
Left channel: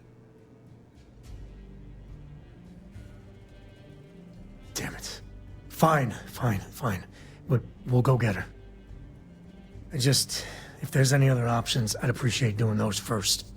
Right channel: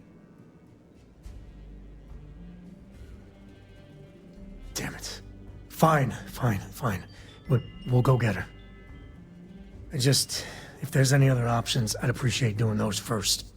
Damn it. Fine. We'll go get her. If there's any other options, I'd appreciate doing those first.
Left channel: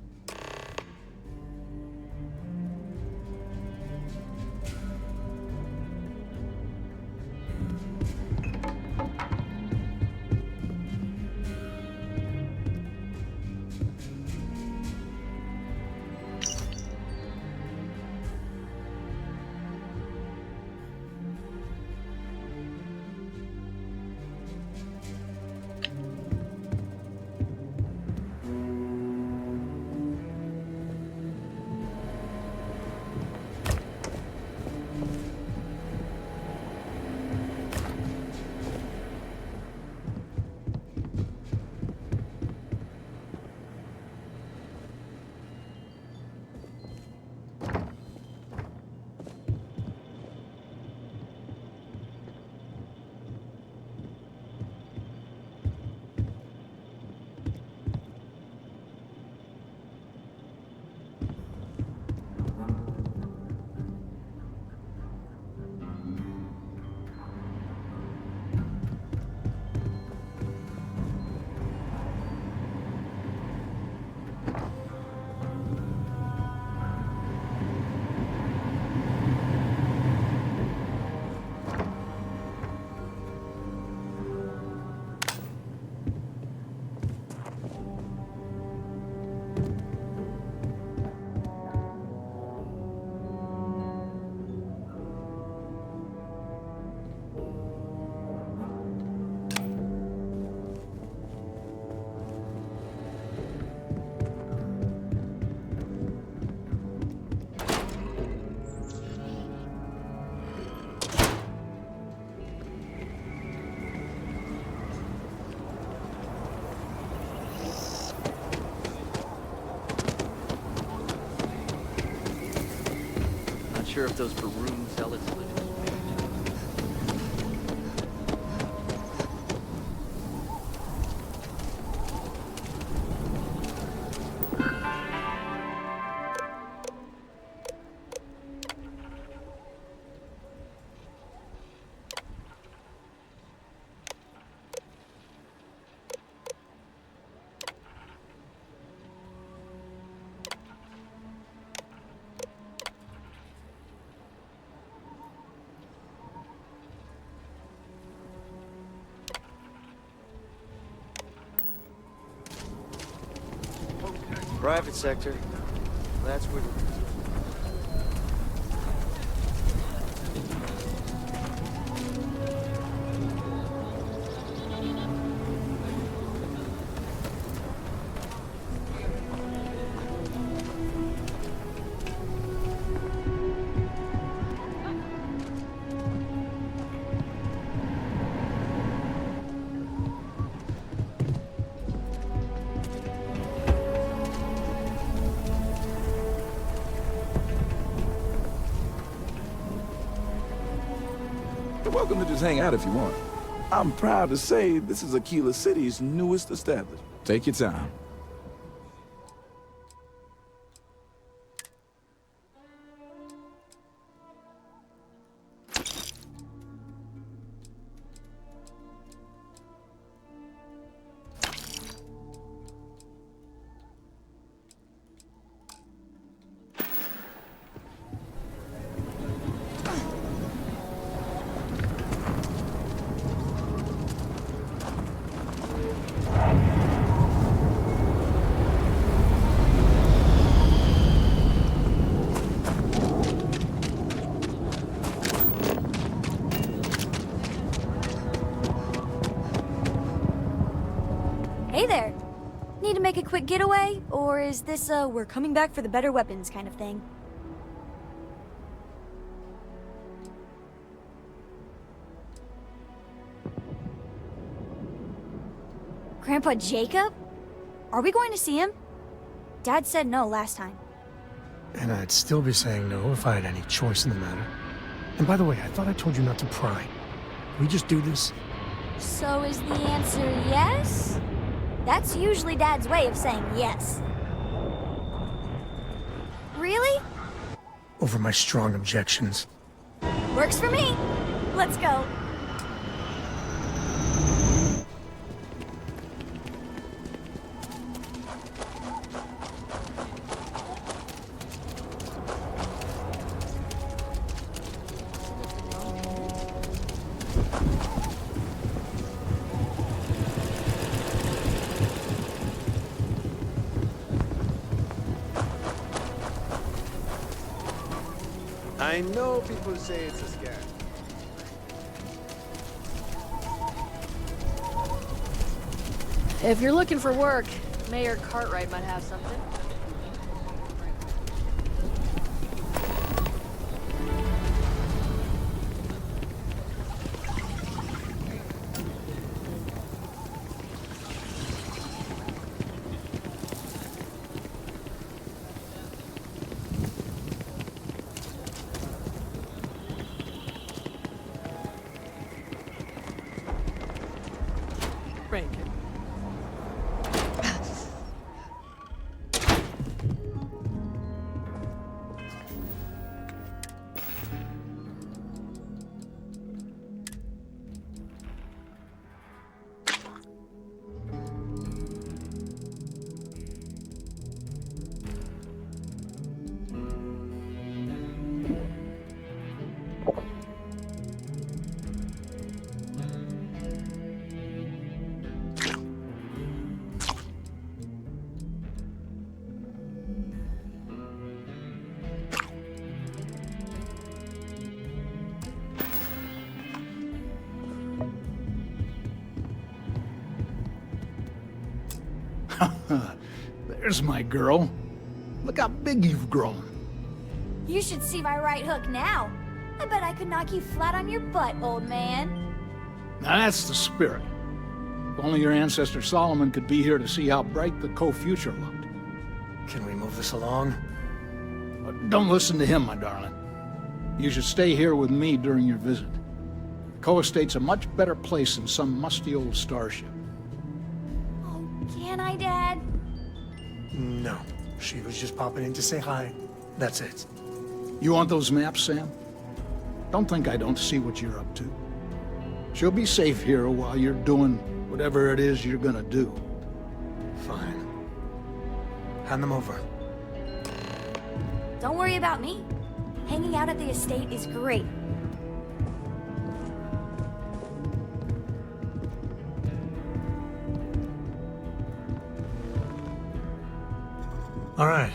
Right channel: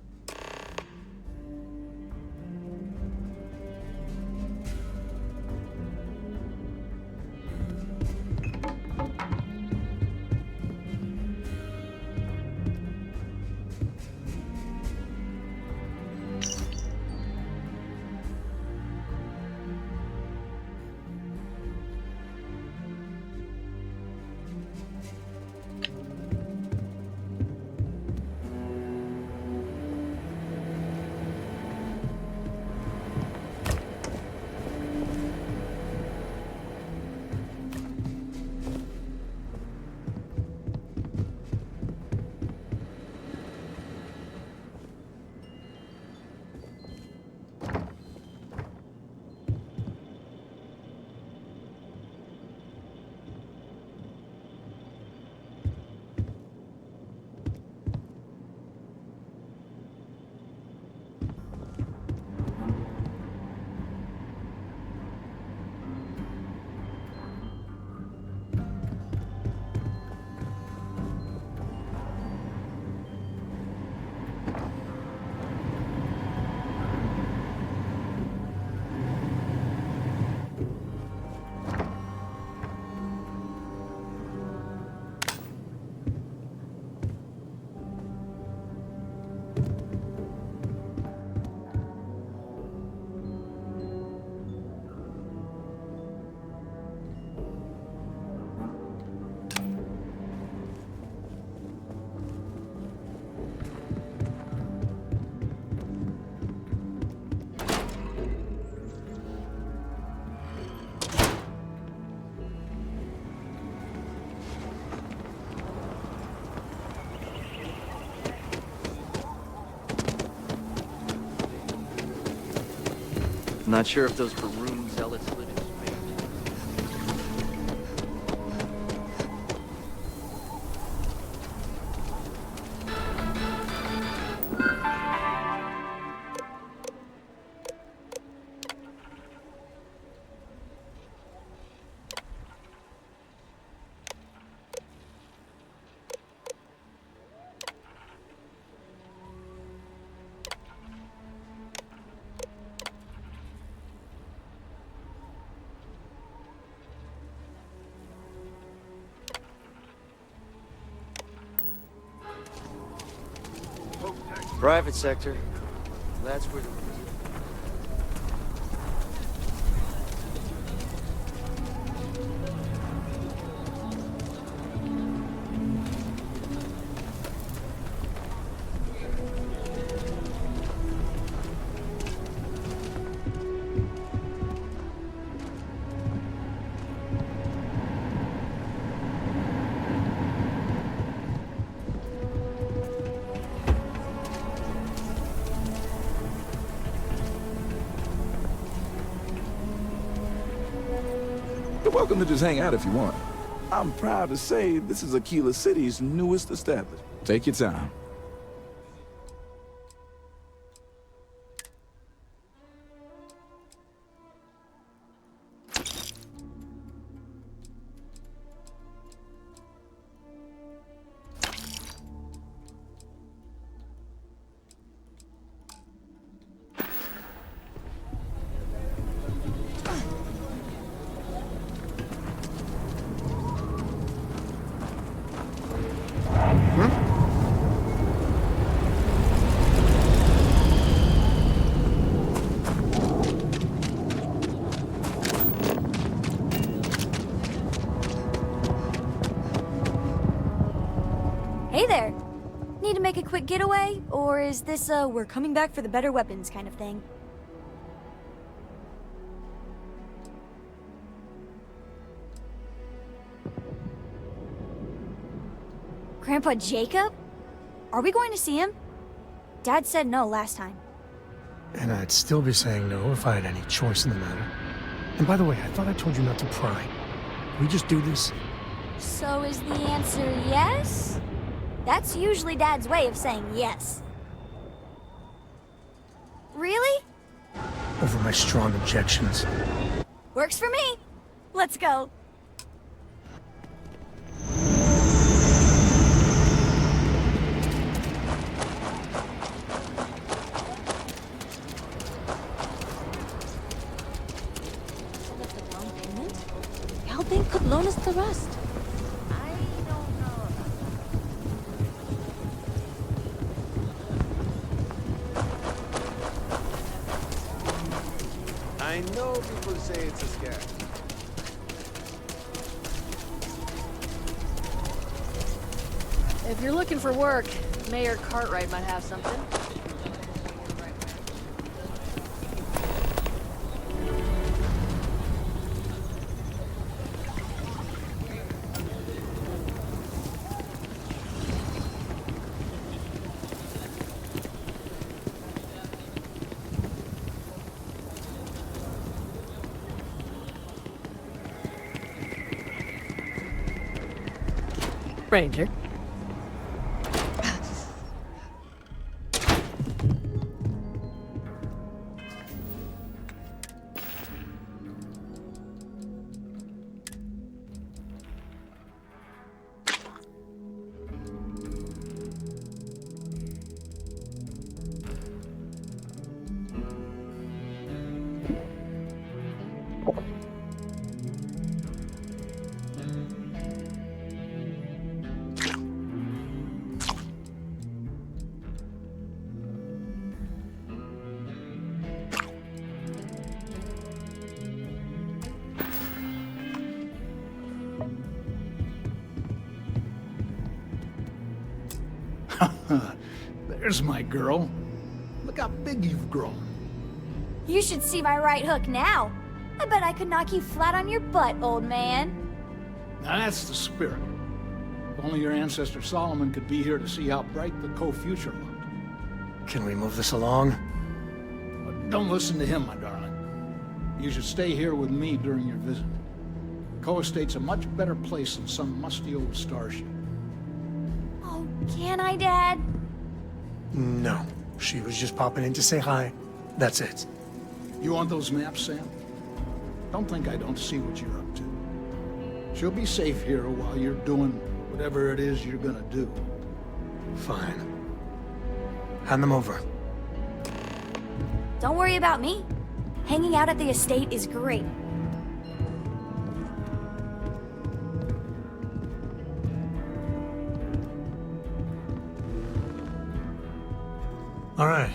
Not sure if those Baroon zealots live in space. Private sector. That's where the... You're welcome to just hang out if you want. I'm proud to say this is Aquila City's newest establishment. Take your time. Hey there! Need to make a quick getaway? Or is this a we're coming back for the better weapons kind of thing? Grandpa Jacob? Are we going to see him? Dad said no last time. And I'd still be saying no if I had any choice in the matter. And by the way, I thought I told you not to pry. Can we just do this? So is the answer yes? That's usually Dad's way of saying yes. Really? Over my strong objections. Works for me. Let's go. How big could loan us the rest? I know people say it's a scam. If you're looking for work, Mayor Cartwright might have something. Ranger. There's my girl. Look how big you've grown. You should see my right hook now. I bet I could knock you flat on your butt, old man. Now that's the spirit. If only your ancestor Solomon could be here to see how bright the co-future looked. Can we move this along? Don't listen to him, my darling. You should stay here with me during your visit. Co-estate's a much better place than some musty old starship. Oh, can I, Dad? No. She was just popping in to say hi. That's it. You want those maps, Sam? Don't think I don't see what you're up to. She'll be safe here while you're doing whatever it is you're gonna do. Fine. Hand them over. Don't worry about me. Hanging out at the estate is great. All right,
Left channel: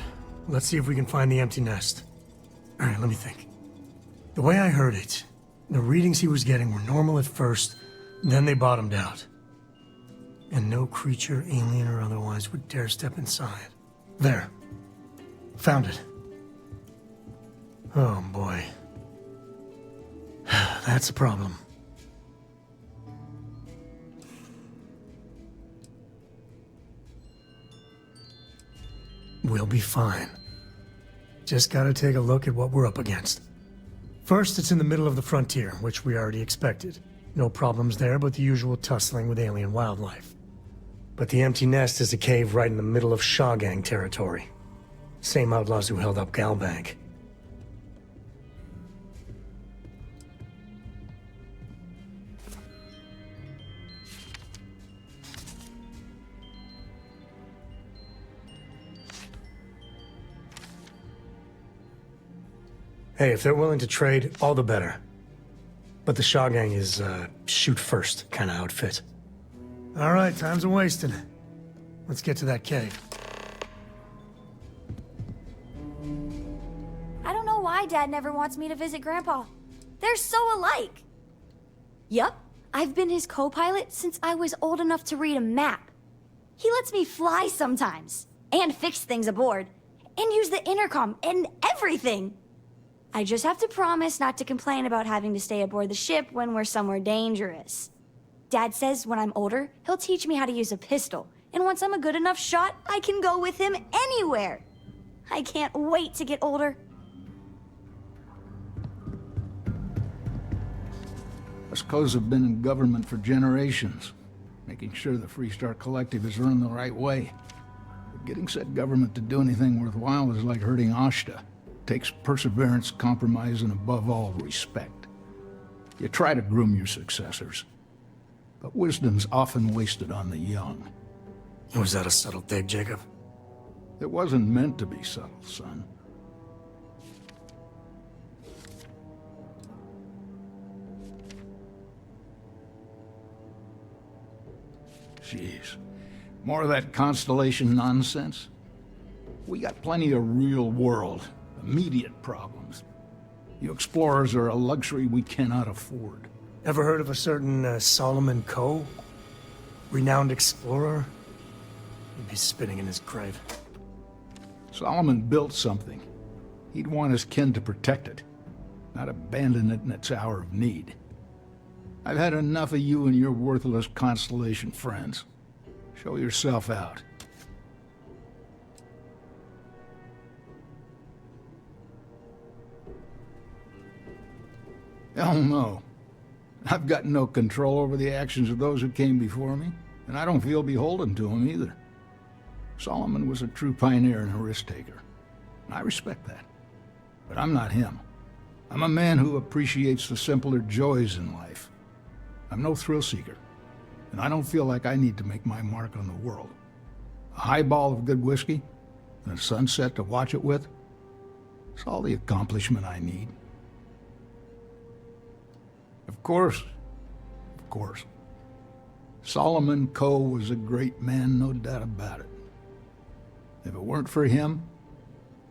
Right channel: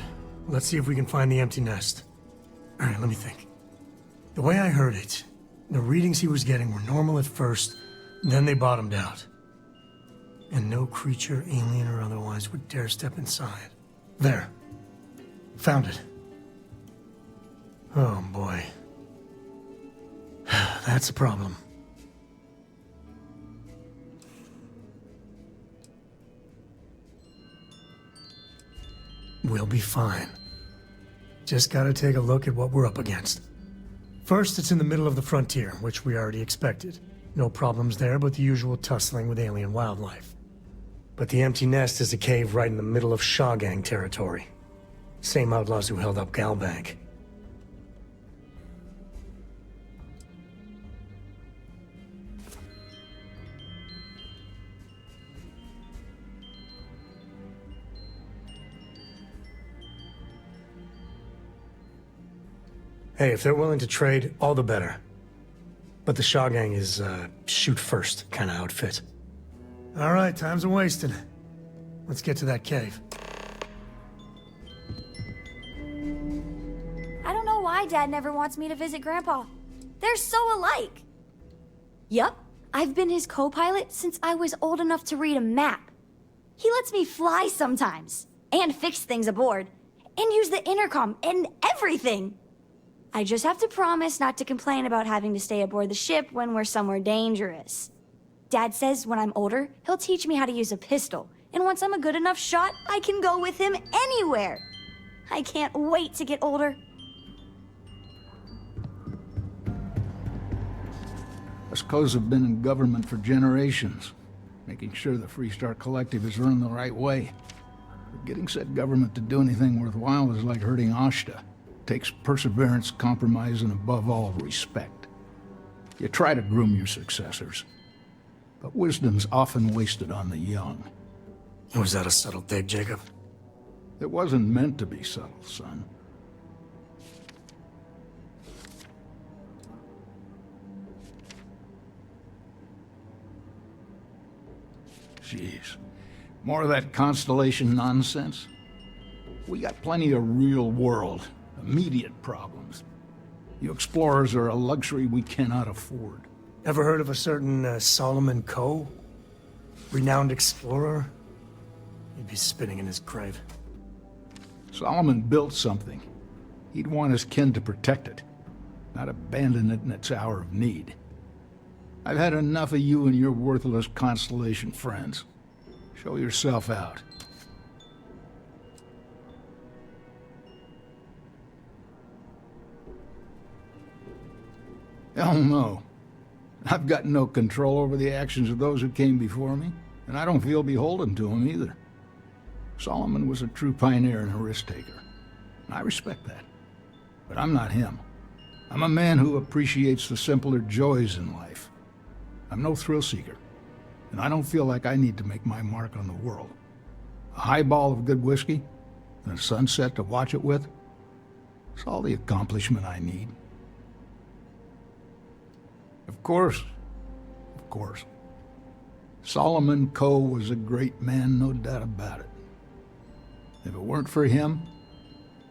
let's see if we can find the empty nest. All right, let me think. The way I heard it, the readings he was getting were normal at first, then they bottomed out. And no creature, alien or otherwise, would dare step inside. There. Found it. Oh, boy. That's a problem. We'll be fine. Just gotta take a look at what we're up against. First, it's in the middle of the frontier, which we already expected. No problems there, but the usual tussling with alien wildlife. But the empty nest is a cave right in the middle of Shawgang territory. Same outlaws who held up Galbank. Hey, if they're willing to trade, all the better. But the Shawgang is, shoot-first kind of outfit. All right, time's a-wasting. Let's get to that cave. I don't know why Dad never wants me to visit Grandpa. They're so alike. Yup, I've been his co-pilot since I was old enough to read a map. He lets me fly sometimes, and fix things aboard, and use the intercom, and everything. I just have to promise not to complain about having to stay aboard the ship when we're somewhere dangerous. Dad says when I'm older, he'll teach me how to use a pistol. And once I'm a good enough shot, I can go with him anywhere. I can't wait to get older. Us co's have been in government for generations, making sure the Freestar Collective is run the right way. But getting said government to do anything worthwhile is like herding Ashta. It takes perseverance, compromise, and above all, respect. You try to groom your successors, but wisdom's often wasted on the young. Was that a subtle dig, Jacob? It wasn't meant to be subtle, son. Jeez. More of that Constellation nonsense? We got plenty of real-world, immediate problems. You explorers are a luxury we cannot afford. Ever heard of a certain Solomon Coe? Renowned explorer? He'd be spitting in his grave. Solomon built something. He'd want his kin to protect it, not abandon it in its hour of need. I've had enough of you and your worthless Constellation friends. Show yourself out. Hell no. I've got no control over the actions of those who came before me, and I don't feel beholden to them either. Solomon was a true pioneer and a risk-taker, and I respect that. But I'm not him. I'm a man who appreciates the simpler joys in life. I'm no thrill-seeker, and I don't feel like I need to make my mark on the world. A highball of good whiskey, and a sunset to watch it with, it's all the accomplishment I need. Of course. Solomon Coe was a great man, no doubt about it. If it weren't for him,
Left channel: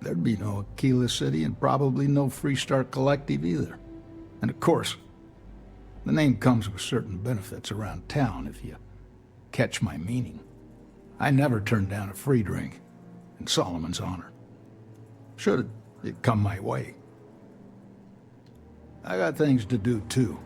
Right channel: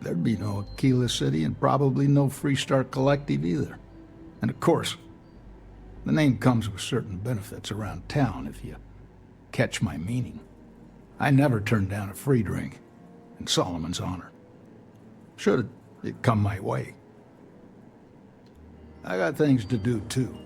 there'd be no Aquila City and probably no Freestar Collective either. And of course, the name comes with certain benefits around town if you catch my meaning. I never turned down a free drink, in Solomon's honor. Should it come my way. I got things to do too.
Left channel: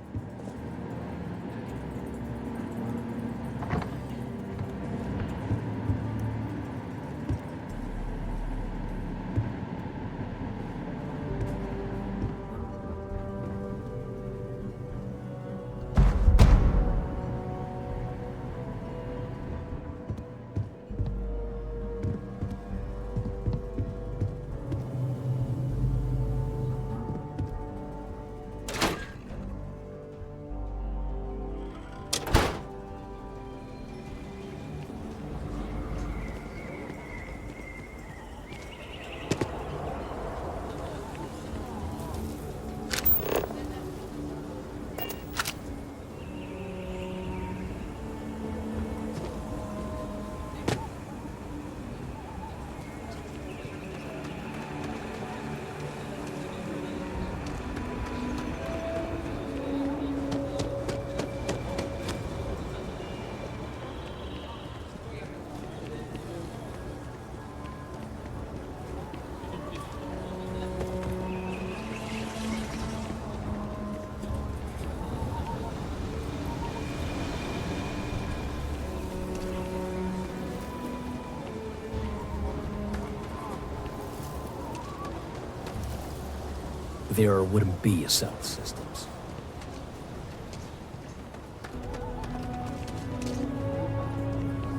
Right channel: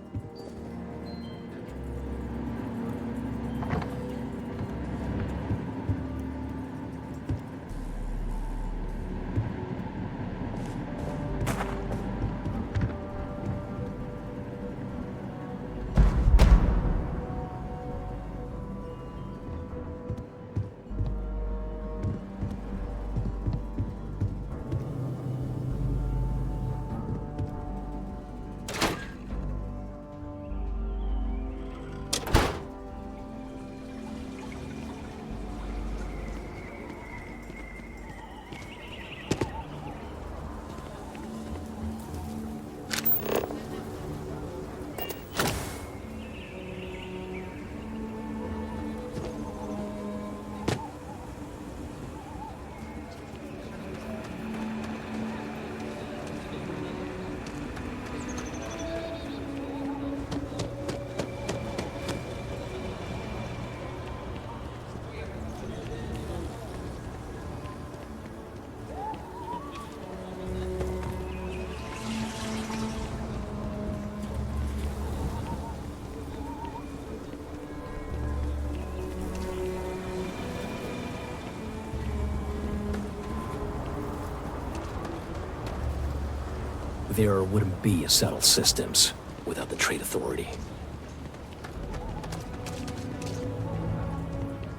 There wouldn't be a settled systems without the Trade Authority.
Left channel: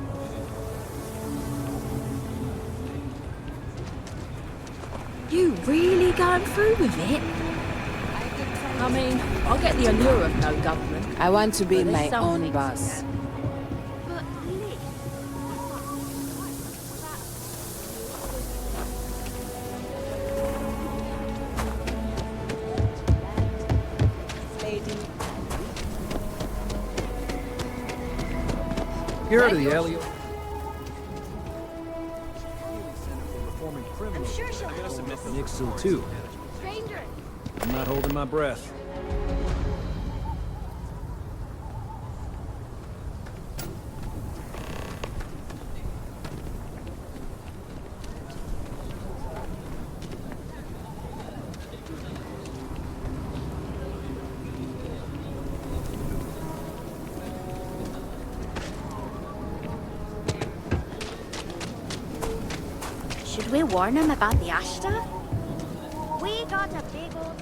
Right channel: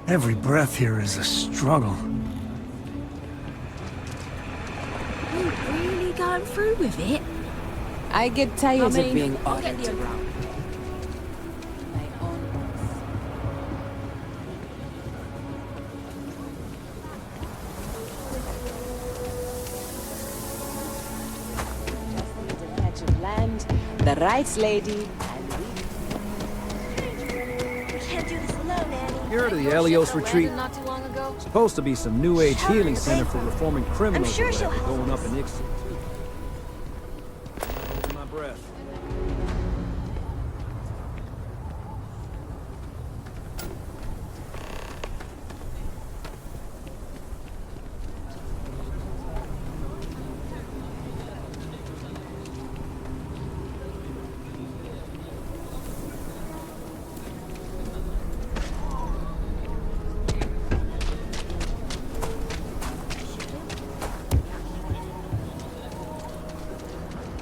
Every breath here is a struggle. You really going through with it? I get tired I mean, of being I'll get the ordered allure around. of no government. I want to be But my there's own something- boss. Land, the rights lady, You heard of the Elios retreat? Supposed to be some new age healing center for reforming criminals sure she'll help going up in Ixil too. I'm not holding my breath. Should we warn him about the ash stuff? We got a big old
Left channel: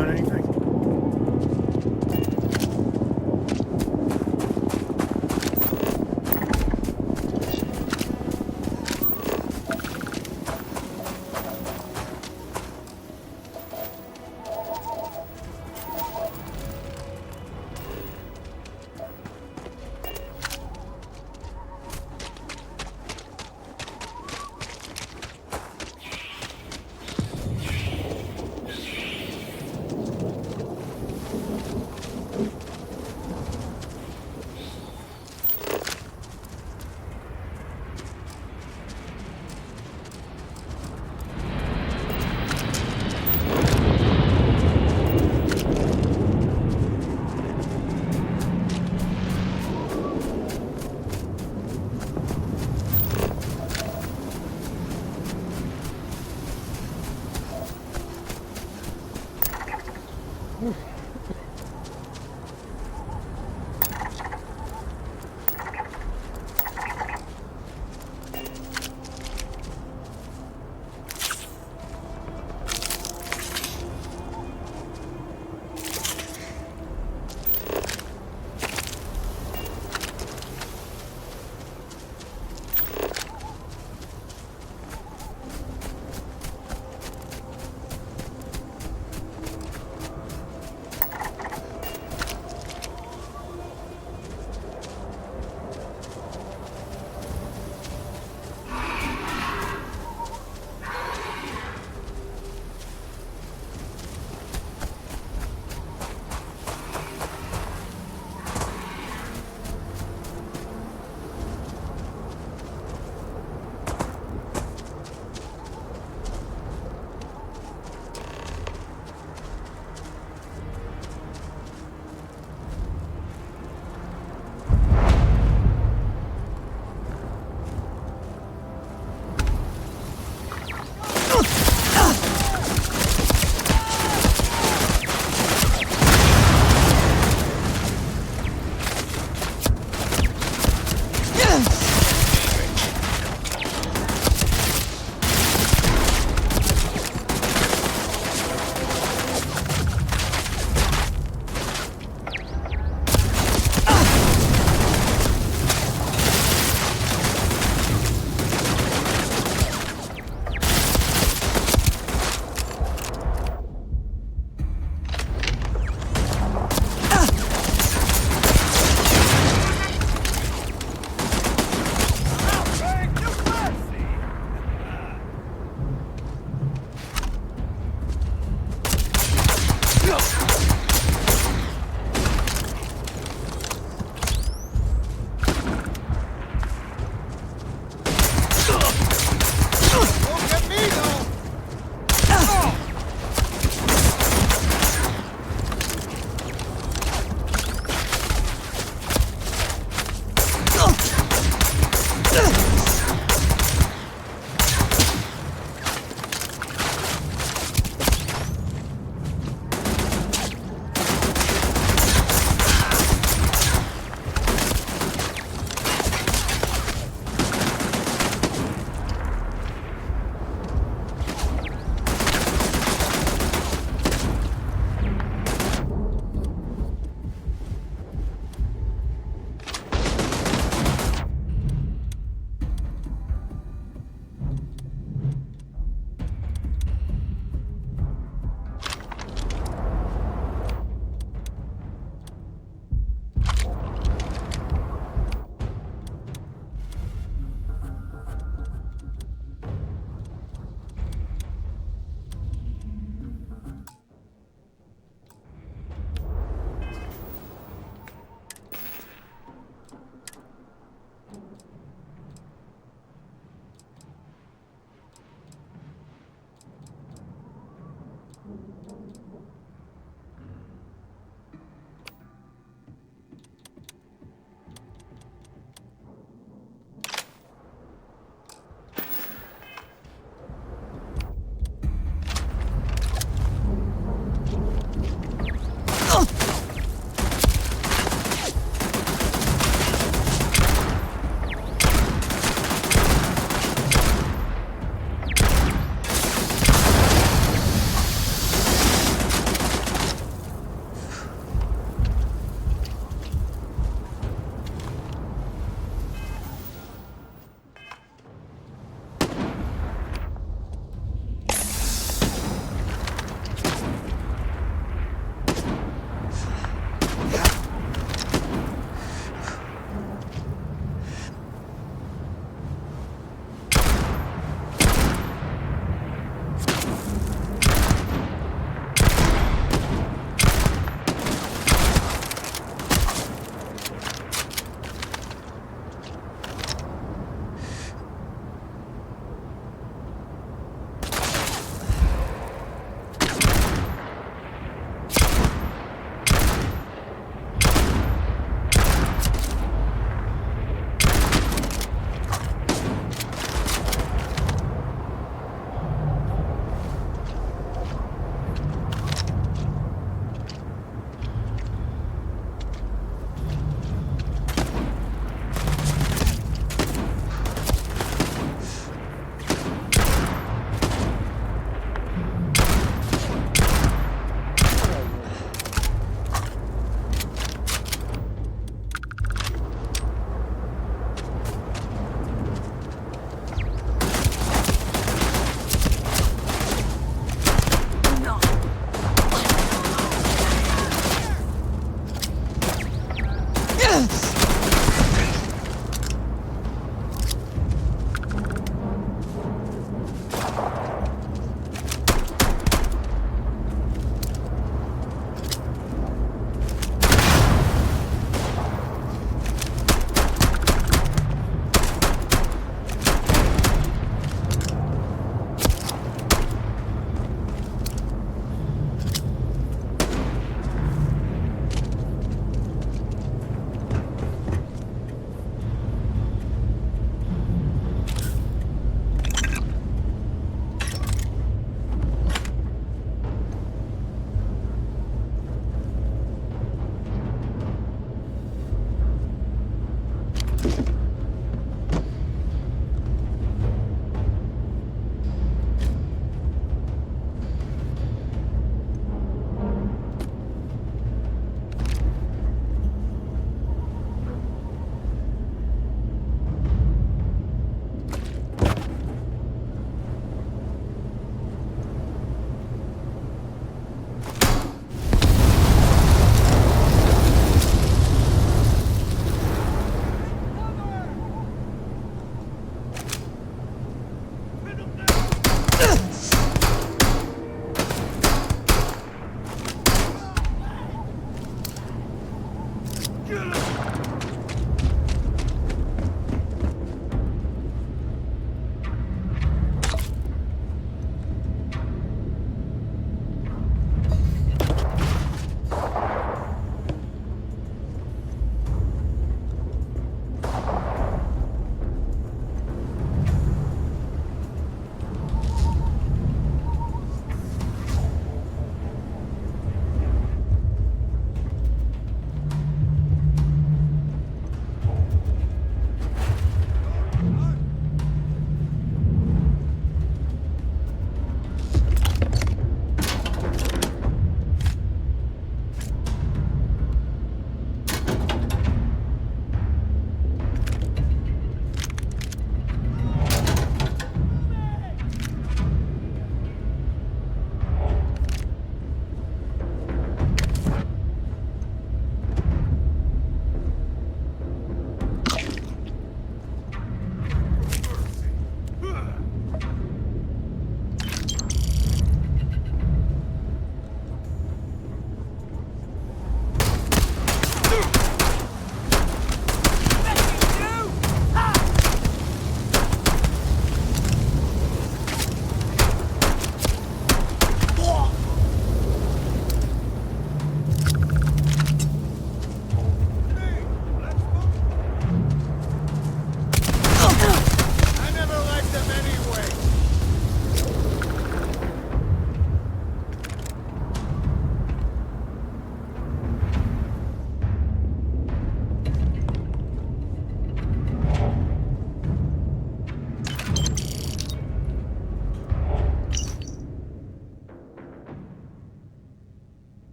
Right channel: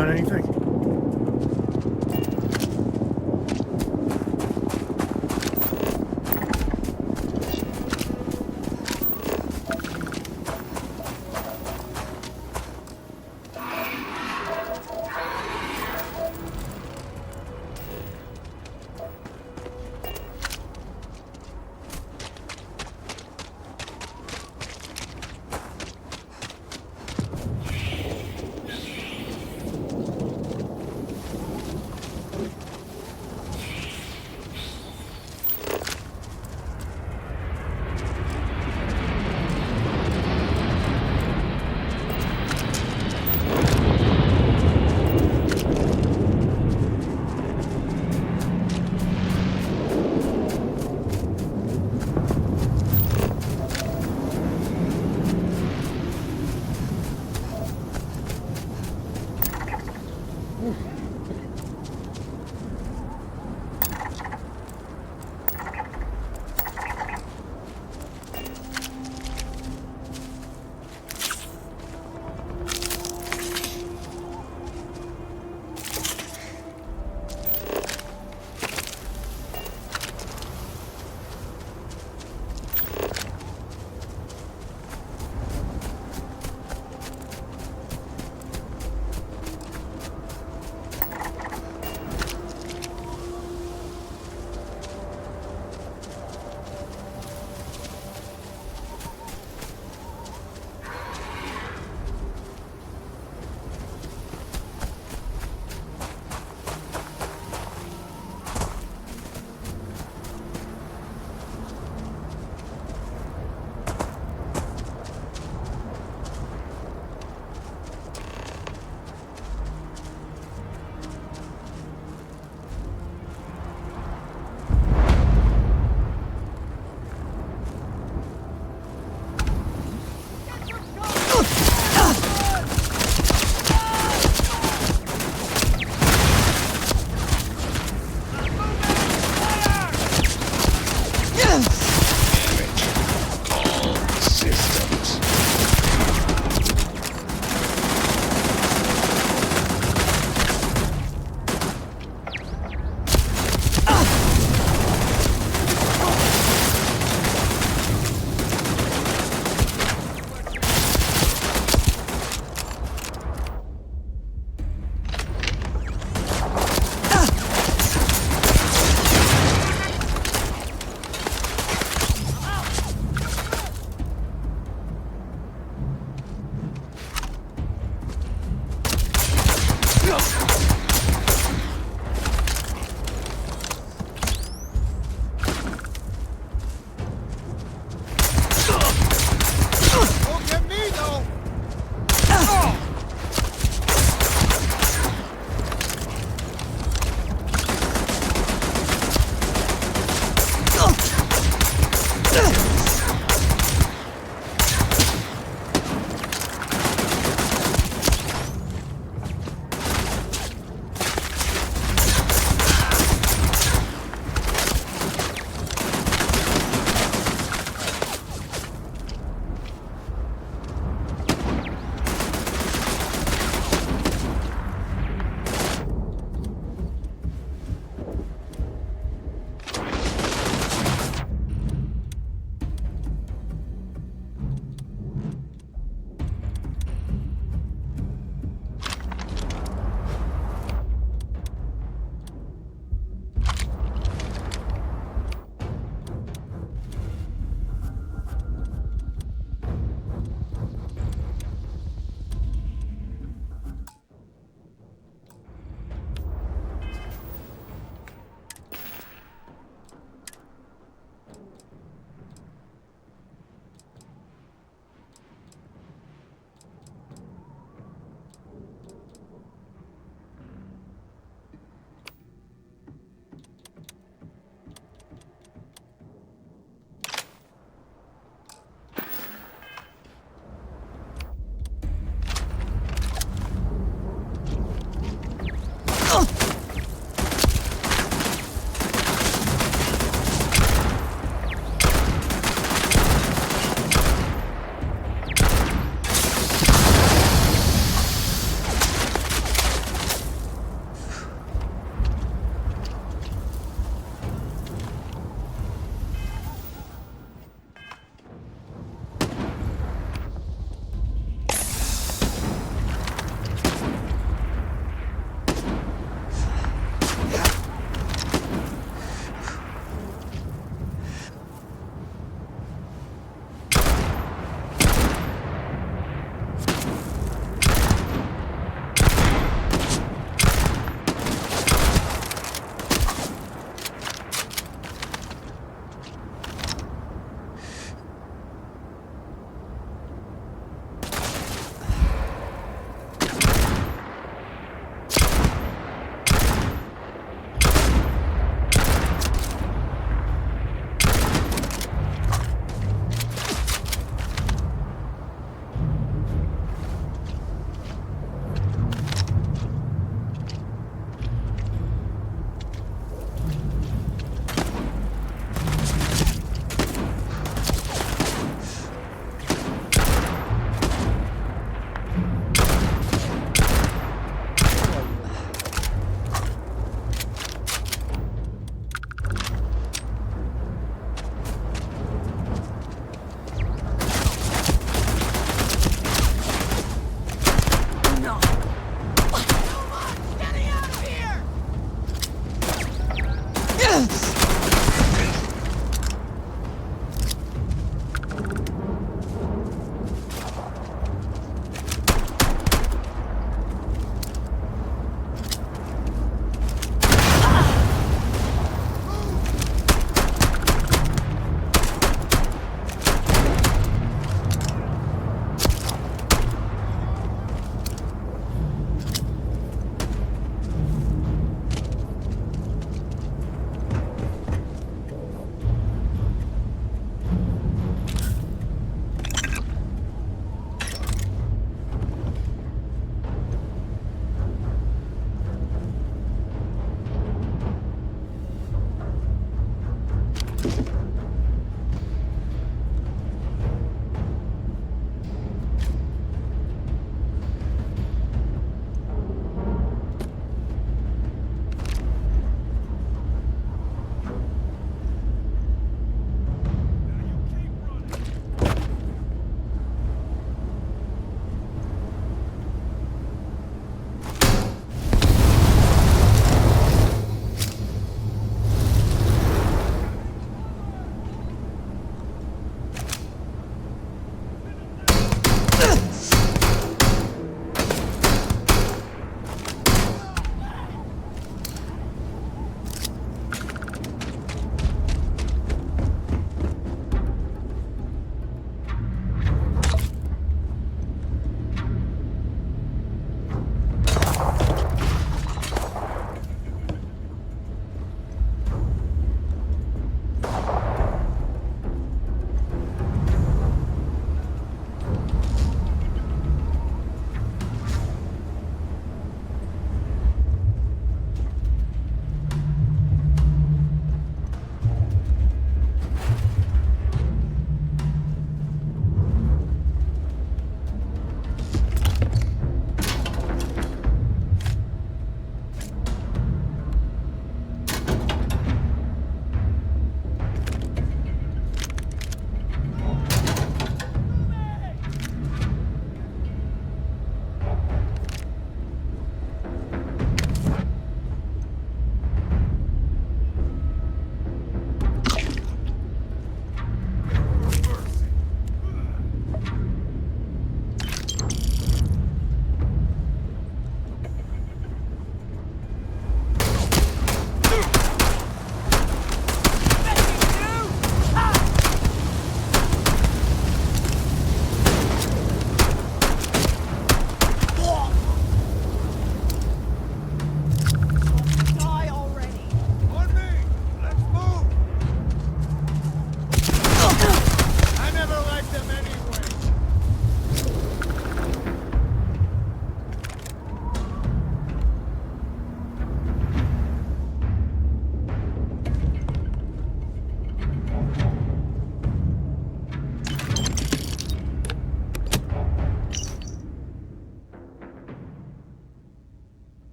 On anything?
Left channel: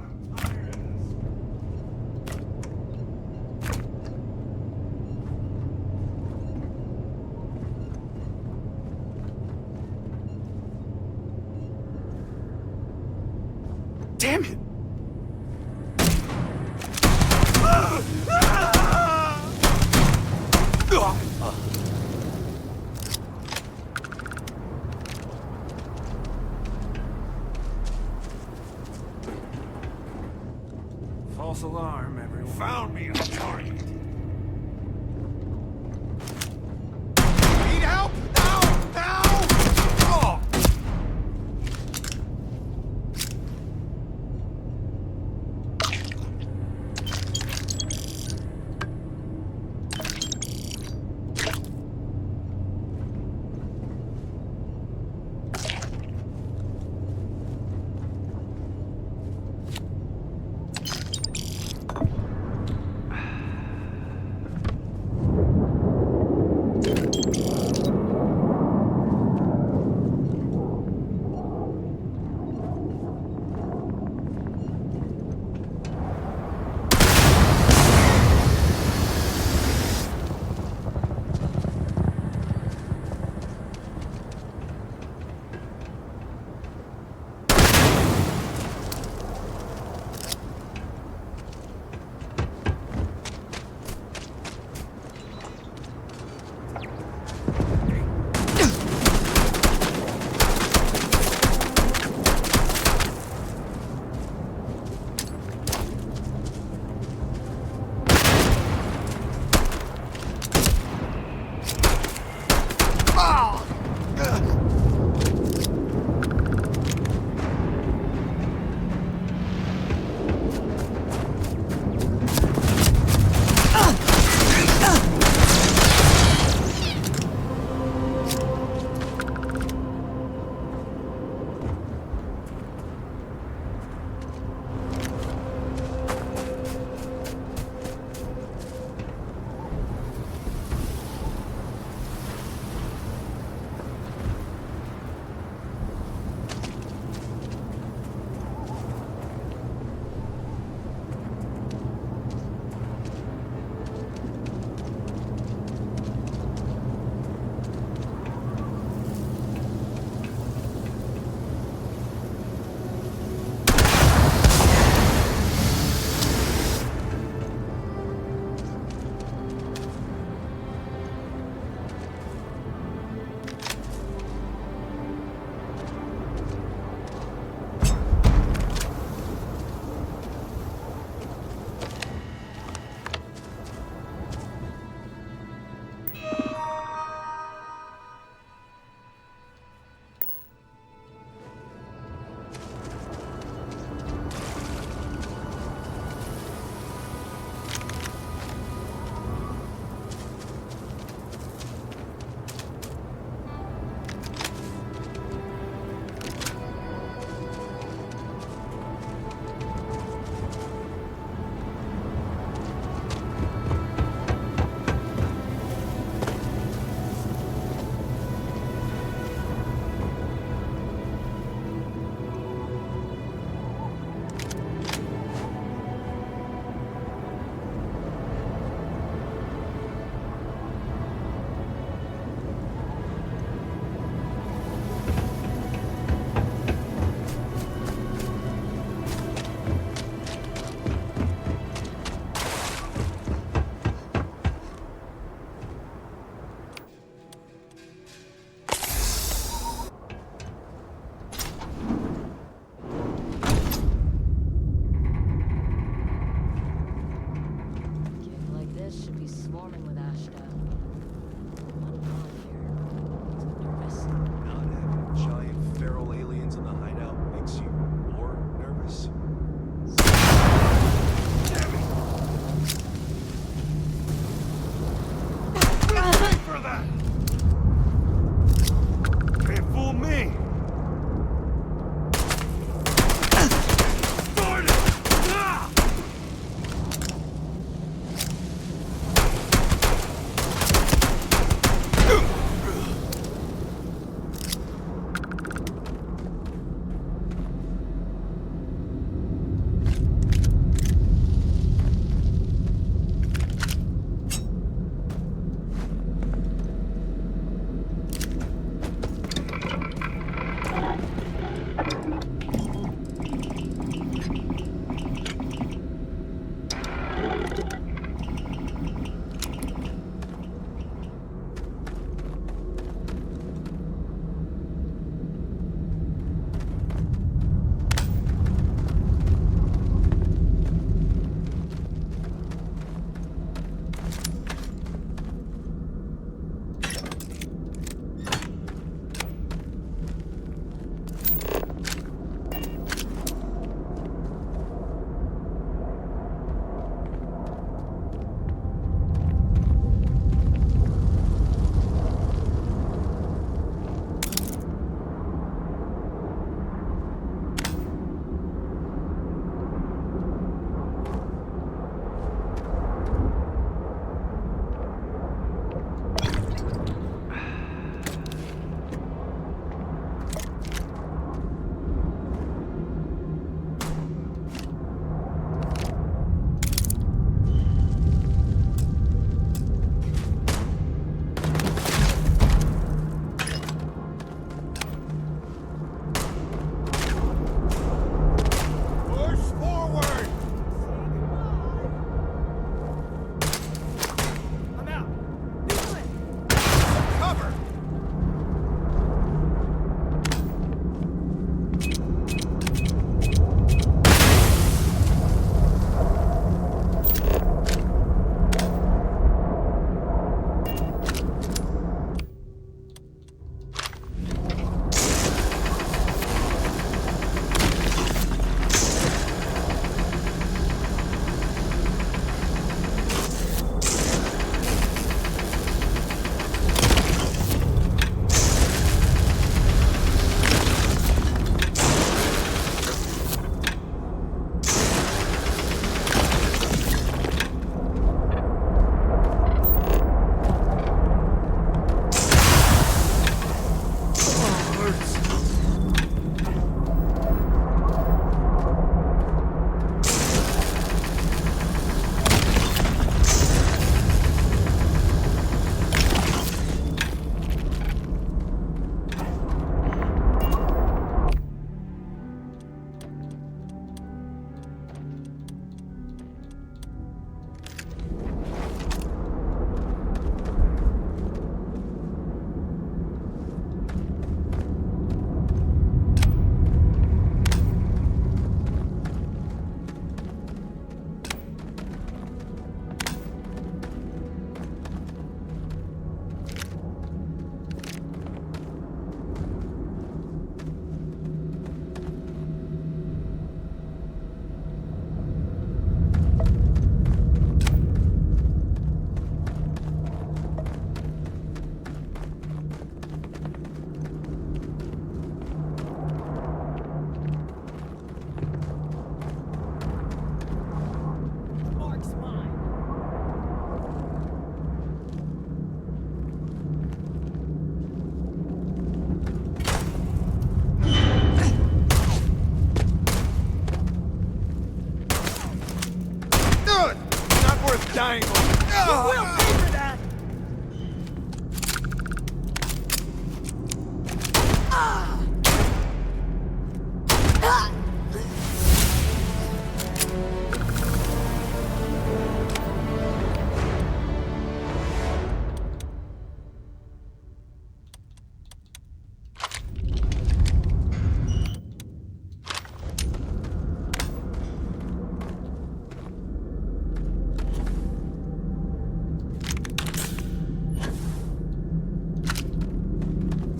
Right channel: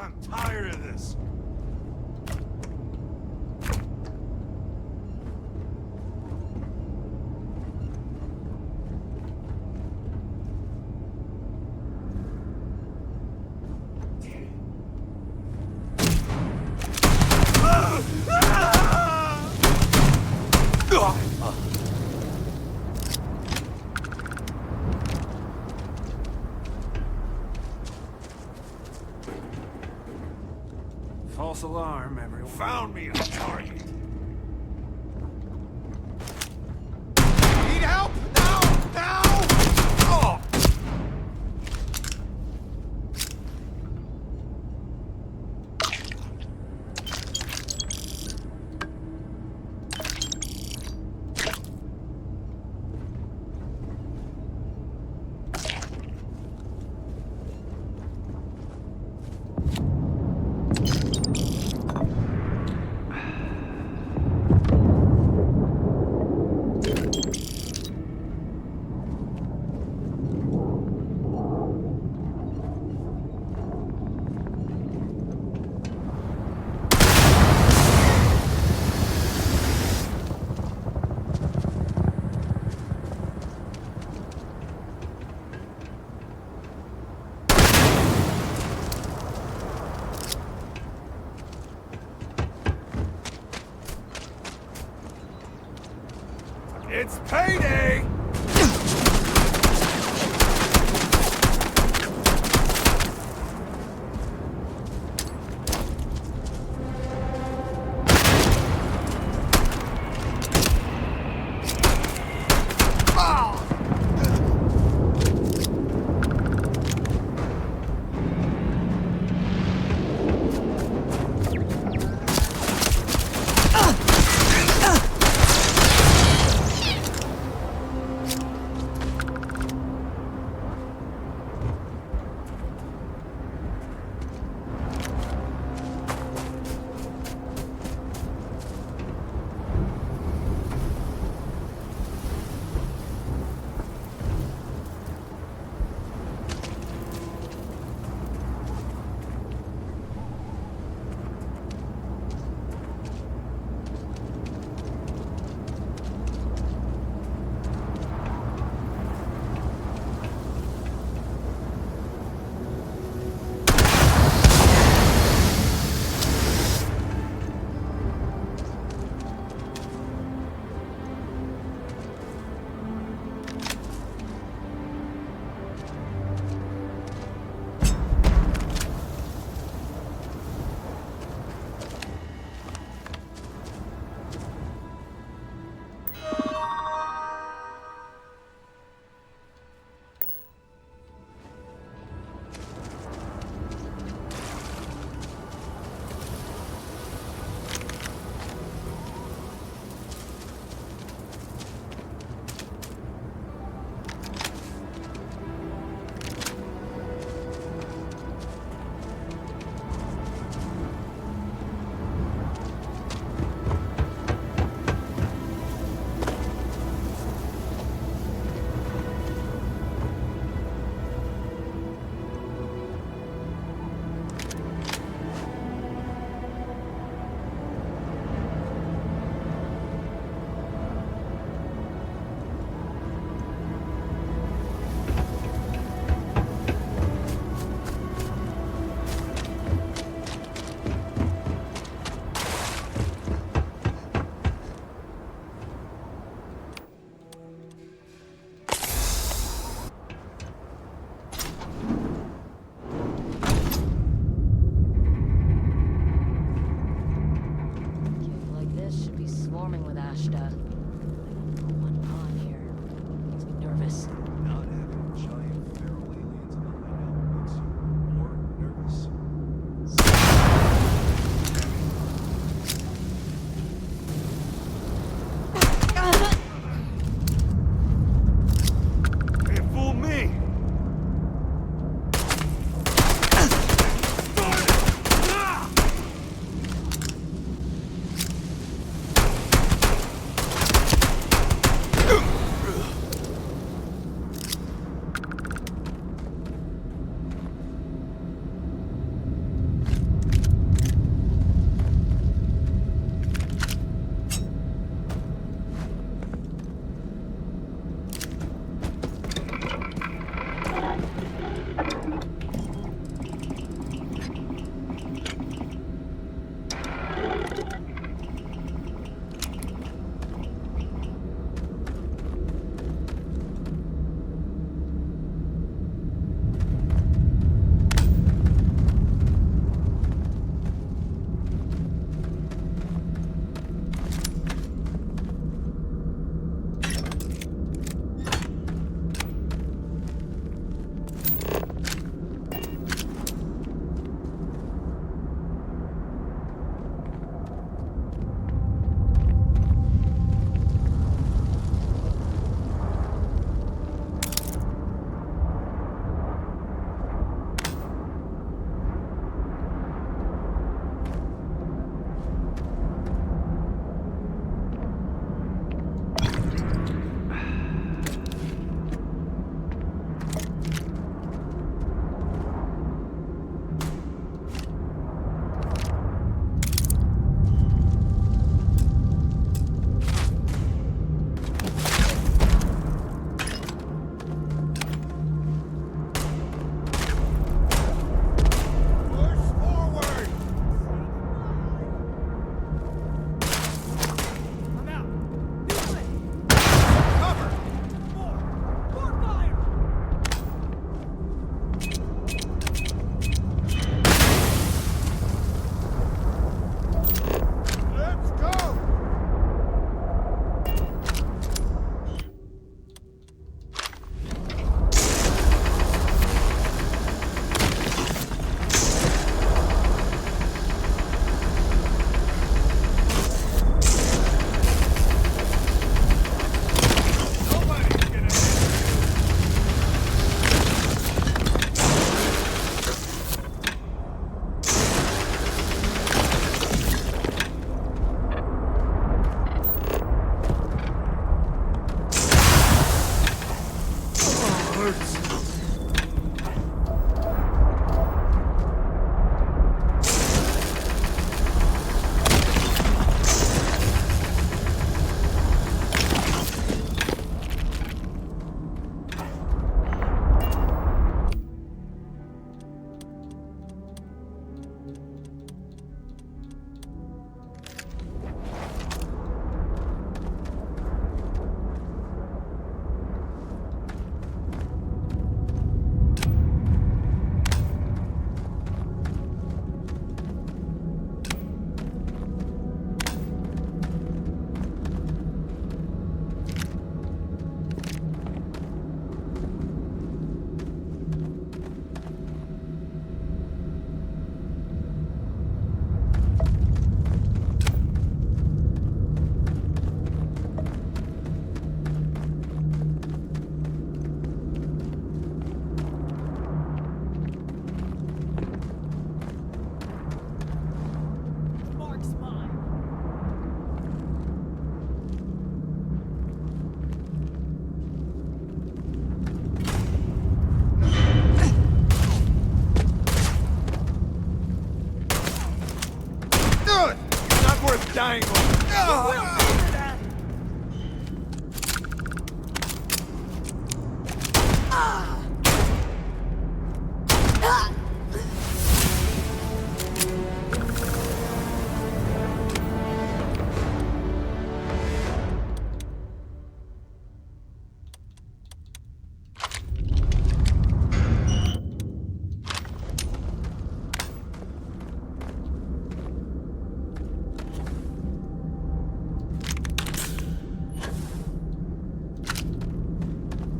I'm tired of this. Damn it! false alarm, everyone. Found me a target. Need help? Now! Now! Oh! It's payday!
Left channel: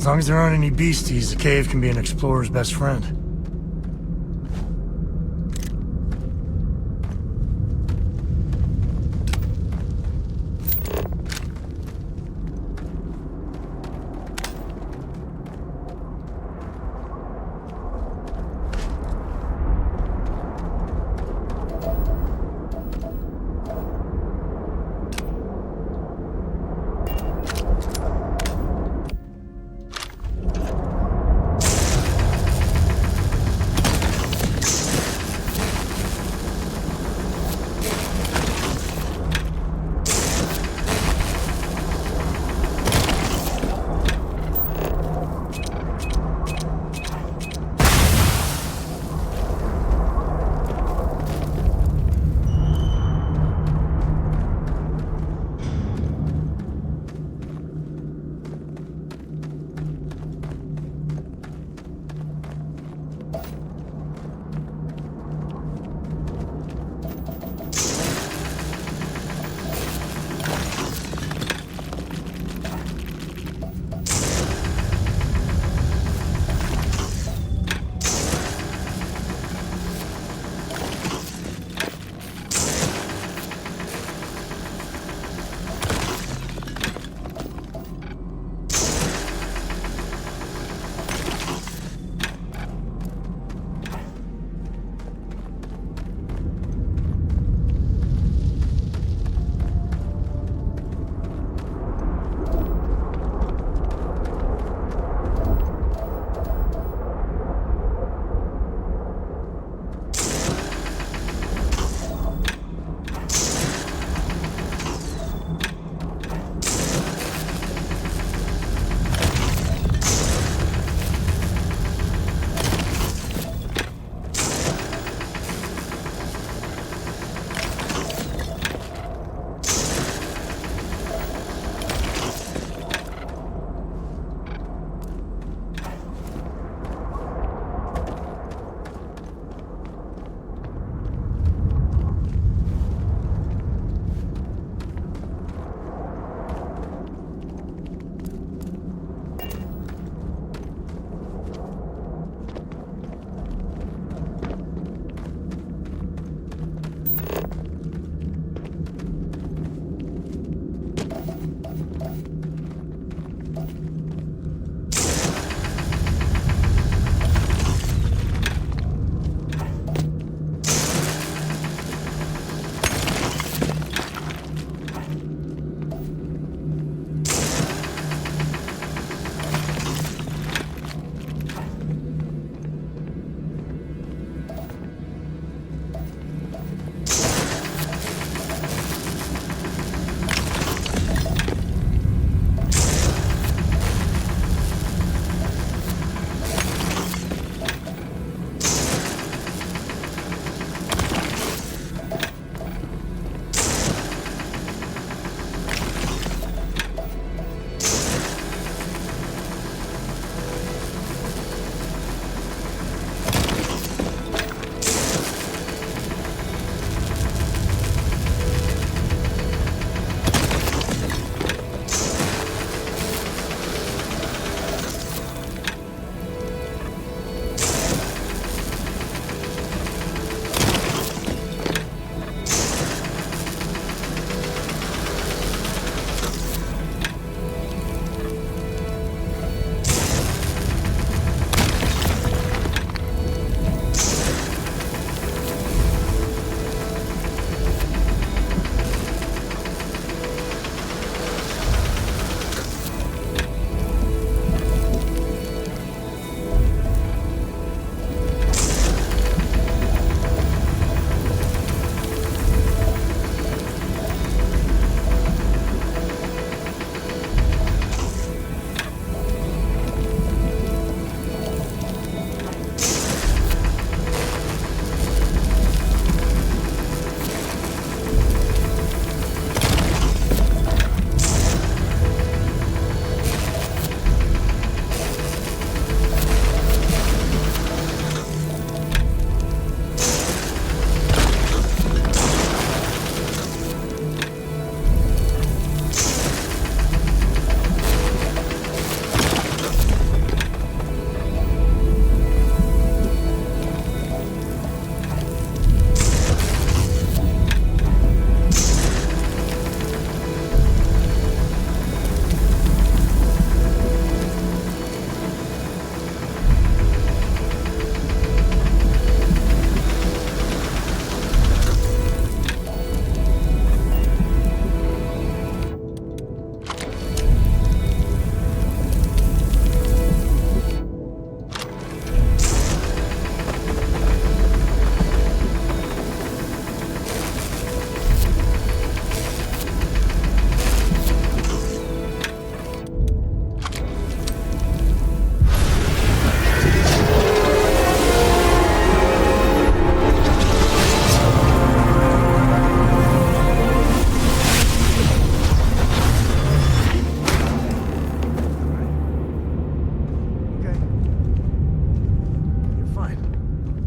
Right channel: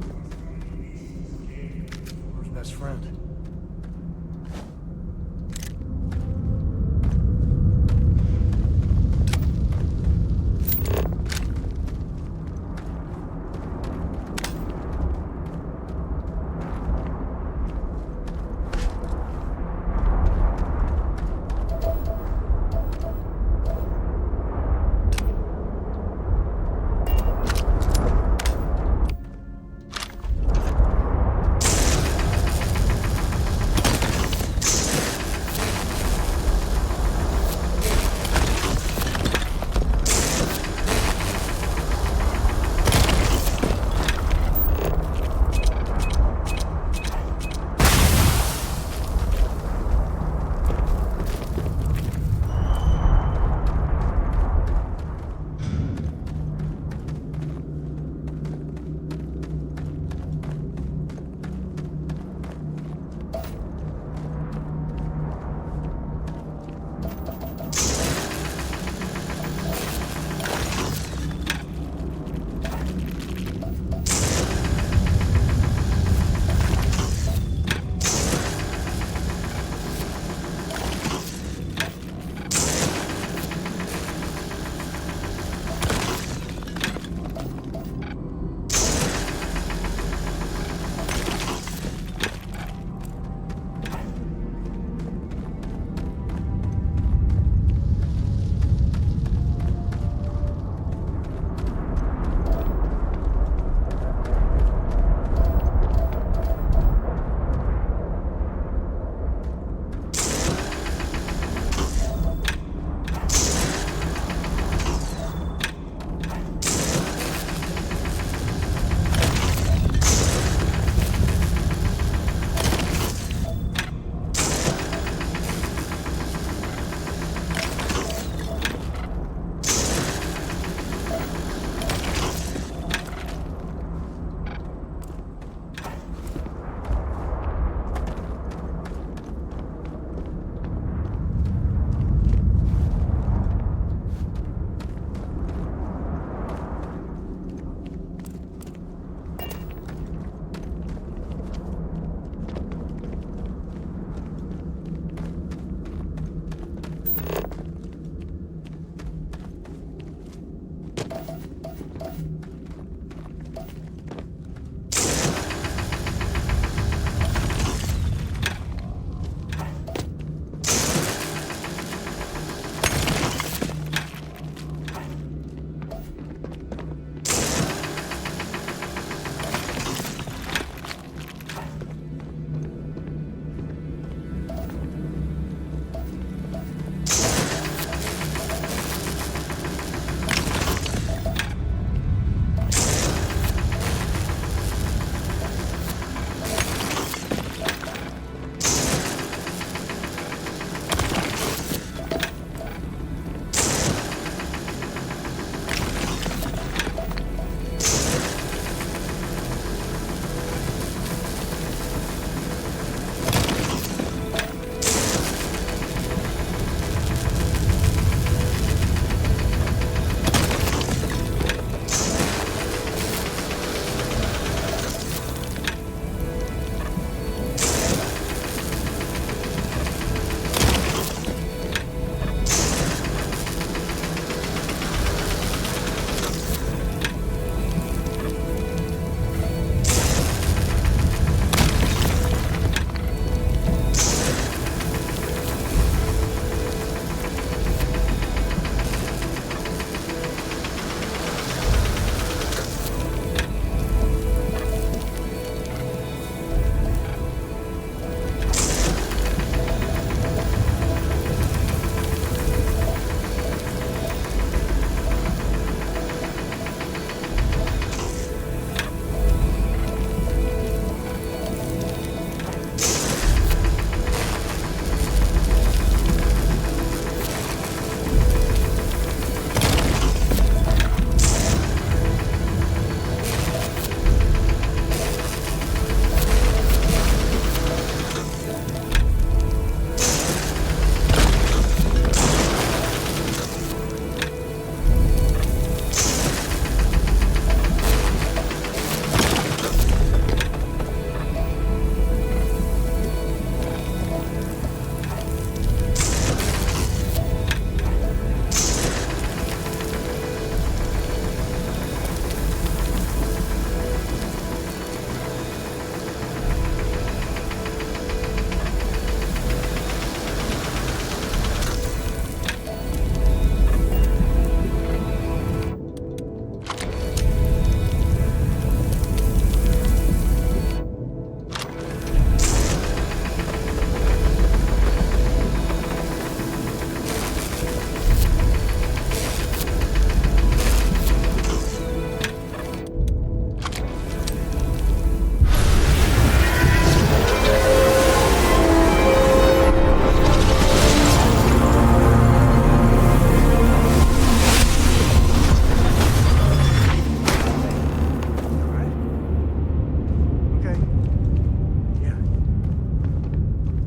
As long as there aren't any beasties, the cave can be an explorer's best friend.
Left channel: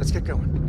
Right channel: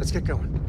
Let's get going.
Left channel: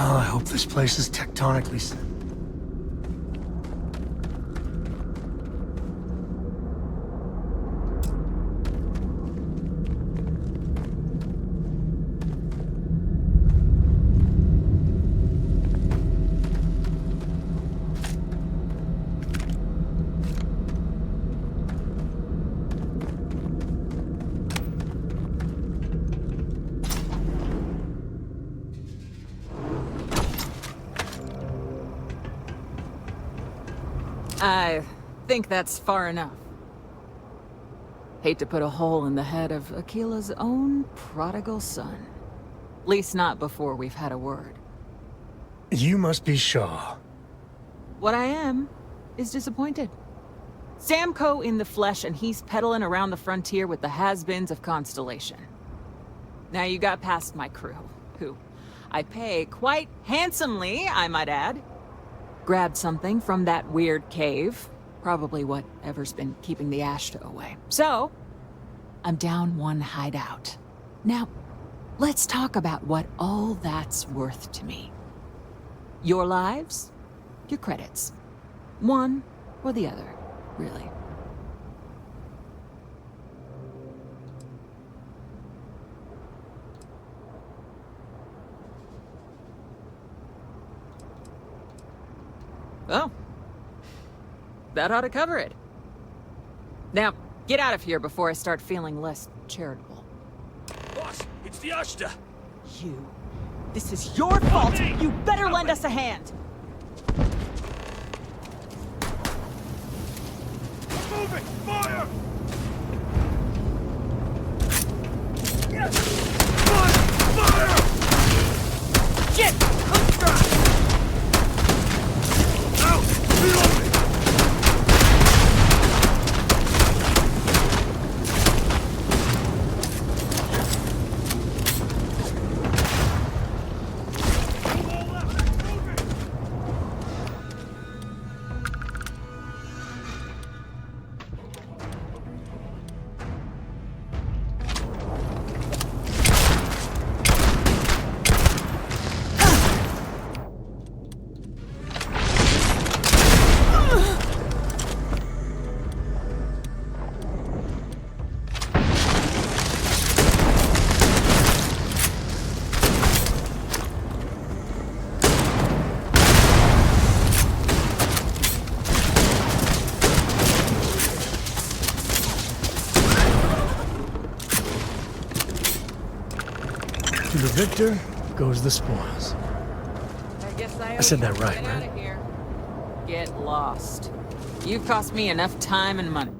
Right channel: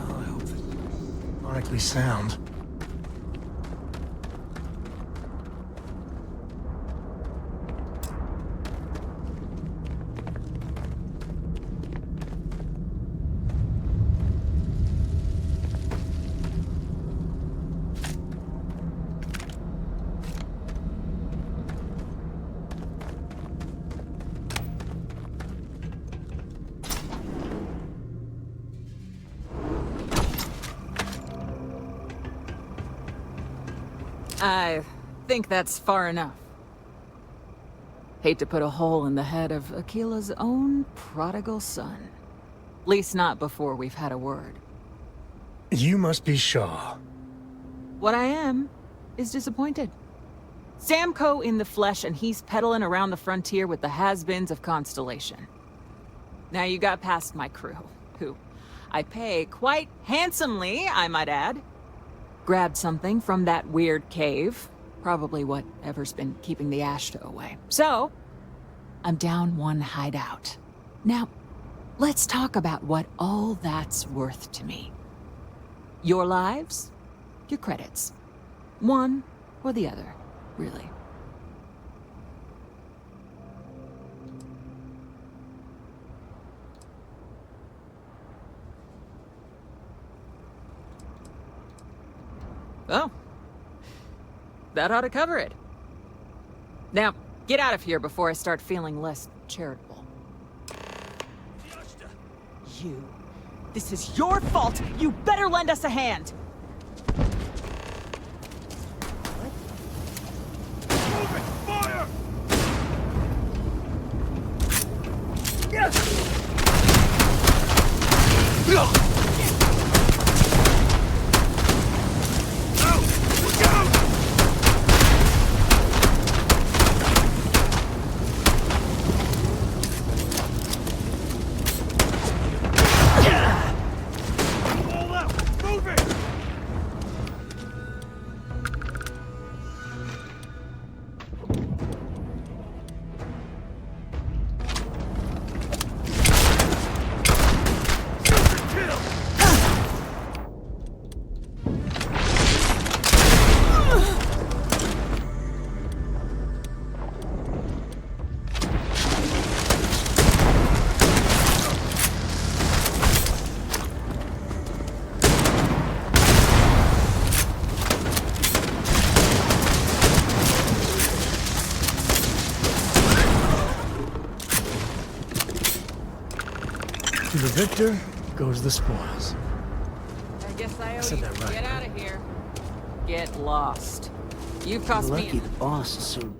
Oh, I hope this place is tectonically sound. I think that's far enough. Hate to put a hole in the head of Akila's own prodigal son. Least not before we've had a word. You must be Shaw. What I am is disappointed. Samco in the flesh, and he's peddling around the frontier with the has-beens of Constellation. Now you got past my crew, who I pay quite handsomely, I might add. Grabbed something from that weird cave. Probably whatever's been keeping the Ashta away. So, I'm down one hideout. Now, let's talk about what all that's worth to me. Your lives, your credits. One or the other, really. Oh. That ought to cover it. Now, get out of here before I start feeling less charitable. Boss, it's the Ashta. You. This is your fault! You better lend us a hand! Move it! Fire! Shit! To the victor goes the spoils. I guess I said that right, Get right? out of here. Get lost. You've cost me enough time and money.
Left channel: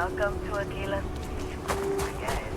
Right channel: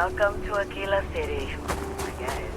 Welcome to Aquila City, I guess.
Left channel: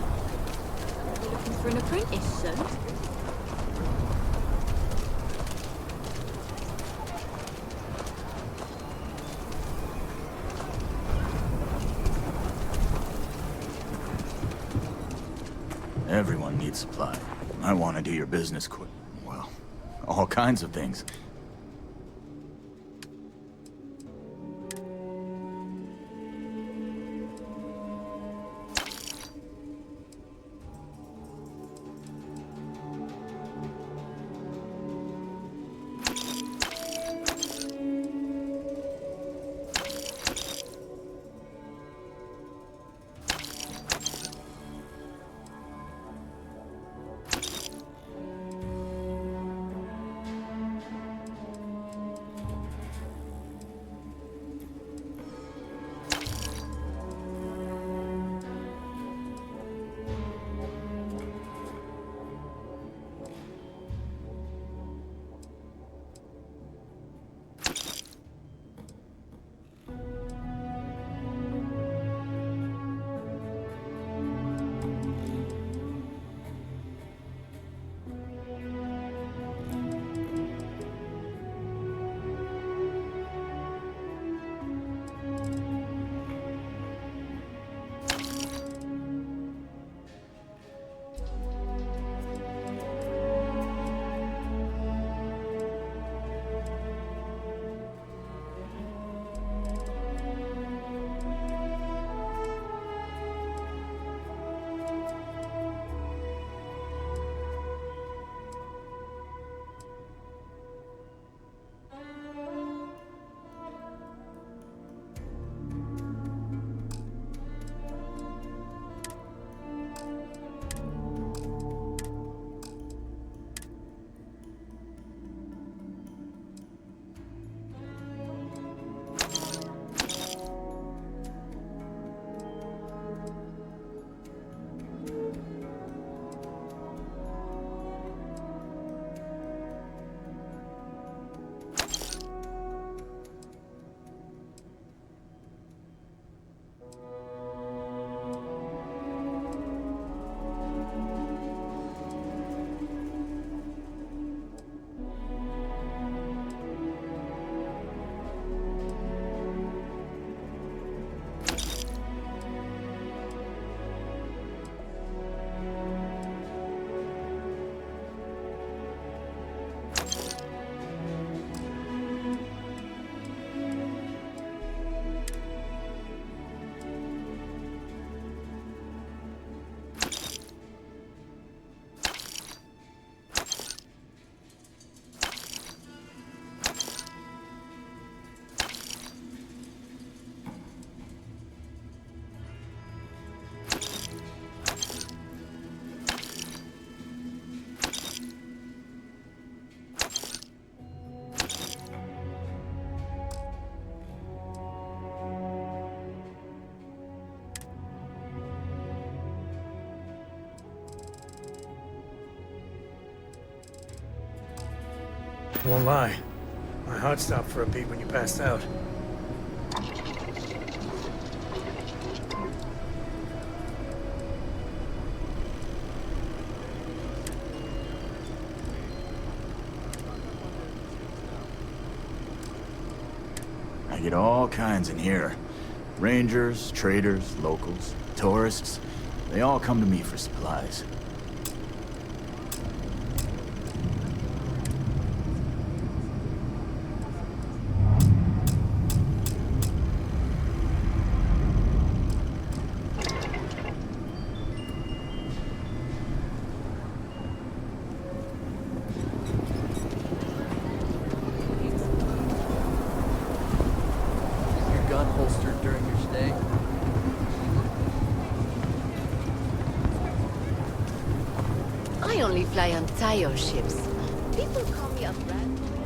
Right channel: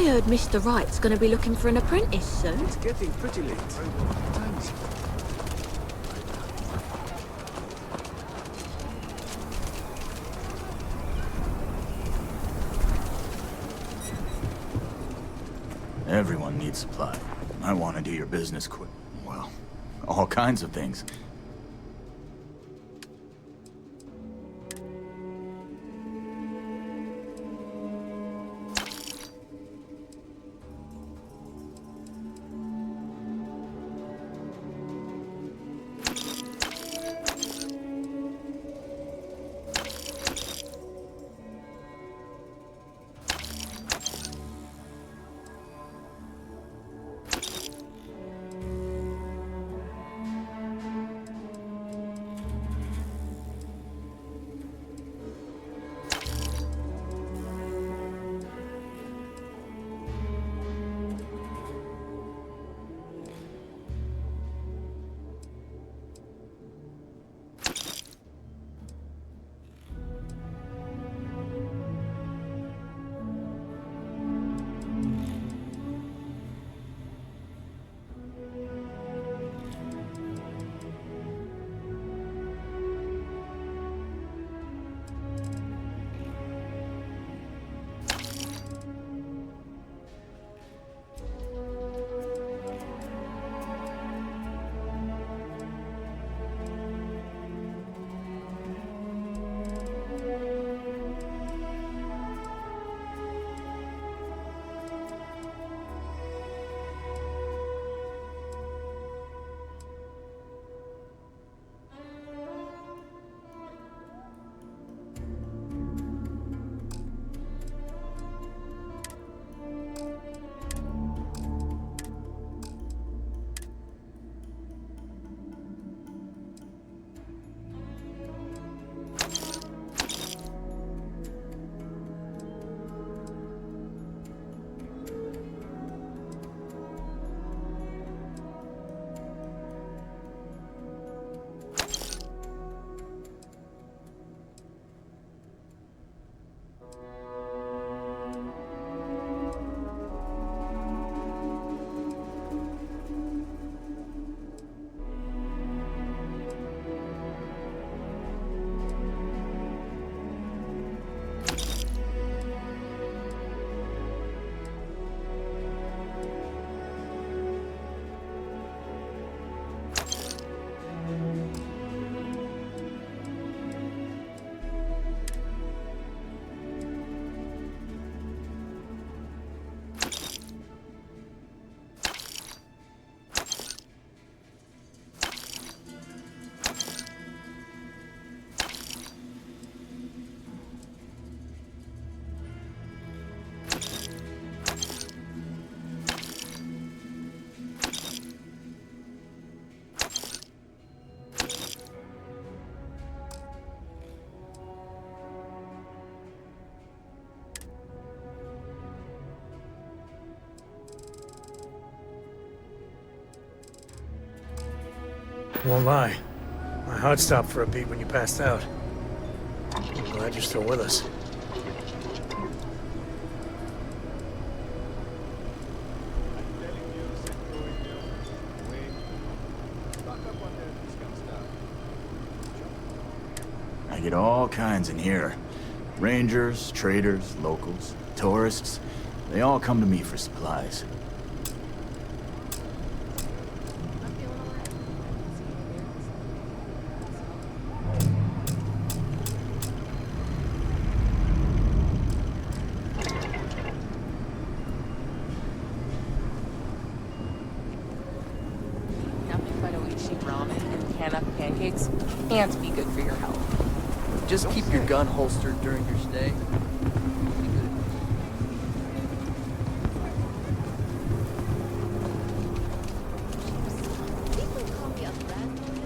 I heard Mr. Wright's going to be looking for an apprentice soon. It's getting pretty late. Everyone needs supply. I want to do your business quick. Well, all kinds of things. Won't lie. My heart stopped for a beat when you passed out. Glad you're still with us. I get all kinds in here. Rangers, traders, locals, tourists. They all come to me for supplies. Can't be good for your health. Just keep your gun holstered during your stay. I only fly on Tayo ships. People call me a brand loyal.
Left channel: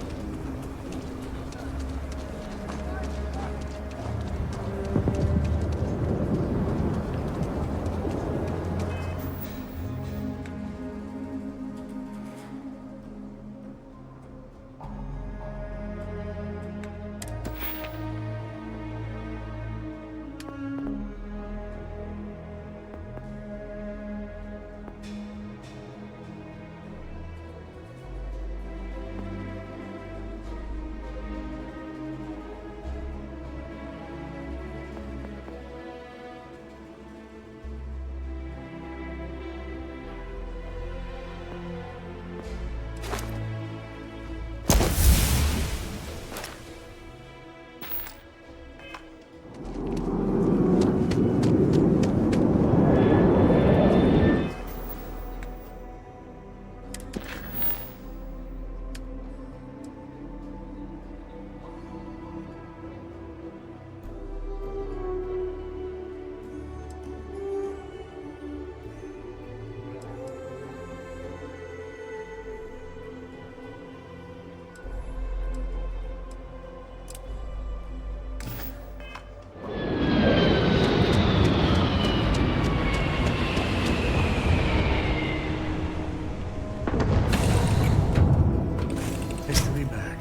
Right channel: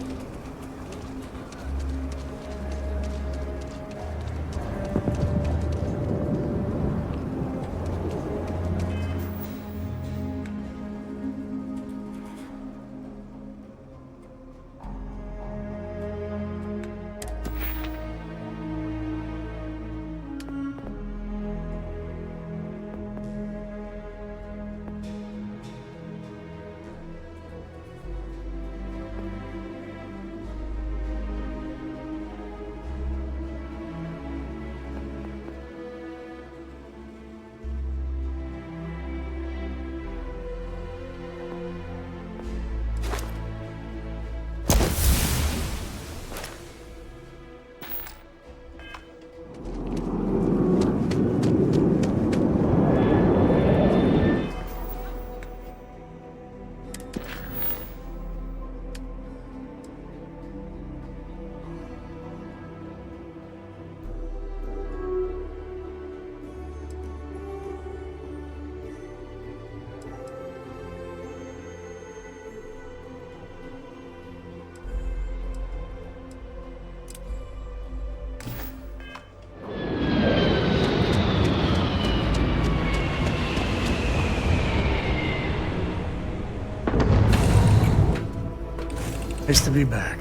Nice to be back.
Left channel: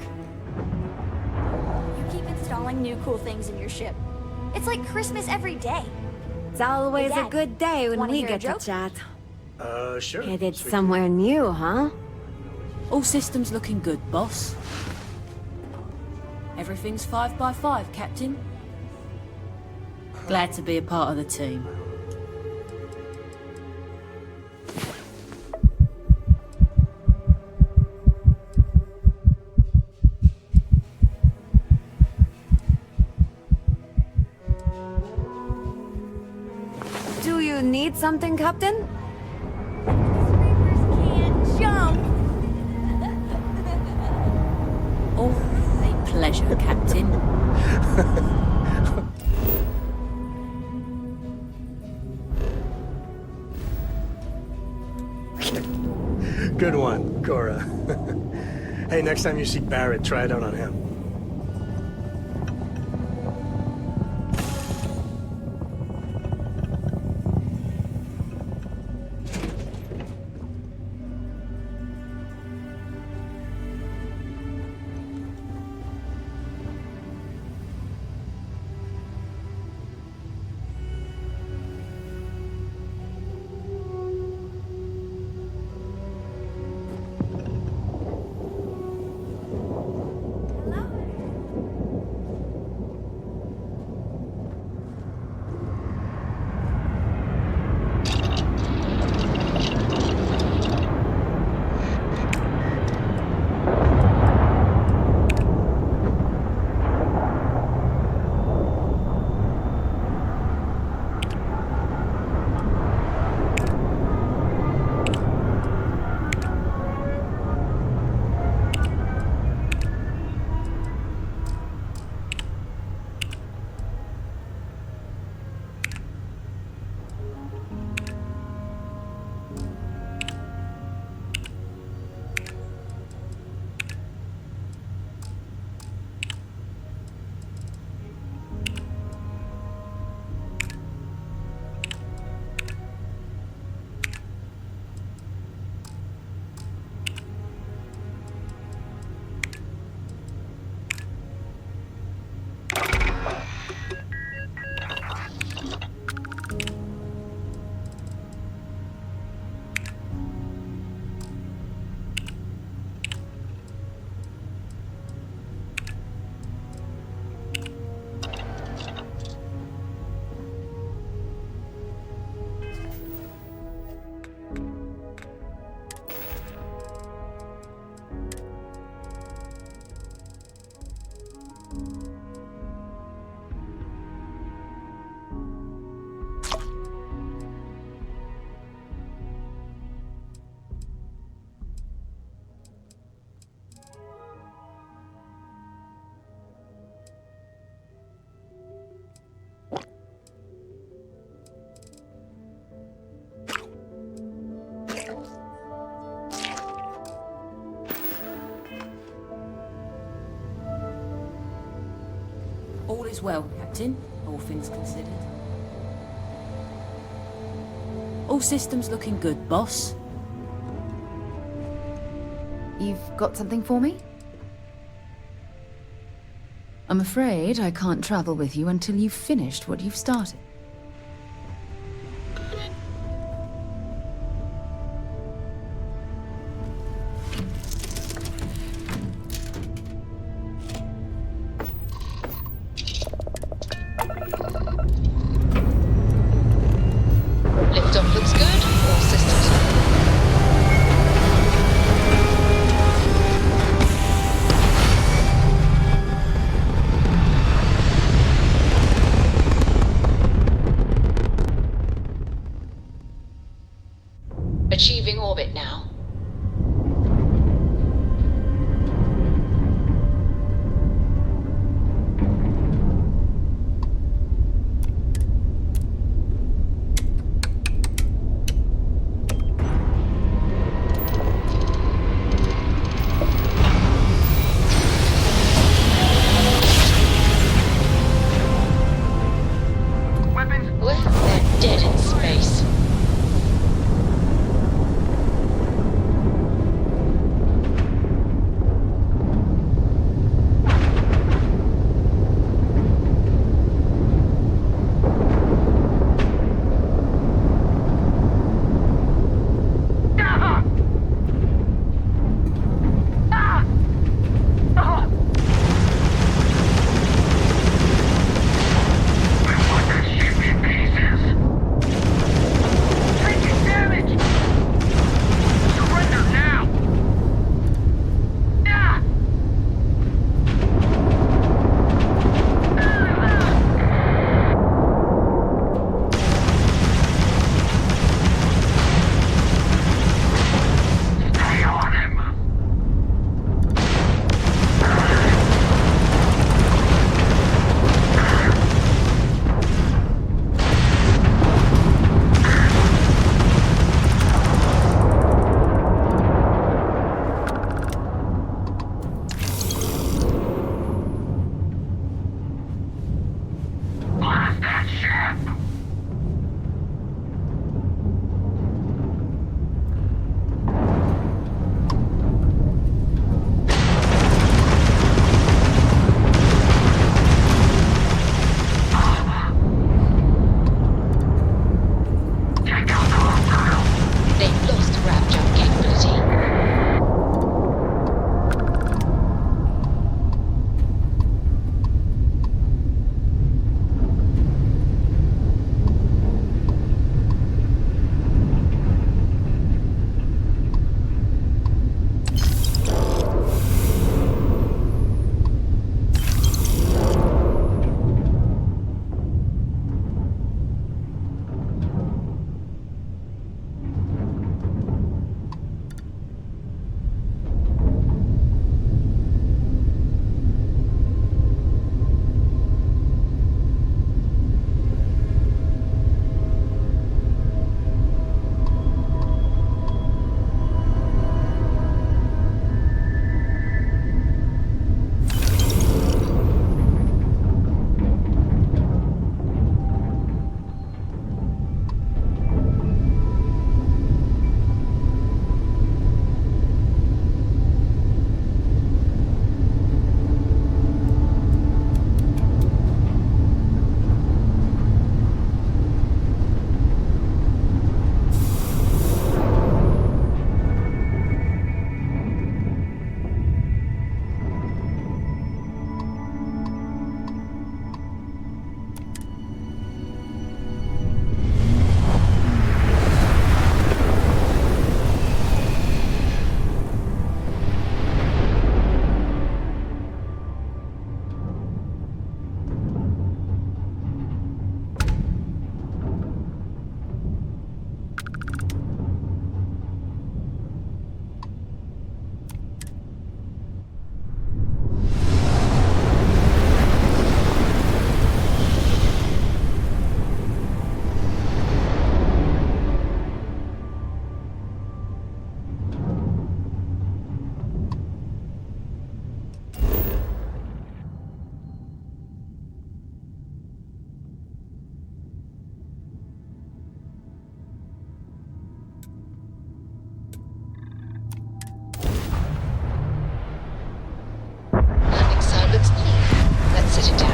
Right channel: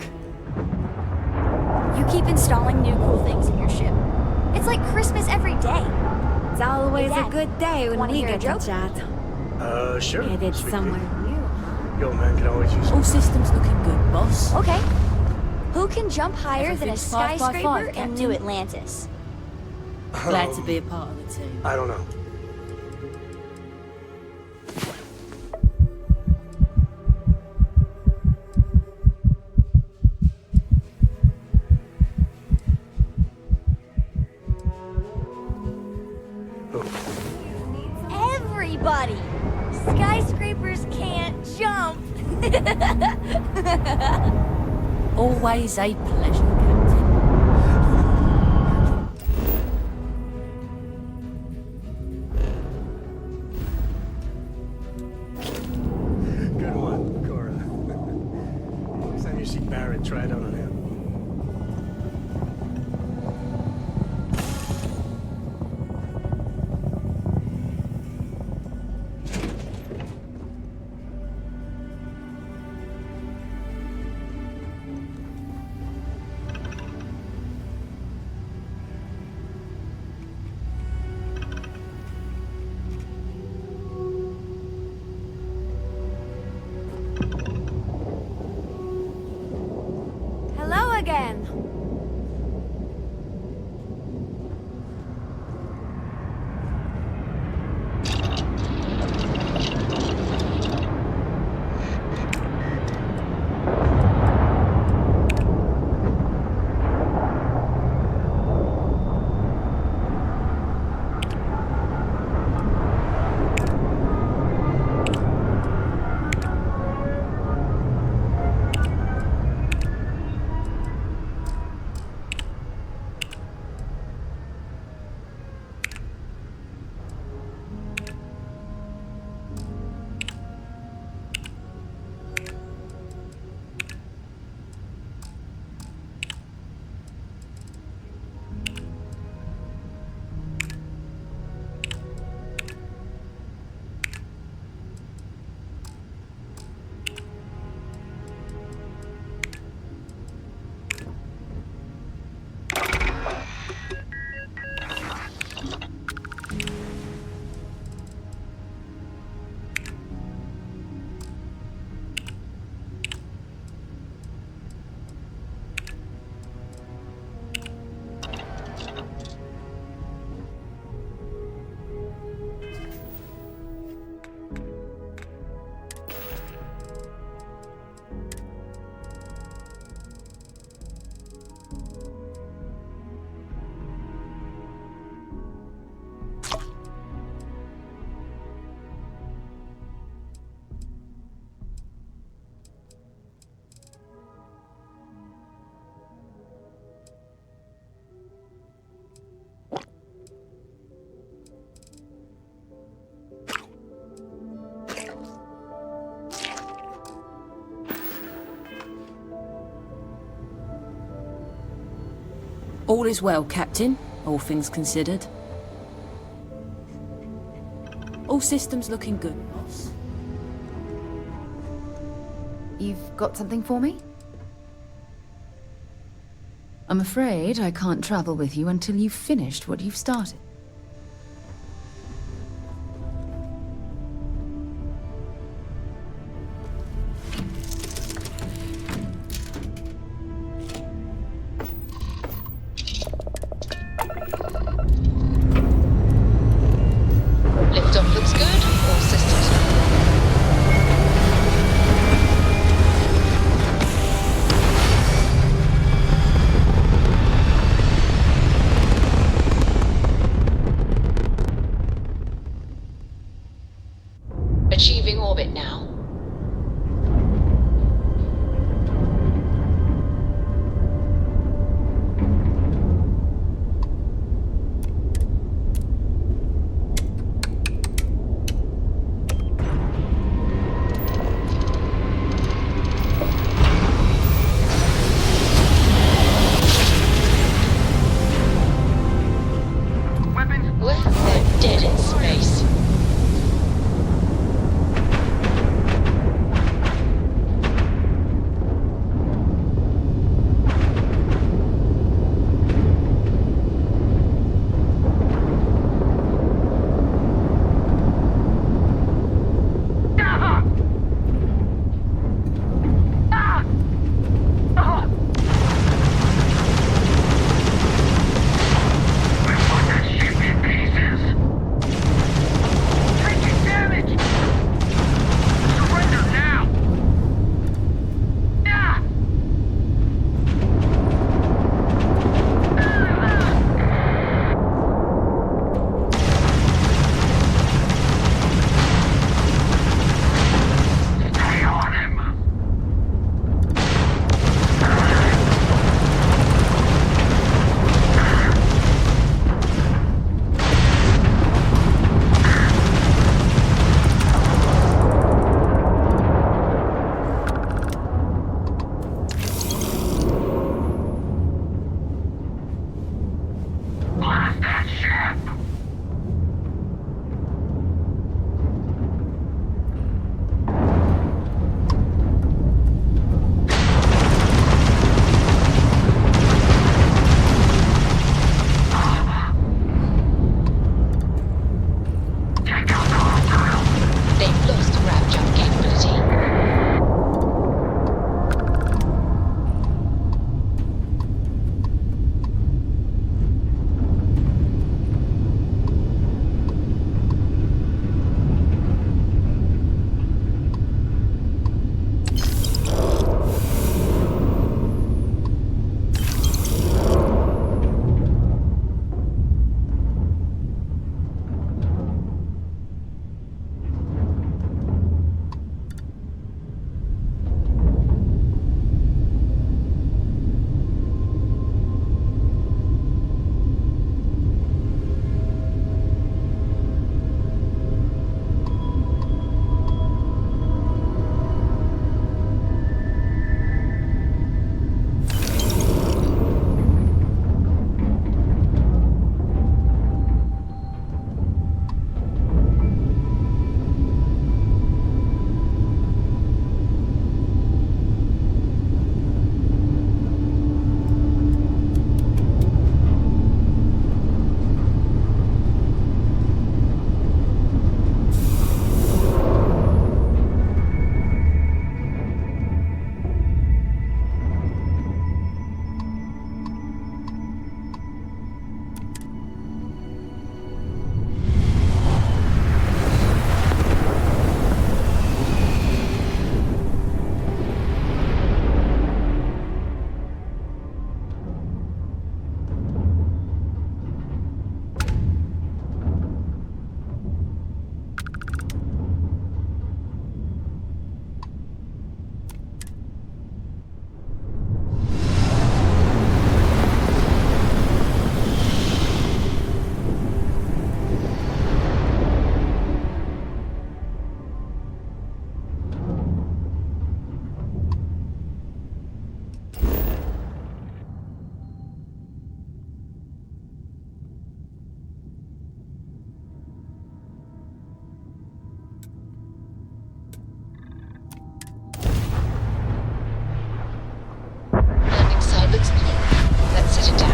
You keep installing new cool things in your ship. It's like Christmas every day. It's always Hey, a Dad, good day when wanna we hear a get to joke? chat. Sure. Headed Sweet somewhere new, huh? Yo, man, can always use All systems looking good, boss. Okay. Who can jump higher Everything's than a 5 by 5, skyscraper in Captain. New Atlantis? Glad to be a part of the team. I don't know. Do you need something, Captain? Everybody! Skyscrapers can't jump! Always a pleasure, Captain. Good one, Cora. Hey, next time you see Barrett, try it out on him. Hello All is well, Captain, all things considered. All systems looking good, boss. You've got something for me? I'm afraid I can't travel with you until you've finished what you've started. Liftoff looks good. All systems. Sit down.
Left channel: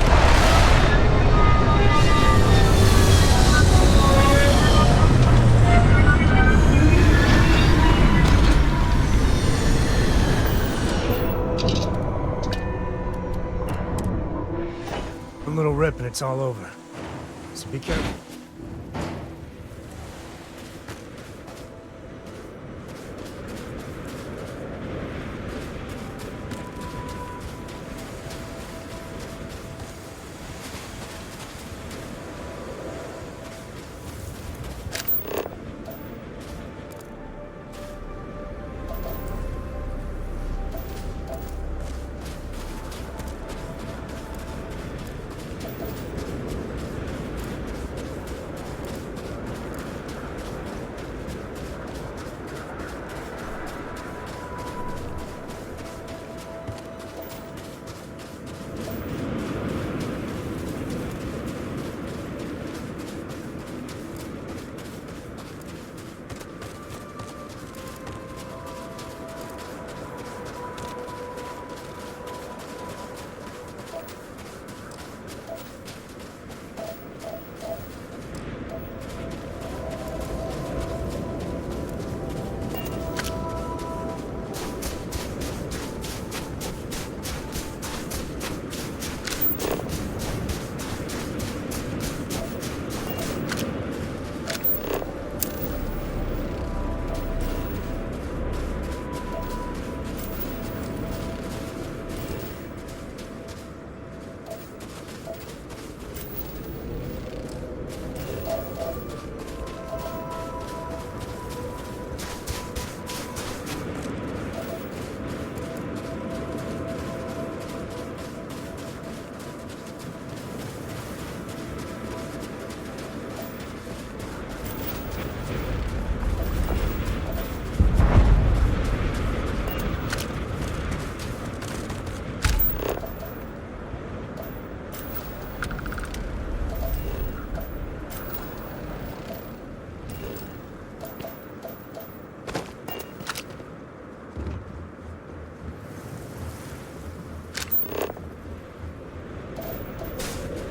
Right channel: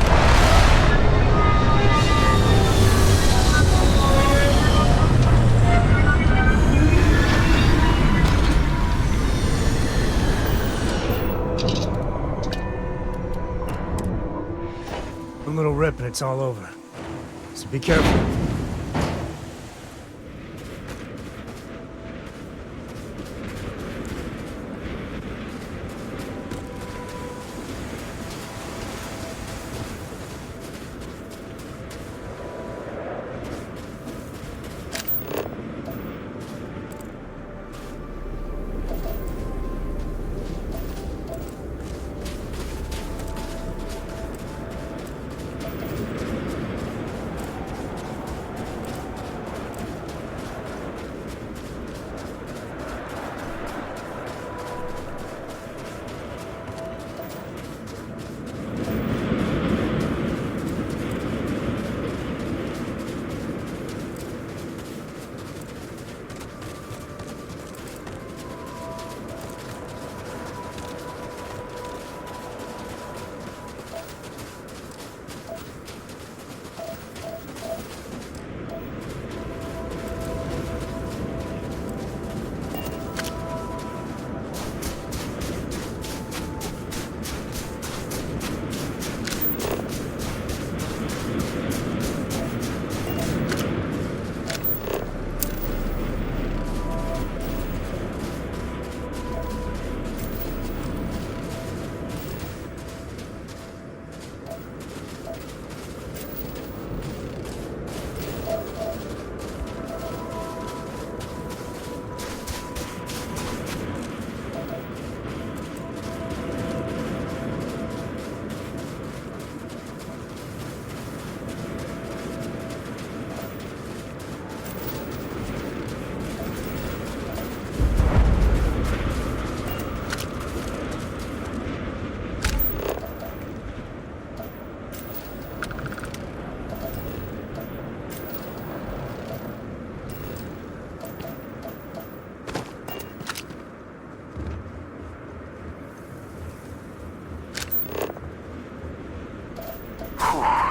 A little rip and it's all over. So be careful.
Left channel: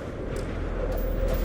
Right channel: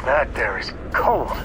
That there is cold.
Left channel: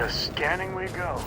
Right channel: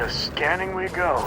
Into scanning we go.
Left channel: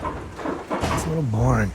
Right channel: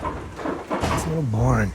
It's a little boring.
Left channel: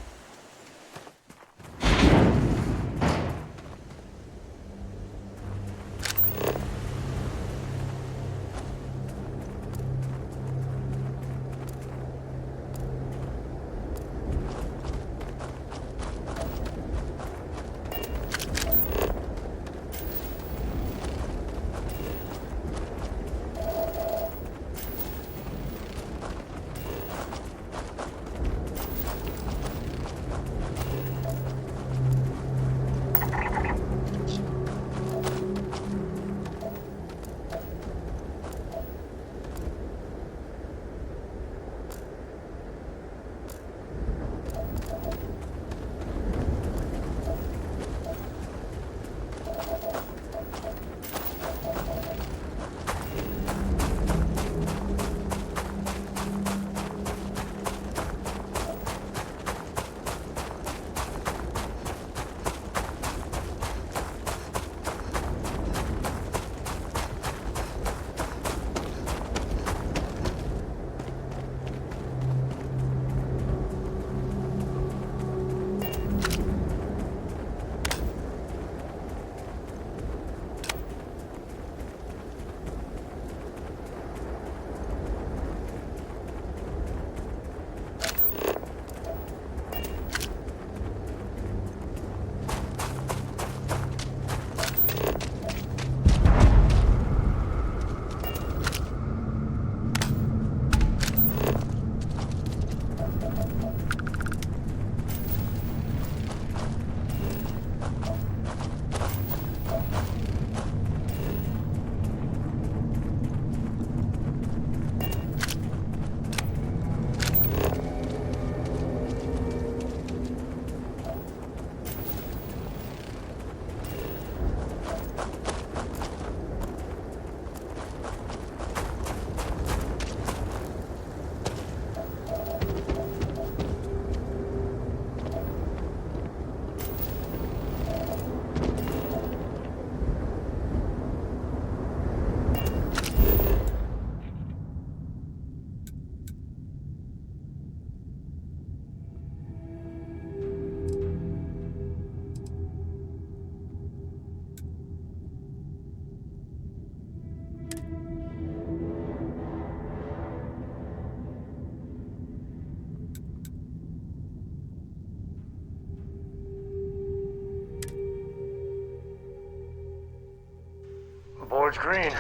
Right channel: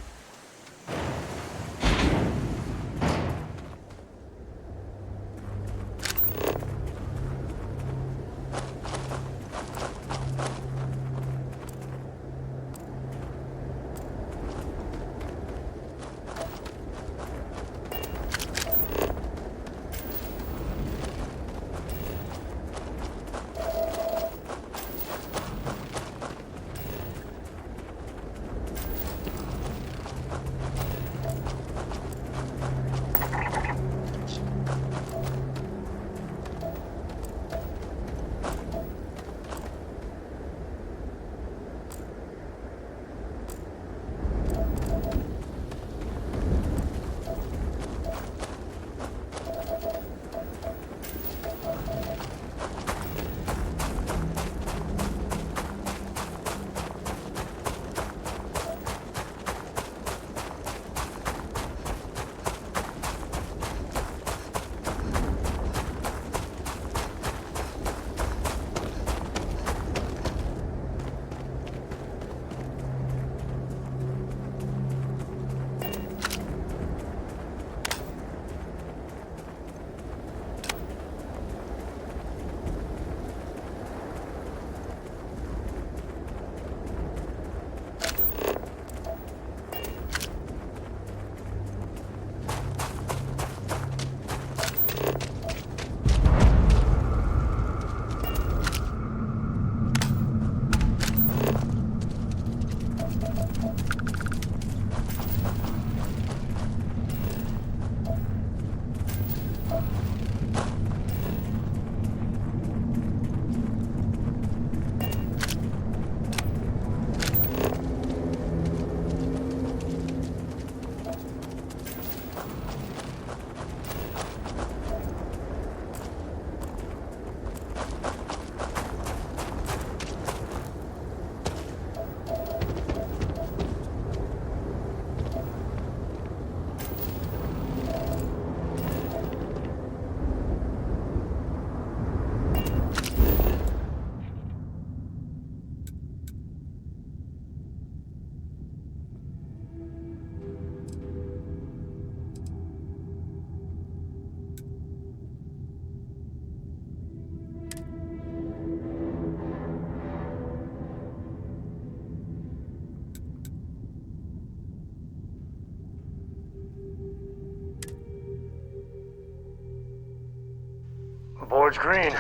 Board's green.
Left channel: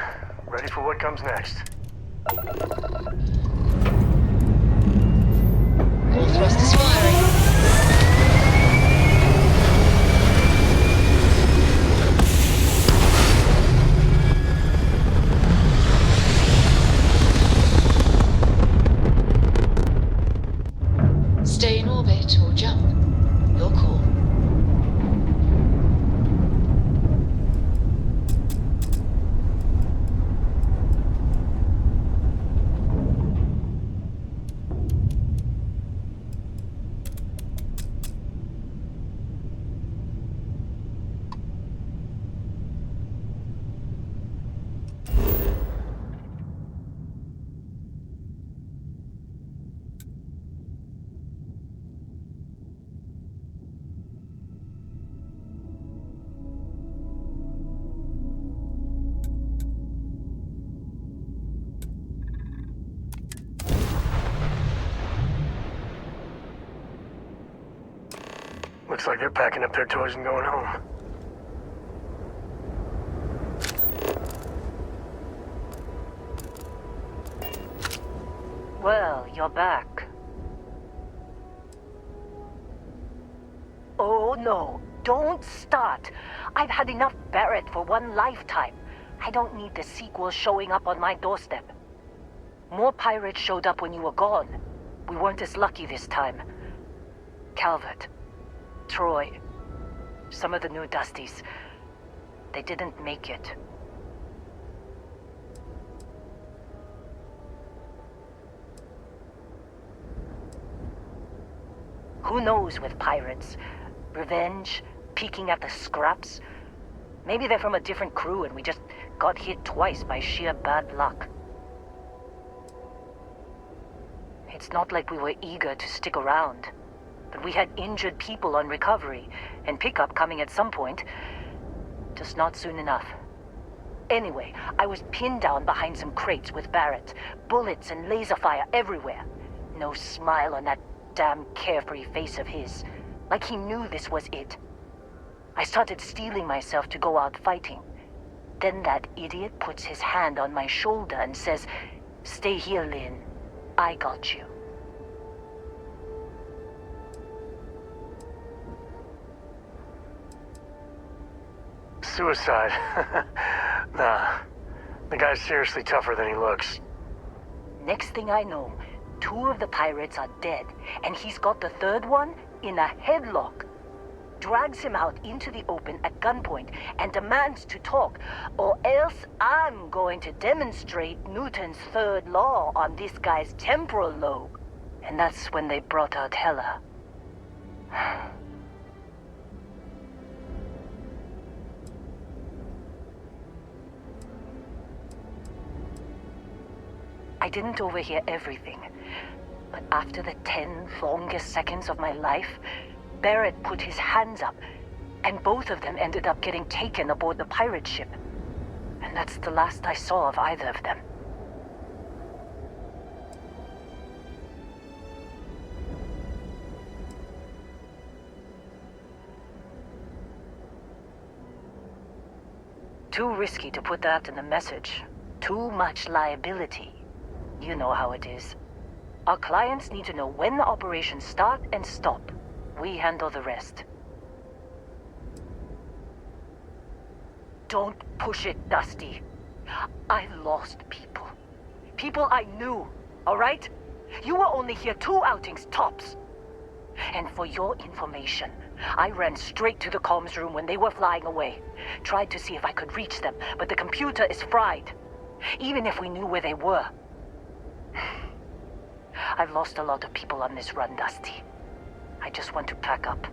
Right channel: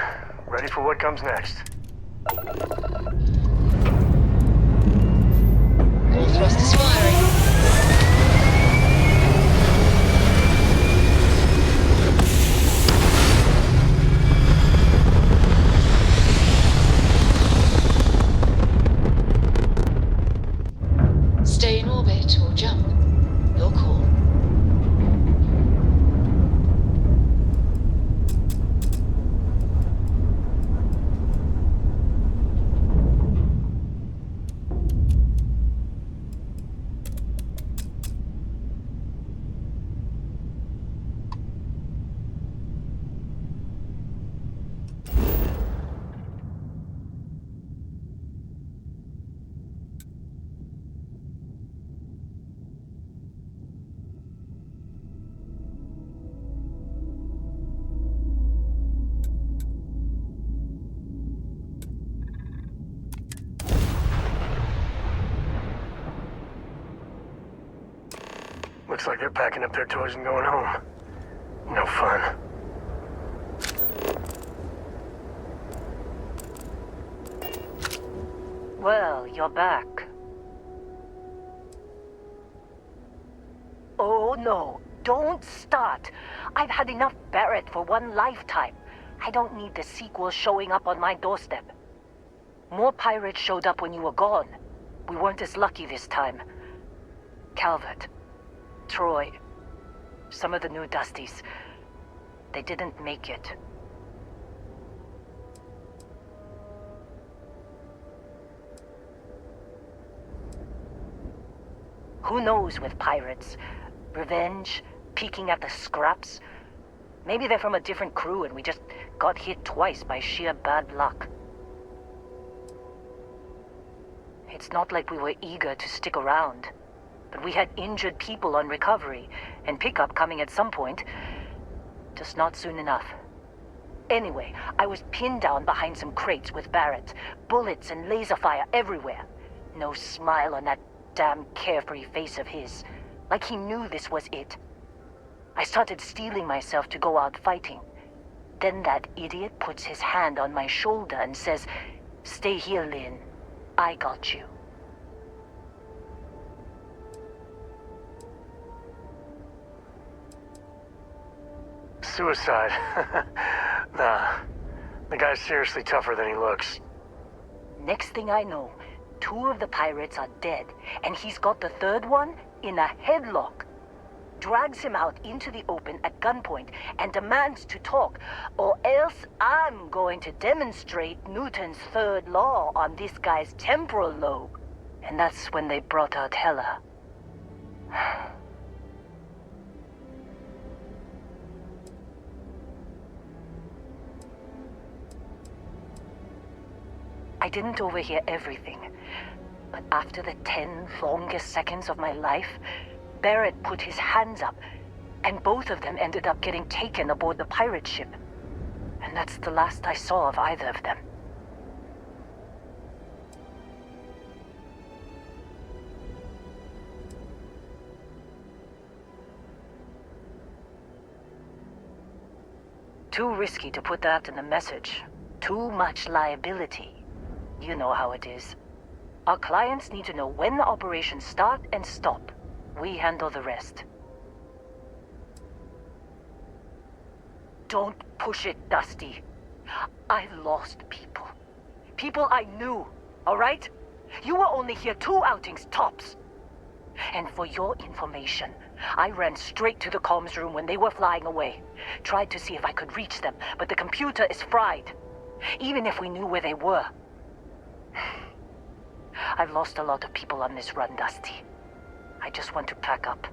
Ready for what comes next. All thrusters firing. Stay in orbit or jump. Your call. Looks like they're packing up their toys and going home. No fun. Well, you're back. Oh no, don't start. I've had enough Barrett for one lifetime. I don't need the sequel showing up on my doorstep. More pirates showed up when you were gone. We weren't as lucky this time. Calvert, Troy, some of the new Dusties, they didn't make it. Who knows with pirates? Revenge? Peeking at the scraps? Maybe they're from a different crew and we just got hit twice by sheer bad luck. It's not like we were eager to stick around. But we had injured people on recovery, and pickup coming at some point. Just not soon enough. Anyway, I was pinned down behind some crates with Barrett. Bullets and laser fire everywhere. No smile on that damn carefree face of his. Like he knew this was it. I started steeling myself to go out fighting. Then that idiot puts his hand on my shoulder and says, "Stay here, Lynn. I got you." Suicide. Nah. The guy's seriously tougher than he looks. Next thing I know, 2 of the pirates are dead, and he's got the 3rd one in a headlock. Drags him out into the open at gunpoint and demands to talk, or else I'm going to demonstrate Newton's 3rd law on this guy's temporal lobe. And that's when they brought out Hella. I didn't overhear everything, but after the 10 longest seconds of my life, Barrett put his hands up, and both of them ended up getting taken aboard the pirate ship. And that's the last I saw of either of them. Too risky to put that in the message. Too much liability. You know how it is. Our clients need to know when the operations start and stop. We handle the rest. Don't push it, Dusty. I lost people. People I knew, all right? You were only here 2 outings tops. And for your information, I ran straight to the comms room when they were flying away. Tried to see if I could reach them, but the computer is fried. Even if we knew where they were. I've lost a lot of people on this run, Dusty. I just want to pack up.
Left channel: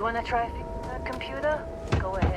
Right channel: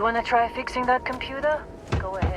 You wanna try fixing that computer? Go ahead.